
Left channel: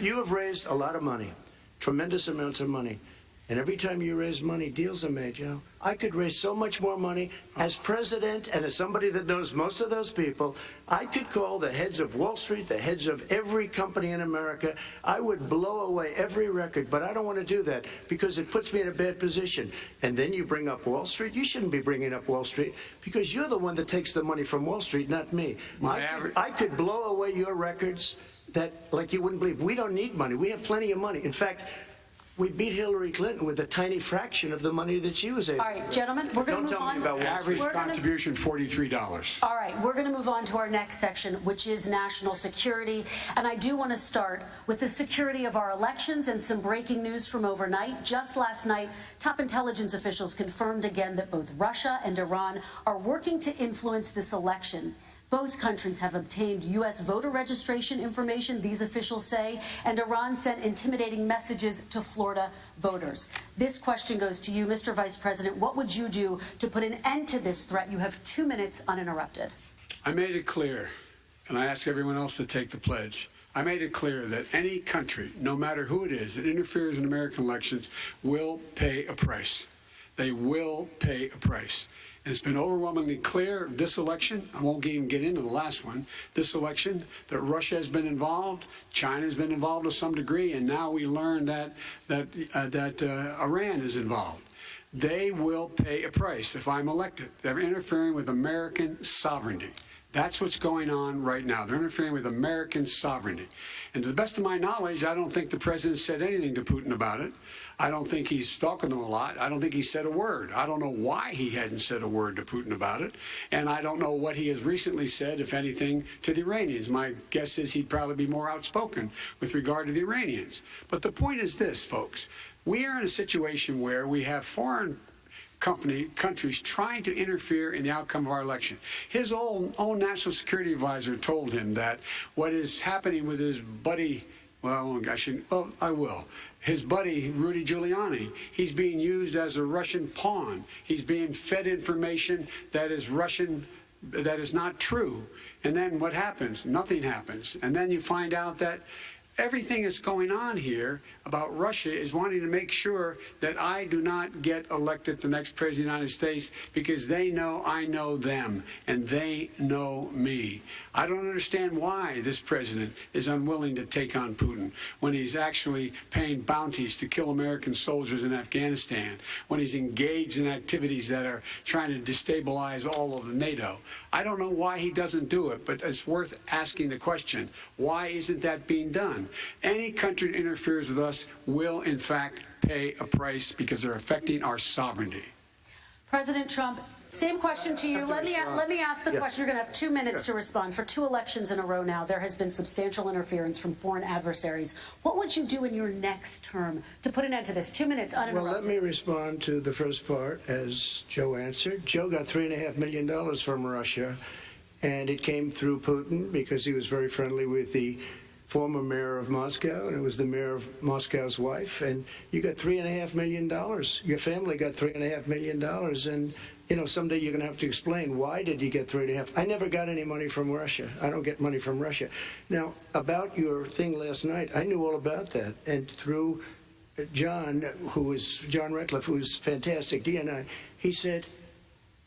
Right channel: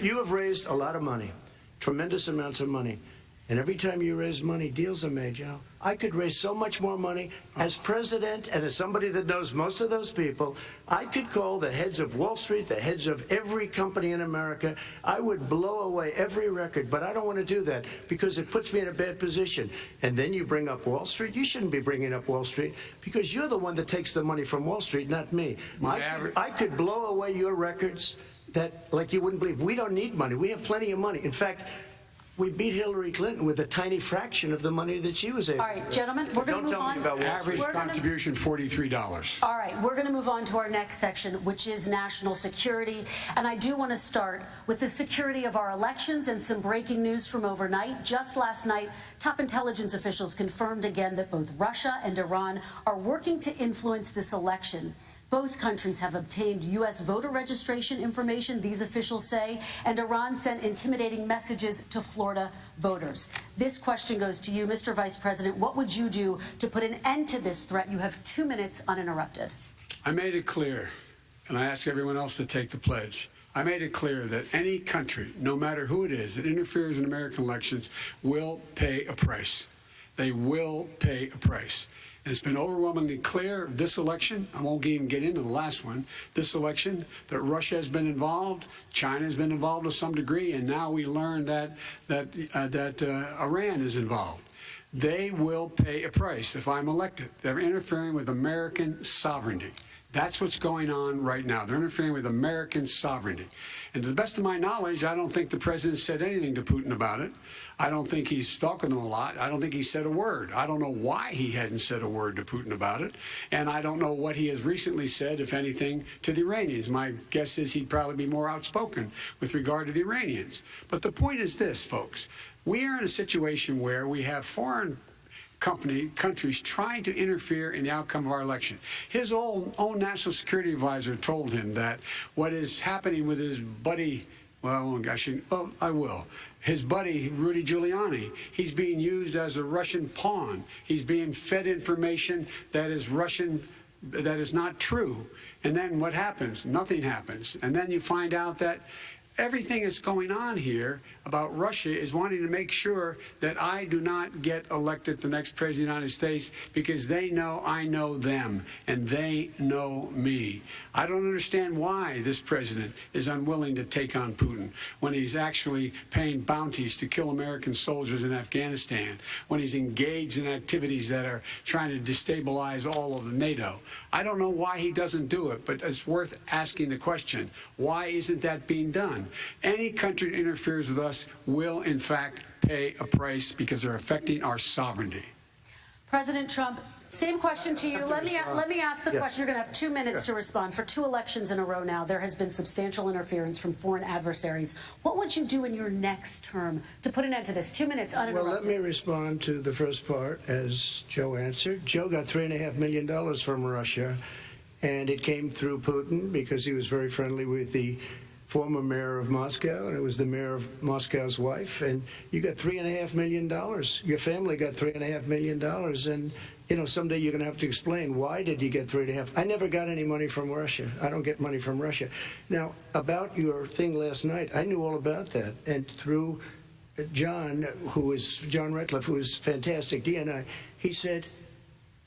You have raised a lot of money, tremendous amounts of money. And every time you raise money, deals are made, you know. I could raise so much more money as president and as somebody that knows most of those people. I could call the heads of Wall Street, the heads of every company in America. I would blow away every record, but I don't want to do that because it puts me in a bad position. And then you bring up Wall Street. You shouldn't be bringing up Wall Street because you're the one that takes the money from Wall Street, not me. I could blow away your records that, like you wouldn't believe. We don't need money. We have plenty of money. In fact, we beat Hillary Clinton with a tiny fraction of the money that she was able to. All right, gentlemen, we're going to move on. Average contribution, $43. All right, we're going to move on to our next section, which is national security. And I do want to start with the security of our elections and some breaking news from overnight. Just last night, top intelligence officials confirmed again that both Russia and Iran are working to influence this election. Both countries have obtained U.S. voter registration information, these officials say, and Iran sent intimidating messages to Florida voters. This question goes to you, Mr. Vice President. What would you do to put an end to this threat? You have 2 minutes uninterrupted. I made it clear and I ask everyone else to take the pledge. I made it clear that any country, no matter who it is, that interferes in American elections will pay a price. They will pay a price. And it's been overwhelmingly clear this election, I won't even get into the last one, this election, that Russia has been involved, China has been involved to some degree, and now we learn that Iran is involved. They will pay a price if I'm elected. They're interfering with American sovereignty. That's what's going on right now. They're interfering with American sovereignty. And to the best of my knowledge, I don't think the president said anything to Putin about it. I don't think he's talking to him a lot. I don't think he said a word. I don't know why he hadn't said a word to Putin about it. And I don't know what he has recently said, if anything, to the Iranians. My guess is he'd probably be more outspoken with regard to the Iranians. But the point is this, folks. We are in a situation where we have foreign countries trying to interfere in the outcome of our election. His own national security advisor told him that what is happening with his buddy, his buddy, Rudy Giuliani, he's being used as a Russian pawn. He's being fed information that is Russian, that is not true. And then what happens? Nothing happens. And then you find out that everything that's going on here about Russia is wanting to make sure that I do not get elected the next president of the United States because they know I know them and they know me. I don't understand why this president is unwilling to take on Putin when he's actually paying bounties to kill American soldiers in Afghanistan, when he's engaged in activities that are trying to destabilize all of NATO. I don't know why he doesn't do it, but it's worth asking the question, why isn't that being done? Any country that interferes with us will, in fact, pay a price because they're affecting our sovereignty. President Trump, same question to you. Let me ask the question. You're going to have 2 minutes to respond. For 2 elections in a row now, there has been substantial interference from foreign adversaries. What would you do in your next term to put an end to this? 2 minutes uninterrupted. Well, let me respond to the first part, as Joe answered. Joe got $3.5 million from Russia, and it came through Putin because he was very friendly with the former mayor of Moscow, and it was the mayor of Moscow's wife, and you got $3.5 million. Your family got $3.5 million, and you know, someday you're going to have to explain, why did you get 3.5? I never got any money from Russia. I don't get money from Russia. Now, about your thing last night, I knew all about that, and through John Ratcliffe, who is fantastic, DNI, he said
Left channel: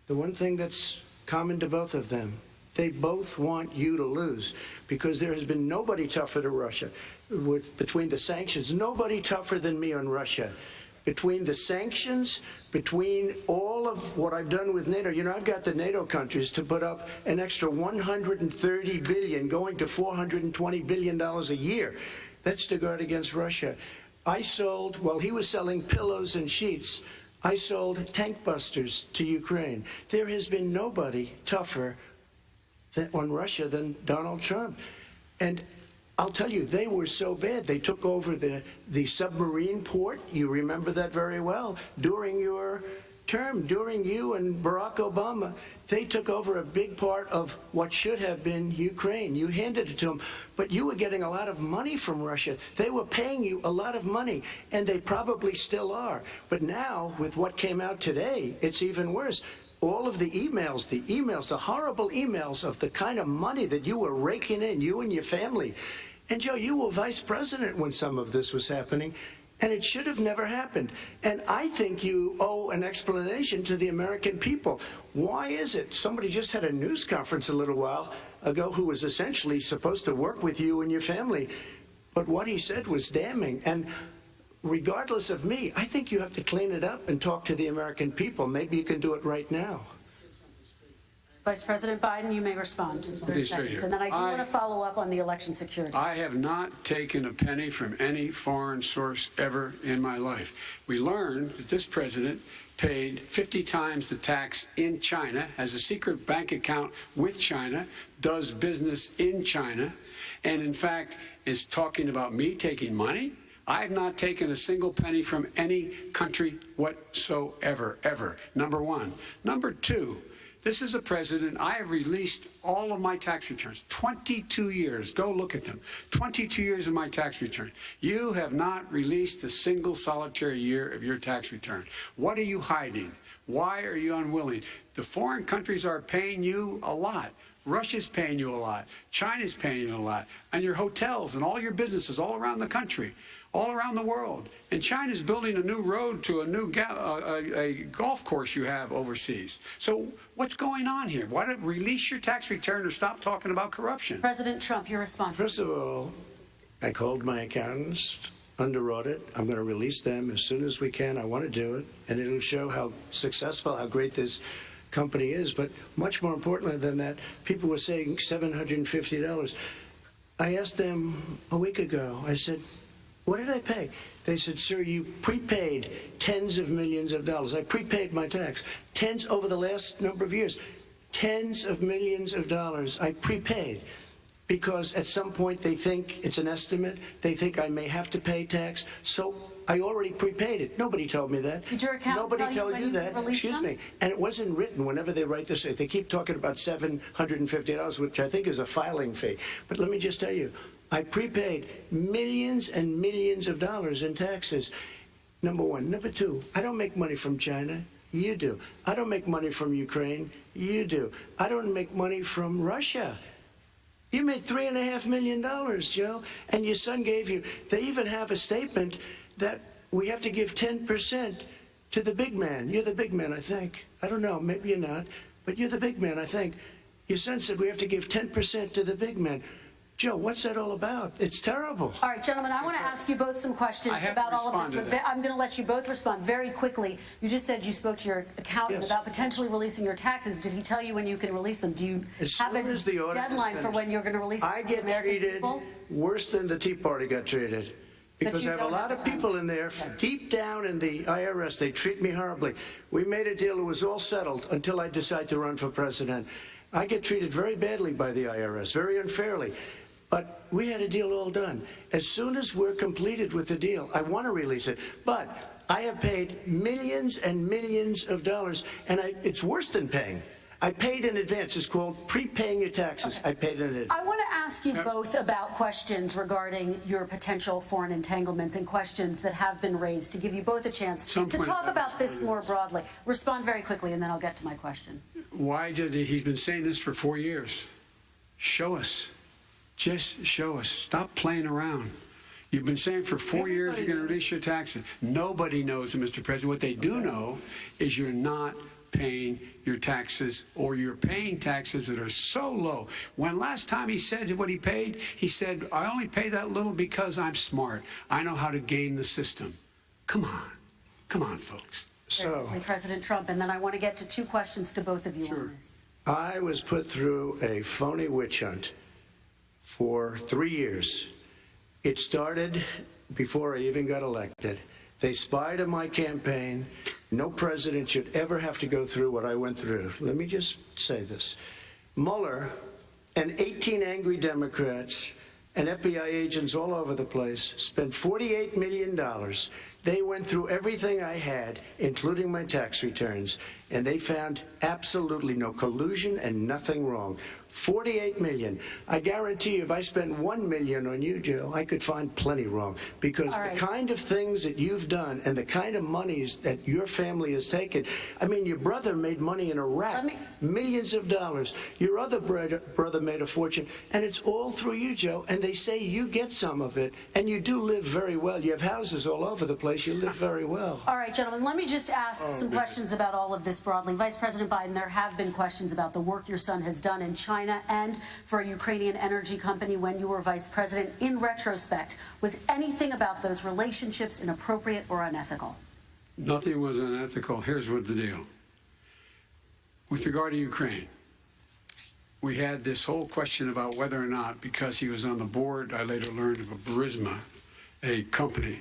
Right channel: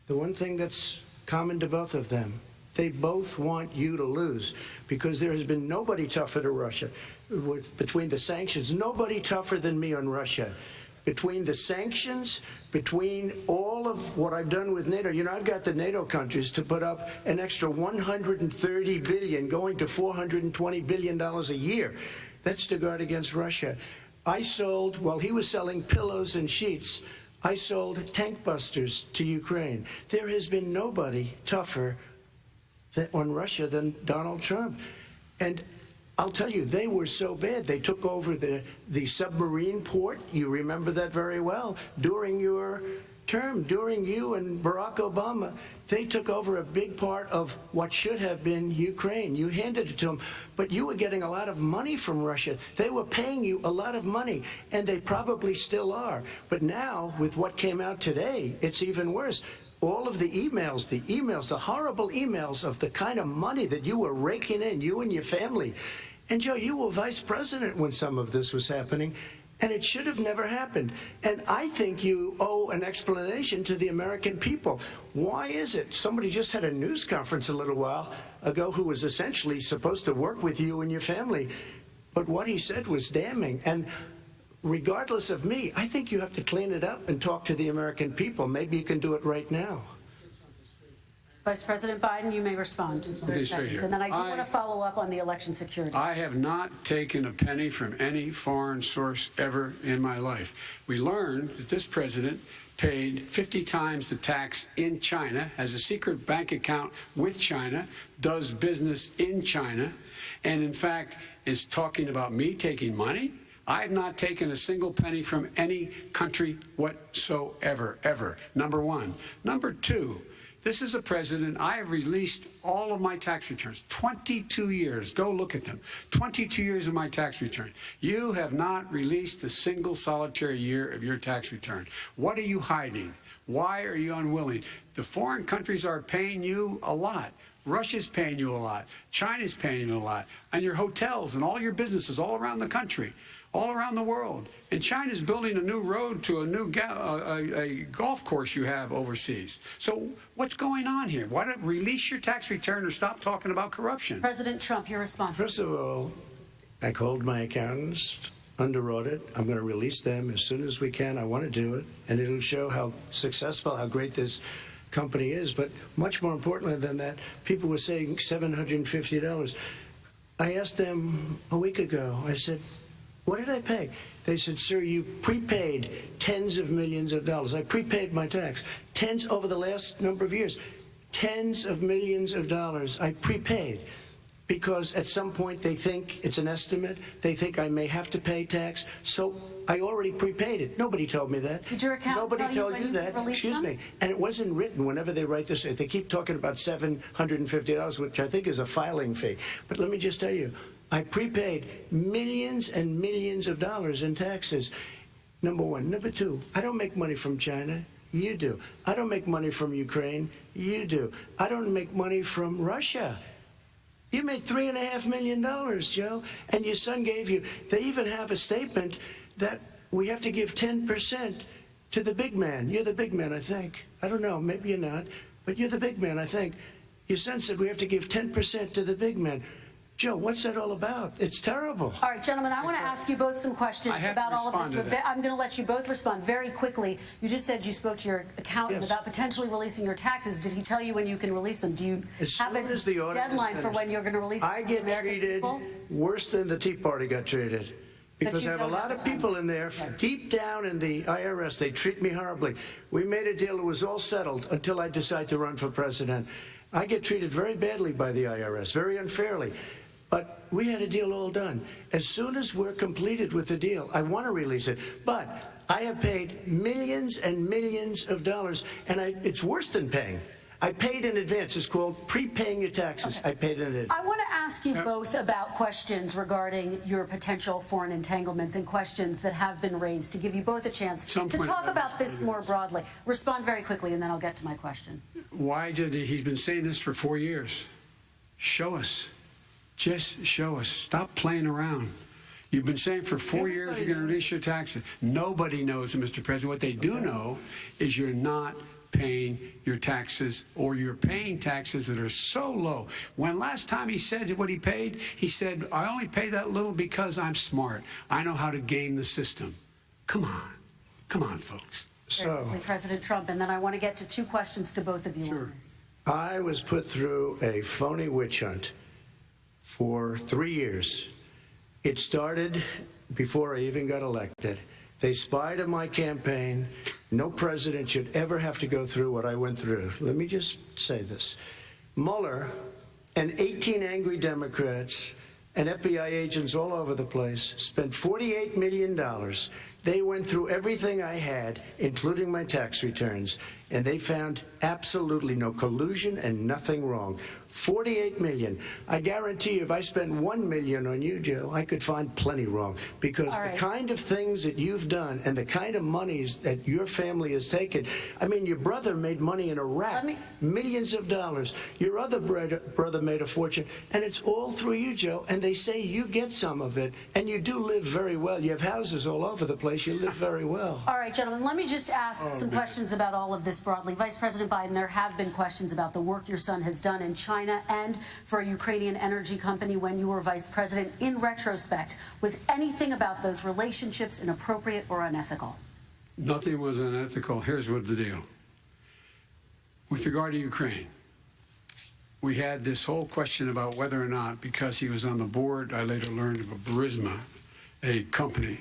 the one thing that's common to both of them, they both want you to lose, because there has been nobody tougher to Russia. Between the sanctions, nobody tougher than me on Russia. Between the sanctions, between all of what I've done with NATO, you know, I've got the NATO countries to put up an extra $130 billion, going to $420 billion a year. That's to guard against Russia. I sold, while he was selling pillows and sheets, I sold tank busters to Ukraine. There has been nobody tougher on Russia than Donald Trump. And I'll tell you, they were so bad. They took over the submarine port. You remember that very well. During your term, during you and Barack Obama, they took over a big part of what should have been Ukraine. You handed it to them, but you were getting a lot of money from Russia. They were paying you a lot of money, and they probably still are. But now, with what came out today, it's even worse. All of the emails, the horrible emails of the kind of money that you were raking in, you and your family. And Joe, you were vice president when some of this was happening, and it should have never happened. And I think you owe an explanation to the American people. Why is it? Somebody just had a news conference a little while ago who was essentially supposed to work with you and your family, but what he said was damning. And regardless of me, I think you have to clean it up and talk to the American people. Maybe you can do it right now. Vice President Biden, you may respond. And then I do want to follow up on the election security. I have not taken a penny from any foreign source ever in my life. We learned that this president paid 50 times the tax in China, has a secret bank account with China, does business in China, and in fact is talking about me taking money. I have not taken a single penny from any country whatsoever, ever. Number one. Number two, this is a president, I have released all of my tax returns, 22 years. Go look at them. 22 years of my tax return. You have not released a single solitary year of your tax return. What are you hiding? Why are you unwilling? The foreign countries are paying you a lot. Russia's paying you a lot. China's paying you a lot. And your hotels and all your businesses all around the country, all around the world. And China's building a new road to a new a golf course you have overseas. So what's going on here? Why don't release your tax return or stop talking about corruption? President Trump, your response. First of all, I called my accountants, underwrote it. I'm going to release them as soon as we can. I want to do it. And it'll show how successful, how great this company is. But much more importantly than that, people were saying $750. I asked them a week ago, I said, what did I pay? They said, sir, you prepaid tens of millions of dollars. I prepaid my tax. Tens over the last number of years. Tens of millions of dollars I prepaid. Because at some point they think it's an estimate. They think I may have to pay tax. So I already prepaid it. Nobody told me that. Did your accountant Nobody tell told you that. Excuse me. And it wasn't written whenever they write this. They keep talking about $750, which I think is a filing fee. But let me just tell you, I prepaid millions and millions of dollars in taxes. Number one. Number two, I don't make money from China. You do. I don't make money from Ukraine. You do. I don't make money from Russia. You made $3.5 million, Joe, and your son gave you. They even have a statement that we have to give 10% to the big man. You're the big man, I think. I don't know, maybe you're not, but you're the big man, I think. Your son said we have to give 10% to the big man. Joe, what's that all about? It's terrible. All right, gentlemen, I want to ask you both some questions about all of this. But I'm going to let you both respond very quickly. You just said you spoke to your accountant about potentially releasing your taxes. Did he tell you when you can release them? Do you have a deadline for when you're going to release them? I get treated worse than the Tea Party got treated. Because I have a lot of people in there, deep down in the IRS, they treat me horribly. We made a deal, it was all settled until I decide to run for president. I get treated very badly by the IRS, very unfairly. But we had a deal all done. As soon as we're completed with the deal, I want to release it. But I have paid millions and millions of dollars, and it's worse than paying. I paid in advance. It's called prepaying your taxes. I paid in advance. I want to ask you both about questions regarding your potential foreign entanglements and questions that have been raised to give you both a chance to talk about this more broadly. Respond very quickly, and then I'll get to my question. Why did he's been saying this for 4 years? Show us. Just show us. Stop playing around. You've been saying for 4 years you're going to release your taxes. Nobody knows, Mr. President. What they do know is you're not paying your taxes, or you're paying taxes that are so low. When last time he said what he paid, he said, I only pay that little because I'm smart. I know how to game the system. Come on. Come on, folks. So, President Trump, and then I want to get to two questions to both of you on this. I was put through a phony witch hunt for 3 years. It started before I even got elected. They spied on my campaign. No president should ever have to go through what I went through. Let me just say this. Mueller and 18 angry Democrats and FBI agents all over the place spent $48 million. They went through everything I had, including my tax returns, and they found absolutely no collusion and nothing wrong. $48 million. I guarantee you, if I spent $1 million on you, Joe, I could find plenty wrong. Because the kind of things that you've done and the kind of monies that your family has taken, I mean, your brother made money in Iraq, millions of dollars. Your other brother made a fortune, and it's all through you, Joe. And they say you get some of it, and you do live very well. You have houses all over the place. You live very well. All right, gentlemen, let me just ask some questions about all of this broadly. Vice President Biden, there have been questions about the work your son has done in China and for a Ukrainian energy company when you were vice president. In retrospect, was anything about those relationships inappropriate or unethical? Nothing was unethical. Here's what the deal. With regard to Ukraine, we had this whole question about whether or not, because he was on the board, I later learned of a Burisma, a company,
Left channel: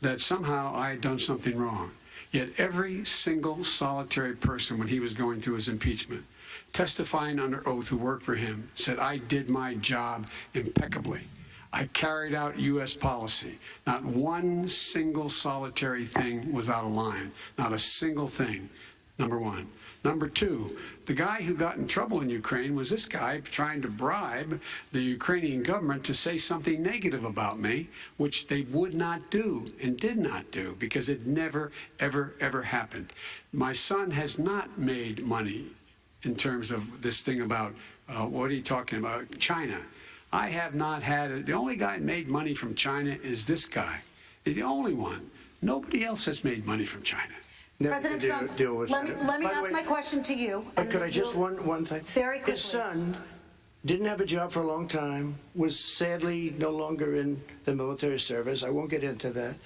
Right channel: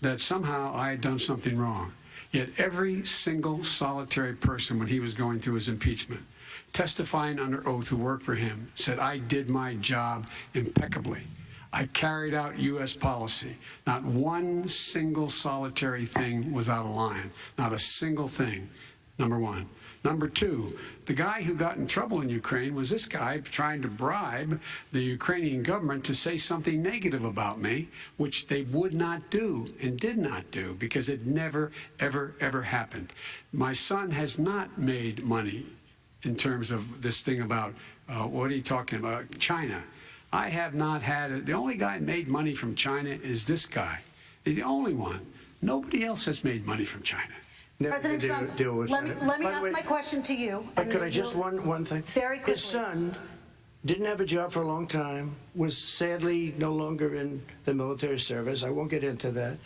that somehow I had done something wrong. Yet every single solitary person, when he was going through his impeachment, testifying under oath who worked for him, said, I did my job impeccably. I carried out U.S. policy. Not one single solitary thing was out of line. Not a single thing, number one. Number two, the guy who got in trouble in Ukraine was this guy trying to bribe the Ukrainian government to say something negative about me, which they would not do and did not do because it never, ever, ever happened. My son has not made money in terms of this thing about What are you talking about? China. I have not had the only guy made money from China is this guy. He's the only one. Nobody else has made money from China. President Trump, let me ask my question to you. Could I just one thing? Very quickly. His son didn't have a job for a long time, was sadly no longer in the military service. I won't get into that.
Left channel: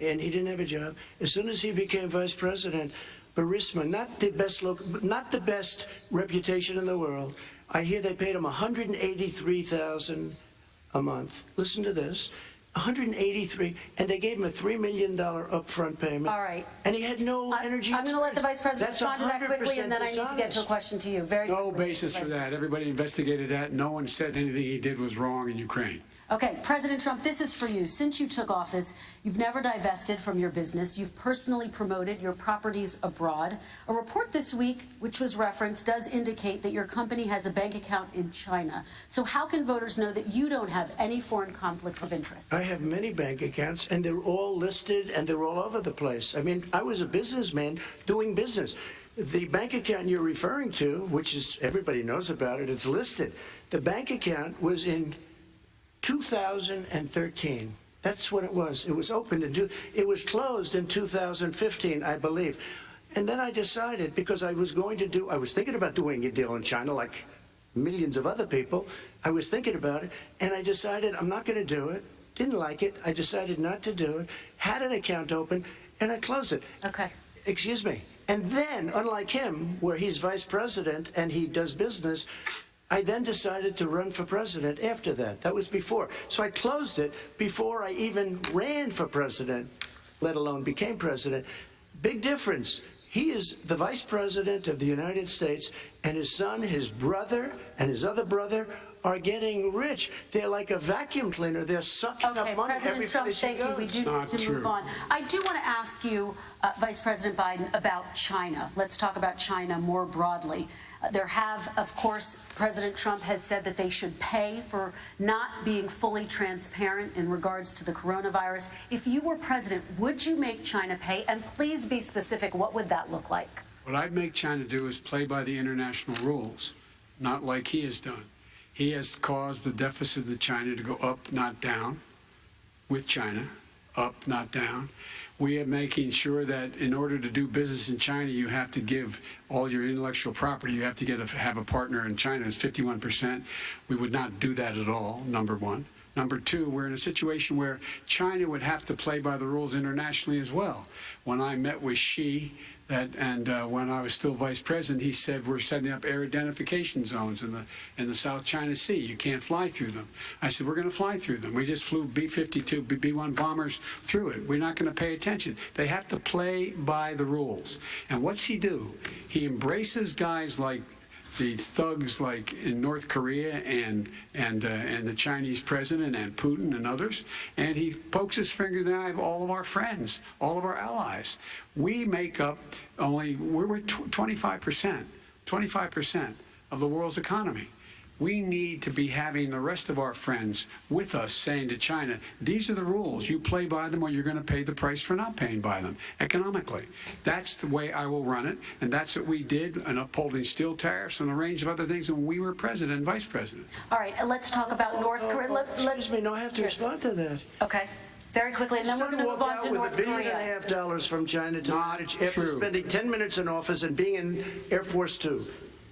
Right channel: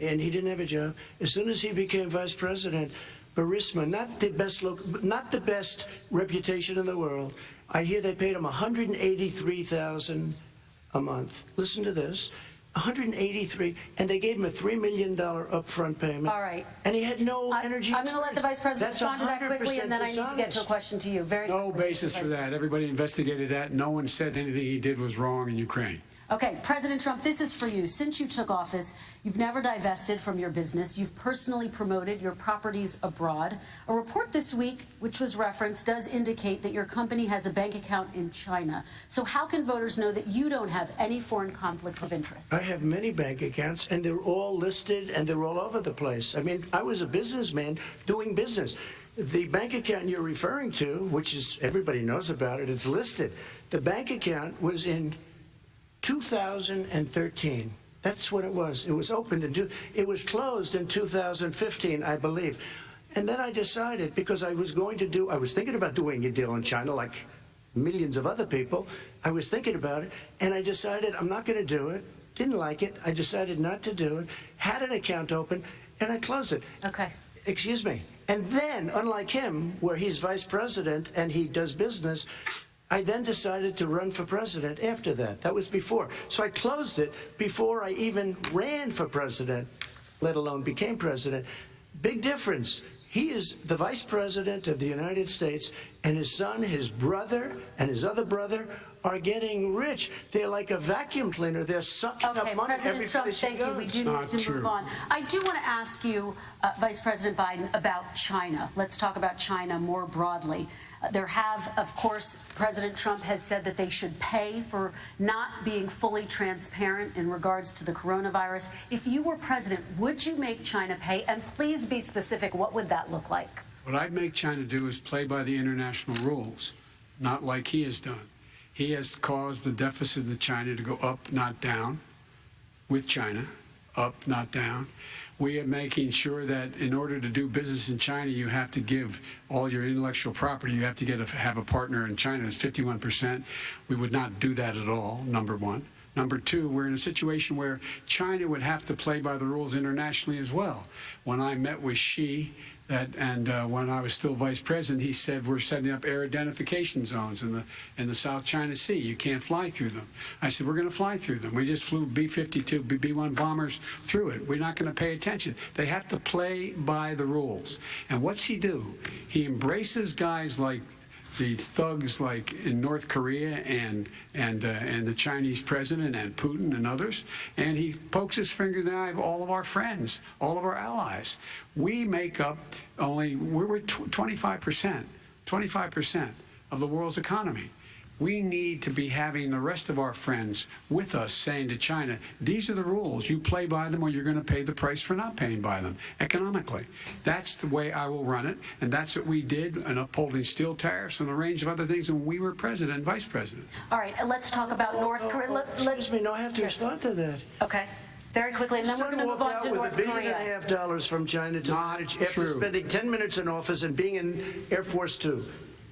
And he didn't have a job. As soon as he became vice president, Burisma, not the best reputation in the world. I hear they paid him $183,000 a month. Listen to this. 183, and they gave him a $3 million upfront payment. All right. And he had no energy. I'm going to let the vice president respond to that quickly, and then I need to get to a question to you. Very No quickly, basis for that. Everybody investigated that. No one said anything he did was wrong in Ukraine. Okay, President Trump, this is for you. Since you took office, you've never divested from your business. You've personally promoted your properties abroad. A report this week, which was referenced, does indicate that your company has a bank account in China. So how can voters know that you don't have any foreign conflicts of interest? I have many bank accounts, and they're all listed, and they're all over the place. I mean, I was a businessman doing business. The bank account you're referring to, which is everybody knows about it, it's listed. The bank account was in 2013. That's what it was. It was opened it was closed in 2015, I believe. And then I decided, because I was thinking about doing a deal in China like millions of other people. I was thinking about it, and I decided I'm not going to do it. Didn't like it. I decided not to do it. Had an account open, and I closed it. Okay. Excuse me. And then, unlike him, where he's vice president and he does business, I then decided to run for president after that. That was before. So I closed it before I even ran for president, let alone became president. Big difference. He is the vice president of the United States, and his son, his brother, and his other brother are getting rich. They're like a vacuum cleaner. They're sucking up money every President Trump, place he thank you. goes. We do need to move on. I do want to ask you, Vice President Biden, about China. Let's talk about China more broadly. There have, of course, President Trump has said that they should pay for not being fully transparent in regards to the coronavirus. If you were president, would you make China pay? And please be specific. What would that look like? What I'd make China do is play by the international rules, not like he has done. He has caused the deficit of China to go up, not down, with China, up, not down. We are making sure that in order to do business in China, you have to give all your intellectual property. You have to have a partner in China. It's 51%. We would not do that at all, number one. Number two, we're in a situation where China would have to play by the rules internationally as well. When I met with Xi, when I was still vice president, he said we're setting up air identification zones in the South China Sea. You can't fly through them. I said we're going to fly through them. We just flew B-52, B-1 bombers through it. We're not going to pay attention. They have to play by the rules. And what's he do? He embraces guys like the thugs like in North Korea and the Chinese president and Putin and others, and he pokes his finger in the eye of all of our friends, all of our allies. We make up we're 25% of the world's economy. We need to be having the rest of our friends with us saying to China, these are the rules. You play by them or you're going to pay the price for not paying by them economically. That's the way I will run it, and that's what we did in upholding steel tariffs and a range of other things when we were president and vice president. All right, let's talk about North Korea. Excuse me, no, I have to respond to that. Okay. Very quickly, and then we're going to move on to North Korea. $1.5 billion from China to manage after spending 10 minutes in office and being in Air Force Two,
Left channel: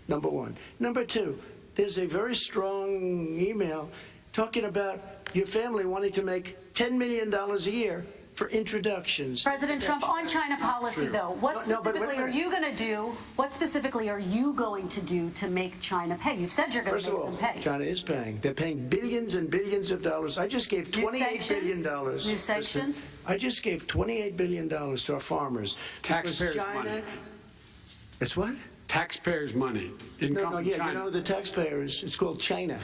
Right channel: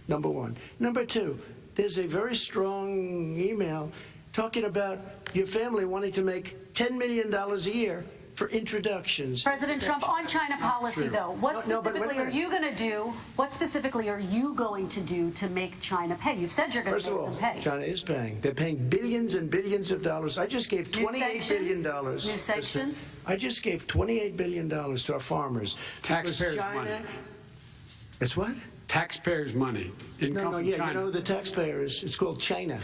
number one. Number two, there's a very strong email talking about your family wanting to make $10 million a year for introductions. President Trump, on China policy, though, what specifically are you going to do? What specifically are you going to do to make China pay? You've said you're going to make them pay. China is paying. They're paying billions and billions of dollars. I just gave $28 billion. New sanctions? I just gave $28 billion to our farmers. Taxpayers' money. It's what? Taxpayers' money. Didn't come from China. You know the taxpayers. It's called China.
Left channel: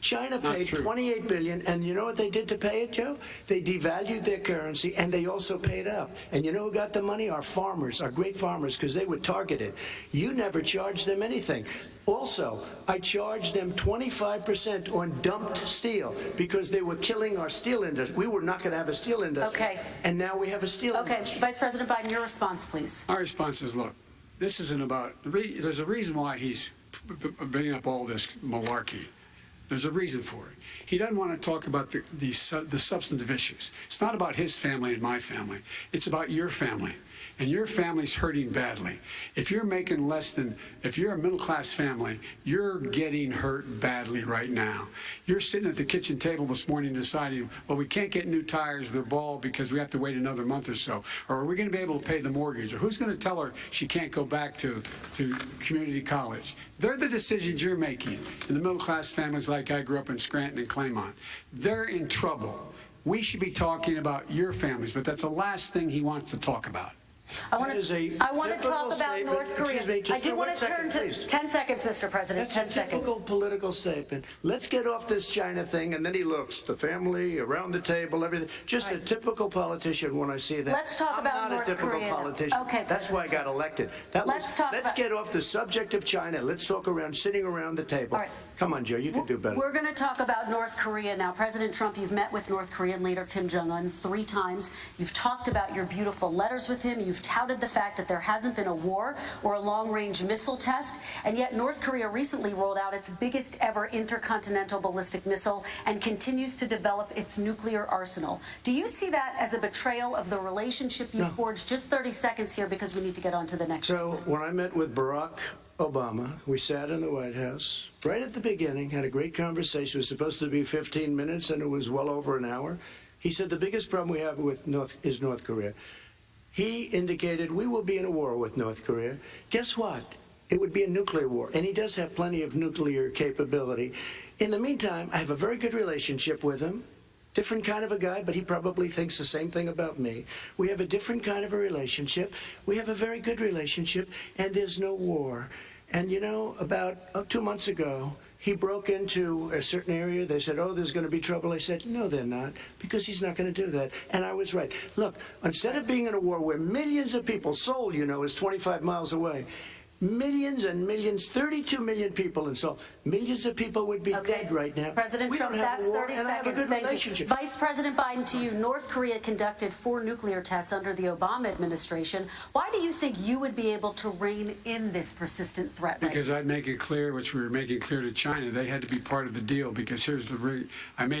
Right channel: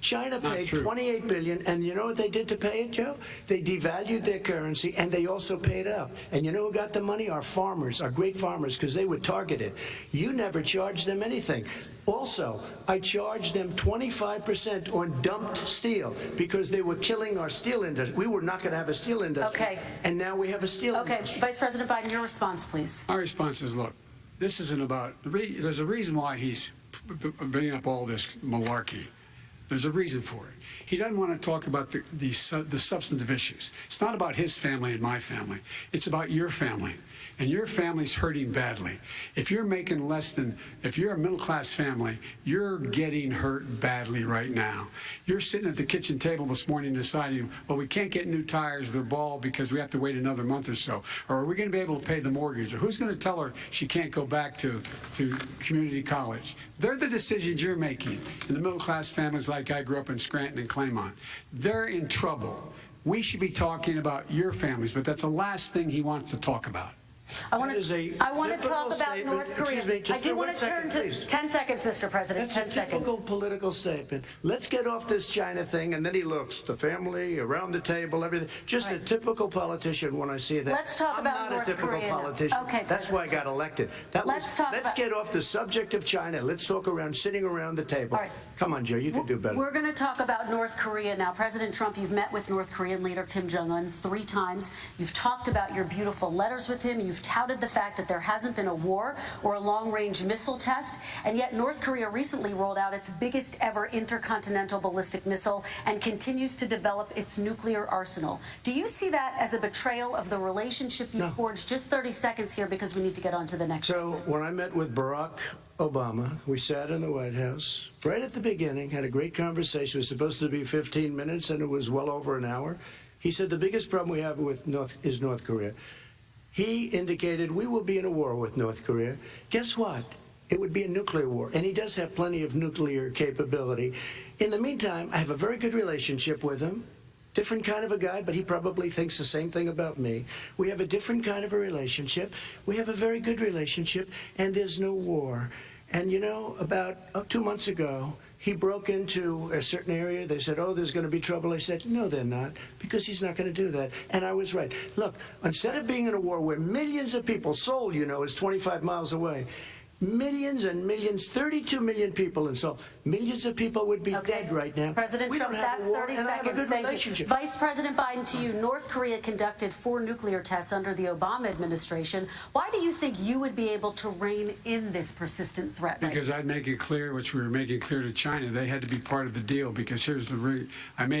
China paid $28 billion, and you know what they did to pay it, Joe? They devalued their currency, and they also paid up. And you know who got the money? Our farmers, our great farmers, because they were targeted. You never charged them anything. Also, I charged them 25% on dumped steel because they were killing our steel industry. We were not going to have a steel industry. Okay. And now we have a steel industry. Vice President Biden, your response, please. Our response is, look, this isn't about, there's a reason why he's bringing up all this malarkey. There's a reason for it. He doesn't want to talk about the substantive issues. It's not about his family and my family. It's about your family. And your family's hurting badly. If you're making less than, if you're a middle-class family, you're getting hurt badly right now. You're sitting at the kitchen table this morning deciding, well, we can't get new tires, they're bald because we have to wait another month or so. Or are we going to be able to pay the mortgage? Or who's going to tell her she can't go back to community college? They're the decisions you're making in the middle-class families like I grew up in Scranton and Claymont. They're in trouble. We should be talking about your families, but that's the last thing he wants to talk about. I want to talk about North Korea. I do want to turn to 10 seconds, Mr. President. That's 10 seconds. A typical political statement. Let's get off this China thing, and then he looks, the family, around the table, everything. Just a typical politician when I see that. Let's talk about North Korea. I'm not a typical politician. Okay, that's why I got elected. Let's get off the subject of China. Let's talk around sitting around the table. All right. Come on, Joe, you can do better. We're going to talk about North Korea now. President Trump, you've met with North Korean leader Kim Jong-un 3 times. You've talked about your beautiful letters with him. You've touted the fact that there hasn't been a war or a long-range missile test, and yet North Korea recently rolled out its biggest ever intercontinental ballistic missile and continues to develop its nuclear arsenal. Do you see that as a betrayal of the relationship you forged? Just 30 seconds here because we need to get on to the next. So when I met with Barack Obama, we sat in the White House right at the beginning, had a great conversation. It was supposed to be 15 minutes, and it was well over an hour. He said the biggest problem we have with North Korea. He indicated we will be in a war with North Korea. Guess what? It would be a nuclear war, and he does have plenty of nuclear capability. In the meantime, I have a very good relationship with him. Different kind of a guy, but he probably thinks the same thing about me. We have a different kind of a relationship. We have a very good relationship, and there's no war. And you know, about 2 months ago, he broke into a certain area. They said, oh, there's going to be trouble. I said, no, they're not, because he's not going to do that. And I was right. Look, instead of being in a war where millions of people, Seoul, you know, is 25 miles away, millions and millions, 32 million people in Seoul, millions of people would be dead right now. President Trump, that's 30 seconds. Thank you. Vice President Biden, to you, North Korea conducted 4 nuclear tests under the Obama administration. Why do you think you would be able to rein in this persistent threat? Because I'd make it clear, which we were making clear to China, they had to be part of the deal, because here's the I made it